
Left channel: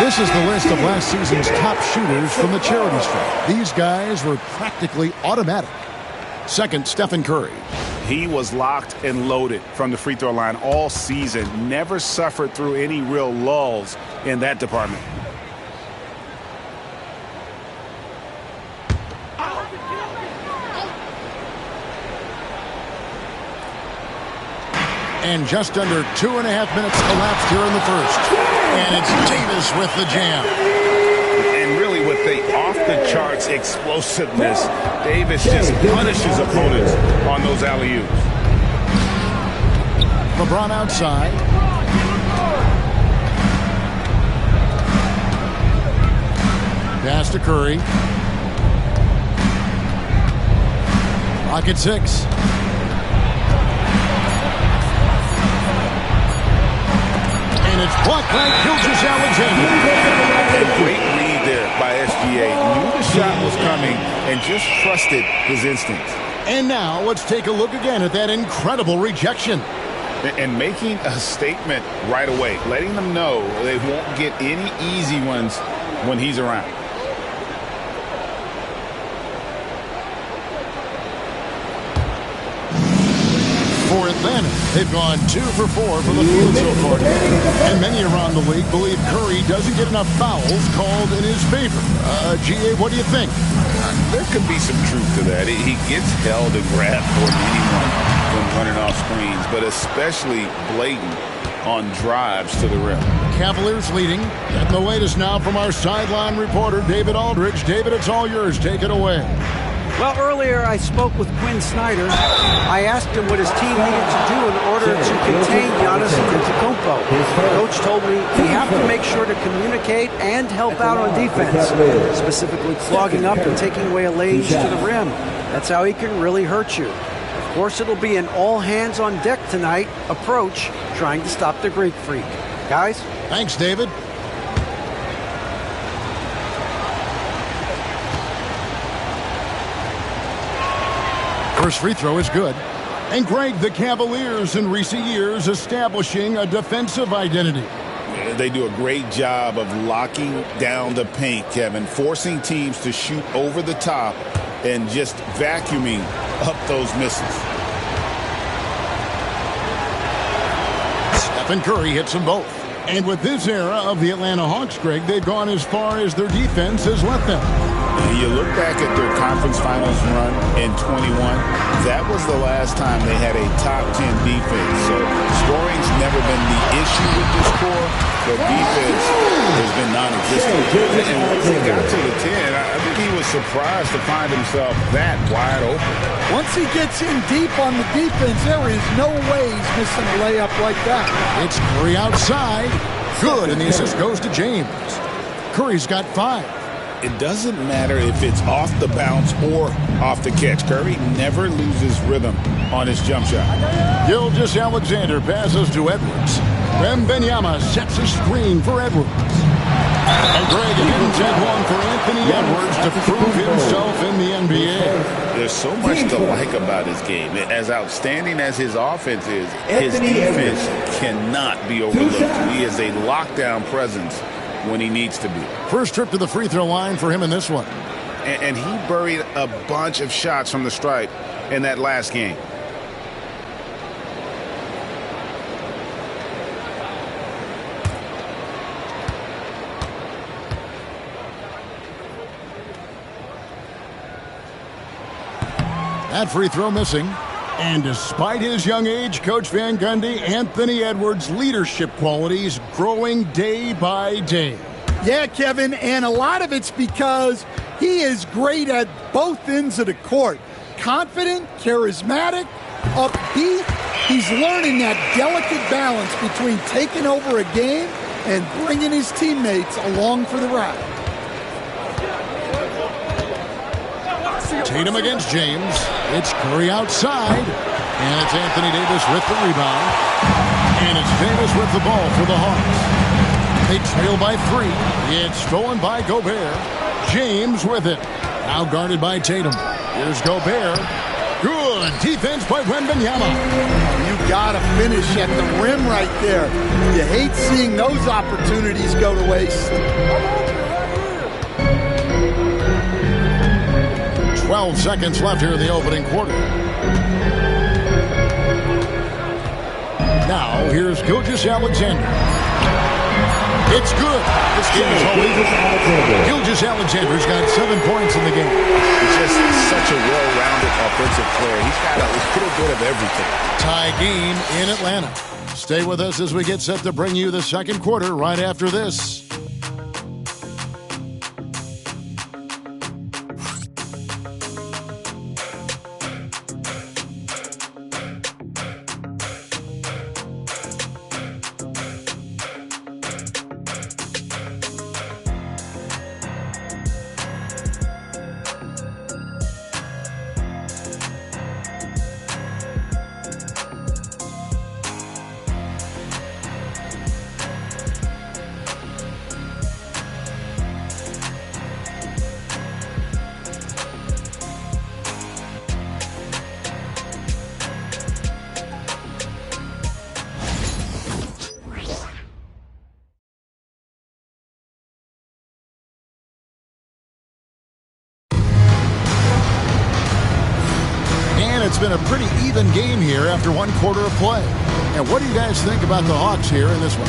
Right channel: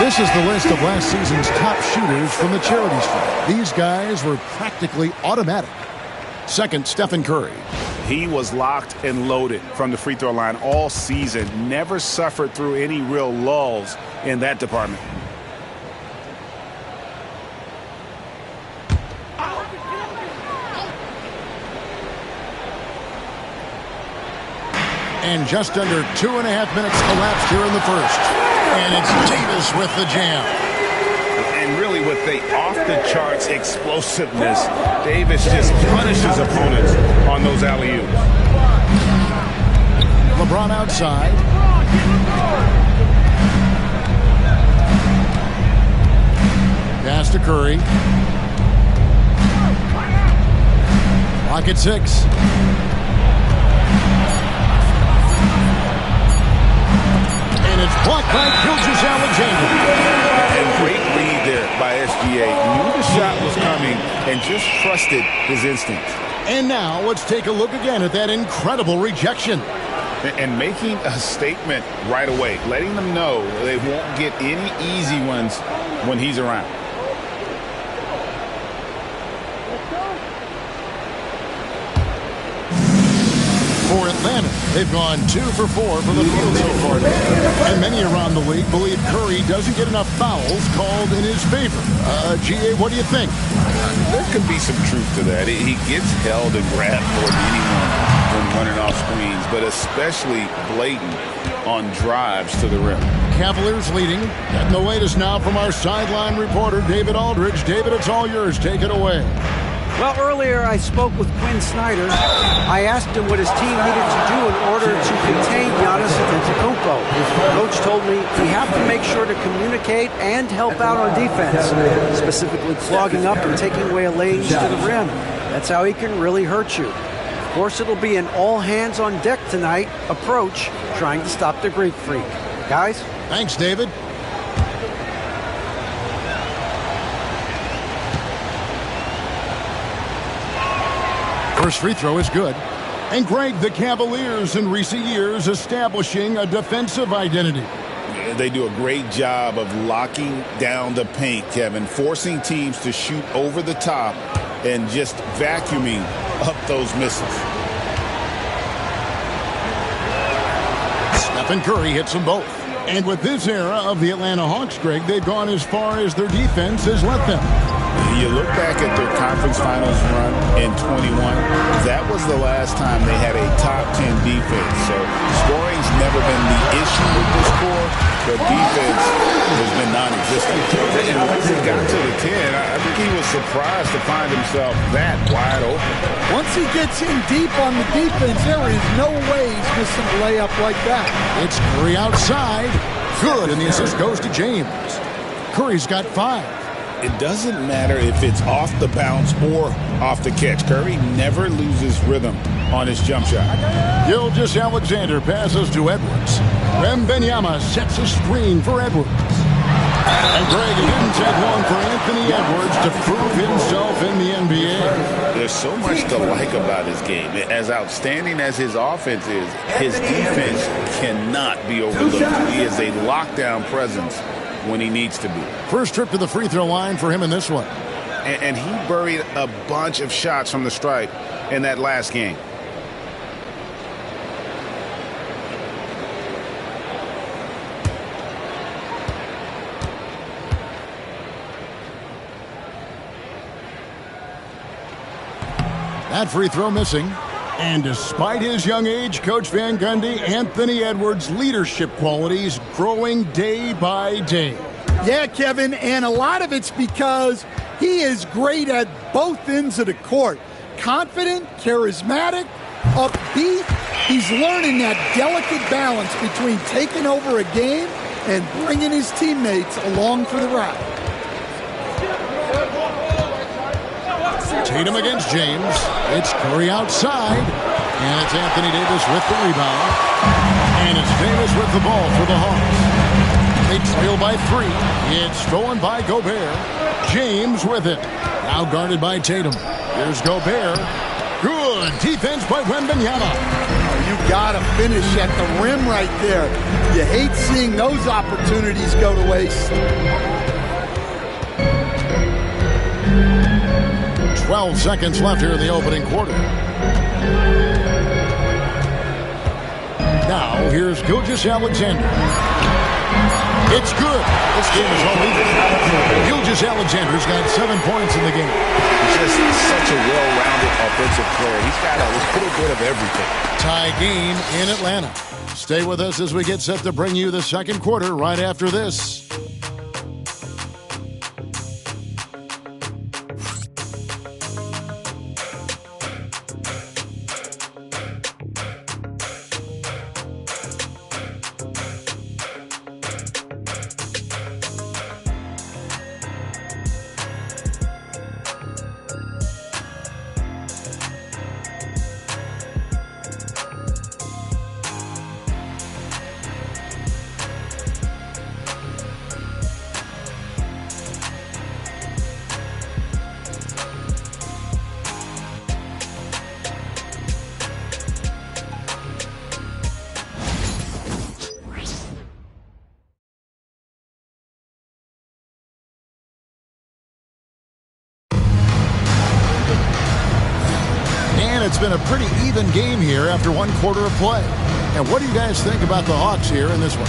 This is the list of last season's top shooters from the charity stripe. These guys were practically automatic. Second, Stephen Curry. He was locked and loaded from the free throw line all season. Never suffered through any real lulls in that department. And just under 2.5 minutes elapsed here in the first. And it's Davis with the jam. And really with the off-the-charts explosiveness, Davis just punishes opponents on those alley-oops. LeBron outside. Pass to Curry. Clock at 6. And it's blocked by Gilgeous-Alexander. And great read there by SGA. Knew the shot was coming and just trusted his instincts. And now let's take a look again at that incredible rejection. And making a statement right away, letting them know they won't get any easy ones when he's around. For Atlanta, they've gone 2 for 4 from the field so far today. And many around the league believe Curry doesn't get enough fouls called in his favor. GA, what do you think? There could be some truth to that. He gets held and grabbed more than anyone when running off screens, but especially blatant on drives to the rim. Cavaliers leading. Getting the latest now from our sideline reporter, David Aldridge. David, it's all yours. Take it away. Well, earlier I spoke with Quinn Snyder. I asked him what his team needed to do in order to contain Giannis Antetokounmpo. Coach told me we have to make sure to communicate and help out on defense, specifically clogging up and taking away lanes to the rim. That's how he can really hurt you. Of course, it'll be an all-hands-on-deck tonight approach, trying to stop the Greek Freak. Guys? Thanks, David. First free throw is good. And Greg, the Cavaliers in recent years establishing a defensive identity. They do a great job of locking down the paint, Kevin, forcing teams to shoot over the top and just vacuuming up those missiles. Stephen Curry hits them both. And with this era of the Atlanta Hawks, Greg, they've gone as far as their defense has let them. You look back at their conference finals run in 21, that was the last time they had a top 10 defense. So scoring's never been the issue with this core, but defense has been non-existent. And once he got to the 10, I think he was surprised to find himself that wide open. Once he gets in deep on the defense, there is no way he's missing a layup like that. It's Curry outside. Good, and the assist goes to James. Curry's got 5. It doesn't matter if it's off the bounce or off the catch. Curry never loses rhythm on his jump shot. Gilgeous-Alexander passes to Edwards. Wembanyama sets a screen for Edwards. And Greg, it didn't take long for Anthony Edwards to prove himself in the NBA. There's so much to like about his game. As outstanding as his offense is, his defense cannot be overlooked. He is a lockdown presence when he needs to be. First trip to the free throw line for him in this one. And he buried a bunch of shots from the stripe in that last game. That free throw missing. And despite his young age, Coach Van Gundy, Anthony Edwards' leadership qualities growing day by day. Yeah, Kevin, and a lot of it's because he is great at both ends of the court. Confident, charismatic, upbeat. He's learning that delicate balance between taking over a game and bringing his teammates along for the ride. Tatum against James. It's Curry outside. And it's Anthony Davis with the rebound. And it's Davis with the ball for the Hawks. They trail by 3. It's stolen by Gobert. James with it. Now guarded by Tatum. Here's Gobert. Good defense by Wembanyama. Oh, you got to finish at the rim right there. You hate seeing those opportunities go to waste. 12 seconds left here in the opening quarter. Now, here's Gilgeous-Alexander. It's good. This game is all even. Gilgeous-Alexander's got 7 points in the game. He's just such a well-rounded offensive player. He's got a little bit of everything. Tie game in Atlanta. Stay with us as we get set to bring you the second quarter right after this. it's been a pretty even game here after one quarter of play. And what do you guys think about the Hawks here in this one?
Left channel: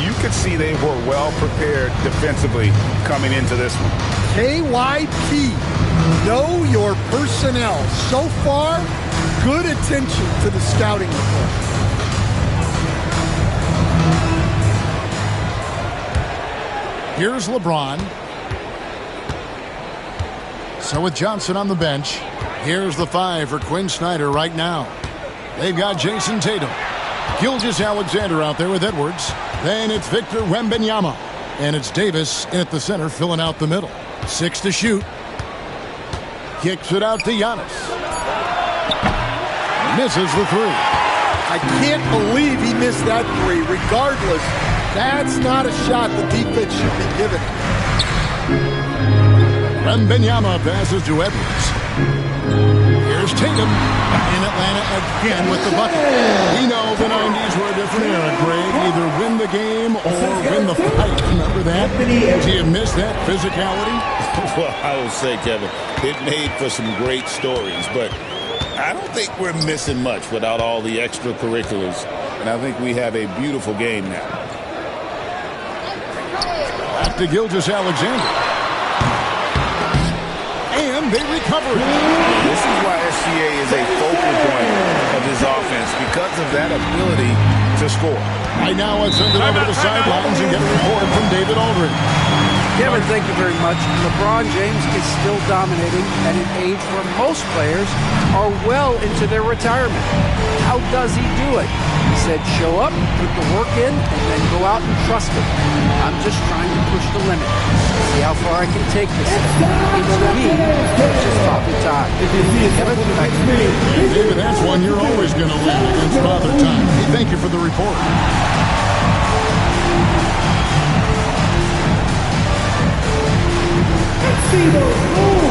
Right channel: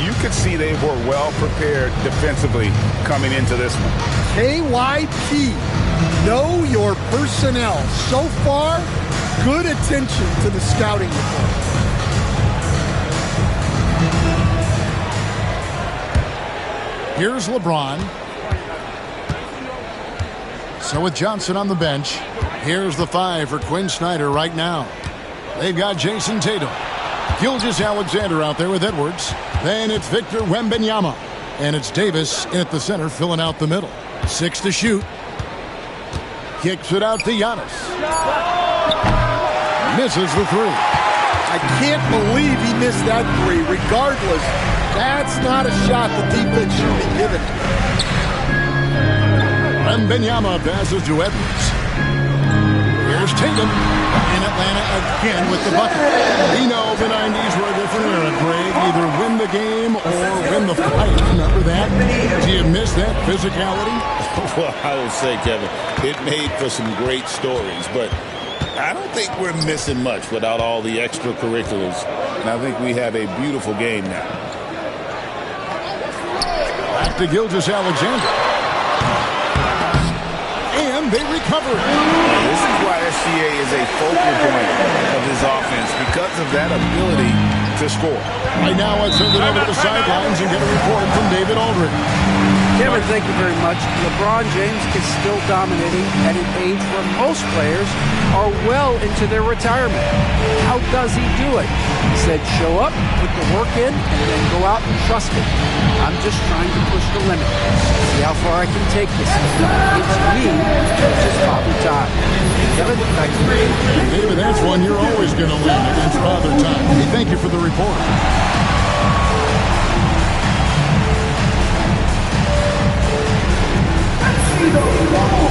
You could see they were well prepared defensively coming into this one. KYP, know your personnel. So far, good attention to the scouting report. Here's LeBron. So with Johnson on the bench, here's the 5 for Quinn Snyder right now. They've got Jason Tatum. Gilgeous-Alexander out there with Edwards. Then it's Victor Wembanyama. And it's Davis in at the center filling out the middle. 6 to shoot. Kicks it out to Giannis. Misses the 3. I can't believe he missed that 3. Regardless, that's not a shot the defense should be giving him. Wembanyama passes to Edwards. Here's Tatum in Atlanta again with the bucket. We know the 90s were a different era, Greg. Either win the game or win the fight. Remember that? Do you miss that physicality? Well, I will say, Kevin, it made for some great stories, but I don't think we're missing much without all the extracurriculars. And I think we have a beautiful game now. Back to Gilgeous-Alexander. And they recover it. This is why SGA is a focal point of this offense, because of that ability to score. Right now, let's send it over to the sidelines and get a report from David Aldridge. Kevin, thank you very much. LeBron James is still dominating at an age where most players are well into their retirement. How does he do it? He said, show up, put the work in, and then go out and trust it. I'm just trying to push the limit. See how far I can take this thing. It's me, it's just Father Time. Kevin, back to you. And David, that's one you're always going to win against Father Time. Hey, thank you for the report. See the goal.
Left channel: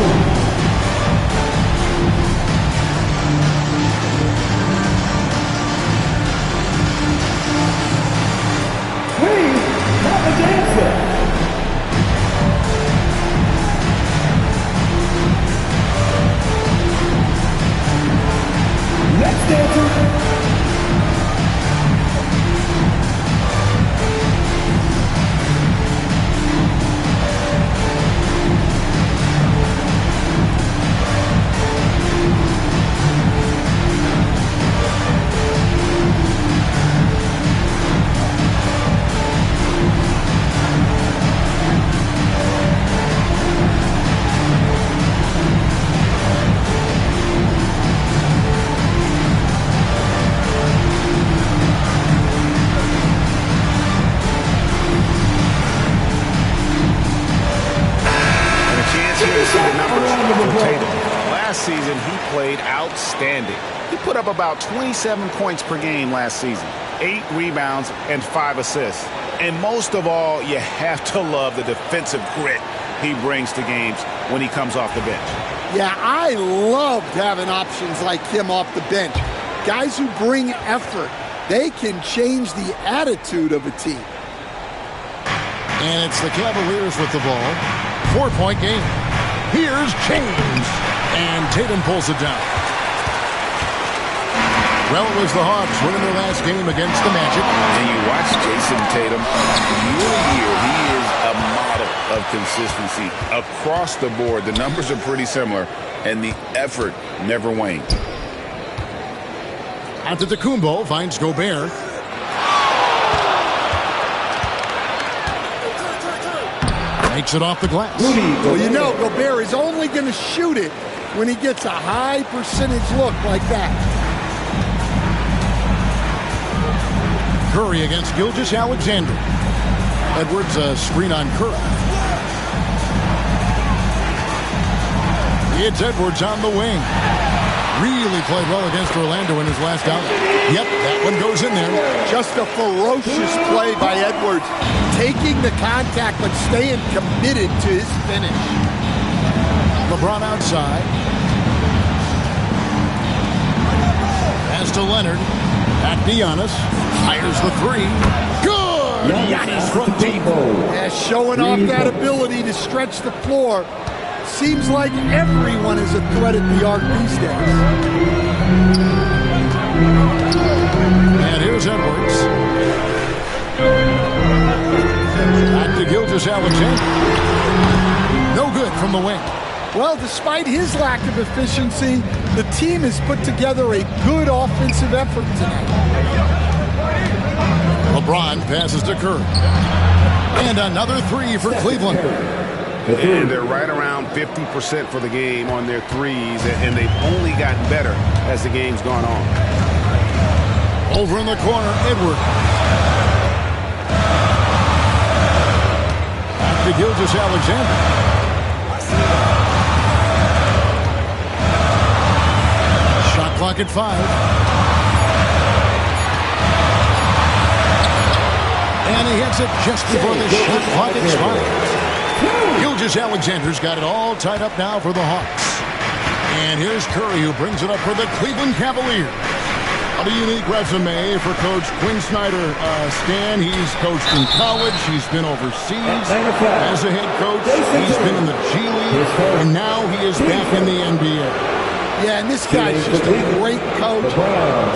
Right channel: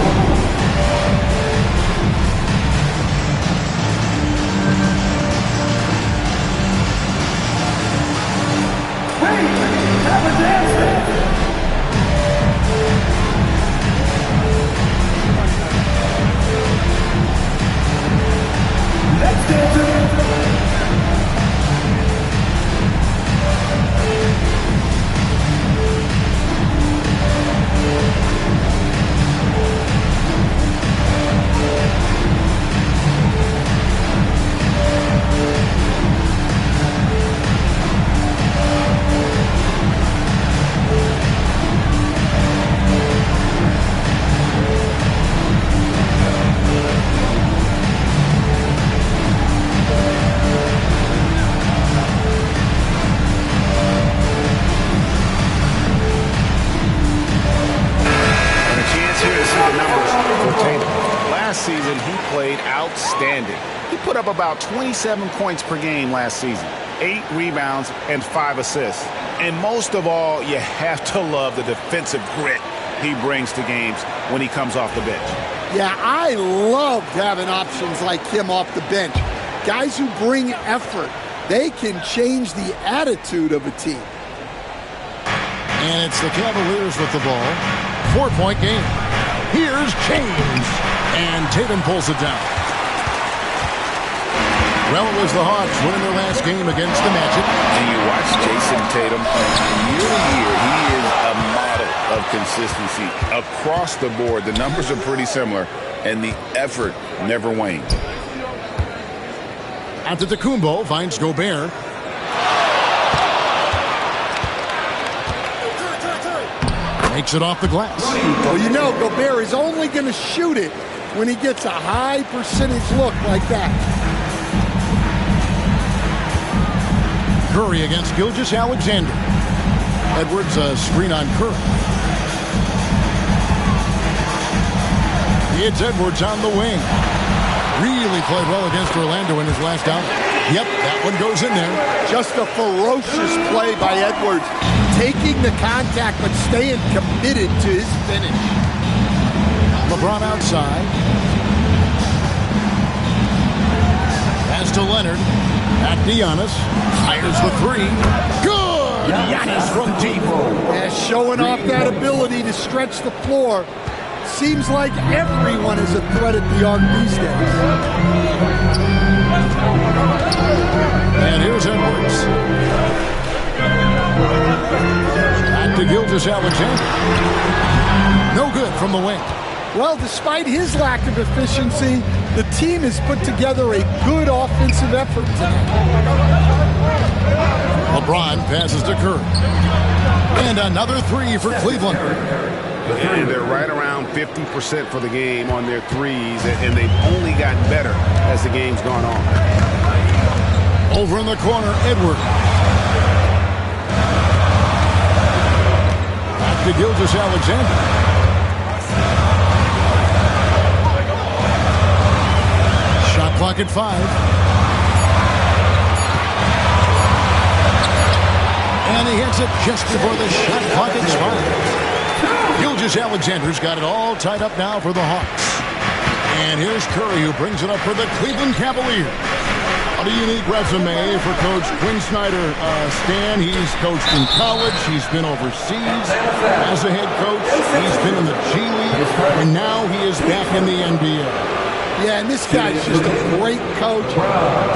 Wait, have a dancer. Next dancer. Last season, he played outstanding. He put up about 27 points per game last season, 8 rebounds and 5 assists. And most of all, you have to love the defensive grit he brings to games when he comes off the bench. Yeah, I loved having options like him off the bench. Guys who bring effort. They can change the attitude of a team. And it's the Cavaliers with the ball. 4-point game. Here's James. And Tatum pulls it down. Well, it was the Hawks winning their last game against the Magic. And you watch Jason Tatum year to year. He is a model of consistency across the board. The numbers are pretty similar, and the effort never waned. Antetokounmpo finds Gobert. Makes it off the glass. Well, you know, Gobert is only going to shoot it when he gets a high percentage look like that. Curry against Gilgeous-Alexander. Edwards, a screen on Curry. It's Edwards on the wing. Really played well against Orlando in his last outing. Yep, that one goes in there. Just a ferocious play by Edwards. Taking the contact, but staying committed to his finish. LeBron outside. Pass to Leonard. Back to Giannis. Fires the 3. Good! Giannis from deep. Yeah, showing off that ability to stretch the floor. Seems like everyone is a threat at the arc these days. And here's Edwards. Back to Gilgeous-Alexander. No good from the wing. Well, despite his lack of efficiency, the team has put together a good offensive effort tonight. LeBron passes to Curry. And another three for Cleveland. And they're right around 50% for the game on their threes, and they've only gotten better as the game's gone on. Over in the corner, Edwards. Back to Gilgeous-Alexander. Shot clock at 5. And he hits it just before the shot clock expires. Gilgeous-Alexander's got it all tied up now for the Hawks. And here's Curry, who brings it up for the Cleveland Cavaliers. What a unique resume for Coach Quinn Snyder. Stan, he's coached in college. He's been overseas as a head coach. He's been in the G League. And now he is back in the NBA. Yeah, and this guy's just a great coach.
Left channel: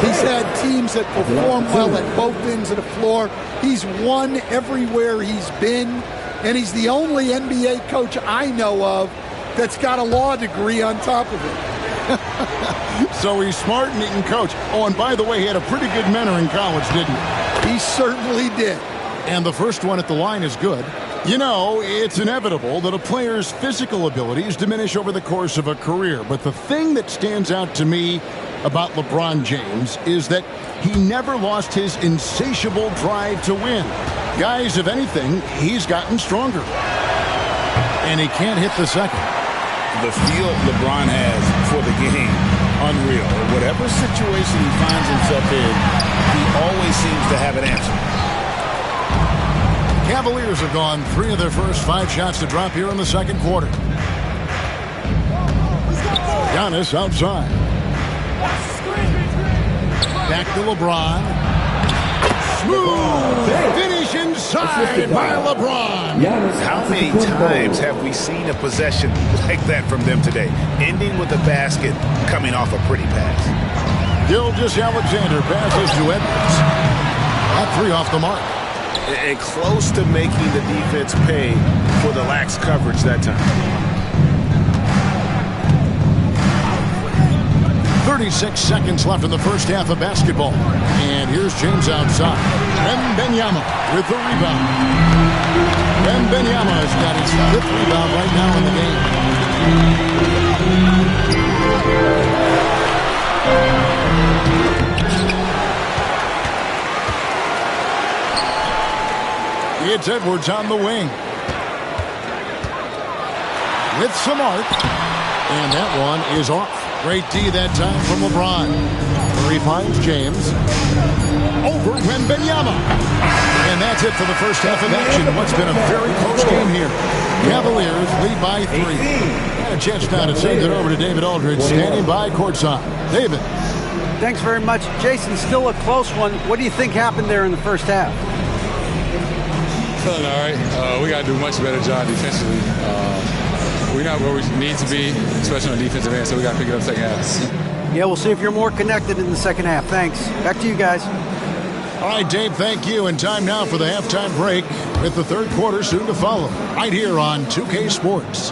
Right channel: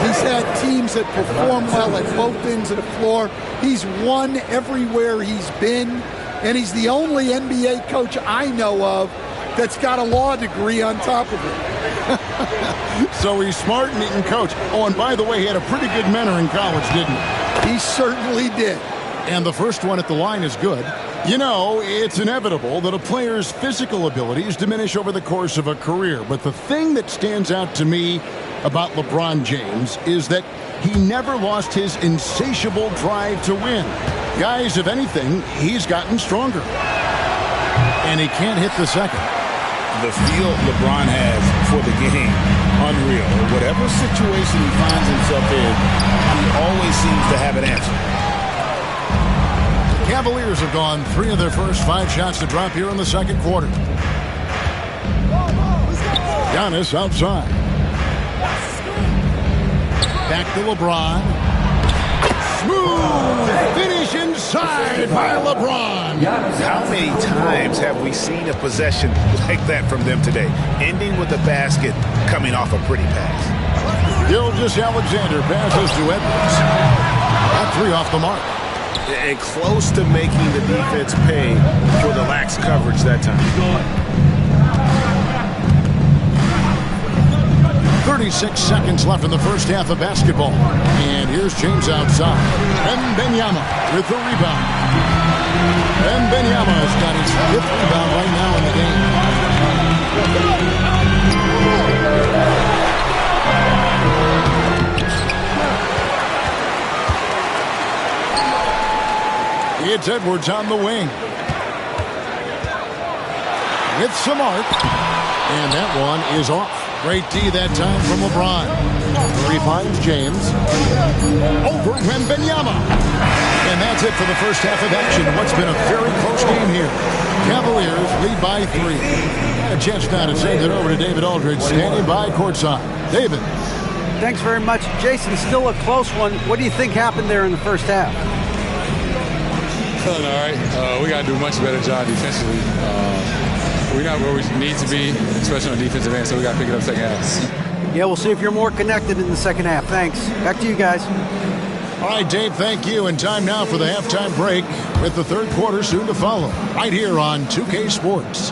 He's had teams that perform well at both ends of the floor. He's won everywhere he's been. And he's the only NBA coach I know of that's got a law degree on top of it. So he's smart and he can coach. Oh, and by the way, he had a pretty good mentor in college, didn't he? He certainly did. And the first one at the line is good. You know, it's inevitable that a player's physical abilities diminish over the course of a career. But the thing that stands out to me about LeBron James is that he never lost his insatiable drive to win. Guys, if anything, he's gotten stronger. And he can't hit the second. The feel LeBron has for the game, unreal. Whatever situation he finds himself in, he always seems to have an answer. Cavaliers have gone 3 of their first 5 shots to drop here in the second quarter. Giannis outside. Back to LeBron. Smooth finish inside by LeBron. How many times have we seen a possession like that from them today, ending with a basket coming off a pretty pass? Gilgeous-Alexander passes to Edwards. That 3 off the mark. And close to making the defense pay for the lax coverage that time. 36 seconds left in the first half of basketball. And here's James outside. Wembanyama with the rebound. Wembanyama has got his 5th rebound right now in the game. It's Edwards on the wing. With some arc. And that one is off. Great D that time from LeBron. Curry finds James. Over Wembanyama. And that's it for the first half of action. What's been a very close game here. Cavaliers lead by 3. And a chance now to send it over to David Aldridge, standing by courtside. David. Thanks very much. Jason, still a close one. What do you think happened there in the first half? Feeling all right. We got to do a much better job defensively. We're not where we need to be, especially on the defensive end, so we got to pick it up second half. Yeah, we'll see if you're more connected in the second half. Thanks. Back to you guys. All right, Dave, thank you. And time now for the halftime break with the third quarter soon to follow. Right here on 2K Sports.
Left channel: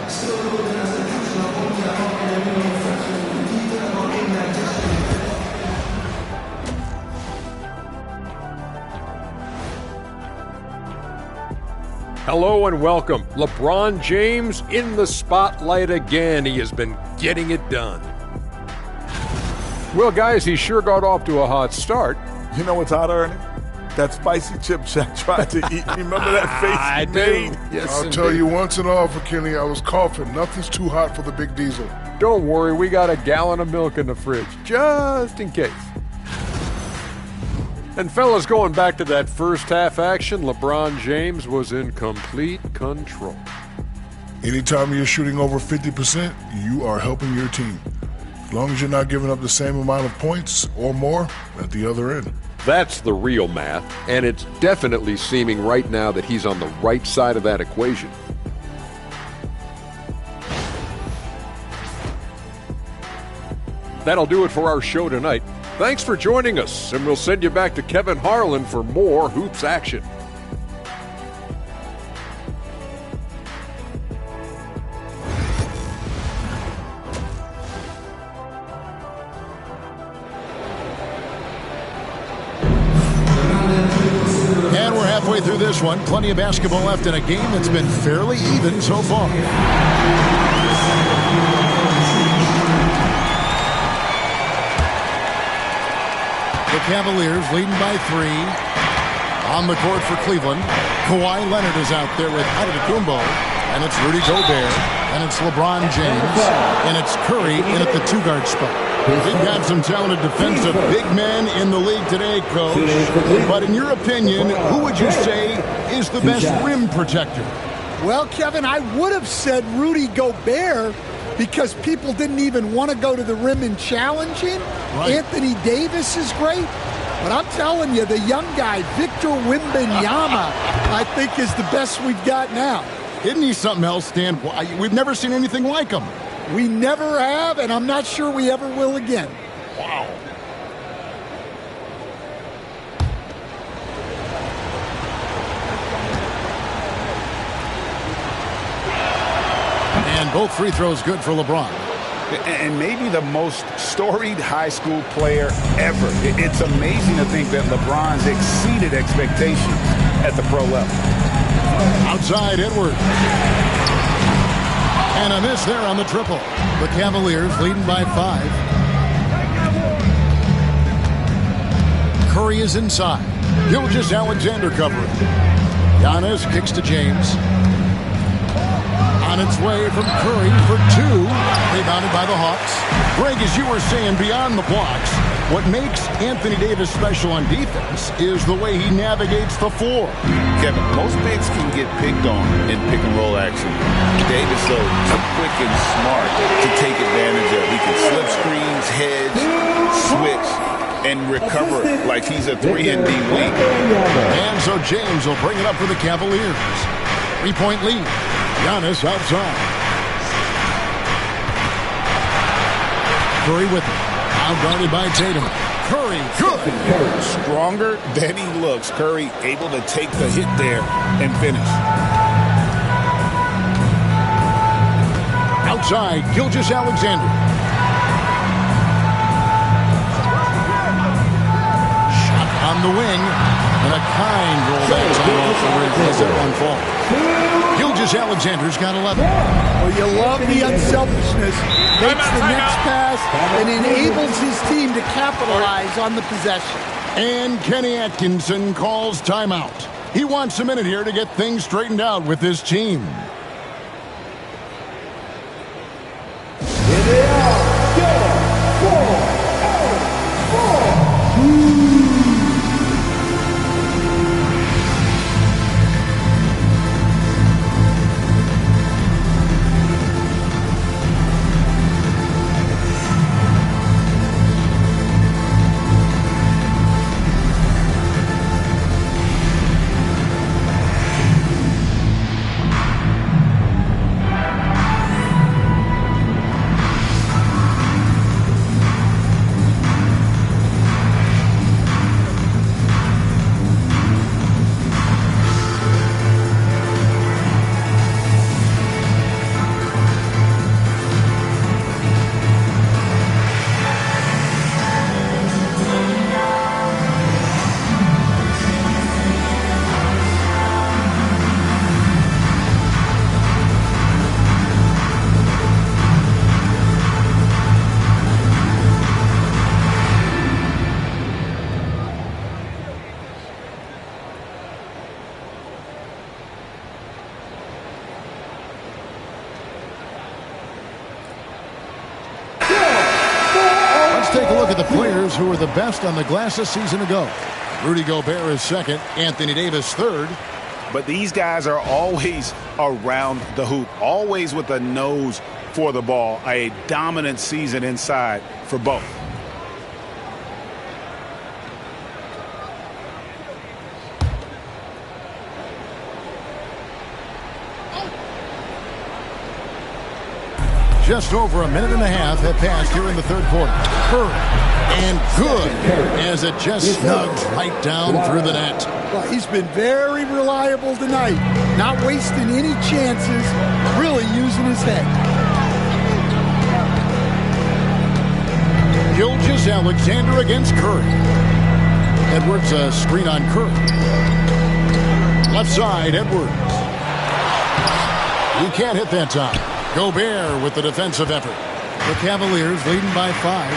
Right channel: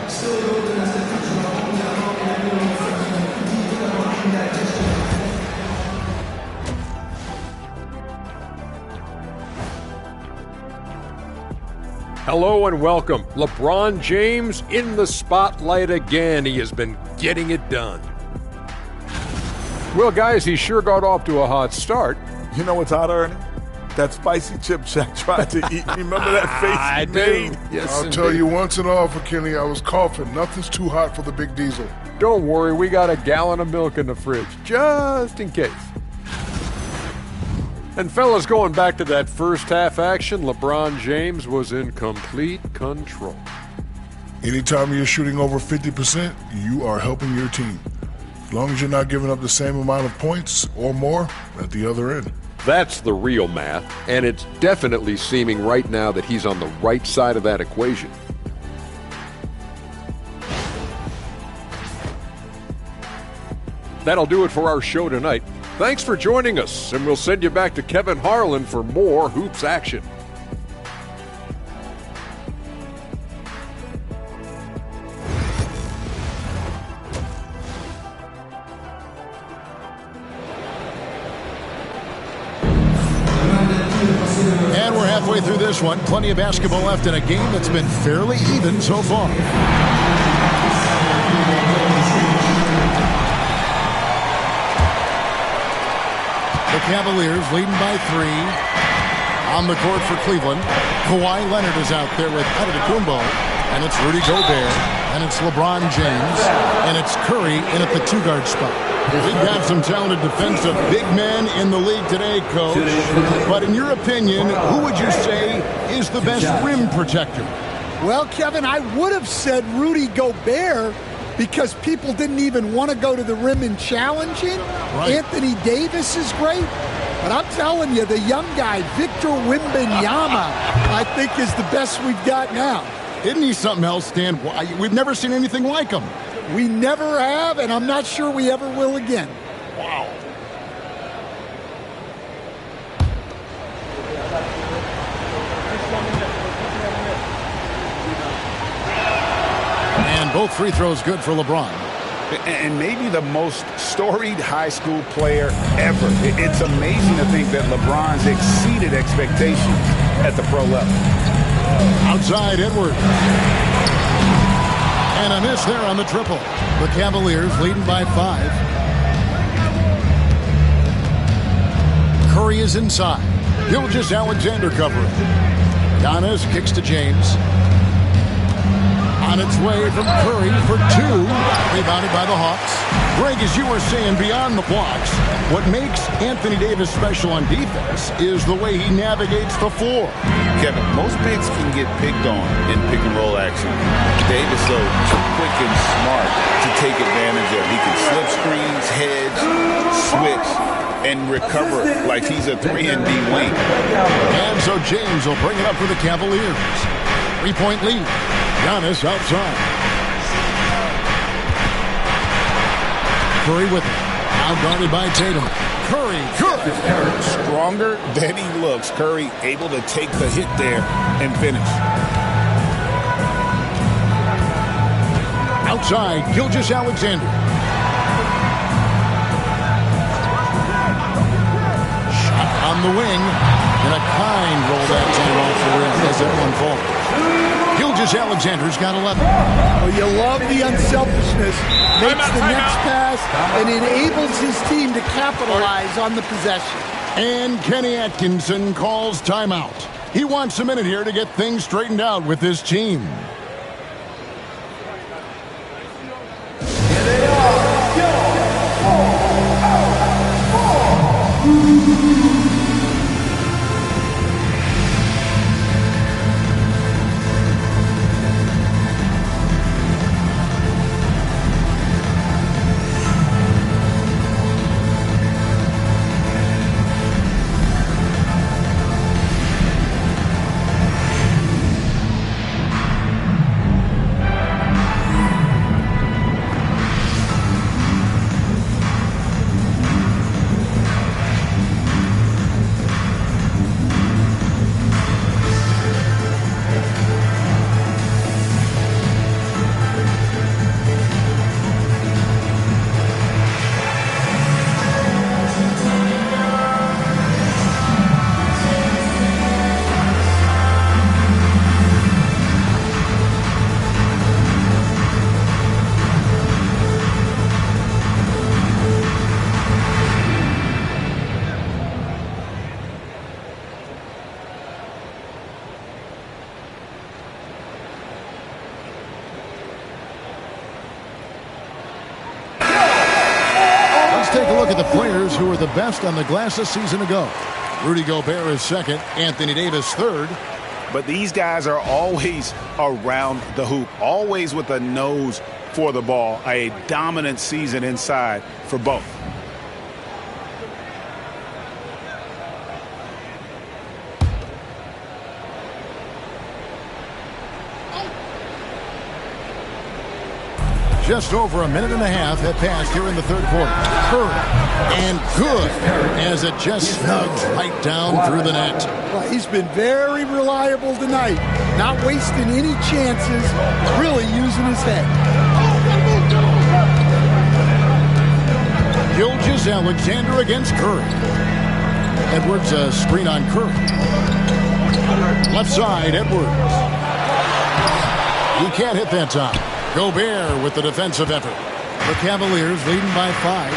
Hello and welcome. LeBron James in the spotlight again. He has been getting it done. Well, guys, he sure got off to a hot start. You know what's hot, Ernie? That spicy chip Shaq tried to eat. Remember that face he made? Yes, I'll tell you once and all for Kenny, I was coughing. Nothing's too hot for the big diesel. Don't worry, we got a gallon of milk in the fridge, just in case. And fellas, going back to that first half action, LeBron James was in complete control. Anytime you're shooting over 50%, you are helping your team. As long as you're not giving up the same amount of points or more at the other end. That's the real math, and it's definitely seeming right now that he's on the right side of that equation. that'll do it for our show tonight. Thanks for joining us, and we'll send you back to Kevin Harlan for more hoops action. And we're halfway through this one. Plenty of basketball left in a game that's been fairly even so far. The Cavaliers leading by 3. On the court for Cleveland, Kawhi Leonard is out there with Antetokounmpo, and it's Rudy Gobert, and it's LeBron James, and it's Curry in at the 2-guard spot. We've got some talented defensive big men in the league today, Coach. But in your opinion, who would you say is the best rim protector? Well, Kevin, I would have said Rudy Gobert because people didn't even want to go to the rim and challenge him. Right. Anthony Davis is great. But I'm telling you, the young guy, Victor Wembanyama, I think is the best we've got now. Isn't he something else, Stan? We've never seen anything like him. We never have, and I'm not sure we ever will again. Wow. And both free throws good for LeBron. And maybe the most storied high school player ever. It's amazing to think that LeBron's exceeded expectations at the pro level. Outside Edwards. And a miss there on the triple. The Cavaliers leading by 5. Curry is inside. Gilgeous-Alexander covering. Giannis kicks to James. On its way from Curry for 2. Rebounded by the Hawks. Greg, as you were saying, beyond the blocks, what makes Anthony Davis special on defense is the way he navigates the floor. Kevin, most bigs can get picked on in pick-and-roll action. Davis, though, too quick and smart to take advantage of. He can slip screens, hedge, switch, and recover like he's a 3-and-D wing. And so James will bring it up for the Cavaliers. 3-point lead. Giannis outside. Curry with it. Now guarded by Tatum. Curry, good. Stronger than he looks. Curry able to take the hit there and finish. Outside, Gilgeous-Alexander. Shot on the wing. And a kind roll that time off the rim as that one falls. Gilgeous-Alexander's got 11. Well, you love the unselfishness. Makes the next pass and enables his team to capitalize on the possession. And Kenny Atkinson calls timeout. He wants a minute here to get things straightened out with his team. Here they are, your 4 out of 4. Take a look at the players who were the best on the glass a season ago. Rudy Gobert is second, Anthony Davis third. But these guys are always around the hoop, always with a nose for the ball. A dominant season inside for both. Just over a minute and a half have passed here in the third quarter. Curry, and good, as it just snugs right down through the net. Well, he's been very reliable tonight, not wasting any chances, really using his head. Gilgeous-Alexander against Curry. Edwards, a screen on Curry. Left side, Edwards. He can't hit that time. Gobert with the defensive effort. The Cavaliers leading by 5.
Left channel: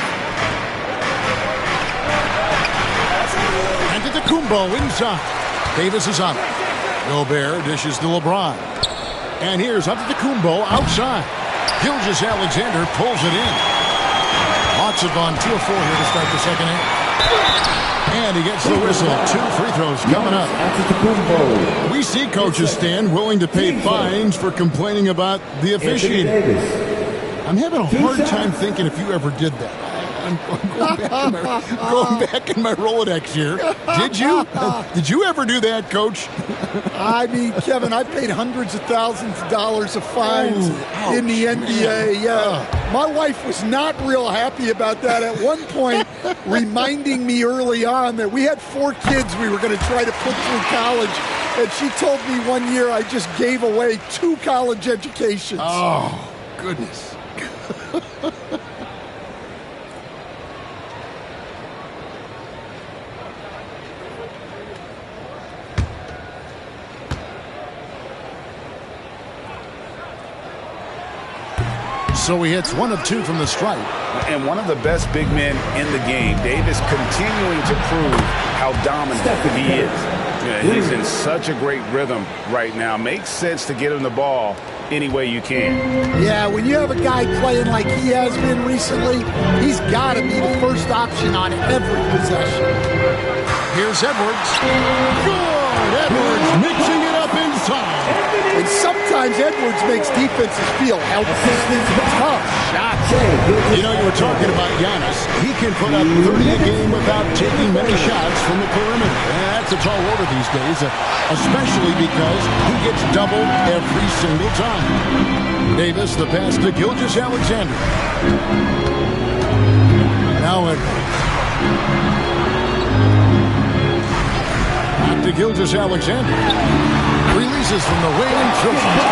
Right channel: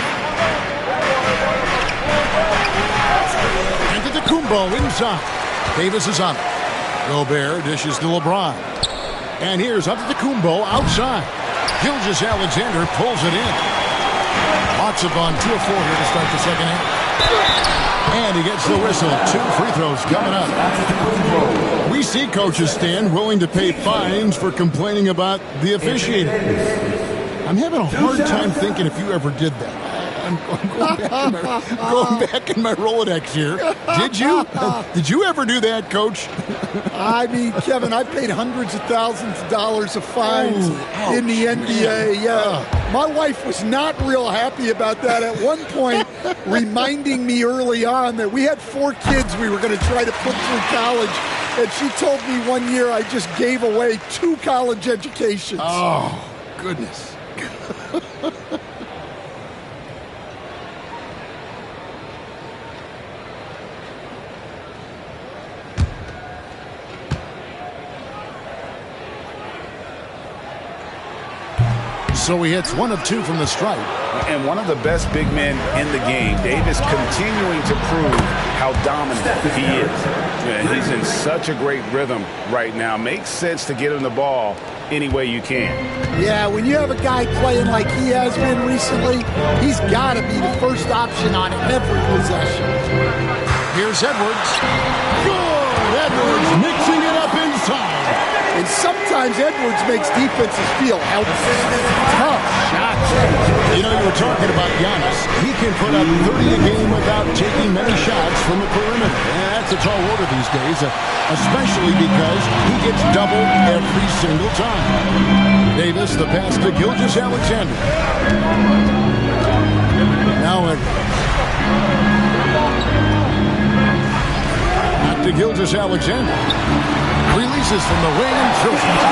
Antetokounmpo inside. Davis is on it. Gobert dishes to LeBron. And here's Antetokounmpo outside. Gilgeous-Alexander pulls it in. Hawks have gone 2 of 4 here to start the second half. And he gets the whistle. 2 free throws coming up. We see coaches stand willing to pay fines for complaining about the officiating. I'm having a hard time thinking if you ever did that. I'm going back in my Rolodex here. Did you? Did you ever do that, Coach? I mean, Kevin, I paid hundreds of thousands of dollars of fines in the NBA. Yeah. My wife was not real happy about that at one point, reminding me early on that we had 4 kids we were going to try to put through college. And she told me one year I just gave away 2 college educations. Oh, goodness. So he hits 1 of 2 from the stripe. And one of the best big men in the game. Davis continuing to prove how dominant he is. Yeah, he's in such a great rhythm right now. Makes sense to get him the ball any way you can. Yeah, when you have a guy playing like he has been recently, he's got to be the first option on every possession. Here's Edwards. Good! Edwards mixing it up inside. And sometimes Edwards makes defenses feel helpless. Tough shots. You know, you were talking about Giannis. He can put up 30 a game without taking many shots from the perimeter. And that's a tall order these days, especially because he gets doubled every single time. Davis, the pass to Gilgeous-Alexander. Now Edwards. Back to Gilgeous-Alexander. Releases from the wing and throws it.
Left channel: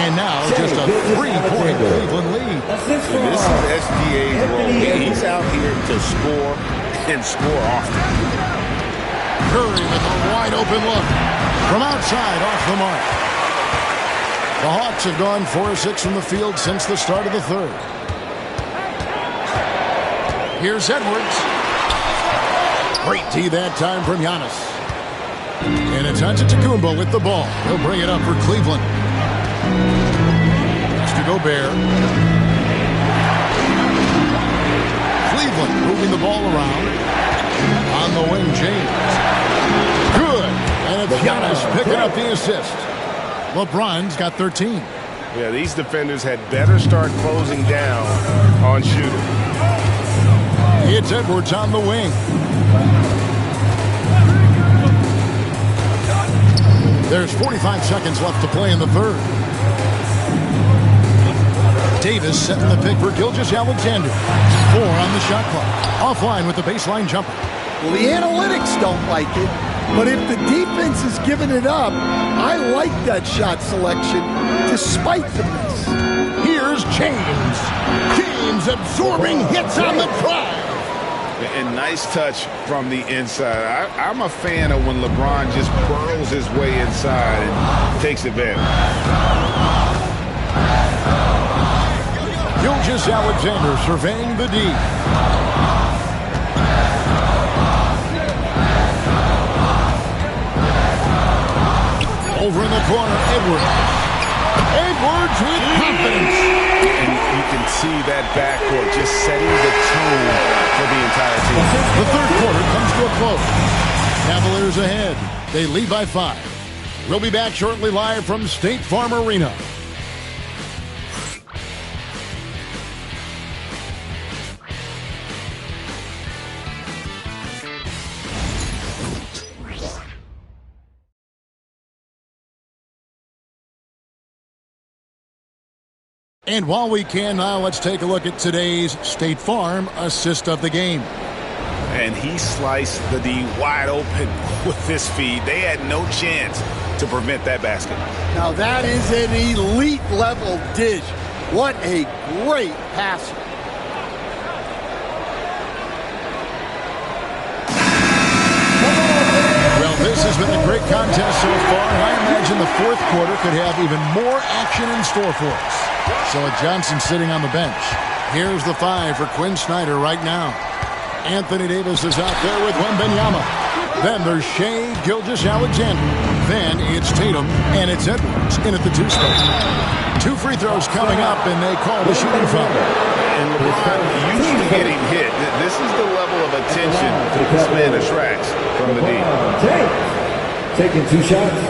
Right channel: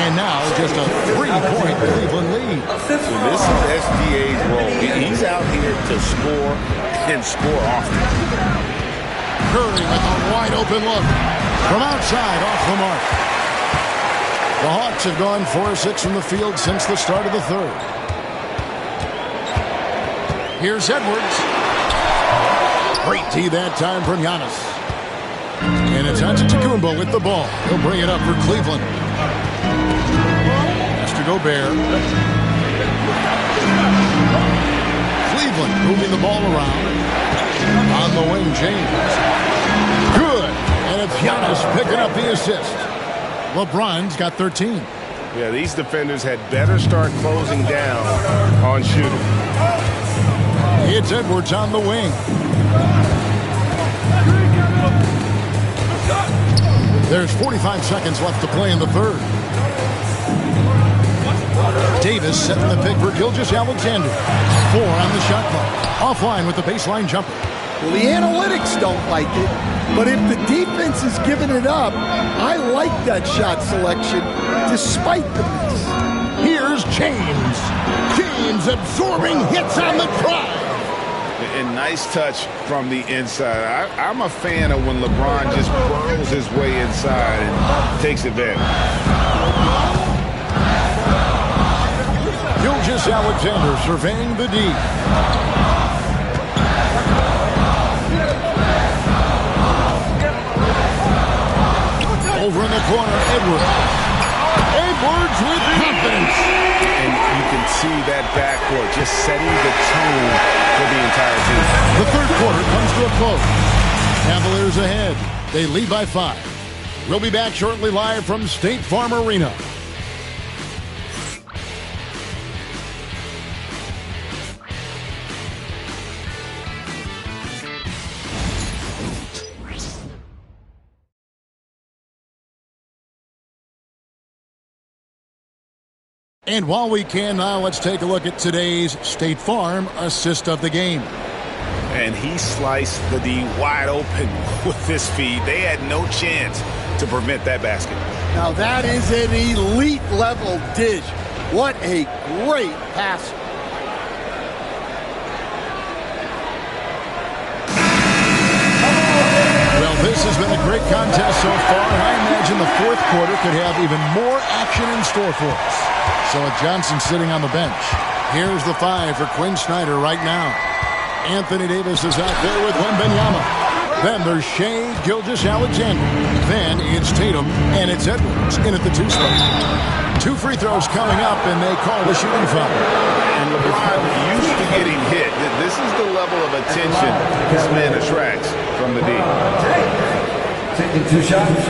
And now just a 3-point Cleveland lead. And this is SGA's role. He's out here to score and score often. Curry with a wide open look. From outside, off the mark. The Hawks have gone 4 of 6 from the field since the start of the third. Here's Edwards. Great D that time from Giannis. And it's Antetokounmpo with the ball. He'll bring it up for Cleveland. Pass to Gobert. Cleveland moving the ball around. On the wing, James. Good. And it's Giannis picking up the assist. LeBron's got 13. Yeah, these defenders had better start closing down on shooting. It's Edwards on the wing. There's 45 seconds left to play in the third. Davis setting the pick for Gilgeous-Alexander. 4 on the shot clock. Offline with the baseline jumper. Well, the analytics don't like it, but if the defense is giving it up, I like that shot selection despite the miss. Here's James. James absorbing hits on the drive. And nice touch from the inside. I'm a fan of when LeBron just burrows his way inside and takes advantage. Gilgeous-Alexander surveying the D. Over in the corner, Edwards. Edwards with confidence. And you can see that backcourt just setting the tone for the entire team. The third quarter comes to a close. Cavaliers ahead. They lead by 5. We'll be back shortly live from State Farm Arena. And while we can now, let's take a look at today's State Farm assist of the game. And he sliced the D wide open with this feed. They had no chance to prevent that basket. Now that is an elite level dish. What a great pass. Well, this has been a great contest so far, and I imagine the fourth quarter could have even more action in store for us. So Johnson sitting on the bench. Here's the 5 for Quinn Snyder right now. Anthony Davis is out there with Wembanyama. Then there's Shai Gilgeous-Alexander. Then it's Tatum, and it's Edwards in at the 2 spot. 2 free throws coming up, and they call the shooting foul. And LeBron used to getting hit. This is the level of attention this man attracts from the D. Taking 2 shots.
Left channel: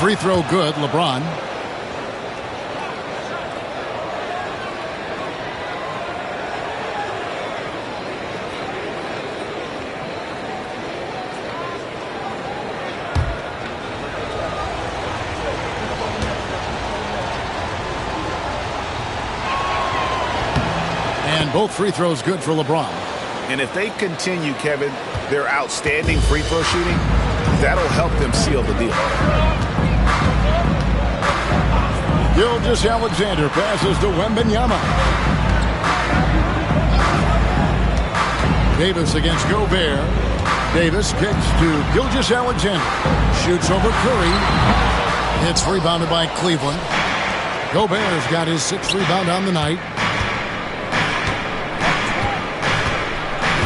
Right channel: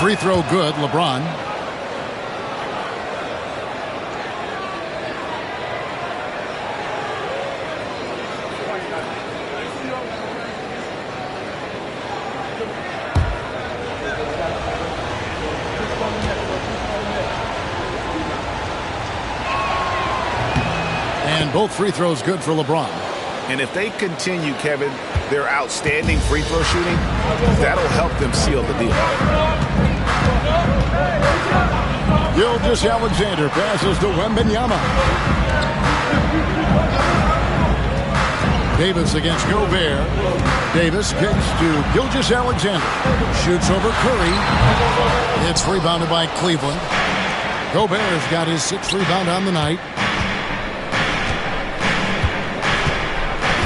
Free throw good, LeBron. And both free throws good for LeBron. And if they continue, Kevin, their outstanding free throw shooting, that'll help them seal the deal. Gilgeous-Alexander passes to Wembanyama. Davis against Gobert. Davis kicks to Gilgeous-Alexander. Shoots over Curry. It's rebounded by Cleveland. Gobert's got his 6th rebound on the night.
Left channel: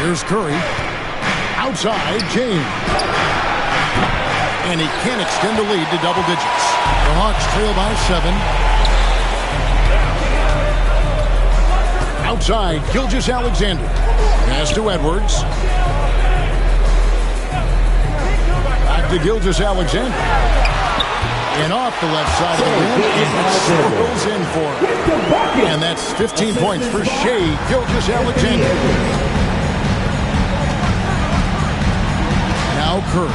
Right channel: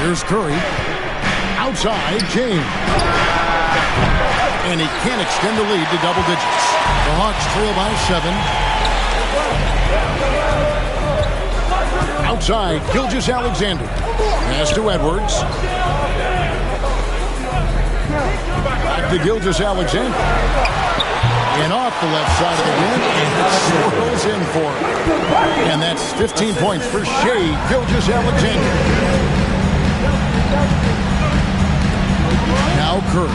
Here's Curry. Outside, James. And he can't extend the lead to double digits. The Hawks trail by 7. Outside, Gilgeous-Alexander. Pass to Edwards. Back to Gilgeous-Alexander. And off the left side of the rim, and it swirls in for him. And that's 15 points for Shai Gilgeous-Alexander. Now Curry.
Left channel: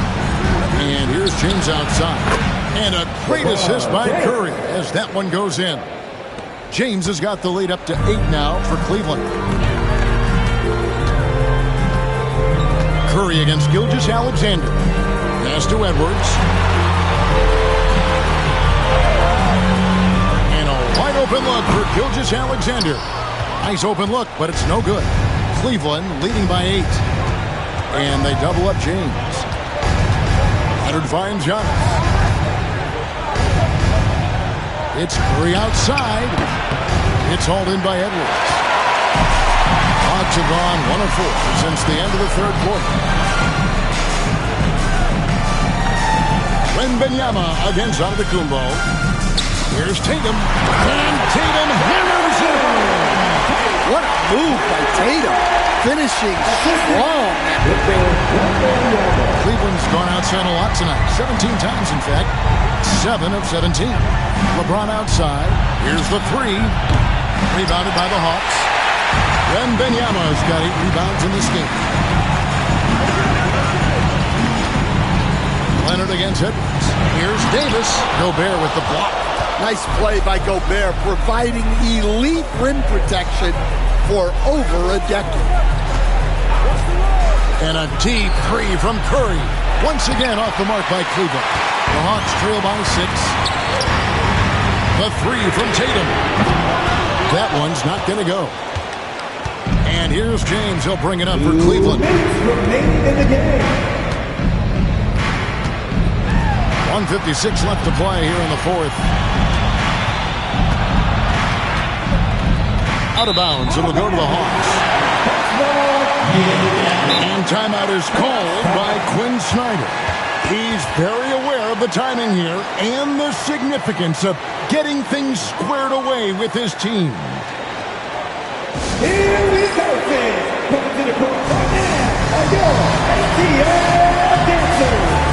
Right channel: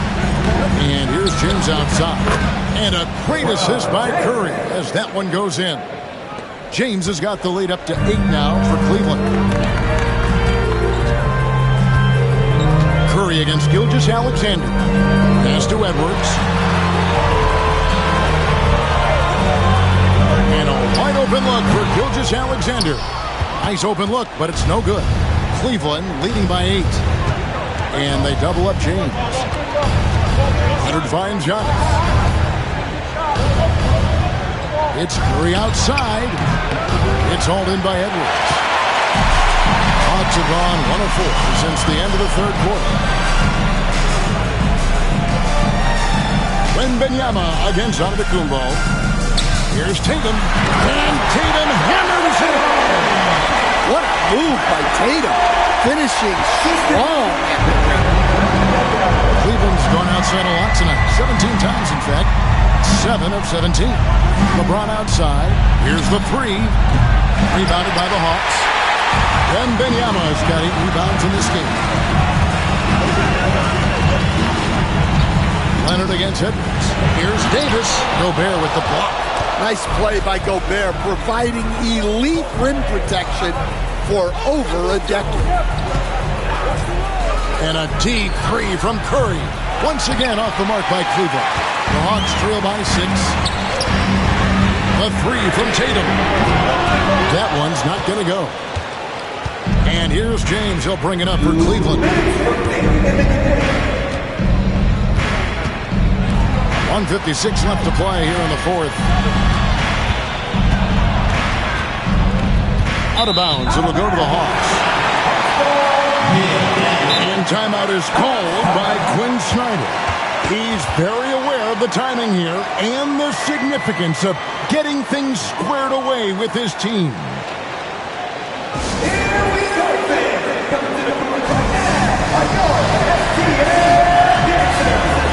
And here's James outside. And a great assist by Curry as that one goes in. James has got the lead up to 8 now for Cleveland. Curry against Gilgeous-Alexander. Pass to Edwards. And a wide open look for Gilgeous-Alexander. Nice open look, but it's no good. Cleveland leading by 8. And they double up James. Leonard finds Giannis. It's Curry outside. It's hauled in by Edwards. Hawks have gone 1 of 4 since the end of the 3rd quarter. Wembanyama against Antetokounmpo. Here's Tatum. And Tatum hammers it home. What a move by Tatum. Finishing strong at the ring. Cleveland's gone outside a lot tonight. 17 times, in fact. 7 of 17. LeBron outside. Here's the 3. Rebounded by the Hawks. Wembanyama's got 8 rebounds in this game. Leonard against Edwards. Here's Davis. Gobert with the block. Nice play by Gobert, providing elite rim protection for over a decade. And a deep 3 from Curry. Once again off the mark by Cleveland. The Hawks trail by 6. The 3 from Tatum. That one's not going to go. And here's James. He'll bring it up for Cleveland. 1:56 left to play here in the 4th. Out of bounds. It'll go to the Hawks. And timeout is called by Quinn Snyder. He's very aware of the timing here and the significance of getting things squared away with his team. Here we go, fans. Coming to the court right now are your STL dancers.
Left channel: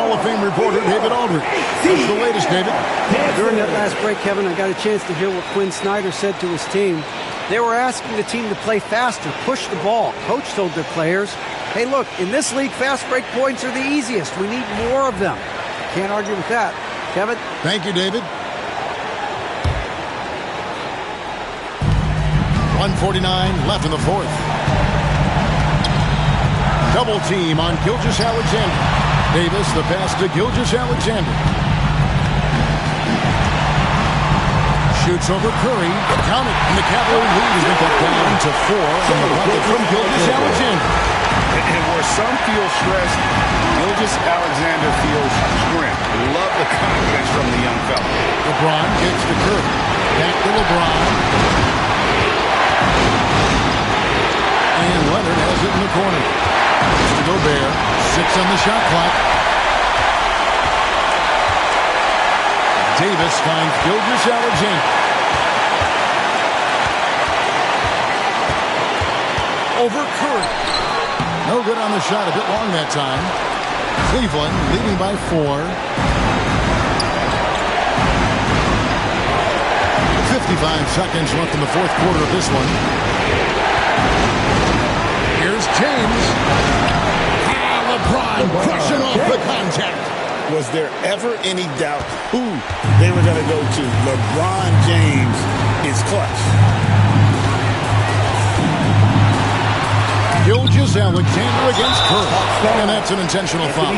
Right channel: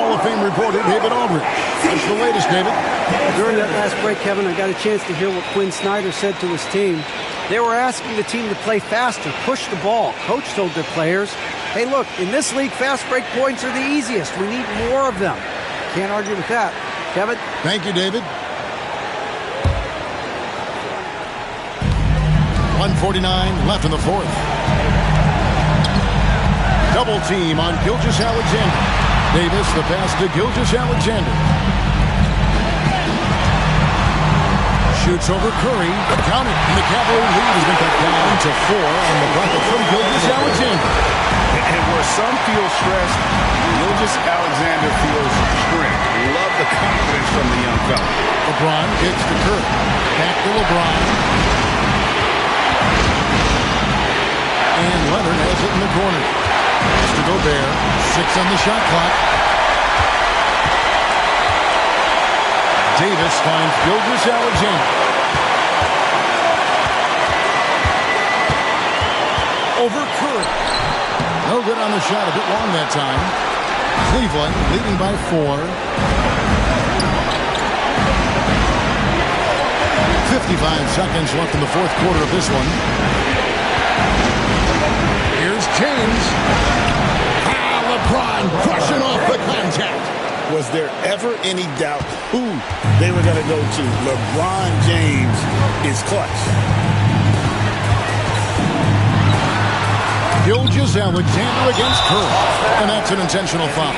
Hall of Fame reporter David Aldridge. What's the latest, David? During that last break, Kevin, I got a chance to hear what Quinn Snyder said to his team. They were asking the team to play faster, push the ball. Coach told their players, hey, look, in this league, fast break points are the easiest. We need more of them. Can't argue with that. Kevin? Thank you, David. 1:49 left in the fourth. Double team on Gilgeous-Alexander. Davis, the pass to Gilgeous-Alexander. Shoots over Curry. Count it. And the Cavalier lead has been cut down to 4 on the bucket from Gilgeous-Alexander. And where some feel stressed, Gilgeous-Alexander feels strength. Love the confidence from the young fella. LeBron kicks to Curry. Back to LeBron. And Leonard has it in the corner. It's to Gobert. 6 on the shot clock. Davis finds Gilgeous-Alexander. Over Curry. No good on the shot. A bit long that time. Cleveland leading by 4. 55 seconds left in the fourth quarter of this one. Here's James. LeBron crushing off the contact. Was there ever any doubt who they were going to go to? LeBron James is clutch. Gilgeous-Alexander against Curry. And that's an intentional foul.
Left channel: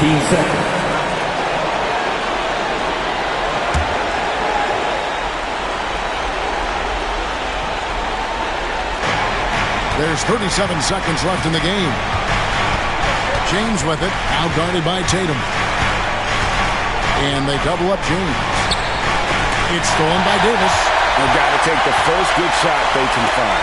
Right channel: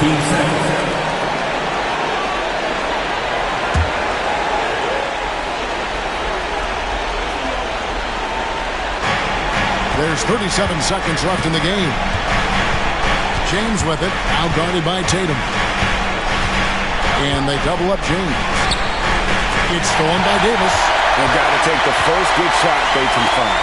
Team second. There's 37 seconds left in the game. James with it, now guarded by Tatum. And they double up James. It's stolen by Davis. They've got to take the first good shot they can find.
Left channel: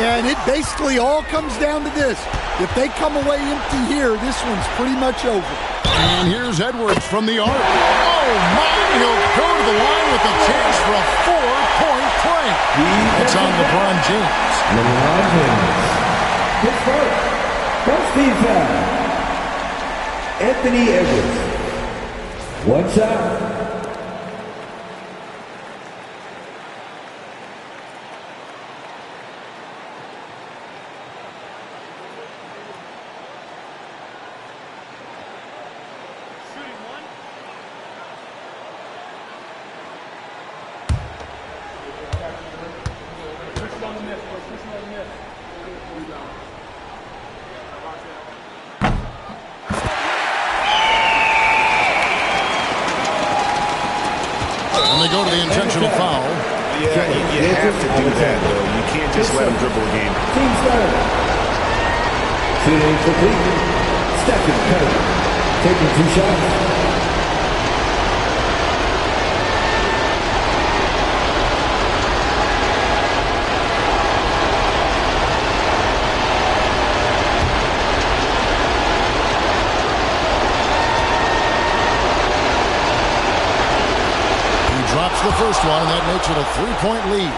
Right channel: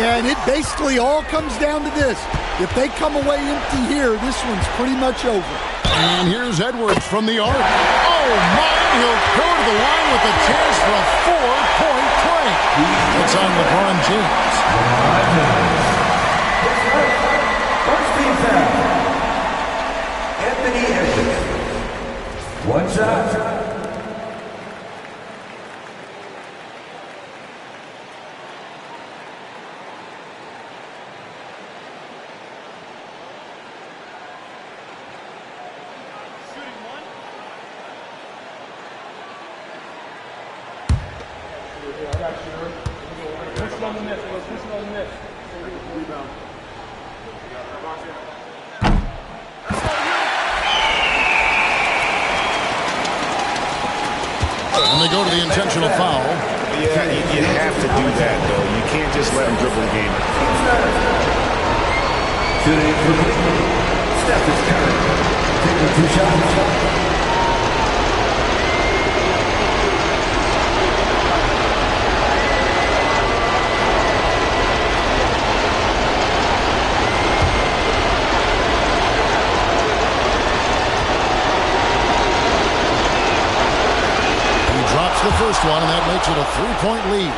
Yeah, and it basically all comes down to this. If they come away empty here, this one's pretty much over. And here's Edwards from the arc. Oh, my! He'll go to the line with a chance for a 4-point play. It's on LeBron James. LeBron James. His first team foul. Anthony Edwards. One shot. And they go to the intentional foul. Yeah, you have to do that, though. You can't just let them dribble the game. Team starter. Shooting complete. Steph is Curry. Taking 2 shots. Drops the first one, and that makes it a 3-point lead.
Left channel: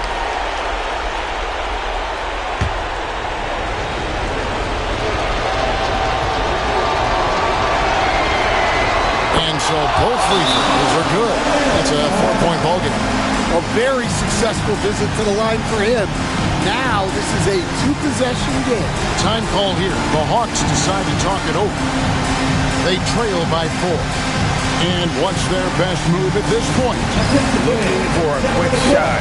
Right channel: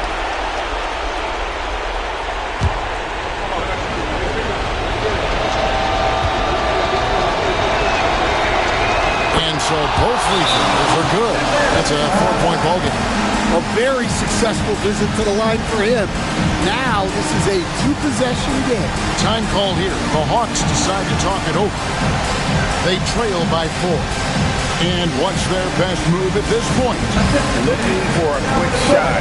And so both free throws are good. That's a 4-point ball game. A very successful visit to the line for him. Now this is a 2-possession game. Time call here. The Hawks decide to talk it over. They trail by 4. And what's their best move at this point? Looking for a quick shot,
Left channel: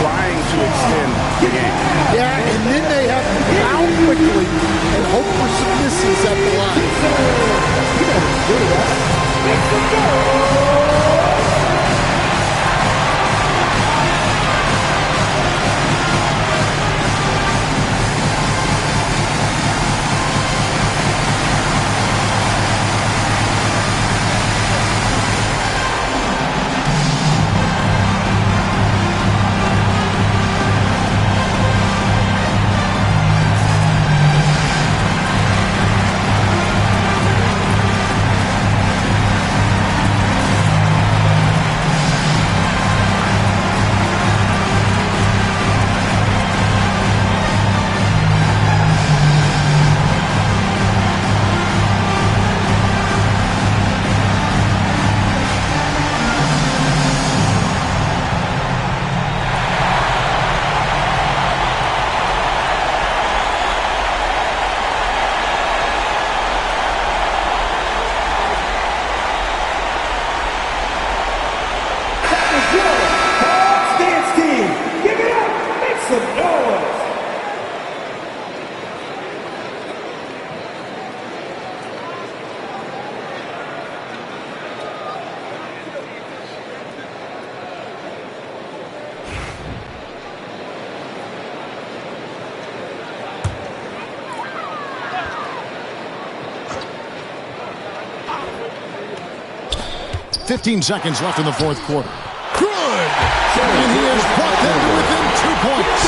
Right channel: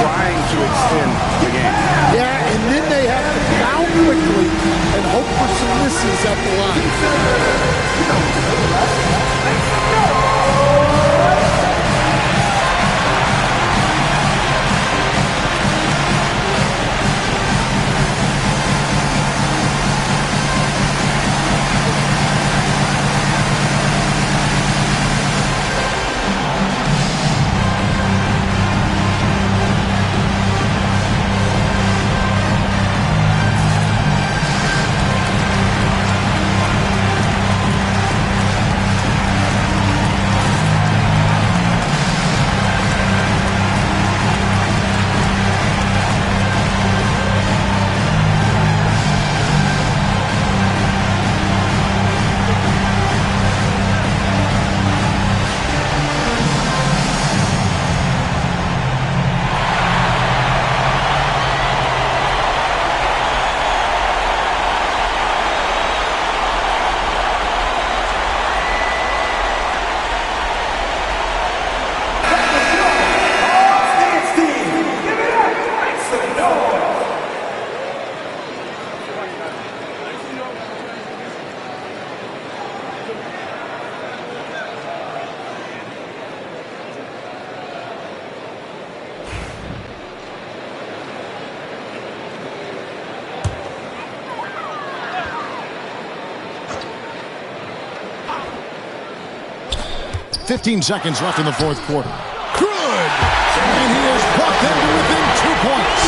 trying to extend the game. Yeah, and then they have to foul quickly and hope for some misses at the line. 15 seconds left in the fourth quarter. Good! And he has brought them to within 2 points.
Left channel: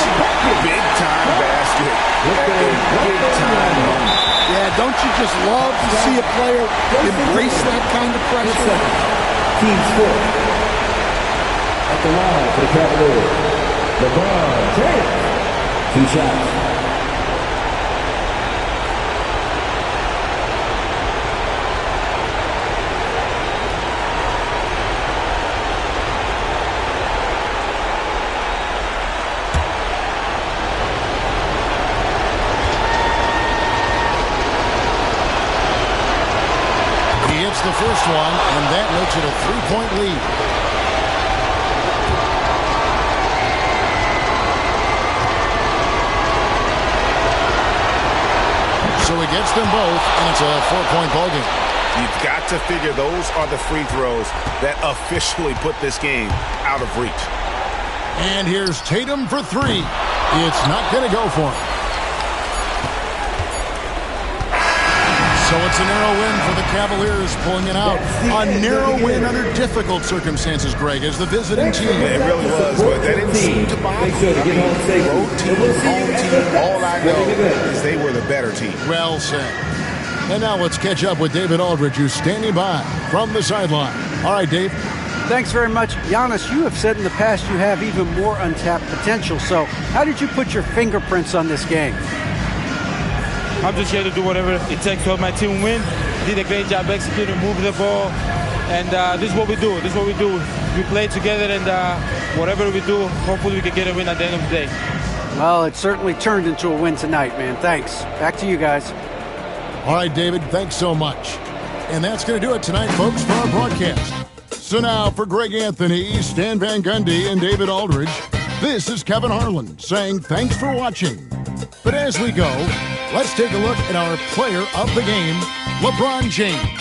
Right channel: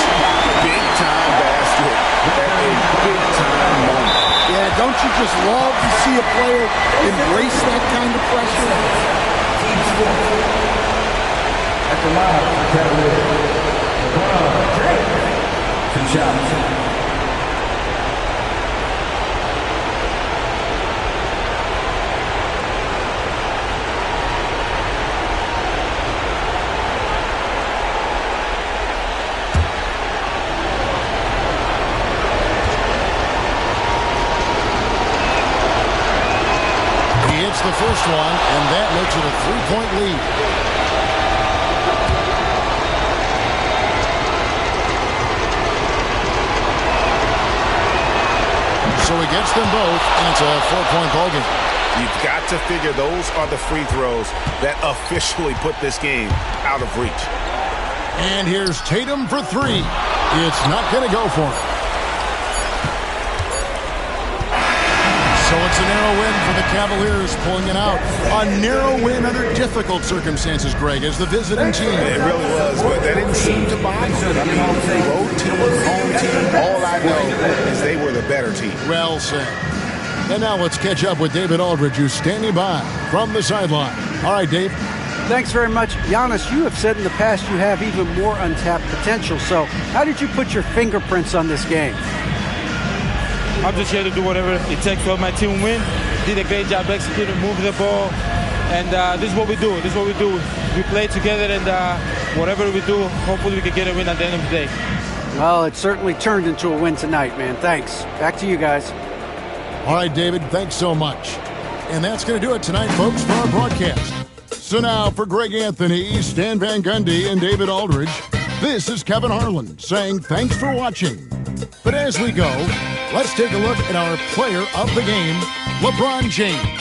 Big-time basket at a big-time moment. Yeah, don't you just love to see a player embrace that kind of pressure? Team score. At the line for the Cavaliers, LeBron James. 2 shots. Hits the first one, and that makes it a 3-point lead. So he gets them both, and it's a 4-point ball game. You've got to figure those are the free throws that officially put this game out of reach. And here's Tatum for 3. It's not going to go for him. So it's a narrow win for the Cavaliers, pulling it out. A narrow win under difficult circumstances, Greg, as the visiting team. It really was, but that didn't seem to bother them. I mean, road team, home team, all I know is they were the better team. Well said. And now let's catch up with David Aldridge, who's standing by from the sideline. All right, Dave. Thanks very much. Giannis, you have said in the past you have even more untapped potential. So how did you put your fingerprints on this game? I'm just here to do whatever it takes to help my team win. Did a great job executing, moving the ball. And this is what we do. This is what we do. We play together, and whatever we do, hopefully we can get a win at the end of the day. Well, it certainly turned into a win tonight, man. Thanks. Back to you guys. All right, David, thanks so much. And that's going to do it tonight, folks, for our broadcast. So now for Greg Anthony, Stan Van Gundy, and David Aldridge, this is Kevin Harlan saying thanks for watching. But as we go, let's take a look at our player of the game, LeBron James.